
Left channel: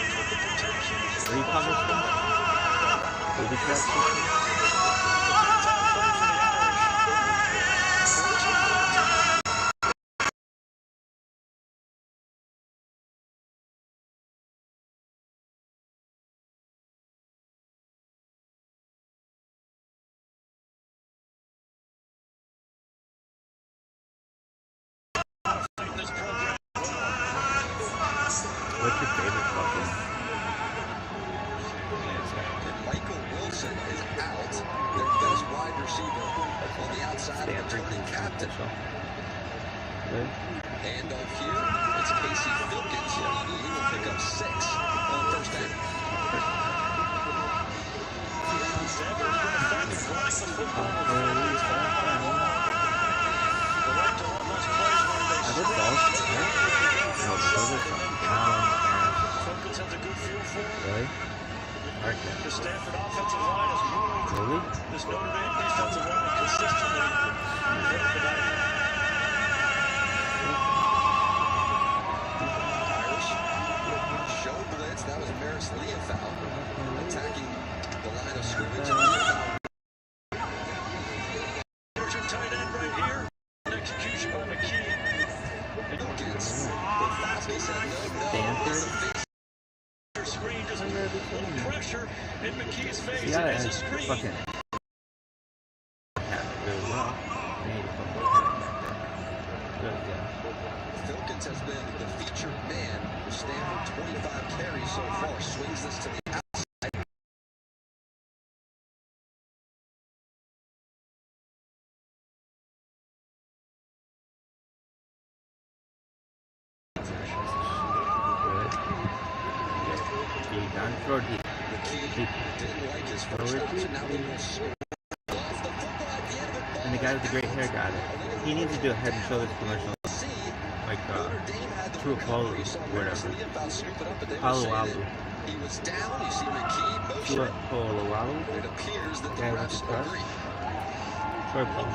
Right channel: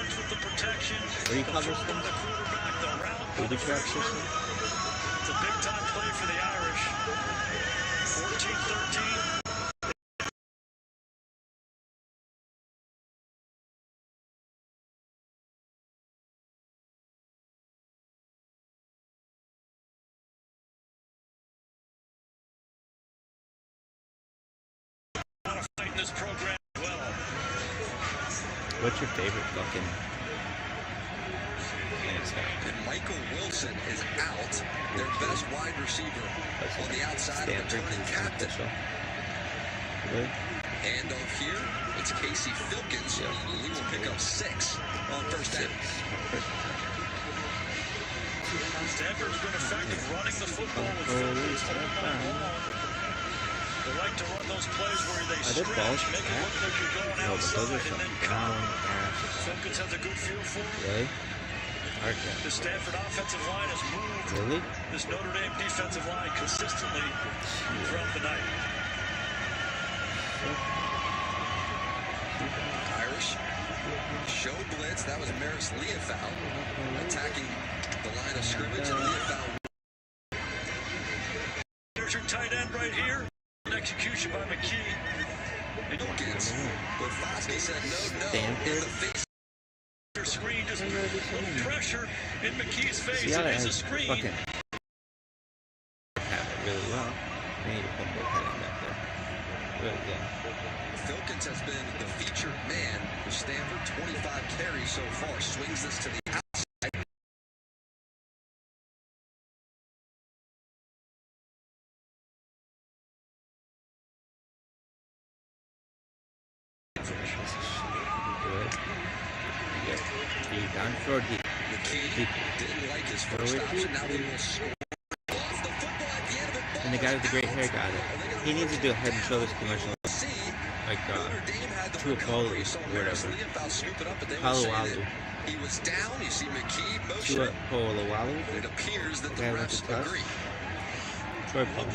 What do you call those things? Booby trap system? This program well. What's your favorite fucking? Michael Wilson is out, their best wide receiver on the outside, returning captain. Really? Handoff here, it's Casey Filkins. He will pick up 6 on first down. Stanford's been effective running the football with they like to run those plays where they Are those balls? No, but those are some brown ass. Filkins has a good feel for it. Really? Okay. The Stanford offensive line has moved Really? this Notre Dame defensive line consistently throughout the night. Irish show blitz. That was Maris Leofow attacking the line of scrimmage. And Leofow. There's your tight end right here. Execution by McKee. And Foskey said no. Stanford? Screen just pressure in McKee's face. Yeah, It's a I screen. fucking have it really well. I need to put more time back there. Really good. Filkins has been the featured man for Stanford. 25 carries so far. Swings this to the outside. And the guy with the great hair got it. He needs to do a Head and Shoulders commercial. Like, True Apollo, whatever. Palo He was down. You see McKee motion. True Apollo. It appears that the Guy with refs the cuff. agree. Troy Paul.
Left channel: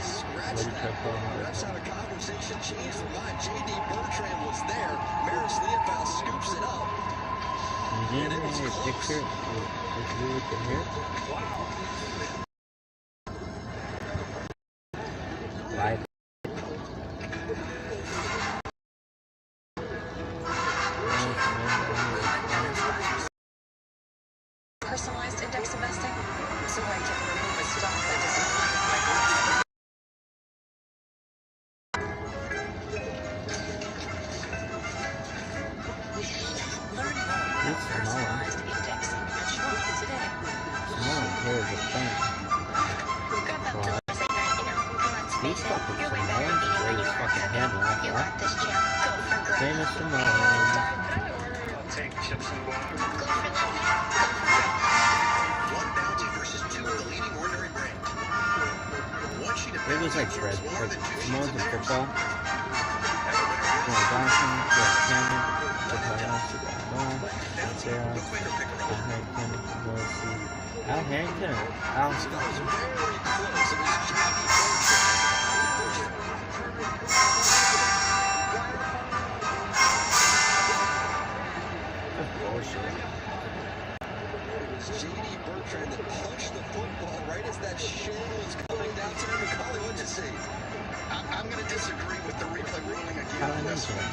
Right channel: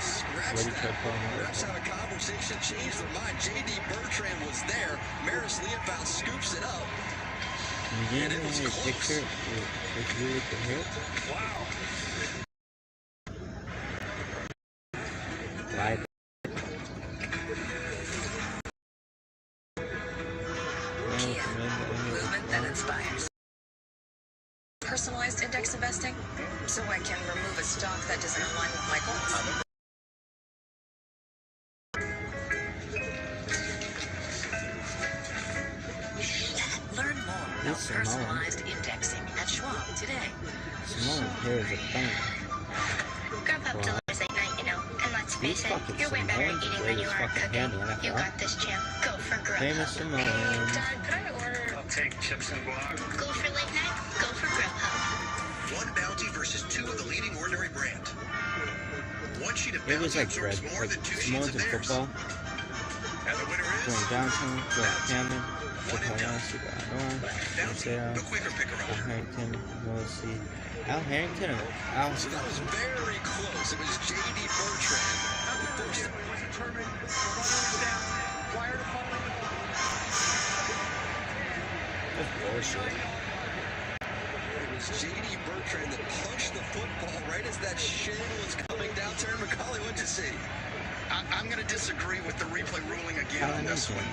Scratch that. Refs have a conversation, changed their mind. J.D. Bertrand was there. Maris Leofow scoops it up. And it was close. Wow. personalized index investing? So I can remove a stock that doesn't align with my goals. Learn more about personalized indexing at Schwab today. Simone, here is a thing. Grab up till late night, you know, and let's face it, you're way better at eating when you are cooking. You got this, champ. Go for grub. Famous Simone. I'll take chips and guac. Go for late night. Go for grub. One bounty versus two of the leading ordinary brand. One sheet of It was like bread, like Simone's in football. Going Johnson, Jeff Cannon, Al Harrington, and Al Scott. Very close. It was J.D. Bertrand. It was J.D. Bertrand that punched the football right as that shin was coming down to him. Macaulay, what'd you see? I'm going to disagree with the replay ruling again on this one.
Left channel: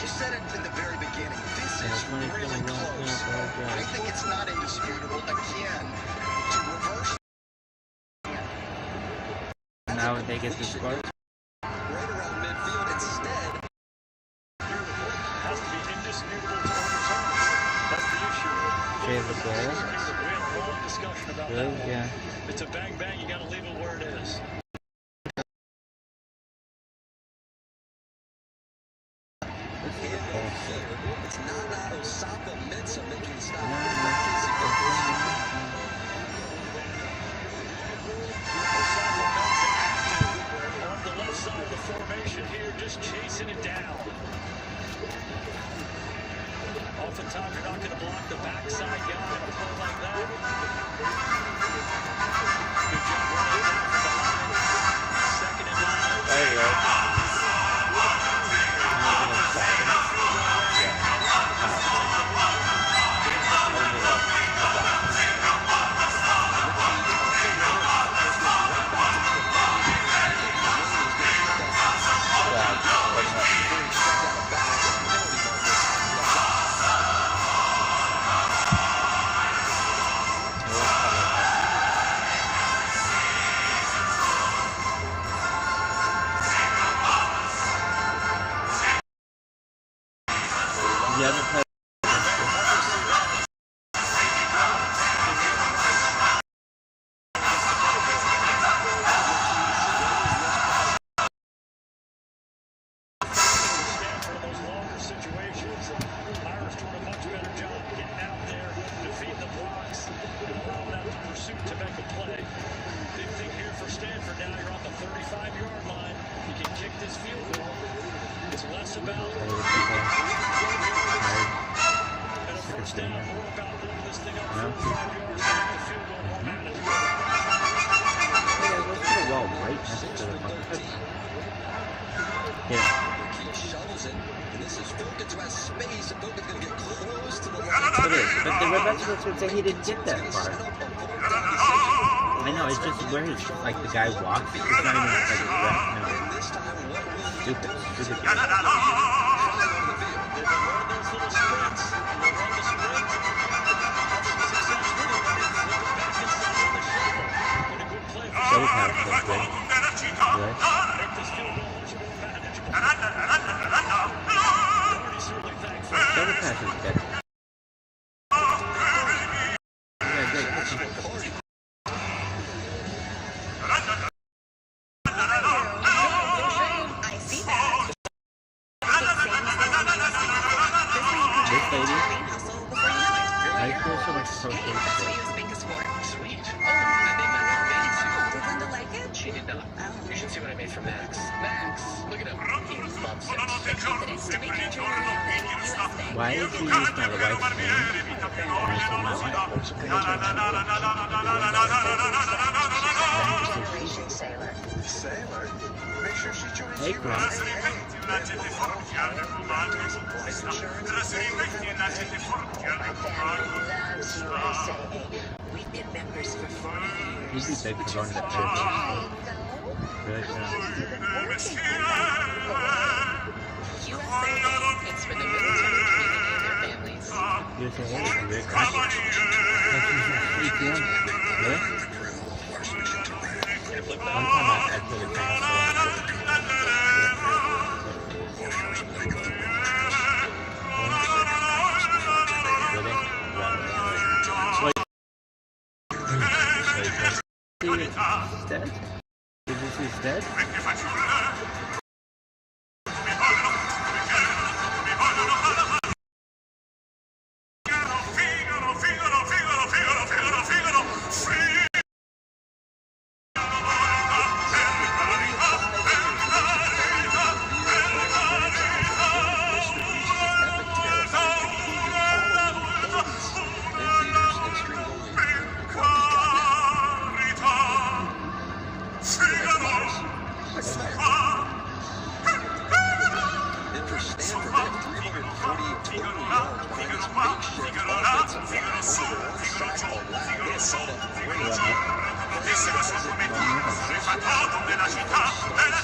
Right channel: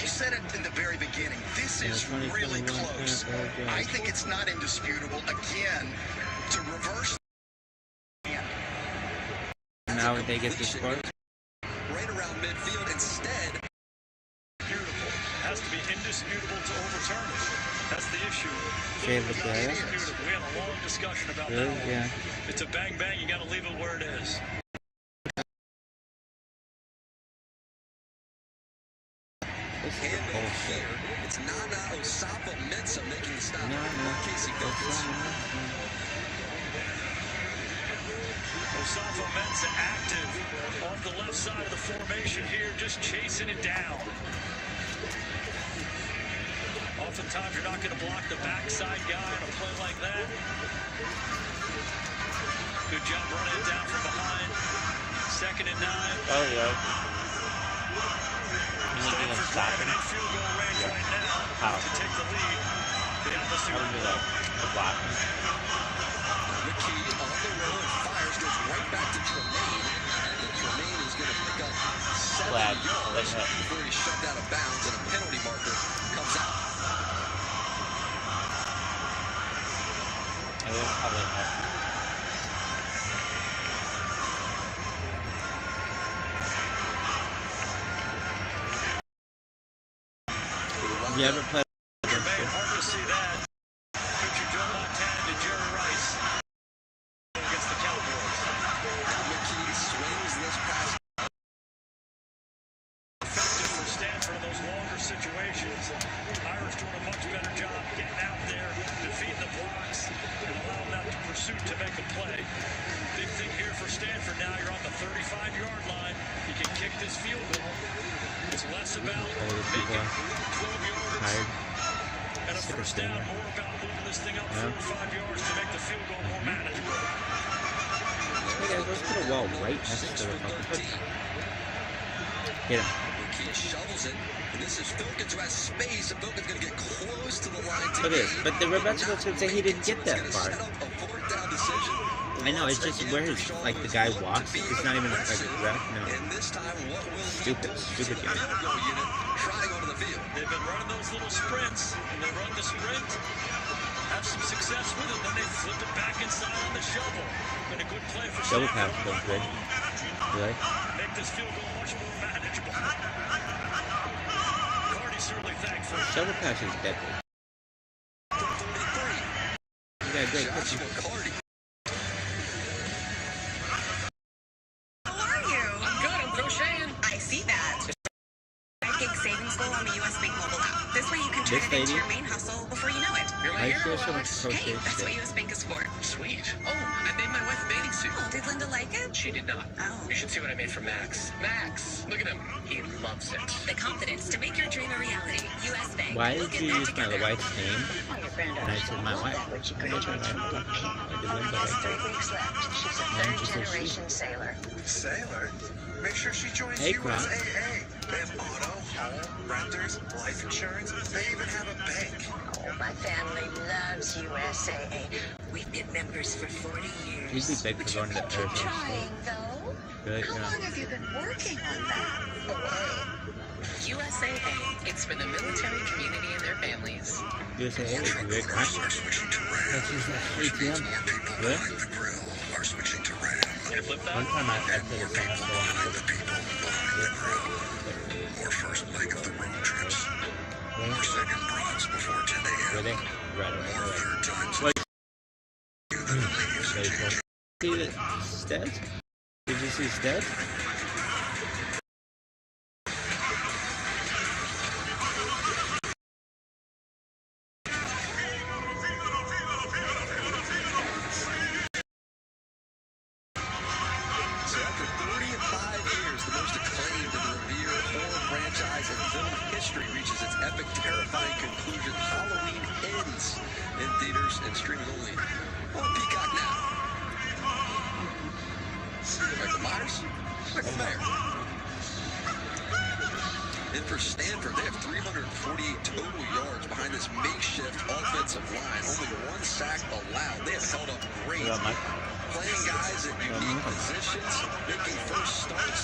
You said it in the very beginning. This is really close. I think it's not indisputable. Again, to reverse. Now they get this score. Right around midfield instead. Beautiful. Has to be indisputable to overturn it. That's the issue. Favorite player. We had a long discussion about Really? that one. Yeah. It's a bang bang. You got to leave it where it is. It's Nana Osapa Mensah making the stop. Osapa Mensah active on the left side of the formation here, just chasing it down. Oftentimes you're not going to block the backside guy on a play like that. Good job running it down from behind. 2nd and 9. There you go. You haven't played But the Rebecca would say he didn't get that far. I know, it's just where his, like, the guy walks, it's not even like a rep, no. Stupid game. They've been running those little sprints, and they run the sprint, have some success with it, then they flip it back inside on the shoulder. And a good play for Shoulder pass was good. Good. Make this field goal much more manageable. Cardi certainly thankful. Shoulder pass is dead. I see that. Take savings goals in the U.S. Bank Report. This way you can This lady? your main hustle before you know it. I feel so much Hey, that's what U.S. Bank is for. Sweet. Oh, I made my wife a bathing suit. Oh, did Linda like it? She did not. Oh. You should see what I made for Max. Max, look at him. He loves it. The confidence to make your dream a reality. U.S. Bank. Why did you use my wife's name? And I said my wife. Generation Sailor. Sailor? Make sure she joins Hey, you. Grant. Hey. There's auto, home, renters, life insurance. They even have a bank. My family loves USAA. We've been members for 40 years. He'd be big for going to the air force. Good, How long yeah. have you been working with that? USAA. It's for the military community and their families. You say, hey, it's great. That's 8 p.m. Really? One time I took a chance to Really? Right. See Stead? Did you see Stead? And for Stanford, they have 348 total yards behind this makeshift offensive line. Only one sack allowed. They have held up great. Play size and unique positions. Making first starts.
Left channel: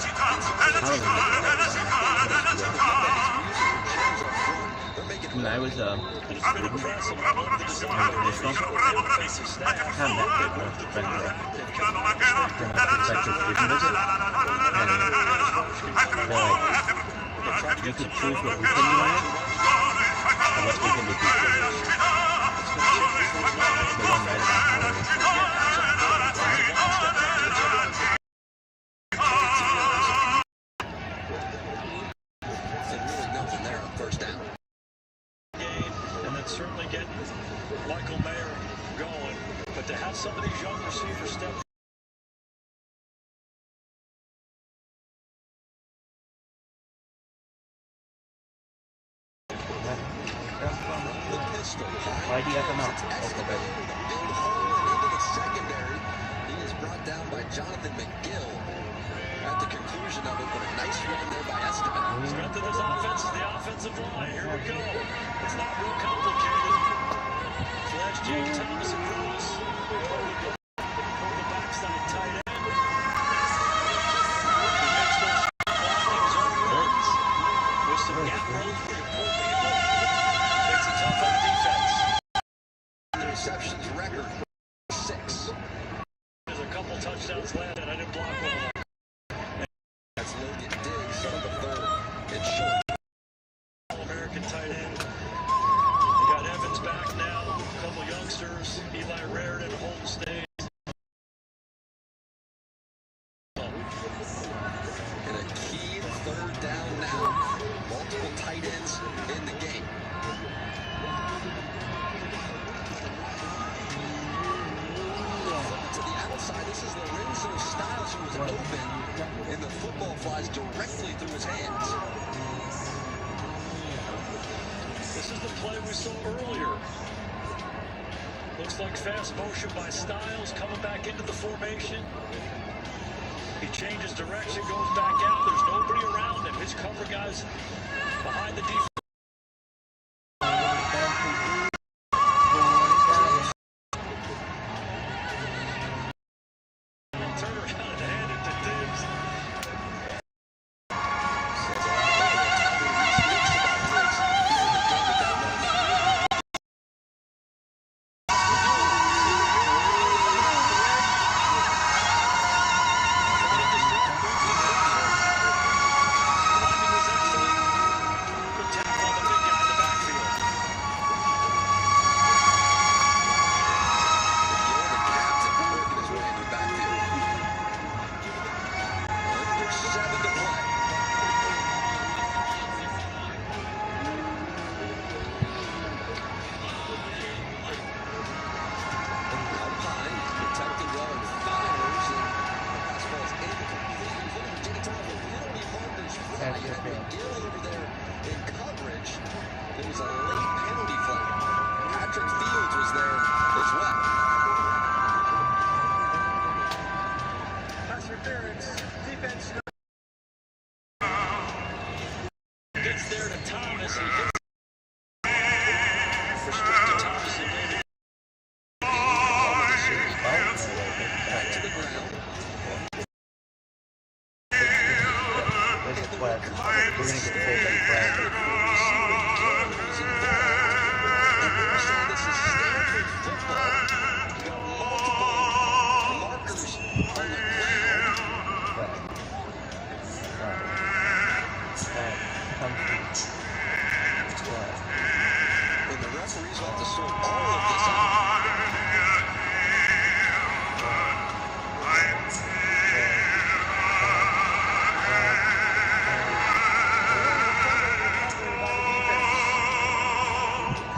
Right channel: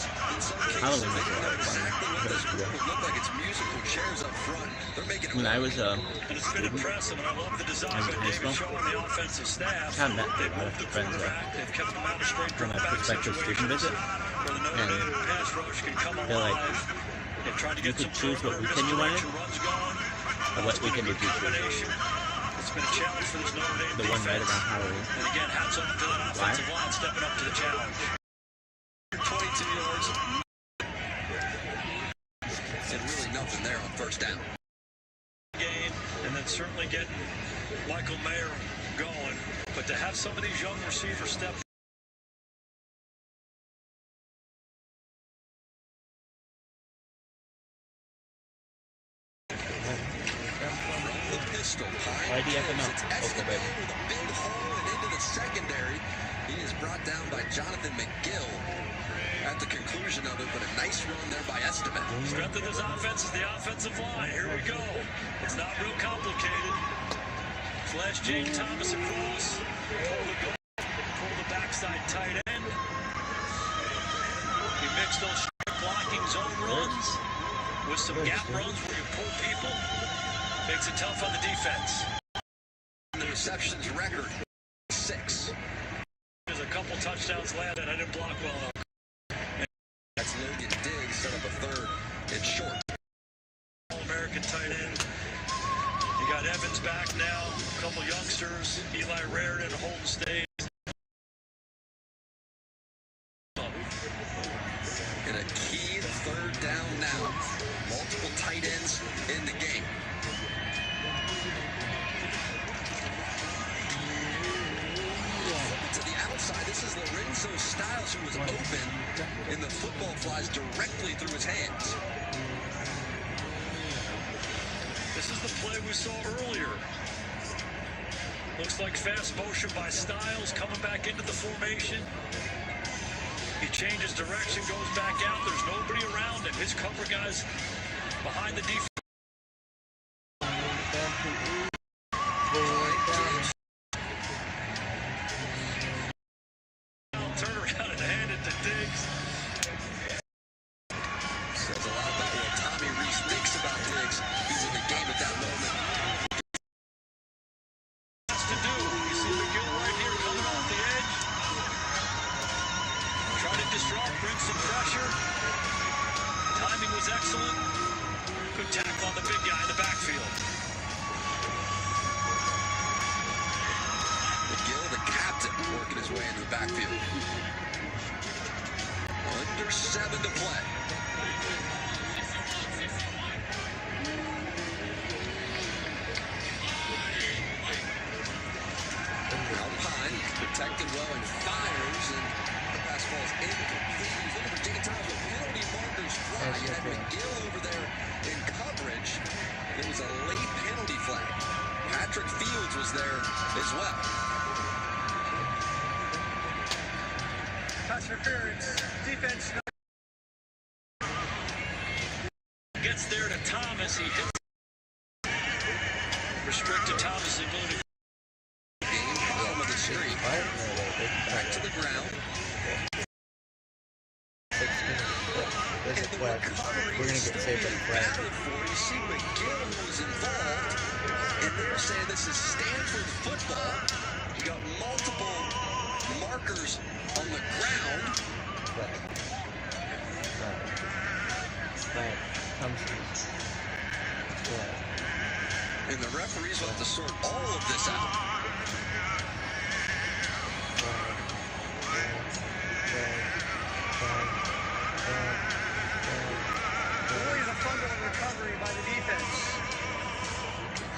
When I was a student in high school, I had met with friends when I prospective student visit, and they're like, you could choose what weekend you wanted, or what weekend did you choose? The one right about Halloween. Why? And really nothing there on first down. And then certainly getting Michael Mayer going. But to have some of these young receivers step the pistol. Why do you have to know? With a big hole and into the secondary. He is brought down by Jonathan McGill at the conclusion of it, but a nice run there by Esteban. Strength of this offense is the offensive line. Here we go. It's not real complicated. Flash Jake Thomas across. Pull the backside tight end. He makes those blocking zone runs with some gap runs where you pull people. Makes it tough on the defense. Interceptions record 6. There's a couple touchdowns landed. I didn't block well. That's Logan Diggs, set up a third and short. All-American tight end. You got Evans back now. A couple youngsters. Eli Raritan, Holden State. And a key third down now. Multiple tight ends in the game. To the outside, this is Lorenzo Styles, who was open, and the football flies directly through his hands. This is the play we saw earlier. Looks like fast motion by Styles coming back into the formation. He changes direction, goes back out. There's nobody around him. His cover guys behind the defense. Turn around and hand it to Diggs. Says a lot about what Tommy Reese thinks about Diggs. He's in the game at that moment. Trying to disrupt, bring some pressure. Timing was excellent. Good tackle on the big guy in the backfield. McGill, the captain, working his way into the backfield. Under 7 to play. Alpine protected well and fires, and the pass falls incomplete. He's looking for Jake Thomas. Penalty markers fly. You had McGill over there in coverage. It was a late penalty flag. Patrick Fields was there as well. Pass interference. Defense. Gets there to Thomas. He hits. Restricted Thomas again. Back to the ground. There's a 12. We're going to get saved at 12. McGill was involved. understand this is Stanford football. You got multiple markers on the ground. And the referees will have to sort all of this out.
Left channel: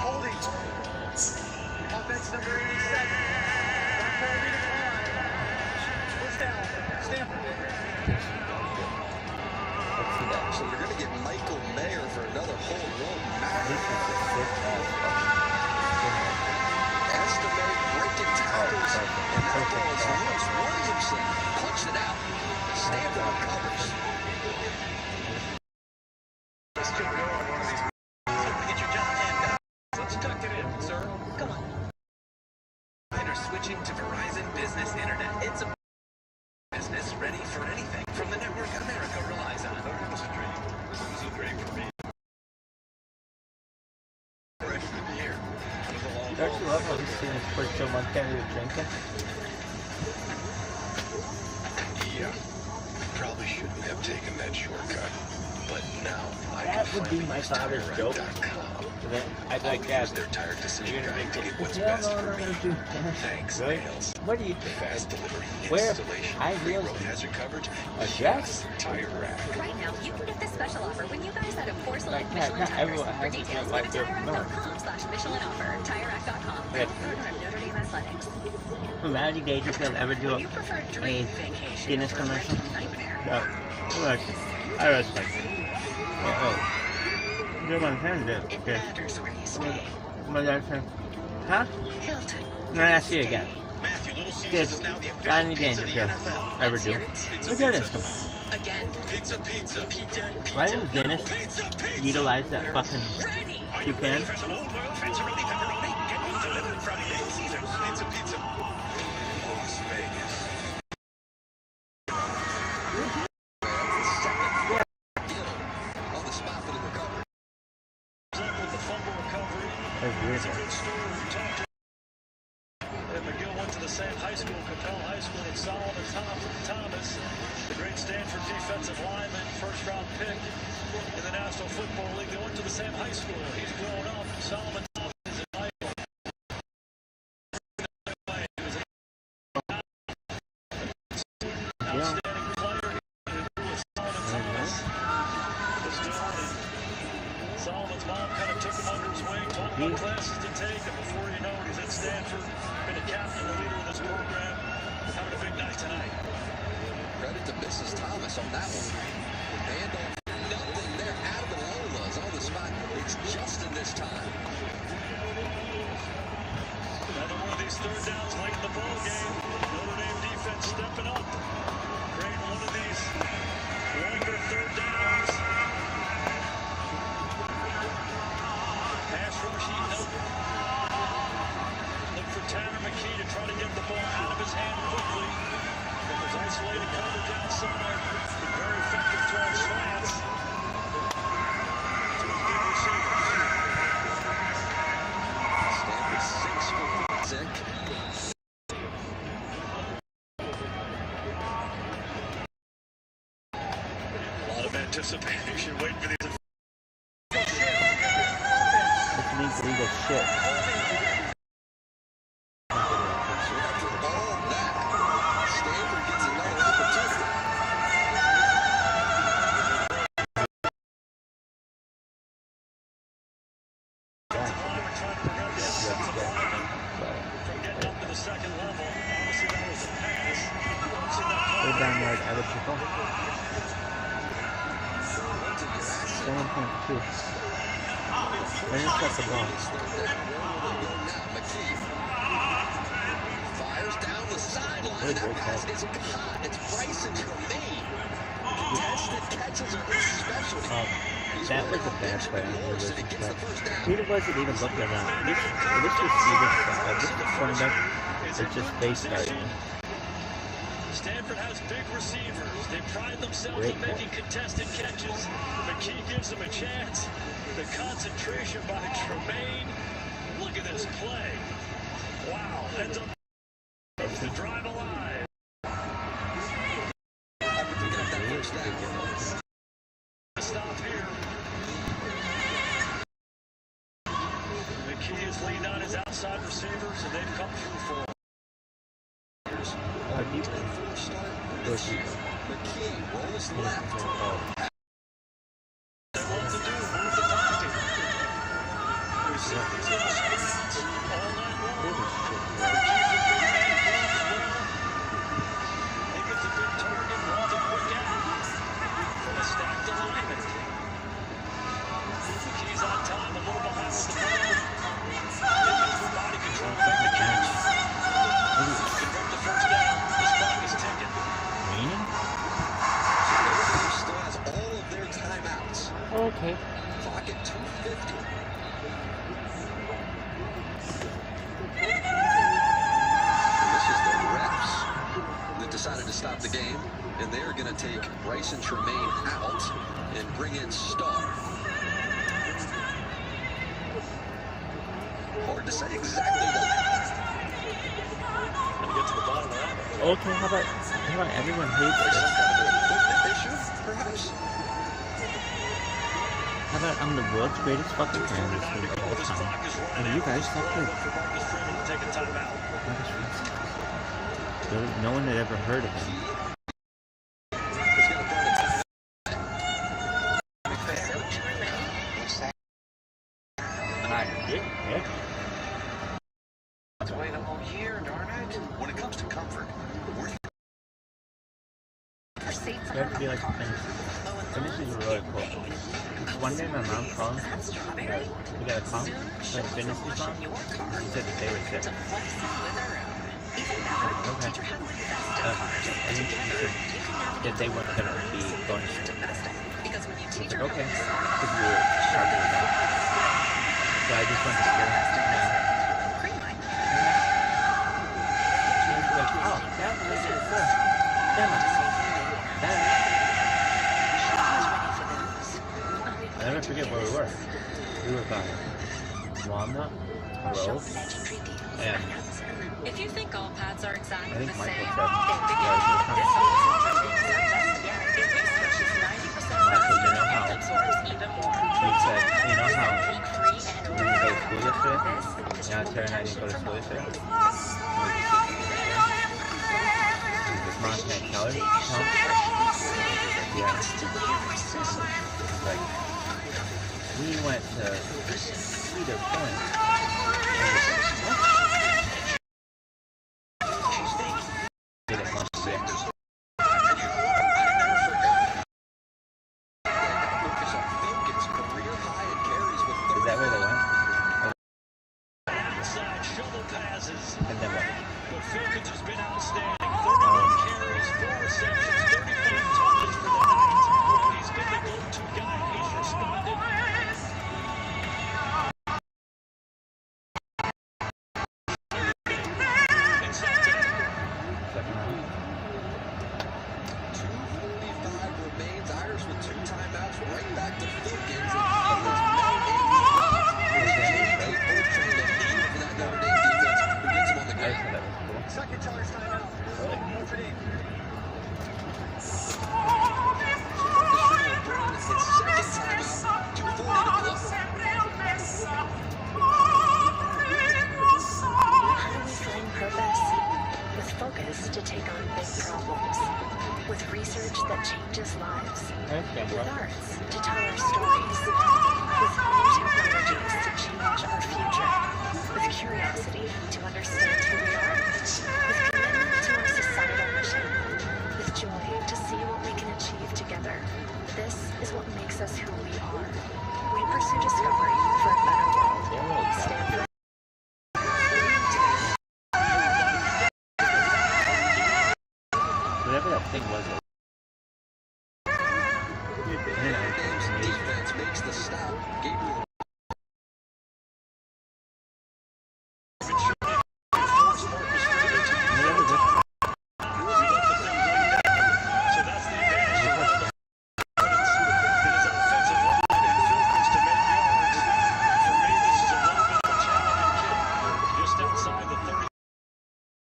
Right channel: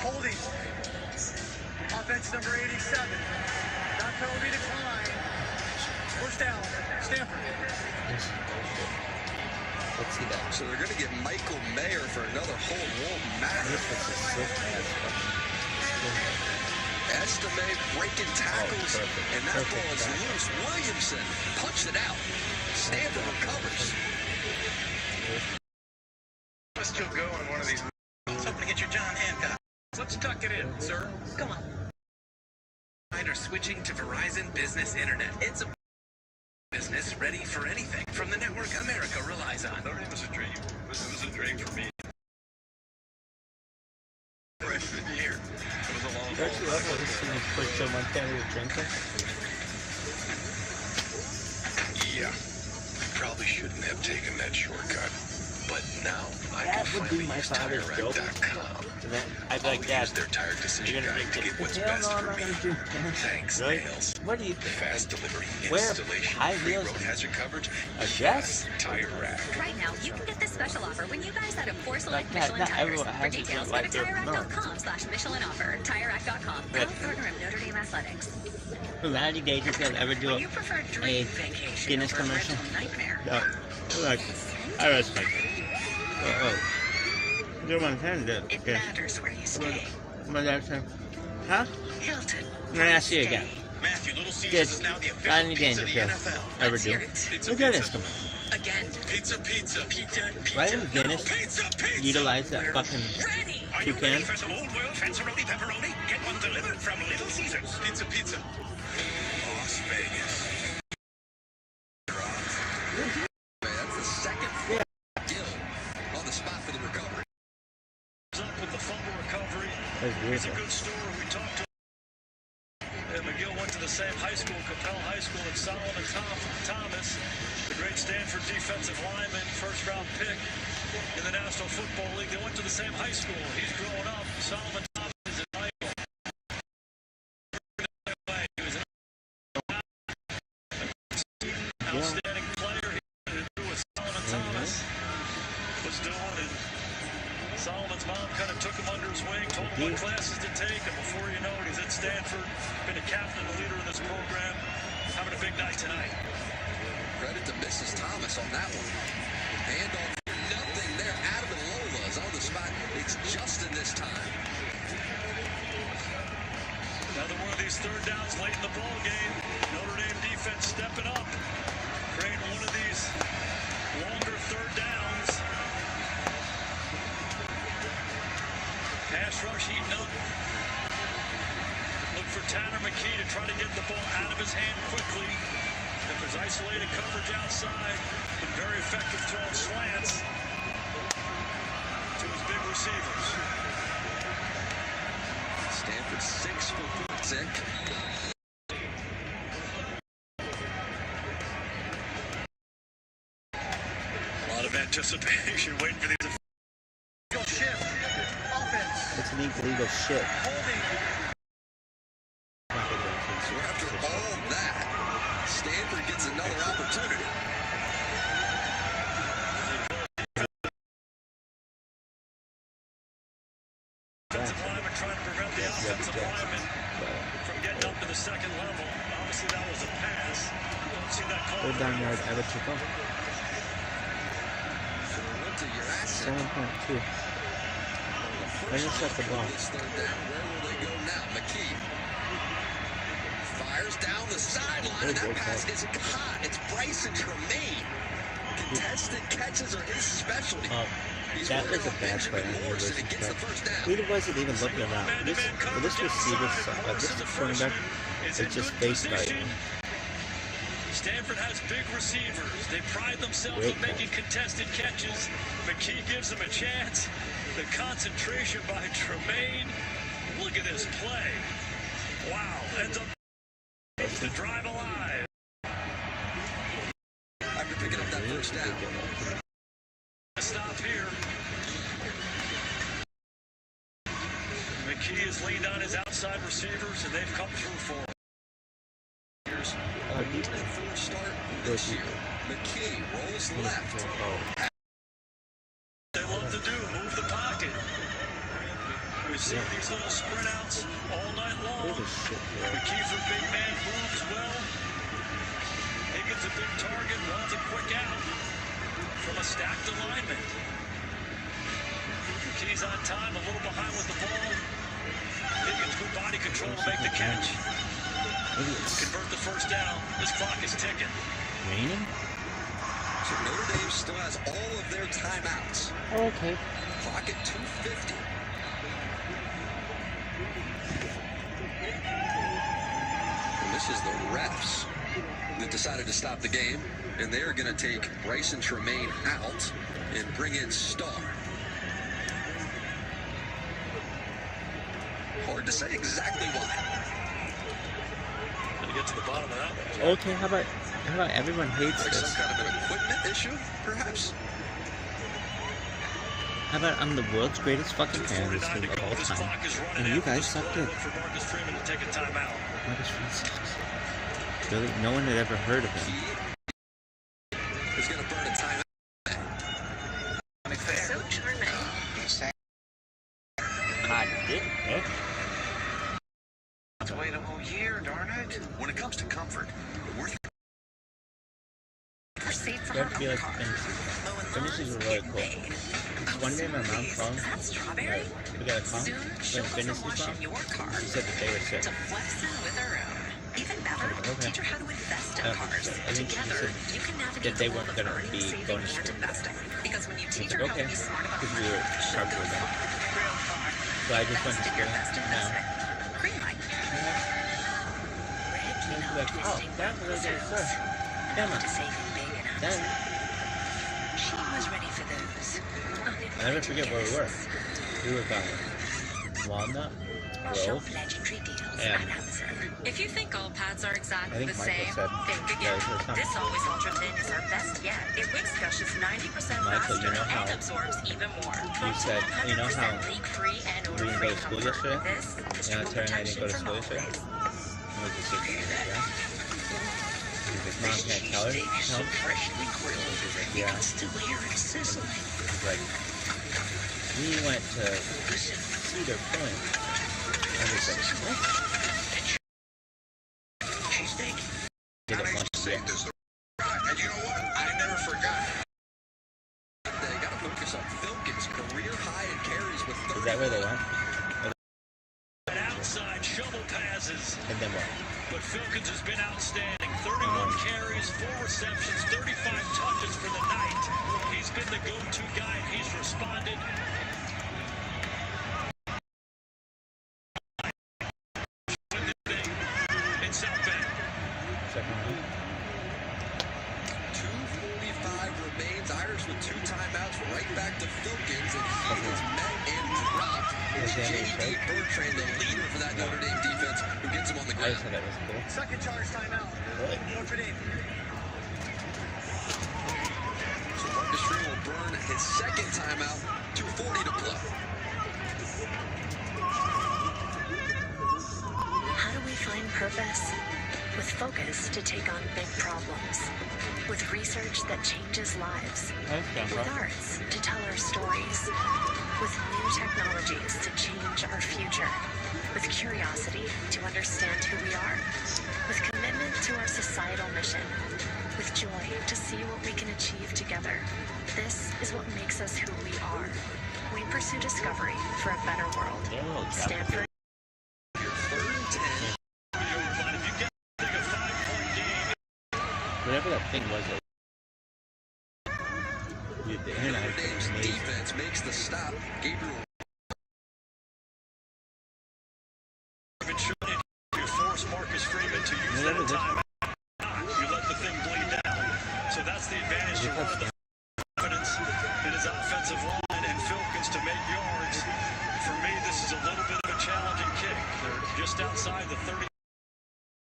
Holding. Offense number 87. Not penalty decline. Push down. Stanford. Let's see that. So they're going to get Michael Mayer for another hold. Won't matter. Estime breaking tackles, and that ball is loose. Williamson punched it out. Stanford recovers. Let's still go on one of these. Something to get your John Hancock. Let's tuck it in, sir. Come on. Are switching to Verizon Business Internet. It's a business ready for anything from the network America relies on. It was a dream. It was a dream for me. Freshman year. It was a long Don't you love when you see him push someone down to drinking? Yeah. Probably shouldn't have taken that shortcut. But now I That can would be finally my use father's joke. TireRack.com. I'd like that. Use their tire decision guide to get what's Hell best no, I'm for not me. gonna do that. Thanks, Really? Nails. What do you think? Fast delivery, Where installation, high free heels road hazard coverage. a dress? TireRack. Right now, you can get this special offer when you guys add a 4 select Like that, Michelin not tires. everyone For has it details, like go to their milk. TireRack.com/Michelin offer. TireRack.com. Right. Proud partner of Notre Dame Athletics. Larry Gage if they'll ever do When you prefer a dream vacation Guinness over commercial. rental nightmare. No. I respect it. Oh. Good one, that. It matters where you stay. My dad said, huh? Hilton. No, I see you again. Matthew, Little Caesars Good. is now the Got any official games pizza if of the you NFL. ever do. Pizza, Look at this. pizza. Come on. Again. Pizza, pizza, pizza, Why pizza. didn't Guinness Pizza, pizza. utilize that fucking Are you ready toucan? for some old world fancy-roni pepperoni? Get one delivered from Little Caesars. Pizza, pizza. Las Vegas. That's the second deal on the spot for the recovery. Up with the fumble recovery. That's weird. It's a good story. We talked to and McGill went to the same high school, Capel High School, and Solomon Thomas, the great Stanford defensive lineman, first-round pick in the National Football League. They went to the same high school. He's grown up. Solomon Thomas is an idol. He was an outstanding player. He had to do what Solomon Thomas was doing, and Solomon's mom kind of took him under his wing, told him what classes to take, and before you know it, he's at Stanford, been a captain and leader of this program, having a big night tonight. Credit to Mrs. Thomas on that one. Handoff, nothing there. Adam and Lola is on the spot. It's Justin this time. Another one of these third downs late in the ball game. Notre Dame defense stepping up, creating one of these longer third downs. Pass rush heating up. Look for Tanner McKee to try to get the ball out of his hand quickly. If there's isolated coverage outside, been very effective throwing slants to his big receivers. Stanford 6 for 6. A lot of anticipation waiting for these. It's legal shit. So after all that, Stanford gets another opportunity. Trying to prevent the offensive lineman from getting up to the second level. Obviously, that was a pass. See that call? They're down yard out of triple. 7.2. They just got the ball. Where will they go now? McKee fires down the sideline. That pass is caught. It's Bryson Tremaine. Contested catches are his specialty. That was a bad play. Who wasn't even looking around? This receiver, this cornerback is just face starting. Stanford has big receivers. They pride themselves in making contested catches. McKee gives them a chance. The concentration by Tremaine. Look at this this play. Wow, ends up the drive alive. After picking up that first down. Stop here. McKee has leaned on his outside receivers, and they've come through for him. McKee rolls left. They love to do, move the pocket. We see these little sprint outs all night long. McKee for big man moves well. He gets a big target, wants a quick out from a stacked alignment. McKee's on time, a little behind with the ball. Getting through body control to make the catch. Convert the first down. This clock is ticking. So Notre Dame still has all of their timeouts. Okay. Clock at 2:50. And this is the refs that decided to stop the game, and they're going to take Bryson Tremaine out and bring in Starr. Hard to say exactly why. Gonna get to the bottom of that one. Okay, how about everyone hates Like this? some kind of an equipment issue, perhaps? How about I'm the world's greatest fucking fan of this thing of all time, and you guys suck dick. For Marcus Freeman to take a timeout. Marcus Freeman sucks. Really? No one had ever heard of him. He's going to burn a timeout. I did. To wait a whole year, darn it. When it comes to comfort, we're That'd be like the finish. Finishes were really cool. One day my mom called. We got a call. When finishes on, she said that they were sick. Okay. And then she said that they weren't going to be going to school. I was like, okay. Because we were sharper than that. So I just went to school. No. And she's like, oh, that was really good. Damn it. Then, I never forget where we were. We were by Walnut, Grove, and if you think all pads are exactly I think the Michael same, said, think again. yeah, This always ultra thin is our best yet. It wicks brushes 90% Michael, you faster know how and absorbs even more. you said, you know how Leak-free and we didn't go to school yesterday? This Yeah, Terry and I didn't go to school yesterday. We were just sitting there. His mom can't tell her. No? Yeah. Like, we went to Cedar Point. And we said, what? Did it must be. And you know what? I never forgot. They got to focus on Filkins' career high in carries with 30. Is that where they went? Outside shovel passes. And then what? But Filkins has been outstanding. 31 carries, 4 receptions, 35 touches for the night. He's been the go-to guy, and he's responded. In South Bend. 2:45 remains. Irish with 2 timeouts. Right back to Filkins, and he was met and dropped. J.D. Bertrand, the leader for that Notre Dame defense, who gets him on the ground. Second charge timeout. Notre Dame. So Marcus Freeman will burn his second timeout. 2:40 to play. How do we find purpose? With focus to take on big problems. With research that changes lives. With arts to tell our stories. With new technologies to change our future. With curiosity to understand who we are. With commitment to our societal mission. With joy to see what we can achieve together. This is what makes us who we are. We pursue discovery for a better world. Stanford. Whatever that thing was. Notre Dame's defense makes the stop. Gabriel. Force Marcus Freeman to use that time. You let the thing bleed down. So that's the advantage to one of the confidence in his offensive line and Filkins to make yards. For me, this is a little bit of a challenging kick. just outside the 30,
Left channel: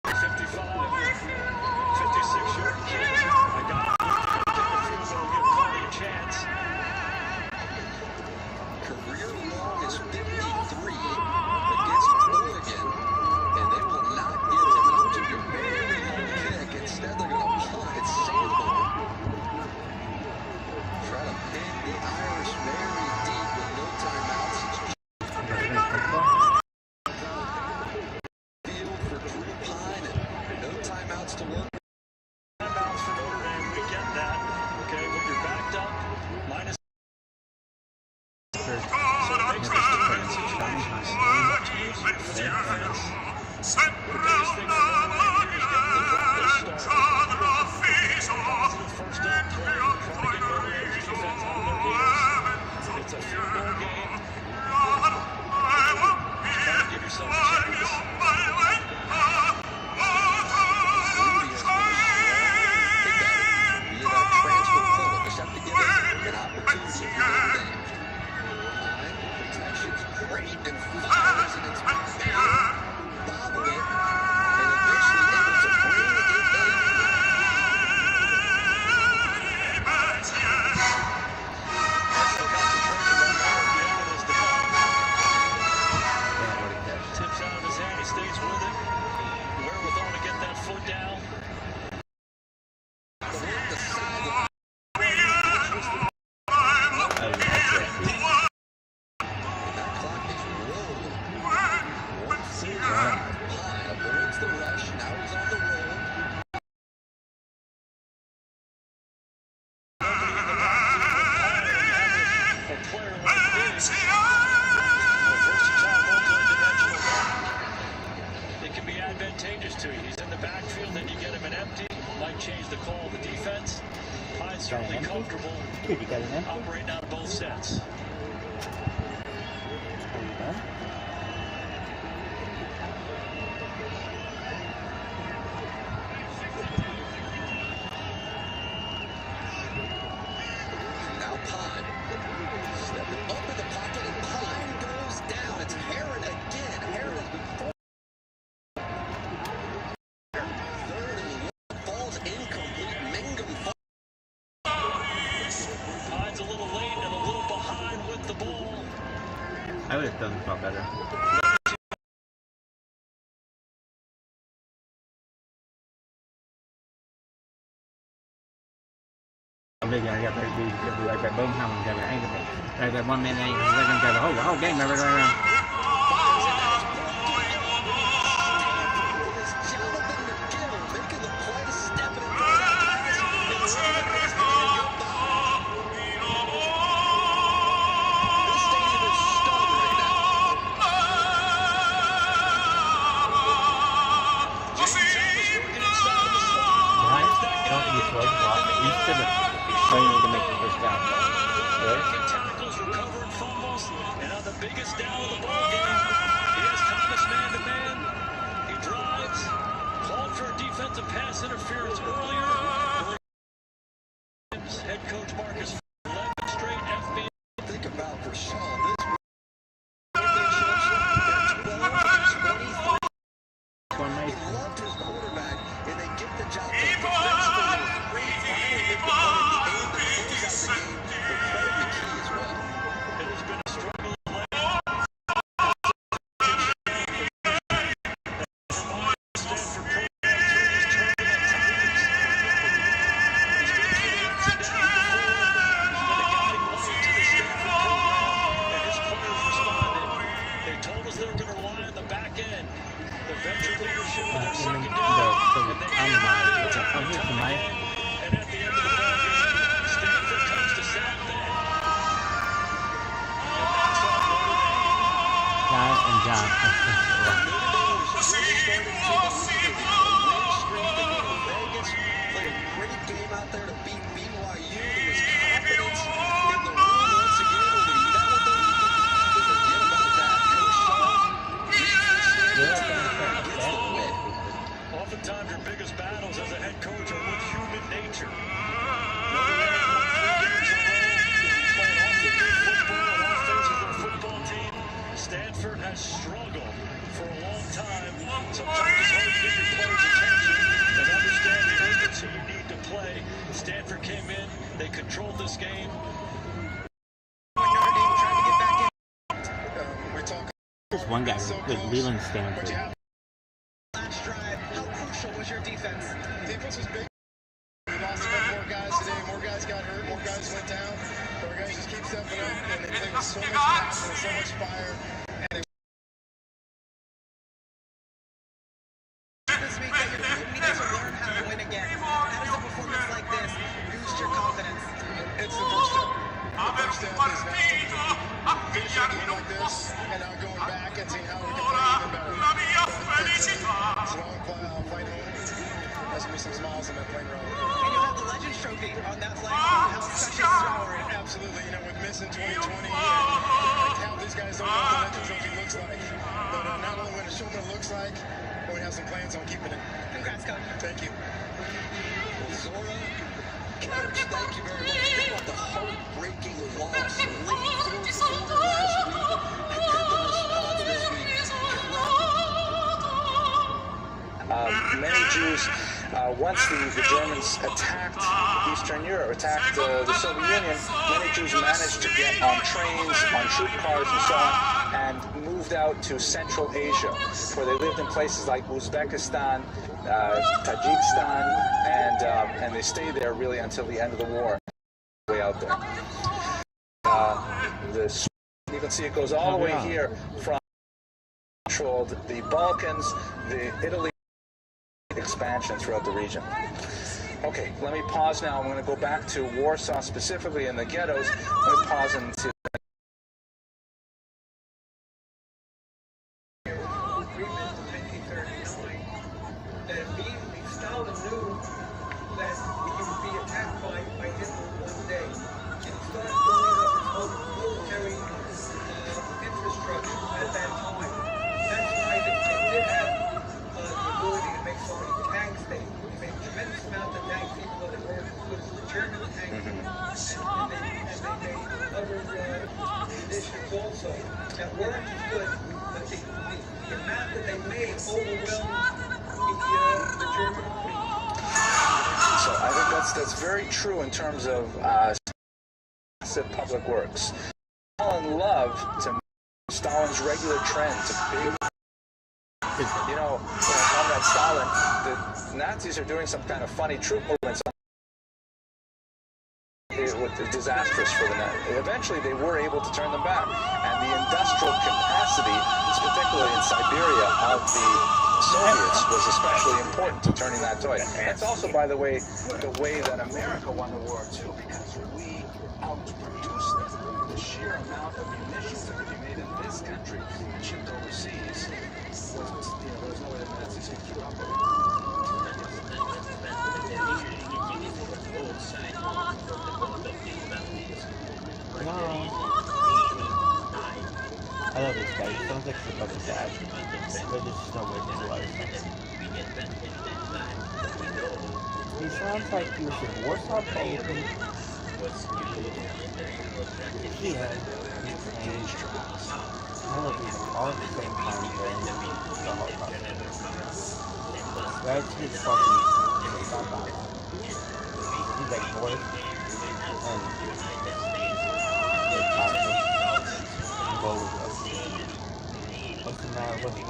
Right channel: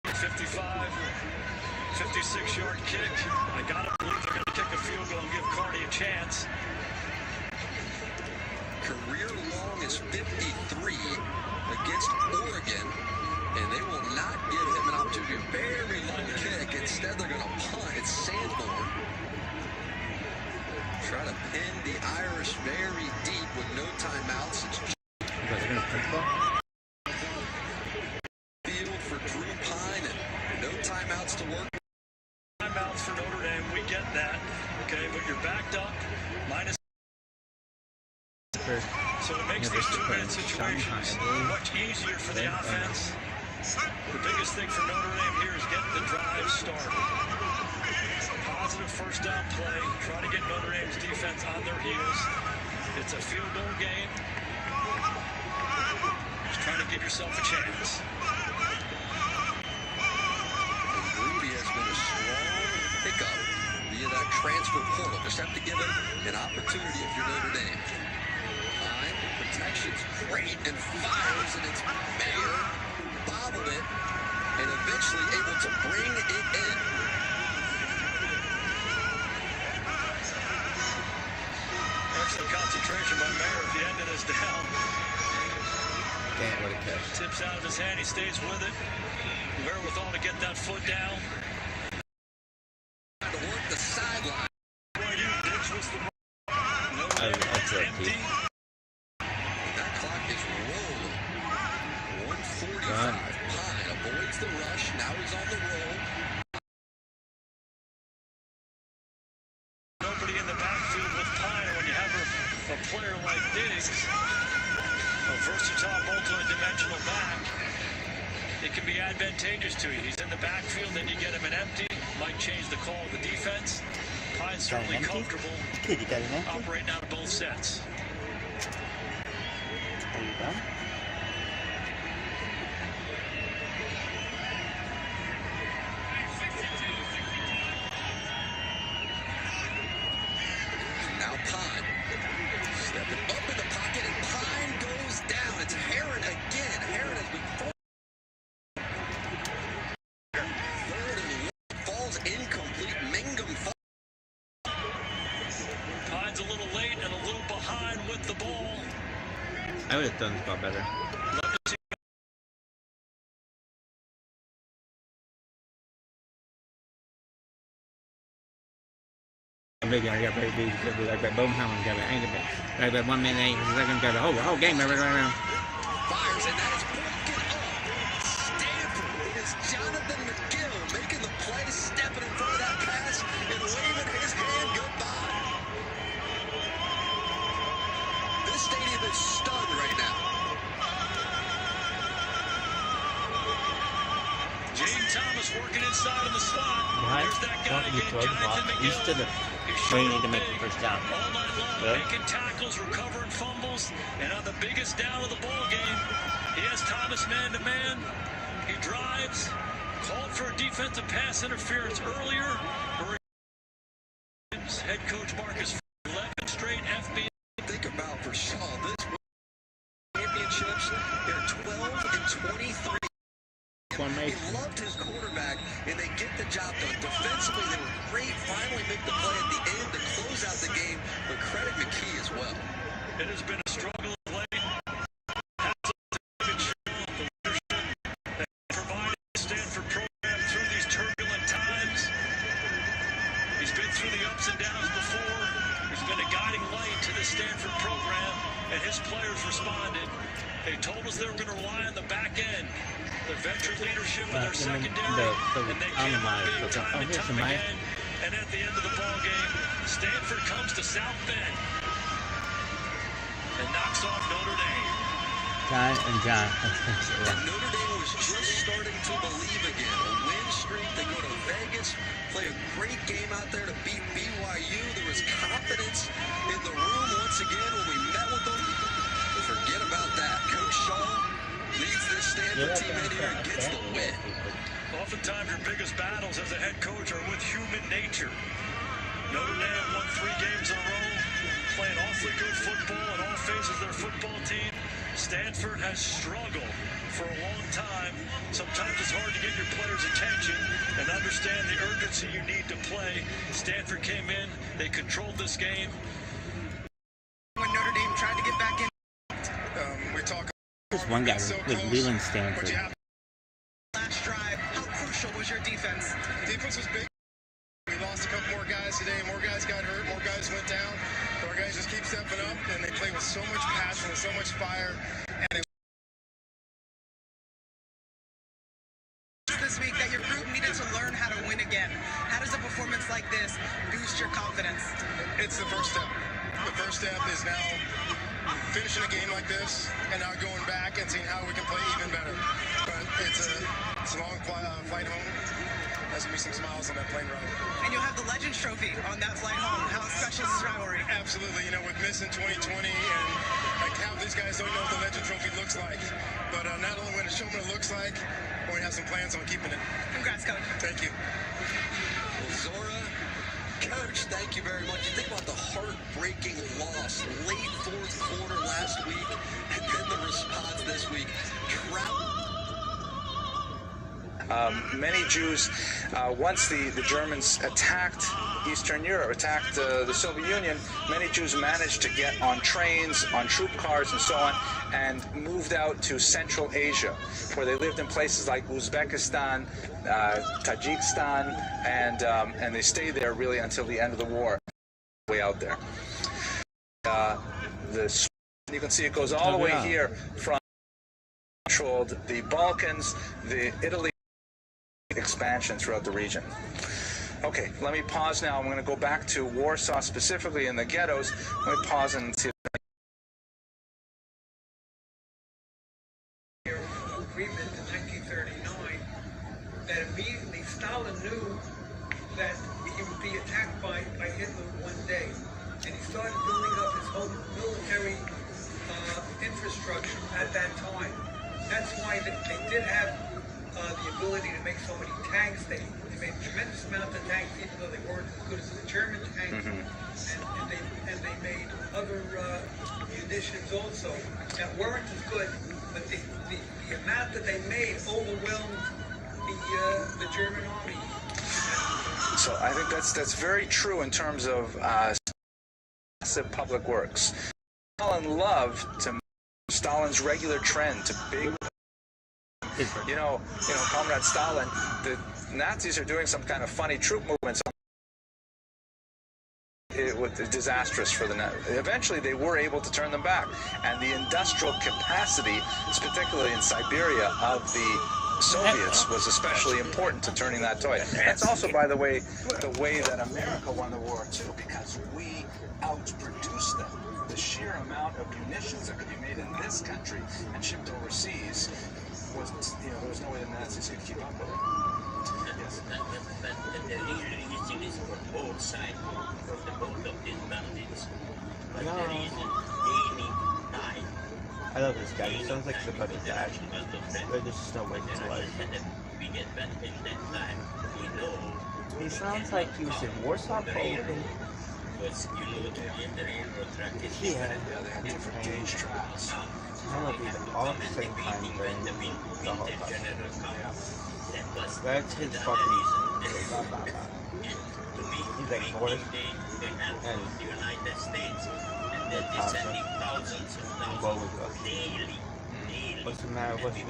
55, 56-yard kick. I got to believe they're going to kick a field goal and give Carney a chance. Career long is 53 against Oregon, and they will not give him an opportunity to very long kick. Instead, they're going to punt. It's Sanborn. Try to pin the Irish very deep with no timeouts. Field for Drew Pine and no timeouts to work. Timeouts for Notre Dame, we get that. Okay, but you're backed up, minus. So it makes this two-man situations much easier for the offense. The biggest thing for Notre Dame here is getting the drive started. Positive first down play, try to get Notre Dame's defense on their heels. It's a field goal game. Just trying to give yourself a chance. Rudy has been a strong pickup via that transfer portal. Just have to give him an opportunity if you're Notre Dame. Pine, protection's great and fires, and it's Mayer bobbled it and eventually able to bring it in. Excellent concentration by Mayer at the end of this down. Tips out of his hand, he stays with it. Wherewithal to get that foot down. To work the sideline. That clock is rolling. 1:45. Pine avoids the rush. Now he's on the roll. Nobody in the backfield with Pine when you have a player like this. A versatile, multi-dimensional back. It can be advantageous to you. He's in the backfield, then you get him an empty. Might change the call of the defense. Pine's certainly comfortable operating out of both sets. Are you done? Now Pine stepping up in the pocket, and Pine goes down. It's Herron again. Herron has been third and one, falls incomplete. Mangum falls. Pine's a little late and a little behind with the ball. I would have done a lot better. Bây giờ gặp lại Birmingham gặp lại England, one man ain't going to go the whole game. Fires, and that is broken. It's Jonathan McGill making the play, stepping in front of that pass, and leaving his hand goodbye. This stadium is stunned right now. James Thomas working inside of the slot. Here's that guy Instead of training to make the first down. Making tackles, recovering fumbles, and on the biggest down of the ball game, he has Thomas man-to-man. He drives, called for a defensive pass interference earlier. Head coach Marcus 11 straight FBS. Think about for Shaw, this championships, they're 12 and 23. He loved his quarterback, and they get the job done. Defensively, they were great. Finally make the play at the end to close out the game, but credit McKee as well. It has been a struggle of late. Stanford program through these turbulent times. He's been through the ups and downs before. He's been a guiding light to the Stanford program, and his players responded. They told us they were going to rely on the back end. The veteran leadership of their secondary, and they and at the end of the ball game, Stanford comes to South Bend and knocks off Notre Dame. John and John. Notre Dame was just starting to believe again. A win streak. They go to Vegas, play a great game out there to beat BYU. There was confidence in the room once again when we met with them. Forget about that. Coach Shaw leads this Stanford team in here and gets the win. Oftentimes your biggest battles as a head coach are with human nature. Notre Dame won 3 games in a row, playing awfully good football on all phases of their football team. Stanford has struggled for a long time. obviously you need to play. Stanford came in, they controlled this game. When Notre Dame tried to get back in, we're talking. There's one guy with leaving Stanford. last drive, how crucial was your defense? Defense was big. We lost a couple more guys today. More guys got hurt. More guys went down. But our guys just keep stepping up, and they play with so much passion and so much fire. And this week that your group needed to learn how to win again. How does a performance like this boost your confidence? it's the first step. The first step is now finishing a game like this, and now going back and seeing how we can play even better. But it's a long flight home. There's going to be some smiles on that plane ride. And you'll have the Legends Trophy on that flight home. How special is this rivalry? Absolutely. You know, we're missing 2020, and like how these guys don't know what the Legends Trophy looks like. But not only when to show them what it looks like, but we have some plans on keeping it. Congrats, Coach. Thank you. Well, Zora, Coach, thank you very much. Think about the heartbreaking loss late fourth quarter last week, and then the response this week. Many Jews, once the Germans attacked Eastern Europe, attacked the Soviet Union, many Jews managed to get on trains, on troop cars, and so on, and moved out to Central Asia, where they lived in places like Uzbekistan, Tajikistan, and they stayed there really until the end of the war. Way out there. You can see it goes all the way here from controlled the Balkans, the Italy expansion throughout the region. Okay, let me pause now. I'm going to go back to Warsaw, specifically in the ghettos. Let me pause and see. Agreement in 1939, that immediately Stalin knew that he would be attacked by Hitler one day, and he started building up his whole military infrastructure at that time. That's why they did have the ability to make so many tanks. They made a tremendous amount of tanks, even though they weren't as good as the German tanks. And they made other munitions also that weren't as good, but the amount that they made overwhelmed the German army. So I think that's very true in terms of massive public works. Stalin loved to Stalin's regular trend to big. You know, Comrade Stalin, the Nazis are doing some kind of funny troop movements. It was disastrous for the Nazis. Eventually, they were able to turn them back, and the industrial capacity, particularly in Siberia, of the Soviets was especially important to turning that toy. That's also, by the way that America won the war too, because we outproduced them. The sheer amount of munitions that could be made in this country and shipped overseas was, there was no way the Nazis could keep up with it. I love this guy. He sounds like somebody's dad. But there's just no way to life. He sounds like he was in Warsaw, Poland. Yeah. All at the same time during the Holocaust. That's his fucking. He's like North and go with us. What's the matter with you?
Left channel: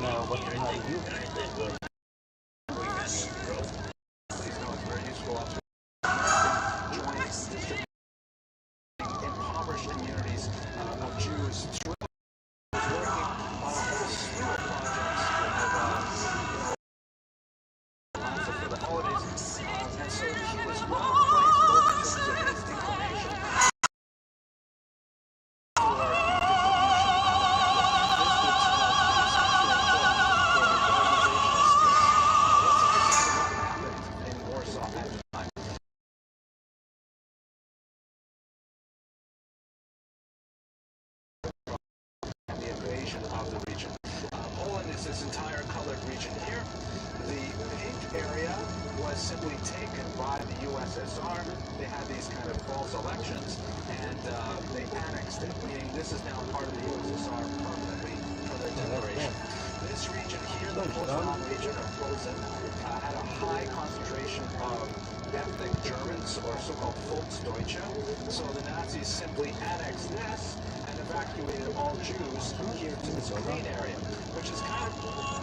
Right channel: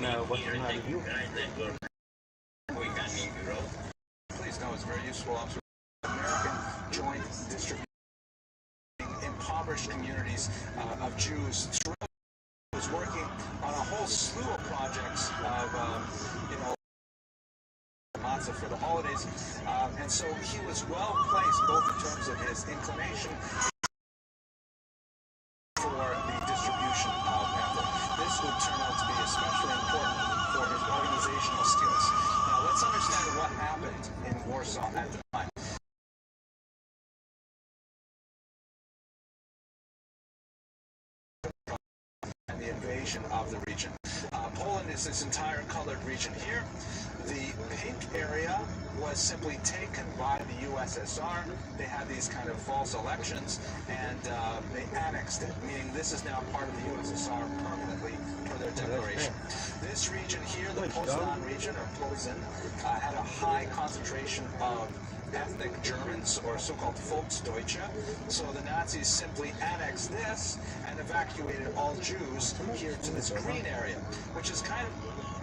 Please know it's very useful joint distribution impoverished communities of Jews. Was working on a whole slew of projects lots of for the holidays, and so he was well placed both in terms of his inclination for the distribution of it. This would turn out to be especially important for his organizational skills. Now let's understand what happened in Warsaw at the time. The invasion of the region. Poland is this entire colored region here. The pink area was simply taken by the USSR. They had these kind of false elections, and they annexed it, meaning this is now part of the USSR permanently for their declaration. This region here, though, Poznań region of Posen had a high concentration of ethnic Germans, or so-called Volksdeutsche. So the Nazis simply annexed this and evacuated all Jews here to this green area, which is kind of